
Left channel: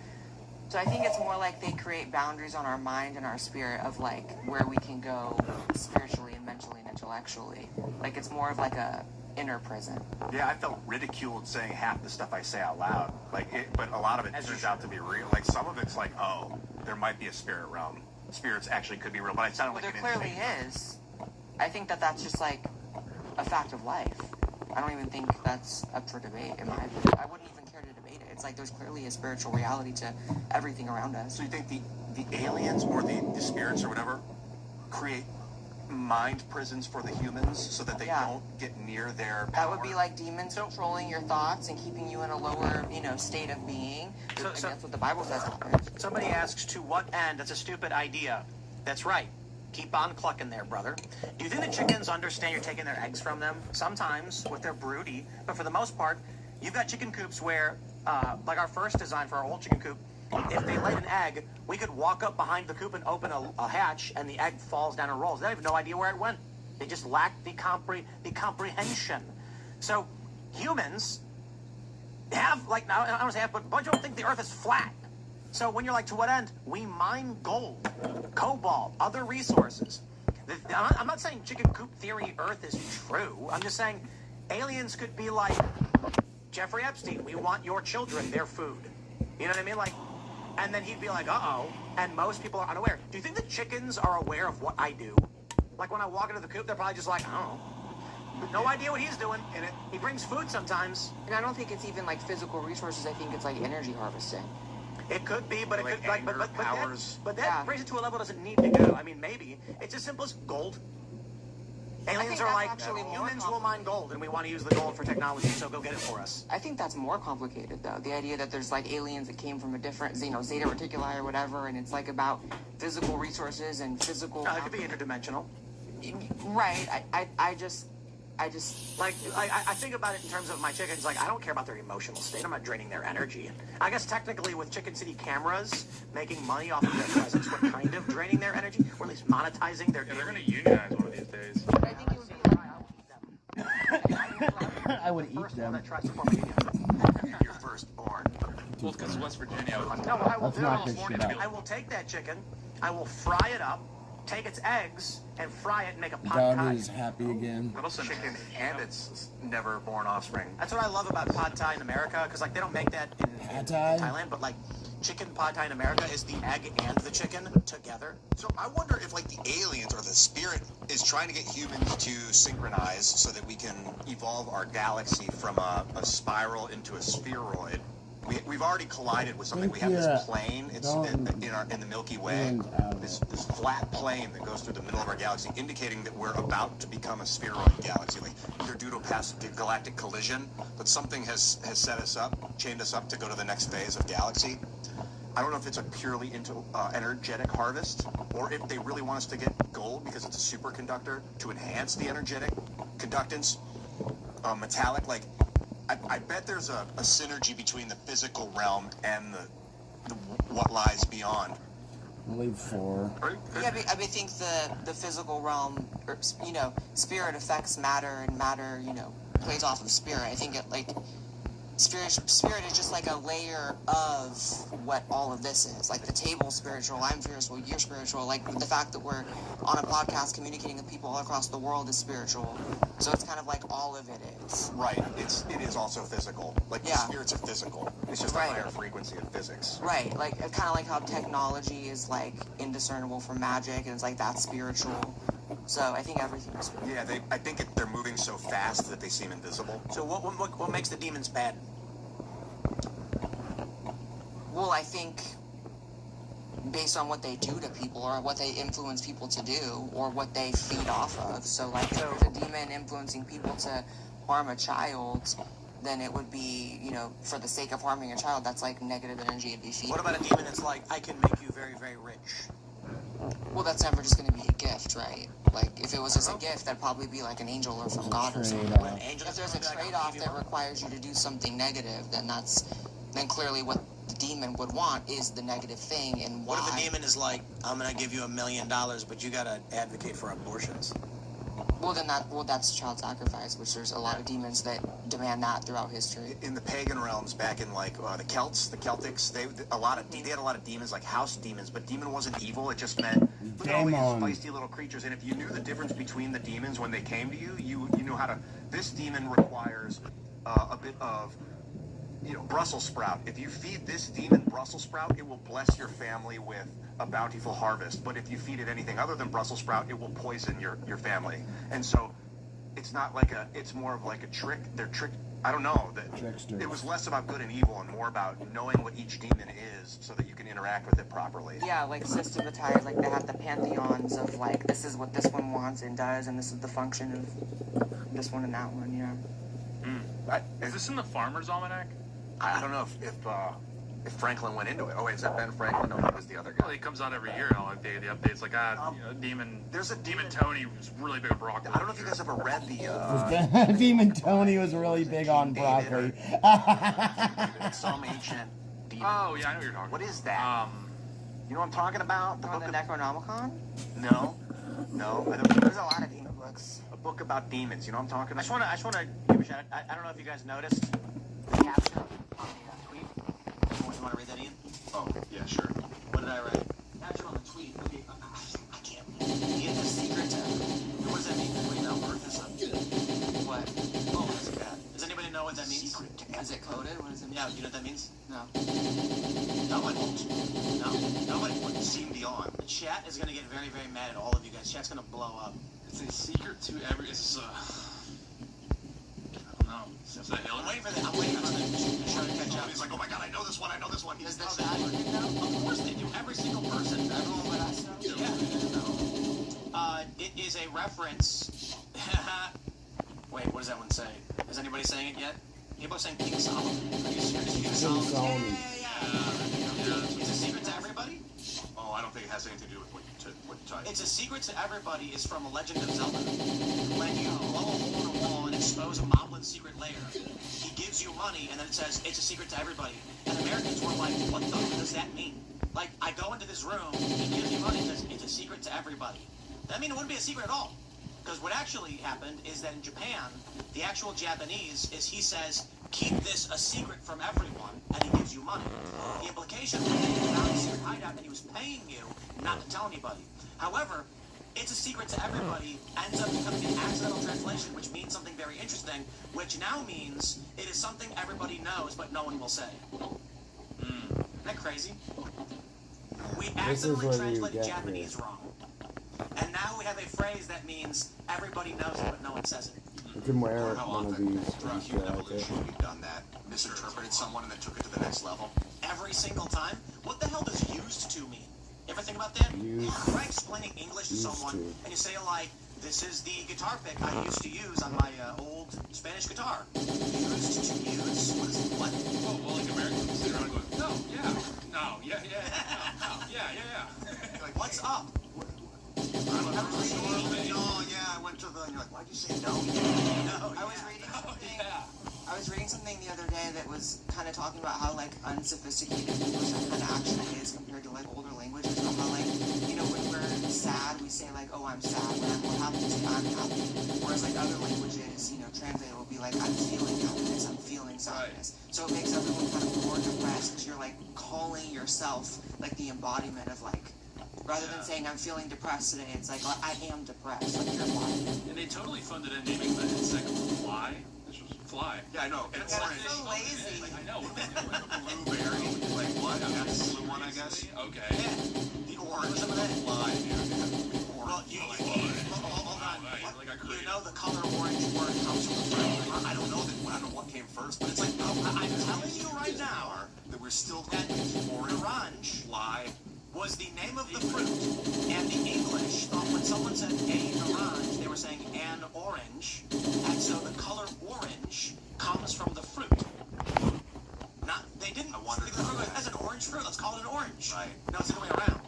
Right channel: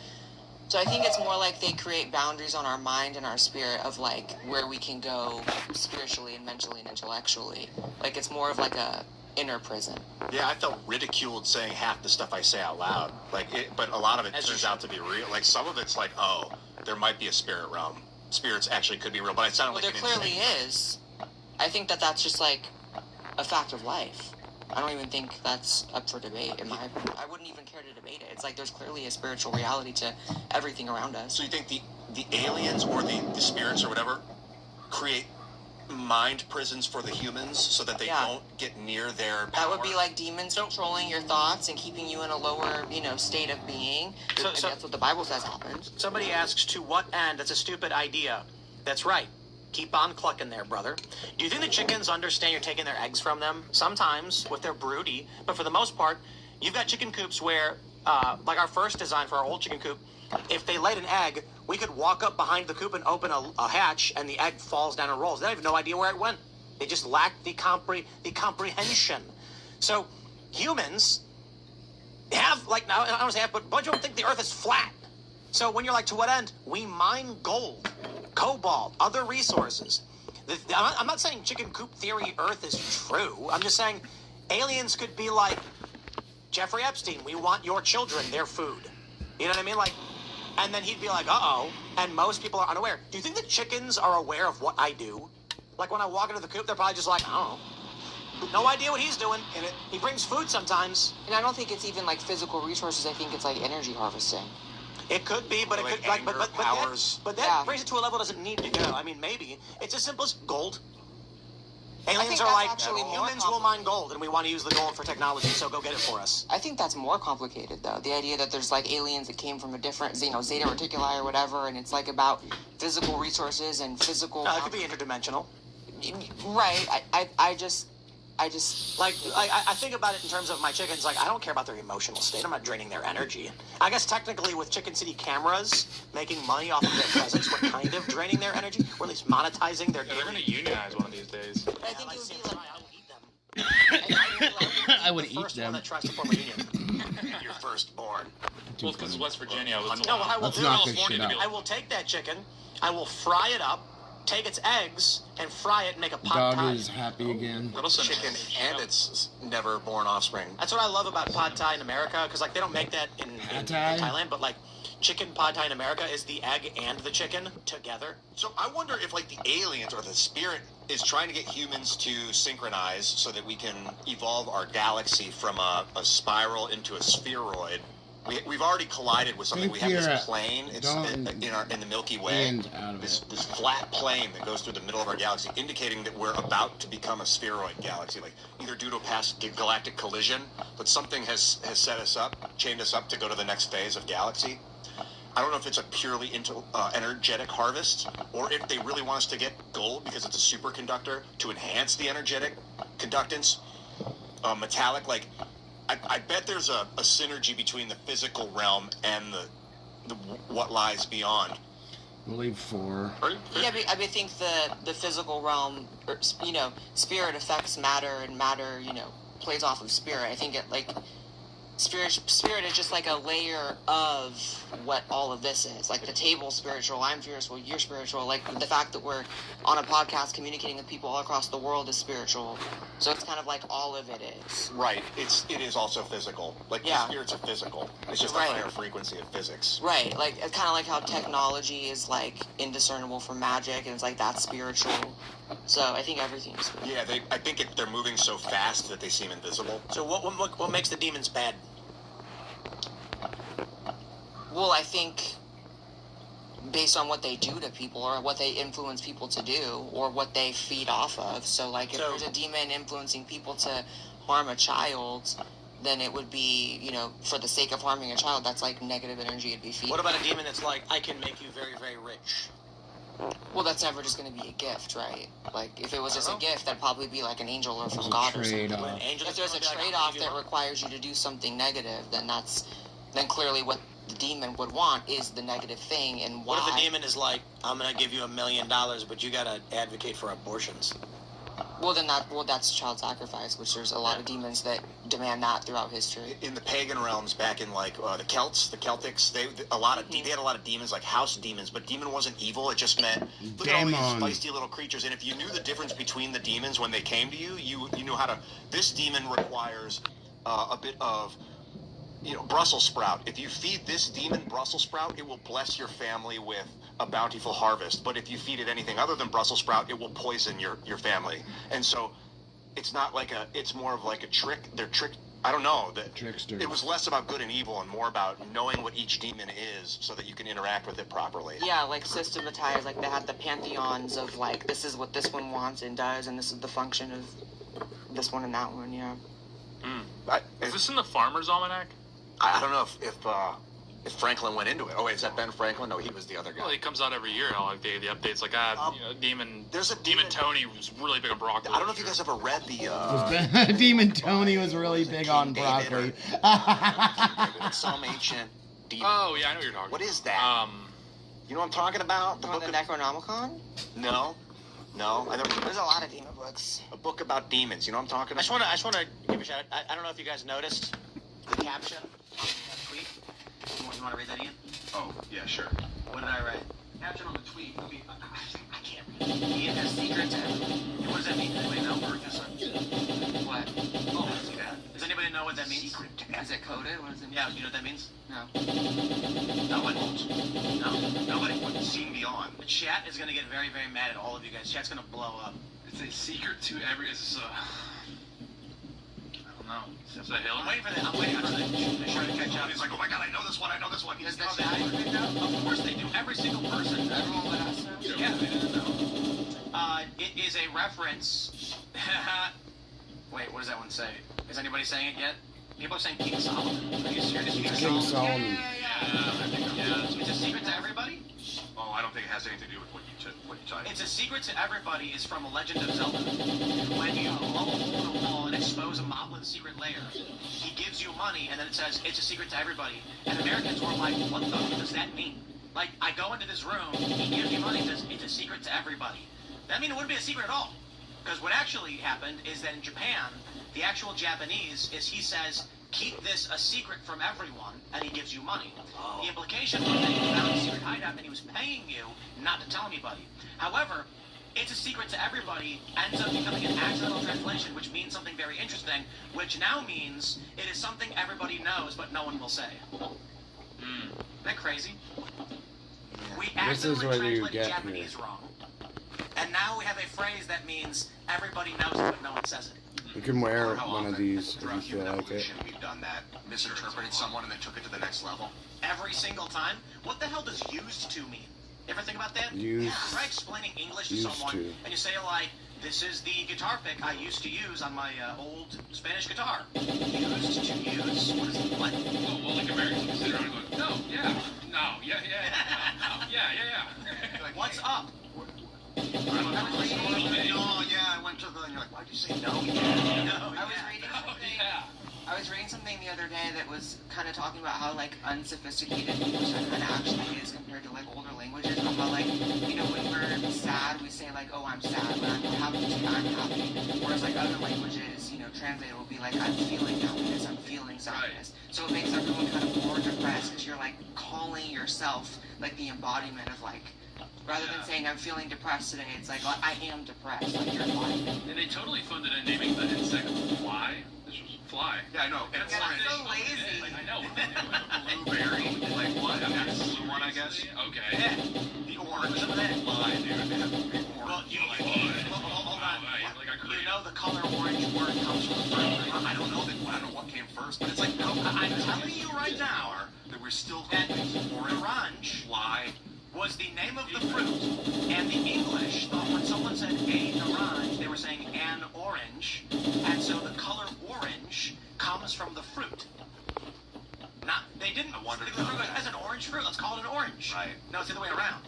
So I think it's more like they create boundaries on our mind and our spirit of like where we can go spiritually and mentally and intellectually. Like it's more of like a inner prison. Yeah, I felt ridiculed saying half the stuff I say out loud. But a lot of it turns out to be real. Like some of it's like, oh, there might be a spirit realm. Spirits actually could be real, but it sounded like there clearly is. I think that that's just like a fact of life. I don't even think that's up for debate. I wouldn't even care to debate it. It's like there's clearly a spiritual reality to everything around us. So you think the aliens or the spirits or whatever create mind prisons for the humans so that they don't get near their power? That would be like demons controlling your thoughts and keeping you in a lower, state of being. So that's what the Bible says happens. Somebody asks, to what end? That's a stupid idea. That's right. Keep on clucking there, brother. Do you think the chickens understand you're taking their eggs from them? Sometimes, with their broody. But for the most part, you've got chicken coops where, like our first design for our old chicken coop, if they laid an egg, we could walk up behind the coop and open a hatch, and the egg falls down and rolls. They have no idea where it went. They just lack the comprehension. So humans have, like, now I don't say have, but a bunch of them think the Earth is flat. So when you're like, to what end? We mine gold, cobalt, other resources. I'm not saying chicken coop theory Earth is true. I'm just saying aliens could be like, Jeffrey Epstein, we want your children, their food. You know what I mean? Like, and then he'd be like, uh-oh, and most people are unaware. Do you think the chickens are aware of what I do? Like when I walk into the coop, they're probably just like, I don't know. No idea what he's doing. And he brings food sometimes. And I don't think it's even like physical resources. I think it's like energy harvesting. It could be, but it could anger, but that brings it to a level it doesn't need to go. I mean, maybe it's as simple as gold. Aliens are like, humans will mine gold, and we want to use the gold for technology, so go get it for us. I think that's more complicated, though. The idea that there's like aliens that came from a different, Zeta Reticuli or whatever, and it's like about physical resources and physical. It could be interdimensional. Right. I just like I think about it in terms of my chickens. Like I don't care about their emotional state. I'm not draining their energy. I guess technically with Chicken City cameras making money off of their presence, we're kind of draining their energy, or at least monetizing their. Yeah, they're going to unionize one of these days. I think it would be like I would eat them. Your firstborn. Well, because West Virginia. No, what I will Let's knock this shit out. I will take that chicken. I will fry it up. take its eggs and fry it and make a pad Dog thai. is happy again. Chicken and its never born offspring. That's what I love about pad thai in America, because like they don't make that in Thailand, but like chicken pad thai in America is the egg and the chicken together. So I wonder if like the aliens or the spirit is trying to get humans to synchronize so that we can evolve our galaxy from a spiral into a spheroid. We've already collided with something. We have this plane. It's in the Milky Way. This flat plane that goes through the middle of our galaxy, indicating that we're about to become a spheroid galaxy, like either due to a past galactic collision, but something has set us up, chained us up to go to the next phase of galaxy. I don't know if it's a purely energetic harvest, or if they really want us to get gold because it's a superconductor to enhance the energetic conductance. Metallic, like. I bet there's a synergy between the physical realm and the what lies beyond. I believe 4. Yeah, I think the physical realm, or, you know, spirit affects matter, and matter, you know, plays off of spirit. I think it like spirit is just like a layer of what all of this is. Like the table's spiritual, I'm spiritual, you're spiritual. Like the fact that we're on a podcast communicating with people all across the world is spiritual. So it's kind of like all of it is. Right. It is also physical. Like the spirits are physical. It's just a higher frequency of physics. Right. Like it's kind of like how technology is like indiscernible from magic, and it's like that's spiritual. So I think everything is spiritual. Yeah, I think they're moving so fast that they seem invisible. So what makes the demons bad? Well, I think based on what they do to people, or what they influence people to do, or what they feed off of. So, like, if there's a demon influencing people to harm a child, then it would be, you know, for the sake of harming a child, that's like negative energy it'd be feeding. What about a demon that's like, I can make you very, very rich? Well, that's never just going to be a gift, right? Like, if it was just a gift, that'd probably be like an angel or from God or something. If there's a trade-off that requires you to do something negative, then then clearly what the demon would want is the negative thing. And why? What if a demon is like, I'm going to give you $1 million, but you got to advocate for abortions? Well, then that's child sacrifice, which there's a lot of demons that demand that throughout history. In the pagan realms, back in like the Celts, the Celtics, they had a lot of demons, like house demons. But demon wasn't evil; it just meant look at all these feisty little creatures. And if you knew the difference between the demons when they came to you, you knew how to. This demon requires a bit of, you know, Brussels sprout. If you feed this demon Brussels sprout, it will bless your family with a bountiful harvest. But if you feed it anything other than Brussels sprout, it will poison your family. And so it's not like it's more of like a trick. They're I don't know. Tricksters. It was less about good and evil and more about knowing what each demon is so that you can interact with it properly. Yeah, like systematized, like they had the pantheons of like, this is what this one wants and does, and this is the function of this one and that one, yeah. Is this in the Farmer's Almanac? I don't know if Franklin went into it. Oh, wait, is that Ben Franklin? No, he was the other guy. Well, he comes out every year. The updates like, you know, Demon. There's a Demon Tony was really big on broccoli. I don't know if you guys ever read the. Demon Tony was really big on broccoli. Some ancient demon. Oh yeah, I know what you're talking. What is that? You know what I'm talking about? The Necronomicon? No. There's a lot of demon books. A book about demons. You know what I'm talking about? I just want to give a shout out. I don't know if you guys noticed the caption. Tweet. You want to read that, Ian? Oh, yeah, sure. What did I write? Caption on the tweet. It'll be, I can't read it. Ian has secret to. What does that mean? Anybody know? What? Oh, let's see that. Does anybody know what that means? Is it coded? What does it mean? Yeah, do you know what that means? No. Nobody won't. No. Nobody. Seen beyond. The chat is going to get very, very mad at all of you guys. Chat's going to blow up. It's a secret to every. It's I don't know. Is that Hillary? I'm waiting for that. I'm waiting for that. Sure to catch up. He's like, oh my god, I know this one. Does the chat agree now? Of course they do. Every single person. Everyone but us? Yeah. It is a reference. Wait, what does that one say? Is anybody saying it yet? People are saying King Solomon. Are you serious? King Solomon. Yeah. It's a secret to everybody? Oh, I don't think it has anything to do with what you type. It's a secret to everybody is from Legend of Zelda. When you blow a hole in a wall and expose a moblin's secret lair, he gives you money and then it says, it's a secret to everybody. And Americans were like, what the fuck does that mean? Like, I go into this room, he gives me money and says, it's a secret to everybody. That means it wouldn't be a secret at all. Because what actually happened is that in Japan, the actual Japanese is he says, keep this a secret from everyone, and he gives you money. The implication was that he found a secret hideout and he was paying you not to tell anybody. However, It's a Secret to Everybody ends up becoming an accidental translation, which means something very interesting, which now means it is something everybody knows, but no one will say. Isn't that crazy? We This is where you translated get Japanese here. wrong. And now we have a phrase that means everybody knows it, but no one says it. You can wear one of these if you feel like it. We've done that. Misinterpreted someone and then took it to the next level. Every single time? What the hell does used to mean? Ever think about that? Try explaining English to someone, and you say, like, this is the guitar pick I used to use on my old Spanish guitar. Used to use? What is it? What? Well, like Americans will sit around and go, no, yeah, no, yeah, yeah. Like, what's up? I went to the, and you're like, why'd you say no? I was reading something the other day that was kind of talking about how like unsophisticated English actually is compared to like older languages. How like, you know, when we're sad, we say like, oh, I'm sad, but I'm happy to say I'm happy. Whereas like other languages, you know, translated will be like, I'm feeling happiness, I'm feeling sadness. So it makes everyone kind of more depressed because you're like calling yourself like the embodiment of like, rather than saying I'm feeling depressed today, it's like, well, I am depressed, like your body. And they totally funded in naming the insect Fly. This was Fly. Yeah, I know. And it's so lazy. I know. Blueberry. Like what? That's the blue one, I guess. Okay. Yeah. The orange. Fly, dude. Well, hold on. You know the color orange word comes from the fruit. I don't know what came first, but it's like, no, I'm telling you right now that we're still that orange fly was the name of the fruit, and the English thought when someone said a orange, they were saying an orange, and so the color orange comes from the fruit. They didn't. The fruit has an orange fruit. Let's call it an orange. Right. No, it's the other way around.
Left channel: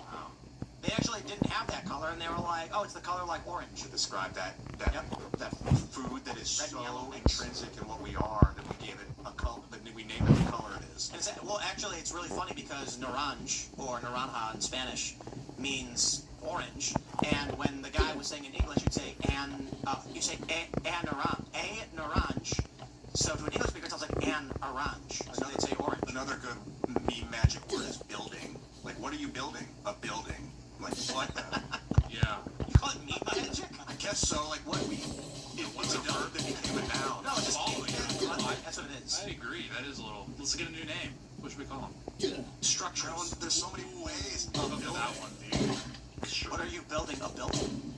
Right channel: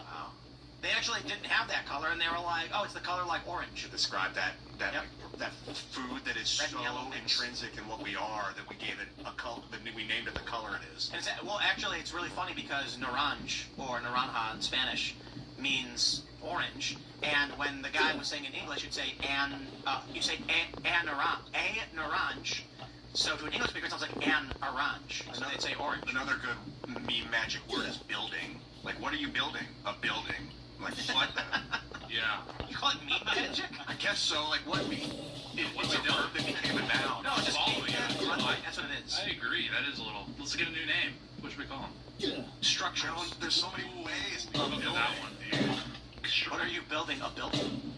They actually didn't have that color, and they were like, "Oh, it's the color like orange." To describe that food that is Red so and yellow intrinsic in what we are that we gave it a color. That we named it the color it is. And well, actually, it's really funny because naranj or naranja in Spanish means orange, and when the guy was saying in English, you'd say a naranj. So to an English speaker, it sounds like an orange. So they'd say orange. Another good meme magic word is building. Like, what are you building? A building. Like, you like that? Yeah. You call it meme magic? I guess so. Like, what? It's a verb that became a noun. No, it's just all the way. That's what it is. I agree. That is a little. Let's get a new name. What should we call them? Structure. There's so many ways. Look at that one, dude. What are you building? A building?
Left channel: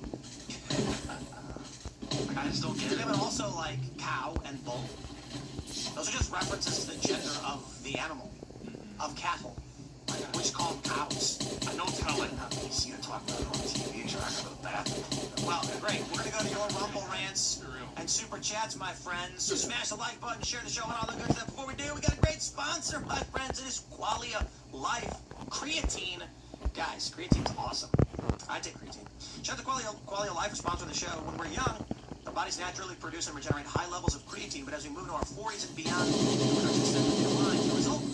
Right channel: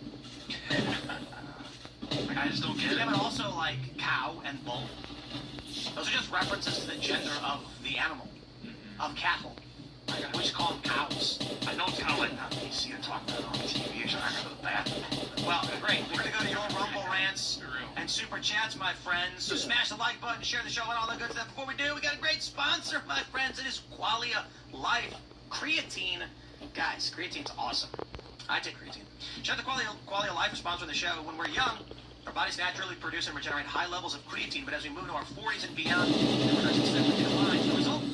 I just don't get it. Yeah, but also like cow and bull. Those are just references to the gender of the animal, of cattle. We just call them cows. I know it's kind of like that PC to talk about on TV. So I remember that. Well, great. We're going to go to your Rumble rants and super chats, my friends. So smash the like button, share the show, and all that good stuff. Before we do, we got a great sponsor, my friends. It is Qualia Life Creatine. Guys, creatine's awesome. I take creatine. Shout out to Qualia Life for sponsoring the show. When we're young, our bodies naturally produce and regenerate high levels of creatine, but as we move into our 40s and beyond, the production steadily declines. The result?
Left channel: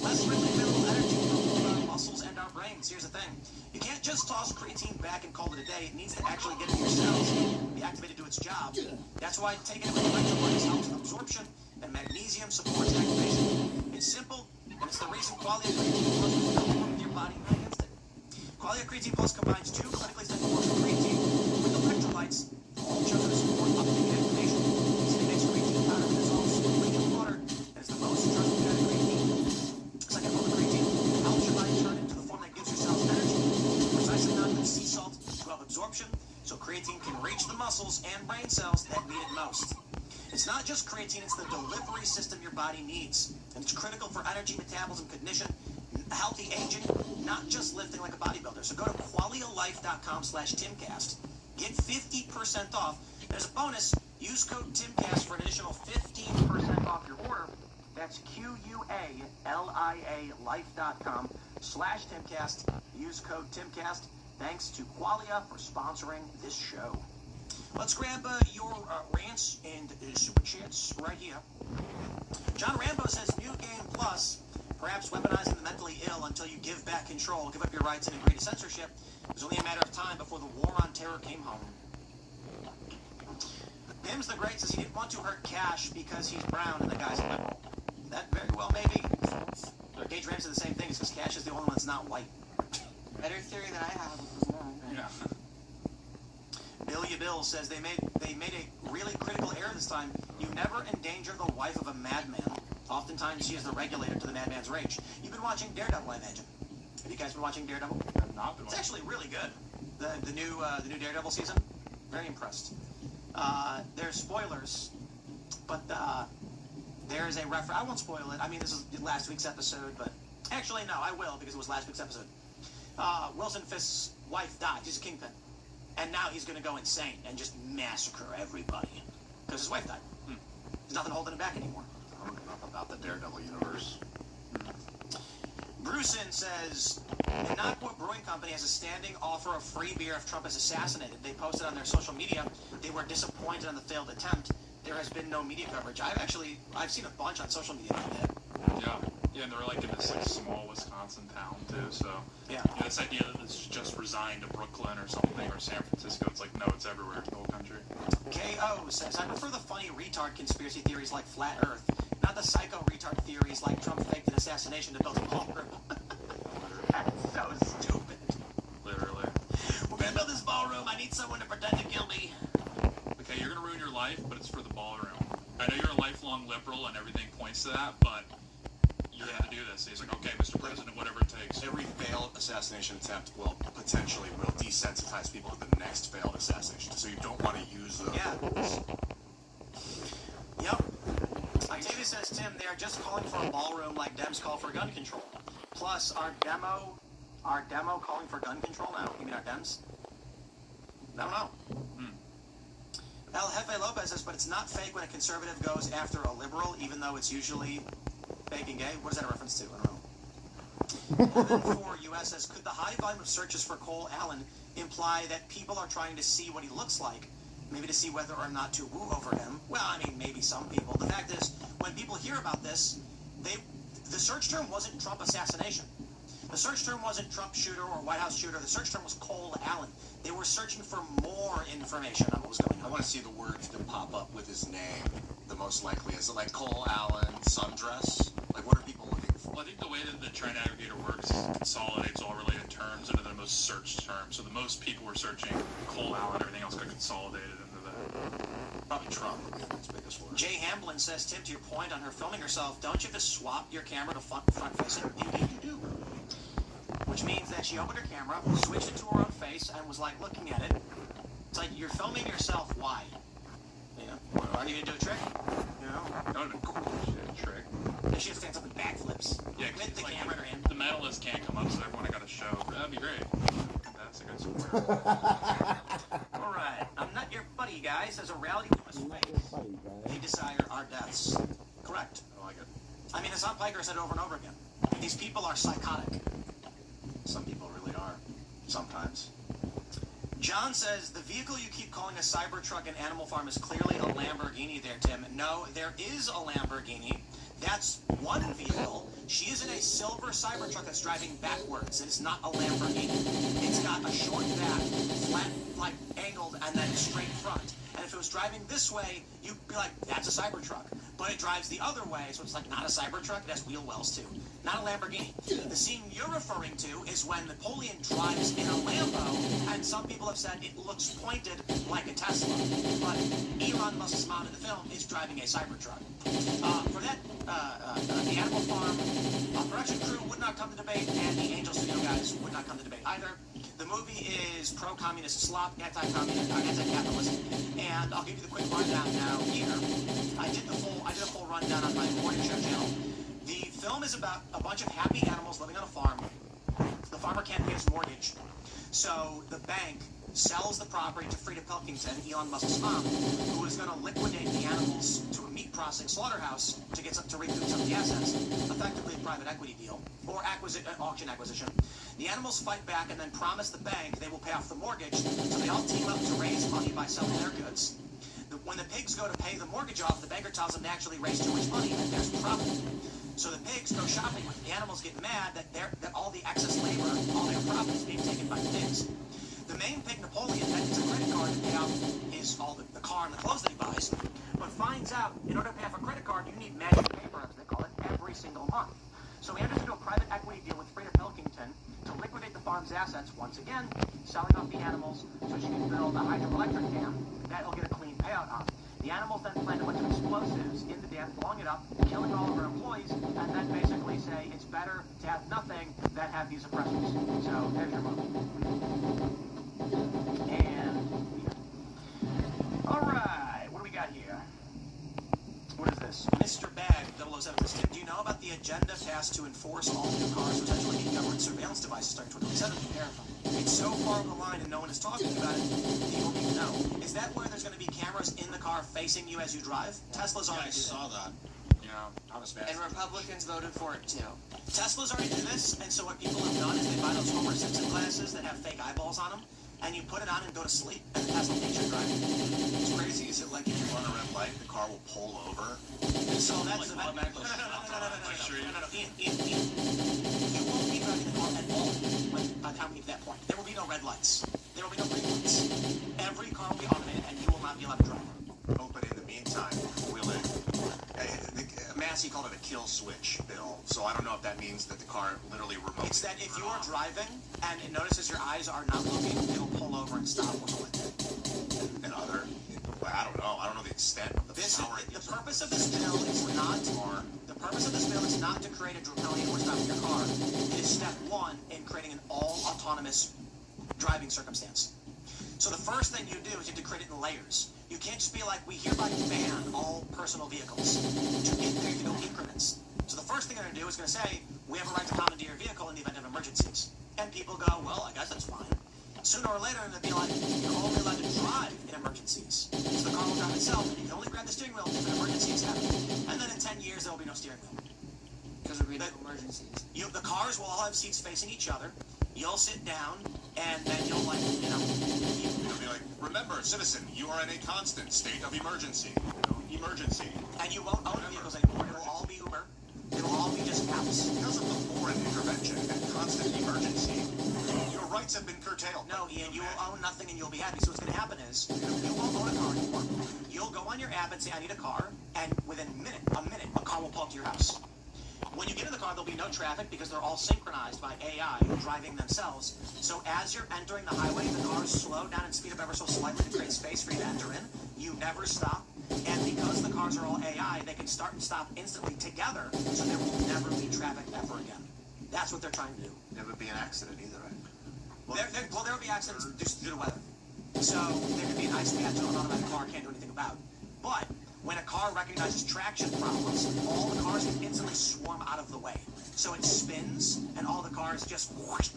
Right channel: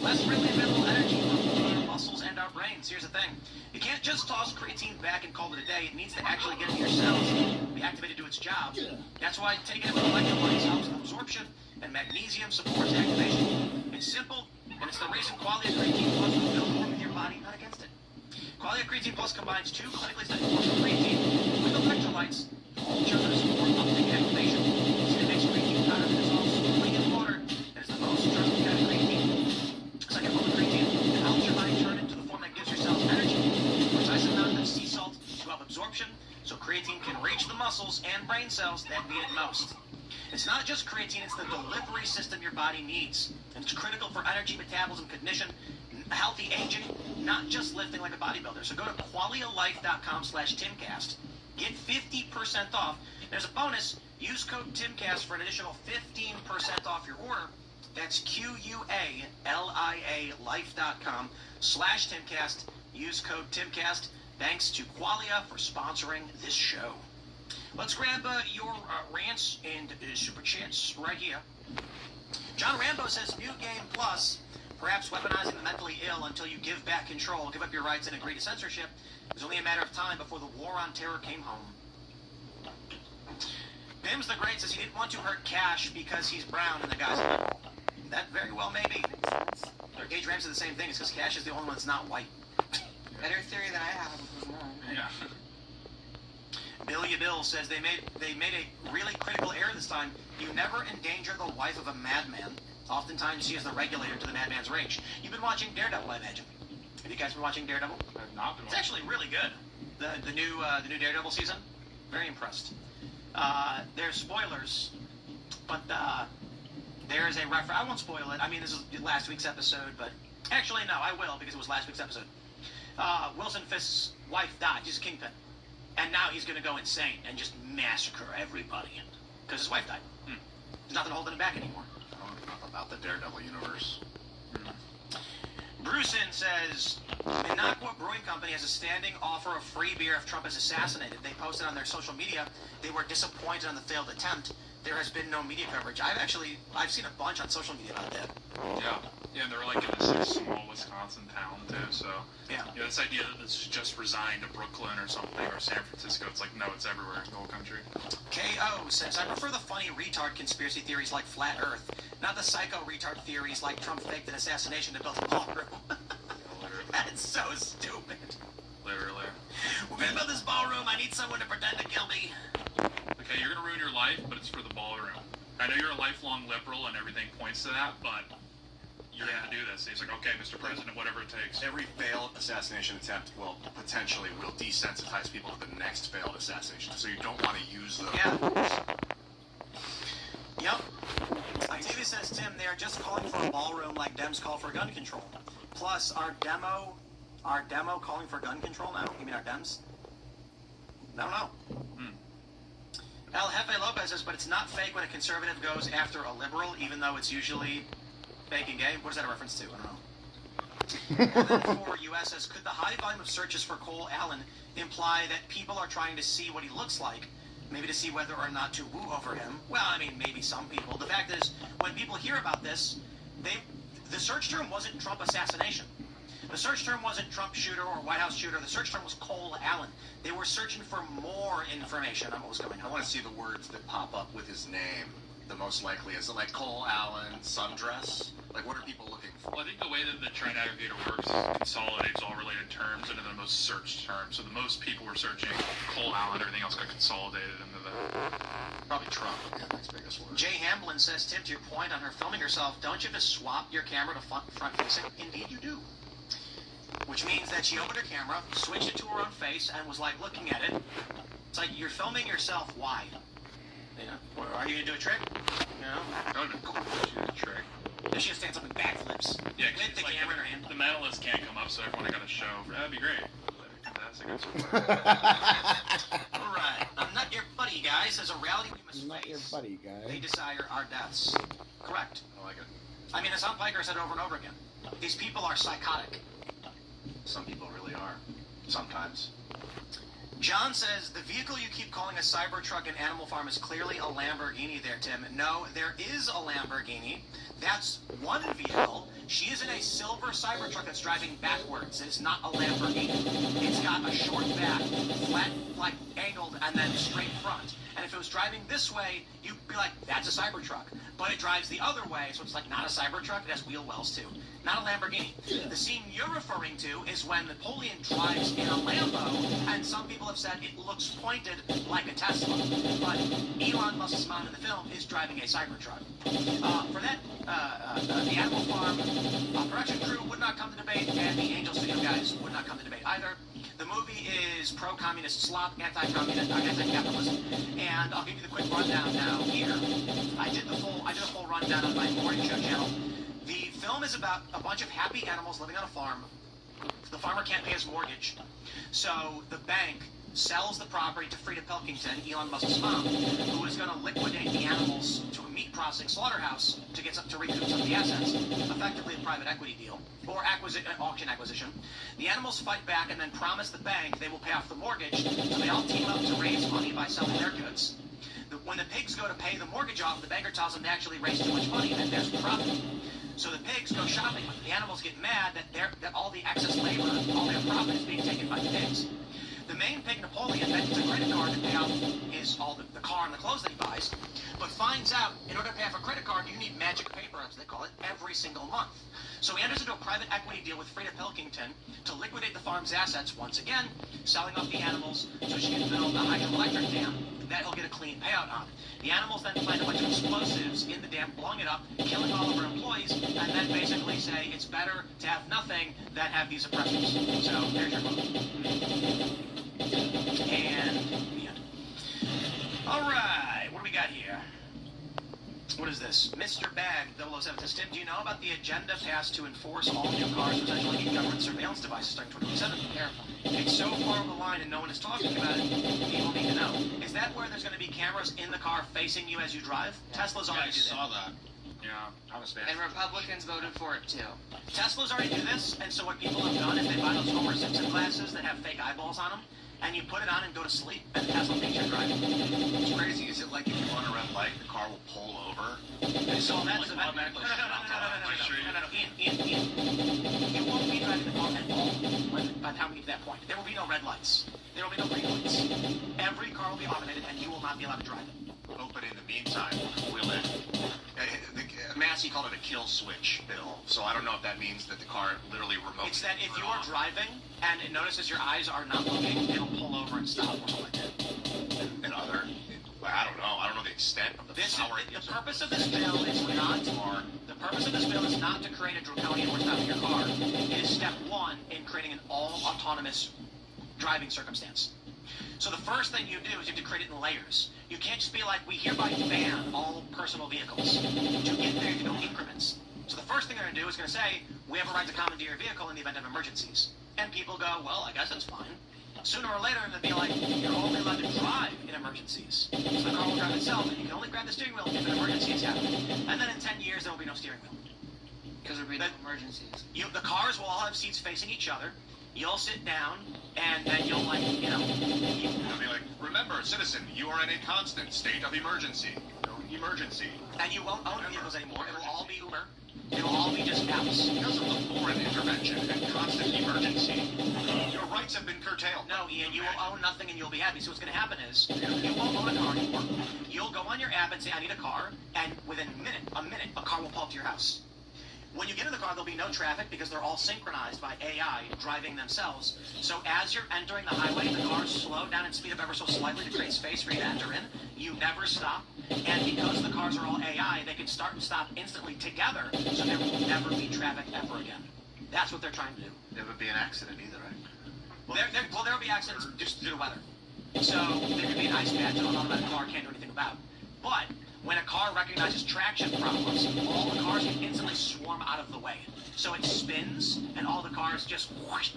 Less readily available energy for our muscles and our brains. Here's the thing. You can't just toss creatine back and call it a day. It needs to actually get into your cells, be activated to do its job. That's why taking it with electrolytes helps with absorption, and magnesium supports activation. It's simple, and it's the reason Qualia Creatine Plus was built to work with your body, not against it. Qualia Creatine Plus combines two clinically studied forms of creatine with electrolytes, all chosen to support uptake and activation. Easy to mix creatine powder that dissolves smoothly in water, and it's the most trusted kind of creatine. Second form of creatine, it helps your body turn into the form that gives your cells energy. Precise amount of sea salt to help absorption, so creatine can reach the muscles and brain cells that need it most. It's not just creatine, it's the delivery system your body needs. And it's critical for energy, metabolism, cognition, healthy aging, not just lifting like a bodybuilder. So go to qualialife.com/Timcast. Get 50% off. There's a bonus. Use code TIMCAST for an additional 15% off your order. That's QUALIA life.com/Timcast. Use code TIMCAST. Thanks to Qualia for sponsoring this show. Let's grab your rants and super chats right here. John Rambo says, New Game Plus, perhaps weaponizing the mentally ill until you give back control, give up your rights, and agree to censorship. It was only a matter of time before the war on terror came home. Pims the Great says he didn't want to hurt Cash because he's brown and the guy's liberal. That very well may be. Gage Ram said the same thing. It's because Cash is the only one that's not white. Better theory than I have. Yeah. Billy Bill says they made a really critical error this time. You never endanger the wife of a madman. Oftentimes she is the regulator to the madman's rage. You've been watching Daredevil, I imagine. Have you guys been watching Daredevil? I've not been. It's actually really good. The new Daredevil season. Very impressed. There's spoilers, but there is a reference. I won't spoil it. I mean, this is last week's episode, but actually no, I will because it was last week's episode. Wilson Fisk's wife died. He's a kingpin. And now he's going to go insane and just massacre everybody. Because his wife died. There's nothing holding him back anymore. I don't know about the Daredevil universe. Brucein says, Minocqua Brewing Company has a standing offer of free beer if Trump is assassinated. They posted on their social media they were disappointed on the failed attempt. There has been no media coverage. I've seen a bunch on social media about that. Yeah, and they're like in this small Wisconsin town too, so yeah. This idea that this is just resigned to Brooklyn or something or San Francisco, it's like no, it's everywhere, the whole country. KO says, I prefer the funny retard conspiracy theories like Flat Earth, not the psycho retard theories like Trump faked an assassination to build a ballroom. That's so stupid. Literally. We're gonna build this ballroom, I need someone to pretend to kill me. Okay, you're gonna ruin your life, but it's for the ballroom. I know you're a lifelong liberal and everything points to that, but you're gonna do this. He's like, okay, Mr. President, whatever it takes. Every failed assassination attempt will desensitize people to the next failed assassination, so you don't want to use those. Yep. Octavia says, Tim, they're just calling for a ballroom like Dems call for gun control. Plus, our demo calling for gun control now? You mean our Dems? I don't know. El Jefe Lopez says, but it's not fake when a conservative goes after a liberal, even though it's usually fake and gay. What is that a reference to? I don't know. And then for US says, could the high volume of searches for Cole Allen imply that people are trying to see what he looks like? Maybe to see whether or not to woo over him? Well, I mean, maybe some people. The fact is, when people hear about this, the search term wasn't Trump assassination. The search term wasn't Trump shooter or White House shooter. The search term was Cole Allen. They were searching for more information on what was going on. I want to see the words that pop up with his name. The most likely is it like Cole Allen sundress? Like what are people looking for? Well, I think the way that the trend aggregator works is it consolidates all related terms into the most searched terms. So the most people were searching Cole Allen, everything else got consolidated into the. Probably Trump would be the next biggest word. Jay Hamblin says, Tim, to your point on her filming herself, don't you just swap your camera to front facing? Indeed you do. Which means that she opened her camera, switched it to her own face, and was like looking at it. It's like, you're filming yourself, why? You know, are you going to do a trick? You know? No, she did a trick. Does she stands up and backflips? Yeah, with the like camera in her hand. The medalists can't come up, so everyone got a show. That'd be great. Fantastic. Alright, I'm not your buddy, guys. As a rally from Not your buddy, guy. they desire our deaths. Correct. I like it. I mean, as Tom Piker said over and over again, these people are psychotic. Some people really are. Sometimes. John says, the vehicle you keep calling a Cybertruck in Animal Farm is clearly a Lamborghini there, Tim. No, there is a Lamborghini. That's one vehicle. She is in a silver Cybertruck that's driving backwards. It is not a Lamborghini. It's got a short back, flat, like angled, and then straight front. And if it was driving this way, you'd be like, that's a Cybertruck. But it drives the other way, so it's like not a Cybertruck. It has wheel wells, too. Not a Lamborghini. The scene you're referring to is when Napoleon drives in a Lambo, and some people have said it looks pointed like a Tesla. But Elon Musk's mom in the film is driving a Cybertruck. For that, the Animal Farm production crew would not come to debate, and the Angel Studio guys would not come to debate either. The movie is pro-communist slop, anti-capitalist, and I'll give you the quick rundown now here. I did a full rundown on my morning show channel. The film is about a bunch of happy animals living on a farm. The farmer can't pay his mortgage, so the bank sells the property to Frida Pilkington, Elon Musk's mom, who is going to liquidate the animals to a meat processing slaughterhouse to recoup some of the assets, effectively a private equity deal, or auction acquisition. The animals fight back and then promise the bank they will pay off the mortgage, so they all team up to raise money by selling their goods. When the pigs go to pay the mortgage off, the banker tells them they actually raised too much money and there's profit. So the pigs go shopping. The animals get mad that all the excess labor, all their profit is being taken by the pigs. The main pig Napoleon that gets a credit card to pay off the car and the clothes that he buys, but finds out in order to pay off a credit card, you need magic paper, as they call it, every single month. So he enters into a private equity deal with Frida Pilkington to liquidate the farm's assets once again, selling off the animals so she can build a hydroelectric dam that he'll get a clean payout on. The animals then find a bunch of explosives in the dam, blowing it up, killing all of her employees, and then basically say it's better to have nothing than have these oppressors. So there's your movie. And the end. All right, what do we got here? What is this? Mr. Bag 007 says, Tim, do you know about the agenda passed to enforce all new cars potentially need government surveillance devices starting 2027? Careful. It's so far on the line and no one is talking about it. People need to know. Is that where there's going to be cameras in the car facing you as you drive? Tesla's already do that. I saw that. Yeah, I was bad. And Republicans voted for it too. Tesla's already do this, and so what people have done is they buy those Homer Simpson glasses that have fake eyeballs on them, and you put it on and go to sleep, and Tesla thinks you're driving. What's crazy is it like if you run a red light, the car will pull over. So that's automatically. Ian, you won't be driving the car at all by the time we get to that point. There will be no red lights. There will be no green lights. Every car will be automated, and you will not be allowed to drive it. But in the meantime, will it? Massey called it a kill switch, Bill. So I don't know if that means that the car literally remotes. It's that if you're driving and it notices your eyes are not looking, it'll pull over and stop or something like that. And other, I don't know. I don't know the extent of the power. The purpose of this bill is not to create a draconian or stopping your car. It is step one in creating an all-autonomous driving circumstance. So the first thing you do is you have to create it in layers. You can't just be like, we hereby ban all personal vehicles. To get there, you go increments. So the first thing they're going to do is going to say, we have a right to commandeer your vehicle in the event of emergencies. And people go, well, I guess that's fine. Sooner or later, they'll be like, you're only allowed to drive in emergencies. So the car will drive itself, and you can only grab the steering wheel if an emergency is happening. And then in 10 years, there will be no steering wheel. Because there will be no emergencies. The cars will all have seats facing each other. You'll sit down, and then you'll, You'll be like, remember, citizen, you are in a constant state of emergency. Emergency. And you won't own vehicles anymore. It will all be Uber. It will all be just apps. Because of the foreign intervention and constant emergency, your rights have been curtailed. No, Ian, you will own nothing and you'll be happy. So what's going to happen is, you won't own a car anymore. You'll go on your app and say, I need a car, and within a minute, a car will pull up to your house. When you get in the car, there'll be no traffic because they're all synchronized by AI driving themselves. So as you're entering the highway, the cars slow down and speed up ever so slightly to create space for you to enter in. You never stop. And because the cars are all AI, they can start and stop instantly together, so there will never be traffic ever again. That's what they're trying to do. Never be an accident either, right? Well, there will be accidents just due to weather. So there could be an ice patch that an automatic car can't do anything about. But when a car recognizes traction problems, all the cars can instantly swarm out of the way. So it spins, and all the cars just whoosh.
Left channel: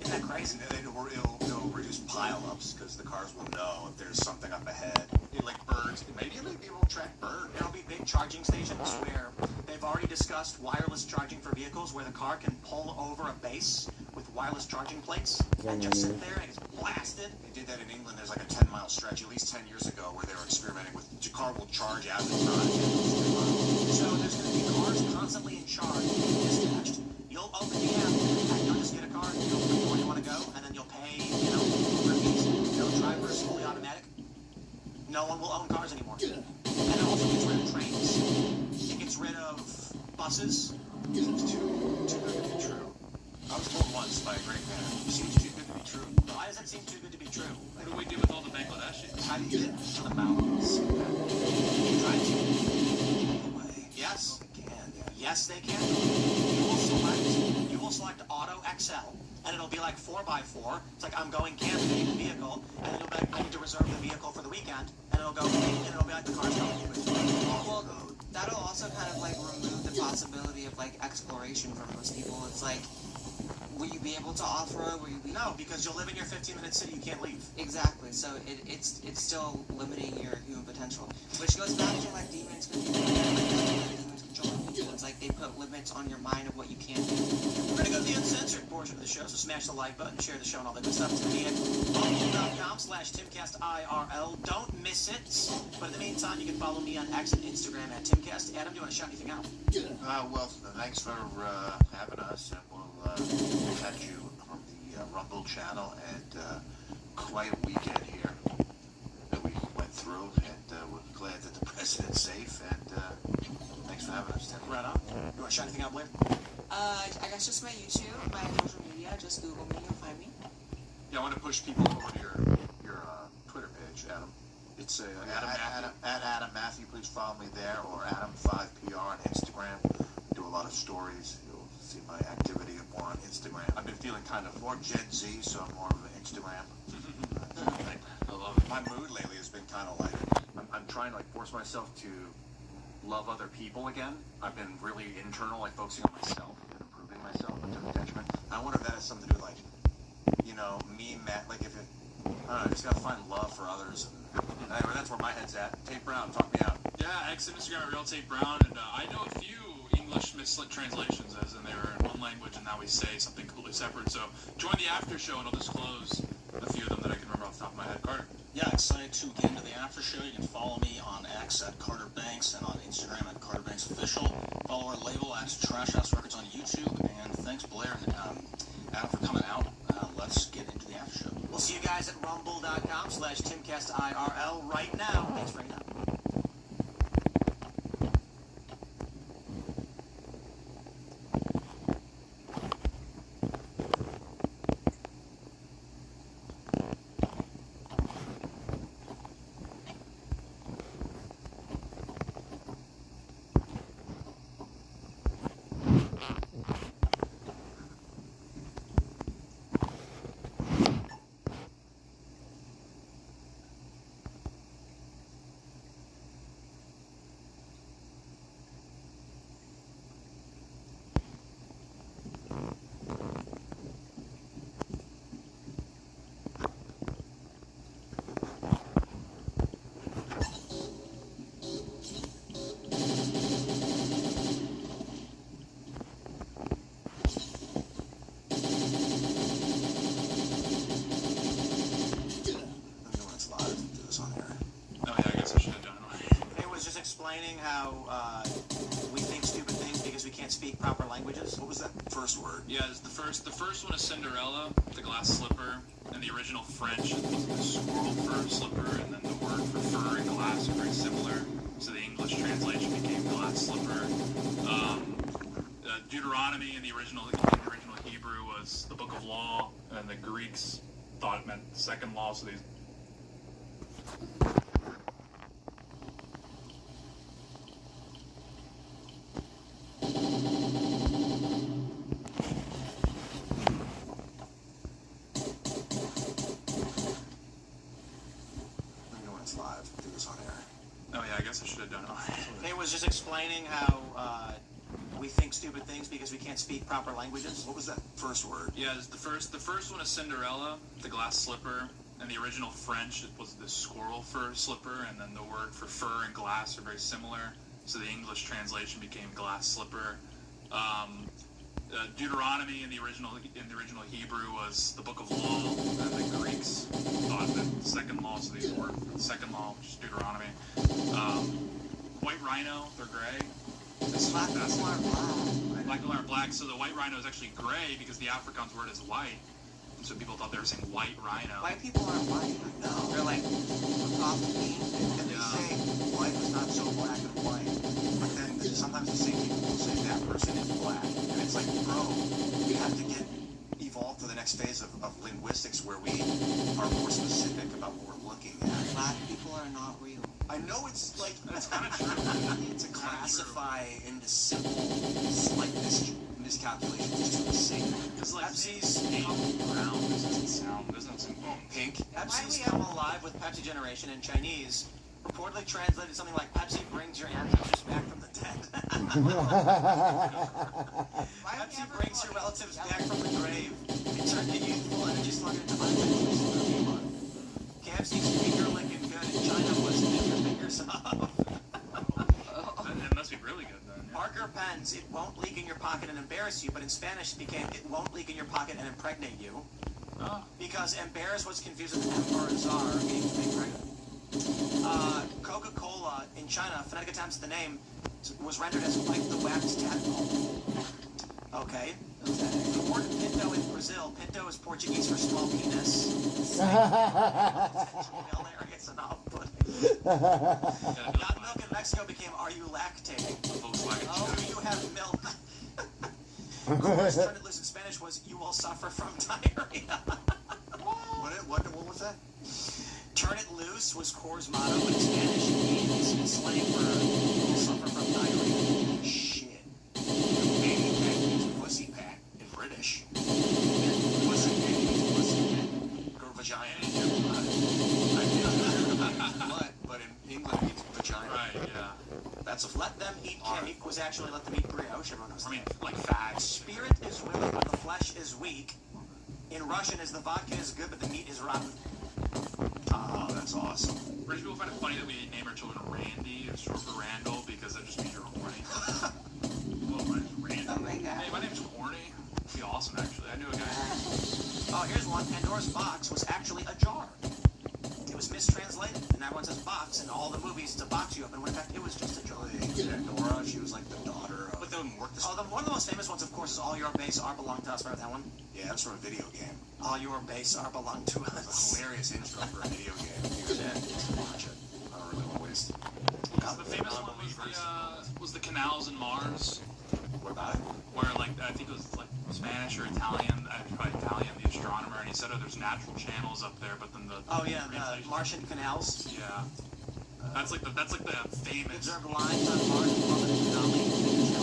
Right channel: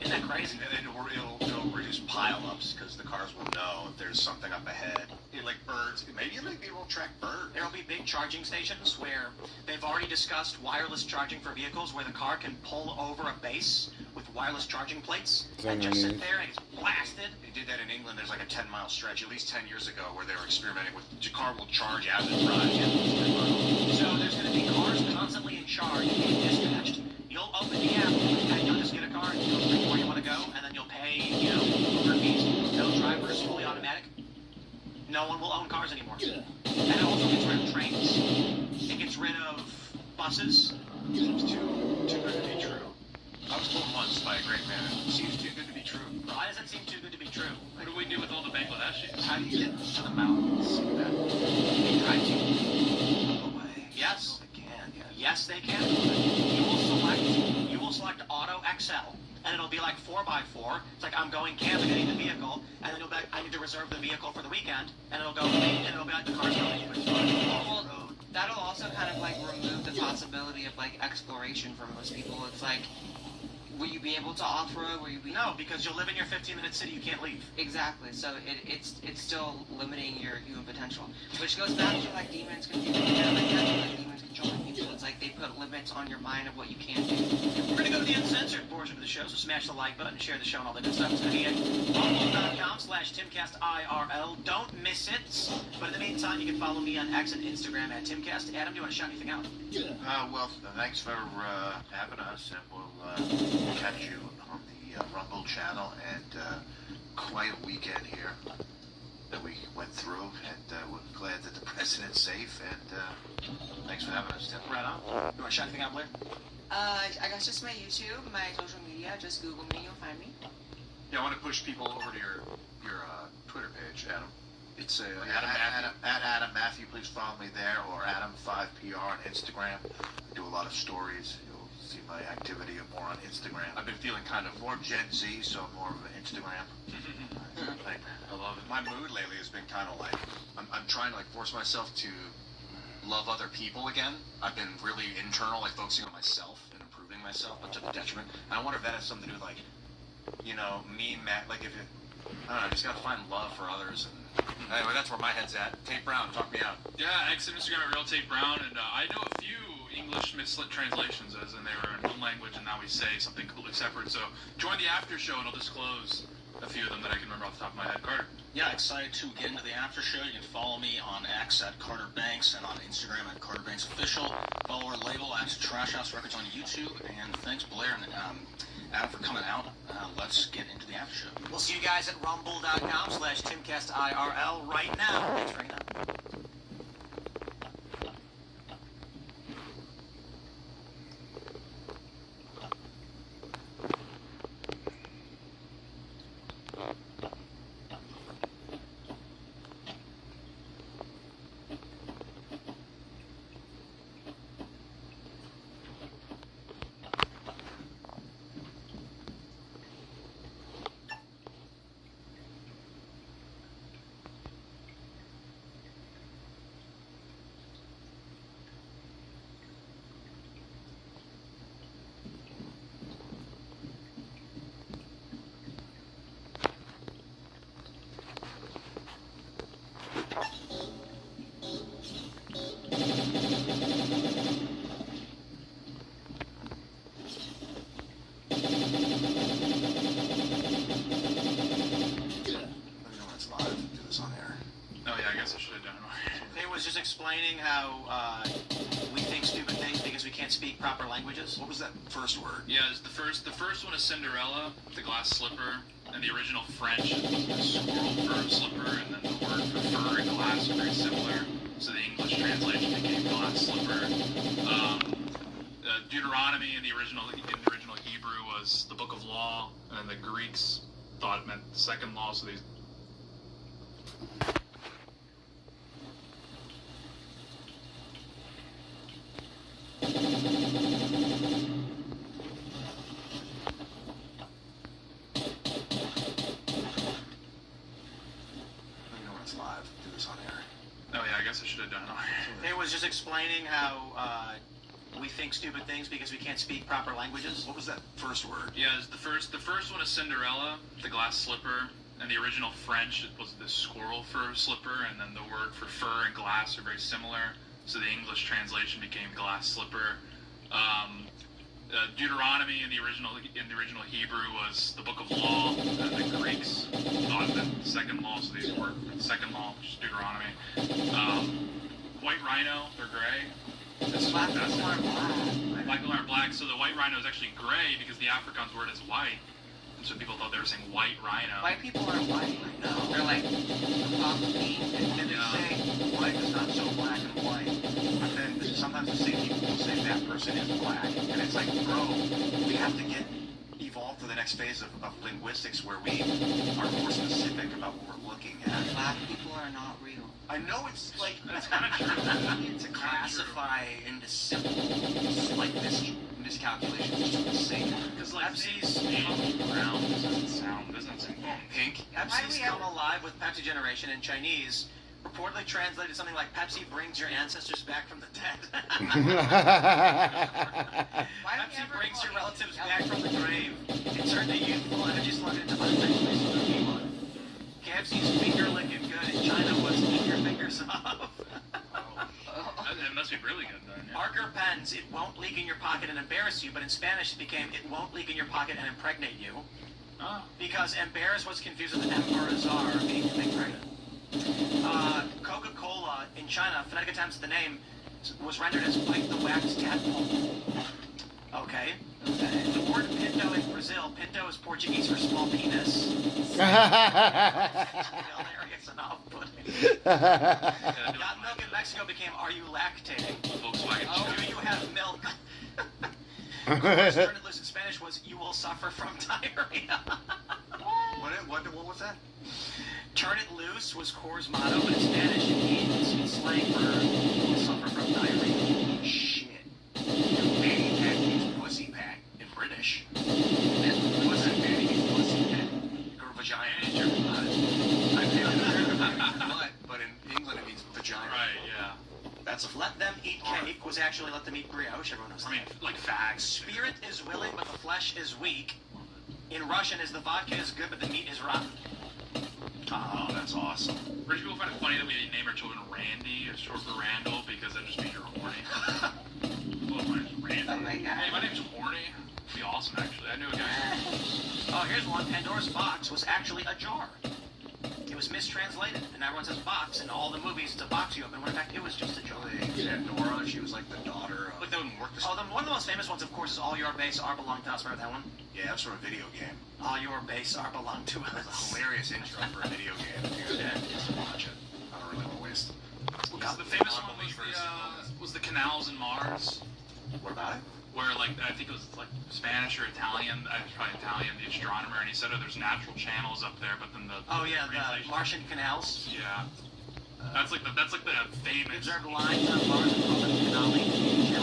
Isn't that crazy? And then it'll reduce pile-ups because the cars will know if there's something up ahead. Like birds. Maybe it will track birds. There will be big charging stations where they've already discussed wireless charging for vehicles where the car can pull over a base with wireless charging plates and just sit there and it's blasted. They did that in England. There's like a 10-mile stretch at least 10 years ago where they were experimenting with the car will charge as it drives. So there's going to be cars constantly in charge being dispatched. You'll open the app and you'll just get a car and you'll pick where you want to go and then you'll pay, Uber fees. No drivers, fully automatic. No one will own cars anymore. And it also gets rid of trains. It gets rid of buses. Seems too good to be true. I was told once by a great man, it seems too good to be true. Why does that seem too good to be true? What do we do with all the Bangladeshis? How do you get to the mountains? You try to. Yes. They can, yeah. Yes, they can. You will select Auto XL, and it'll be like 4x4. It's like, I'm going camping, I need a vehicle, and then it'll be like, I need to reserve the vehicle for the weekend, and it'll be like the car's going. Well, that'll also kind of remove the possibility of exploration for most people. It's like, will you be able to off-road? No, because you'll live in your 15-minute city, you can't leave. Exactly. So it's still limiting your human potential, which goes back to demons controlling people. It's like they put limits on your mind of what you can do. We're gonna go to the uncensored portion of the show, so smash the like button, share the show, and all that good stuff. It's gonna be at rumble.com/TimCastIRL. Don't miss it. But in the meantime, you can follow me on X and Instagram at TimCast. Adam, do you want to shout anything out? Well, thanks for having us, and we'll catch you on the Rumble channel, and quite a weekend here that we went through, and we're glad that the president's safe, and thanks for having us, Tim. Right on. You want to shout anything out, Blair? I guess just my YouTube, my social media. Just Google me, you'll find me. Yeah, I want to push people over to your Twitter page, Adam. It's Adam Matthew. Please follow me there, or Adam5PR on Instagram. I do a lot of stories. You'll see my activity more on Instagram. I've been feeling kind of more Gen Z, so I'm more of an Instagram. I love it. My mood lately has been kind of like I'm trying to like force myself to love other people again. I've been really internal, like focusing on myself and improving myself, but to the detriment. And I wonder if that has something to do with, like, you know, me, Matt, like if it, I don't know, I just gotta find love for others. And anyway, that's where my head's at. Tate Brown, talk me out. Yeah, X Instagram at Real Tate Brown, and I know a few English mislit translations, as in they were in one language and now we say something completely separate. So join the after show and I'll disclose a few of them that I can remember off the top of my head. Carter. Yeah, excited to get into the after show. You can follow me on X at Carter Banks and on Instagram at Carter Banks Official. Follow our label at Trash House Records on YouTube. And thanks, Blair and Adam, for coming out. Let's get into the after show. We'll see you guys at rumble.com/TimCastIRL right now. Thanks for hanging out. Explaining how we think stupid things because we can't speak proper languages. What was that first word? Yeah, the first one is Cinderella, the glass slipper, and the original French was the squirrel fur slipper, and then the word for fur and glass are very similar. So the English translation became glass slipper. Deuteronomy in the original Hebrew was the book of law, and then the Greeks thought it meant second law, so they just explaining how we think stupid things because we can't speak proper languages. What was that first word? Yeah, the first one is Cinderella, the glass slipper, and the original French was the squirrel fur slipper, and then the word for fur and glass are very similar. So the English translation became glass slipper. Deuteronomy in the original Hebrew was the book of law, and the Greeks thought that second law, so they were second law, which is Deuteronomy. White rhino, they're gray. Black people are black. Black people are black, so the white rhino is actually gray because the Afrikaans word is white. And so people thought they were saying white rhino. White people are white. No. They're like pop pink. And they say white is not so black and white. But then sometimes the same people will say that person is black. And it's like, bro, we have to evolve to the next phase of linguistics where we are more specific about what we're looking at. Black people are not real. I know it's like that's kind of true. To classify into simple like miscalculations just for the sake of it. Because like Pepsi's brown doesn't sound pink. Pepsi's Come Alive with Pepsi Generation in Chinese reportedly translated something like Pepsi brings your ancestors back from the dead. Pepsi brings your relatives back from the grave and turn the youthful energy slug into unleashed demon. KFC's finger licking good in China was eat your fingers off. That must be really good then. Yeah. Parker pens, it won't leak in your pocket and embarrass you, but in Spanish it became it won't leak in your pocket and impregnate you. Oh. Because embarrass was confused with embarazar, meaning to make pregnant. Coca-Cola in China, phonetic attempts at the name, was rendered as Wipe the Wax Tadpole. Okay. The word pinto in Brazil, pinto is Portuguese for small penis. Hilarious and off-putting. Got milk in Mexico became, are you lactating? Volkswagen. Do you have milk? Turn it loose in Spanish was, you will suffer from diarrhea. What was that? Turn it loose was Core's motto, but in Spanish it means slang for you will suffer from diarrhea. Shit. Fanny pack means pussy pack in British. And pussy fanny means pussy pack. Or vagina. But in England it means vagina. Right, yeah. That's let them eat cake was actually let them eat brioche. Everyone knows that. Like fags. Spirit is willing, but the flesh is weak. In Russian, is the vodka is good, but the meat is rotten. Oh, that's awesome. British people find it funny that we name our children Randy or short for Randall because that just means you're horny. Well, my name's Randy. Oh my God. Hey, my name's horny. It'd be awesome, actually. I knew a guy. Oh, here's one. Pandora's box was actually a jar. It was mistranslated, and everyone says box, and all the movies it's a box you open, when in fact it was just a jar. Pandora, she was like the daughter of... But one of the most famous ones, of course, is All Your Base Are Belong to Us. Remember that one? Yeah, that's from a video game. All Your Base Are Belong to Us. Hilarious intro for a video game. If you just watch it. I don't really waste. The famous one was the canals in Mars. What about it? Where, like, I think it was, like, Spanish or Italian, probably Italian, the astronomer, and he said, oh, there's natural channels up there, but then the... Oh, yeah, the Martian canals. Yeah. That's like the famous... Observed lines on Mars and called it canali. Yeah.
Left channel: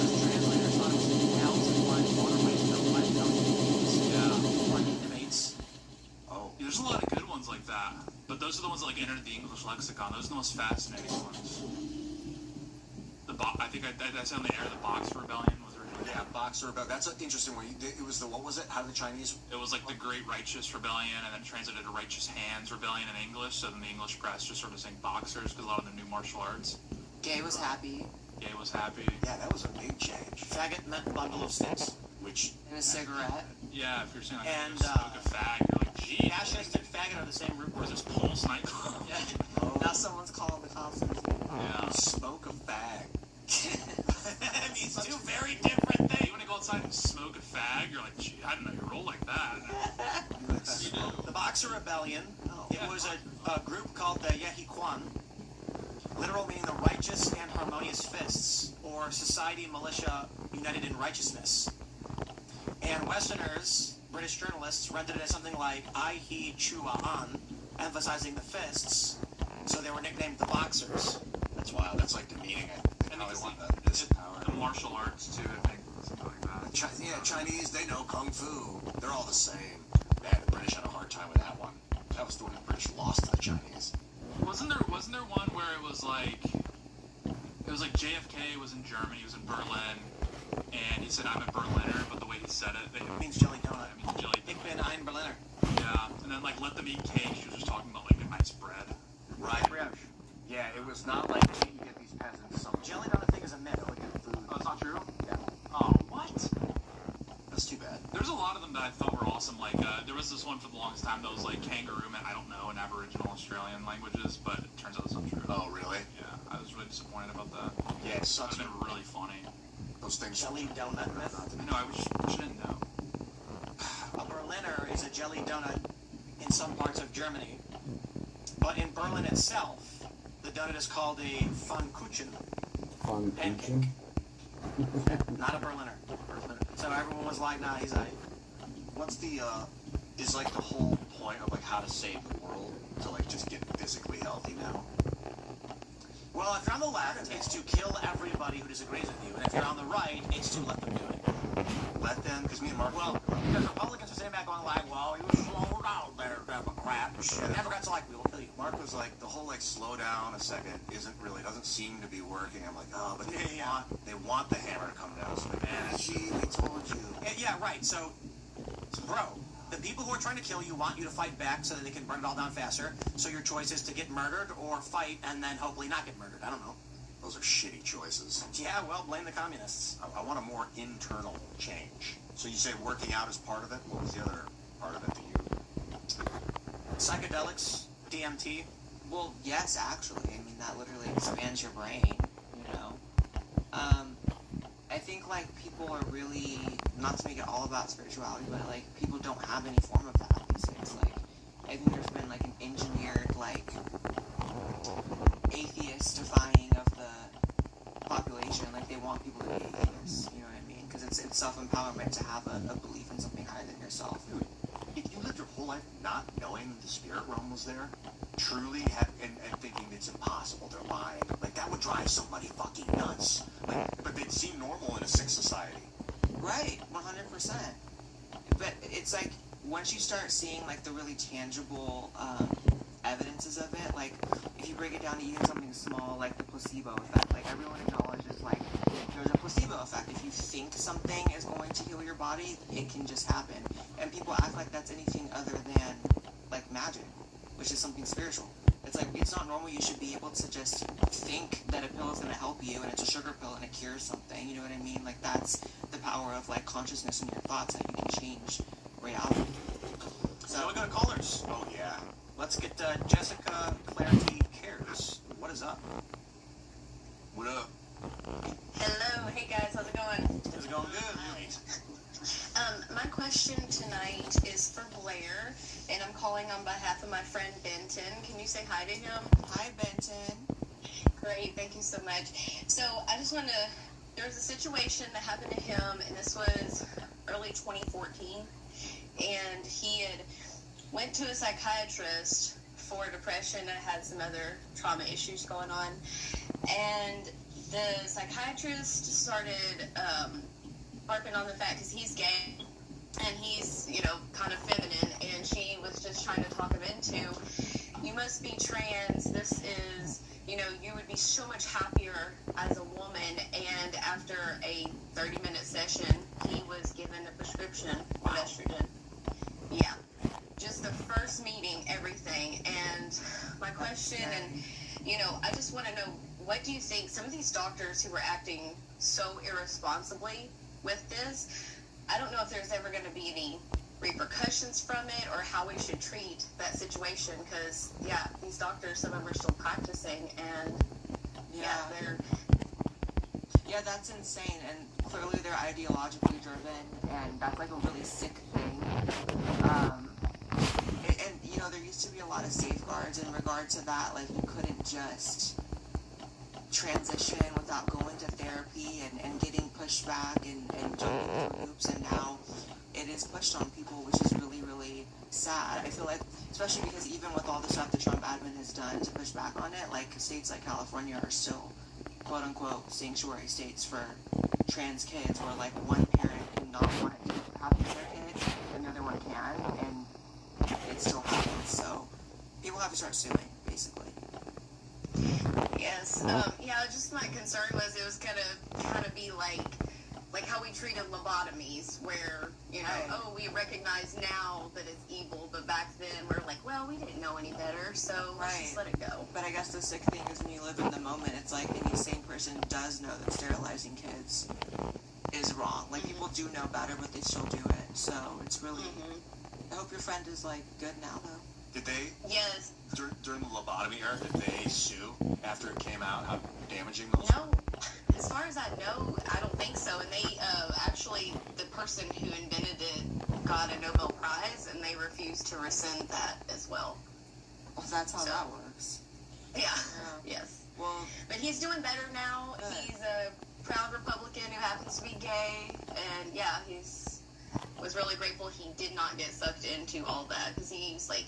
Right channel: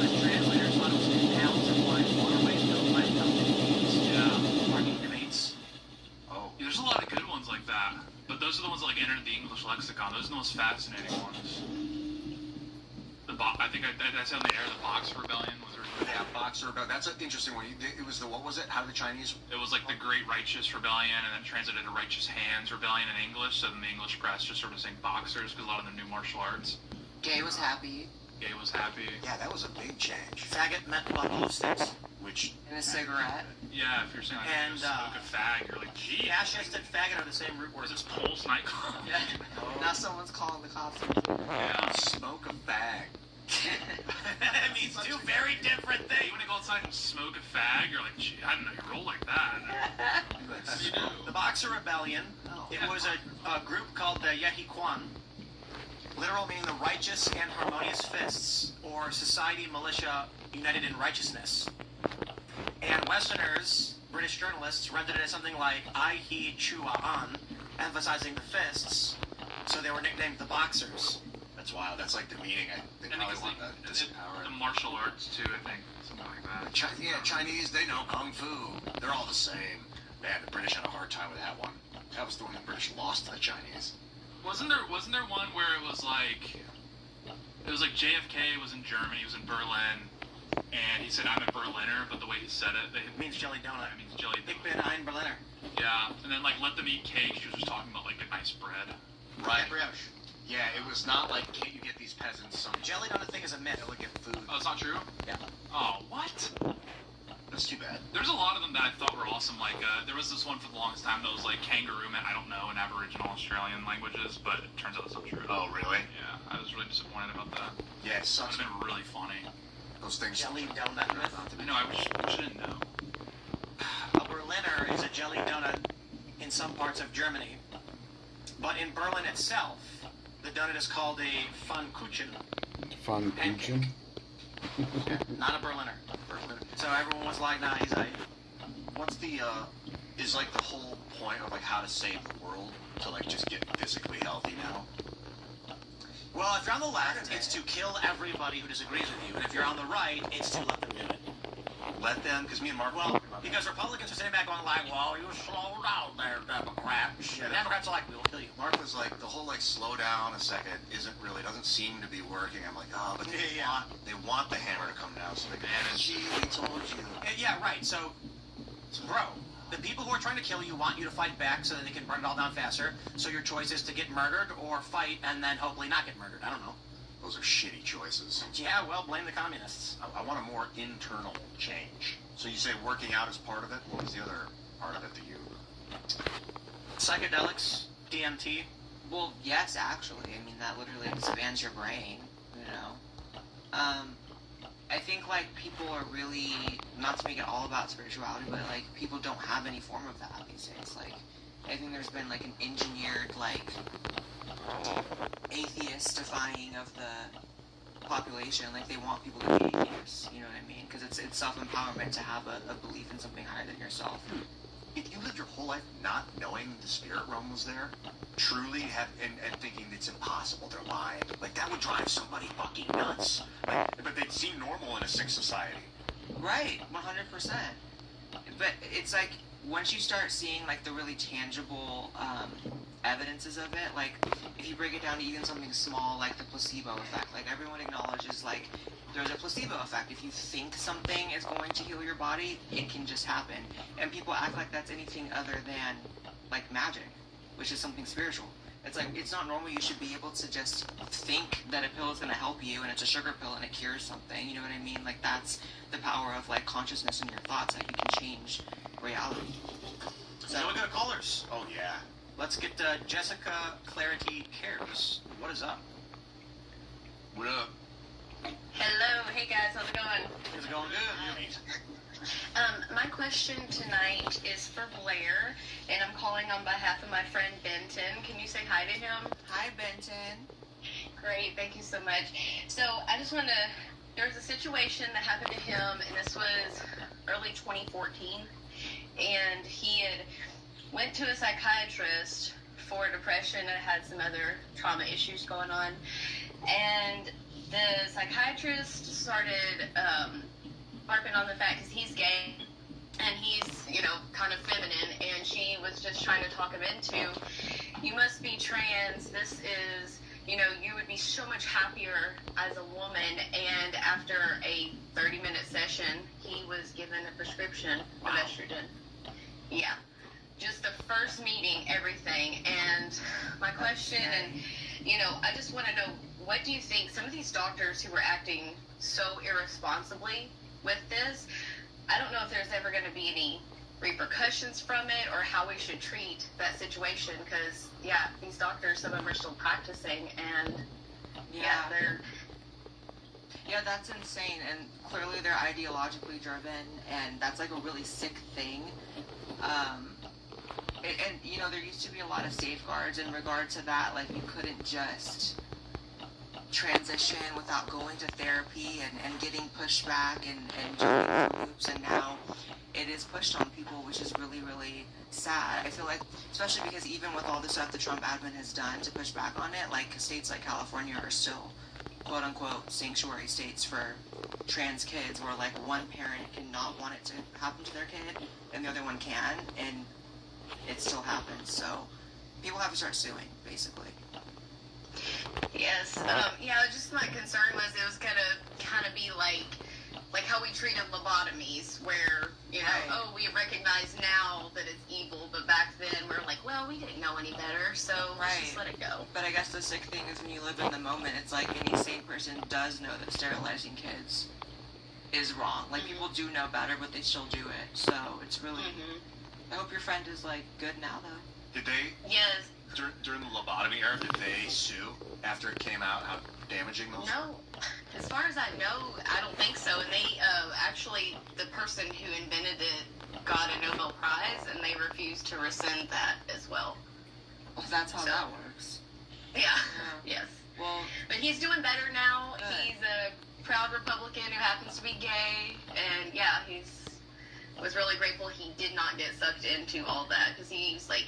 The translators thought it was canals and lines, waterways built by intelligent beings. Yeah. Parking debates. Oh. Yeah, there's a lot of good ones like that, but those are the ones that, like, entered the English lexicon. Those are the most fascinating ones. I think I said on the air, the Boxer Rebellion was a rebellion. Yeah, Boxer Rebellion. That's an interesting one. It was the, what was it? How did the Chinese... It was like the Great Righteous Rebellion, and then translated to Righteous Hands Rebellion in English, so then the English press just sort of saying boxers, because a lot of them knew martial arts. Gay was happy. Gay was happy. Yeah, that was a big change. Faggot meant bundle of sticks. Which... And a cigarette. Yeah, if you're saying like, and, smoke a fag, you're like, gee. Fascist and faggot are the same root Where's words. this Pulse nightclub? Yeah. Oh. Now someone's calling the cops. Yeah. Smoke a fag. That means two very different things. You want to go outside and smoke a fag? You're like, gee, I didn't know you roll like that. You do. The Boxer Rebellion. It was a group called the Yehiquan. Literal meaning the righteous and harmonious fists, or society militia united in righteousness. And Westerners, British journalists, rendered it as something like I He Chua An, emphasizing the fists, so they were nicknamed the Boxers. That's wild. That's like demeaning. They probably want the martial arts too, I think. Something like that. Chinese, they know Kung Fu. They're all the same. Man, the British had a hard time with that one. That was the one the British lost to the Chinese. Wasn't there one where it was like JFK was in Germany, he was in Berlin, and he said I'm a Berliner, but the way he said it means jelly donut. It means jelly donut. Ich bin ein Berliner. Yeah, and then like let them eat cake, she was just talking about like a nice bread. Right. Yeah, it was not like you get these peasants some jelly donut thing is a myth. Elegant food. Oh, it's not true? Yeah. Oh, what? That's too bad. There's a lot of them that I thought were awesome. Like, there was this one for the longest time that was like kangaroo man, I don't know, in Aboriginal Australian languages, but it turns out it's not true. Oh, really? Yeah, I was really disappointed about that. Yeah, it sucks. They were really funny. Those things. Jelly donut myth. I know, I wish I didn't know. A Berliner is a jelly donut in some parts of Germany. But in Berlin itself, the donut is called a Pfannkuchen. Pfannkuchen? Not a Berliner. So everyone was like, nah, he's a... What's the, is like the whole point of like how to save the world to like just get physically healthy now? Well, if you're on the left, it's to kill everybody who disagrees with you. And if you're on the right, it's to let them do it. Let them? Because me and Mark... Well, because Republicans are sitting back going like, well, you slow down there, Democrats. And Democrats are like, we'll kill you. Mark was like, the whole like slow down a second doesn't seem to be working. I'm like, oh, but they want the hammer to come down. So they gee, we told you. Yeah, right. So, bro, the people who are trying to kill you want you to fight back so that they can burn it all down faster. So your choice is to get murdered or fight and then hopefully not get murdered. I don't know. Those are shitty choices. Yeah, well, blame the communists. I want a more internal change. So you say working out is part of it? What was the other part of it to you? Psychedelics, DMT. Well, yes, actually. I mean, that literally expands your brain, you know. I think like people are really, not to make it all about spirituality, but like people don't have any form of that these days. Like I think there's been like an engineered like atheist-defying of the population. Like they want people to be atheists. You know what I mean? Because it's self-empowerment to have a belief in something higher than yourself. If you lived your whole life not knowing the spirit realm was there, truly and thinking it's impossible, they're lying, like that would drive somebody fucking nuts. Like, but they'd seem normal in a sick society. Right, 100%. But it's like once you start seeing like the really tangible evidences of it, like if you break it down to even something small like the placebo effect, like everyone acknowledges like there's a placebo effect. If you think something is going to heal your body, it can just happen. And people act like that's anything other than like magic, which is something spiritual. It's like, it's not normal. You should be able to just think that a pill is going to help you and it's a sugar pill and it cures something. You know what I mean? Like that's the power of like consciousness in your thoughts, that you can change reality. So we got callers. Oh yeah. Let's get Jessica Clarity Cares. What is up? What up? Hello, hey guys, how's it going? Is it going good? My question tonight is for Blair, and I'm calling on behalf of my friend Benton. Can you say hi to him? Hi, Benton. Great, thank you so much. So I just want to, there was a situation that happened to him, and this was early 2014, and he had went to a psychiatrist for depression and had some other trauma issues going on, and the psychiatrist started harping on the fact, because he's gay and he's, you know, kind of feminine, and she was just trying to talk him into, you must be trans, this is, you know, you would be so much happier as a woman. And after a 30-minute session, he was given a prescription of estrogen. Yeah, just the first meeting, everything. And my question, and you know, I just want to know, what do you think some of these doctors who were acting so irresponsibly with this, I don't know if there's ever going to be any repercussions from it, or how we should treat that situation, because yeah, these doctors, some of them are still practicing, and yeah, that's insane. And clearly they're ideologically driven, and that's like a really sick thing. And you know, there used to be a lot of safeguards in regard to that. Like you couldn't just transition without going to therapy and getting pushed back and jumping through hoops, and now it is pushed on people, which is really, really sad. I feel like, especially because even with all the stuff the Trump admin has done to push back on it, like states like California are still quote unquote sanctuary states for trans kids, where like one parent cannot want it to happen to their kid and the other one can, and it still happens. So people have to start suing, basically. Yes. Yeah, just my concern was it was gonna be like how we treated lobotomies, where, you know, oh, we recognize now that it's evil, but back then we were like, well, we didn't know any better, so let's just let it go. But I guess the sick thing is when you live in the moment, it's like any sane person does know that sterilizing kids is wrong. Like people do know better, but they still do it. So it's really. I hope your friend is like good now, though. Did they? Yes. During the lobotomy era, did they sue after it came out how damaging those? No. As far as I know, I don't think so. And they actually, the person who invented it got a Nobel Prize, and they refused to rescind that as well. Well, that's how that works. Yeah. Yes. Well, but he's doing better now. He's a proud Republican who happens to be gay, and yeah, was really grateful he did not get sucked into all that, because he's like,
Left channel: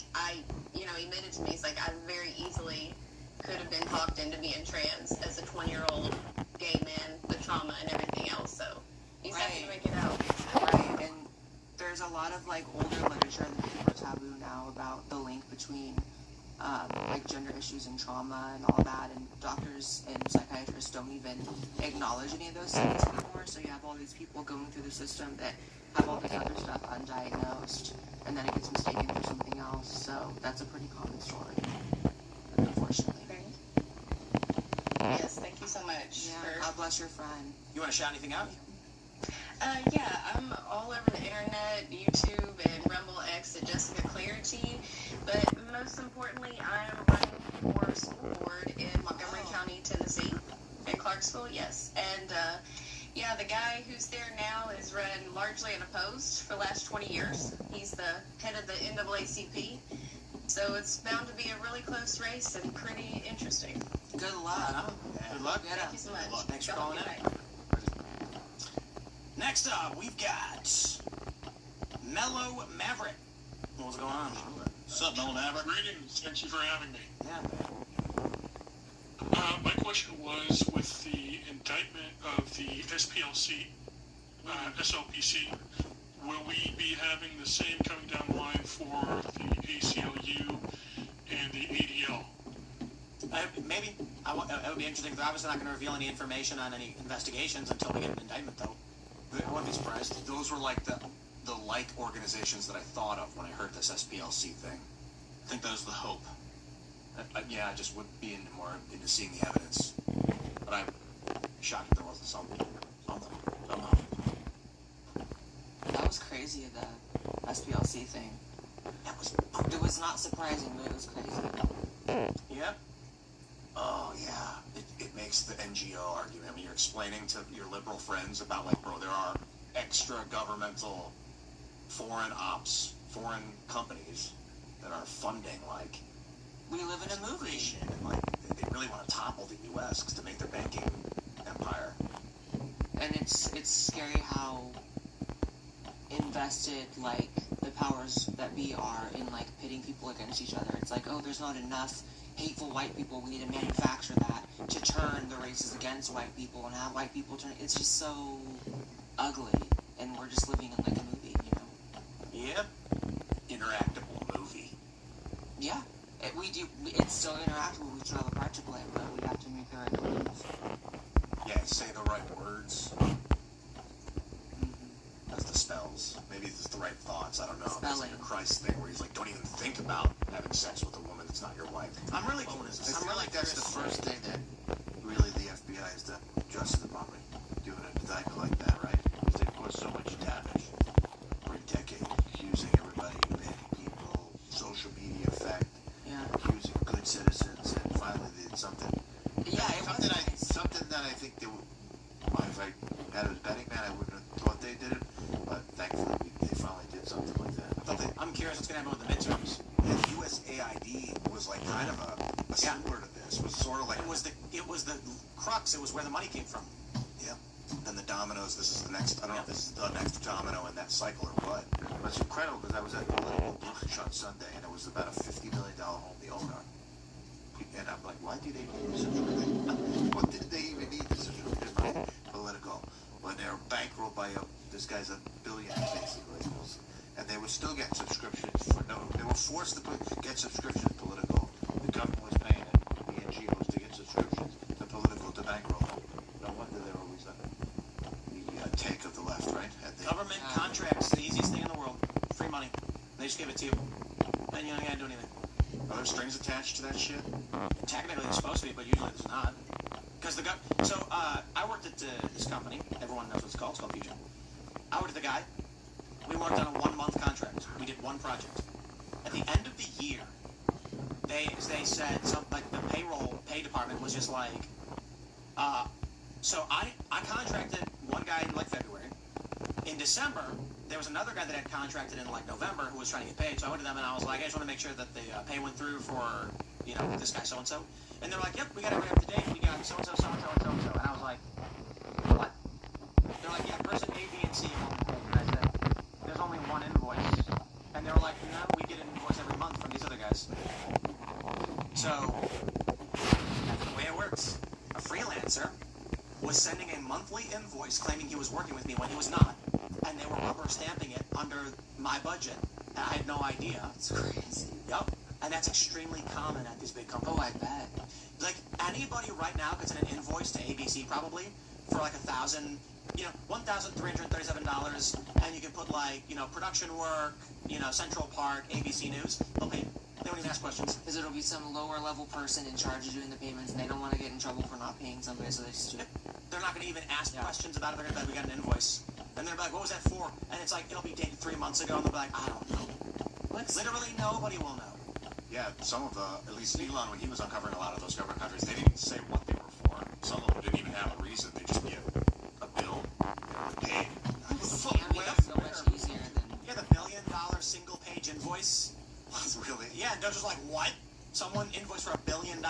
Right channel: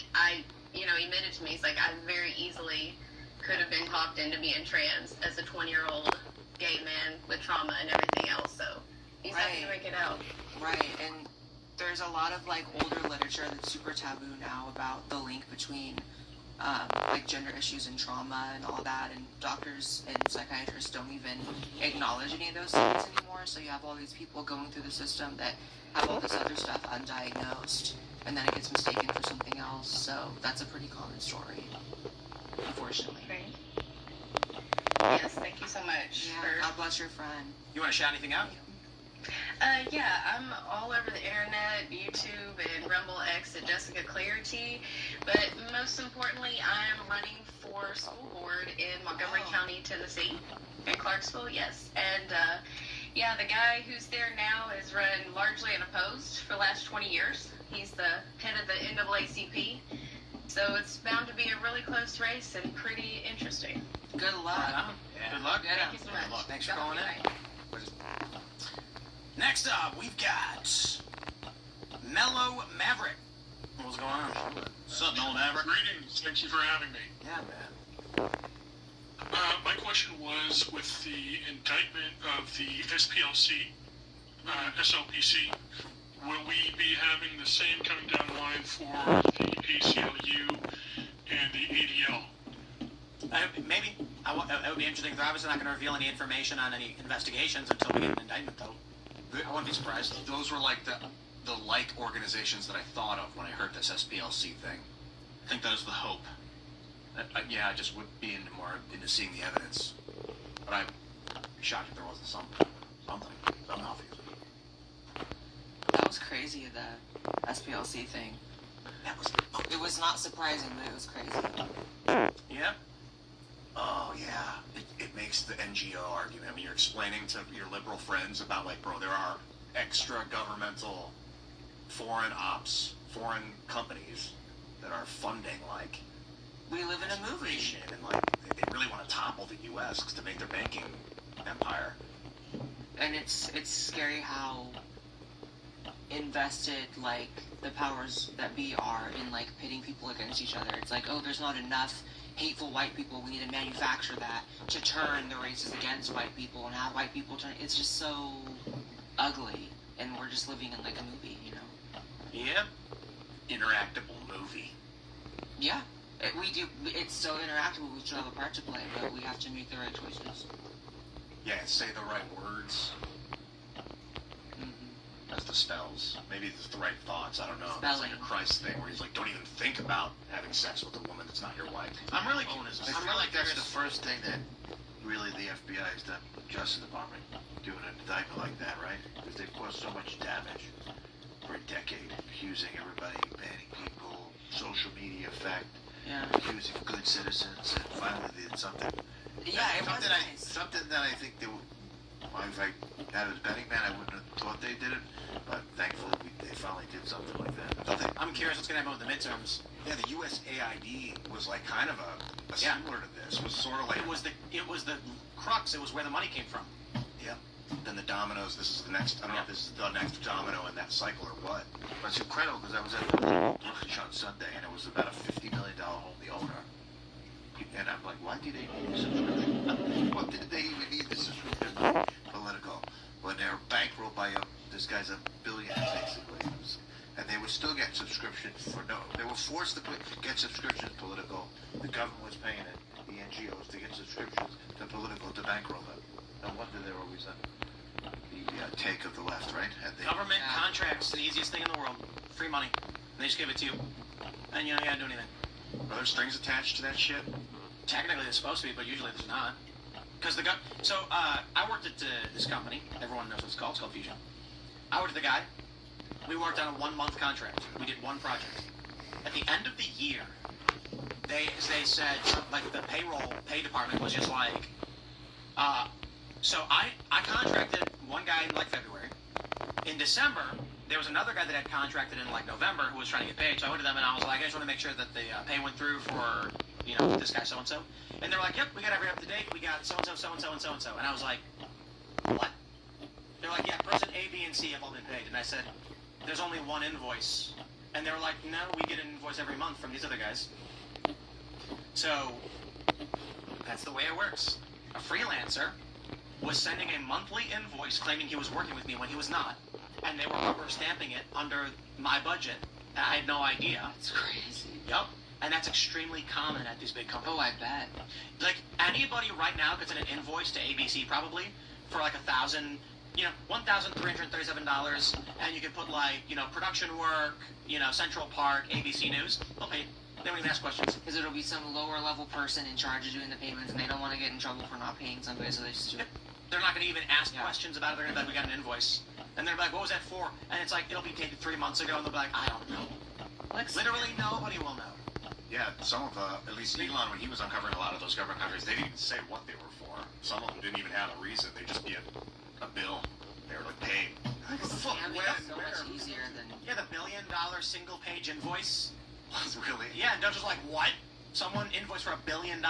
he admitted to me, he's like, I very easily could have been talked into being trans as a 20-year-old gay man with trauma and everything else, so he's happy to make it out. Right, and there's a lot of like older literature that's super taboo now about the link between like gender issues and trauma and all that, and doctors and psychiatrists don't even acknowledge any of those things anymore, so you have all these people going through the system that have all this other stuff undiagnosed, and then it gets mistaken for something else, so that's a pretty common story, unfortunately. Yes, thank you so much. Yeah, God bless your friend. You want to shout anything out? Yeah, I'm all over the internet, YouTube, and Rumble X at Jessica Clarity, but most importantly, I'm running for school board in Montgomery County, Tennessee, in Clarksville, yes. And Yeah, the guy who's there now is run largely unopposed for the last 20 years. He's the head of the NAACP. So it's bound to be a really close race and pretty interesting. Good luck. Good luck. Thank you so much. Thanks for Y'all calling have a in. good night. Next up, we've got Mellow Maverick. What's going on? What's up, Mellow Maverick? Greetings. Thank you for having me. Yeah, man. My question was with the indictment of the SPLC, SLPC, will we be having the same coming down the line for the ACLU and the ADL? Maybe. It would be interesting. They're obviously not going to reveal any information on any investigations until we get an indictment, though. I wouldn't be surprised. Those were like the like organizations that I thought of when I heard this SPLC thing. I think that is the hope. Yeah, I just would be more into seeing the evidence. But I'm shocked if there wasn't something. Don't know. That was crazy, the SPLC thing. It was not surprising, but it was crazy. Yep. Oh, yeah. It makes the NGO argument. I mean, you're explaining to your liberal friends about, like, bro, there are extra governmental foreign ops, foreign companies that are funding, like, we live in a movie. And, like, they really want to topple the U.S. to make their banking empire. And it's scary how invested, like, the powers that be are in, like, pitting people against each other. It's like, oh, there's not enough hateful white people. We need to manufacture that to turn the races against white people and have white people turn. It's just so ugly, and we're just living in, like, a movie, you know? Yep. Interactable movie. Yeah. It's so interactable. We still have a part to play, but we have to make the right choices. Yeah, say the right words. That's the spells. Maybe it's the right thoughts. I don't know. It's like a Christ thing where he's like, don't even think about having sex with a woman that's not your wife. I'm really curious. I feel like that's the first thing that really the FBI has done, Justice Department, doing an indictment like that, right? Because they've caused so much damage for a decade, accusing everybody, banning people, social media effect, accusing good citizens, and finally they did something. Yeah, something that I think they would. If I had a betting man, I wouldn't have thought they did it, but thankfully they finally did something like that. I'm curious what's going to happen with the midterms. Yeah, the USAID was like kind of a similar to this. It was sort of like it was the crux. It was where the money came from. Yeah. Then the dominoes. This is the next. I don't know if this is the next domino in that cycle or what. But it's incredible because I was at the brunch on Sunday and it was about a $50 million only owner. And I'm like, why did they need a subscription? What did they even need this subscription? Political. When they're bankrolled by this guy's a billionaire basically. And they were still getting subscriptions for no. They were forced to get subscriptions political. The government was paying it, the NGOs, to get subscriptions to political to bankroll them. No wonder they're always the take of the left, right? Government contracts, the easiest thing in the world. Free money. They just give it to you. And you don't have to do anything. Are there strings attached to that shit? Technically, it's supposed to be, but usually there's not. Because I worked at this company. Everyone knows what it's called. It's called Fusion. I worked with the guy. We worked on a 1-month contract. We did one project. At the end of the year, they said like the pay department was just like, so I contracted one guy in like February. In December, there was another guy that had contracted in like November who was trying to get paid. So I went to them and I was like, I just want to make sure that the pay went through for this guy so and so. And they're like, yep, we got everything up to date. We got so and so, so and so, and so and so. And I was like, what? They're like, yeah, person A, B, and C have all been paid. And I said, there's only one invoice. And they were like, no, we get an invoice every month from these other guys. So that's the way it works. A freelancer was sending a monthly invoice claiming he was working with me when he was not. And they were rubber stamping it under my budget. And I had no idea. It's crazy. Yep. And that's extremely common at these big companies. Oh, I bet. Like, anybody right now could send an invoice to ABC probably for like $1,337, and you can put like, production work, Central Park, ABC News. They'll pay. They won't even ask questions. Because it'll be some lower level person in charge of doing the payments, and they don't want to get in trouble for not paying somebody, so they just do it. They're not going to even ask questions about it. They're going to be like, we got an invoice. And they're like, what was that for? And it's like, it'll be dated 3 months ago, and they'll be like, I don't know. Literally nobody will know. Yeah, some of at least Elon, when he was uncovering a lot of those government countries, they didn't even say what they were for. Some of them didn't even have a reason. They'd just be a bill judge was like, what? Someone invoiced for $1 billion.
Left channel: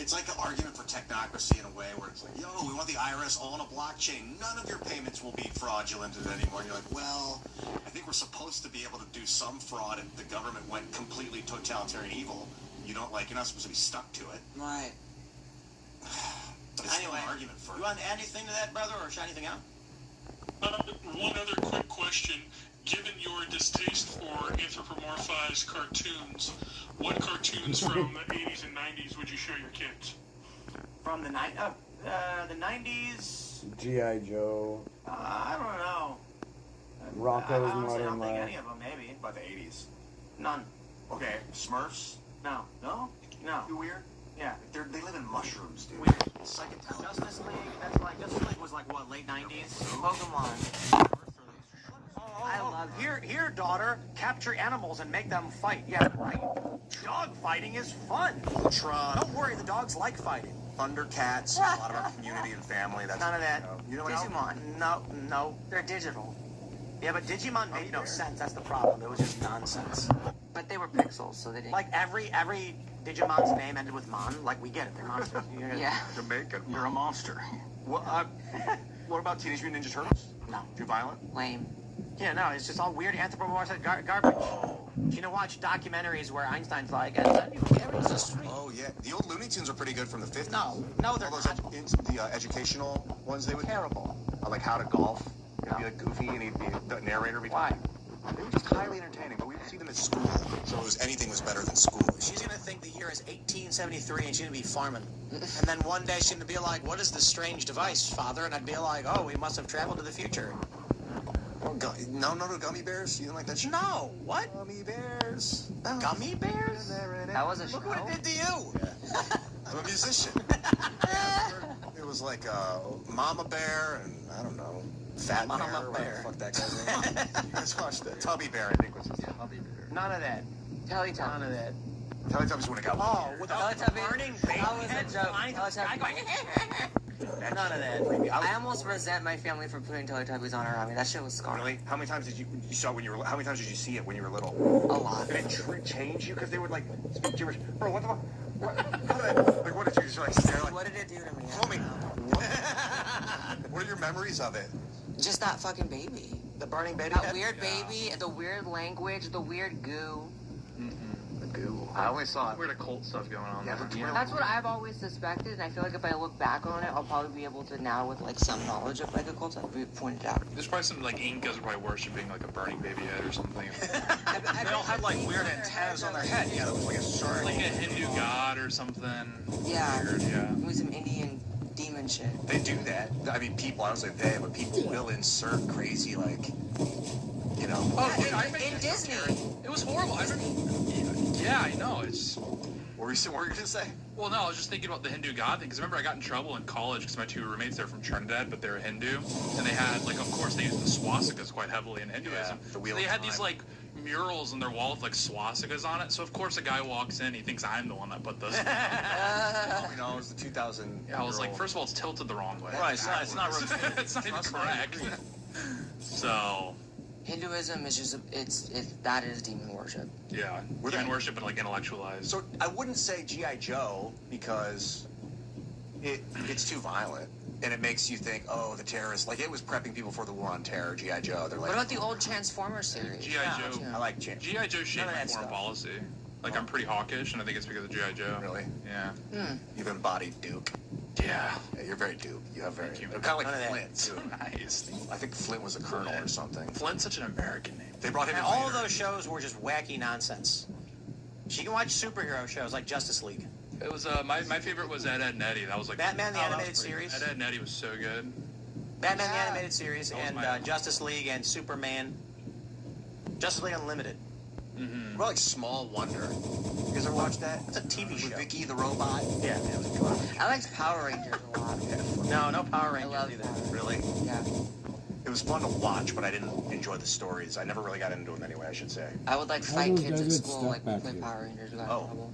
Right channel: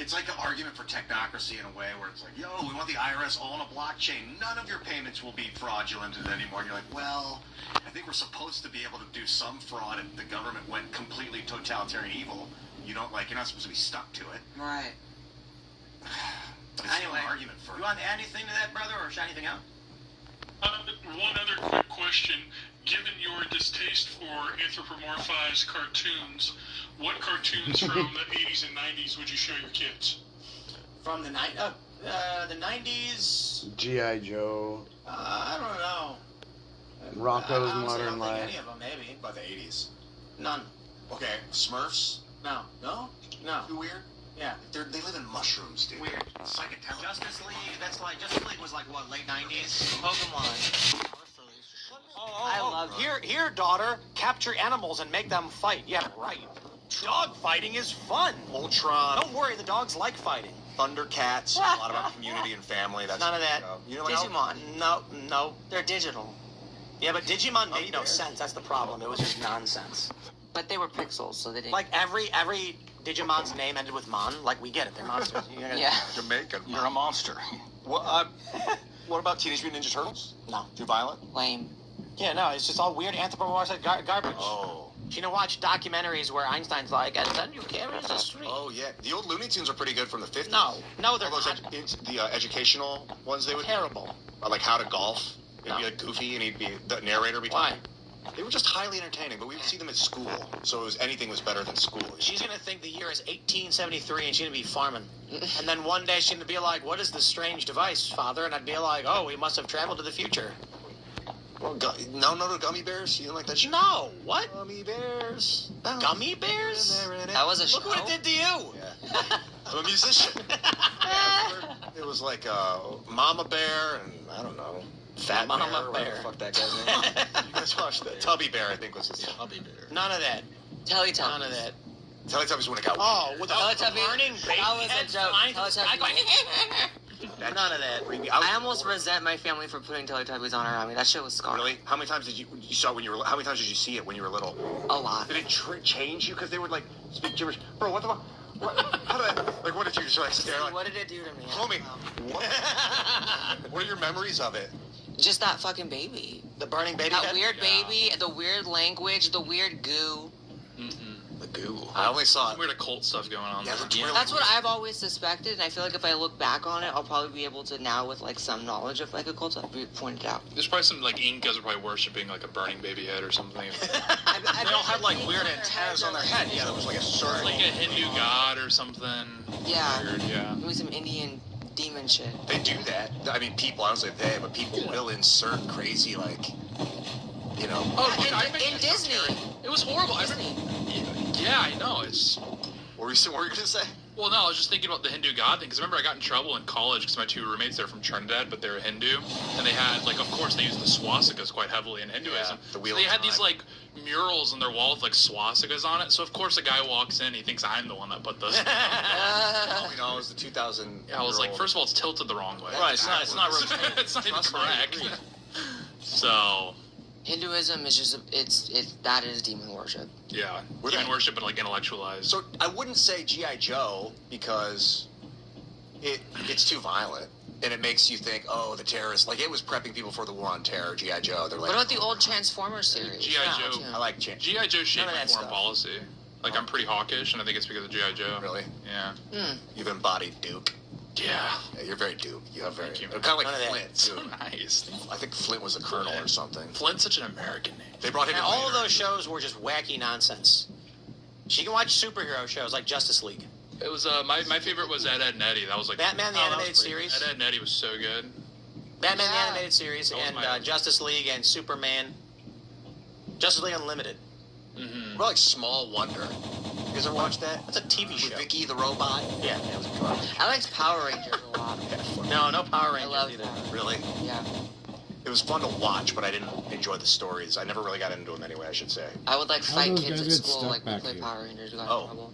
It's like an argument for technocracy in a way where it's like, yo, we want the IRS all on a blockchain. None of your payments will be fraudulented anymore. And you're like, well, I think we're supposed to be able to do some fraud if the government went completely totalitarian evil. You don't like, you're not supposed to be stuck to it. Right. But it's Anyway, still an argument for you want to add anything to that, brother, or shout anything out? One other quick question. Given your distaste for anthropomorphized cartoons, what cartoons from the 80s and 90s would you show your kids? From the 90s? G.I. Joe. I don't know. Rocco's I honestly Modern don't think Life. any of them, maybe. By the 80s. None. Okay, Smurfs. No. No? No. Too weird? Yeah. They live in mushrooms, dude. Weird. Psychedelic. Justice League, Justice League was like, what, late 90s? Pokemon. I love here, daughter. Capture animals and make them fight. Yeah, right. Dog fighting is fun. Ultron. Don't worry, the dogs like fighting. Thundercats. A lot about community and family. That's None of that. You know Digimon. No, they're digital. Yeah, but Digimon made no sense. That's the problem. It was just nonsense. But they were pixels, so they didn't. Like every Digimon's name ended with Mon. Like we get it. They're monsters. Yeah. Jamaican. You're a monster. What about Teenage Mutant Ninja Turtles? No. Too violent? Lame. Yeah, no, it's just all weird anthropomorphic garbage. Oh. You know, watch documentaries where Einstein's like, and then you carry the street. Oh, yeah. The old Looney Tunes are pretty good from the 50s. No, they're those not. the educational ones they would Terrible. like How to Golf. It'd be like Goofy, and he'd be the narrator. Why? They were just highly entertaining, but we would see them at school, so anything was better than school. She's gonna think the year is 1873 and she's gonna be farming. And then one day she's gonna be like, what is this strange device, father? And I'd be like, oh, we must have traveled to the future. Well, no gummy bears? You didn't like that shit? No, what? Gummy bears. Oh. Gummy bears? That was a show. Look what it did to you. Yeah. I'm a musician. It was like Mama Bear and, I don't know, Fat Mama Bear. Whatever Bear. the fuck that guy's name. You guys watched that? Tubby Bear, I think, was his name. Tubby Bear. None of that. Teletubbies. None of that. Teletubbies when it got Oh, with the burning baby That was a heads joke. flying through the sky going, None of that. I almost resent my family for putting Teletubbies on around me. That shit was scarring. Really? How many times did you saw it when you were? How many times did you see it when you were little? A lot. Did it change you because they would like speak gibberish? Bro, what the fuck? How did that? Like, what did you just like stare like? What did it do to me? Tell me. What are your memories of it? Just that fucking baby. The burning baby That head? weird baby, the weird language, the weird goo. The goo. I only saw it. Weird occult stuff going on. Yeah, there. That's what I've always suspected, and I feel like if I look back on it, I'll probably be able to now, with like some knowledge of like occult stuff, point it out. There's probably some like Incas are probably worshiping like a burning baby head or something. They all had like weird antennas on their head. Yeah, there was like a circle. Like a Hindu god or something. Yeah. Weird, yeah. Maybe some Indian demon shit. They do that. I mean, people. I don't say they, but people will insert crazy like, you know. Oh, dude, In Disney. It was horrible. I remember. Yeah, I know. It's. What were you gonna say? Well, no, I was just thinking about the Hindu god thing, because remember I got in trouble in college because my two roommates, they're from Trinidad, but they're Hindu, and they had, like, of course they use the swastikas quite heavily in Hinduism. Yeah, the so wheel they of had these, time. like, murals on their wall with, like, swastikas on it, so of course a guy walks in, he thinks I'm the one that put those. You know, it was the 2000. Yeah, I was like, first of all, it's tilted the wrong way. Right, it's not really. It's not even correct. So... Hinduism is just that is demon worship. Yeah, demon worship and like intellectualized. So I wouldn't say G.I. Joe because it's too violent and it makes you think, oh, the terrorists. Like it was prepping people for the war on terror. G.I. Joe. They're like, What about the old Transformers series? G.I. Joe. I like G.I. Joe shaped None of my that foreign stuff. policy. Like I'm pretty hawkish, and I think it's because of G.I. Joe. Really? Yeah. You've embodied Duke. Yeah. You're very Duke. You have very. Thank you. Kind of like None of that. Flint too. Nice. I think Flint was a colonel or something. Flint's such an American name. They brought him And in all of later. those shows were just wacky nonsense. She can watch superhero shows like Justice League. It was my favorite was Ed, Ed and Eddie. That was like Batman the that was Animated pretty- Series. Ed, Ed and Eddie was so good. Batman the Animated Series That was and my- Justice League and Superman. Justice League Unlimited. What about like Small Wonder? You guys ever watch that? That's a TV With show. Vicky the robot. Yeah. It was good. I liked Power Rangers a lot. No Power Rangers love either. that. Really? Yeah. It was fun to watch, but I didn't enjoy the stories. I never really got into them anyway, I should say. I would like How fight those kids guys at get school stuck like we back play here? Power Rangers. We got in Oh. trouble.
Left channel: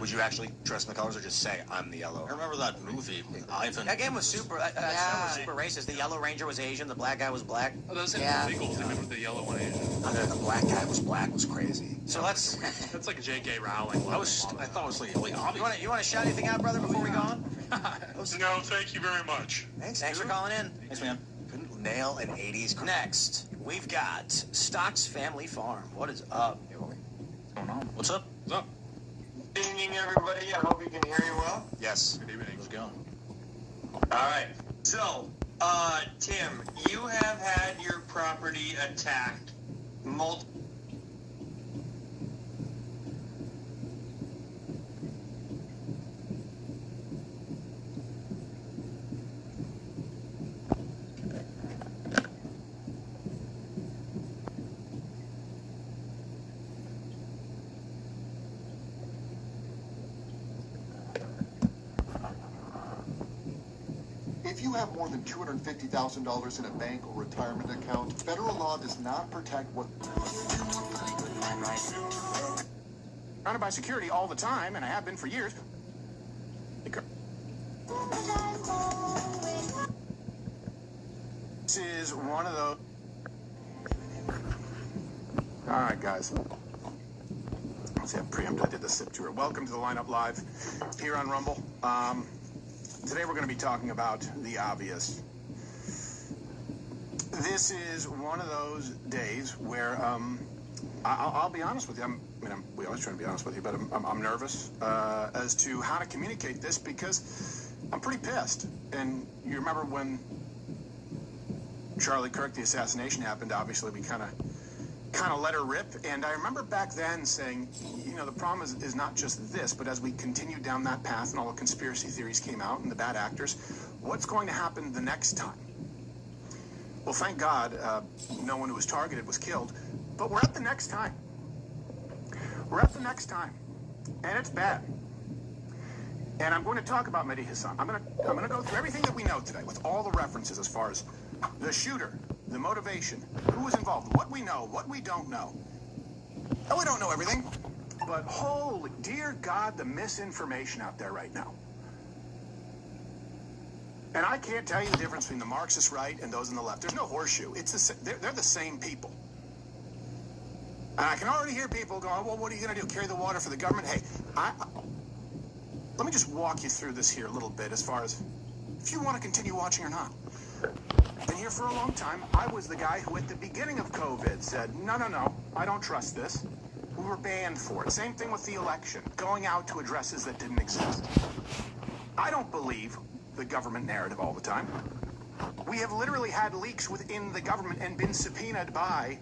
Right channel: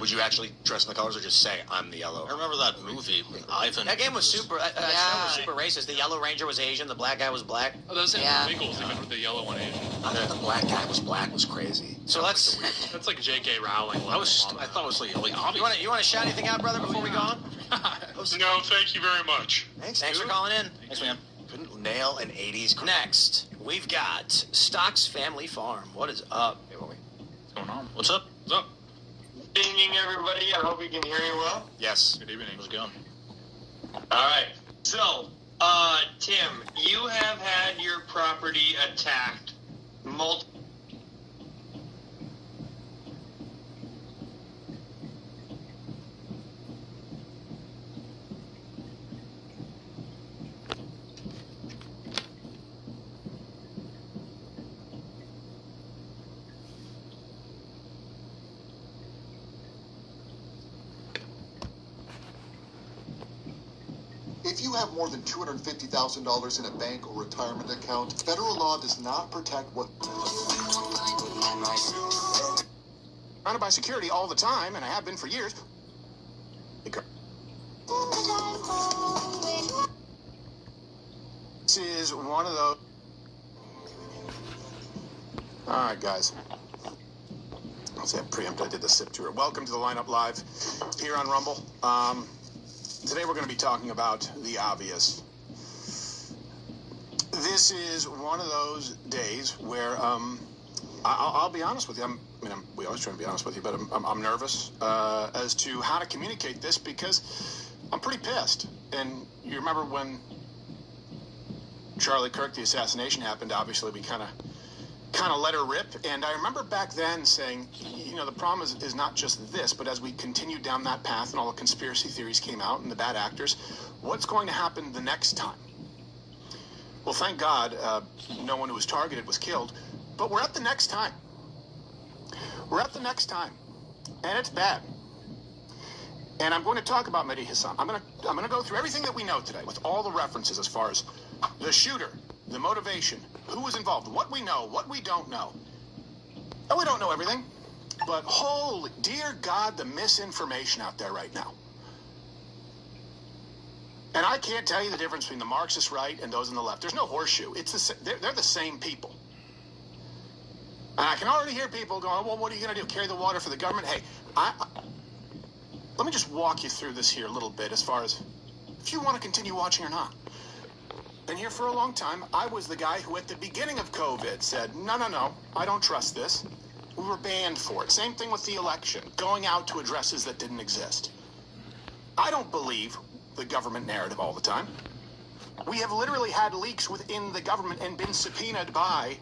Would you actually dress in the colors or just say, I'm the yellow? I remember that movie with Ivan. That game was super. That show was super racist. The Yellow Ranger was Asian. The black guy was black. Oh, those are Nichols. They went with the yellow one Asian. The black guy was black was crazy. So that's like J.K. Rowling. I thought it was like really obvious. You want to shout anything out, brother, before we go on? No, thank you very much. Thanks for calling in. Thanks, man. Couldn't nail an 80s crowd. Next, we've got Stocks Family Farm. What is up? What's going on? What's up? What's up? Good evening, everybody. I hope you can hear me well. Yes. Good evening. How's it going? All right. So, Tim, you have had your property attacked multiple. If you have more than $250,000 in a bank or retirement account, federal law does not protect what... Surrounded by security all the time, and I have been for years. This is one of those... All right, guys. Let's see, I preempted. I did the SIP tour. Welcome to the Lineup Live here on Rumble. Today we're going to be talking about the obvious. This is one of those days where I'll be honest with you. We always try to be honest with you, but I'm nervous as to how to communicate this because I'm pretty pissed. And you remember when Charlie Kirk, the assassination happened, obviously we kind of let her rip. And I remember back then saying, you know, the problem is not just this, but as we continued down that path and all the conspiracy theories came out and the bad actors, what's going to happen the next time? Well, thank God, no one who was targeted was killed, but we're at the next time. We're at the next time, and it's bad. And I'm going to talk about Mehdi Hassan. I'm going to go through everything that we know today with all the references as far as the shooter, the motivation, who was involved, what we know, what we don't know. And we don't know everything, but holy, dear God, the misinformation out there right now. And I can't tell you the difference between the Marxist right and those on the left. There's no horseshoe. They're the same people. And I can already hear people going, well, what are you going to do, carry the water for the government? Hey, let me just walk you through this here a little bit as far as if you want to continue watching or not. Been here for a long time. I was the guy who at the beginning of COVID said, no, I don't trust this. We were banned for it. Same thing with the election, going out to addresses that didn't exist. I don't believe the government narrative all the time. We have literally had leaks within the government and been subpoenaed by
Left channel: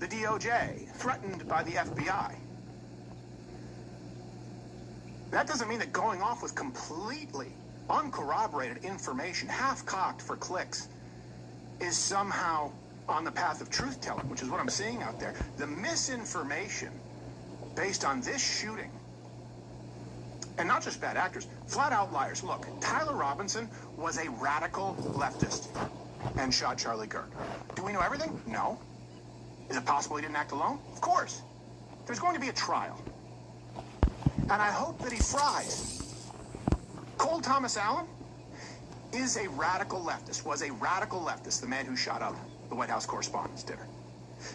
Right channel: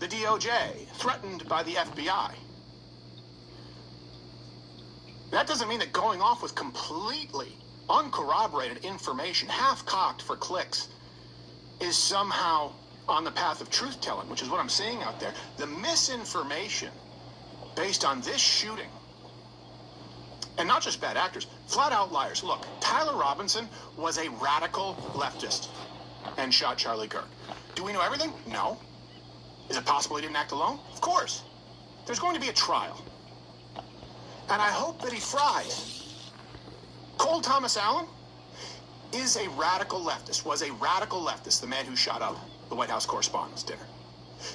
the DOJ, threatened by the FBI. That doesn't mean that going off with completely uncorroborated information, half-cocked for clicks, is somehow on the path of truth-telling, which is what I'm seeing out there. The misinformation based on this shooting, and not just bad actors, flat-out liars. Look, Tyler Robinson was a radical leftist and shot Charlie Kirk. Do we know everything? No. Is it possible he didn't act alone? Of course. There's going to be a trial. And I hope that he fries. Cole Thomas Allen is a radical leftist, was a radical leftist, the man who shot up the White House Correspondents' Dinner.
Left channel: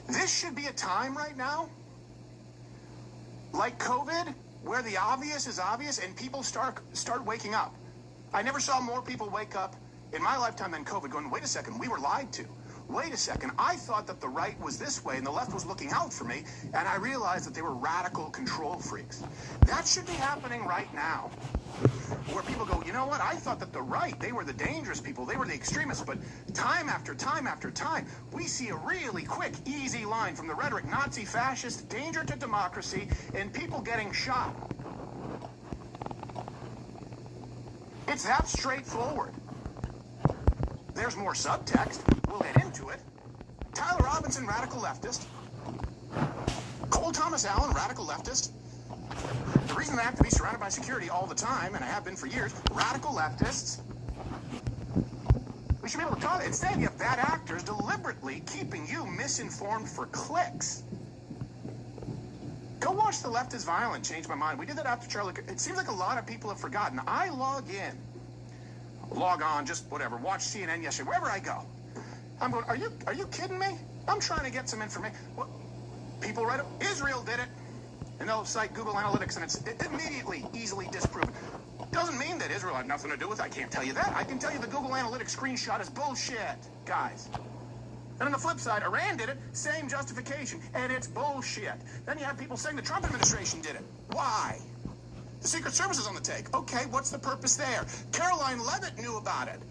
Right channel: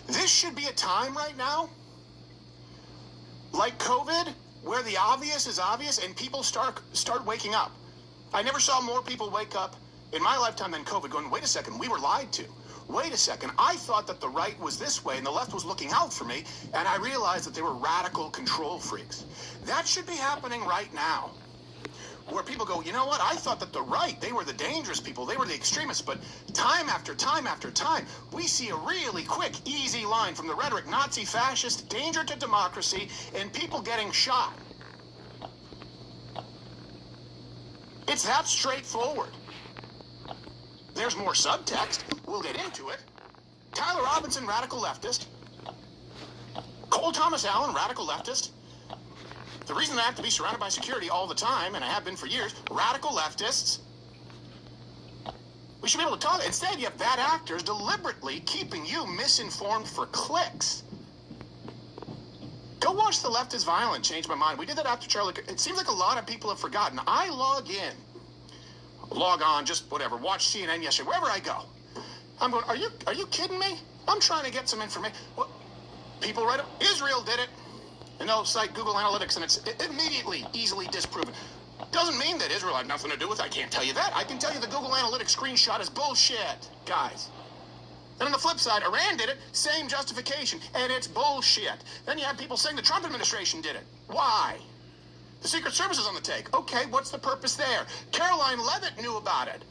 This should be a time right now, like COVID, where the obvious is obvious and people start waking up. I never saw more people wake up in my lifetime than COVID going, wait a second, we were lied to. Wait a second, I thought that the right was this way and the left was looking out for me, and I realized that they were radical control freaks. That should be happening right now. Where people go, you know what, I thought that the right, they were the dangerous people, they were the extremists, but time after time after time, we see a really quick, easy line from the rhetoric, Nazi, fascist, danger to democracy, and people getting shot. It's that straightforward. There's more subtext. We'll get into it. Tyler Robinson, radical leftist. Cole Thomas Allen, radical leftist. The reason I have to be surrounded by security all the time, and I have been for years, radical leftists. We should be able to talk. Instead, you have bad actors deliberately keeping you misinformed for clicks. Go watch The Left is Violent, changed my mind. We did that after Charlie. It seems like a lot of people have forgotten. I log on, just whatever, watch CNN yesterday, wherever I go. I'm going, are you kidding me? I'm trying to get some information. Well, people write up, Israel did it. And they'll cite Google Analytics, and it's immediately, easily disproven. Doesn't mean that Israel had nothing to do with it. I can't tell you that. I can tell you the Google Analytics screenshot is bullshit, guys. Then on the flip side, Iran did it, same justification, and it's bullshit. Then you have people saying the Trump administration did it. Why? The Secret Service is on the take. Okay, what's the purpose there? Caroline Leavitt knew about it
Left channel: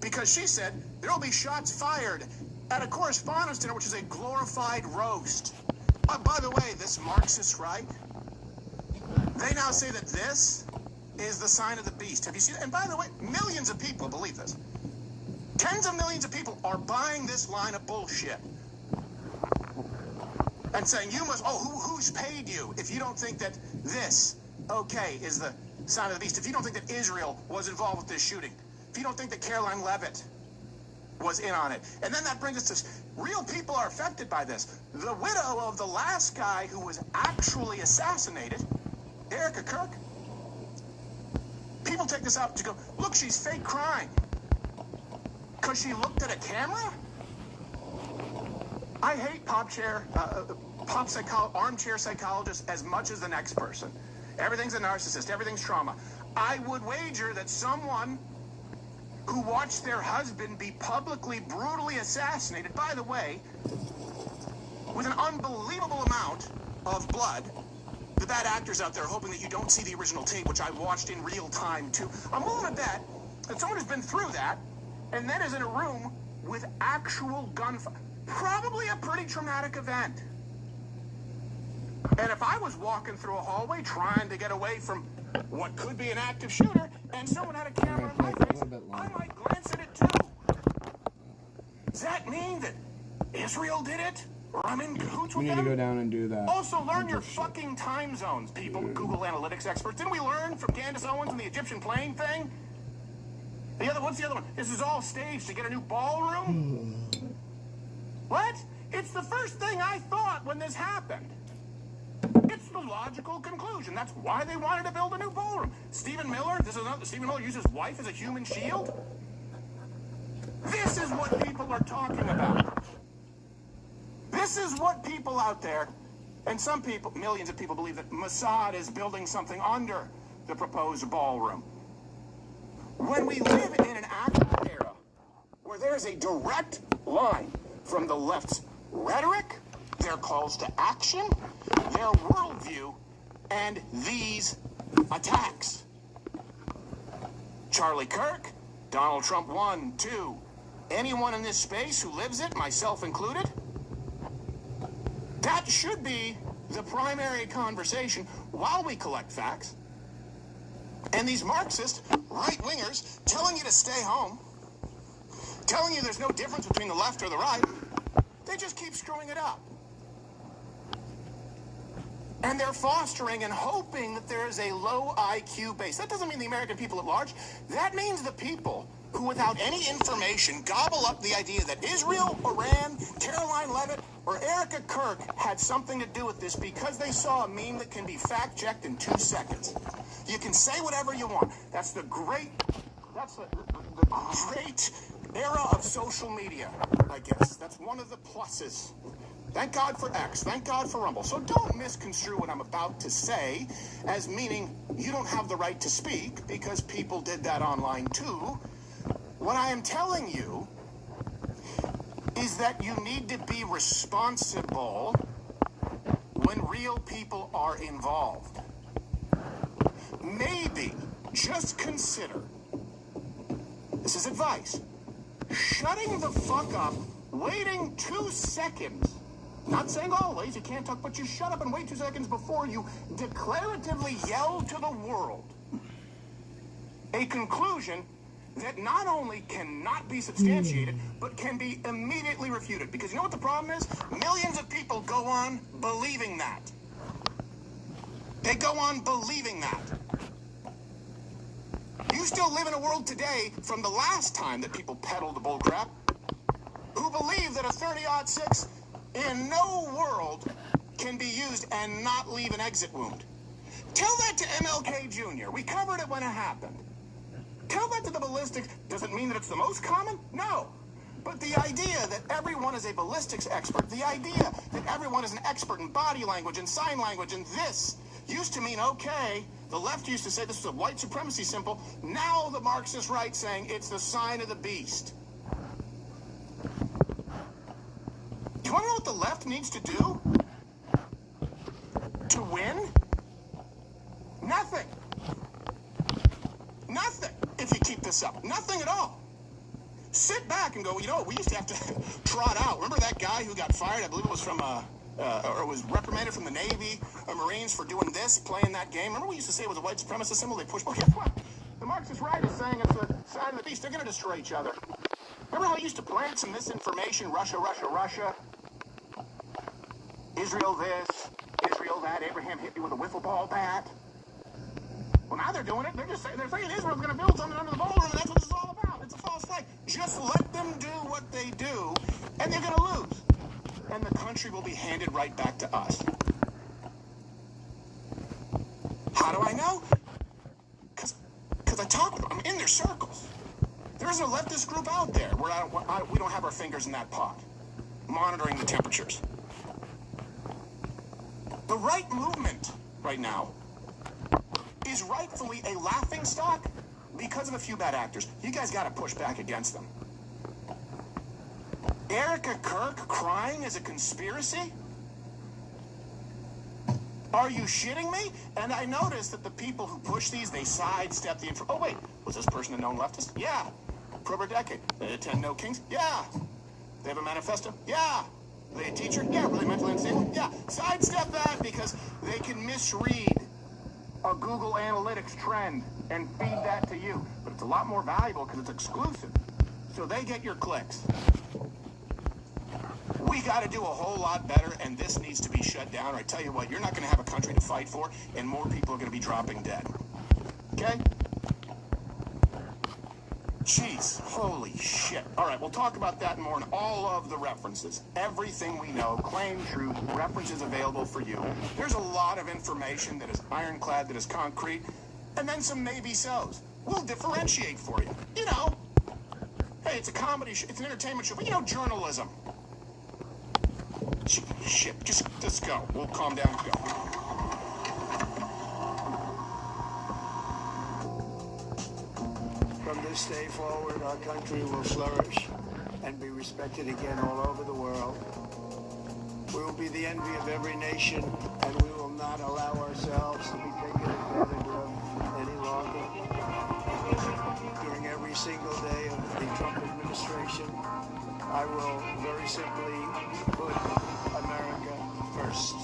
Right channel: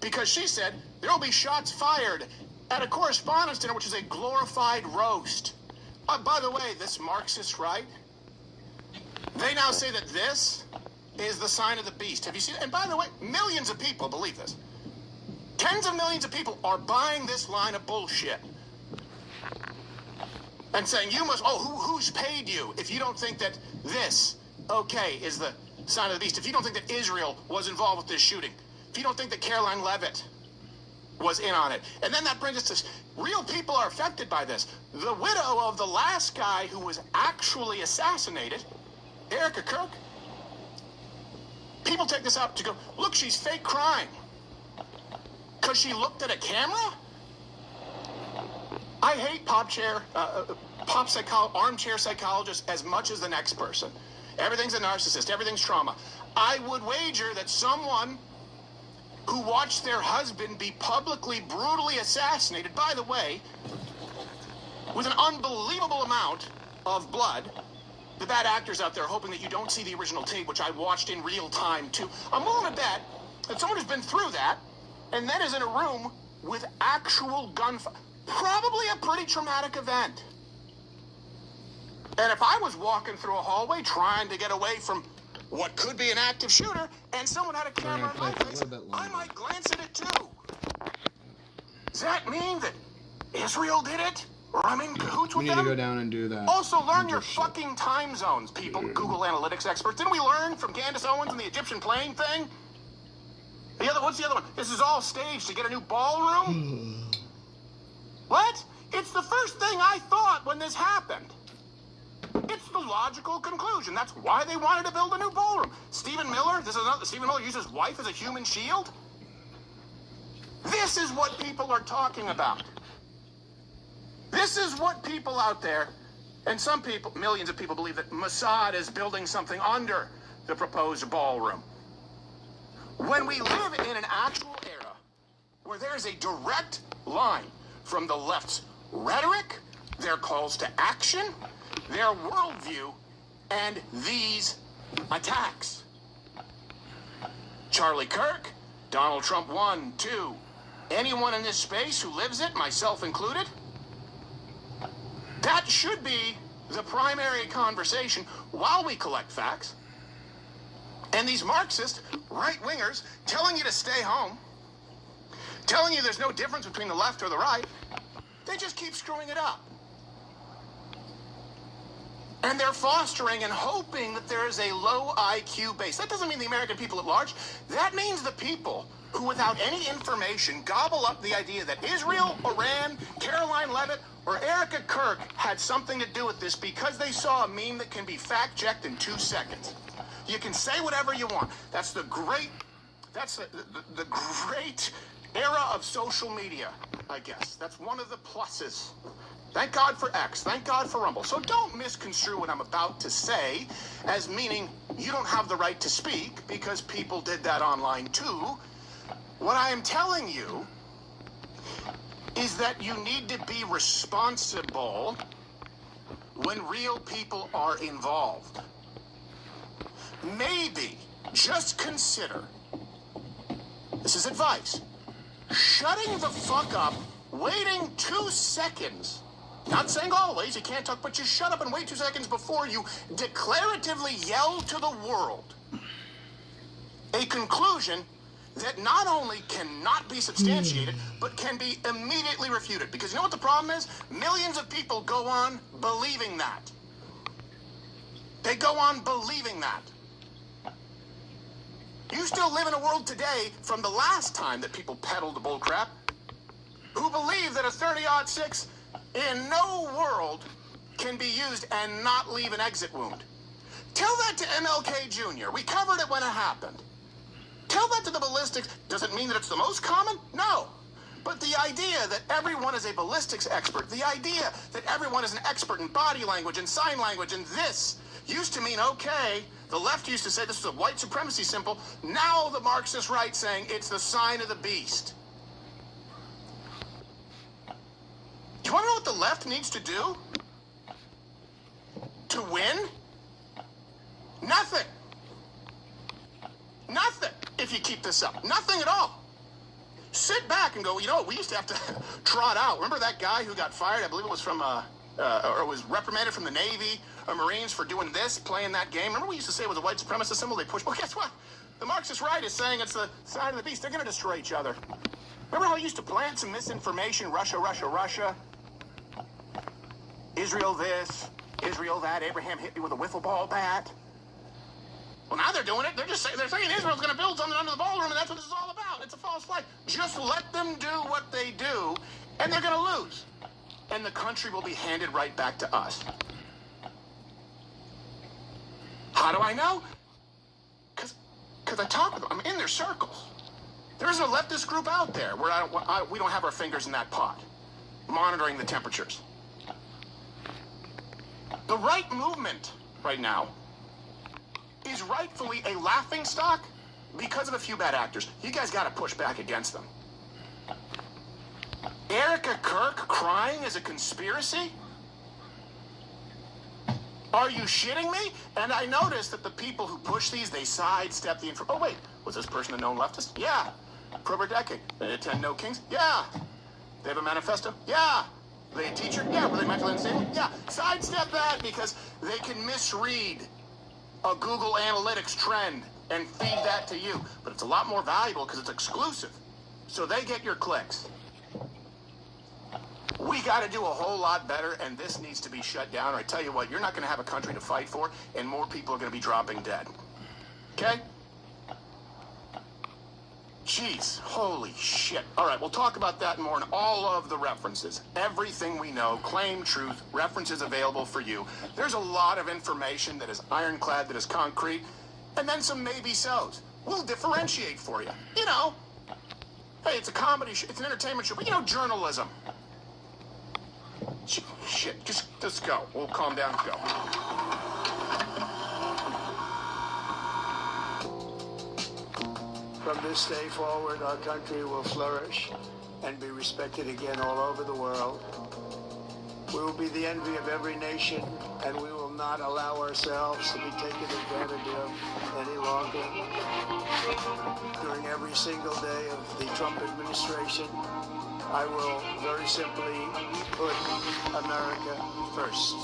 because she said there will be shots fired at a correspondence dinner, which is a glorified roast. By the way, this Marxist right, they now say that this is the sign of the beast. Have you seen it? And by the way, millions of people believe this. Tens of millions of people are buying this line of bullshit and saying, you must, who's paid you if you don't think that this, okay, is the sign of the beast? If you don't think that Israel was involved with this shooting, if you don't think that Caroline Leavitt was in on it. And then that brings us to real people are affected by this. The widow of the last guy who was actually assassinated, Erica Kirk, people take this out to go, look, she's fake crying because she looked at a camera? I hate armchair psychologists as much as the next person. Everything's a narcissist. Everything's trauma. I would wager that someone who watched their husband be publicly, brutally assassinated, by the way, with an unbelievable amount of blood. The bad actors out there hoping that you don't see the original tape, which I watched in real time, too. I'm willing to bet that someone who's been through that and then is in a room with actual gunfire. Probably a pretty traumatic event. And if I was walking through a hallway trying to get away from what could be an active shooter, and someone had a camera in my face, I might glance at it too. Does that mean that Israel did it? Or I'm in cahoots with them? We need to go down and do that. Also, learn your fucking time zones, people, Google Analytics experts. Didn't we learn from Candace Owens and the Egyptian plane thing? What's the other one? This is all staged to get a new ballroom? What? It's the first thing I thought when this happened. It's the logical conclusion. That's why they wanted to build a new ballroom. Stephen Miller, Stephen Miller used his wife as a human shield? This is what people are talking about. This is what people out there, and some people, millions of people, believe that Mossad is building something under the proposed ballroom. When we live in an actual era where there is a direct line from the left's rhetoric, their calls to action, their worldview, and these attacks. Charlie Kirk, Donald Trump 1, 2, anyone in this space who lives it, myself included, that should be the primary conversation while we collect facts. And these Marxist right-wingers telling you to stay home, telling you there's no difference between the left or the right, they just keep screwing it up. And they're fostering and hoping that there is a low IQ base. That doesn't mean the American people at large. That means the people who, without any information, gobble up the idea that Israel, Iran, Caroline Leavitt, or Erica Kirk had something to do with this because they saw a meme that can be fact-checked in 2 seconds. You can say whatever you want. That's the great era of social media, I guess. That's one of the pluses. Thank God for X. Thank God for Rumble. So don't misconstrue what I'm about to say as meaning you don't have the right to speak because people did that online too. What I am telling you is that you need to be responsible when real people are involved. Maybe just consider, this is advice, shutting the fuck up, waiting 2 seconds. Not saying always, you can't talk, but you shut up and wait 2 seconds before you declaratively yell to the world a conclusion that not only cannot be substantiated, but can be immediately refuted. Because you know what the problem is? Millions of people go on believing that. They go on believing that. You still live in a world today from the last time that people peddled the bullcrap who believe that a 30-06 in no world can be used and not leave an exit wound. Tell that to MLK Jr. We covered it when it happened. Tell that to the ballistics. Does it mean that it's the most common? No. But the idea that everyone is a ballistics expert, the idea that everyone is an expert in body language and sign language and this used to mean, okay, the left used to say this was a white supremacy symbol. Now the Marxist right saying it's the sign of the beast. You want to know what the left needs to do to win? Nothing. Nothing if you keep this up. Nothing at all. Sit back and go, you know, we used to have to trot out. Remember that guy who got fired? I believe it was from, or was reprimanded from the Navy or Marines for doing this, playing that game. Remember we used to say it was a white supremacist symbol? They pushed. Well, guess what? The Marxist right is saying it's the sign of the beast. They're going to destroy each other. Remember how we used to plant some misinformation? Russia, Russia, Russia. Israel this, Israel that. Abraham hit me with a wiffle ball bat. Well, now they're doing it. They're saying Israel's going to build something under the ballroom, and that's what this is all about. It's a false flag. Just let them do what they do, and they're going to lose. And the country will be handed right back to us. How do I know? Because I talk with them. I'm in their circles. There isn't a leftist group out there where we don't have our fingers in that pot, monitoring the temperatures. The right movement right now is rightfully a laughingstock because of a few bad actors. You guys got to push back against them. Erica Kirk crying is a conspiracy? Are you shitting me? And I noticed that the people who push these, they sidestep the information. Oh, wait, was this person a known leftist? Yeah. For over a decade. They attend No Kings? Yeah. They have a manifesto? Yeah. Were they a teacher? Yeah. Were they mentally unstable? Yeah. Sidestep that because they can misread a Google Analytics trend and feed that to you. But it's a lot more valuable because it's exclusive. So they get your clicks. We got to do a whole lot better, and this needs to be shut down. Or I tell you what, you're not going to have a country to fight for, and more people are going to be dropping dead. Okay? Jeez, holy shit. All right, we'll talk about that more in all of the references. Everything we know, claim truth, references available for you. There's a lot of information that is ironclad, that is concrete, and then some maybe-sos. We'll differentiate for you. You know, hey, it's a comedy show, it's an entertainment show, but you know, journalism. Shit, just go. We'll calm down and go. From this day forward, our country will flourish and be respected again all over the world. We will be the envy of every nation, and we will not allow ourselves to be taken advantage of any longer. During every single day of the Trump administration, I will very simply put America first.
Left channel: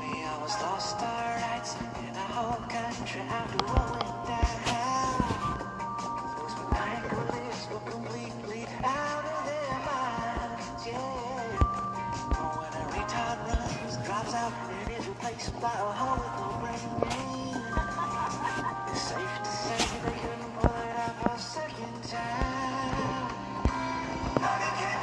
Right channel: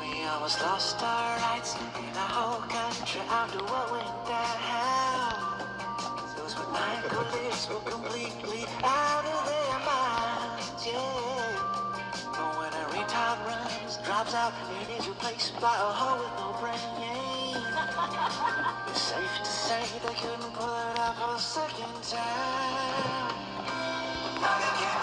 We almost lost our rights in our whole country after what went down. Those monopolies were completely out of their minds, yeah. But when a retard runs, drops out, and is replaced by a hoe with no brain, it's safe to say they couldn't pull it off a second time. Now they can't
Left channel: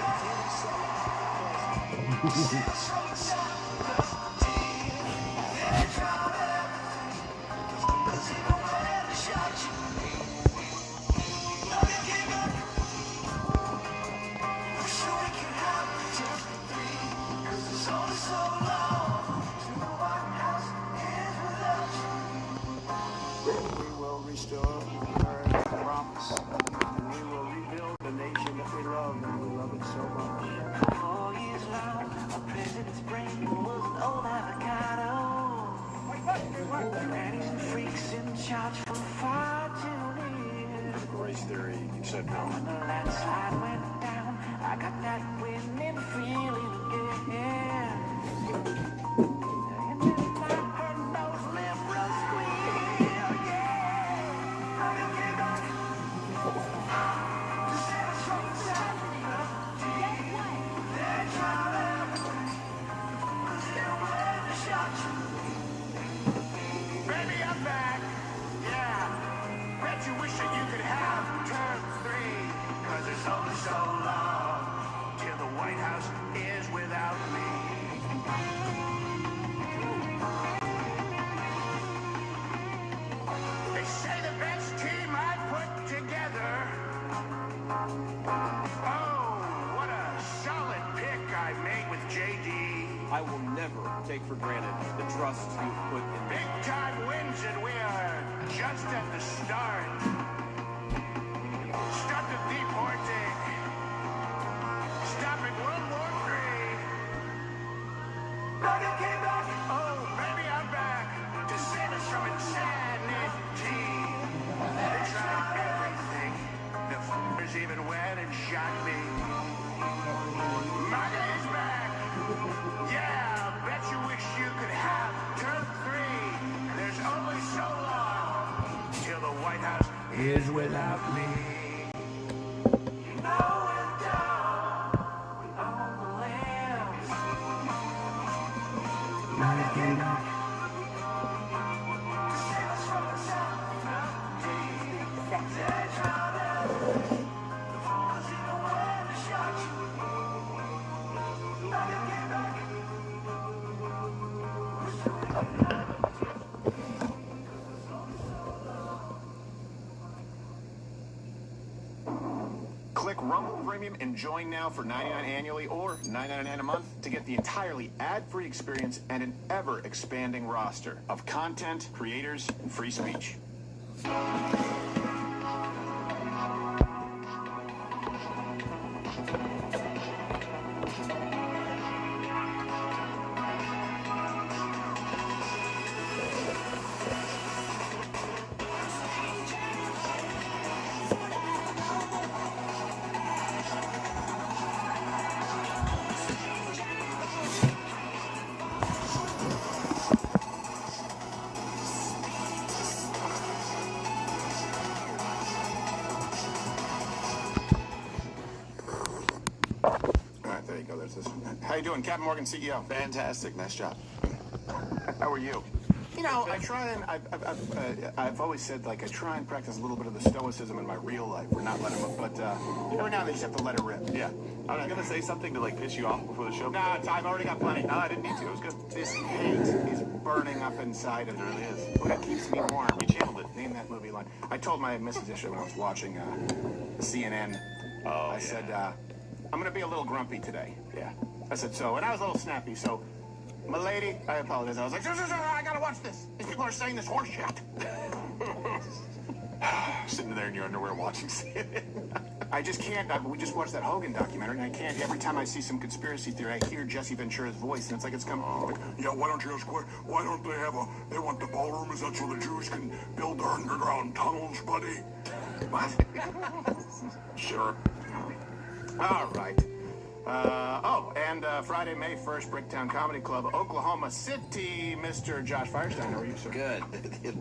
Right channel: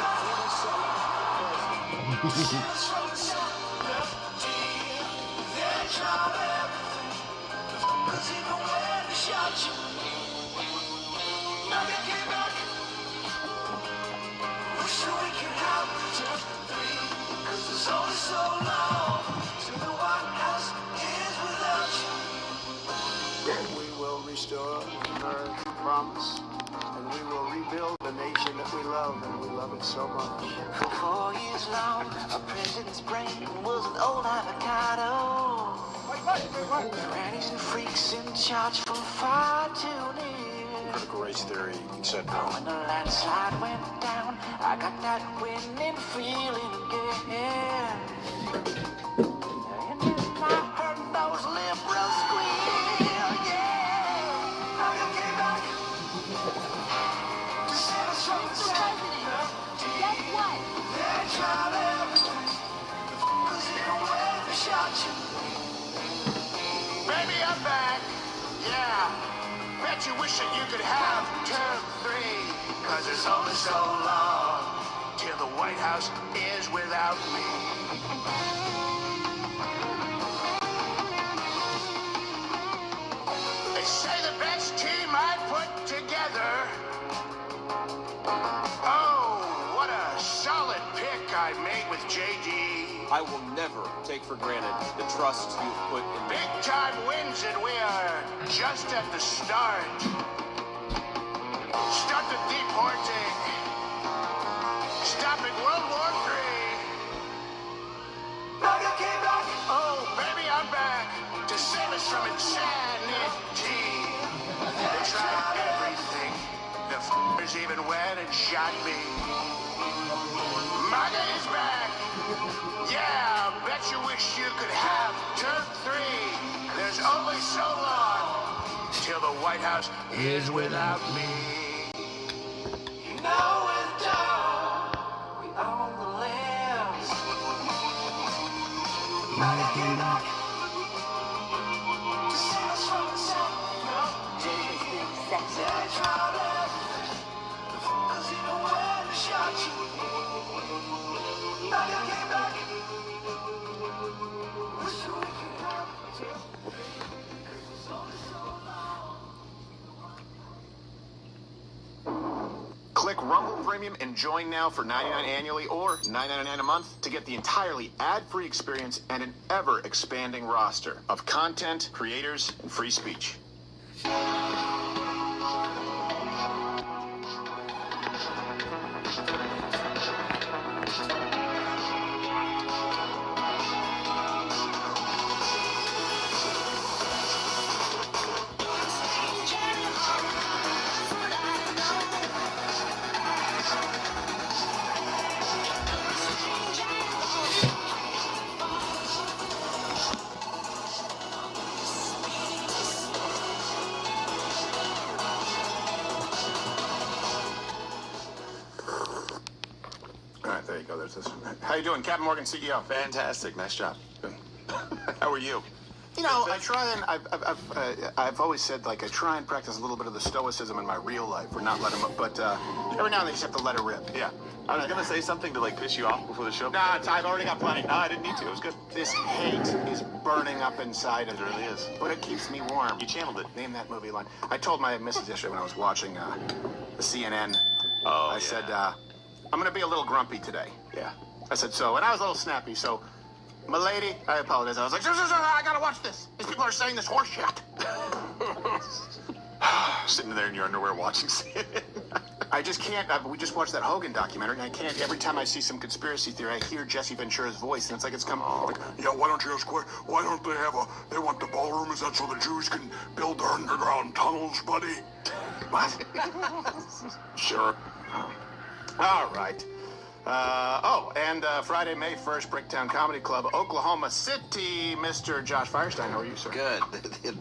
We will restore America's promise, and we will rebuild the nation that we love, and we love it so much. For 4 years long, our president's brain was an old avocado. Grannies and freaks in charge from far too near. Critical race theory, etc. When the landslide went down, I got that winning feeling again. And then I heard those liberals squeal, yeah. Now you came back to set us from the guess what? Their job everything. Cause they don't wear the shot you. Baby, I'm back. Yeah. Bet you wish that you could have 2, 3. Cause it's only so long till the White House is without me. made with JD. I will never take for granted the trust you've put in me. Big time wins, and we are just at the start. Start the deporting. Stopping World War III. Now you came back. Oh, baby, I'm back to save us from insanity. They tried everything. The f***ers even went and shot me. My day's back. Yeah, bet you wish you could have term 3. There's only so long till the White House is without me. You know it's down. We own the land. Now came back. To save us from itself. They tried it. The f***ers even went and shot you. Now you came back. Click Rumble Premium and join now for $99 annually or $9.99 a month to get the entirely ad-free experience and an ever-expanding roster of content, creators, and free speech. There you go. There's this. How you doing, Captain Morgan, CEO? Fantastic. Nice job. How are you? You know, I try and I've always said, like, I try and practice a little bit of the stoicism in my real life, or not let him. But every now and then you just have to let it rip. Yeah. I was gonna say something to like piss you off before the show. Nah, I've already got plenty. No, I didn't need to. It was good. This hate is burning up inside of me. It really is. But it keeps me warm. You channeled it. Name that movie line. I told my missus yesterday when I was watching the CNN. I said, I'm gonna be a little grumpy today. Yeah. I said, so, and I was a little snappy, so, my lady, I apologize. I was like, I gotta watch this. These people are saying this horse shit. Sitting there in your underwear watching CNN. I just can't. We just watched that Hogan documentary, and I can't. Every time I see some conspiracy theory, I hear Jesse Ventura's voice, and it's like it's coming. Like, yeah, why don't you ask why don't they have they want the ballroom? Is that so the Jews can build their underground tunnels, buddy? What? Sure. All right. And Friday, May 1st, Bricktown Comedy Club, Oklahoma City. Mr. Josh Firestein, how are you, sir? Good.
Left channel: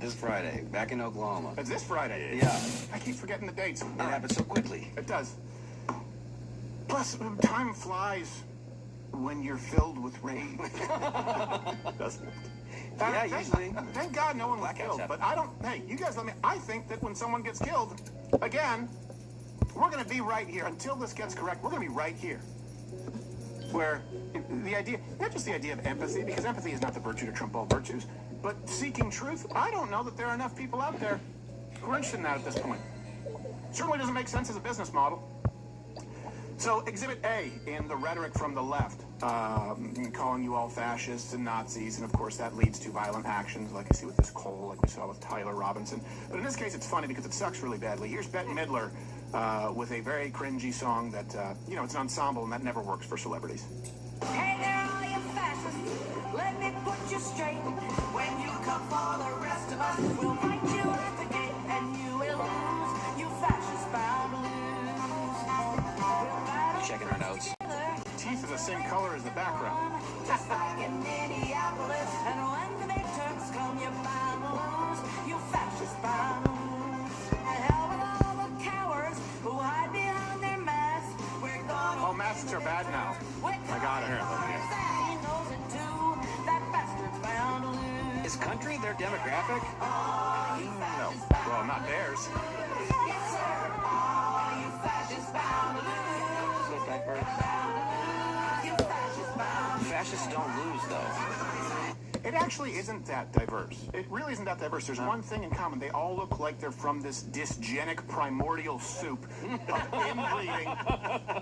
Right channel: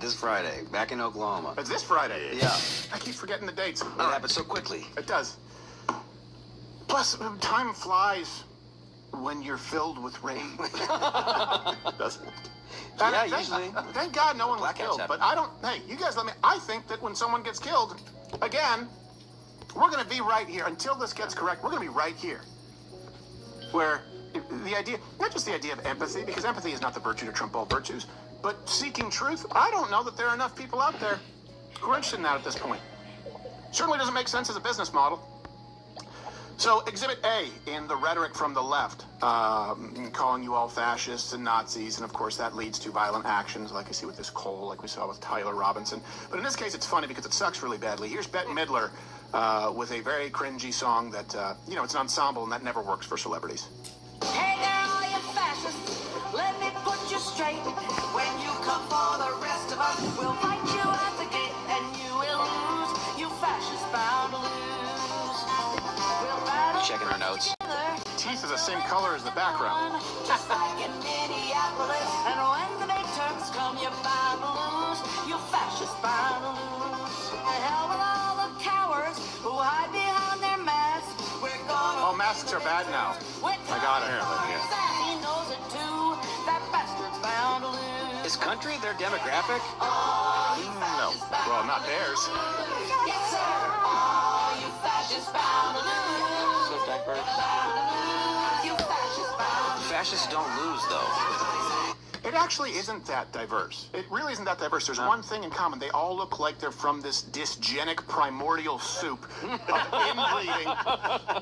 This Friday, back in Oklahoma. It's this Friday? Yeah. I keep forgetting the dates. It happened so quickly. It does. Plus, time flies when you're filled with rain. Doesn't it? Yeah, usually. Thank God no one was killed. happen. But I don't... Hey, you guys let me... I think that when someone gets killed, again, we're going to be right here. Until this gets correct, we're going to be right here. Where the idea, not just the idea of empathy, because empathy is not the virtue to trump all virtues, but seeking truth, I don't know that there are enough people out there who are interested in that at this point. Certainly doesn't make sense as a business model. So, Exhibit A in the rhetoric from the left, calling you all fascists and Nazis, and of course that leads to violent actions, like I see with this Cole, like we saw with Tyler Robinson. But in this case, it's funny because it sucks really badly. Here's Bette Midler with a very cringy song that, it's an ensemble, and that never works for celebrities. Hey there, all you fascists, let me put you straight. When you come for the rest of us, we'll fight you at the gate, and you will lose. You fascists bound to lose. We'll battle. Checking our notes. Teeth are the same color as the background. Just like in Minneapolis, and when the big Turks come, you're bound to lose. You fascists bound to lose. The hell with all the cowards who hide behind their masks. We're gonna. Oh, masks are bad now. I got it. He knows it too. That bastard's bound to lose. Is country their demographic? No. Well, not theirs. Yes, sir. Oh, you fascists bound to lose. So diverse. You fascists bound to lose. Fascists don't lose, though. It actually isn't that diverse. It really isn't that diverse. There's one thing in common. They all look like they're from this dysgenic primordial soup of inbreeding.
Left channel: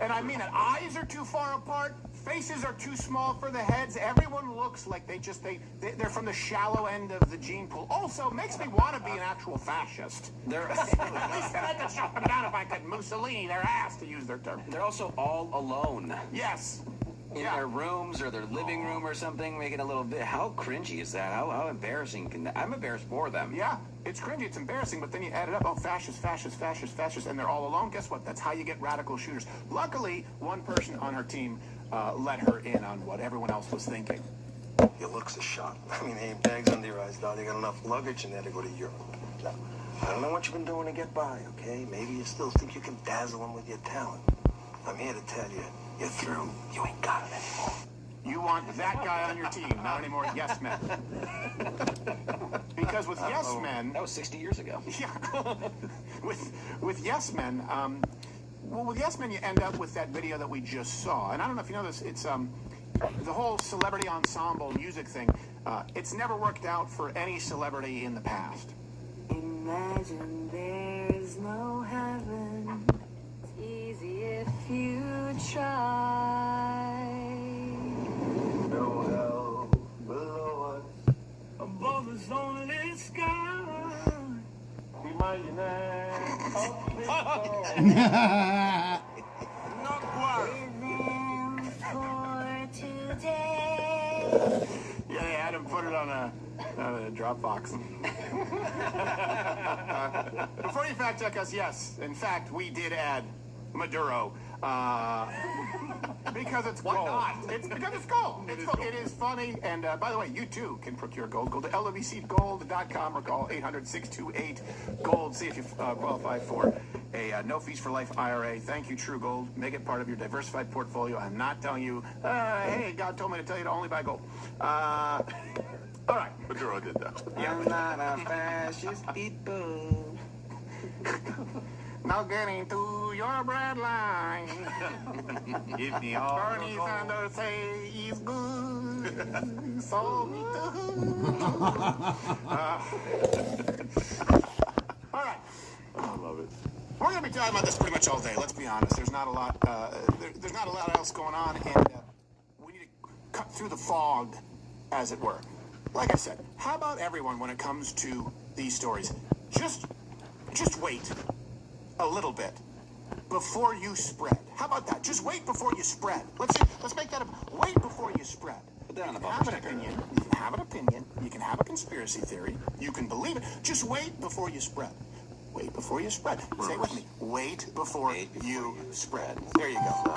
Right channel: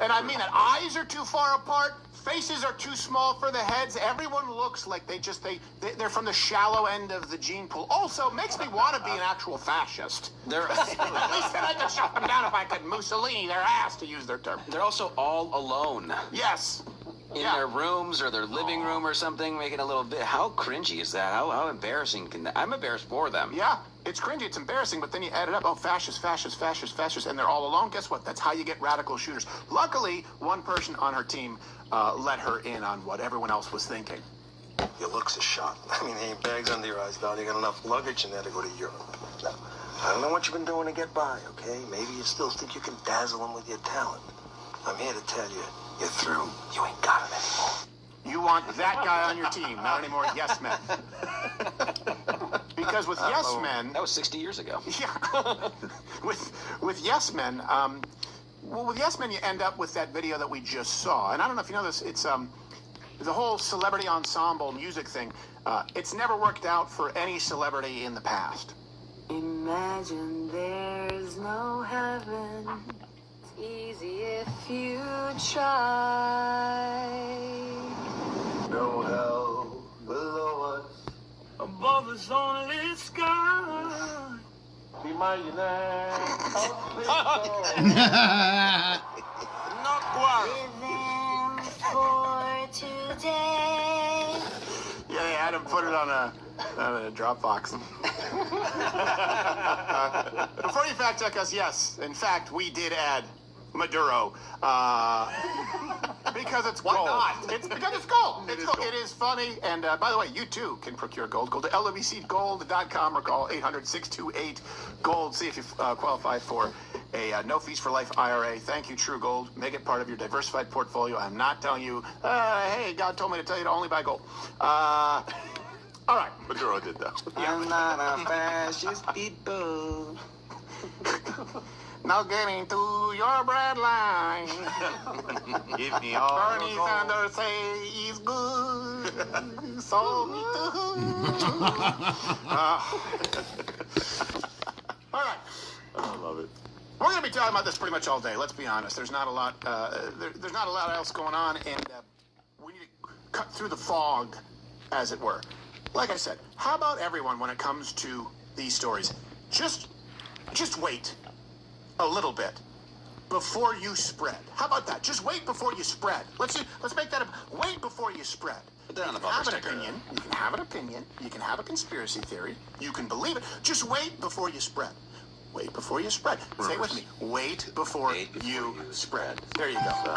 And I mean that. Eyes are too far apart. Faces are too small for the heads. Everyone looks like they're from the shallow end of the gene pool. Also, makes me want to be an actual fascist. They're At least then I could shut them down if I could Mussolini their ass, to use their term. they're also all alone. Yes. In their rooms or their living room or something, making a little bit. How cringy is that? How embarrassing can that? I'm embarrassed for them. Yeah, it's cringy, it's embarrassing, but then you add it up. Oh, fascist, fascist, fascist, fascist, and they're all alone. Guess what? That's how you get radical shooters. Luckily, one person on her team let her in on what everyone else was thinking. Your looks are shot. I mean, there ain't bags under your eyes, Val. You got enough luggage in there to go to Europe. Now, I don't know what you've been doing to get by, okay? Maybe you still think you can dazzle them with your talent. I'm here to tell you, you're through. You ain't got it anymore. You want that guy on your team, not any more yes men. Because with yes men... That was 60 years ago. Yeah. with yes men, well, with yes men, you end up with that video that we just saw. And I don't know if you know this, it's the whole celebrity ensemble music thing. It's never worked out for any celebrity in the past. Imagine there's no heaven. It's easy if you try. No hell below us. Above us only sky. Be my Living for today. Yeah, they had him put it on a Dropbox. Before you fact check us, yes, in fact, we did add Maduro. Because it's gold. It's because it's gold. It's gold. It is funny. And by the way, you too can procure gold. Go to lwcgold.com or call 800-628-GOLD. See if you qualify for a no fees for life IRA. Thank you, True Gold. Make it part of your diversified portfolio. I'm not telling you, hey, God told me to tell you to only buy gold. All right. Maduro did that. I'm not a fascist people. Now getting to your bread line. Give me all Bernie Sanders say he's good. So me too. All right. I love it. We're going to be talking about this pretty much all day. Let's be honest. There's not a lot. There's not a lot else going on, and we need to cut through the fog, as it were. Like I said, how about everyone when it comes to these stories? Just wait a little bit before you spread. How about that? Just wait before you spread. Let's make that wait before you spread. You can have an opinion. You can have an opinion. You can have a conspiracy theory. You can believe it. Just wait before you spread. Wait before you spread. Say it with me. Wait before you spread. There you go.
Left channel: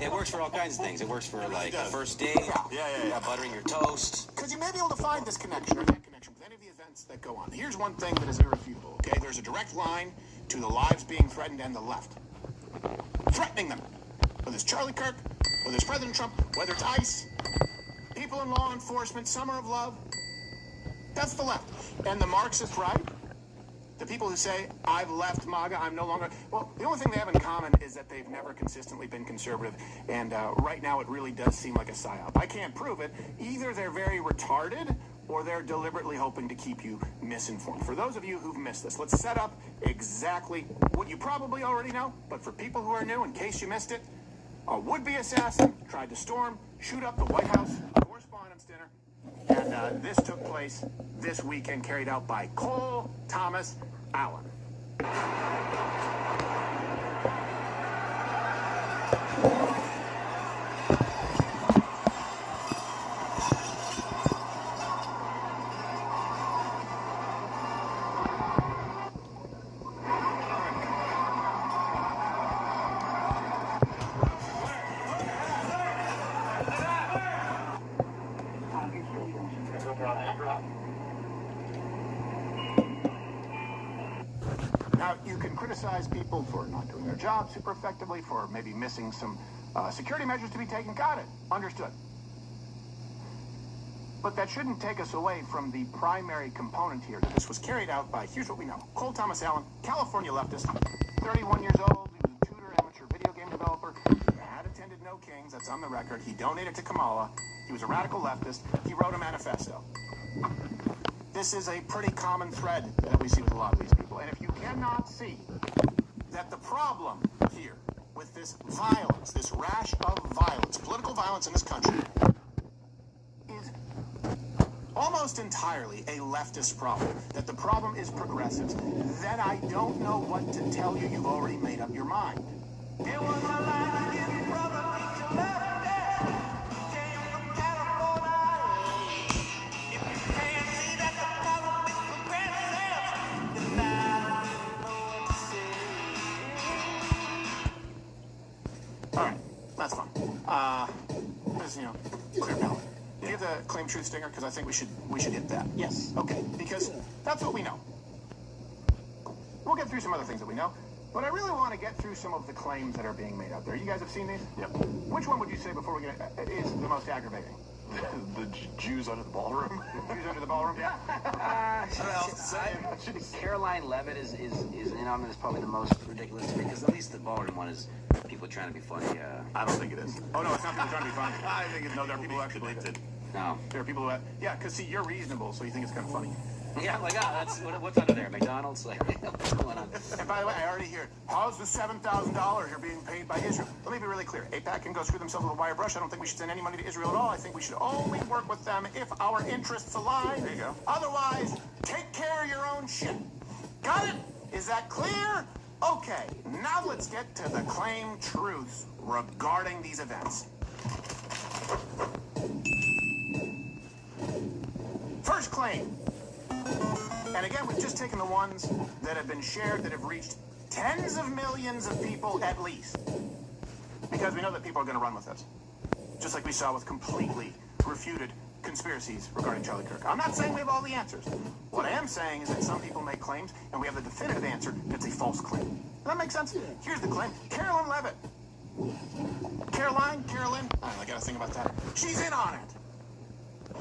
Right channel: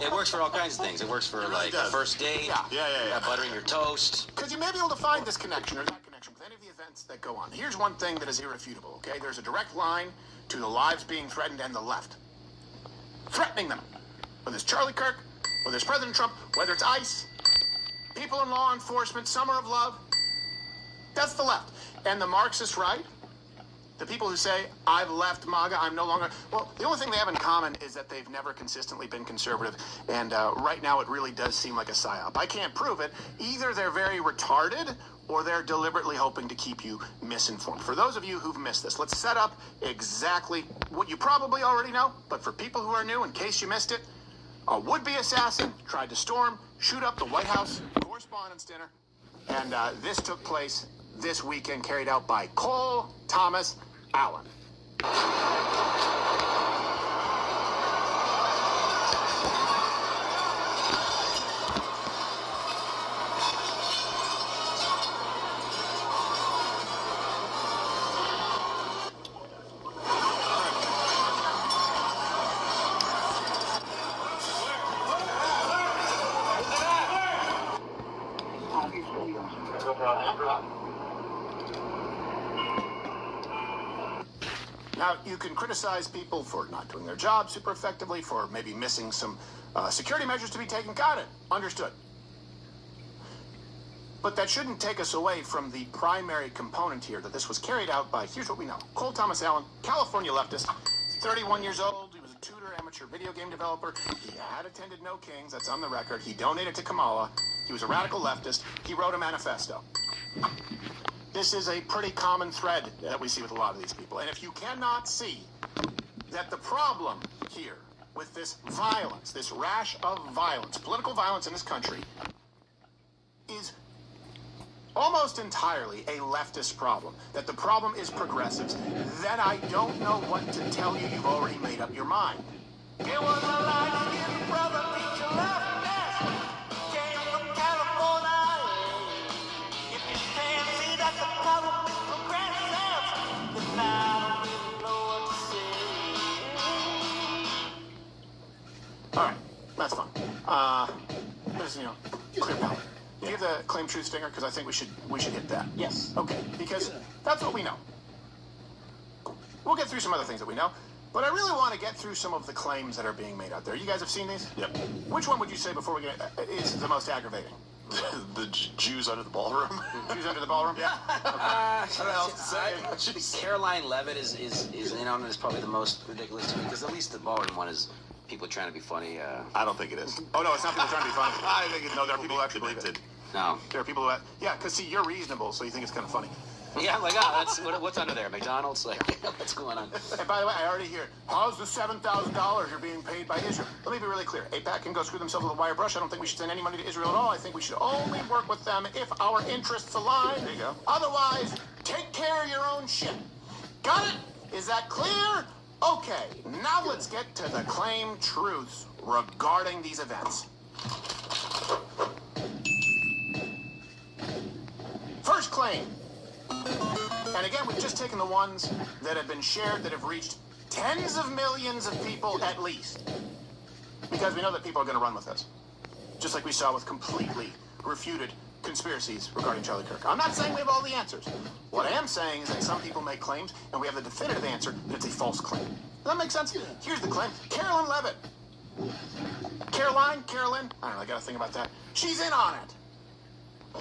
It works for all kinds of things. It works for like a first date. Yeah. Buttering your toast. Because you may be able to find this connection or that connection with any of the events that go on. Here's one thing that is irrefutable, okay? There's a direct line to the lives being threatened and the left. Threatening them. Whether it's Charlie Kirk, whether it's President Trump, whether it's ICE, people in law enforcement, summer of love. That's the left. And the Marxist right, the people who say, I've left MAGA, I'm no longer... Well, the only thing they have in common is that they've never consistently been conservative. And right now it really does seem like a psyop. I can't prove it. Either they're very retarded or they're deliberately hoping to keep you misinformed. For those of you who've missed this, let's set up exactly what you probably already know. But for people who are new, in case you missed it, a would-be assassin tried to storm, shoot up the White House Correspondents' Dinner. And this took place this weekend, carried out by Cole Thomas Allen. Now, you can criticize people for not doing their job super effectively, for maybe missing some security measures to be taken. Got it. Understood. But that shouldn't take us away from the primary component here, that this was carried out by, here's what we know, Cole Thomas Allen, California leftist, 31 years old, he was a tutor, amateur publisher, video game developer. He had attended No Kings. That's on the record. He donated to Kamala. He was a radical leftist. He wrote a manifesto. This is a pretty common thread that we see with a lot of these people. And if you cannot see that the problem here with this violence, this rash of violence, political violence in this country, is almost entirely a leftist problem, that the problem is progressives, then I don't know what to tell you. You've already made up your mind. It was a light-skinned brother, teacher leftist, came from California. If you can't see that the problem is progressive, then I don't really know what to say. All right, that's fine. There's, clear ballot. Do you have the claim truth stinger? Because I think we should hit that. Yes. Okay, because that's what we know. We'll get through some other things that we know, but I really want to get through some of the claims that are being made out there. You guys have seen these? Yep. Which one would you say before we get is the most aggravating? The Jews under the ballroom. Jews under the ballroom? Yeah. Caroline Levitt is in on it is probably the most ridiculous to me because at least the ballroom one is people trying to be funny. I don't think it is. Oh no, it's not people trying to be funny. I think it's no, there are people who actually believe it. No. There are people who because see, you're reasonable, so you think it's kind of funny. Yeah, I'm like, that's what's under there, McDonald's? Like, what's going on? And by the way, I already hear, how's the $7,000 you're being paid by Israel? Let me be really clear. AIPAC can go screw themselves with a wire brush. I don't think we should send any money to Israel at all. I think we should only work with them if our interests align. There you go. Otherwise, take care of your own shit. Got it? Is that clear? Okay, now let's get to the claim truths regarding these events. First claim. And again, we've just taken the ones that have been shared, that have reached tens of millions of people at least. Because we know that people are going to run with this. Just like we saw with completely refuted conspiracies regarding Charlie Kirk. I'm not saying we have all the answers. What I am saying is that some people make claims, and we have the definitive answer that it's a false claim. Does that make sense? Here's the claim. Carolyn Levitt. Carolyn? I don't know, I got to think about that. She's in on it.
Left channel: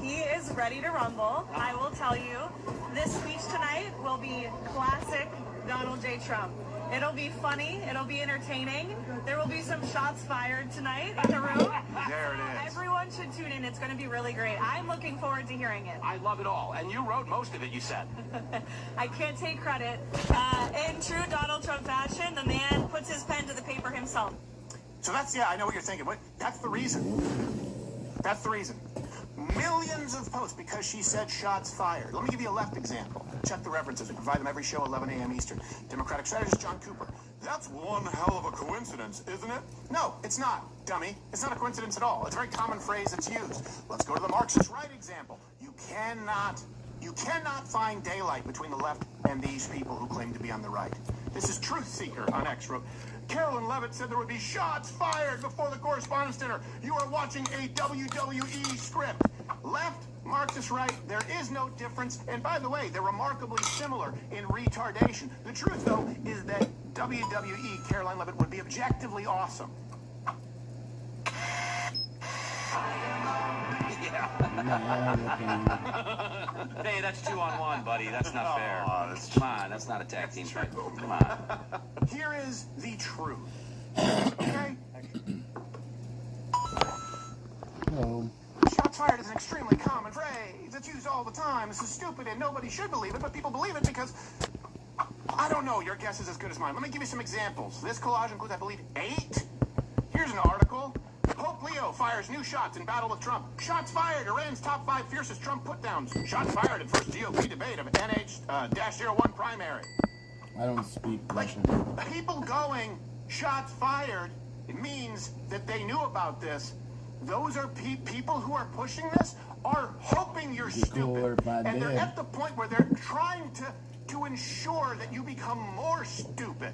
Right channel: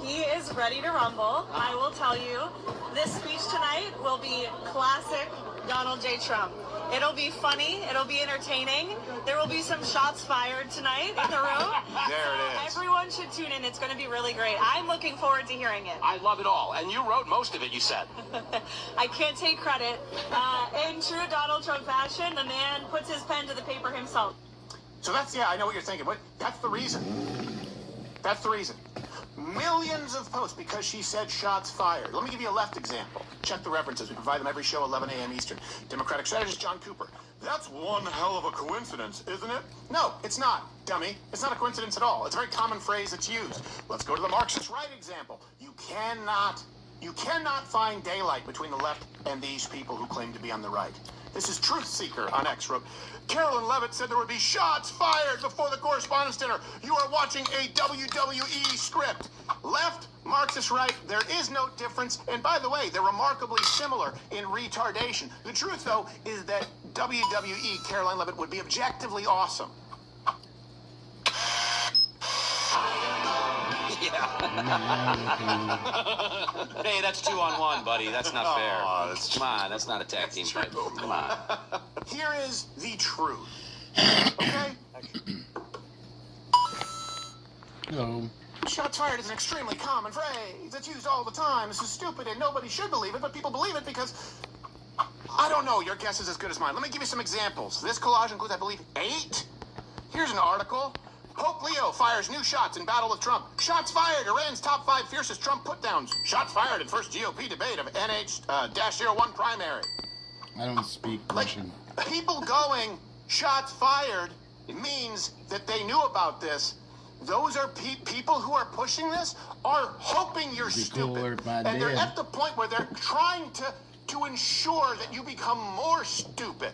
He is ready to rumble. I will tell you, this speech tonight will be classic Donald J. Trump. It'll be funny. It'll be entertaining. There will be some shots fired tonight in the room. There it is. Everyone should tune in. It's going to be really great. I'm looking forward to hearing it. I love it all. And you wrote most of it, you said. I can't take credit. In true Donald Trump fashion, the man puts his pen to the paper himself. So I know what you're thinking. But that's the reason. That's the reason. Millions of posts because she said shots fired. Let me give you a left example. Check the references. We provide them every show, 11 a.m. Eastern. Democratic strategist John Cooper. That's one hell of a coincidence, isn't it? No, it's not, dummy. It's not a coincidence at all. It's a very common phrase that's used. Let's go to the Marxist right example. You cannot find daylight between the left and these people who claim to be on the right. This is Truth Seeker on X wrote, Carolyn Levitt said there would be shots fired before the correspondence dinner. You are watching a WWE script. Left, Marxist right, there is no difference. And by the way, they're remarkably similar in retardation. The truth, though, is that WWE Caroline Levitt would be objectively awesome. Hey, that's 2-on-1, buddy. That's not fair. Come on, that's not a tag team fight. Come on. Here is the truth. Okay? Hello. Shots fired is an extremely common phrase. It's used all the time. This is stupid and nobody should believe it, but people believe it because, I don't know, your guess is as good as mine. Let me give you some examples. This collage includes, I believe, 8. Here's an article. Pope Leo fires new shots in battle of Trump. Shots fired, Iran's top 5 fiercest Trump put-downs. Shots fired in first GOP debate of NH-01 primary. I don't speak Russian. People going, shots fired, means that they knew about this. Those are people who are pushing this are hoping you're stupid. And they're at the point where they're trying to ensure that you become more stupid.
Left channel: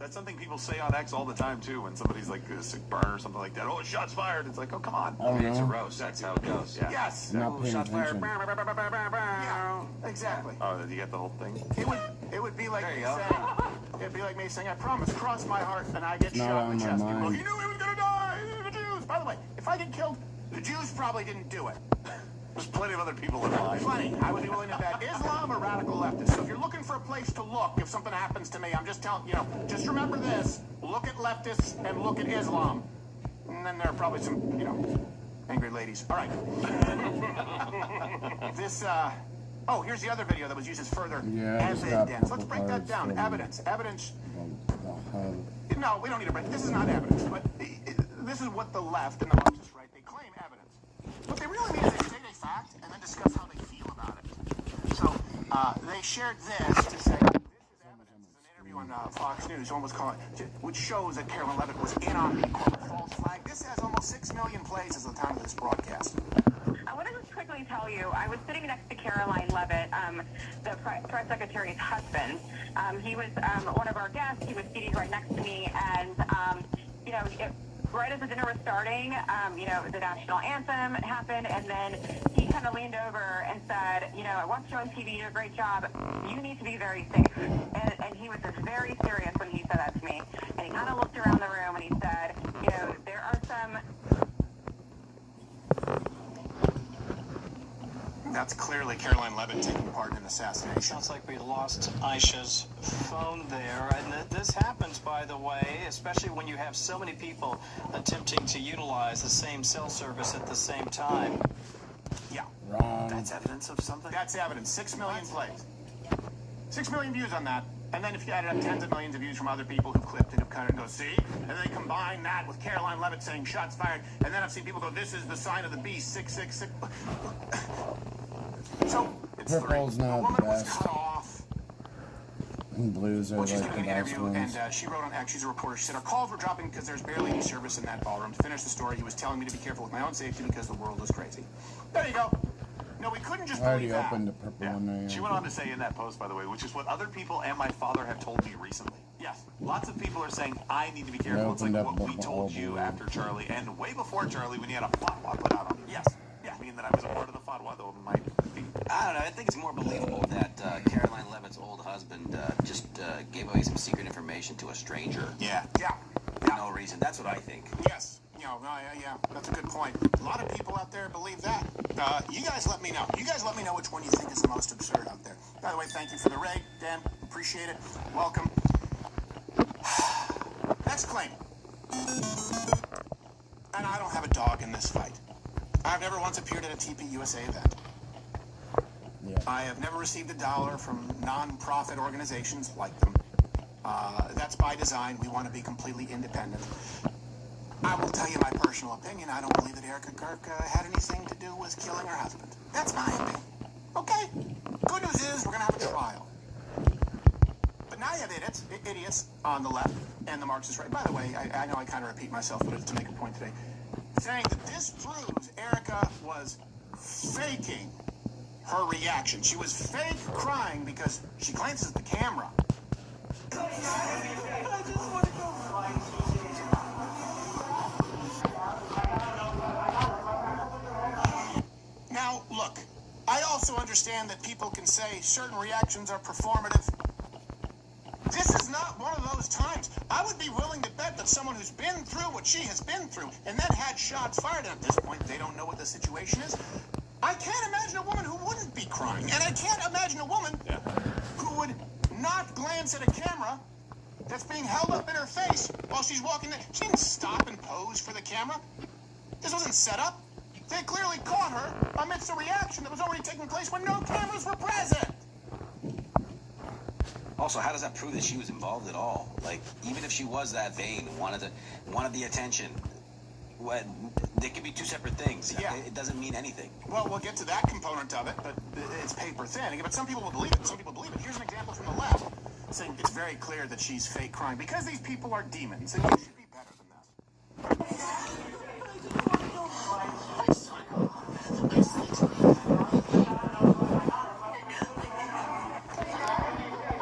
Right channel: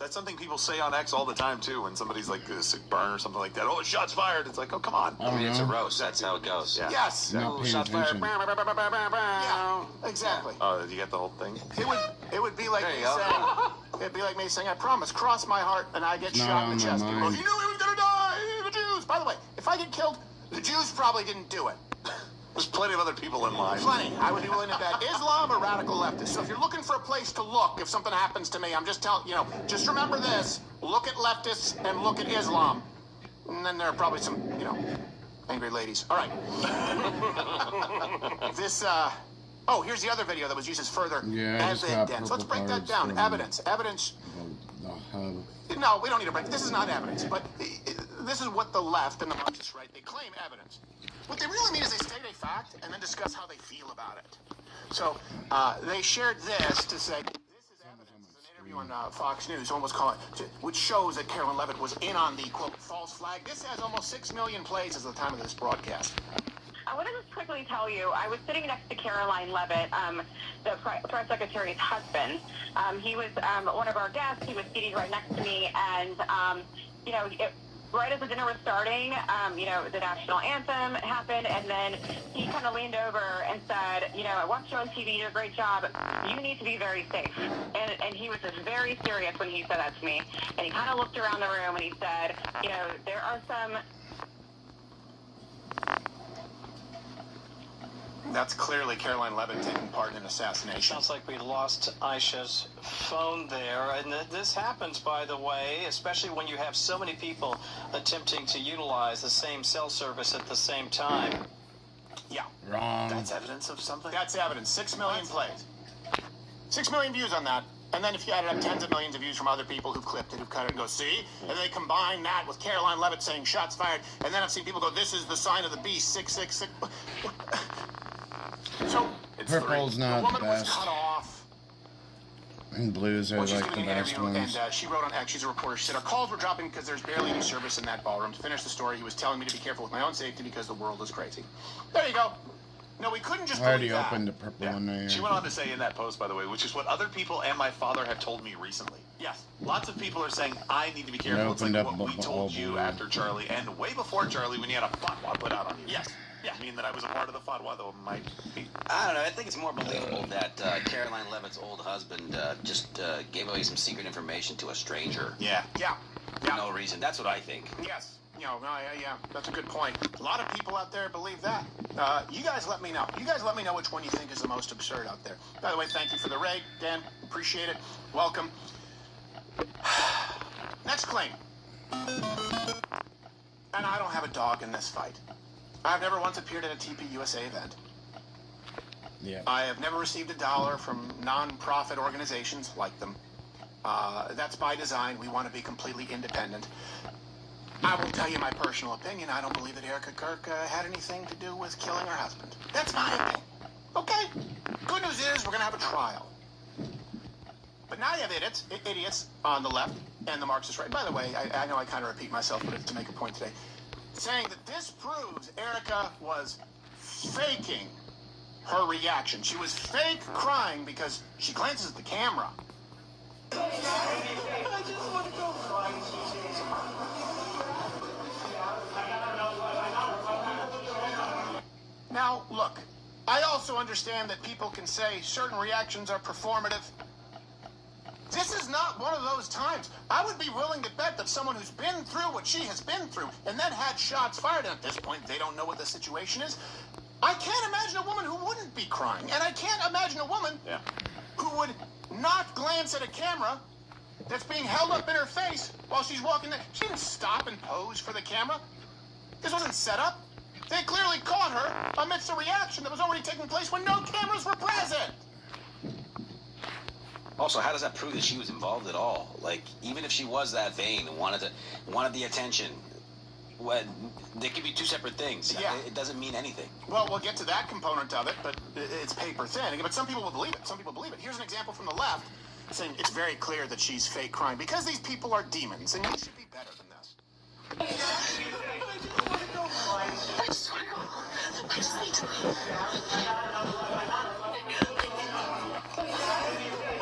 That's something people say on X all the time, too, when somebody's like a sick burn or something like that. Oh, shots fired. It's like, oh, come on. I don't know. It's a roast. That's how it goes. Yeah. Yes. Not paying attention. Yeah, exactly. Oh, did you get the whole thing? It would be like me saying, it'd be like me saying, I promise, cross my heart, and I get Not shot in the on chest. my People, mind. he knew he was gonna die. The Jews. By the way, if I get killed, the Jews probably didn't do it. There's plenty of other people in line. Plenty. I would be willing to bet Islam or radical leftists. So if you're looking for a place to look if something happens to me, I'm just telling you know. Just remember this: look at leftists and look at Islam, and then there are probably some angry ladies. All right. This. Oh, here's the other video that was used as further evidence. Let's break that down. Evidence. The hub. No, we don't need to break. This is not evidence, but this is what the left and the Marxists, right? They claim evidence. What they really mean is they state a fact and then discuss how they feel about it. So they shared this to say this is evidence. It's an interview on Fox News, almost call it, which shows that Caroline Levitt was in on the quote false flag. This has almost 6 million plays as of the time of this broadcast. I want to just quickly tell you, I was sitting next to Caroline Levitt, the press secretary's husband. He was one of our guests. He was seated right next to me, and right as the dinner was starting, the national anthem happened, and then he kind of leaned over and said, I watched you on TV, you did a great job. You need to be very safe. And he was just very serious when he said that to me. And he kind of looked around the room and he said, there are some... That's clearly Caroline Levitt taking part in an assassination. Sounds like we lost Aisha's phone there. And this happens, by the way, especially when you have so many people attempting to utilize the same cell service at the same time. Yeah. Wrong. That's evidence of something? That's evidence. 6 million plays. 6 million views on that. And then if you added up tens of millions of views from other people who clipped it, who cut it and go, see? And they combine that with Caroline Levitt saying shots fired. And then I've seen people go, this is the sign of the beast, 666. So, Purple's not the best. And blues are like the best ones. And she wrote on X, she's a reporter, she said, our calls were dropping because there's barely any service in that ballroom. To finish the story, he was telling me to be careful with my own safety because the world is crazy. There you go. No, we couldn't just I already opened the purple one there. She went on to say in that post, by the way, which is what other people and my father have told me recently. Yes. Lots of people are saying, I need to be careful. It's like what we told you after Charlie, and way before Charlie when you had a fatwa put out on you. Yes. Yeah. I mean that I was a part of the fatwa, though it might be. I don't know. I think it's more believable that Caroline Levitt's old husband just gave away some secret information to a stranger. Yeah. For no reason. That's what I think. Yes. Yeah, that's a good point. A lot of people out there believe that. You guys let me know. You guys let me know which one you think is the most absurd out there. By the way, thank you for the raid, Dan. Appreciate it. Welcome. Next claim. And I don't have a dog in this fight. I've never once appeared at a TP USA event. Yeah. I have never received $1 from non-profit organizations like them. That's by design. We want to be completely independent. I will tell you my personal opinion. I don't believe that Erica Kirk had anything to do with killing her husband. That's my opinion. Okay? Good news is we're going to have a trial. But now you have idiots on the left and the Marxist right. By the way, I know I kind of repeat myself, but it's to make a point today. Saying that this proves Erica was faking her reaction. She was fake crying because she glances at the camera. I just want to go cry. Now, look, I also understand that people can say certain reactions are performative. This is not one of those times. I would be willing to bet that someone who's been through what she has been through and then had shots fired, and at this point they don't know what the situation is. I can't imagine a woman who wouldn't be crying, and I can't imagine a woman who would not glance at a camera that's being held up in her face while she's walking there. She didn't stop and pose for the camera. This wasn't set up. They clearly caught her amidst a reaction that was already taking place when no cameras were present. Also, how does that prove that she was involved at all? Like, even if she was that vain, wanted the attention, they could be two separate things. Yeah. It doesn't mean anything. Well, we'll get to that component of it, but it's paper thin. But some people will believe it. Some people believe it. Here's an example from the left, saying it's very clear that she's fake crying because these people are demons, and you should be better than this.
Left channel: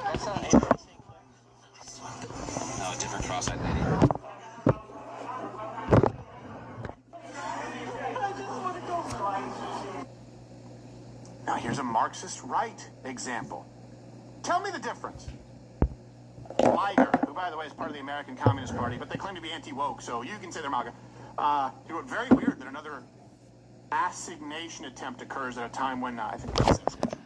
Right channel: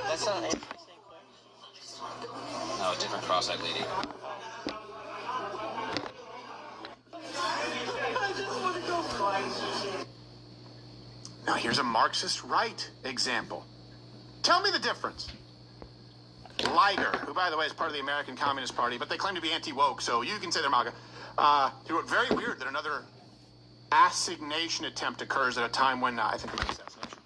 That's not interesting. No, different cross-eyed lady. Now, here's a Marxist right example. Tell me the difference. Liger, who, by the way, is part of the American Communist Party, but they claim to be anti-woke, so you can say they're MAGA. He wrote, very weird that another assignation attempt occurs at a time when, I think it's assassination,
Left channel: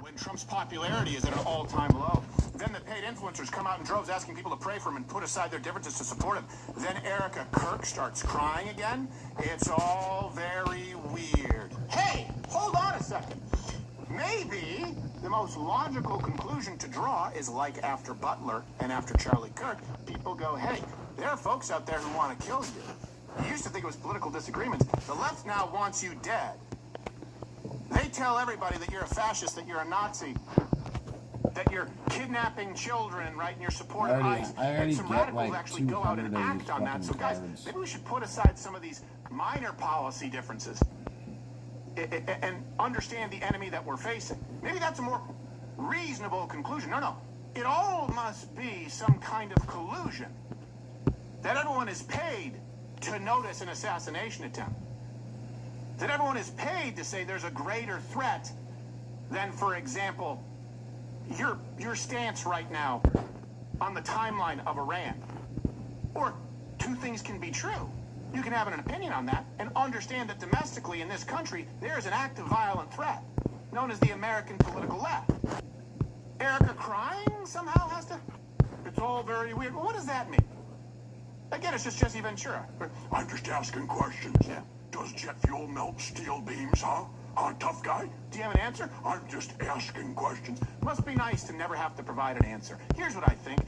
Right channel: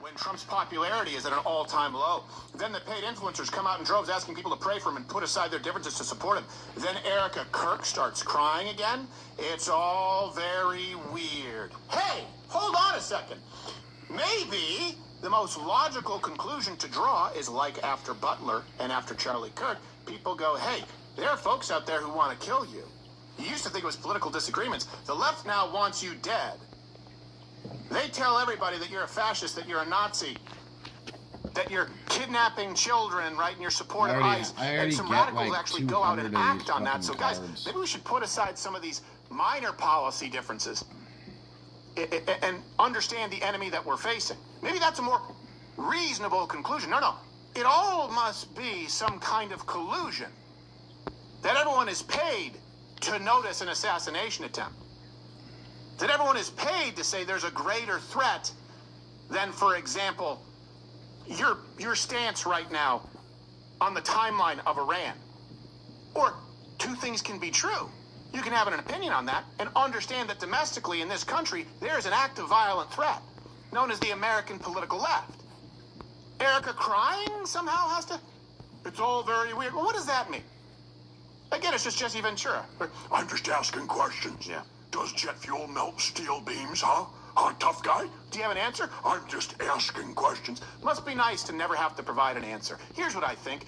when Trump's popularity is at an all-time low. Then the paid influencers come out in droves asking people to pray for him and put aside their differences to support him. Then Erica Kirk starts crying again. It's all very weird. Hey, hold on a second. Maybe the most logical conclusion to draw is like after Butler and after Charlie Kirk, people go, hey, there are folks out there who want to kill you. You used to think it was political disagreements. The left now wants you dead. They tell everybody that you're a fascist, that you're a Nazi, that you're kidnapping children, right, and you're supporting ICE. I already and some get radicals like actually go out and 200 of these act on that. So guys, cards. maybe we should put aside some of these minor policy differences and understand the enemy that we're facing. Maybe that's a more reasonable conclusion. No, it all must be some kind of collusion. That everyone is paid to notice an assassination attempt. That everyone is paid to say there's a greater threat than, for example, your stance right now on the timeline of Iran. Or two things can be true. You can have an opinion on that and understand that domestically in this country, there is an active violent threat known as the American political left. Erica crying somehow has to... It's all very weird. Well, what does that mean? Again, it's just Jesse Ventura. I'm just asking questions. Yeah. Does jet fuel melt steel beams, huh? Huh, tough guy? Do you have an answer? I'm just asking questions. Must be nice to never have to provide an answer. Here's what I think.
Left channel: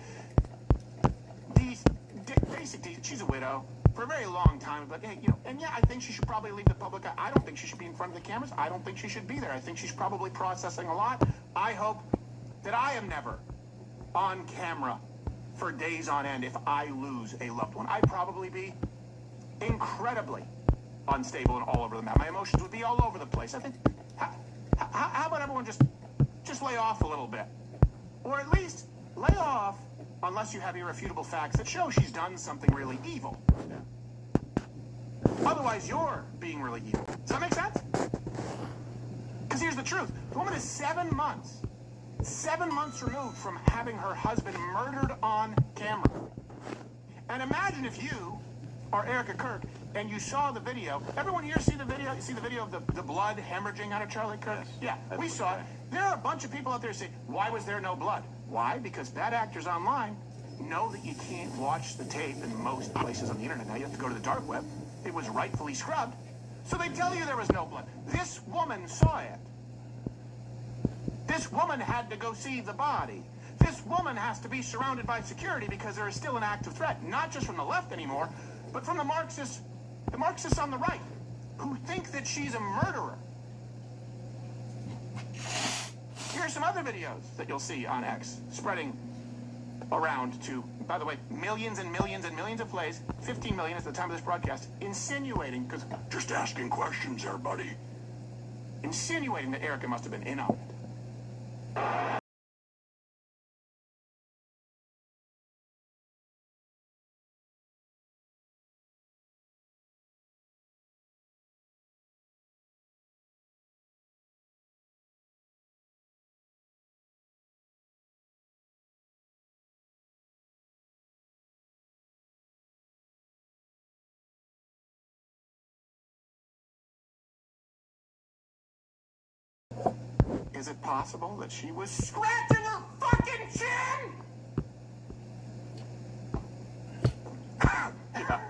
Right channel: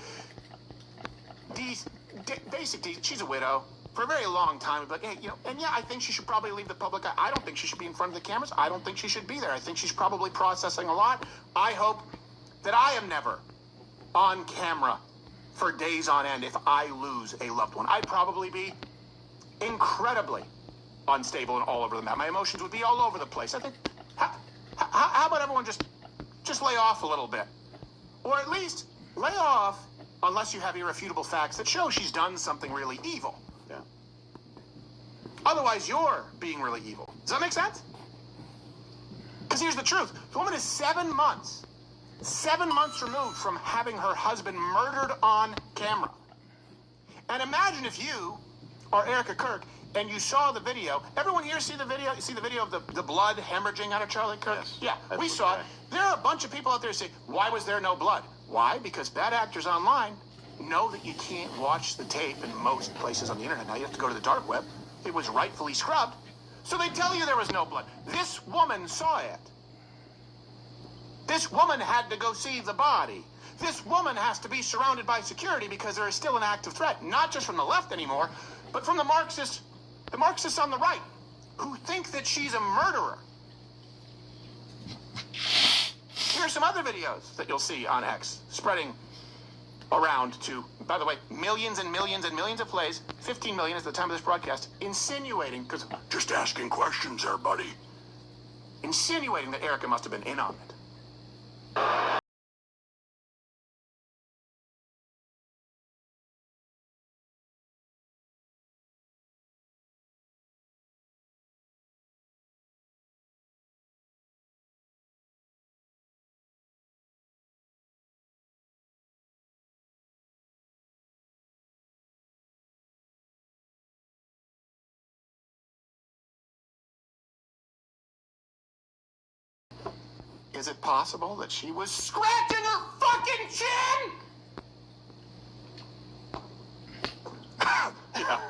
She's a widow. For a very long time, but hey, and yeah, I think she should probably leave the public eye. I don't think she should be in front of the cameras. I don't think she should be there. I think she's probably processing a lot. I hope that I am never on camera for days on end if I lose a loved one. I'd probably be incredibly unstable and all over the map. My emotions would be all over the place. I think, how about everyone just lay off a little bit? Or at least lay off unless you have irrefutable facts that show she's done something really evil. Yeah. Otherwise, you're being really evil. Does that make sense? Because here's the truth. The woman is 7 months removed from having her husband murdered on camera. And imagine if you are Erica Kirk and you saw the video. Everyone here see the video? You see the video of the blood hemorrhaging out of Charlie Kirk? Yes. Yeah, we saw it. There are a bunch of people out there saying, why was there no blood? Why? Because bad actors online know that you can't watch the tape in most places on the internet. Now you have to go to the dark web. It was rightfully scrubbed. So they tell you there was no blood. This woman saw it. This woman had to go see the body. This woman has to be surrounded by security because there is still an active threat, not just from the left anymore, but from the Marxists on the right, who think that she's a murderer. Here are some other videos that you'll see on X, spreading around to, by the way, millions and millions and millions of plays, 15 million at the time of this broadcast, insinuating, because... Just asking questions there, buddy. Insinuating that Erica must have been in on it. Is it possible that she was scratching her fucking chin? Yeah.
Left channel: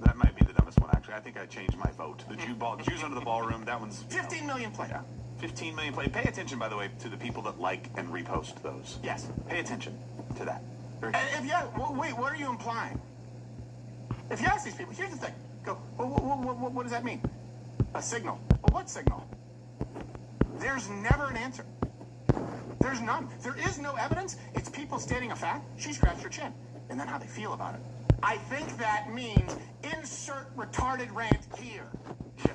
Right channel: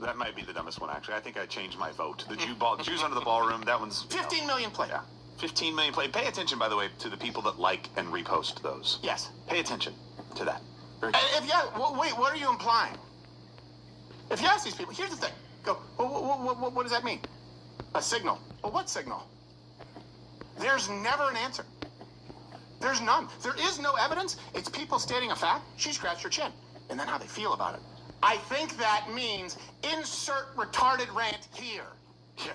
That might be the dumbest one, actually. I think I changed my vote. The Jews under the ballroom, that one's... 15 million play. Yeah. 15 million play. Pay attention, by the way, to the people that like and repost those. Yes. Pay attention to that. Very if you wait, what are you implying? If you ask these people, here's the thing. Go, what does that mean? A signal. Well, what signal? There's never an answer. There's none. There is no evidence. It's people stating a fact. She scratched her chin. And then how they feel about it. I think that means insert retarded rant here. Yeah,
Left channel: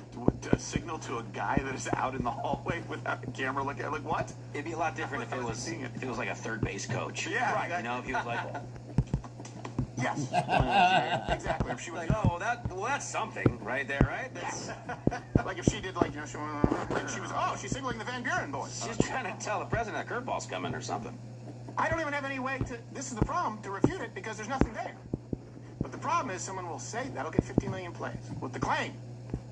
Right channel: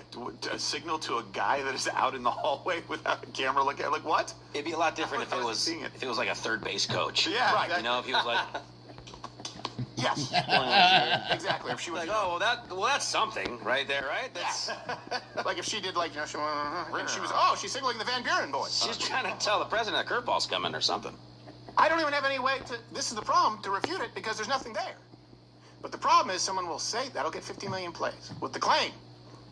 a signal to a guy that is out in the hallway without a camera looking at, like, what? It'd be a lot different if it was like a third base coach. Yeah, right. You know, if he was like, yes, exactly. If she was like, oh, well, that's something right there, right? That's like if she did, like, you know, she's signaling the Van Buren boys. She's trying to tell the president a curveball's coming or something. I don't even have any way to. This is the problem, to refute it, because there's nothing there. But the problem is, someone will say that'll get 50 million plays with the claim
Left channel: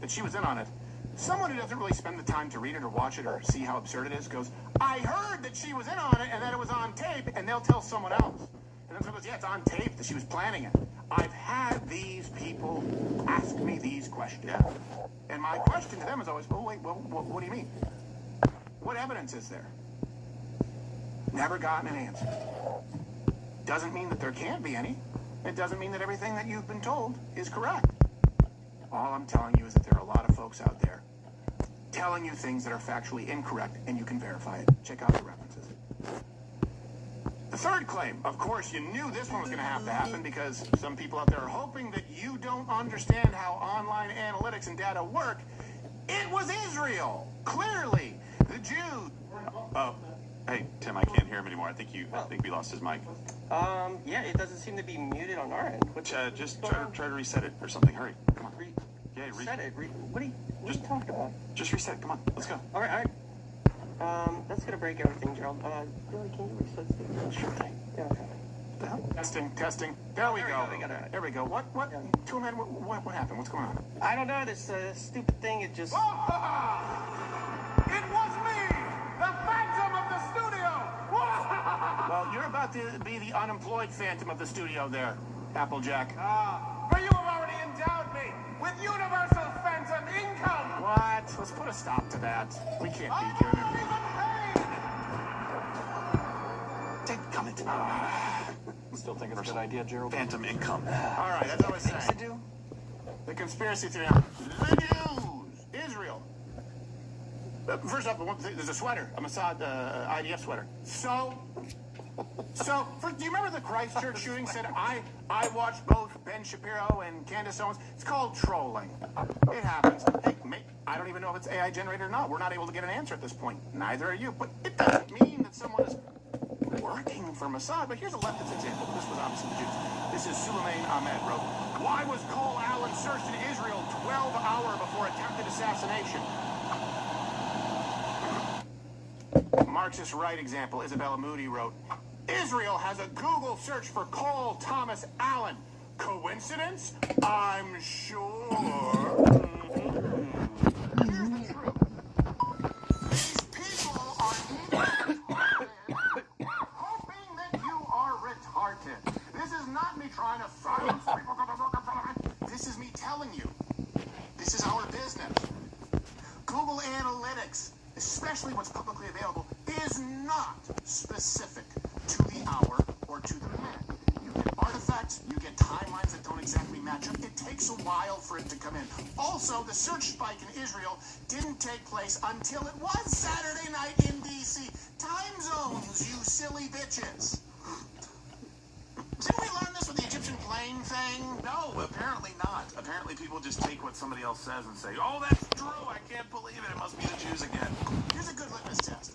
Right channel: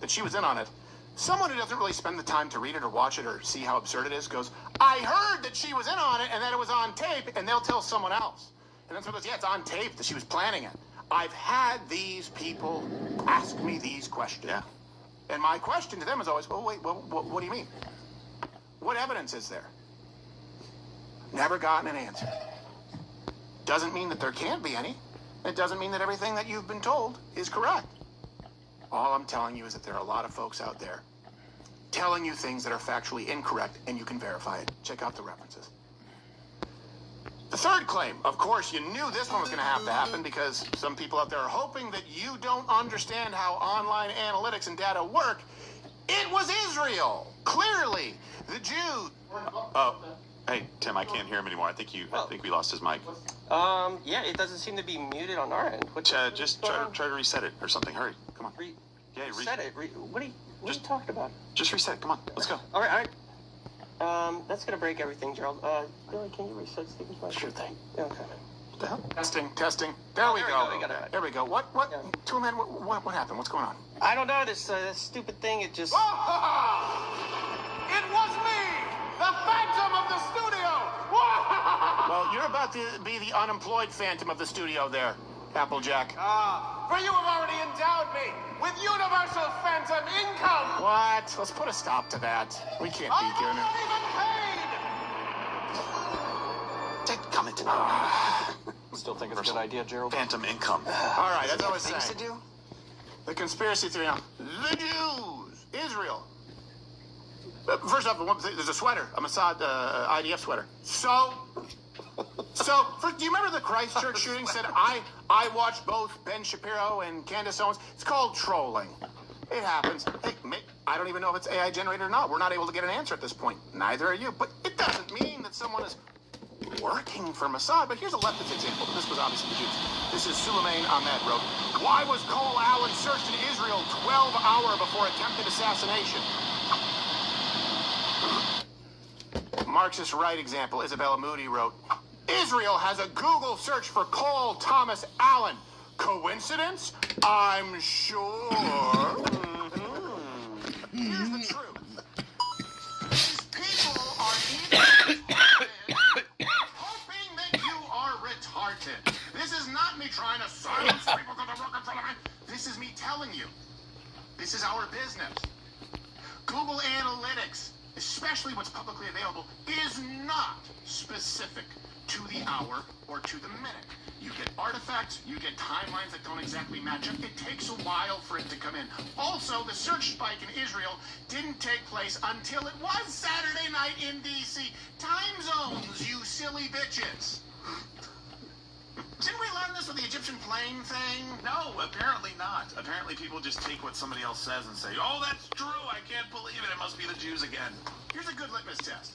that she was in on it, someone who doesn't really spend the time to read it or watch it or see how absurd it is goes, I heard that she was in on it and that it was on tape, and they'll tell someone else. And then someone goes, yeah, it's on tape that she was planning it. I've had these people ask me these questions. Yeah. And my question to them is always, well, wait, what do you mean? What evidence is there? Never gotten an answer. Doesn't mean that there can't be any. It doesn't mean that everything that you've been told is correct. All I'm telling you is that there are a lot of folks out there telling you things that are factually incorrect, and you can verify it. Check out the references. The third claim, of course, you knew this one was going to have to happen because some people out there are hoping that you don't understand how online analytics and data work. It was Israel. Clearly, the Jews. Oh, hey, Tim, I can't hear him anymore. I think we lost his mic. Yeah, it doesn't seem to be muted on our end. Just try to reset it or something. Hurry, come on. Reset it. What are you talking about? Just reset. Come on, let's go. All right. That's gonna break everything, Gerald. Billy, can you reset Steve? Sure thing. Yeah, okay. What the hell? Testing. There we go. There we go. What? Yeah. Two men. What happened? What's going on? I don't know. This stupid thing. It just. It was me, the Phantom of the studio. Well, you're about to be the unemployed Phantom of the studio, there, Applejack. For you have already endowed me with universal phantom income. What? Let's put a stop to that. We can't be here now. Comet. Still thinking it's a good idea, Gerald? Phantom income. All right, that's all I was saying. to do? The conspiracy theory now. The Jews, Israel. First off, there's a sweater, a Mossad IDF sweater. So, do you remember the Christchurch shooting? Said I watched both Ben Shapiro and Candace Owens. It's called trolling. It happens. Hey, I don't even know if it's AI generated or not. We're not able to get an answer at this point. Neither are you. But it doesn't mean that someone is working for Mossad. But here's a leftist example. This was obviously the Jews. This is Suleiman Ahmed wrote, why was Cole Allen searched in Israel 12 hours before attempted assassination? Marxist right example, Isabella Moody wrote, Israel has a Google search for Cole Thomas Allen. Coincidence? I'm sure. Here's the truth. These people are hoping that you are retarded. This is not me trying to silence people because they're working for the. This is me telling you. This is our business. Google Analytics, especially what's publicly available, is not specific to the hour or to the minute. You get artifacts, you get timelines that don't exactly match up. It takes a while for it to come in. Also, the search spike in Israel didn't take place until it was Saturday night in D.C. Time zones, you silly bitches. Didn't we learn this with the Egyptian plane thing? No, apparently not. Apparently people just take what somebody else says and say, oh, that's true, I can't believe it, it must be the Jews again. Here's a good litmus test.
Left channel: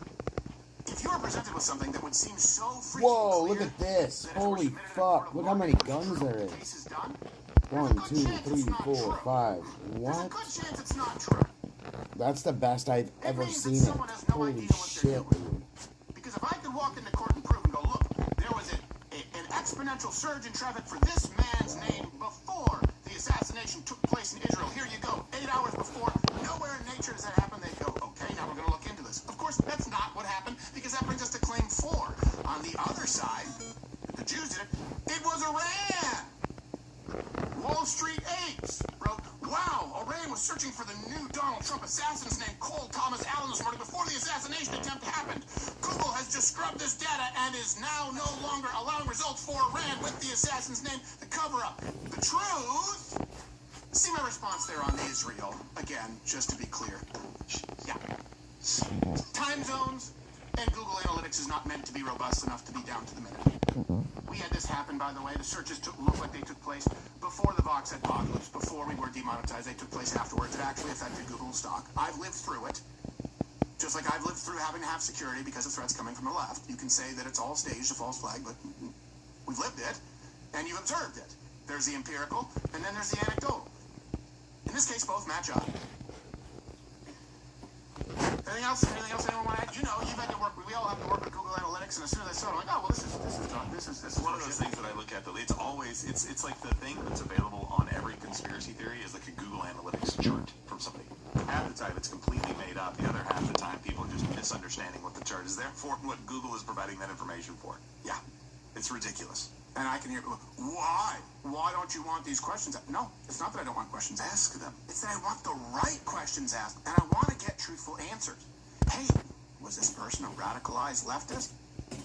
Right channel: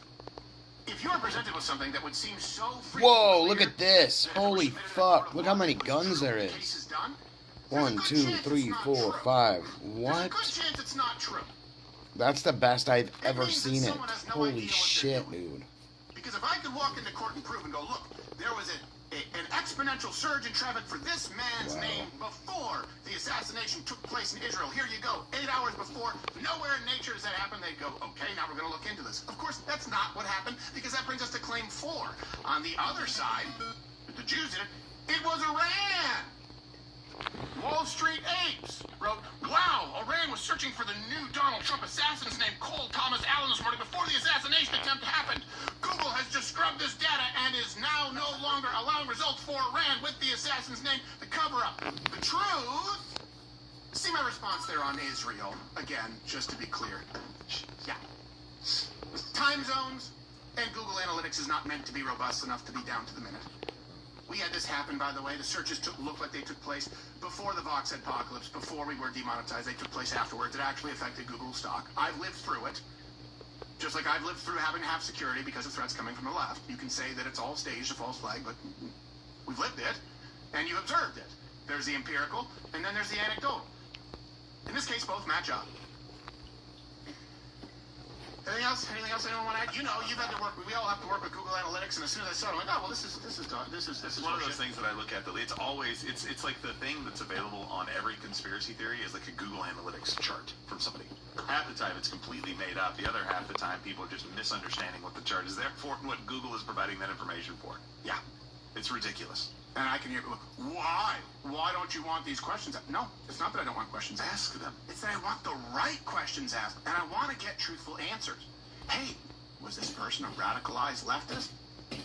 If you are presented with something that would seem so Whoa, look at this. Holy fuck. Look how many guns there is. 1, 2, 3, 4, 5. What? That's the best I've ever seen it. Holy shit, dude. Because if I could walk into court and prove and go, look, there was an exponential surge in traffic for this man's name before the assassination took place in Israel. Here you go. 8 hours before. Nowhere in nature does that happen. They go, okay, now we're going to look into this. Of course, that's not what happened because that brings us to claim 4. On the other side, the Jews did it. It was Iran. Wall Street Apes wrote, wow, Iran was searching for the new Donald Trump assassins named Cole Thomas Allen this morning before the assassination attempt happened. Google has just scrubbed this data and is now no longer allowing results for Iran with the assassin's name to cover up. The truth? See my response there on Israel. Again, just to be clear. Yeah. Time zones and Google Analytics is not meant to be robust enough to be down to the minute. We had this happen, by the way. The searches looked like they took place before the Vox apocalypse, before we were demonetized. They took place afterwards. It actually affected Google stock. I've lived through it. Just like I've lived through having to have security because of threats coming from the left. You can say that it's all staged, a false flag, but we've lived it, and you observed it. There's the empirical, and then there's the anecdotal. In this case, both match up. Anything else? Anything else anyone want to add? You know, you've had to work. We all have to work with Google Analytics, and as soon as I saw it, I'm like, oh well, this is One of those things that I look at. It's always it's like the thing that's available on every conspiracy theory is like a Google Analytics chart from somebody. Half the time it's completely made up. The other half the time people are just misunderstanding what the chart is there for, what Google is providing that information for. Yeah, it's ridiculous. And I can hear, look, why? Why don't you want these questions asked? No, it's not that I don't want questions asked. Ask them. It's that I want the right questions asked, and I want to get truthful answers. Hey, was this person a radicalized leftist?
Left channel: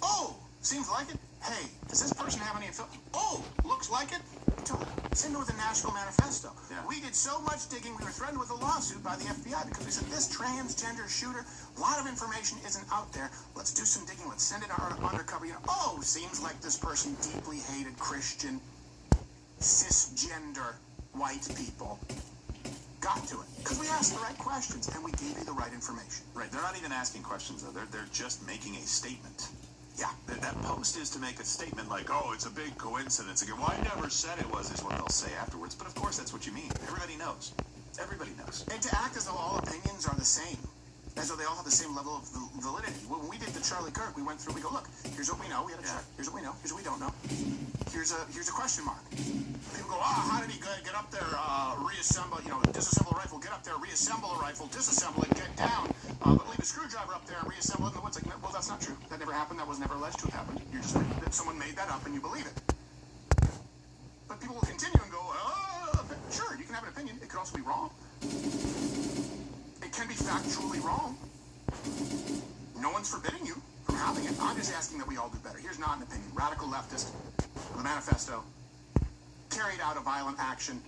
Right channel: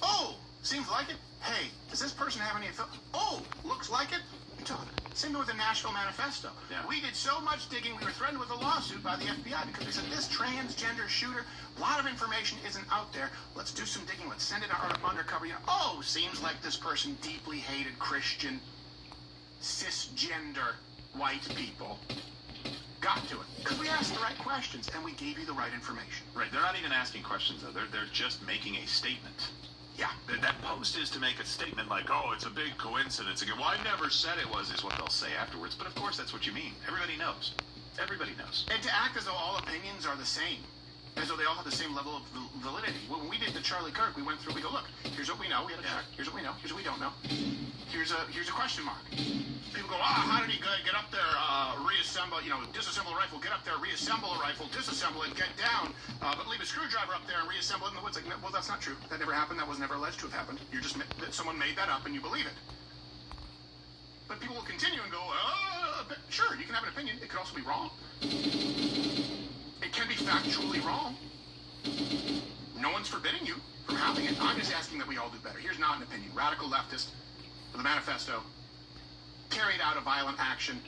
Oh, seems like it. Hey, does this person have any affiliation? Oh, looks like it. Same with the National Manifesto. Yeah. We did so much digging, we were threatened with a lawsuit by the FBI because we said this transgender shooter, a lot of information isn't out there. Let's do some digging. Let's send it out undercover. You know, oh, seems like this person deeply hated Christian, cisgender white people. Got to it. Because we asked the right questions and we gave you the right information. Right. They're not even asking questions though. They're just making a statement. Yeah. That post is to make a statement like, oh, it's a big coincidence. Again, well, I never said it was, is what they'll say afterwards. But of course, that's what you mean. Everybody knows. Everybody knows. And to act as though all opinions are the same, as though they all have the same level of validity. When we did the Charlie Kirk, we went through, we go, look, here's what we know, we had a check. Here's what we know, here's what we don't know. Here's a question mark. People go, how did he get up there, reassemble, disassemble a rifle, get up there, reassemble a rifle, disassemble it, get down, leave a screwdriver up there and reassemble it in the woods. Like, well, that's not true. That never happened. That was never alleged to have happened. You're just, someone made that up and you believe it. But people will continue and go, sure, you can have an opinion. It could also be wrong. It can be factually wrong. No one's forbidding you from having it. I'm just asking that we all do better. Here's not an opinion. Radical leftist with a manifesto carried out a violent action,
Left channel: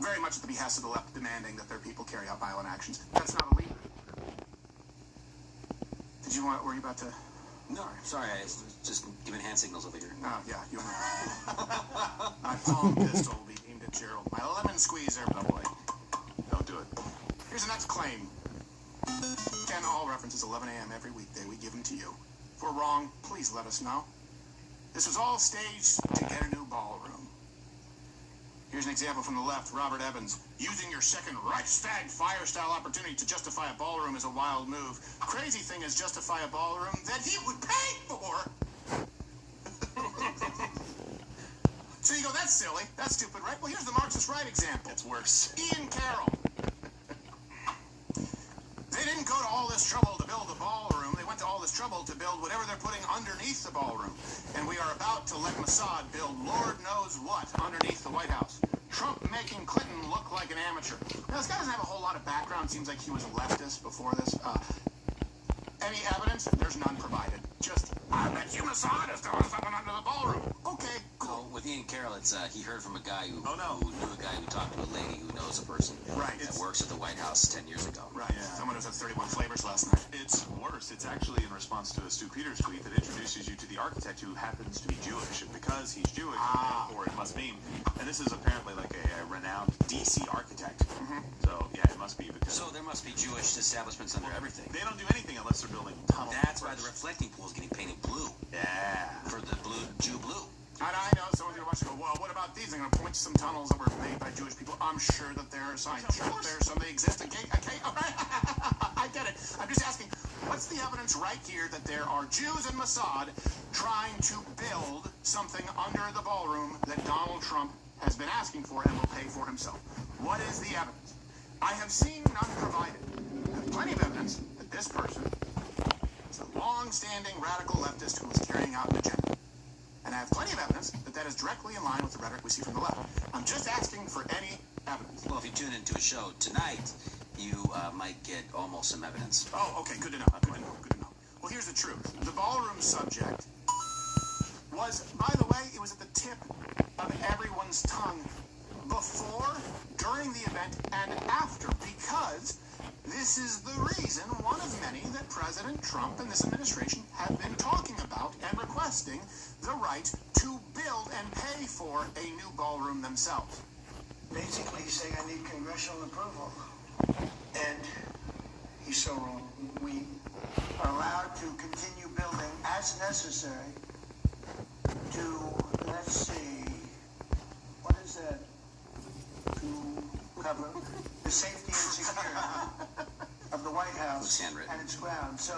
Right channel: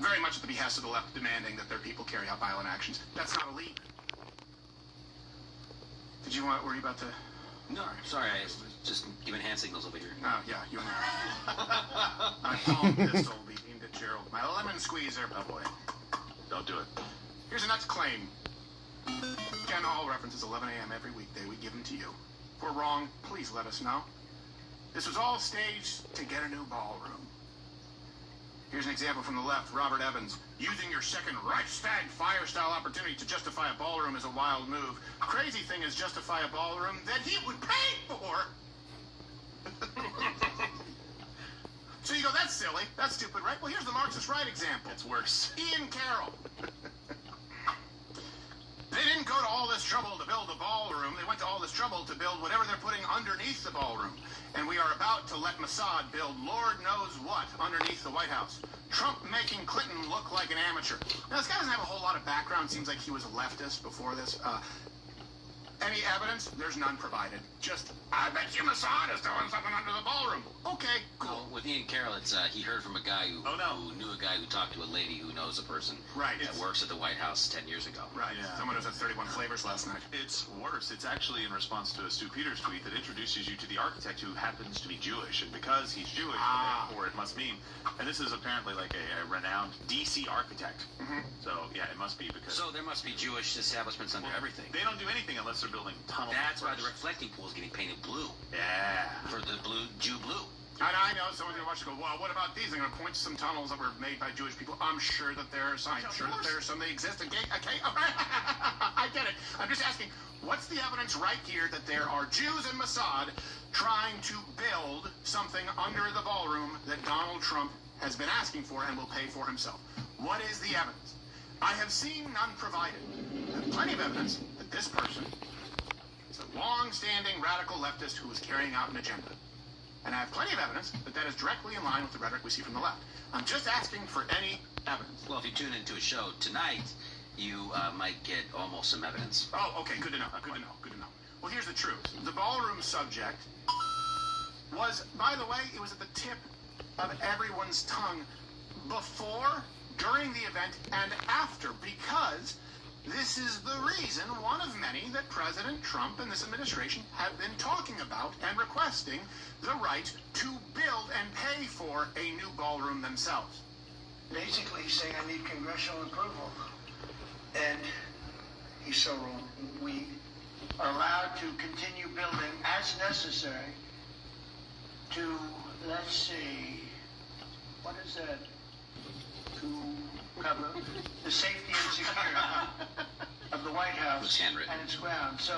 very much at the behest of the left, demanding that their people carry out violent actions. That's not illegal. Were you about to? No, sorry, I was just giving hand signals over here. Yeah, you and my palm pistol will be aimed at Gerald. My lemon squeezer. Oh boy. Don't do it. Here's the next claim. Ken Hall references 11 a.m. every weekday. We give them to you. If we're wrong, please let us know. This was all staged to get a new ballroom. Here's an example from the left. Robert Evans. Using your second Reichstag fire-style opportunity to justify a ballroom is a wild move. Crazy thing is justify a ballroom that he would pay for. So you go, that's silly. That's stupid, right? Well, here's the Marxist right example. It's worse. Ian Carroll. They didn't go to all this trouble to build a ballroom. They went to all this trouble to build whatever they're putting underneath the ballroom. And we are about to let Mossad build Lord knows what underneath the White House. Trump making Clinton look like an amateur. Now, this guy doesn't have a whole lot of background. Seems like he was a leftist before this. Any evidence? There's none provided. Just, I bet you Mossad is doing something under the ballroom. Okay, cool. Well, with Ian Carroll, it's he heard from a guy who knew a guy who talked to a lady who knows a person that works at the White House 10 years ago. Right. Yeah. Someone who said 31 flavors last night. It's worse. It's actually in response to a Stu Peters tweet that introduces you to the architect who happens to be Jewish, and because he's Jewish, therefore it must mean. And this is apparently like a renowned DC architect. So yeah, it must be because. So there must be Jewish establishments under everything. They don't do anything unless they're building tunnels. That's why the reflecting pool is getting painted blue. Yeah. For the Jew blue. And I know someone's going to watch and go, well, what about these? I'm going to point to some tunnels that were made by Jewish people. I'm sure that there are signs. I'm sure that there are some that exist. Okay, I get it. I'm just asking, what's the evidence right here that there are Jews in Mossad trying to build something under the ballroom that Donald Trump has been asking for and will pay for himself? What is the evidence? I have seen none provided. There's plenty of evidence that this person is a long-standing radical leftist who is carrying out an agenda. And I have plenty of evidence that that is directly in line with the rhetoric we see from the left. I'm just asking for any evidence. Well, if you tune into a show tonight, you might get almost some evidence. Oh, okay, good to know, good to know, good to know. Well, here's the truth. The ballroom subject was, by the way, it was at the tip of everyone's tongue before, during the event, and after, because this is the reason, one of many, that President Trump and this administration have been talking about and requesting the right to build and pay for a new ballroom themselves. Basically, he's saying I need congressional approval. And he's so wrong. We are allowed to continue building as necessary to, let's see, what is that? To cover the safety and security of the White House It's handwritten. and its grounds. So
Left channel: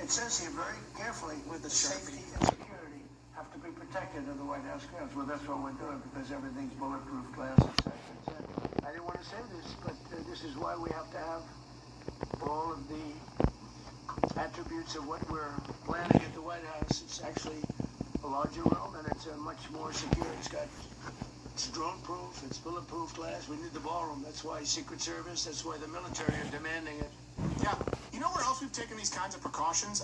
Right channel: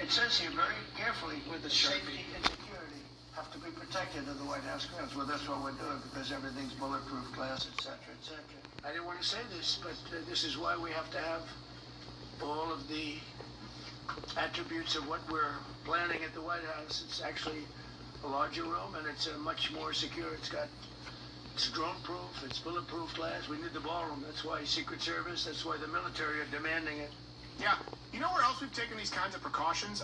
it says here very carefully with the safety and security have to be protected in the White House grounds. Well, that's what we're doing because everything's bulletproof glass, etc., etc. I didn't want to say this, but this is why we have to have all of the attributes of what we're planning at the White House. It's actually a larger room and it's much more secure. It's drone-proof, it's bulletproof glass. We need the ballroom. That's why Secret Service, that's why the military are demanding it. Yeah. You know where else we've taken these kinds of precautions?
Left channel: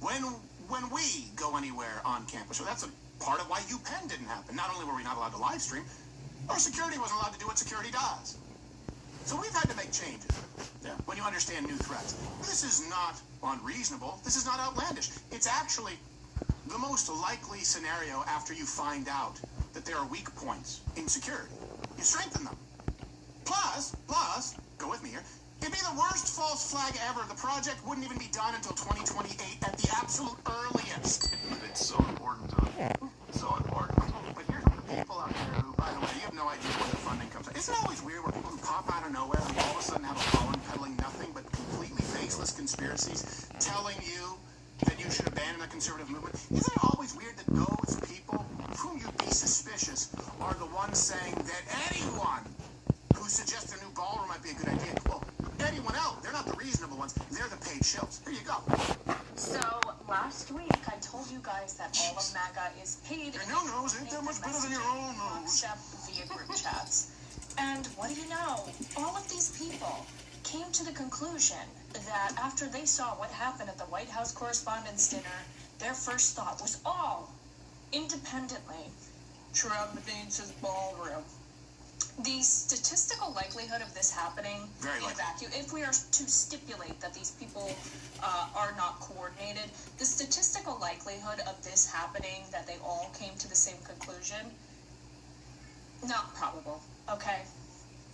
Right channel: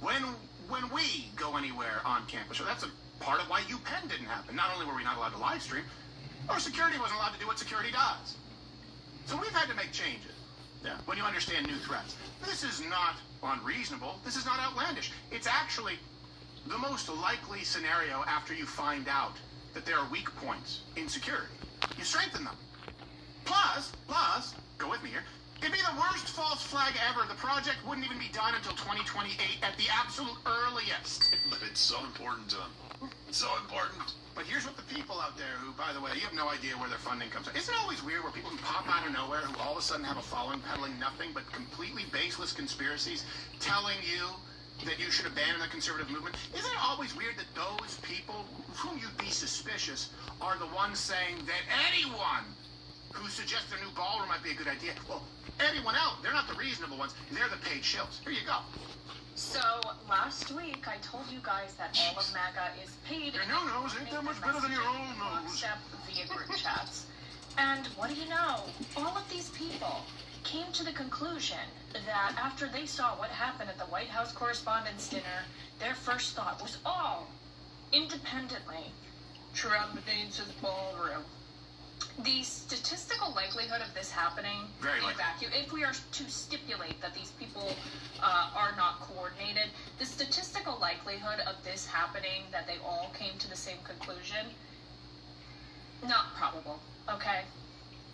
When we go anywhere on campus. So that's a part of why UPenn didn't happen. Not only were we not allowed to live stream, our security wasn't allowed to do what security does. So we've had to make changes. Yeah. When you understand new threats. This is not unreasonable. This is not outlandish. It's actually the most likely scenario after you find out that there are weak points in security. You strengthen them. Plus, go with me here, it'd be the worst false flag ever. The project wouldn't even be done until 2028 at the absolute earliest. It's so important to them. So important. But here's what the people out there who, by the way, you have no idea where their funding comes from. Isn't it always weird where people can pop out of nowhere and all of a sudden have a following peddling nothing but completely baseless conspiracies telling you that you should abandon the conservative movement? Isn't it always weird that those people whom you'd be suspicious are the ones saying that anyone who suggests a new ballroom might be a good idea? Well, anyone else, they're not the reasonable ones. They're the paid shills. Here you go. So, last week I told you guys that all of MAGA is paid. Your new nose ain't that much better than your old nose. Except via group chats. And what do you know? All of these people came to the conclusion that after they saw what happened at the White House Correspondents' Dinner, their first thought was all independently Trump needs his ballroom. The statistical likelihood of this happening in a vacuum, if we are to stipulate that these people are not coordinated, the statistical likelihood of this happening, that they all came to the same conclusion, not probable, okay?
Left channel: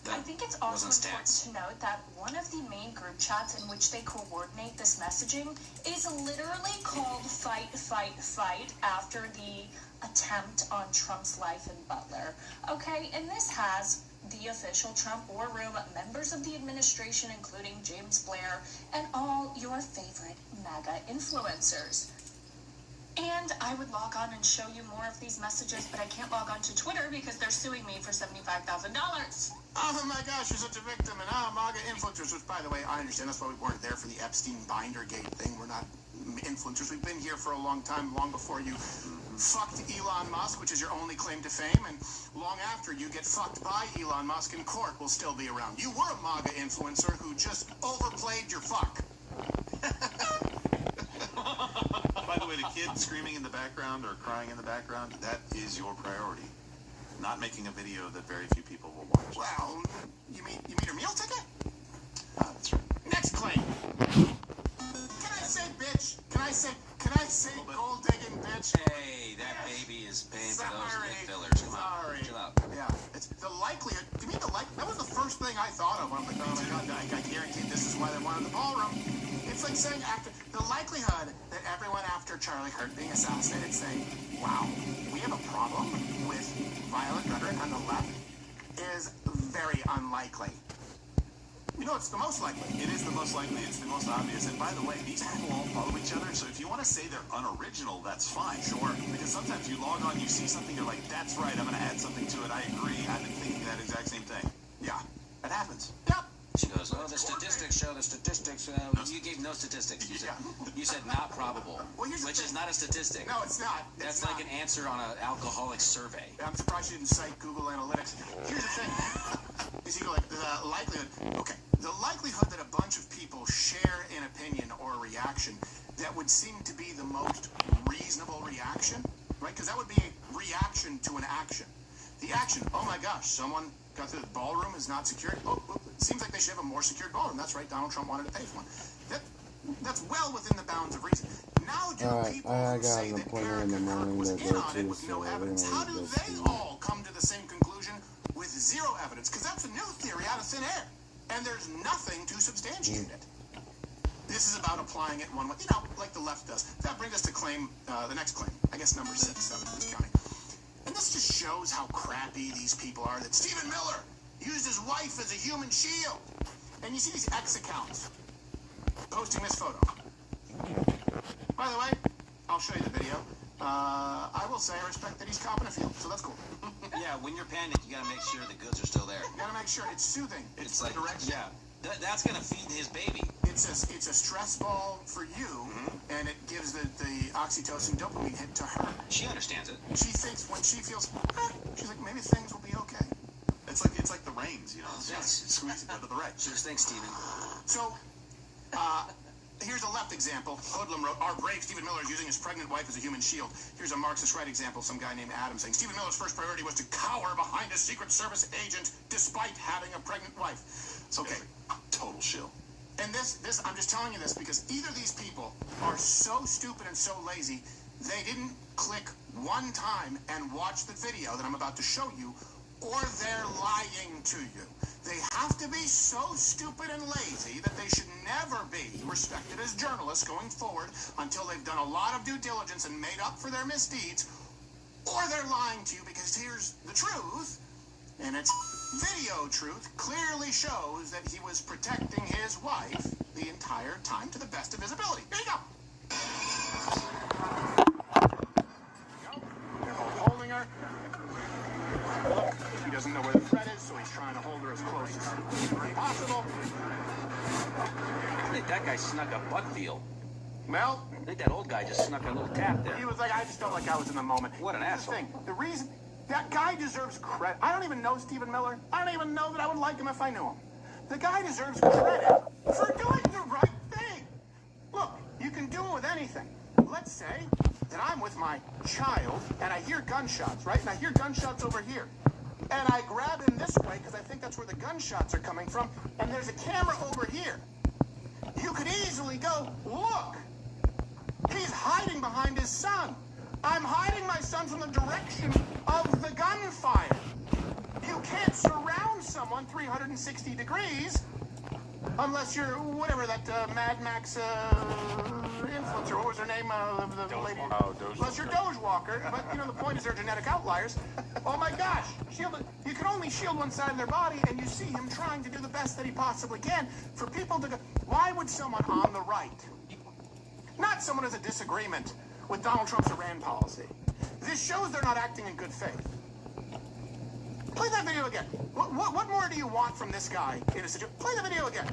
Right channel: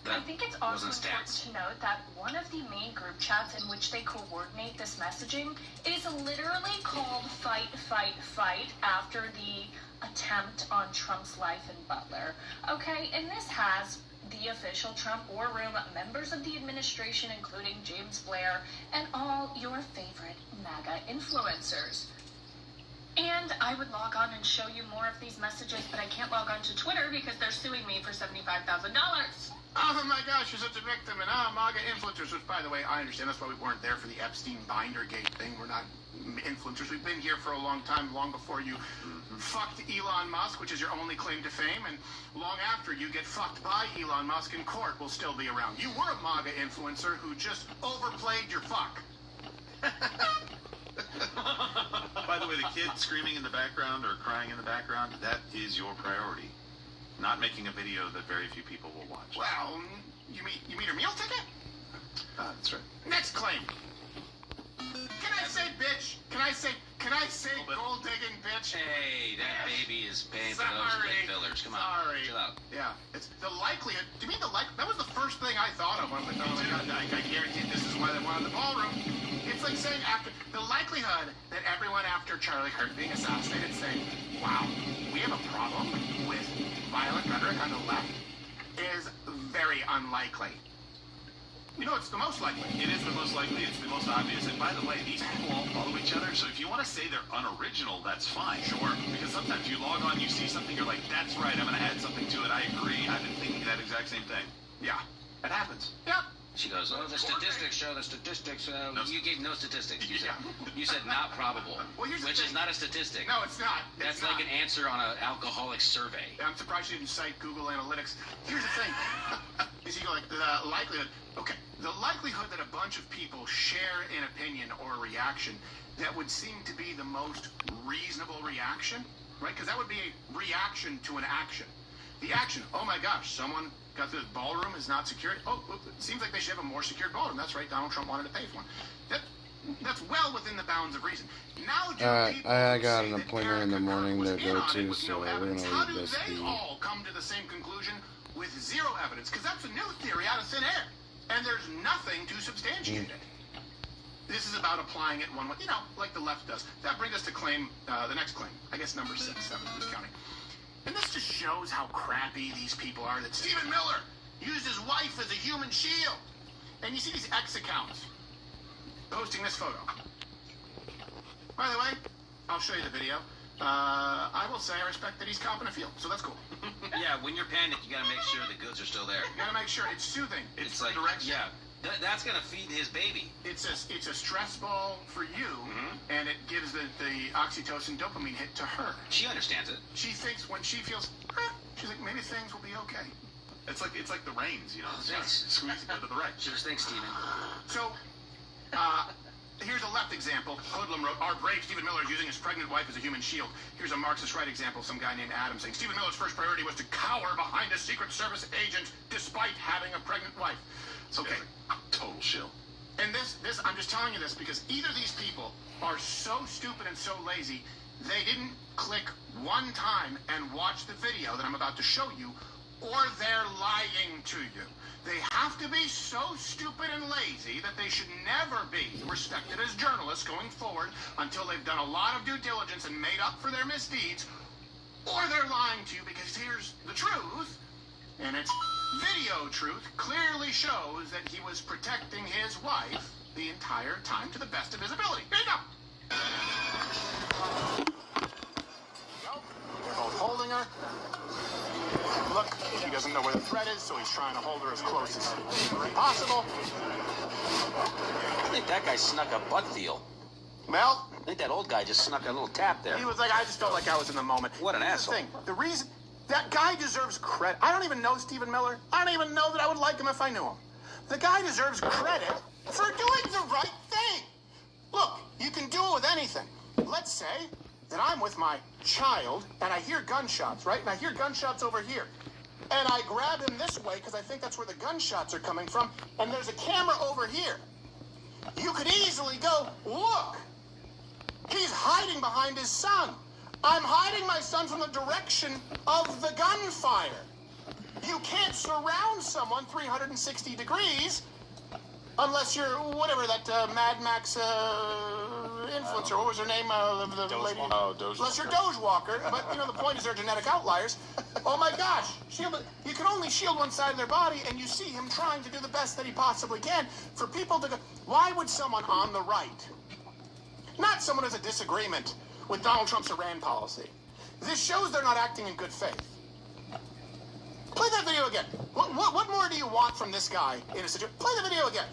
I think it's also important to note that one of the main group chats in which they coordinate this messaging is literally called Fight, Fight, Fight after the attempt on Trump's life in Butler. Okay, and this has the official Trump war room, members of the administration, including James Blair, and all your favorite MAGA influencers. And I would log on and show you more of these messages, but I can't log on to Twitter because they're suing me for $75,000. Oh my gosh, you're such a victim. And MAGA influencers, which, by the way, I understand that's why we weren't there for the Epstein Bindergate thing. We're not influencers. We've been here for a long time, long before you fucked Elon Musk, which is your only claim to fame, and long after you get fucked by Elon Musk in court, will still be around. You were a MAGA influencer who just overplayed your fuck. By the way, the kid screaming in the background or crying in the background, that is your priority. Not making a video that very few people will watch. Well, you mean your meal ticket? That's right. Next claim. Can I say bitch? Can I say gold digging bitch? Hey, that baby is paying for those lip fillers. Come on, chill out. Yeah, it's the likelihood. Do you mean that was the first thing I thought of when I guarantee this is why they wanted the ballroom. It's like saying after the likelihood that everyone after Charlie Kirk being assassinated saying, wow, we have a problem with violent rhetoric on the left is very unlikely. You know, it's the most likely. It is the most likely. It's the most obvious. And by the way, these people all follow each other. So if you want to say they're unoriginal, that's fine. Sure. Because sometimes you log on, you see something, you're like, that's right, I'm going to add something to it. I agree. I've been thinking that exact same thing. Yeah, it happens. Yep. She goes, oh, the statistics show the statistics. You gave no statistics. You said not probable, which is not a statistic. No, it's not. That's like an answer on an alcoholic survey. I'm surprised you didn't cite Google Analytics. Here's the thing. Is you go like the likelihood. Okay, the likelihood that a bunch of people share an opinion or a reaction that would seem to be the most reasonable reaction, right? Because that would be a reaction to an action. The action, oh my gosh, someone got the ballroom is not secured. Oh, it seems like they should have a more secured ballroom. That's right, Donald Trump wanted to pay for one. That's well within the bounds of reason. Now, I got an appointment in the morning to go to, so we're going to leave this be. They all come to the same conclusion with zero evidence, because that's a new theory out of thin air, and there's nothing to substantiate it. This is about applying it one way, like the left does. That brings us to the next claim. I guess number 6, 7, who's counting. And this just shows how crappy these people are, that Stephen Miller used his wife as a human shield. And you see these X accounts posting this photo. By the way, I'll show you the video. I will say I respect that he's copping a field, so that's cool. Yeah, when you're panicked, you gotta make sure the goods are still there. You gotta make sure it's soothing. It's like direction. Yeah, that's gonna feed his baby. It's a stress ball for you, and it gives the oxytocin dopamine hit to her. She understands it. She thinks when she feels, she's like, maybe things will be okay. It's like the rains, you know. Squeeze it to the right. Just thanks, Steven. So, here's a left example. Hoodlum wrote, our brave Stephen Miller is using his pregnant wife as a human shield. Here's a Marxist right example, some guy named Adam saying, Stephen Miller's first priority was to cower behind a Secret Service agent despite having a pregnant wife. Okay, total shill. And this, I'm just telling you this because either these people are so stupid and so lazy, they didn't click one time and watch the video that I'm about to show you, or they're lying to you. They have to be so stupid and lazy that they should never be respected as journalists going forward until they've done a lot of due diligence and made up for their misdeeds, or they're lying to you because here's the truth, and it's video truth clearly shows that he was protecting his wife the entire time to the best of his ability. Here you go. They're both holding her. Look, he doesn't know where the threat is, so he's trying to hold her as close as possible. I think that guy snuck a butt feel. Mel? I think that old guy just snuck a little tap there. He was like, I just felt like I was in the moment. What an asshole. The reason, that guy deserves credit. I don't even know Stephen Miller. I don't even know that I would like him if I knew him. The guy deserves credit for doing the right thing. Look, you can do it with anything. Let's say that I'm with my child and I hear gunshots, right? And I hear gunshots over here. And I grab him this way because I think that's where the gunshots are coming from. And there's a camera over here. You could easily go, look, he's hiding behind his son. I'm hiding my son from the direction of the gunfire. You can't surround someone 360 degrees unless you're, whatever, that Mad Max influencer, what was her name? The lady? Unless you're Doge Walker. But, you know, the point is they're genetic outliers. Oh, my gosh. You can only shield one side of their body, and you see him trying to do the best that he possibly can. For people to go, why would someone on the right, not someone who has a disagreement with Donald Trump's Iran policy, this shows they're not acting in good faith. Play that video again. What more do you want from this guy in a situation? Play the video again.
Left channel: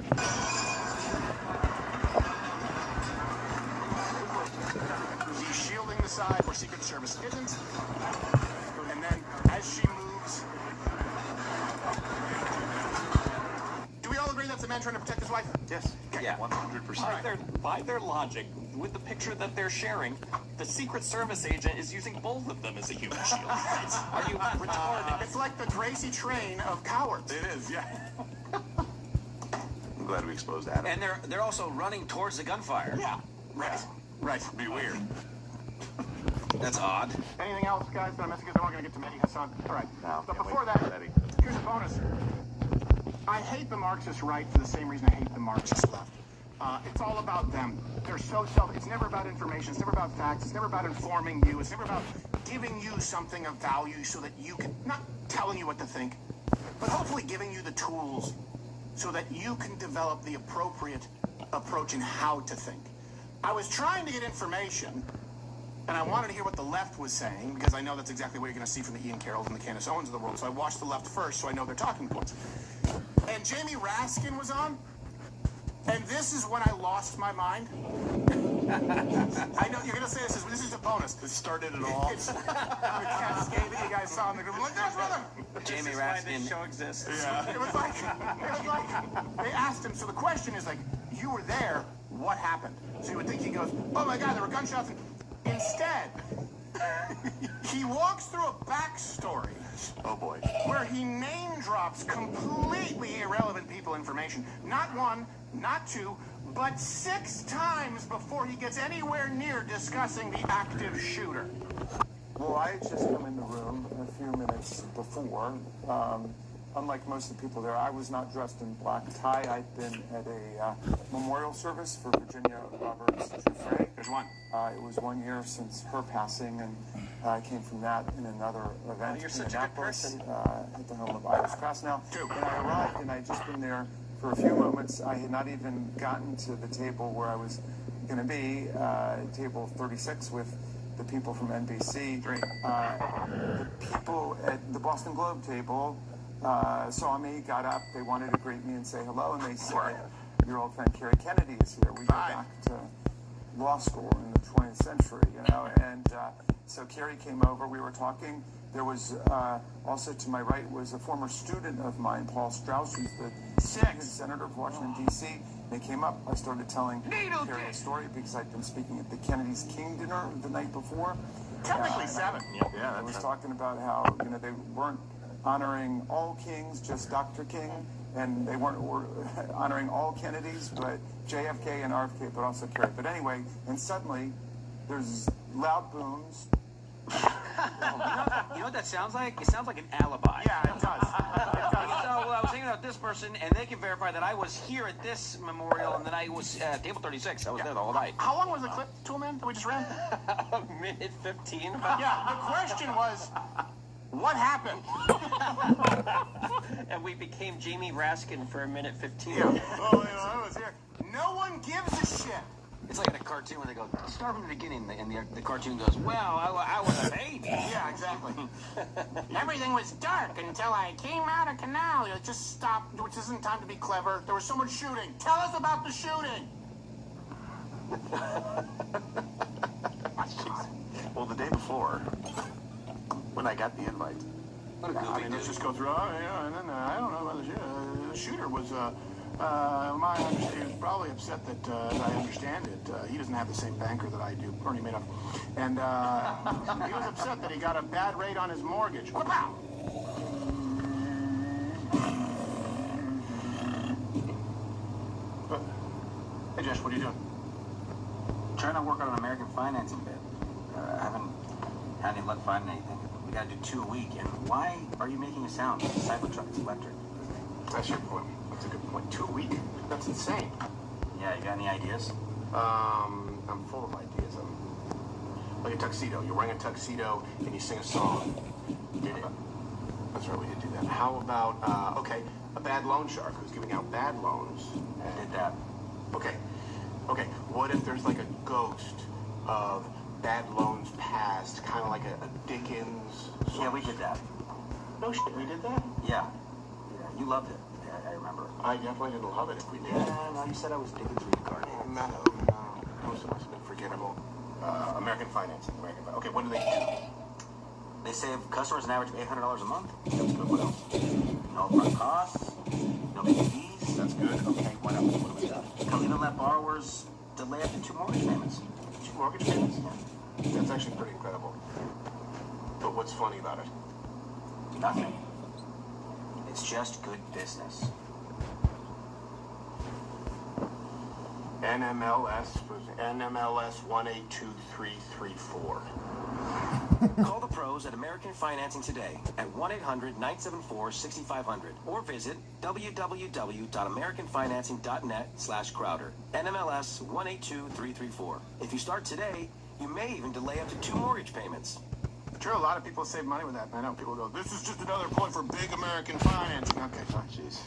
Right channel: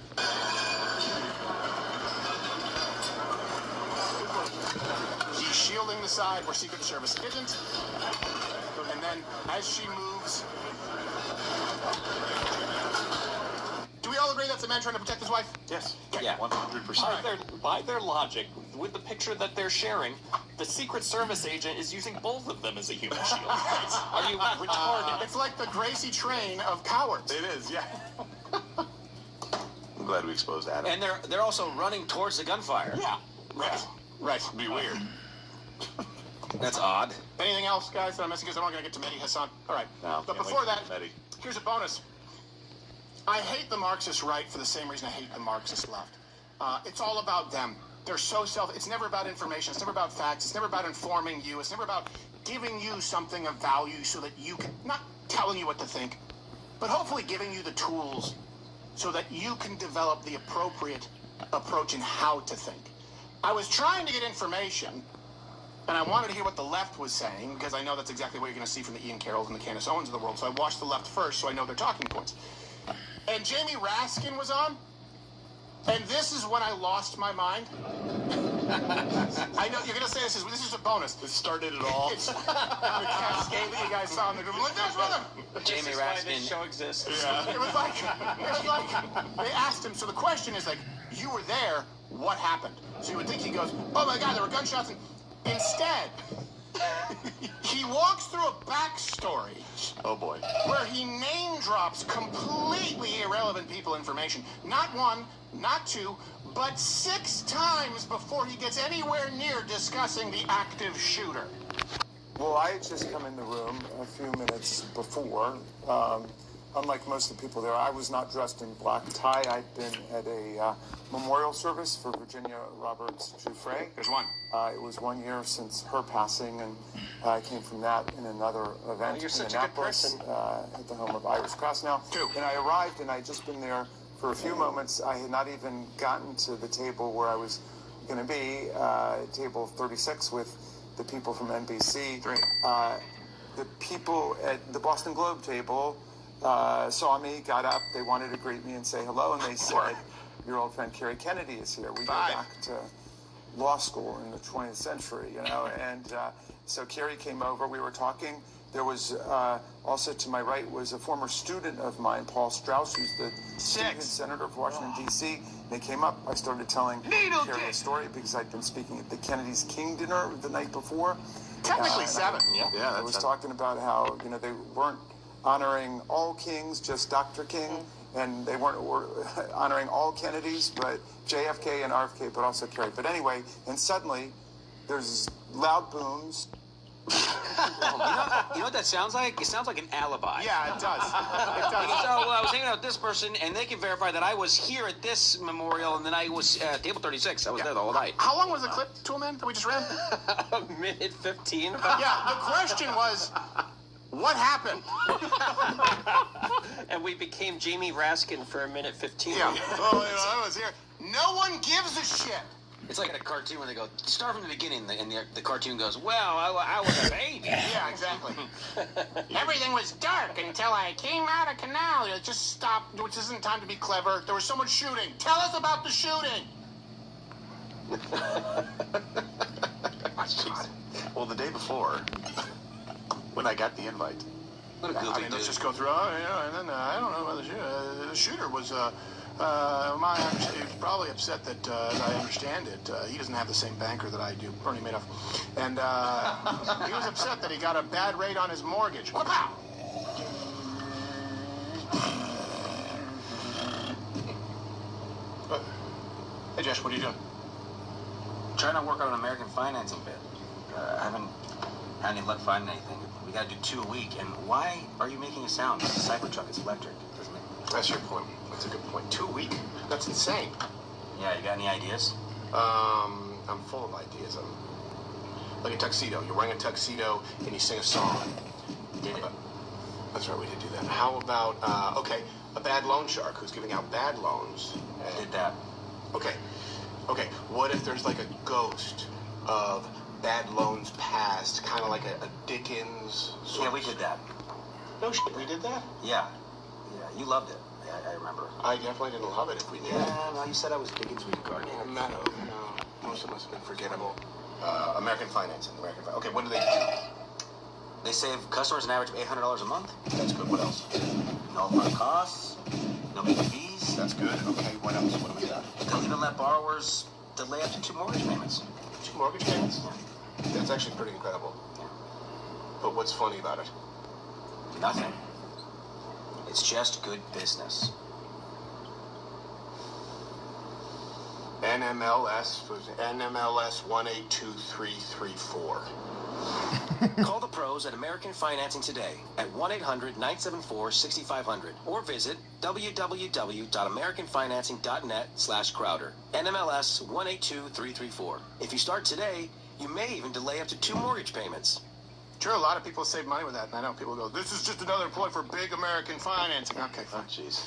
He's shielding the side where Secret Service isn't. And then as she moves... Do we all agree that's a man trying to protect his wife? Yes. Okay. Yeah, 100%. By their logic, with the picture that they're sharing, the Secret Service agent is using both of them as a human shield. Are you retarded? It's like the Gracie train of cowards. It is, yeah. I'm glad we exposed Adam. And they're also running towards the gunfire. Yeah. Right. Be weird. That's odd. Anything else, guys, that I'm missing? Because I'm not going to get to Mehdi Hassan. All right. No, but before that, here's a bonus. I hate the Marxist right for the same reason I hate the Marxist left. It's all about them. They're so it's never about information. It's never about facts. It's never about informing you. It's never about giving you something of value so that you can, not telling you what to think, but hopefully giving you the tools so that you can develop the appropriate approach in how to think. I was trying to get information, and I wanted to hear what the left was saying, because I know that's exactly what you're going to see from the Ian Carrolls and the Candace Owens of the world, so I watched the left first so I know their talking points. And Jamie Raskin was on, and this is when I lost my mind. I know you're going to say this is a bonus. It started it all. It's the cascade that you guys saw in the group. Like, there's with him. Jamie Raskin. This show exists. Yeah. It was like, they asked him, so the question is like, you were there, what happened? So you would think he goes, oh my God, there were gunshots. And instead, he walks through a backstory. Oh boy. Where he name drops completely irrelevant people information. Not one, not two, but 6 times before he gets anywhere near discussing the active shooter. Well, I had just come in the room a few minutes before. Unlike most of the people there, I was not dressed in black tie. I'd been at a memorial service for Virginia Roberts Giuffre. There's one. It was 1 year since her passing, and I came from that in another event You're in such a good Annapolis, person. at the home of Iris Krasnow. 2. And I arrived, and I'd just been there For a few moments, I had not even gotten to the table where I was going to be, table 36 with the people from NBC. The people at the Boston Globe table saw me, got up, they wanted to greet me and say hello, and they said, your old friend Kerry Kennedy is here. We go back to law school in the 20th century, you know, and so Kerry came over, we were talking. There was also to my right was a former student of mine, Paul Strauss, who's the student senator of Washington, D.C. They came up. I started telling Kerry a story because I'd been speaking at the Kennedy's King dinner the night before. Technically 7. Yeah, I was talking about how, you know, they weren't honoring all kings, just Dr. King, and they weren't honoring all Kennedys, but JFK and RFK, but also Kerry. But anyway, and suddenly there's loud booms. You know what that sounds like? It sounds like an alibi. Yeah, it does. It does. Well, I was hanging out with this person, and they can verify that I was here at this memorial, and then I was at table 36. I was there the whole night. How long was the clip, Toolman, that we just ran? A minute 15. Yeah, the question was, what happened? And we became Jamie Raskin for a minute 15. Yeah. Oh, I was here. No one gives a shit. It's like in a cartoon when they go, start from the beginning, and the cartoon goes, well, I was a baby. Yeah, exactly. Everything was dark until I came out of canal. It just stopped. Which isn't time to be clever. There was someone shooting. Tell us about the shooting. Well, the day before, when I got the invite, What a goofy I mean, let's dude. just go through. Oh, yeah, and then I don't know about the shooter was. He was probably upset that, as I understand it, he doesn't have the same banker that I do, Bernie Madoff. And he was upset that he got a bad rate on his mortgage. Wow. Hey, Josh, what are you doing? Trying to work on an American financing bid. I haven't had any luck finding anything. We got to do 2 a week. And why are you making a sound? It's a Cybertruck. It's electric. That's your point. That's a good point. 2 a week? That's insane. Yeah, you got any ideas? I'm full of ideas. Like a tuxedo. You're wearing a tuxedo and you sing a song. Did it? That's right, we did do that. How about, okay, a bad loan shark who's giving out bad loans. Did that. Okay. What if there's like a ghost of bad loans past, kind of like a Dickens sort Yeah, of... we did that. No shit, we did that? Yeah, you loved it. I remember. I definitely didn't love it if we did. Yeah, no, you said I was Dickens with your guardian. No, most of us have been forgettable. American financing. Okay, what do they do? They save customers an average of $800 a month. That's good. What else? No upfront costs, no big fees. That's good. Okay, what else? What do we got? They'll even let borrowers delay up to 2 mortgage payments. 2 mortgage payments? That's actually pretty incredible. But what's funny about it? Nothing. It's just good business. NMLS 182334. Call the pros at American Financing today at 1-800-974-6500 or visit www.americanfinancing.net/Crowder. NMLS 182334. If you start today, you may even delay up to 2 mortgage payments. Sure, a lot of people save money with that, and I know people go, this is just another point for big American financing. Okay, fine. Jeez.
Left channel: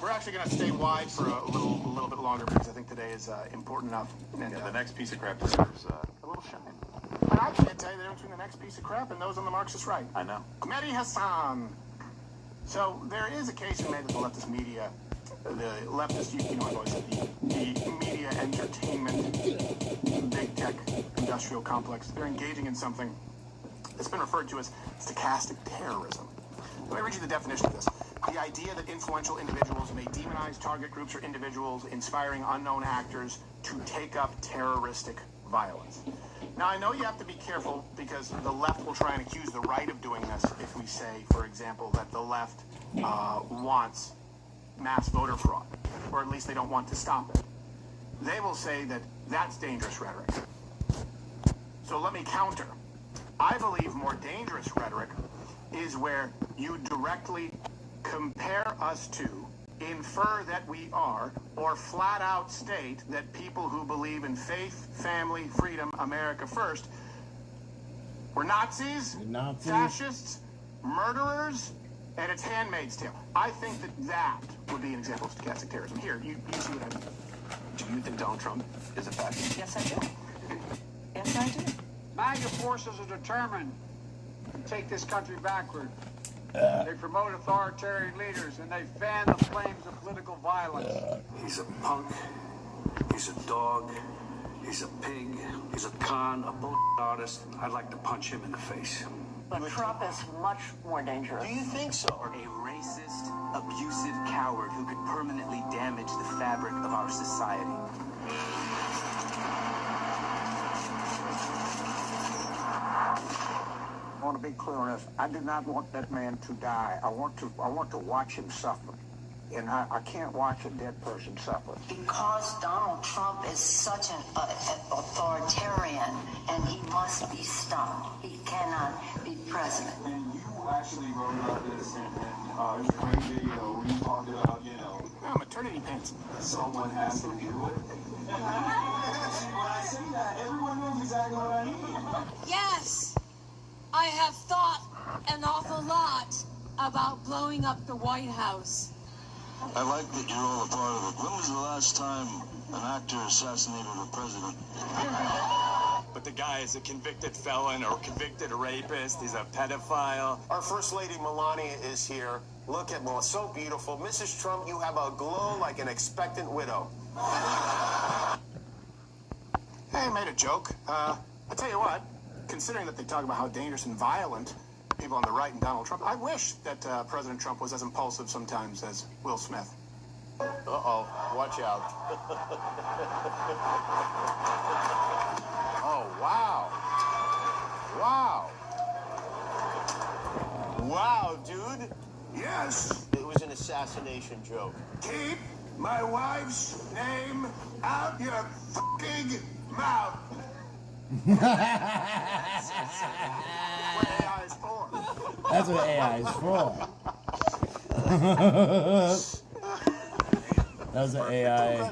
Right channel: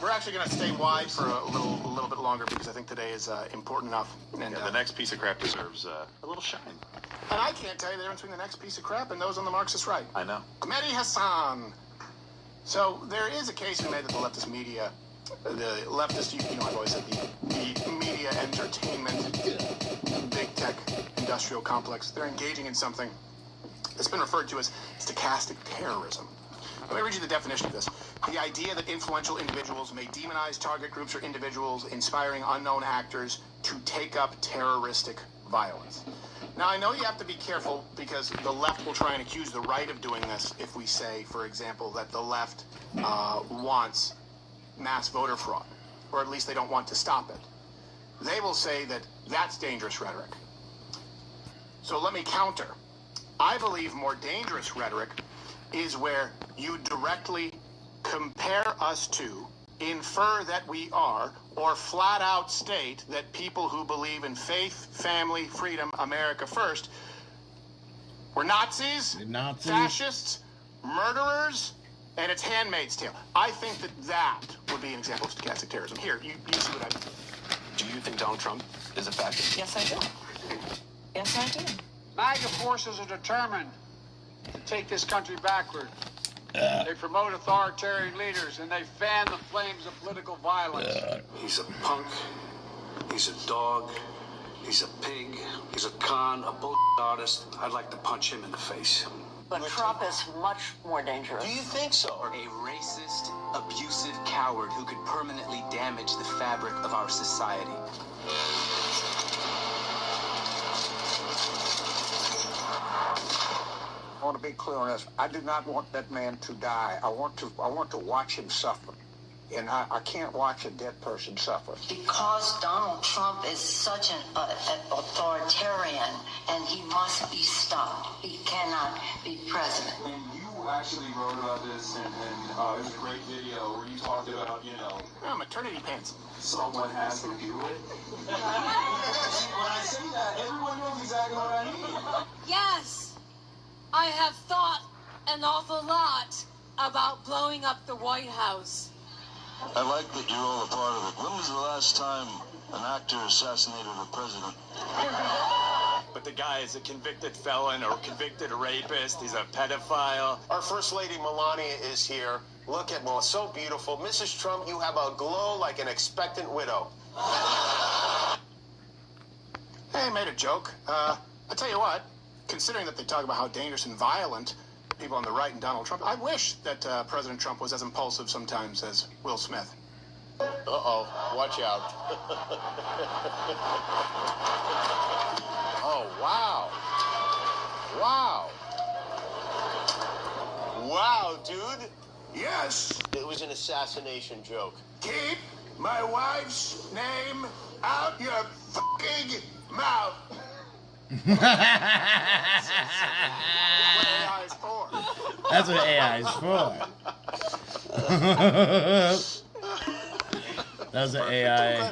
We're actually going to stay wide for a little bit longer because I think today is important enough. And the next piece of crap deserves a little shine. And I can't tell you the difference between the next piece of crap and those on the Marxist right. I know. Mehdi Hassan. So there is a case we made that the leftist media, the leftist, I've always said the media entertainment, big tech industrial complex, they're engaging in something that's been referred to as stochastic terrorism. Let me read you the definition of this. The idea that influential individuals may demonize target groups or individuals, inspiring unknown actors to take up terroristic violence. Now, I know you have to be careful because the left will try and accuse the right of doing this if we say, for example, that the left wants mass voter fraud, or at least they don't want to stop it. They will say that that's dangerous rhetoric. So let me counter. I believe more dangerous rhetoric is where you directly compare us to, infer that we are, or flat out state that people who believe in faith, family, freedom, America first, were Nazis, fascists, murderers, and it's Handmaid's Tale. I think that would be an example of stochastic terrorism. Here, you see what I mean. Do you think Donald Trump is a fascist? Yes, I do. Yes, I do. MAGA forces are determined to take this country backward. They promote authoritarian leaders and they fan the flames of political violence. He's a punk. He's a dog. He's a pig. He's a con, a bullshit artist. I'd like to punch him in the face. But Trump is much more dangerous. Do you think so? A racist, abusive coward who could permanently damage the fabric of our society. I want to be clear on this. I do not want that man to die. I want to watch him suffer. And I can't watch a dead person suffer. Because Donald Trump is such an authoritarian, and he must be stopped. He cannot be president. And you actually wrote about this, and it was a great video where you talked about, maternity pants. Someone has to do it. When I say that, everyone knows exactly what I mean. Yes, I have thought an awful lot about blowing up the White House. I like that you're all a part of it. When was the last time an actor assassinated a president? But the guy is a convicted felon or convicted rapist. He's a pedophile. Our First Lady Melania is here. Look at Melania, so beautiful. Mrs. Trump, you have a glow like an expectant widow. Hey, I made a joke. I tell you what, considering that they talk about how dangerous and violent people on the right and Donald Trump, I wish that President Trump was as impulsive sometimes as Will Smith. Uh-oh, watch out. Oh, wow. Wow. Wow, dude. Yes. It was an assassination joke. Keep my wife's name out your fucking mouth. That's what AI is for. That was an AI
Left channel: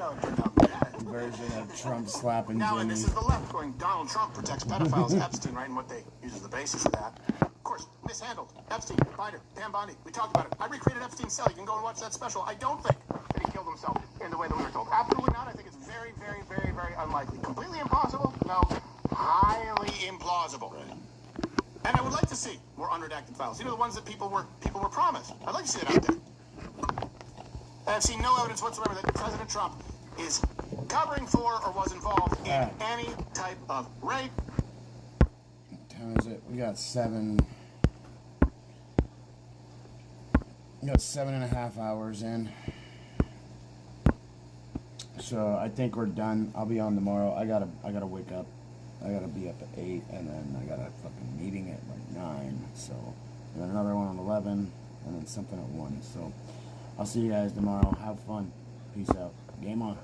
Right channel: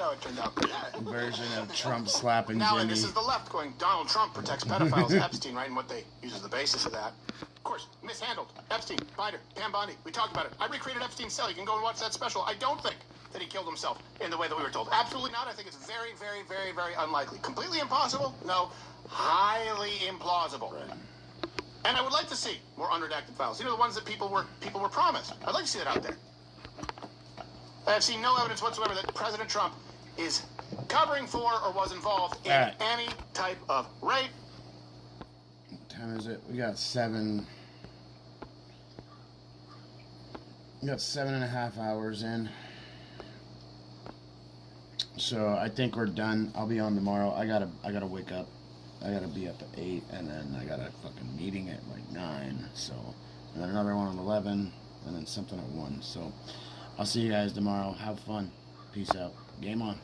version of Trump slapping Now, Jimmy. this is the left going, Donald Trump protects pedophiles, Epstein, right? And what they use as the basis of that. Of course, mishandled. Epstein, Binder, Pam Bondi. We talked about it. I recreated Epstein's cell. You can go and watch that special. I don't think that he killed himself in the way that we were told. Absolutely not. I think it's very, very, very, very unlikely. Completely impossible? No. Highly implausible. Right. And I would like to see more unredacted files. The ones that people were promised. I'd like to see that out there. I've seen no evidence whatsoever that President Trump is covering for or was involved in any type of rape. What time is it? We got 7.5 hours in. So I think we're done. I'll be on tomorrow. I gotta wake up. I gotta be up at 8, and then I got a fucking meeting at like 9. So, and then another one at 11, and then something at 1. So, I'll see you guys tomorrow. Have fun. Peace out. Game on.